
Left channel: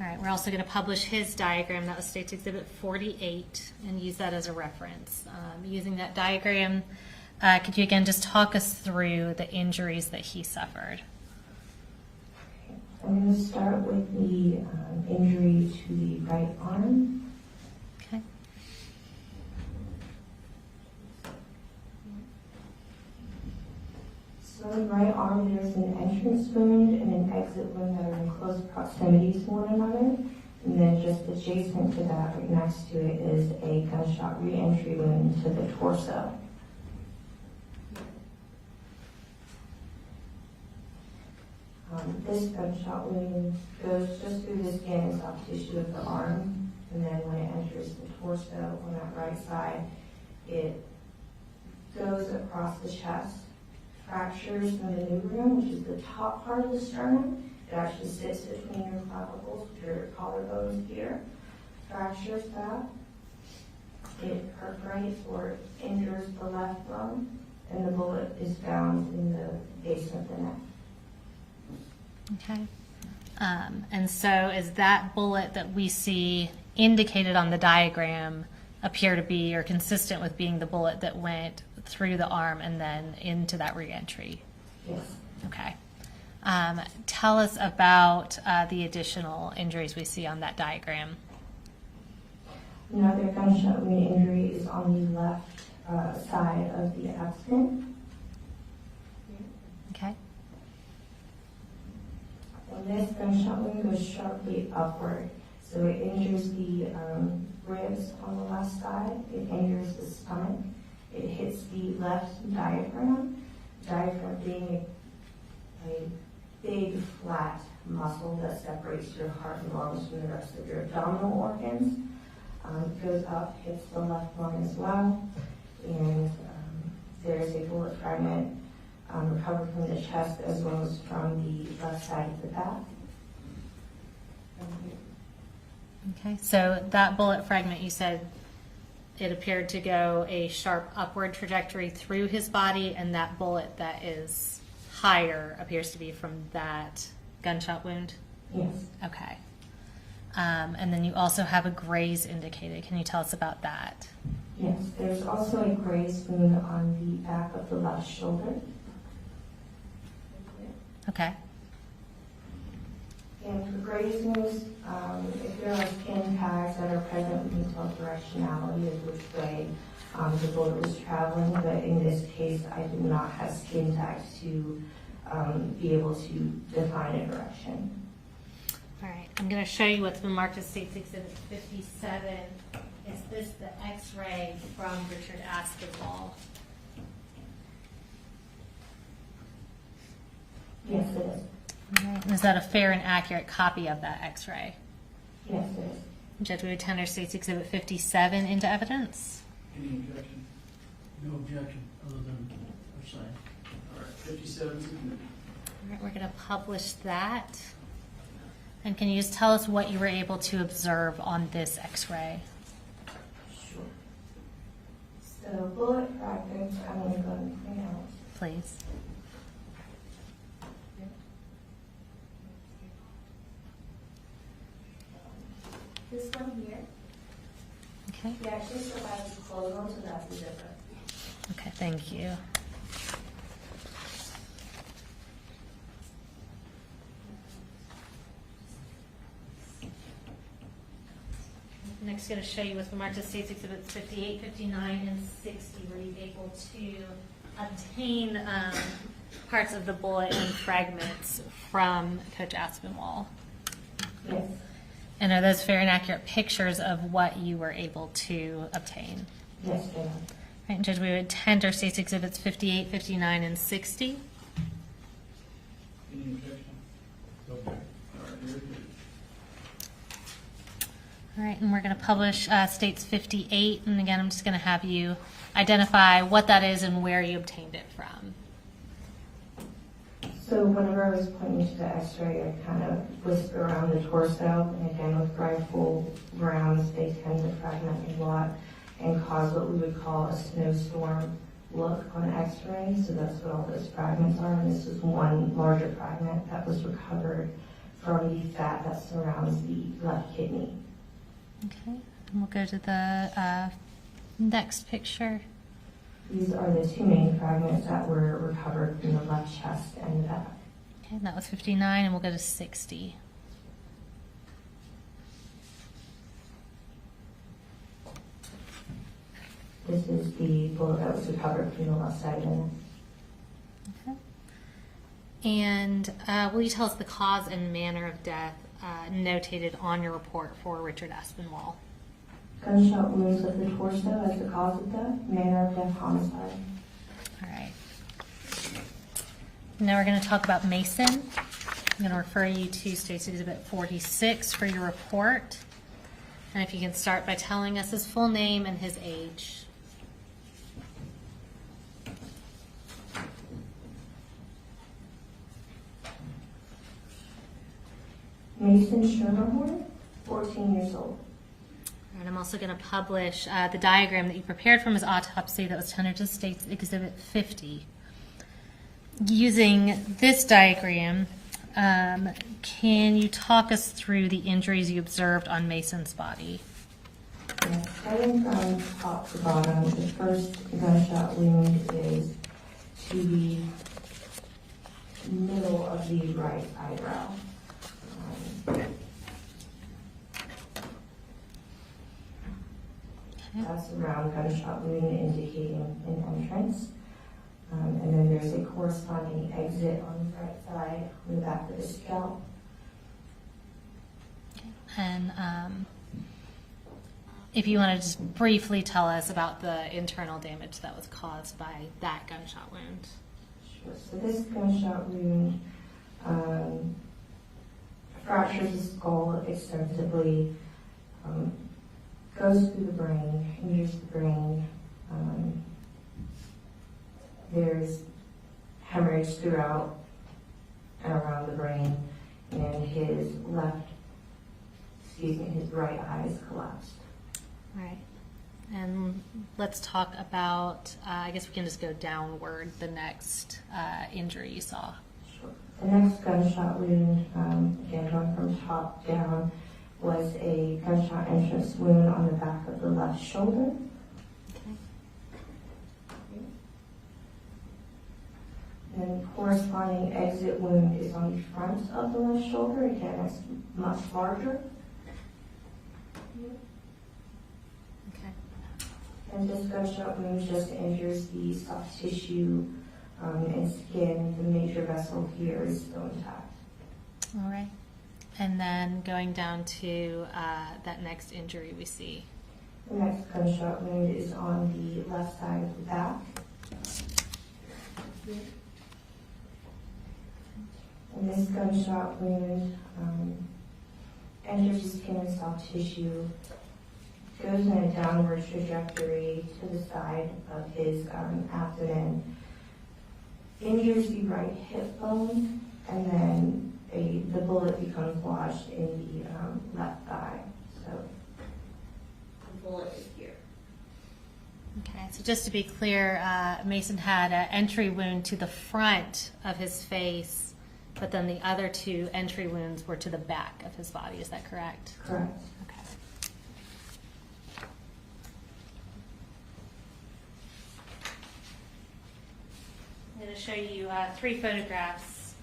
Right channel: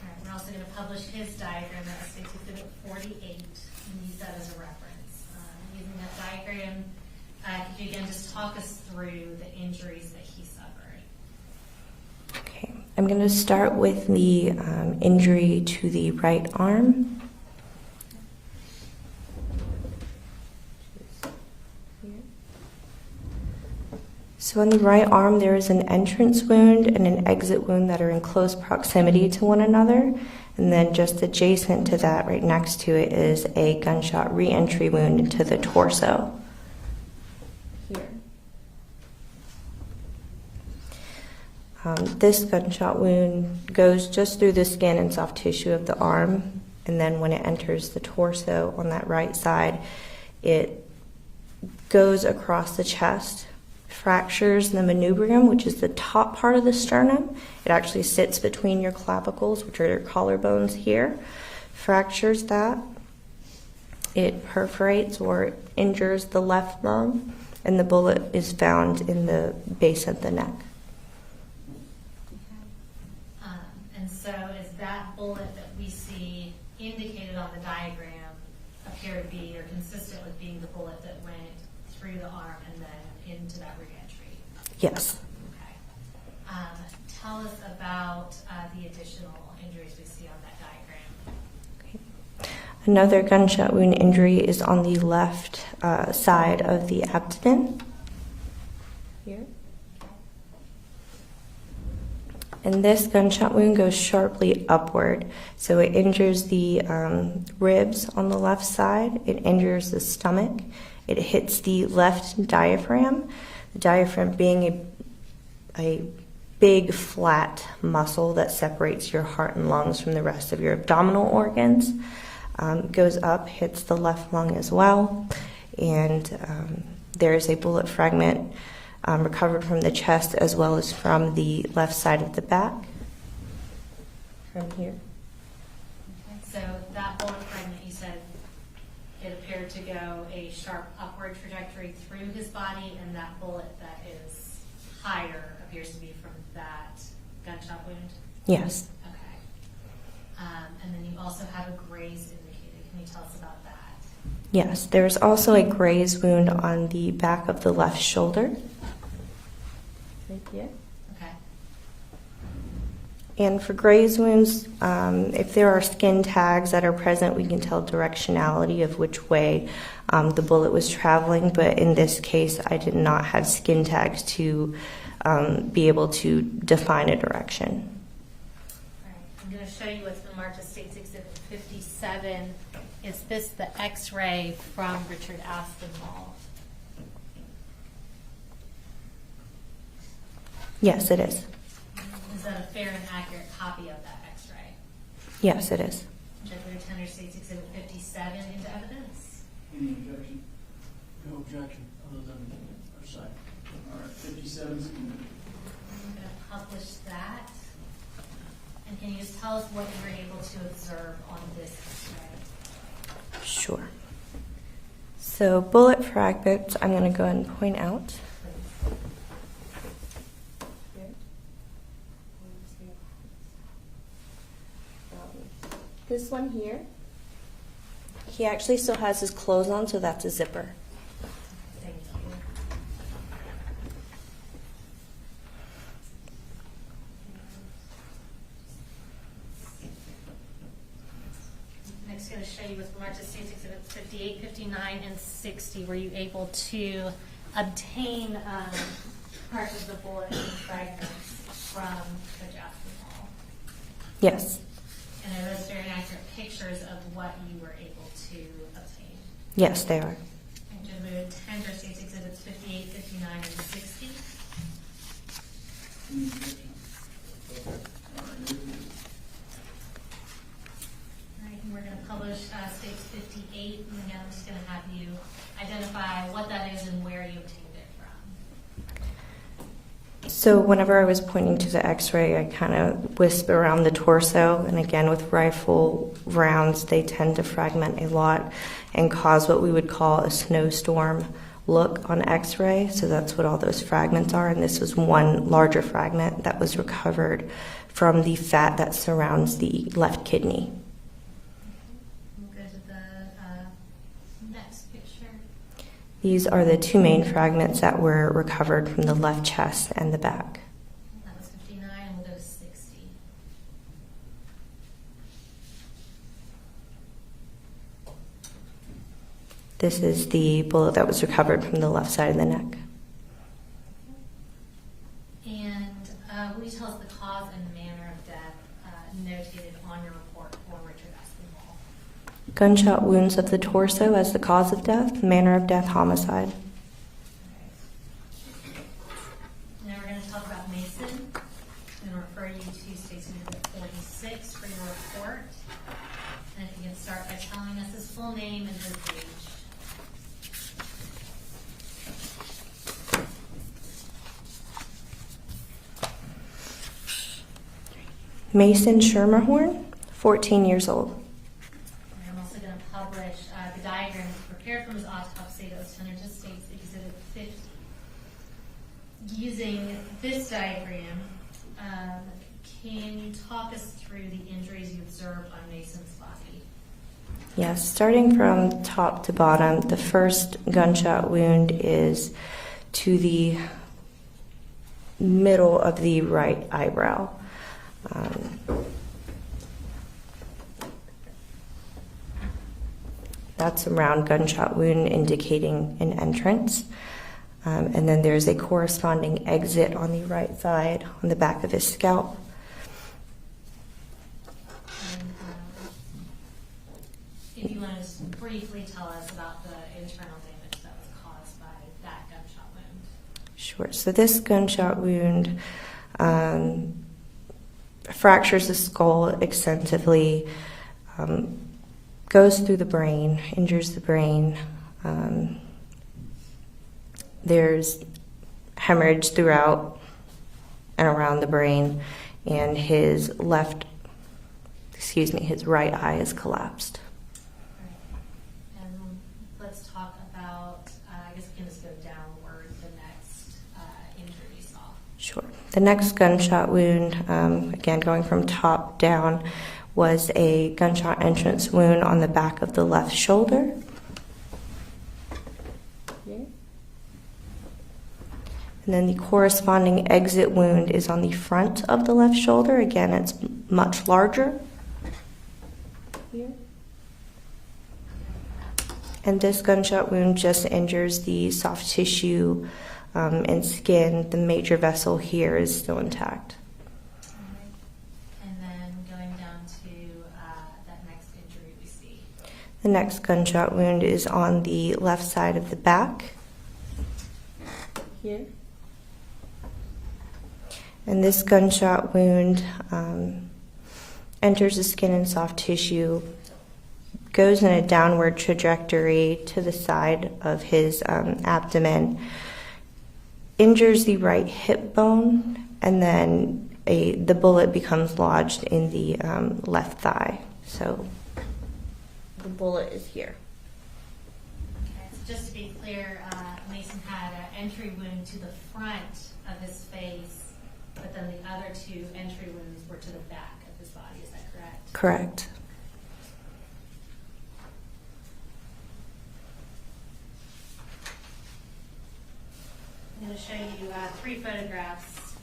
All right, we're also going to publish his diagram. That was State's Exhibit 48, and use that as a reference. Using that diagram, could you again just talk us through the injuries that he suffered? Okay, I'm going to start with the injury to the right arm. Okay. So on the right arm, there is an entrance wound and an exit wound that are in close proximity to one another. And then just adjacent to that, right next to it, is a gunshot re-entry wound into the torso. Here. This gunshot wound goes just through the skin and soft tissue of the arm. And then when it enters the torso on that right side, it goes across the chest, fractures the manubrium, which is the top part of the sternum. It actually sits between your clavicles, which are your collarbones here. Fractures that. It perforates or injures the left lung, and the bullet is found in the base of the neck. Okay. And so is that bullet that we see indicated on the diagram appear to be or consistent with being the bullet that went through the arm and then into that reentry? Yes. Okay. Tell us about the additional injuries we see on that diagram. Another gunshot wound injury is on the left side of the abdomen. Here. Okay. And this gunshot wound goes sharply upward. So it injures the ribs on the left side. It injures the stomach. It hits the left diaphragm. The diaphragm being a big flat muscle that separates your heart and lungs from the rest of your abdominal organs. Goes up, hits the left lung as well, and there is a bullet fragment recovered from the chest as well as from the left side of the back. From here. Okay. So that bullet fragment, you said it appeared to go a sharp upward trajectory through his body, and that bullet that is higher appears to be from that gunshot wound? Yes. Okay. And then you also have a graze indicated. Can you tell us about that? Yes, there's also a graze wound on the back of the left shoulder. Right here. Okay. And for graze wounds, if there are skin tags that are present, we can tell directionality of which way the bullet was traveling. But in this case, I did not have skin tags to be able to define a direction. I'm going to show you what's been marked as State's Exhibit 57. Is this the X-ray from Richard Aspinwall? Yes, it is. Is that a fair and accurate copy of that X-ray? Yes, it is. Judge, we would tender State's Exhibit 57 into evidence. Any objection? No objection, other than our side. All right, 57. All right, we're going to publish that. And can you just tell us what you were able to observe on this X-ray? Sure. So bullet fragments, I'm going to go ahead and point out. Please. This one here, Okay. he actually still has his clothes on, so that's a zipper. Okay, thank you. Next, going to show you with remarks to State's Exhibits 58, 59, and 60. Were you able to obtain parts of the bullet and fragments from Coach Aspinwall? Yes. And are those fair and accurate pictures of what you were able to obtain? Yes, they are. Right, Judge, we would tender State's Exhibits 58, 59, and 60. Any objection? Okay. All right, here it is. All right, and we're going to publish States 58, and again, I'm just going to have you identify what that is and where you obtained it from. So whenever I was pointing to the X-ray, I kind of whisper around the torso, and again, with rifle rounds, they tend to fragment a lot and cause what we would call a snowstorm look on X-ray. So that's what all those fragments are, and this was one larger fragment that was recovered from the fat that surrounds the left kidney. Okay, and we'll go to the next picture. These are the two main fragments that were recovered from the left chest and the back. Okay, and that was 59, and we'll go to 60. This is the bullet that was recovered from the left side of the neck. Okay. And will you tell us the cause and manner of death notated on your report for Richard Aspinwall? Gunshot wounds of the torso as the cause of death, manner of death, homicide. All right. Now we're going to talk about Mason. I'm going to refer you to State's Exhibit 46 for your report. And if you can start by telling us his full name and his age. Mason Schermerhorn, 14 years old. And I'm also going to publish the diagram that you prepared from his autopsy that was turned to State's Exhibit 50. Using this diagram, can you talk us through the injuries you observed on Mason's body? Yes, starting from top to bottom, the first gunshot wound is to the middle of the right eyebrow. That's a round gunshot wound indicating an entrance. And then there's a corresponding exit on the right side on the back of his scalp. And if you want to just briefly tell us about the internal damage that was caused by that gunshot wound. Sure. So this gunshot wound fractures the skull extensively, goes through the brain, injures the brain. There's hemorrhage throughout and around the brain, and his right eye is collapsed. Right. And let's talk about, I guess we can just go downward, the next injury you saw. Sure. The next gunshot wound, again going from top down, was a gunshot entrance wound on the back of the left shoulder. And then the corresponding exit wound is on the front of the left shoulder. Again, it's much larger. And this gunshot wound just injures the soft tissue and skin. The major vessel here is still intact. All right. And then going down to that next injury we see. The next gunshot wound is on the left side of the back. Here. And this gunshot wound enters the skin and soft tissue, goes in a downward trajectory to the side of his abdomen, injures the right hip bone, and then the bullet becomes lodged in the left thigh. So the bullet is here. Okay, so just to be clear, Mason had an entry wound to the front of his face, but then the other two entry wounds were to the back of his body. Is that correct? Correct. Okay. I'm going to show you 3 photographs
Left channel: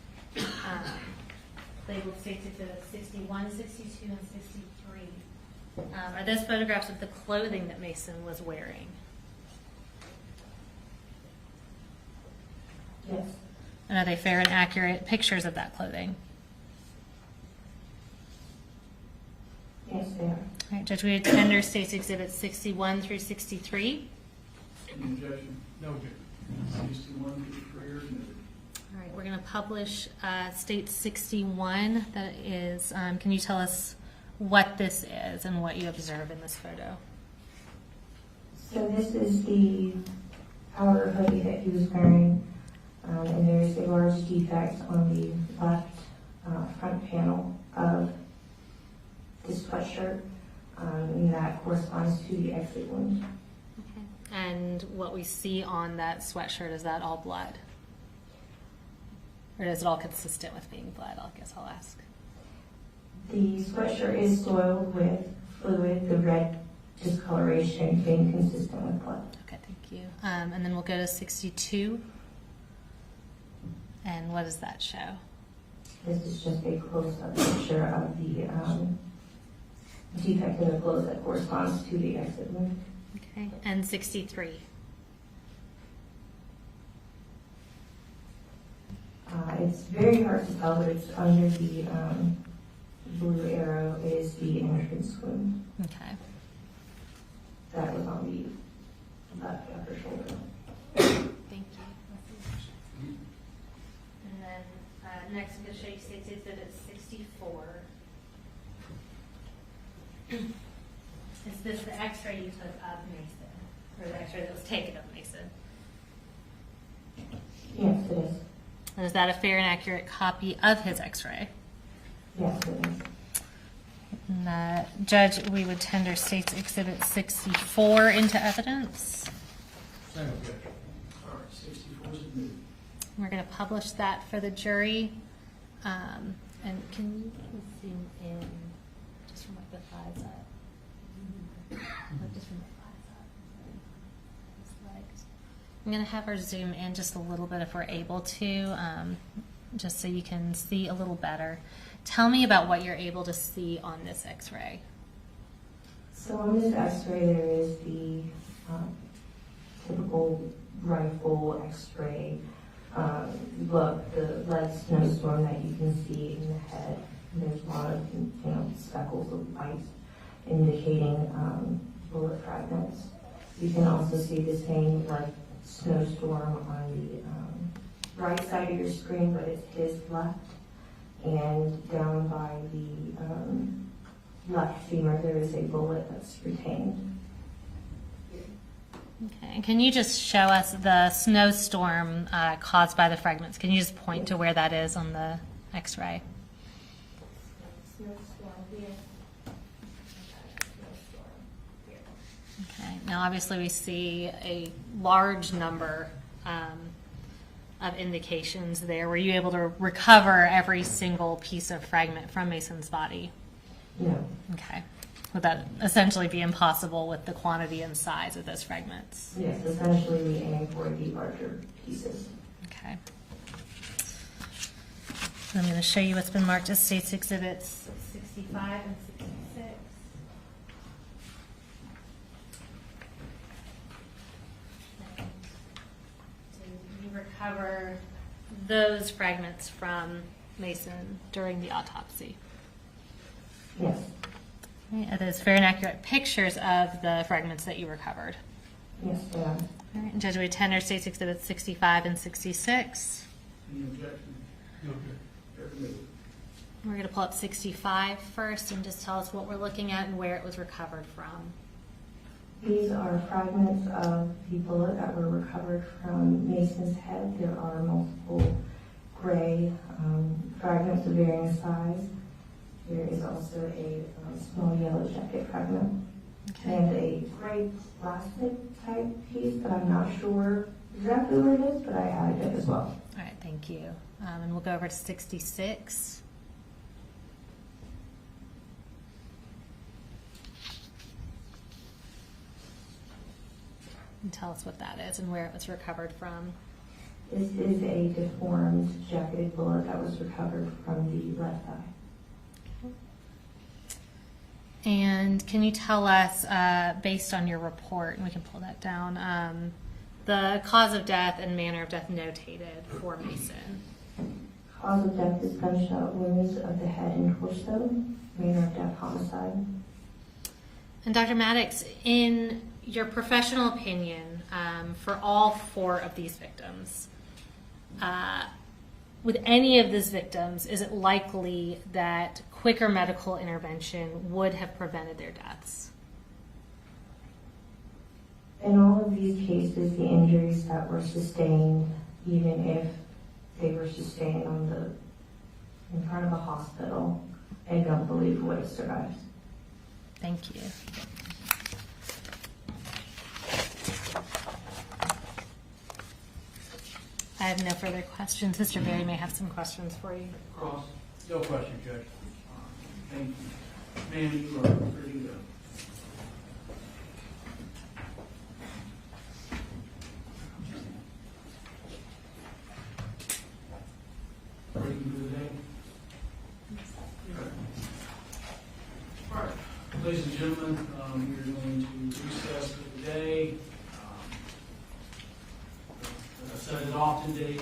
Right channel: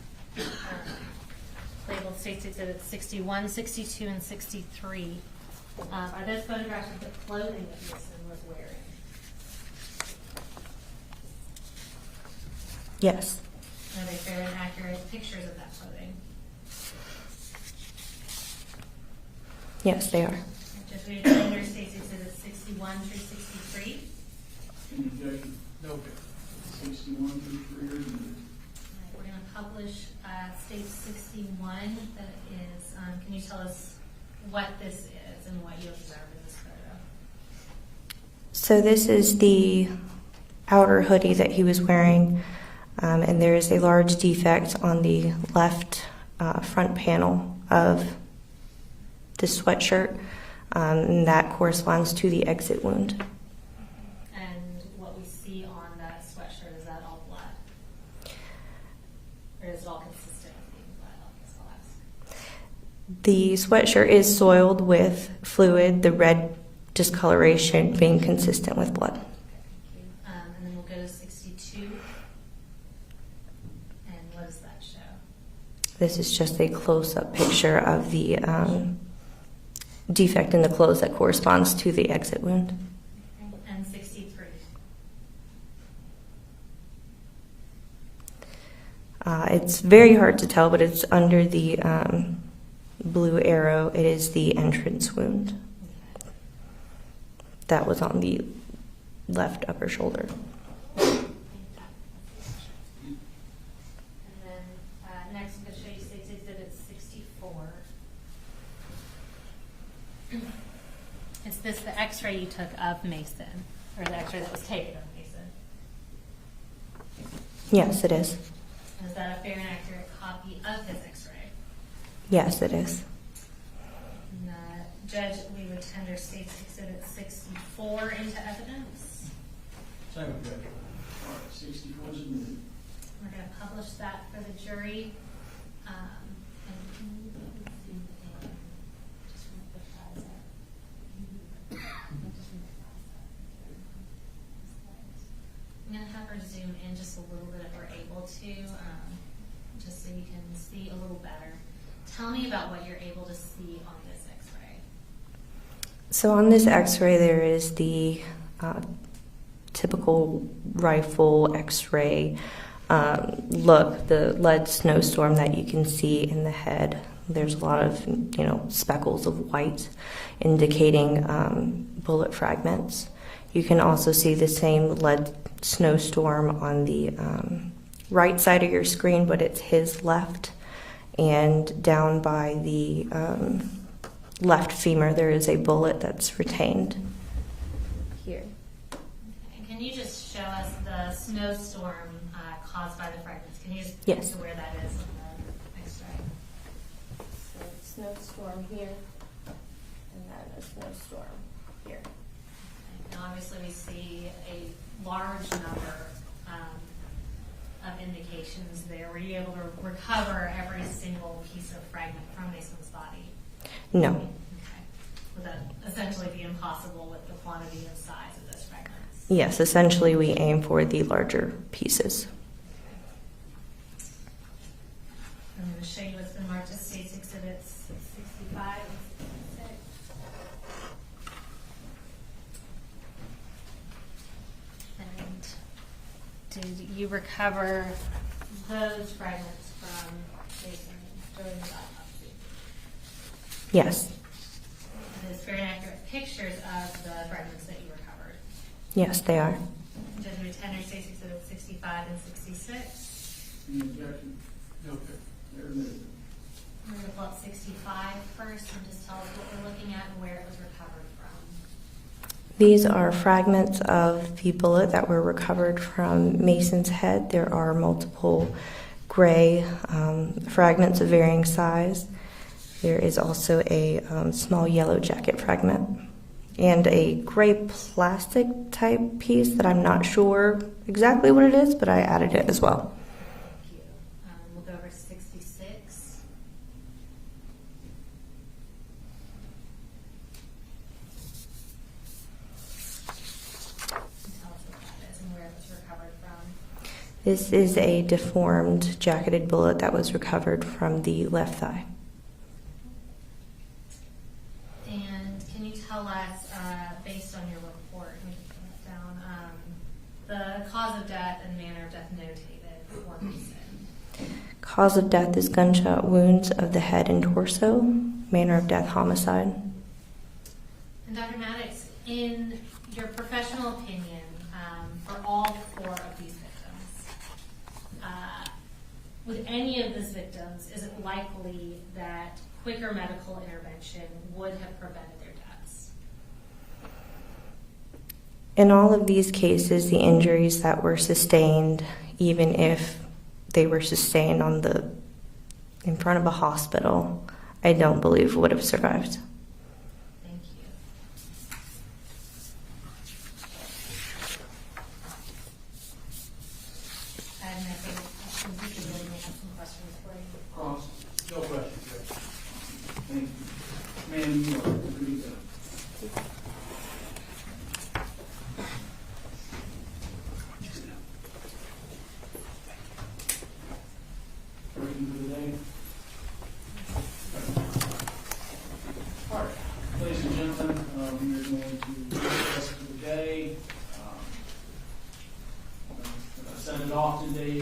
labeled States Exhibits 61, 62, and 63. Are those photographs of the clothing that Mason was wearing? Yes. And are they fair and accurate pictures of that clothing? Yes, they are. All right, Judge, we tender States Exhibits 61 through 63. Objection. No. 61 through 3 are admitted. All right, we're going to publish State 61. That is, can you tell us what this is and what you observe in this photo? So this is the outer hoodie that he was wearing, and there is a large defect on the left front panel of the sweatshirt, and that corresponds to the exit wound. Okay. And what we see on that sweatshirt, is that all blood? Or is it all consistent with being blood? I guess I'll ask. The sweatshirt is soiled with fluid, the red discoloration being consistent with blood. Okay, thank you. And then we'll go to 62. And what does that show? This is just a close-up picture of the defect in the clothes that corresponds to the exit wound. Okay, and 63. It's very hard to tell, but it's under the blue arrow. It is the entrance wound. Okay. That was on the left upper shoulder. Thank you. And then next I'm going to show you States Exhibit 64. Is this the x-ray you took of Mason? Or the x-ray that was taken of Mason? Yes, it is. And is that a fair and accurate copy of his x-ray? Yes, it is. And, Judge, we would tender State's Exhibit 64 into evidence. Second objection. All right, 64 is admitted. We're going to publish that for the jury. And can you zoom in just from like the eyes up? Like just from the eyes up. I'm going to have her zoom in just a little bit if we're able to, just so you can see a little better. Tell me about what you're able to see on this x-ray. So on this x-ray, there is the typical rifle x-ray look, the lead snowstorm that you can see in the head. There's a lot of, speckles of white indicating bullet fragments. You can also see the same lead snowstorm on the right side of your screen, but it's his left. And down by the left femur, there is a bullet that's retained. Here. Okay. And can you just show us the snowstorm caused by the fragments? Can you just point to where that is on the x-ray? So snowstorm here, and a snowstorm here. Okay. Now, obviously, we see a large number of indications there. Were you able to recover every single piece of fragment from Mason's body? No. Okay. Would that essentially be impossible with the quantity and size of those fragments? Yes, essentially we aim for the larger pieces. Okay. I'm going to show you what's been marked as State's Exhibits 65 and 66. And did you recover those fragments from Mason during the autopsy? Yes. Yeah, those fair and accurate pictures of the fragments that you recovered. Yes, they are. All right, Judge, we tender State's Exhibits 65 and 66. Any objection? No. They're admitted. We're going to pull up 65 first and just tell us what we're looking at and where it was recovered from. These are fragments of the bullet that were recovered from Mason's head. There are multiple gray fragments of varying size. There is also a small yellow jacket fragment and a gray plastic type piece that I'm not sure exactly what it is, but I added it as well. All right, thank you. And we'll go over to 66. And tell us what that is and where it was recovered from. This is a deformed jacketed bullet that was recovered from the left thigh. And can you tell us, based on your report, and we can pull that down, the cause of death and manner of death notated for Mason? Cause of death is gunshot wounds of the head and torso. Manner of death, homicide. And Dr. Maddox, in your professional opinion, for all 4 of these victims, with any of these victims, is it likely that quicker medical intervention would have prevented their deaths? In all of these cases, the injuries that were sustained, even if they were sustained in front of a hospital, I don't believe would have survived. Thank you. I have no further questions. Mr. Berry may have some questions for you. Cross. No question, Judge. Thank you. Ma'am, you are free to go. Reading for the day. All right, ladies and gentlemen, we're going to discuss for the day. I said it often today,